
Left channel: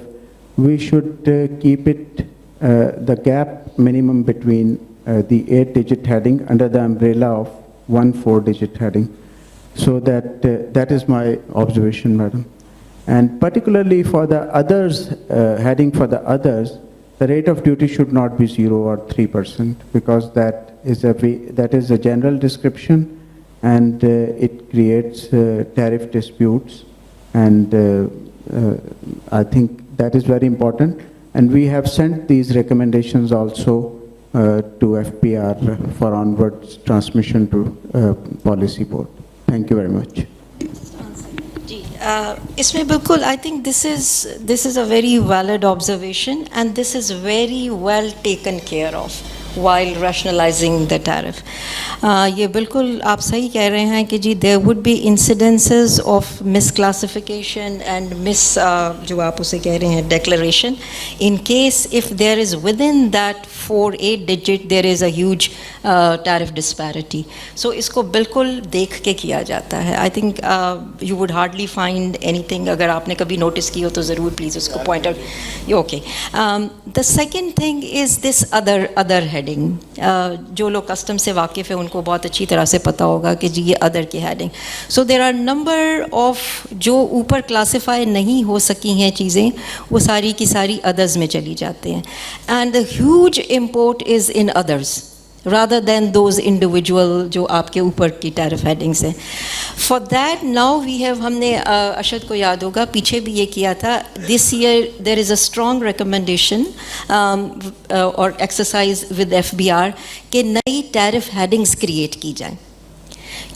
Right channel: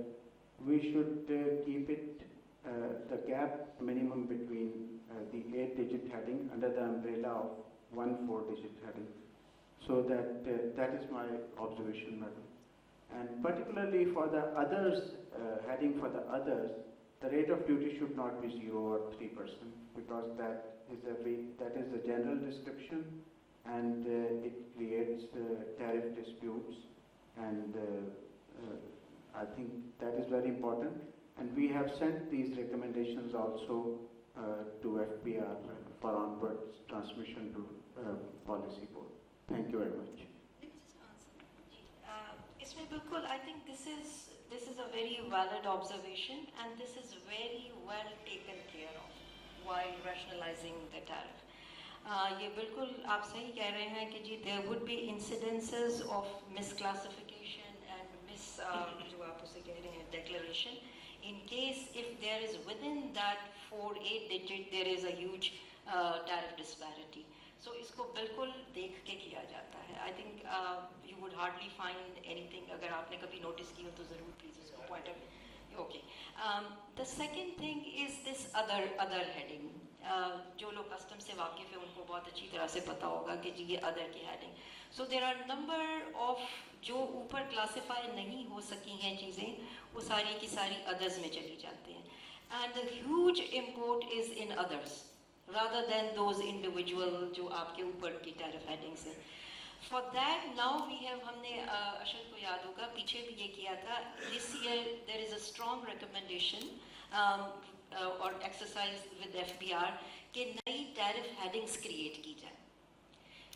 we should keep it the gap minimum between the 8-digit heading under the umbrella of one 4-digit heading. So that is my observation, Madam. And particularly for the others, heading for the others, the rate of duty should not be 0 or 3%, because that is a general description, and it creates tariff disputes, and I think that is very important. And we have sent these recommendations also to FPR for onwards transmission to policy board. Thank you very much. इसमें बिल्कुल I think this is a very valid observation, and this is very well taken care of while rationalizing the tariff. ये बिल्कुल आप सही कह रहे हैं कि जी there would be incidences of misclassification and जो आप उसे कह रहे हैं declaration, in case if there is within that 4-8 digit there is a huge tariff disparity. So इसको बिल्कुल देख के किया जाता है. I think you would hardly find anything. अगर आपने कभी notice की हो तो ज़रूर please उसको point out. Okay. The second thing is this other heading. जो लोग custom से वाकिफ़ है उनको बहुत अच्छी तरह से पता होगा कि जी ये other की heading. So there are number of जो ऊपर classify नहीं हो सकी हैं चीज़ें, वो सारी की सारी others में चली जाते हैं. And the huge import is in others, rather than those individual जो आपके ऊपर की tariff headings हैं. For that now we have, हमने अशद को याद होगा पीछे भी ये किया था. This year there is a strong recommendation or exercise with FBR कि नई tariff headings create की जाएं,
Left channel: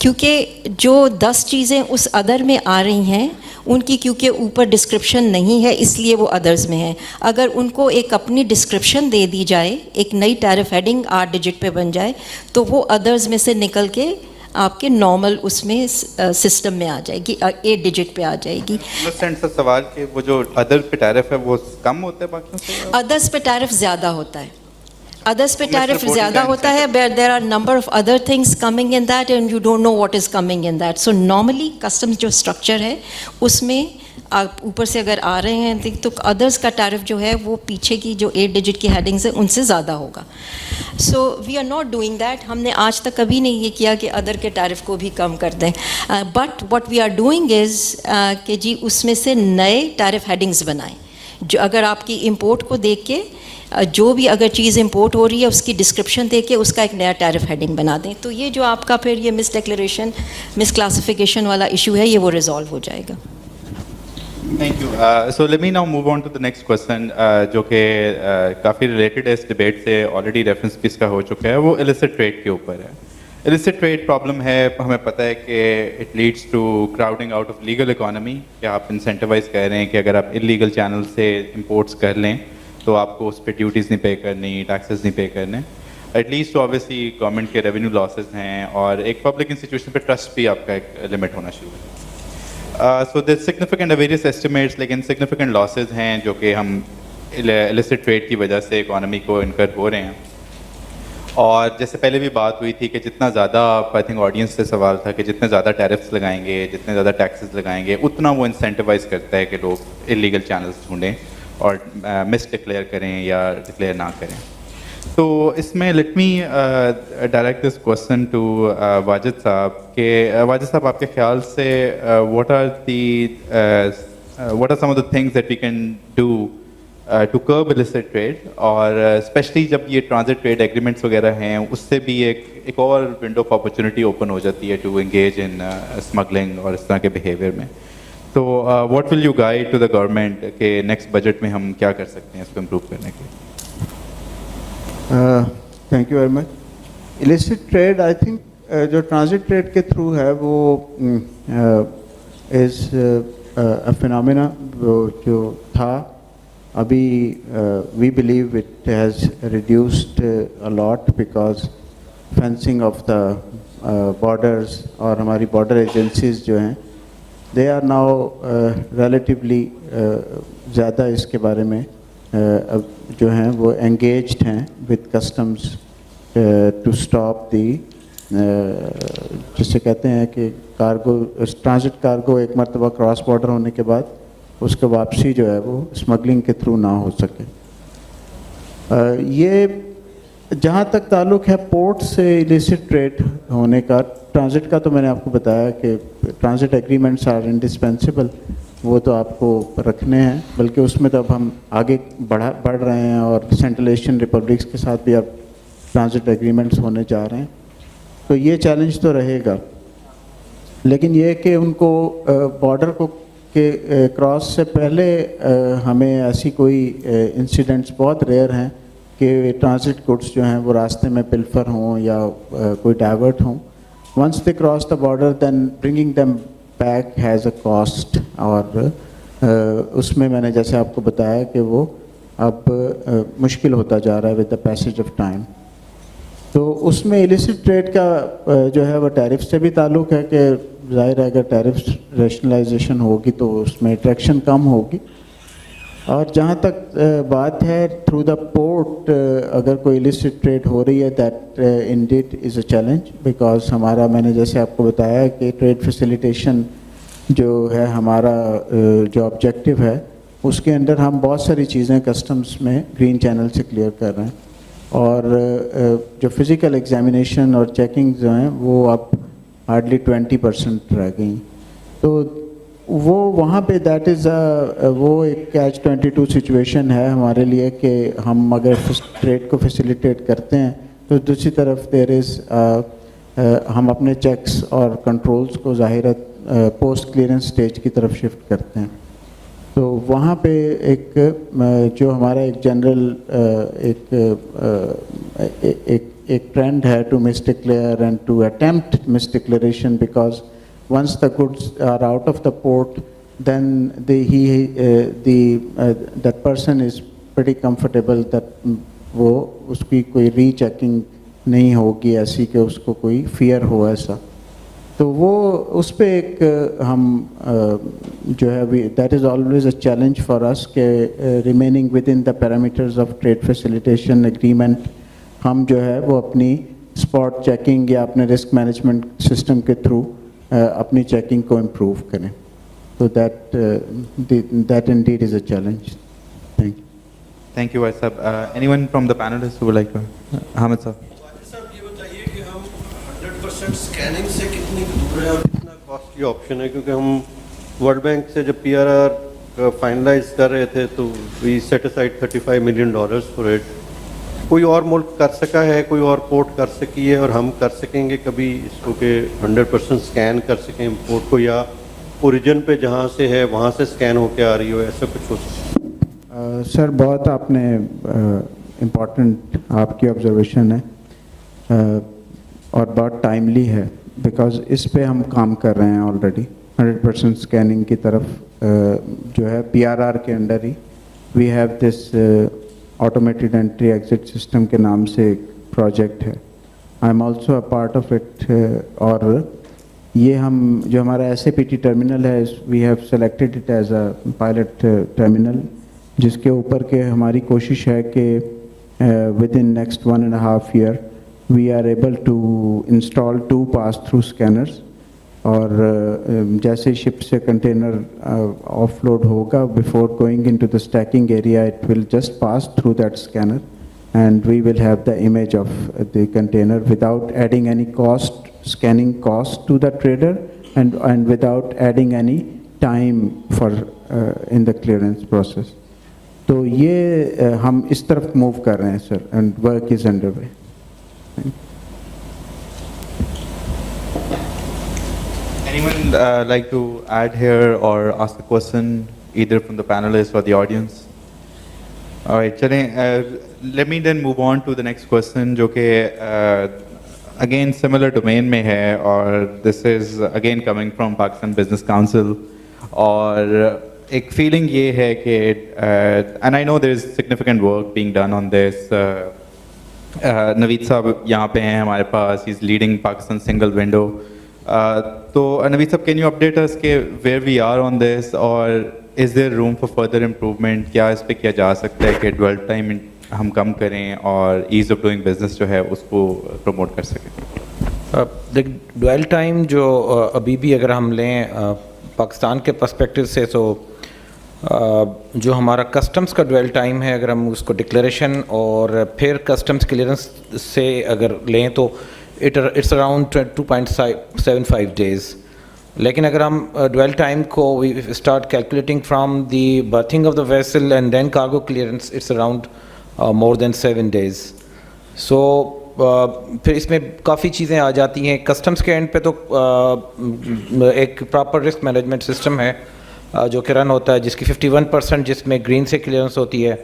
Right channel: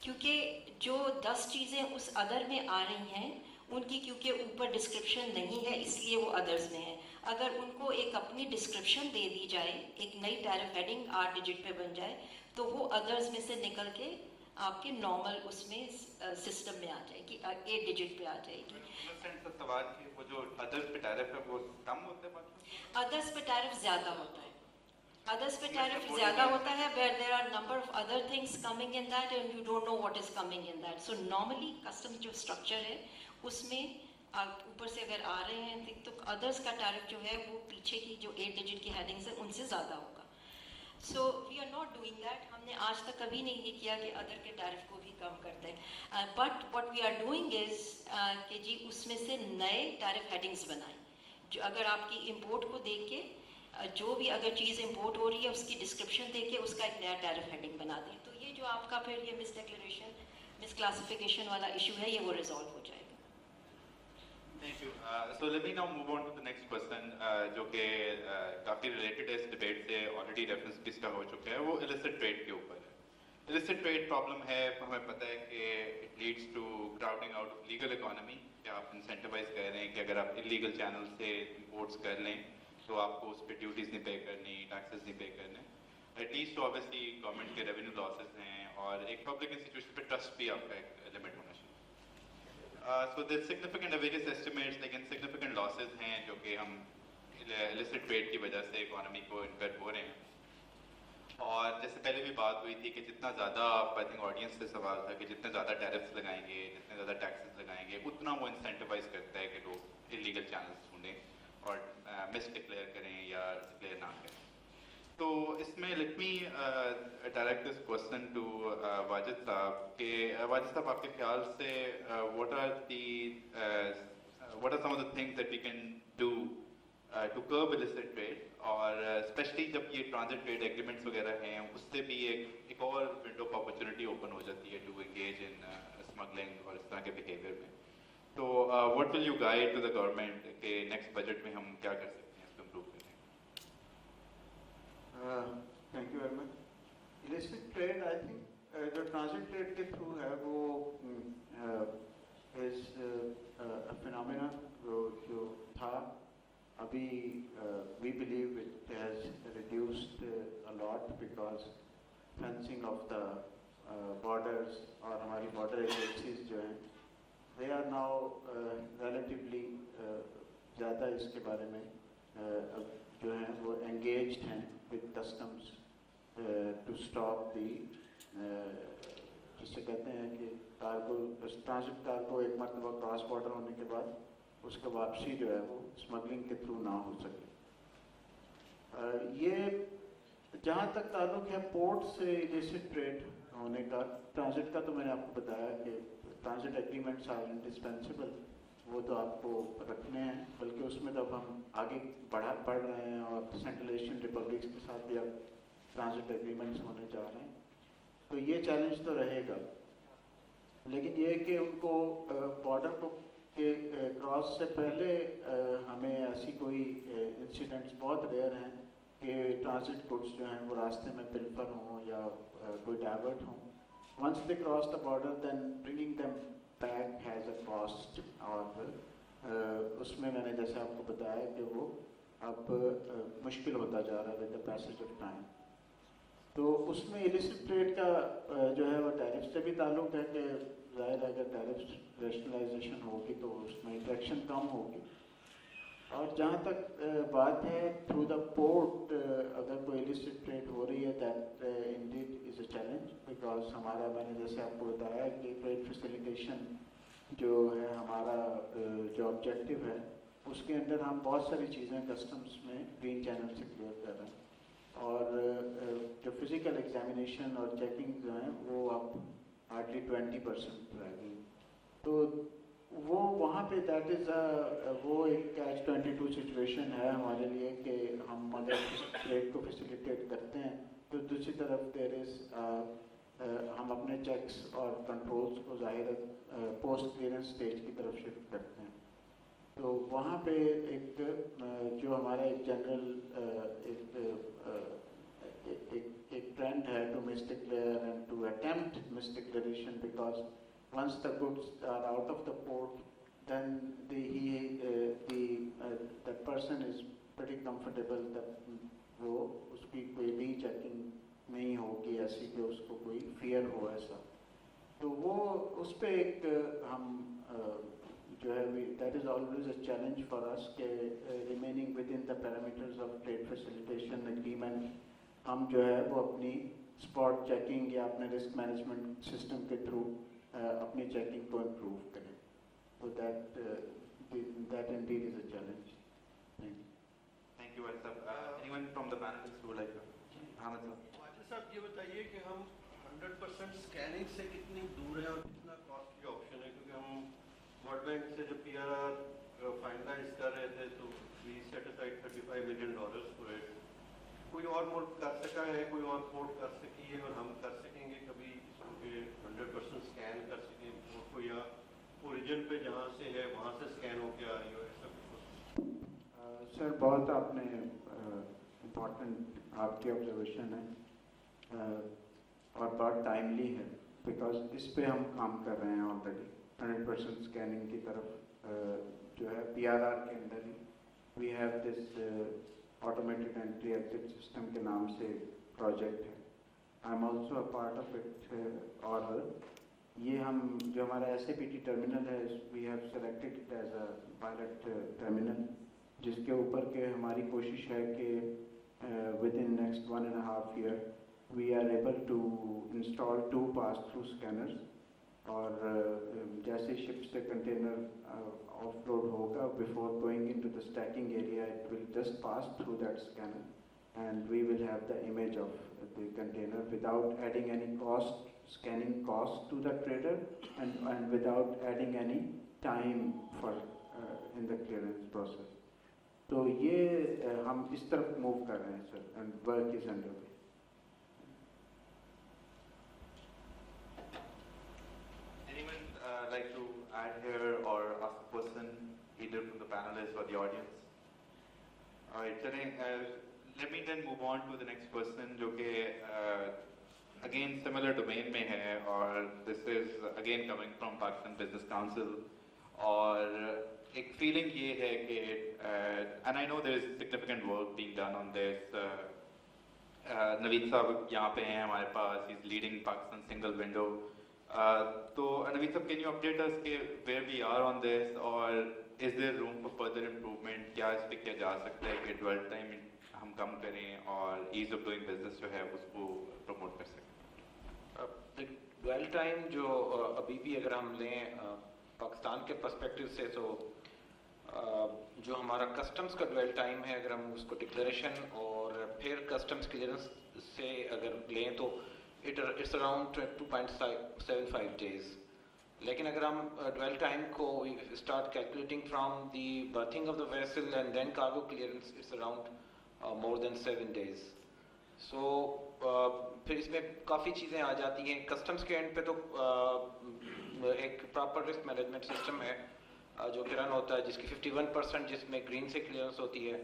क्योंकि जो 10 चीज़ें उस अदर में आ रही हैं उनकी क्योंकि ऊपर डिस्क्रिप्शन नहीं है इसलिए वो अदर्स में है. अगर उनको एक अपनी डिस्क्रिप्शन दे दी जाए, एक नई टैरिफ हेडिंग 8 डिजिट पे बन जाए, तो वो अदर्स में से निकल के आपके नॉर्मल उसमें सिस्टम में आ जाएगी, 8 डिजिट पे आ जाएगी. सवाल कि वो जो अदर पे टैरिफ है वो कम होता है बाकी से? अदर्स पे टैरिफ ज़्यादा होता है. Others पे टैरिफ ज़्यादा होता है, but there are number of other things coming in that and you don't know what is coming in that. So normally customs जो structure है उसमें आप ऊपर से अगर आ रहे हैं तो others का टैरिफ जो है वो पीछे की जो 8 डिजिट की हेडिंग्स है उनसे ज़्यादा होगा. So we are not doing that. ہم نے آج تک کبھی نہیں یہ کیا کہ ادر کے ٹیرف کو بھی کم کر دیں. But what we are doing is کہ جی اس میں سے نئے ٹیرف ہیڈنگز بنائیں. جو اگر آپ کی امپورٹ کو دیکھ کے جو بھی اگر چیز امپورٹ ہو رہی ہے اس کی ڈسکرپشن دے کے اس کا ایک نیا ٹیرف ہیڈنگ بنا دیں. تو یہ جو آپ کا پھر یہ مس ڈکلیریشن مس کلاسیفیکیشن والا ایشو ہے یہ وہ ریزالو ہو جائے گا. Thank you. So let me now move on to the next question, جو کہ کافی ریلیٹڈ ہے اس ڈیبیٹ سے, آلریڈی ریفرنس بھی اس کا ہو چکا ہے, وہ illicit trade کے اوپر ہے. illicit trade پرابلم ہے, ہمیں پتہ ہے کہ it leads to crowding out of legal economy, کہ آپ انسینٹیوائز کر رہے ہیں کہ اگر آپ انلیگل چینل سے امپورٹس کر لیں تو آپ کو اس پہ ڈیوٹیز نہیں پے کرنی, ٹیکسز نہیں پے کرنے. ایٹ لیسٹ آبویسلی گورنمنٹ کے ریونیو لاسز ہیں, اور ایک پبلک انسٹیٹیوشن پہ ٹرسٹ بھی آپ کا ایک لمٹ ہونا شروع ہے. So there's significant various estimates, لیکن significant losses ہیں جو کہ ہم illicit trade کی وجہ سے اکانومی کو انکر ہو رہے ہیں. اور جیسے پہلے بھی بات ہوئی تھی کہ جتنا زیادہ آئی تھنک آڈینس سے سوال تھا کہ جتنے زیادہ ٹیرفس لگائیں گے, جتنے زیادہ ٹیکسز لگائیں گے, اتنا وہ انسینٹیوائز کرتا ہے کہ لوگ انلیگل چینلس ڈھونڈیں اور مس ڈکلیئر کریں یا ڈکلیئر نہ کریں. تو اس میں let me direct this question to Wajid sahab کہ واجد صاحب آپ کے خیال سے what are some of the things that we can do to curb illicit trade, اور اسپیشلی جب یہ ٹرانزٹ ٹریڈ ایگریمنٹس وغیرہ ہیں اس سے بھی ایک اور ونڈو آف اپرچونیٹی اوپن ہو جاتی ہے ٹو انگیج ان اسمگلنگ اور اس طرح کے بیہیویئر میں. تو what will you guide to the government کہ نیکسٹ بجٹ میں ہم کیا کر سکتے ہیں اس کو امپروو کرنے کے لیے؟ Thank you very much. illicit trade I think جو ٹرانزٹ ٹریڈ کے تھرو ہے وہ از اے فینومینا جو تھا. ابھی we believe it has reduced a lot because fencing of the borders اور ہماری بارڈر ایجنسیز جو ہیں دے آر ناؤ ریلیٹیولی زیادہ اس کے بارے میں اب جو ہیں وہ انگیجڈ ہیں with customs to stop the جسے کہتے ہیں کہ کارگو ٹرانزٹ کارگو ایک مرتبہ کراس بارڈر ہونے کے بعد اس کا واپسی جو ہے وہ اسمگلنگ کے تھرو نہ ہو سکے. یہ جہاں تک تعلق ہے پورٹ سے illicit ٹریڈ ہونے کا, ٹرانزٹ کا تو میں نے آپ کو بتایا کہ ٹرانزٹ ایگریمنٹس آر انڈسپینسیبل, وہ تو آپ کو رکھنے ہیں, بلکہ اس میں تو اب ہم آگے بڑھ رہے ہیں اور سینٹرل ایشین ریپبلکس کے ساتھ بھی اب ٹرانزٹ ایگریمنٹس ہونے جا رہے ہیں. تو یہ چیلنج تو رہے گا, لیکن یہ کہ ان کو بارڈر کو کہ کراس سے پہلے ہمیں ایسی کوئی انسیڈنٹس بہت ریئر ہیں کہ ٹرانزٹ گڈس جو ہیں وہ راستے میں پلفر ہوں یا کوئی ڈائیورٹ ہوں. Once they cross the border then bringing them back has a cost, اور اس میں نے جیسے آپ کو بتایا کہ وہ اب مشکل ہوتا جا رہا ہے with the passage of time. تو اس میں illicit ٹریڈ کا جو ہے وہ ٹیرف سے بھی تعلق ہے کہ ظاہر ہے اگر ٹیرف ریشنلائزیشن ہوگی تو اس میں اٹریکشن کم ہوگی. اور جہاں تک بات ہے تھرو دا پورٹ اگر کوئی illicit ٹریڈ ہو رہی ہے that indeed is a challenge, because ہمارا میں نے جیسے آپ کو بتایا کہ ٹریڈ فیسیلیٹیشن جو ہے ہمارا جو آبجیکٹو ہے اس کے اندر ہم بہت ساری چیزیں کسٹمز میں گرین چینل سے کلیئر کر رہے ہیں, اور جو فزیکل ایگزامینیشن اور چیکنگ جو ہیں وہ اب ہارڈلی 20% رہ گئیں. تو وہ وہاں پہ دیٹ از وہ ایک کیچ 22 سچویشن ہے ہمارے لیے کہ ہم اگر ٹریڈ کو فیسیلیٹیٹ کرتے ہیں تو دوسری طرف دیر از ہم اپنے چیکس اور کنٹرولز کو ظاہر پوسٹ کلیئرنس سٹیج کی طرف شفٹ کرتے ہیں. تو وہاں پہ ایک جو ہمارا ایک جنرل ایک ٹرینڈ ہے to misdeclare and to attempt misdeclaration, because once the goods are out of the port then that person is pretty comfortable that وہ اس کی کوئی ری چیکنگ نہیں ہوگی ایسی کہ اس کو کوئی فیئر ہو ایسا. تو وہ اس پہ ایک ہم جو ہے that is always a challenge for us کہ remaining within the parameters of trade facilitation agreement ہم جو ہے وہ اپنی اسپاٹ چیکنگ یا اپنے رسک مینجمنٹ سسٹم کے تھرو اپنی چیکنگ کو امپروو کریں. تو that indeed is a challenge. Thank you. Thank you, Vaid Sahab. Anyone from the panelists who would like to? Hamid sir. Sir ये बताइए कि हम 100% स्कैनिंग से कितनी दूर है और कितना कॉस्टली ऑप्शन है, क्योंकि हम वर्ल्ड बैंक से जब PRR फाइनलाइज कर रहे थे तो we set aside $35 million for it. कोई और मुल्क कर सका है, कोई और पोर्ट कर सकी है, और हम कर सकेंगे कभी इसको कि 100% स्कैन कर सकें पोर्ट को, या ओरिजिन पे जहाँ से है वहाँ से स्कैन होके आ रही हो, ऐसा कुछ हो सकता? सर बहुत आपने इम्पोर्टेंट आपकी ऑब्जर्वेशन है और बहुत टाइमली है, बिकॉज इस पे हम काम कर रहे हैं ऑलरेडी. 100% स्कैनिंग की तरफ जो है PRR के अंडर ही we have this automated entry exit system के नाम से एक प्रोजेक्ट है. I am also a part of it. और ये हम जो हमारा SAPT टर्मिनल है, we have selected it as a pilot terminal, जिसके ऊपर के हमारी कोशिश है कि within next 1.5 year we are able to install 2 pass through scanners. और जैसे शिप से कंटेनर ऑफलोड होगा, before going into the stacking area it will just pass through that scanner and we will have the image of the container without adding any cost, scanning cost to the trader, and without adding any time for in the clearance process. तो ये हम इस तरफ move कर रहे हैं sir, and work is underway. Anyone like to add here or ask a question, either from the panelists or the audience? All right, चलें. Let me then move on to the next question, जो कि again similar domain में है, और this is again coming from Pakistan Business Council. और एक feeling ये है कि and I know there is significant work being done on this. Naveed साहब यहाँ पे हैं हमारे पास. He's leading Pakistan Single Window. तो नवीद साहब, can you update us के where we are on this, और is there room for further improvement? क्या इस पे किया जा सकता है कि dwell time हम कम करें और ease of doing business जो है उसको promote कर सकें? ड्वेल टाइम जो अभी भी अगर हम लें पाकिस्तान के पर्सपेक्टिव से, तो जो हमारा कस्टम्स का ड्वेल टाइम है, अगर हम उसको डिक्लेरेशन और फिर कस्टम्स क्लियरेंस से अगर लें तो इट्स अराउंड 2.75 days. लेकिन अगर हम ड्वेल टाइम को we start calculating from the berthing of the vessel and then cargo clearance, it's around more than 7 days. So फिर इसमें काफ़ी चीज़ें आ जाती हैं. कस्टम्स के एंड पे तो एक प्रॉपर रिस्क मैनेजमेंट सिस्टम है जो कि रन होता है, जिसकी 51% जिसमें ग्रीन से क्लियरेंस होती है.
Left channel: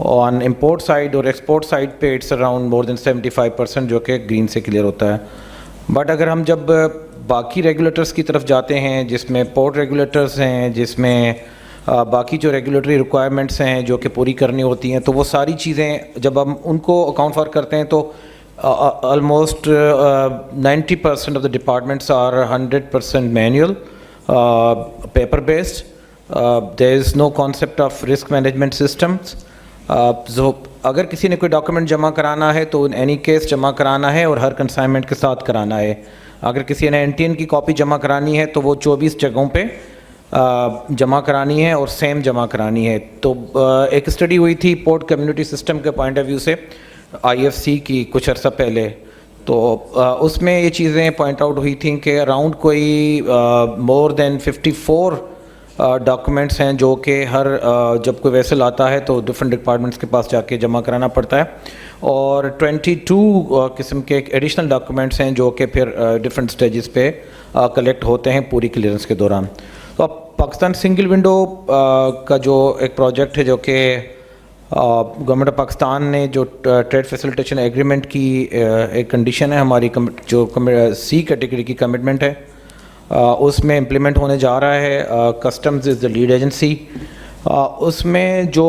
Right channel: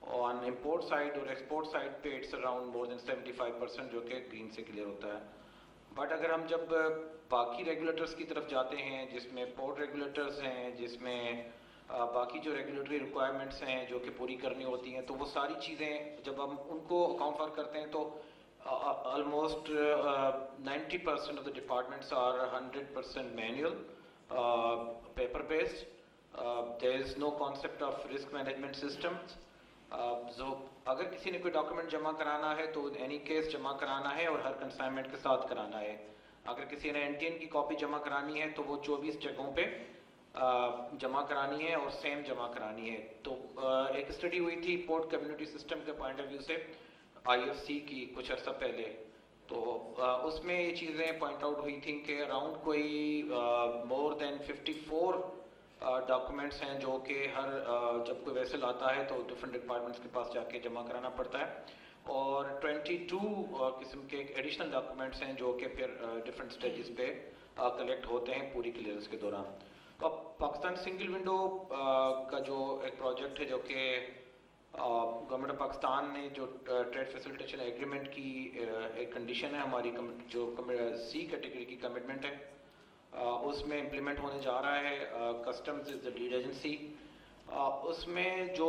ऑन इम्पोर्ट साइड और एक्सपोर्ट साइड पे इट्स अराउंड मोर देन 75% जो कि ग्रीन से क्लियर होता है. बट अगर हम जब बाकी रेगुलेटर्स की तरफ जाते हैं, जिसमें पोर्ट रेगुलेटर्स हैं, जिसमें बाकी जो रेगुलेटरी रिक्वायरमेंट्स हैं जो कि पूरी करनी होती हैं, तो वो सारी चीज़ें जब हम उनको अकाउंट फॉर करते हैं तो almost 90% of the departments are 100% manual, paper based. There is no concept of risk management systems. जो अगर किसी ने कोई डॉक्यूमेंट जमा कराना है तो इन एनी केस जमा कराना है और हर कंसाइनमेंट के साथ कराना है. अगर किसी ने NTN की कॉपी जमा करानी है तो वो 24 जगहों पे जमा करानी है और सेम जमा करानी है. तो एक स्टडी हुई थी पोर्ट कम्युनिटी सिस्टम के पॉइंट ऑफ व्यू से IFC की कुछ अर्सा पहले, तो उसमें ये चीज़ें पॉइंट आउट हुई थी कि अराउंड कोई मोर देन 54 डॉक्यूमेंट्स हैं जो कि हर जब कोई वेसल आता है तो डिफरेंट डिपार्टमेंट्स के पास जाके जमा कराना पड़ता है, और 22 किस्म के एडिशनल डॉक्यूमेंट्स हैं जो कि फिर डिफरेंट स्टेजेस पे कलेक्ट होते हैं पूरी क्लियरेंस के दौरान. तो पाकिस्तान सिंगल विंडो का जो एक प्रोजेक्ट है जो कि गवर्नमेंट ऑफ पाकिस्तान ने जो ट्रेड फैसिलिटेशन एग्रीमेंट की एक कंडीशन है हमारी, जो C कैटेगरी की कमिटमेंट है, उसमें इम्प्लीमेंट होने जा रहा है. Customs is the lead agency. उसमें जो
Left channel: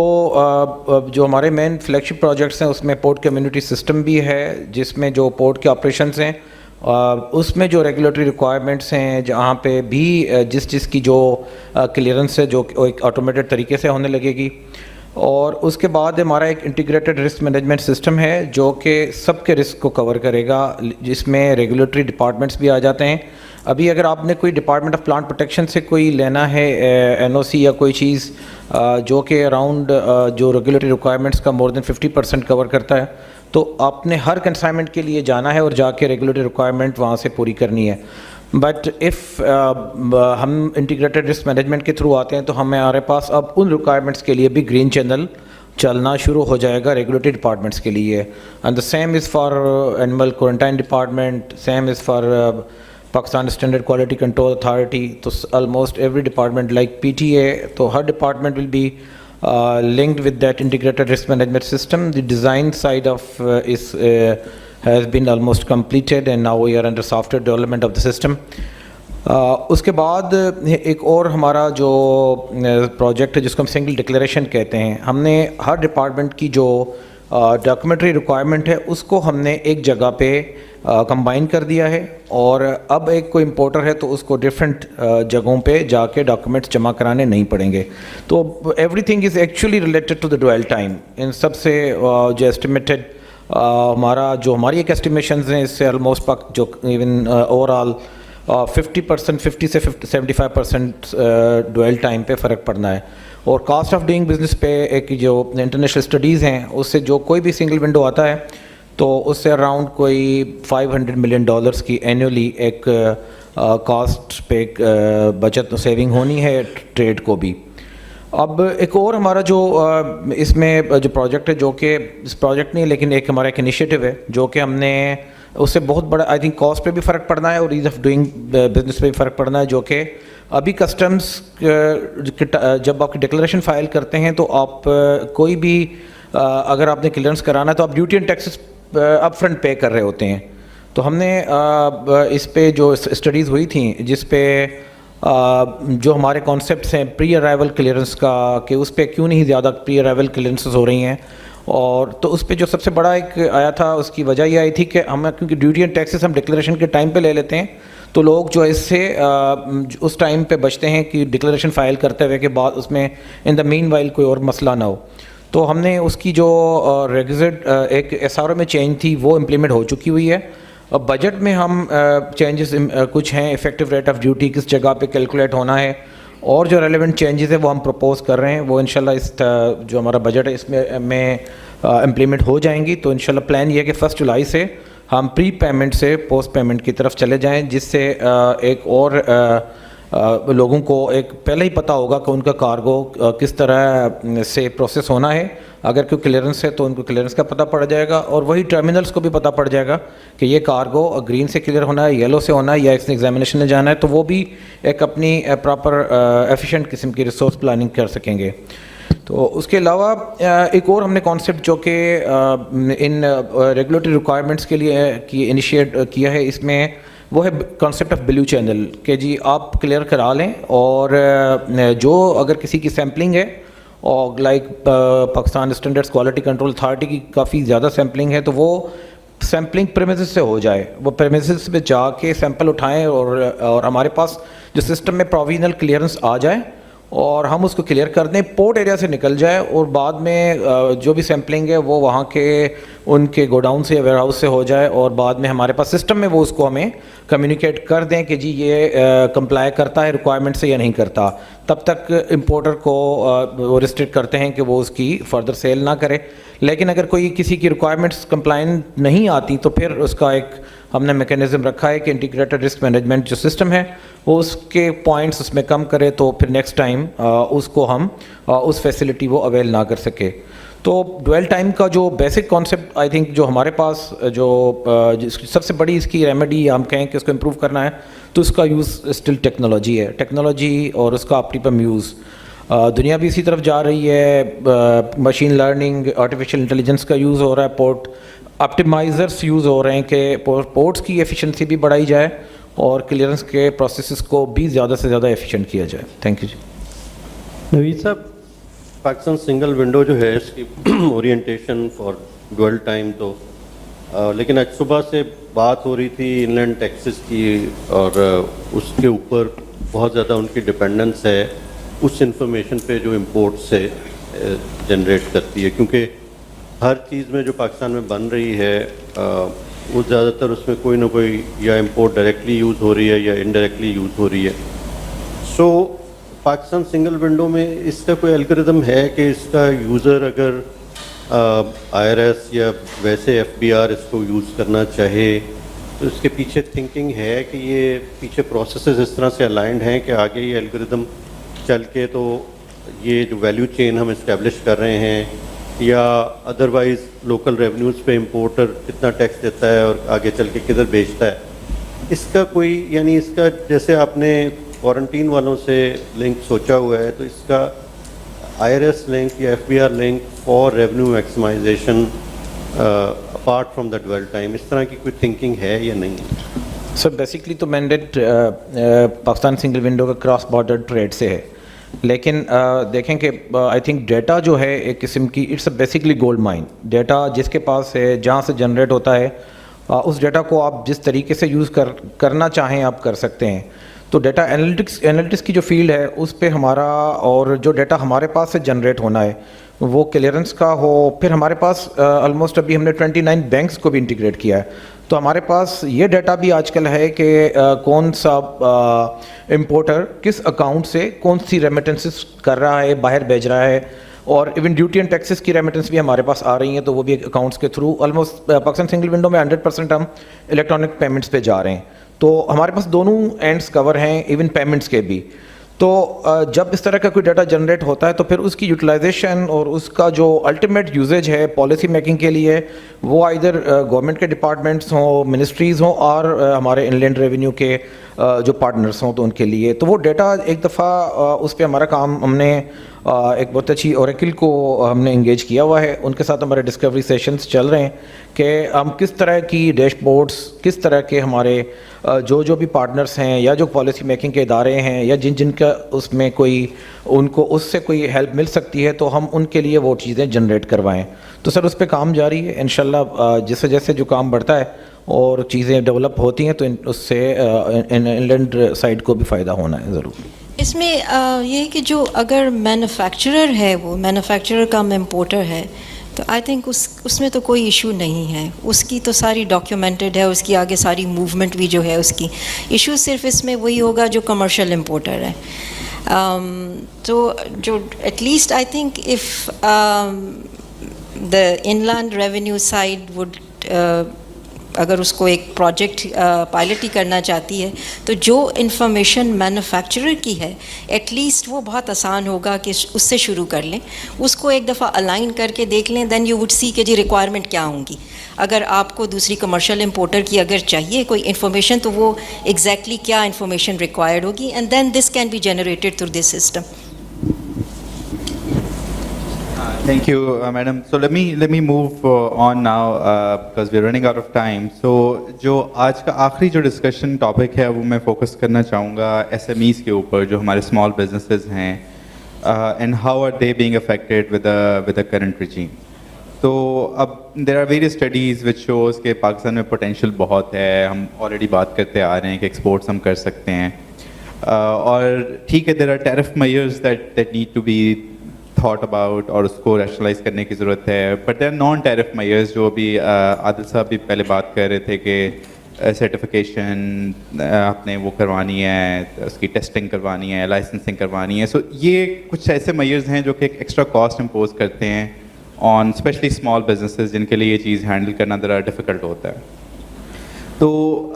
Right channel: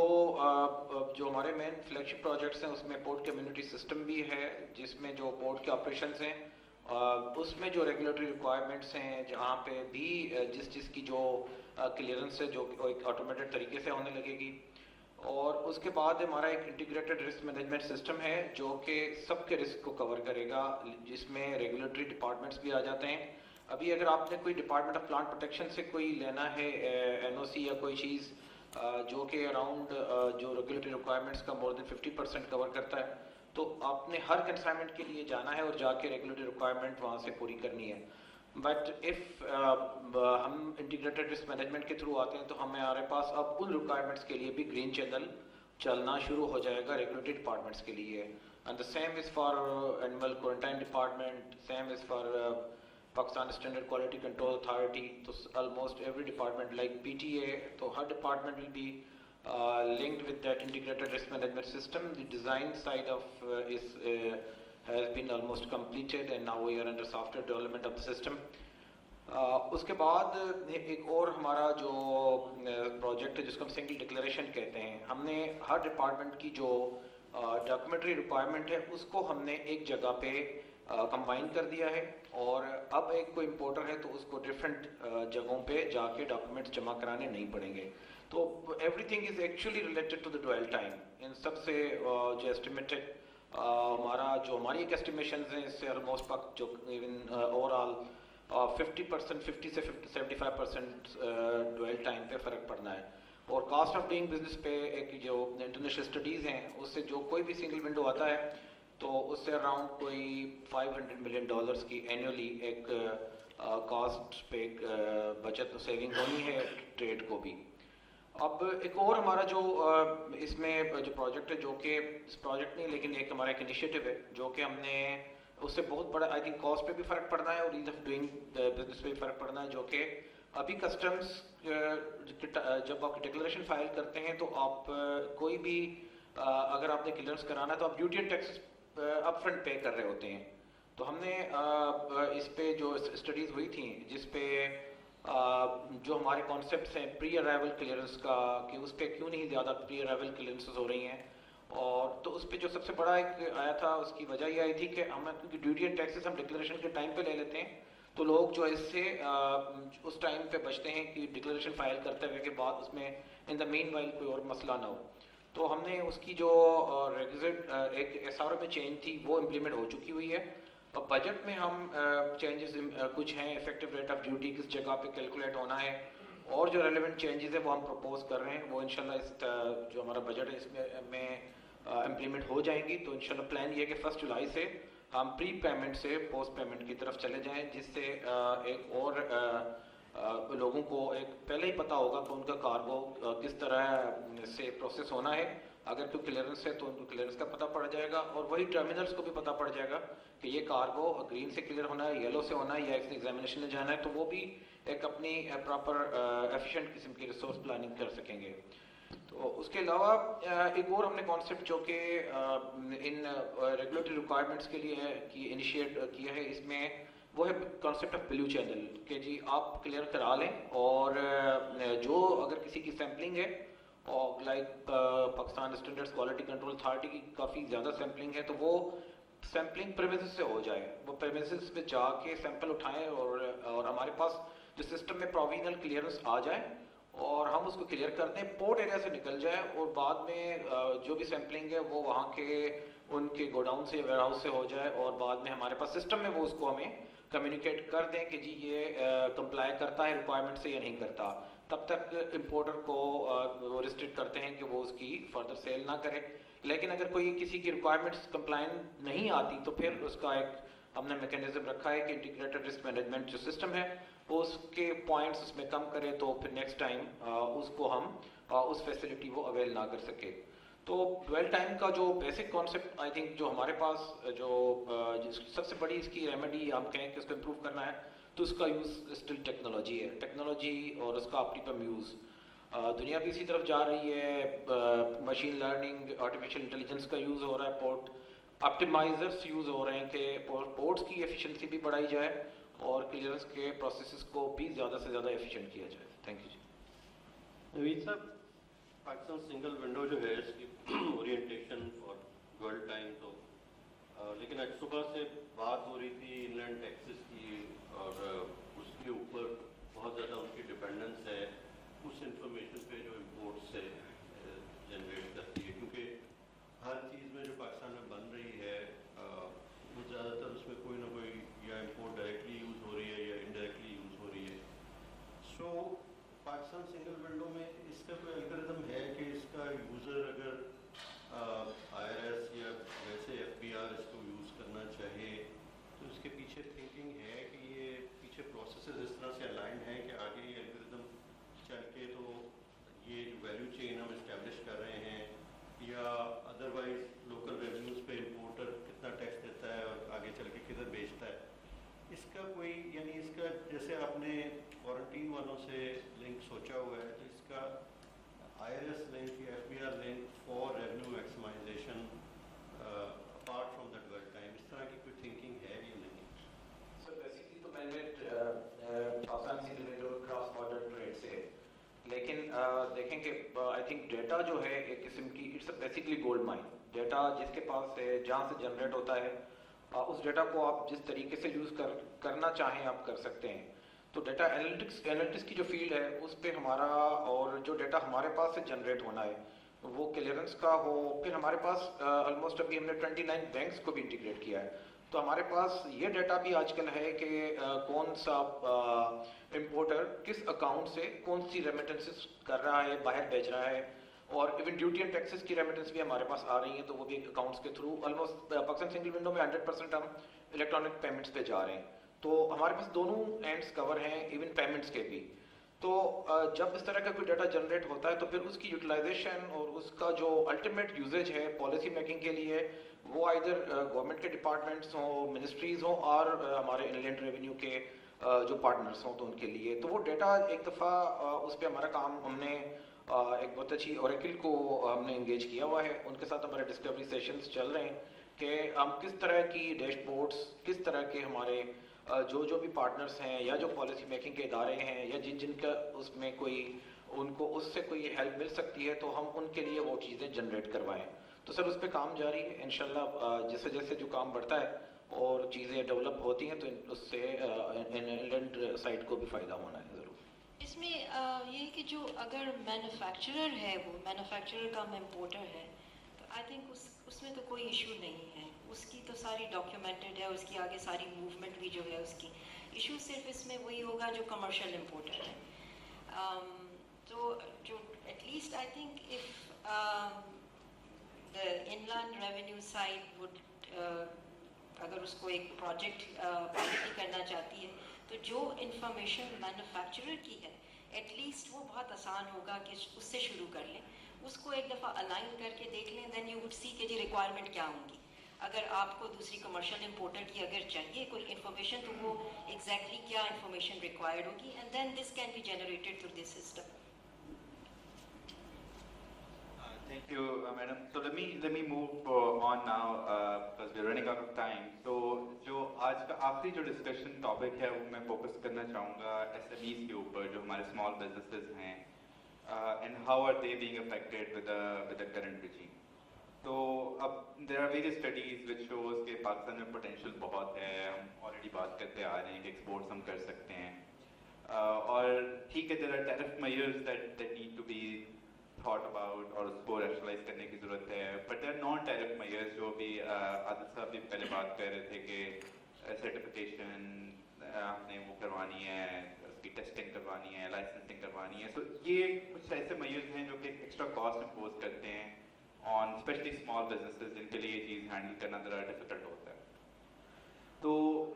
हमारे मेन फ्लैगशिप प्रोजेक्ट्स हैं उसमें पोर्ट कम्युनिटी सिस्टम भी है, जिसमें जो पोर्ट के ऑपरेशंस हैं उसमें जो रेगुलेटरी रिक्वायरमेंट्स हैं, जहाँ पे भी जिस की जो क्लियरेंस है जो एक ऑटोमेटेड तरीके से होने लगेगी. اور اس کے بعد ہمارا ایک انٹیگریٹڈ رسک مینجمنٹ سسٹم ہے جو کہ سب کے رسک کو کور کرے گا، جس میں ریگولیٹری ڈپارٹمنٹس بھی آ جاتے ہیں. ابھی اگر آپ نے کوئی ڈپارٹمنٹ آف پلانٹ پروٹیکشن سے کوئی لینا ہے این او سی یا کوئی چیز جو کہ اراؤنڈ جو ریگولیٹری ریکوائرمنٹس کا مور دین 50% کور کرتا ہے، تو آپ نے ہر کنسائنمنٹ کے لیے جانا ہے اور جا کے ریگولیٹری ریکوائرمنٹ وہاں سے پوری کرنی ہے. بٹ اف ہم انٹیگریٹڈ رسک مینجمنٹ کے تھرو آتے ہیں تو ہمارے پاس اب ان ریکوائرمنٹس کے لیے بھی گرین چینل چلنا شروع ہو جائے گا ریگولیٹری ڈپارٹمنٹس کے لیے. And the same is for animal quarantine department, same is for Pakistan standard quality control authority. تو almost every department like P T A, تو ہر department will be linked with that integrated risk management system. The design side of has been almost completed and now we are under software development of the system. اس کے بعد ایک اور ہمارا جو project ہے جس کو ہم سنگل ڈکلیریشن کہتے ہیں، ہم نے ہر ڈپارٹمنٹ کی جو ڈاکومنٹری ریکوائرمنٹ ہے اس کو ہم نے ایک جگہ پہ کمبائن کر دیا ہے، اور اب ایک کوئی امپورٹر ہے تو اس کو ڈفرینٹ جگہوں پہ جا کے ڈاکومنٹس جمع کرانے نہیں پڑیں گے. تو everything is actually related to the dwell time. ان سب سے جو ایسٹیمیٹڈ ہماری ایک ایسٹیمیشنز ہیں، اس سے آلموسٹ جو ایون اوور آل 50% سے 75% ڈویل ٹائم پہ فرق پڑنا ہے. اور کاسٹ آف ڈوئنگ بزنس پہ ایک جو انٹرنیشنل اسٹڈیز ہیں اس سے جو کوئی بھی سنگل ونڈو آتا ہے تو اس سے اراؤنڈ کوئی $500 ملین کی اینولی ایک کاسٹ پہ بچت سیونگ ہونی ہے ٹریڈ کو بھی. اب ایک اور ہمارا جو اس میں جو پروجیکٹ ہے، جو کہ اس پروجیکٹ نہیں لیکن ایک ہمارا ایک انیشیٹو ہے جو کہ ہم نے اس سے بہت بڑا آئی تھنک کاسٹ پہ بھی فرق پڑنا ہے اور ایز آف ڈوئنگ بزنس پہ بھی فرق پڑنا ہے، جو کہ ابھی کسٹمز جب آپ کی ڈکلیریشن فائل کرتے ہیں تو آپ کوئی بھی اگر آپ نے کلیئرنس کرانا ہے تو آپ duty and taxes upfront pay کر رہے ہوتے ہیں. تو ہم نے اس پہ جو اسٹڈیز ہوئی تھیں جس پہ جو ہمارے کانسیپٹس ہیں پری ارائیول کلیئرنس کا، کہ اس پہ کیوں نہیں زیادہ پری ارائیول کلیئرنسز ہو رہی ہیں، اور تو اس پہ جو سب سے بڑا ایک آیا تھا اس کی وجہ یہ آئی تھی کہ ہم کیونکہ ڈیوٹی اینڈ ٹیکسز ہم ڈکلیریشن کے ٹائم پہ لے لیتے ہیں تو لوگ جو اس سے اس ٹائم پہ بچتے ہیں کہ ڈکلیریشن فائل کرتے ہوئے کے بعد اس میں ان دا مین وائل کوئی اور مسئلہ نہ ہو. تو ہم نے اس کی جو ریگزٹ ایک ایس آر او میں چینج تھی وہ امپلیمنٹ ہو چکی ہوئی ہے. اب بجٹ میں ہم چینجز کچھ ہیں، افیکٹو ریٹ آف ڈیوٹی کس جگہ پہ کیلکولیٹ ہونا ہے، اور جو ریلیونٹ چینجز ہیں وہ ہم پروپوز کر رہے ہیں، وہ انشاءاللہ اس جو ہمارا بجٹ ہے اس میں امپلیمنٹ ہو جائیں گی. تو انشاءاللہ پلان یہ ہے کہ 1 جولائی سے ہم پری پیمنٹ سے پوسٹ پیمنٹ کی طرف چلے جائیں، جس سے ایک اور لوگوں کو ایک پہلے ہی پتہ ہوگا کہ ان کا کارگو کس طرح سے پروسیس ہونا ہے. اگر کوئی کلیئرنس ہے تو ان کو کلیئرنس کا پتہ پڑ جائے گا، اور وہی ٹرمینلز کو بھی پتہ پڑ جائے گا کہ یہ کارگو گرین سے کلیئر ہونا ہے، یلو سے ہونا ہے، یا ایک ایگزامینیشن میں جانا ہے، تو وہ بھی ایک اپنی پراپر ایفیشینٹ قسم کی ریسورس پلاننگ کر سکیں گے. تو اس کے علاوہ ایک اور ہم نے کانسیپٹ جو کہ ان ریگولیٹری ریکوائرمنٹس کے لیے انیشیٹ کیا ہے، اس میں وہ ہے کانسیپٹ آف بلیو چینل، کہ جی آپ کلیئر کرا لیں، اور جو اگر کسی کی سیمپلنگ ہے اور like Pakistan standards quality control authority کی کافی زیادہ سیمپلنگ ہے تو وہ سیمپلنگ پریمیسز سے ہو جائے، وہ پریمیسز پہ جا کے سیمپل اٹھائیں، اور ہمارے پاس جو سسٹم میں پروویژنل کلیئرنس آ جائے اور ہم اس کو کلیئر کر دیں، پورٹ ایریا سے نکل جائے، اور بعد میں جو بھی سیمپلنگ ہے وہ وہاں کے ان کے گوڈاؤن سے یا ویئر ہاؤس سے ہو جائے، اور بعد میں ہمارے پاس سسٹم میں وہ اس کو ہمیں کمیونیکیٹ کر دیں کہ جی یہ کمپلائی کرتا ہے ریکوائرمنٹ سے یا نہیں کرتا. تب تک امپورٹر کو وہ ریسٹرکٹ کرتے ہیں کہ وہ اس کی فردر سیل نہ کرے. لیکن اگر کوئی کسی کی ریکوائرمنٹس کمپلائنٹ نہیں آتی تو پھر اس کا ایک ہم نے میکینزم رکھا ہے کہ انٹیگریٹڈ رسک مینجمنٹ جو سسٹم ہے وہ اس کے پوائنٹس اس میں کم کرے، تو پھر نیکسٹ ٹائم اس کو ہم اس فیسلٹی وہ اویل نہ کر سکے. تو ڈویل ٹائم کا جو بیسک کانسیپٹ آئی تھنک جو ہمارے پاس جو سب سے بڑی اس کی ریمیڈی ہم کہیں کہ اس کو امپروو کرنا ہے تو اس کا یوز اسٹل ٹیکنالوجی ہے، ٹیکنالوجی اور اس کا آپٹیمم یوز. دنیا بھی اسی طرف جا رہی ہے، مشین لرننگ، آرٹیفیشیل انٹیلیجنس کا یوز ہو رہا ہے، پورٹ آپٹیمائزرس یوز ہو رہے ہیں کہ پورٹس کی ایفیشنسی بھی بڑھائی جائے اور کلیئرنس کے پروسیسز کو بھی زیادہ سے زیادہ ایفیشینٹ کیا جائے. تھینک یو جی. نوید صاحب، پاکستان سنگل ونڈو جو ہے اس کی اورینٹیشن فار ڈویل ٹائم تو لیکن آج صبح سے بات ہو رہی تھی ان لینڈ ٹیکسز کی، اور اس کے اوپر بہت زیادہ ان کی ڈپینڈنس ہے اس انفارمیشن پہ جو امپورٹ سے جنریٹ کرتی ہے, کیونکہ ہر چیز میں جو پاکستان میں بن رہی ہے وہ زیادہ تر اس میں کوئی نہ کوئی یا امپورٹ ڈائریکٹلی یوز ہو رہی ہے یا انڈائریکٹلی یوز ہو رہی ہے. سو پاکستان سنگل ونڈو میں اس کا کوئی الگوریدم ہے کہ اس کا یوزر اگر آئی آر ایس یا ویسے ایف بی آر اس کو یوز کرنا چاہے تو اس کے پیچھے تھنکنگ ہے کہ یہ پیچھے پروسیسز اس طرح سے الائنڈ ہیں کہ آگے یہ الگوریدم چل کے تو یہ جو ویلیو چین ہم اسٹیبلش کر رہے ہیں یا ادروائز لوکل ریونیوز پہ امپورٹر کتنا ٹیکس دیتا ہے اور آگے چل کے کدھر بیچتا ہے, اس کا کوئی یعنی اس کا جیسے آپ نے کوارنٹین والوں سے لنک سوچا ہوا ہے تو اس کا آئی آر ایس لنک یا F B R link for revenue maximization apart from the dwell time, اس طرح کی کوئی تھنکنگ ہے یا نہیں؟ سر بیسکلی تو مینڈیٹ پاکستان سنگل ونڈو کا کراس بارڈر ٹریڈ سے ہے, لیکن دیکھیں کہ آئی تھنک ڈیٹا جو ہے ایک قسم کی it's a basically gold mine. Data جس کے پاس ہے جہاں سے جنریٹ ہوتا ہے اس ڈیٹا کو آپ جس طریقے سے یوز کرنا چاہیں آپ کر سکتے ہیں. تو ڈیٹا انالیٹکس کی جو فیلڈ ہے اس پہ ہمارا اور جو ڈیٹا ہمارے پاس سے جنریٹ ہونا ہے وہ کلیئرنس کا ہو. پھر ہمارے پاس آلموسٹ ابھی ہم نے 29 بینکس کو بھی انٹیگریٹ کیا ہے, تو ہمارے پاس یہ ڈیٹا بھی آج کل ہے کہ کون سا امپورٹر کس اکاؤنٹ سے کون سی ریمیٹنسز کر رہا ہے, باہر بھیج رہا ہے, اور ایون ڈیوٹی اینڈ ٹیکسز کی ریمیٹنس بھی ہمارے پاس آ رہی ہیں تو وہ بھی اکاؤنٹس کے through. Almost Pakistan single window میں 100% ہم الیکٹرانک پیمنٹس پہ جا رہے ہیں, تو ہمارے پاس دونوں اینڈس کور ہیں ایون پیمنٹس کے بھی. تو جب اس طرح کا کوئی ڈیٹا جنریٹ ہوتا ہے تو پھر اس کی یوٹیلائزیشن اور اس کا جو الٹیمیٹ یوزیج ہے پالیسی میکنگ کے لیے وہ ادھر گورنمنٹ کے ڈپارٹمنٹس ہوں, منسٹریز ہوں, اور ہمارے ان لینڈ ریونیو کے جو پارٹنرس ہوں تو ان کے لیے. تو وہ ڈیٹا ایک دفعہ اس پہ ہمارا کام ہم نے ایک بہت اچھی اوریکل کو ہم نے انگیج کیا ہوا ہے, ان کے ساتھ ہمارے ڈسکوری سیشنز چل رہے ہیں کہ ہم کس طرح کی ڈیش بورڈز, کس طرح کے ہمارے جو بھی پارٹنرس ہیں یا جو پالیسی میکنگ کے ادارے ہیں یا جن کا اس میں کوئی ان کو اس سے کوئی ہیلپ مل سکتی ہے تو ہم ان کے لیے وہ چیزیں جنریٹ کروائیں. تو سر اس پہ کام جاری ہے انشاءاللہ. جیسے جیسے جو کام بڑھتا ہے اور چیزیں ڈیولپ ہوتی ہیں تو اس سے انلینڈ سائڈ کو بھی فائدہ ہونا ہے ضرور. اس میں یہ ہے کہ جو اگر مینوفیکچرر ہے وہ مینوفیکچرر کم امپورٹر ہے تو آئی تھنک اس میں تو کوئی ایشو نہیں ہے, اس کی تو ساری ڈاکیومنٹڈ ہے, اس کی آگے ساری موومنٹ بھی جو ہے اس کی. ایشو صرف اس میں وہی ہوگا جو کمرشل امپورٹر ہے. تو جو at least I think if the inland revenue side would اگر اس کو ایک پروجیکٹ پائلٹ ہی کرنا چاہتی ہے تو جو انفارمیشن مینوفیکچرر کی ہے ایٹ لیسٹ وہ بہت آسان ہوگا کہ اس سے شروع کر لیں, اس کو ایک دفعہ الائن کر کے دیکھ لیں, دین یو وڈ سی کہ جی ریکوائرمنٹ کیا ہوں گی. اگر آپ کو دوسری کمرشل امپورٹر کی اگر چاہیے کوئی انفارمیشن تو وہ ایگزیکٹلی کیا انفارمیشن ریکوائرڈ ہوگی, and then this can be generated through this system. Thank you, madam. So let me move on now because we're running out of time. So جو آج کا آخری جو ڈسکشن ٹاپک ہے وہ میں فوکس کرنا چاہوں گا ایس ایم ایز کے اوپر, جو ہمارے اسمال بزنسز ہیں and how are they being affected with the current regime. تو اب there are various studies which shows کہ پاکستان میں پوٹینشیل بہت ہے, ہم آلریڈی بات کرتے آ رہے ہیں کہ ایکسپورٹس ہم کر سکتے ہیں, اور ٹھیک ہے there are tariff measures that need to be thought about اور اس کو ریشنلائز کرنے کی ضرورت ہے, but there non tariff measures جو ابھی عادل صاحب بھی پہلے بات کر رہے تھے کہ سرٹیفکیشن آپ نے وہ کروانی ہے, اس کی ٹیسٹنگ کروانی ہے, لائسنسنگ کروانی ہے. سو یہ کچھ ایسے میئرز ہیں جو کہ ایک ایکسٹرا کاسٹ امپوز کرتے ہیں آن اسپیشلی اسمال بزنسز جن کے لیے یہ چیز ہینڈل کرنا ذرا ڈیفیکلٹ ہوتا ہے. تو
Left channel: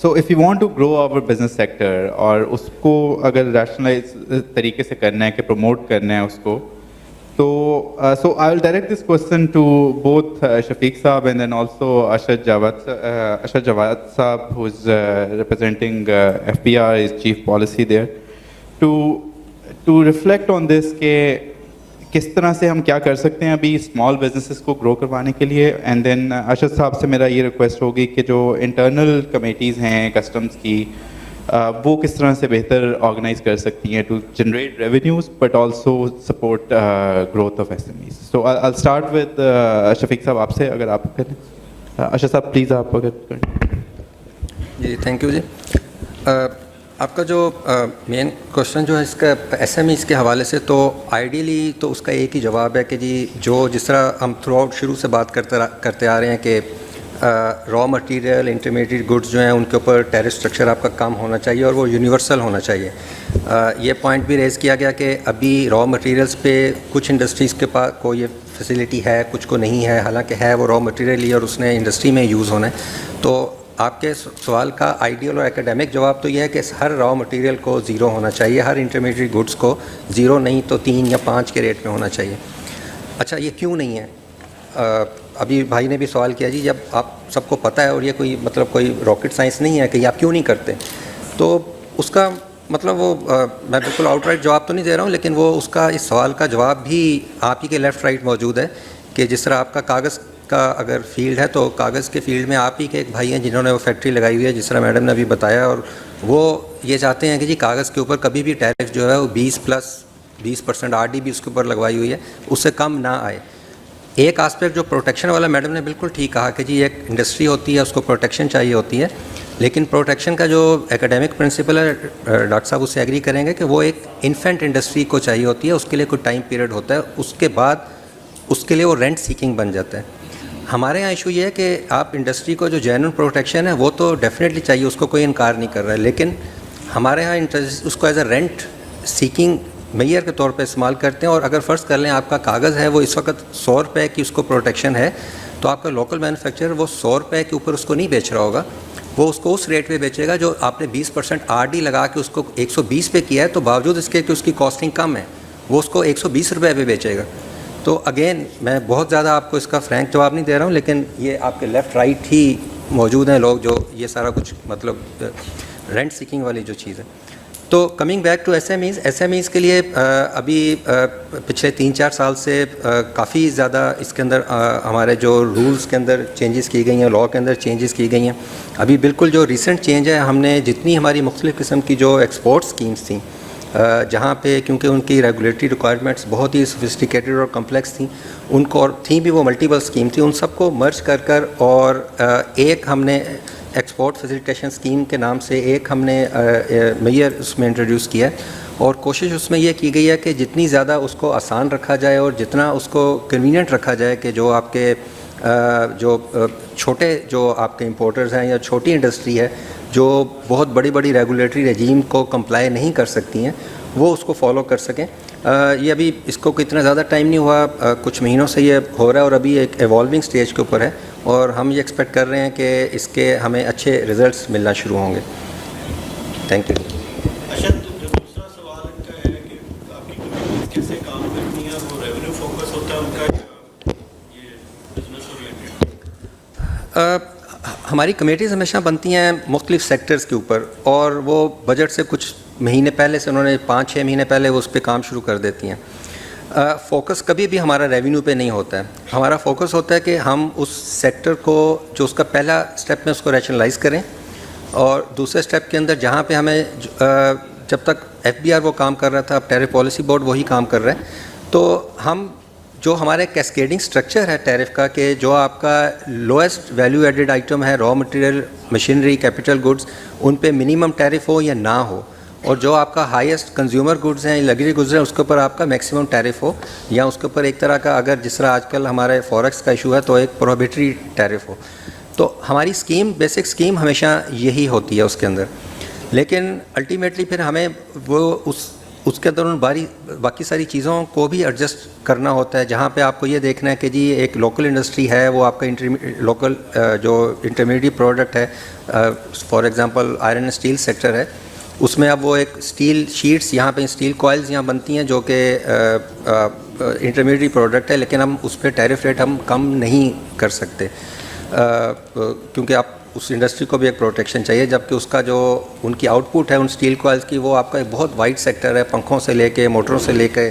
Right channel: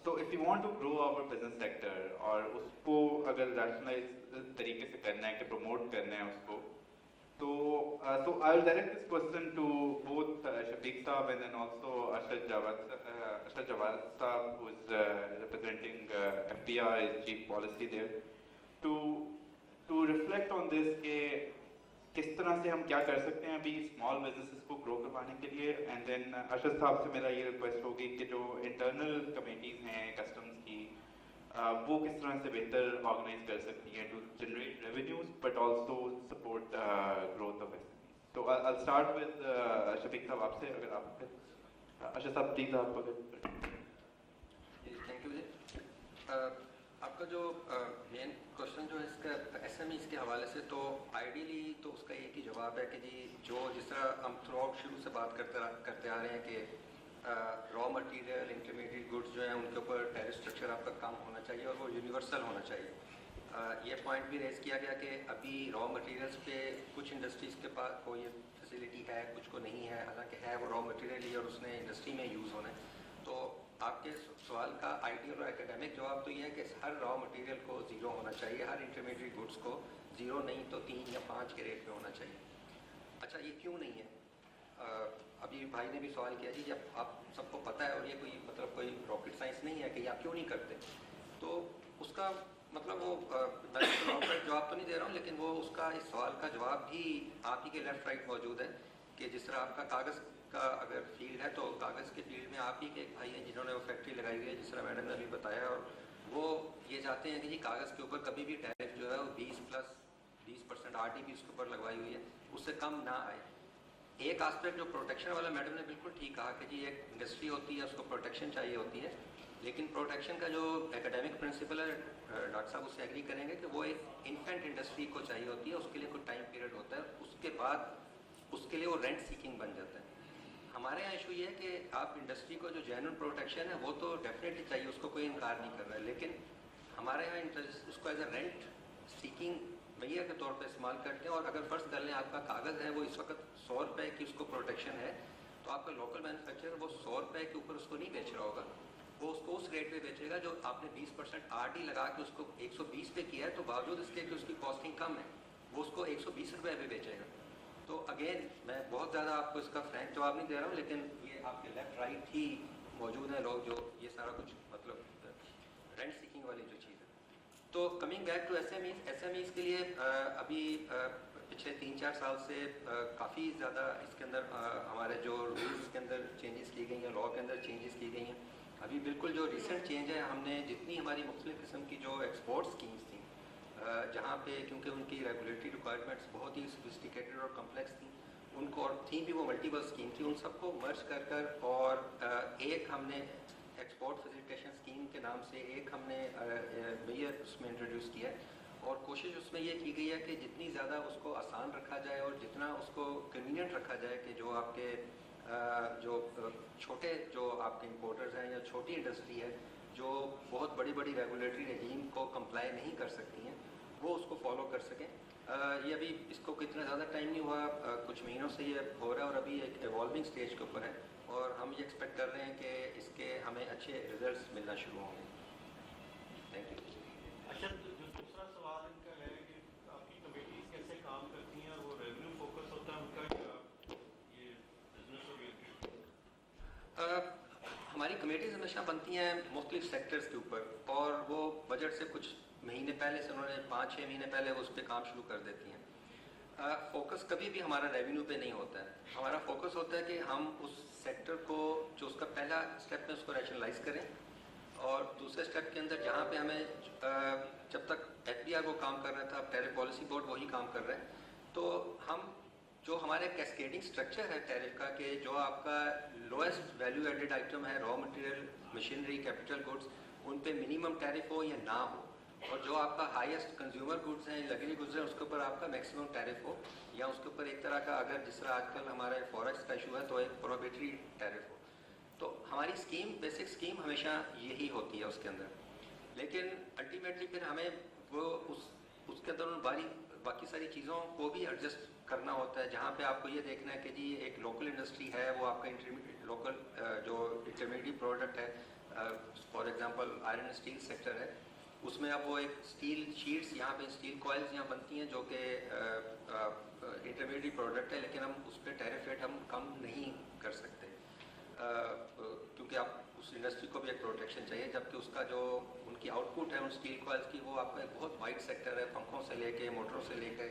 so if you want to grow our business sector اور اس کو اگر ریشنلائز طریقے سے کرنا ہے کہ پروموٹ کرنا ہے اس کو, تو so I will direct this question to both Shafiq صاحب and then also Arshad Jawad صاحب who is representing F P R, is chief policy there, to reflect on this کہ کس طرح سے ہم کیا کر سکتے ہیں ابھی اسمال بزنسز کو گرو کروانے کے لیے. اینڈ دین ارشد صاحب سے میرا یہ ریکویسٹ ہوگی کہ جو انٹرنل کمیٹیز ہیں کسٹمز کی وہ کس طرح سے بہتر آرگنائز کر سکتی ہیں to generate revenues but also support growth of S M Es. So I start with Shafiq صاحب آپ سے, اگر آپ کریں. ارشد صاحب پلیز آپ اگر کریں. جی تھینک یو. جی آپ کا جو مین کوشچن جو ہے اس کا ایس ایم ایز کے حوالے سے، تو آئیڈیلی تو اس کا ایک ہی جواب ہے کہ جی جو جس طرح ہم تھرو آؤٹ شروع سے بات کرتے آ رہے ہیں کہ را مٹیریل انٹرمیڈیٹ گڈس جو ہیں ان کے اوپر ٹیرف اسٹرکچر آپ کا کم ہونا چاہیے اور وہ یونیورسل ہونا چاہیے. یہ پوائنٹ بھی ریز کیا گیا کہ ابھی را مٹیریلس پہ کچھ انڈسٹریز کے پاس کو یہ فیسیلٹی ہے، کچھ کو نہیں ہے، حالانکہ ہے وہ را مٹیریل ہی اور اس نے انڈسٹری میں یوز ہونا ہے. تو آپ کے سوال کا آئیڈیل اور اکیڈیمک جواب تو یہ ہے کہ ہر را مٹیریل کو زیرو ہونا چاہیے، ہر انٹرمیڈیٹ گڈس کو زیرو نہیں تو 3 یا 5 کے ریٹ میں ہونا چاہیے. اچھا یہ کیوں نہیں ہے؟ ابھی بھائی نے بھی سوال کیا جی جب آپ سب کو پتہ ہے اور یہ کوئی مطلب کوئی راکٹ سائنس نہیں ہے کہ یہ آپ کیوں نہیں کرتے، تو اس کا مطلب وہ میں بالکل آؤٹ رائٹ جواب تو نہیں دے رہا ہوں، لیکن وہ اس کا اس سوال کا جواب بھی آپ ہی کے لیفٹ رائٹ موجود ہے کہ جس طرح آپ کا کاغذ کا اگر فیلڈ ہے تو کاغذ کے فیلڈ میں آپ ہی کے ایک بھائی ہیں جنہوں نے وہ فیکٹری لگائی ہوئی ہے، جس طرح میڈم نے ابھی بتایا، اور وہ یہ چاہتے ہیں کہ جی کاغذ کے اوپر کبھی بھی ٹیرف جو ہے وہ 20% RD بھی اس کے اوپر لگوائی ہوئی ہے، اس سے کم نہ آئے. ایک آسپیکٹ جو پروٹیکشن والا میڈم نے بالکل ٹھیک کہا کہ جی ایک انڈسٹری ہوتی ہے اس کو پروٹیکشن چاہیے ہوتی ہے، لیکن پروٹیکشن کا جو ایکیڈیمک پرنسپل ہے ڈاکٹر صاحب اس سے ایگری کریں گے کہ وہ ایک انفینٹ انڈسٹری کو چاہیے ہوتی ہے، اس کے لیے کوئی ٹائم پیریڈ ہوتا ہے، اس کے بعد اس کے لیے وہ رینٹ سیکنگ بن جاتا ہے. ہمارے یہاں ایشو یہ ہے کہ آپ انڈسٹری کو جو جینوئن پروٹیکشن ہے وہ تو ڈیفینیٹلی چاہیے، اس کو کوئی انکار نہیں کر رہا ہے، لیکن ہمارے یہاں اس کو ایز اے رینٹ سیکنگ معیار کے طور پہ استعمال کرتے ہیں. اور اگر فرض کر لیں آپ کا کاغذ ہے وہ اس وقت 100 روپے کی اس کو پروٹیکشن ہے، تو آپ کا لوکل مینوفیکچرر وہ 100 روپے کے اوپر اس کو نہیں بیچ رہا ہوگا، وہ اس کو اس ریٹ پہ بیچے گا جو آپ نے 20% RD لگا کے اس کو 120 پہ کیا ہے، تو باوجود اس کے کہ اس کی کاسٹنگ کم ہے وہ اس کو 120 روپے پہ بیچے گا. تو اگین میں بہت زیادہ آپ کو اس کا فرینک جواب نہیں دے رہا ہوں، لیکن یہ آپ کے لیفٹ رائٹ ہی موجود ہیں لوگ جو یہ سارا کچھ مطلب رینٹ سیکنگ والی جو چیز ہے. تو coming back to S M Es کے لیے ابھی پچھلے 3-4 سال سے کافی زیادہ اس کے اندر ہمارے جو رولز کے اندر چینجز کی گئی ہیں، لاء کے اندر چینجز کی گئی ہیں. ابھی بالکل جو ریسنٹ چینج ہے، ہم نے جتنی ہماری مختلف قسم کی جو ایکسپورٹ اسکیمز تھیں جہاں پہ کیونکہ ان کی ریگولیٹری ریکوائرمنٹس بہت ہی سوفسٹیکیٹڈ اور کمپلیکس تھیں، ان کو اور تھیں بھی وہ ملٹیپل اسکیم تھیں، ان سب کو مرج کر اور ایک ہم نے ایکسپورٹ فیسیلیٹیشن اسکیم کے نام سے ایک ہم نے معیار اس میں انٹروڈیوس کیا ہے. اور کوشش اس میں یہ کی گئی ہے کہ جتنی زیادہ اس کو آسان رکھا جائے اور جتنا اس کو کنوینئنٹ رکھا جائے کہ جو آپ کے جو چھوٹے جو آپ کے امپورٹرز ہیں یا چھوٹی انڈسٹری ہے جو بہت بڑی بڑی ریگولیٹری رجیم کو کمپلائی نہیں کر سکتی ہیں، وہ اس کو فالو کر سکیں. یہ ابھی اس کو اتنا زیادہ ٹائم نہیں ہوا، کچھ مہینوں سے یہ ہو رہا ہے اور ابھی ایک ایوالونگ سٹیج کے اوپر ہے، اور ہم یہ ایکسپیکٹ کر رہے ہیں کہ اس کے ہمیں اچھے ریزلٹس ملنا شروع ہوں گے. Thank you. دوسرا سوال ان کا ہے کہ آپ کی کمیٹیز کیسے کام کرتی ہیں، وہ ریونیو فوکس ہوتا ہے ان کا یہ بزنس اورینٹڈ؟ ہماری کمیٹیز ہمیشہ بنتی ہیں مختلف سیکٹرز کے اوپر، اور وہ بجٹ سے کچھ مہینے پہلے سے انہوں نے 5-6 مہینے پہلے وہ اس پہ کام شروع کر دیتی ہیں. فوکس کبھی بھی ہمارا ریونیو پہ نہیں ہوتا ہے، ہمارا فوکس ہوتا ہے کہ ہم اس سیکٹر کو جو اس کا پہلا اسٹیپ میں اس کو ریشنلائز کریں، اور دوسرے اسٹیپ کے اندر جہاں پہ ہمیں جب تک FBR وہ کام کر رہا تھا، اب ٹیرف پالیسی بورڈ وہی کام کر رہا ہے، تو ہم جو ہمارے کیسکیڈنگ سٹرکچر ہے ٹیرف کا کہ جو آپ کا لوئسٹ ویلیو ایڈڈ آئٹم ہے، raw material, machinery, capital goods, ان پہ منیمم ٹیرف ہو یا نہ ہو، اور جو آپ کا ہائیسٹ کنزیومر گڈز ہیں، لگژری گڈز ہیں، اس کے اوپر آپ کا میکسیمم ٹیرف ہو، یا اس کے اوپر ایک طرح کا اگر جس طرح آج کل ہمارے فوریکس کا ایشو ہے تو ایک پروہیبٹری ٹیرف ہو. تو ہماری اسکیم بیسک اسکیم ہمیشہ یہی ہوتی ہے اس کے اندر. لیکن الٹیمیٹلی پھر ہمیں وہ اس کے اندر باقی ساری چیزوں کو بھی ایڈجسٹ کرنا ہوتا ہے، جہاں پہ آپ کو یہ دیکھنا ہے کہ جی ایک لوکل انڈسٹری ہے، وہ آپ کا لوکل جو انٹرمیڈیٹ پروڈکٹ ہے، for example iron and steel sector ہے، اس میں اب وہ ایک اسٹیل شیٹس یہاں پہ اسٹیل کوائلز یہاں بنتی ہیں جو کہ انٹرمیڈیٹ پروڈکٹ ہے، لیکن ہم اس پہ ٹیرف ریٹ ہم کم نہیں کر سکتے کیونکہ آپ اس انڈسٹری کو بھی ایک پروٹیکشن چاہیے، جبکہ اس کا جو ان کی آؤٹ پٹ ہے ان اسٹیل کوائلز کی، وہ آپ کا ایک بہت وائڈ سیکٹر ہے، پنکھوں سے لے کے موٹروں سے لے کے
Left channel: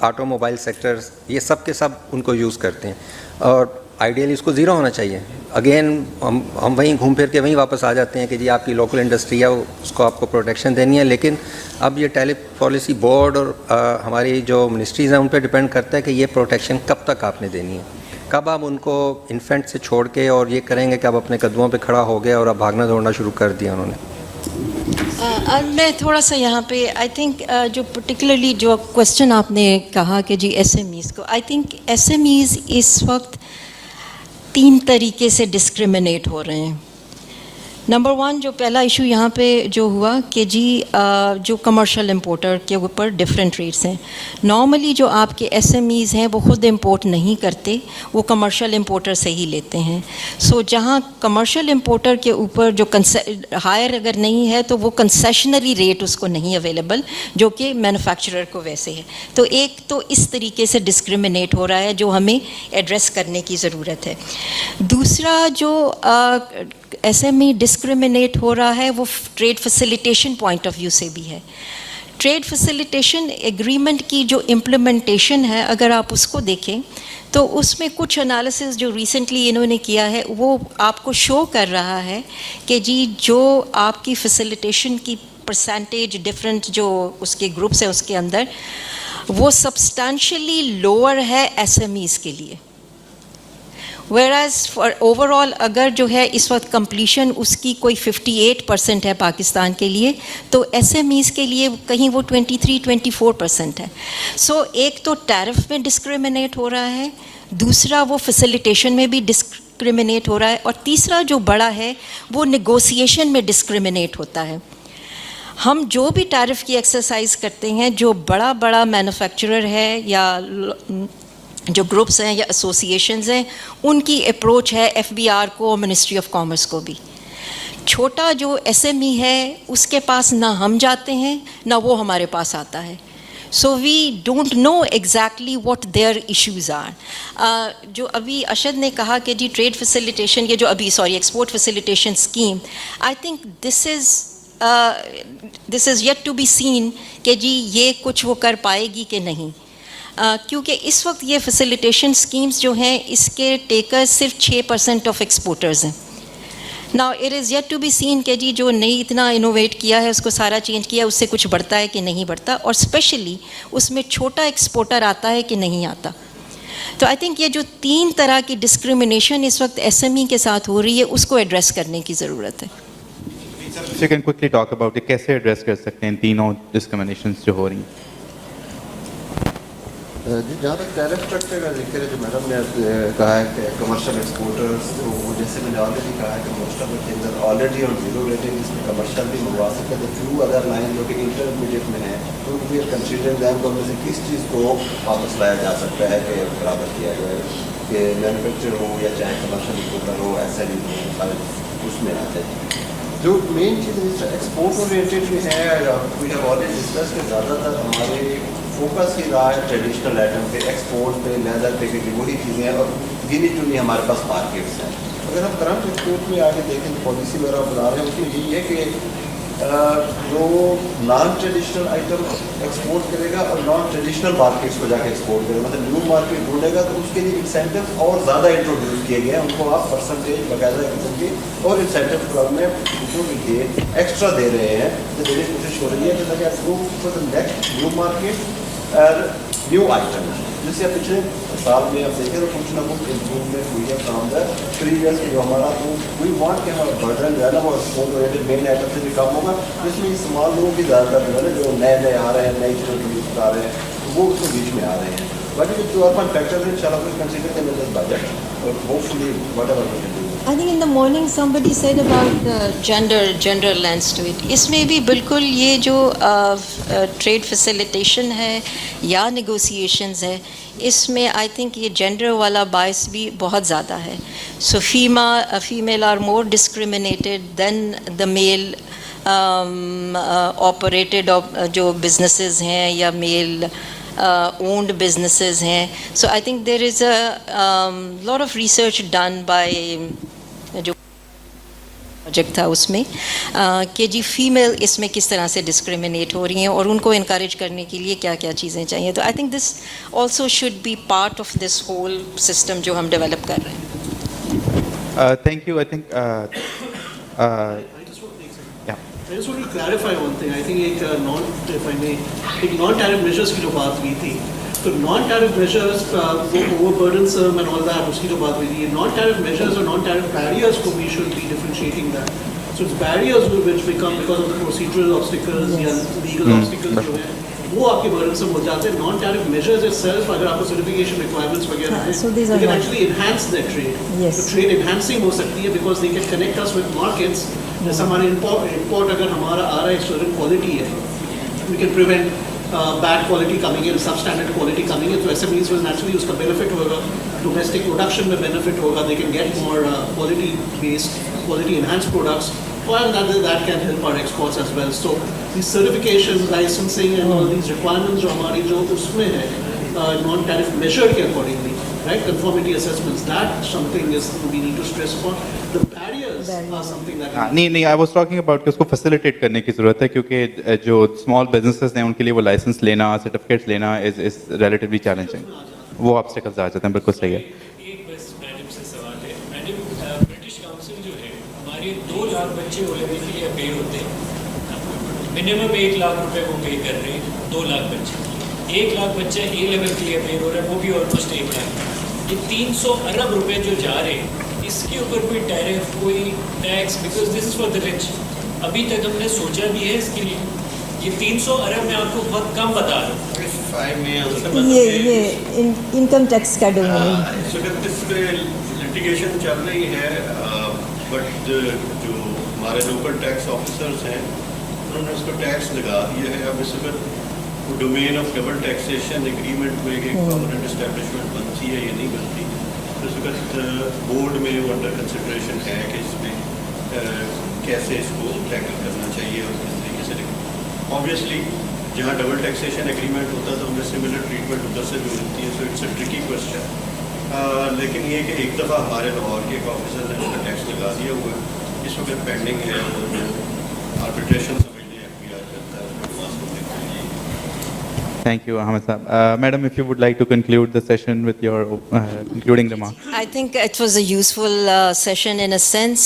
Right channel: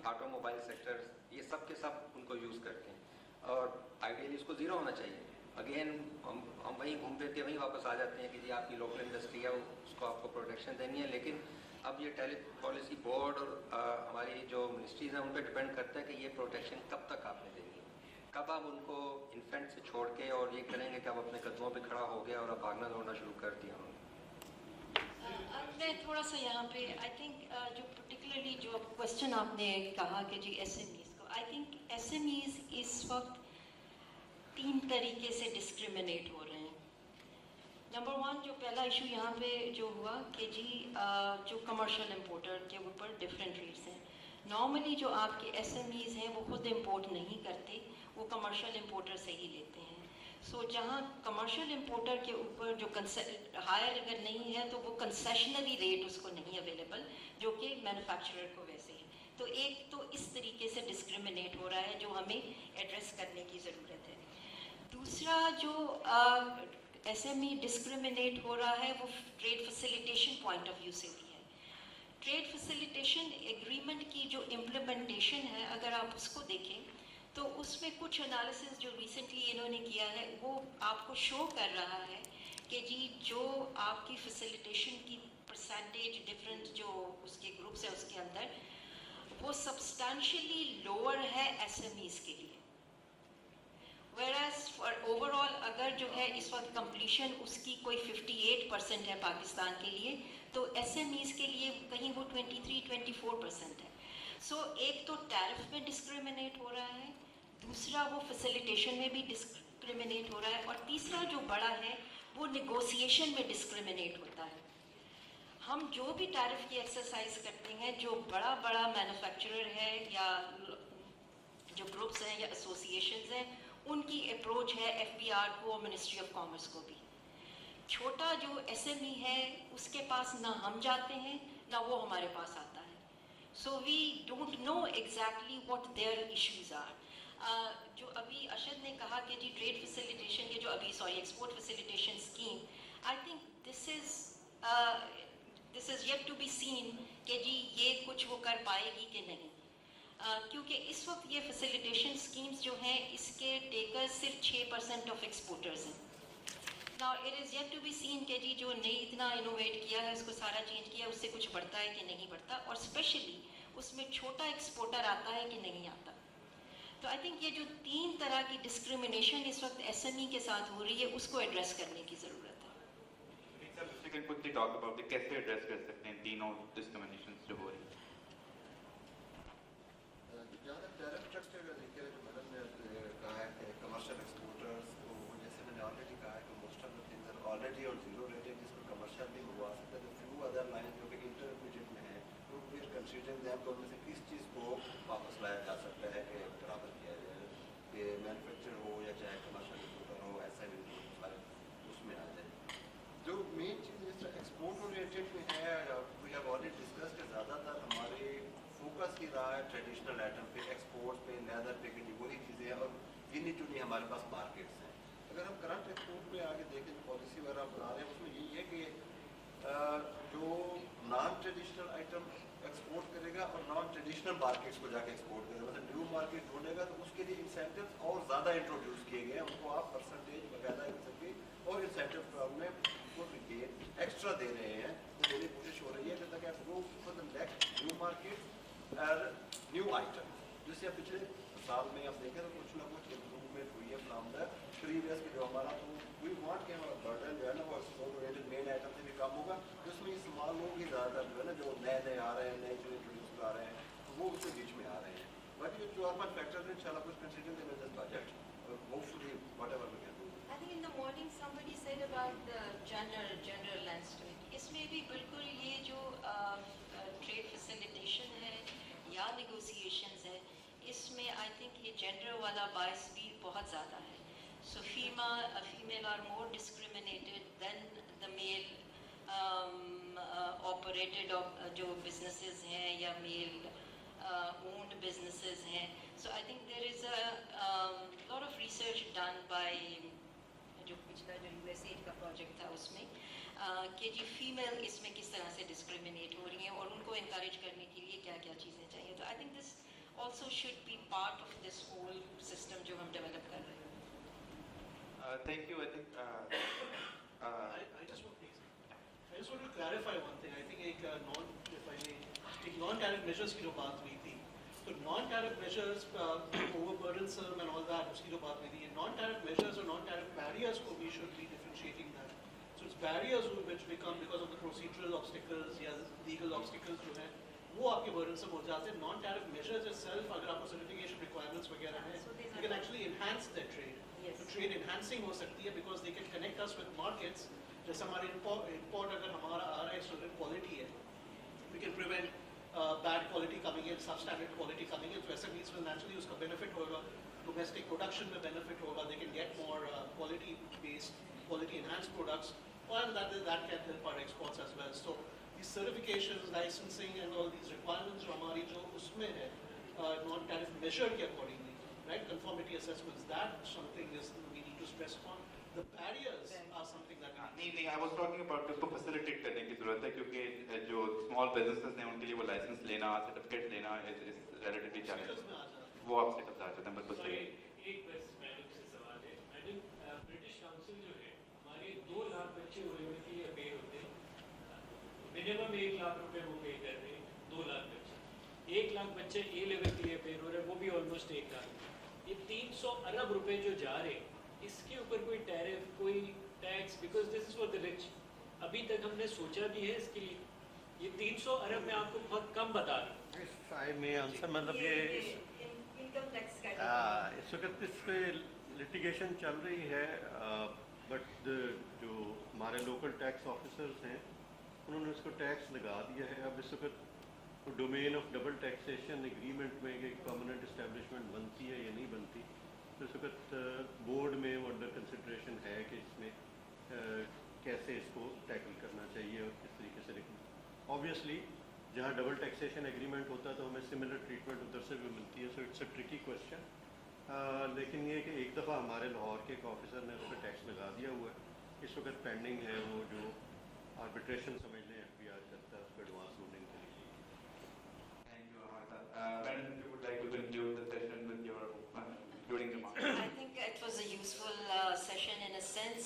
آٹو موبائل سیکٹرز، یہ سب کے سب ان کو یوز کرتے ہیں، اور آئیڈیلی اس کو زیرو ہونا چاہیے. اگین ہم وہیں گھوم پھر کے وہیں واپس آ جاتے ہیں کہ جی آپ کی لوکل انڈسٹری ہے، اس کو آپ کو پروٹیکشن دینی ہے، لیکن اب یہ ٹیرف پالیسی بورڈ اور ہماری جو منسٹریز ہیں ان پہ ڈپینڈ کرتا ہے کہ یہ پروٹیکشن کب تک آپ نے دینی ہے، کب آپ ان کو انفینٹ سے چھوڑ کے اور یہ کریں گے کہ اب اپنے قدموں پہ کھڑا ہو گیا اور اب بھاگنا دوڑنا شروع کر دیا انہوں نے. میں تھوڑا سا یہاں پہ آئی تھنک جو پرٹیکولرلی جو کوشچن آپ نے کہا کہ جی ایس ایم ایز کو، I think S M Es اس وقت 3 طریقے سے ڈسکریمنیٹ ہو رہے ہیں. نمبر 1 جو پہلا ایشو یہاں پہ جو ہوا کہ جی جو کمرشل امپورٹر کے اوپر ڈفرینٹ ریٹس ہیں. نارملی جو آپ کے ایس ایم ایز ہیں وہ خود امپورٹ نہیں کرتے، وہ کمرشل امپورٹر سے ہی لیتے ہیں. سو جہاں کمرشل امپورٹر کے اوپر جو ہائر اگر نہیں ہے تو وہ کنسیشنری ریٹ اس کو نہیں اویلیبل جو کہ مینوفیکچرر کو ویسے ہے. تو ایک تو اس طریقے سے ڈسکریمنیٹ ہو رہا ہے جو ہمیں ایڈریس کرنے کی ضرورت ہے. دوسرا جو ایس ایم ای ڈسکریمنیٹ ہو رہا ہے وہ trade facilitation point of view سے بھی ہے. ٹریڈ فیسیلیٹیشن ایگریمنٹ کی جو امپلیمنٹیشن ہے اگر آپ اس کو دیکھیں تو اس میں کچھ انالیسز جو ریسنٹلی انہوں نے کیا ہے وہ آپ کو شو کر رہا ہے کہ جی جو آپ کی فیسیلیٹیشن کی پرسنٹیج ڈفرینٹ جو اس کے گروپس ہیں اس کے اندر وہ سبسٹانشلی لوور ہے ایس ایم ایز کے لیے. ویئرز فار اوور آل اگر جو ہے اس وقت کمپلیشن اس کی کوئی 58% ہے پاکستان کے لیے تو ایس ایم ایز کے لیے کہیں وہ 23-24% ہے. سو ایک تو ٹیرف میں ڈسکریمنیٹ ہو رہا ہے، دوسرا وہ فیسیلیٹیشن میں بھی ڈسکریمنیٹ ہو رہا ہے، اور تیسرا جو بڑا ہے وہ نیگوسیشن میں ڈسکریمنیٹ ہوتا ہے. ہم جو بھی ٹیرف کی ایکسرسائز کرتے ہیں جو بڑا بڑا مینوفیکچرر ہے یا جو گروپس ہیں یا ایسوسیشنز ہیں ان کی اپروچ ہے ایف بی آر کو اور منسٹری آف کامرس کو بھی. چھوٹا جو ایس ایم ای ہے اس کے پاس نہ ہم جاتے ہیں نہ وہ ہمارے پاس آتا ہے. So we don't know exactly what their issues are. جو ابھی اشد نے کہا کہ جی ٹریڈ فیسیلیٹیشن یہ جو ابھی export facilitation scheme, I think this is yet to be seen کہ جی یہ کچھ وہ کر پائے گی کہ نہیں. کیونکہ اس وقت یہ فیسیلیٹیشن سکیمز جو ہیں اس کے ٹیکر صرف 6% آف ایکسپورٹرز ہیں. Now it is yet to be seen کہ جی جو نہیں اتنا انوویٹ کیا ہے اس کو سارا چینج کیا اس سے کچھ بڑھتا ہے کہ نہیں بڑھتا، اور اسپیشلی اس میں چھوٹا ایکسپورٹر آتا ہے کہ نہیں آتا. تو آئی تھنک یہ جو 3 طرح کی ڈسکریمنیشن اس وقت ایس ایم ای کے ساتھ ہو رہی ہے اس کو ایڈریس کرنے کی ضرورت ہے. You can quickly talk about it. کیسے ایڈریس کر سکتے ہیں تینوں ڈسکریمنیشنز جو ہو رہی ہیں؟ جی جہاں تک ٹیرف اسٹرکچر کا ذکر ہے جو میڈم نے کہا ہے کہ کمرشل ایکسپورٹرز، تو جیسے میں نے آلریڈی کہا ہے کہ most of the things already on zero rating, اس میں کمرشل بھی منگوا سکتے ہیں. فیو ادر لائن جو کہ انٹرمیڈیٹ میں ہیں تو وی آر کنسیڈرنگ دیم کو میں سے کس چیز کو واپس لایا جا سکتا ہے کہ برابر کیا جائے کہ مینوفیکچر ہو یا چاہے کمرشل ایکسپورٹر ہو ایس ایل ای سارے اس میں آتے ہیں. جو مین چیز ایکسپورٹ اورینٹیڈ بھی ہے، وی ہیو آلریڈی ڈسکس کہ زیادہ تر ہمارے فوکس ہی رہا ہے ٹریڈیشنل آئٹم پہ، ایکسپورٹ پہ، لیدر پہ، کیونکہ وہی چیزیں ہیں اور گنی چنی ہمارے پاس مارکیٹس ہیں. اگر ہم کرنٹ ایکسپورٹ میں آگے دیکھیں پالیسی وغیرہ بنا رہے ہیں اس میں یہی ہے کہ جو نان ٹریڈیشنل آئٹم ایکسپورٹ کرے گا اور نان ٹریڈیشنل مارکیٹس کو جا کے ایکسپورٹ کرے گا، مطلب نیو مارکیٹ ڈھونڈے گا تو اس کے لیے انسینٹیو اور زیادہ انٹروڈیوس کیے گئے ہیں. ان کو آپ پرسنٹیج باقاعدہ قسم کی اور انسینٹیو پروگرام میں جو بھی ایکسٹرا دے رہے ہیں تو دینے کی کوشش ہو رہی ہے کہ تاکہ آپ go for the next new market اور نیو آئٹم. جس سے پچھلے سال میں آپ دیکھیں تو کچھ نہ کچھ امپروومنٹ ہوئی ہے فرام دا پریویس جو ہمارا تو وی وانٹ کہ ہمارا برڈن جو ہے نا وہ ایکسپورٹ اورینٹیڈ مین آئٹم سے بھی کم ہوگا، جس میں استعمال لوگوں کی زیادہ تر جو ہے نا جو نئے آ رہے ہیں، نئی چیزوں یوز کر رہے ہیں وہ اس کے بیچ میں آ رہے ہیں. باقی جو اور فیکٹرز ہیں ان شاء اللہ کوئی کنسیڈر کریں دس بجٹ اور hopefully whatever we can do. I think in the morning somebody said about the gender lens to it. اس میں بھی بالکل یہ جو ٹریڈ فیسیلیٹیشن ہے یا نیگوسیشنز ہے اس میں آئی تھنک یہ جینڈر والا باعث بھی بہت زیادہ ہے. So female are more discriminated than the male operated جو بزنسز ہیں یا میل owned businesses ہیں. So I think there is a lot of research done by جو پروجیکٹ تھا اس میں کہ جی فیمیل اس میں کس طرح سے ڈسکریمنیٹ ہو رہی ہیں اور ان کو انکریج کرنے کے لیے کیا کیا چیزیں چاہیے. تو I think this also should be part of this whole system جو ہم ڈیولپ کر رہے ہیں. Thank you. I think I just want to clarify one thing. I think ایک نان ٹیرف میجرس کی جو بات ہوئی تھی تو non tariff measures over burdensome and all that اس کی جو بات ہوئی تھی نان ٹیرف میجرس اور نان ٹیرف بیریئرس کو we should be differentiating that. So it's barriers which become because of the procedural obstacles या legal obstacles जो है वो आपके burdensome हो जाते हैं. Non-tariff measures itself, अगर आपको certification requirements वगैरह हैं, so these are they can not- actually enhance their trade. Yes. So trade enhancing हो सकती है because they can connect us with markets. जैसे हमारे import अगर हमारा आ रहा है certain quality है, we can prevent bad quality coming in, substandard quality coming in. So SMEs will naturally उसका benefit होगा, domestic production में benefit होगा. They can get more quality based, quality enhanced products. And that can help our exports as well. So these certifications, licensing and all these requirements जो हमारी जो उसमें है non-tariff measured के accordingly, right? Conformity assessments, that something is we need to stress upon. The barriers are something that नहीं I was talking about कि उसको facilitate करने की ज़रूरत है क्योंकि जो small businesses हैं उनके लिए वो license लेना, certificates लेना is relatively challenging. वो obstacles आ जाते हैं, बिल्कुल सही है. एक बस मैडम से सवाल है. मैडम, ब्रिटिश काउंसिल जो है हमारे 2 लाख बच्चे ओ लेवल के लिए पे होते हैं. मिनिमम 1 लाख रुपए वो पे कर रहे हैं 2 लाख बच्चे. 1 लाख बच्चे ए लेवल के लिए पे हो रहे हैं, वो भी ऑलमोस्ट 1 लाख. ये 300 अरब रुपए जो जा रहे हैं इसके ऊपर कोई टैरिफ, कोई tax, because this is for the rich. अभी तक हमने सोचा भी है इसके लिए. ये 300 अरब मैं आपको बहुत कम बता रहा हूँ. ये इनकम टैक्स का डोमेन. लिटिगेशन चल रही है, बट जो हमारे लोकल टैक्स ऑफिसर्स हैं उन्होंने उसको टैक्स लगा दिया है. अब इस वक्त domain of double taxation agreement में एक परमानेंट एस्टेब्लिशमेंट बनती है या नहीं बनती, तो इस वक्त बोर्ड में वो अंडर कंसिडरेशन है कि इसमें कैसे इसको टैकल करना चाहिए और किस तरीके से. ऑब्वियसली जहाँ डबल टैक्सेशन एग्रीमेंट होता है तो हमें सिमिलर ट्रीटमेंट उधर से भी मिलती है. So it's a tricky question. लेकिन ये कि एक दफ़ा हमारे लाहौर के एक ऑफिसर ने उसका टैक्स लगा दिया हुआ है, इस वक्त पेंडिंग है और आर्बिट्रेशन समझने एफबीआर करता है उसको पास करने के लिए. Thank you, Ahmed Saab. Madam, if you would like to conclude the session with your concluding remarks. I think it was a useful session in a sense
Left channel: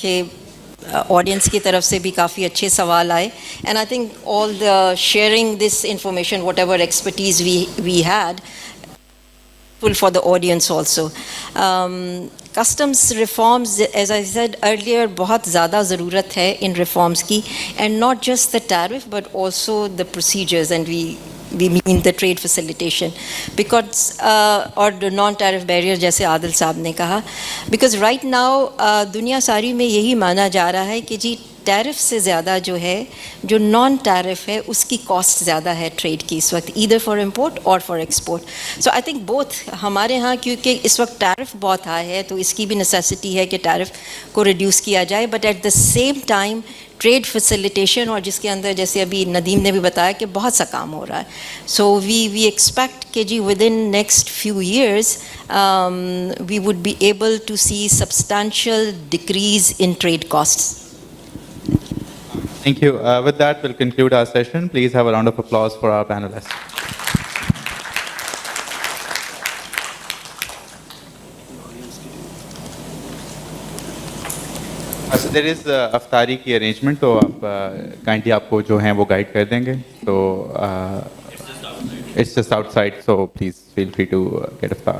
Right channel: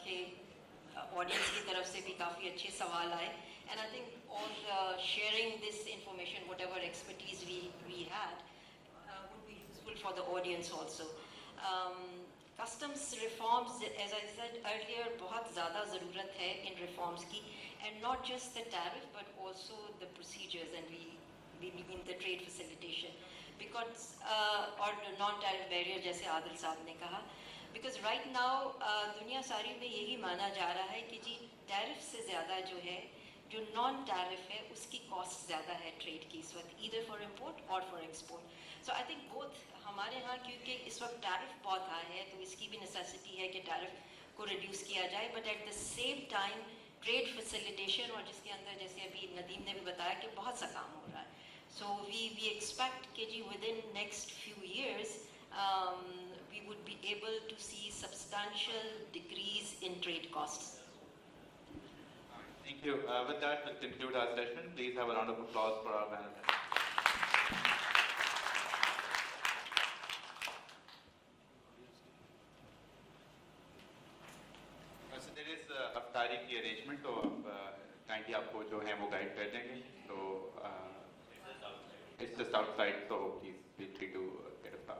कि audience की तरफ से भी काफ़ी अच्छे सवाल आए. And I think all the sharing this information, whatever expertise we had, for the audience also. Customs reforms, as I said earlier, बहुत ज़्यादा ज़रूरत है in reforms की, and not just the tariff but also the procedures, and we mean the trade facilitation, because or the non-tariff barrier जैसे आदिल साहब ने कहा, because right now दुनिया सारी में यही माना जा रहा है कि जी टैरिफ से ज़्यादा जो है जो नॉन टैरिफ है उसकी कॉस्ट ज़्यादा है ट्रेड की इस वक्त, ईदर फॉर इम्पोर्ट और for export. So I think both हमारे यहाँ, क्योंकि इस वक्त टैरिफ बहुत हाई है तो इसकी भी नेसेसिटी है कि टैरिफ को रिड्यूस किया जाए, but at the same time trade facilitation, और जिसके अंदर जैसे अभी नदीम ने भी बताया कि बहुत सा काम हो रहा है. सो वी एक्सपेक्ट कि जी within next few years we would be able to see substantial decrease in trade costs. Thank you. With that, we'll conclude our session. Please have a round of applause for our panelists. So there is अफ्तारी की arrangement, तो आप kindly आपको जो हैं वो guide कर देंगे. So it's just outside, so please feel free to get iftar.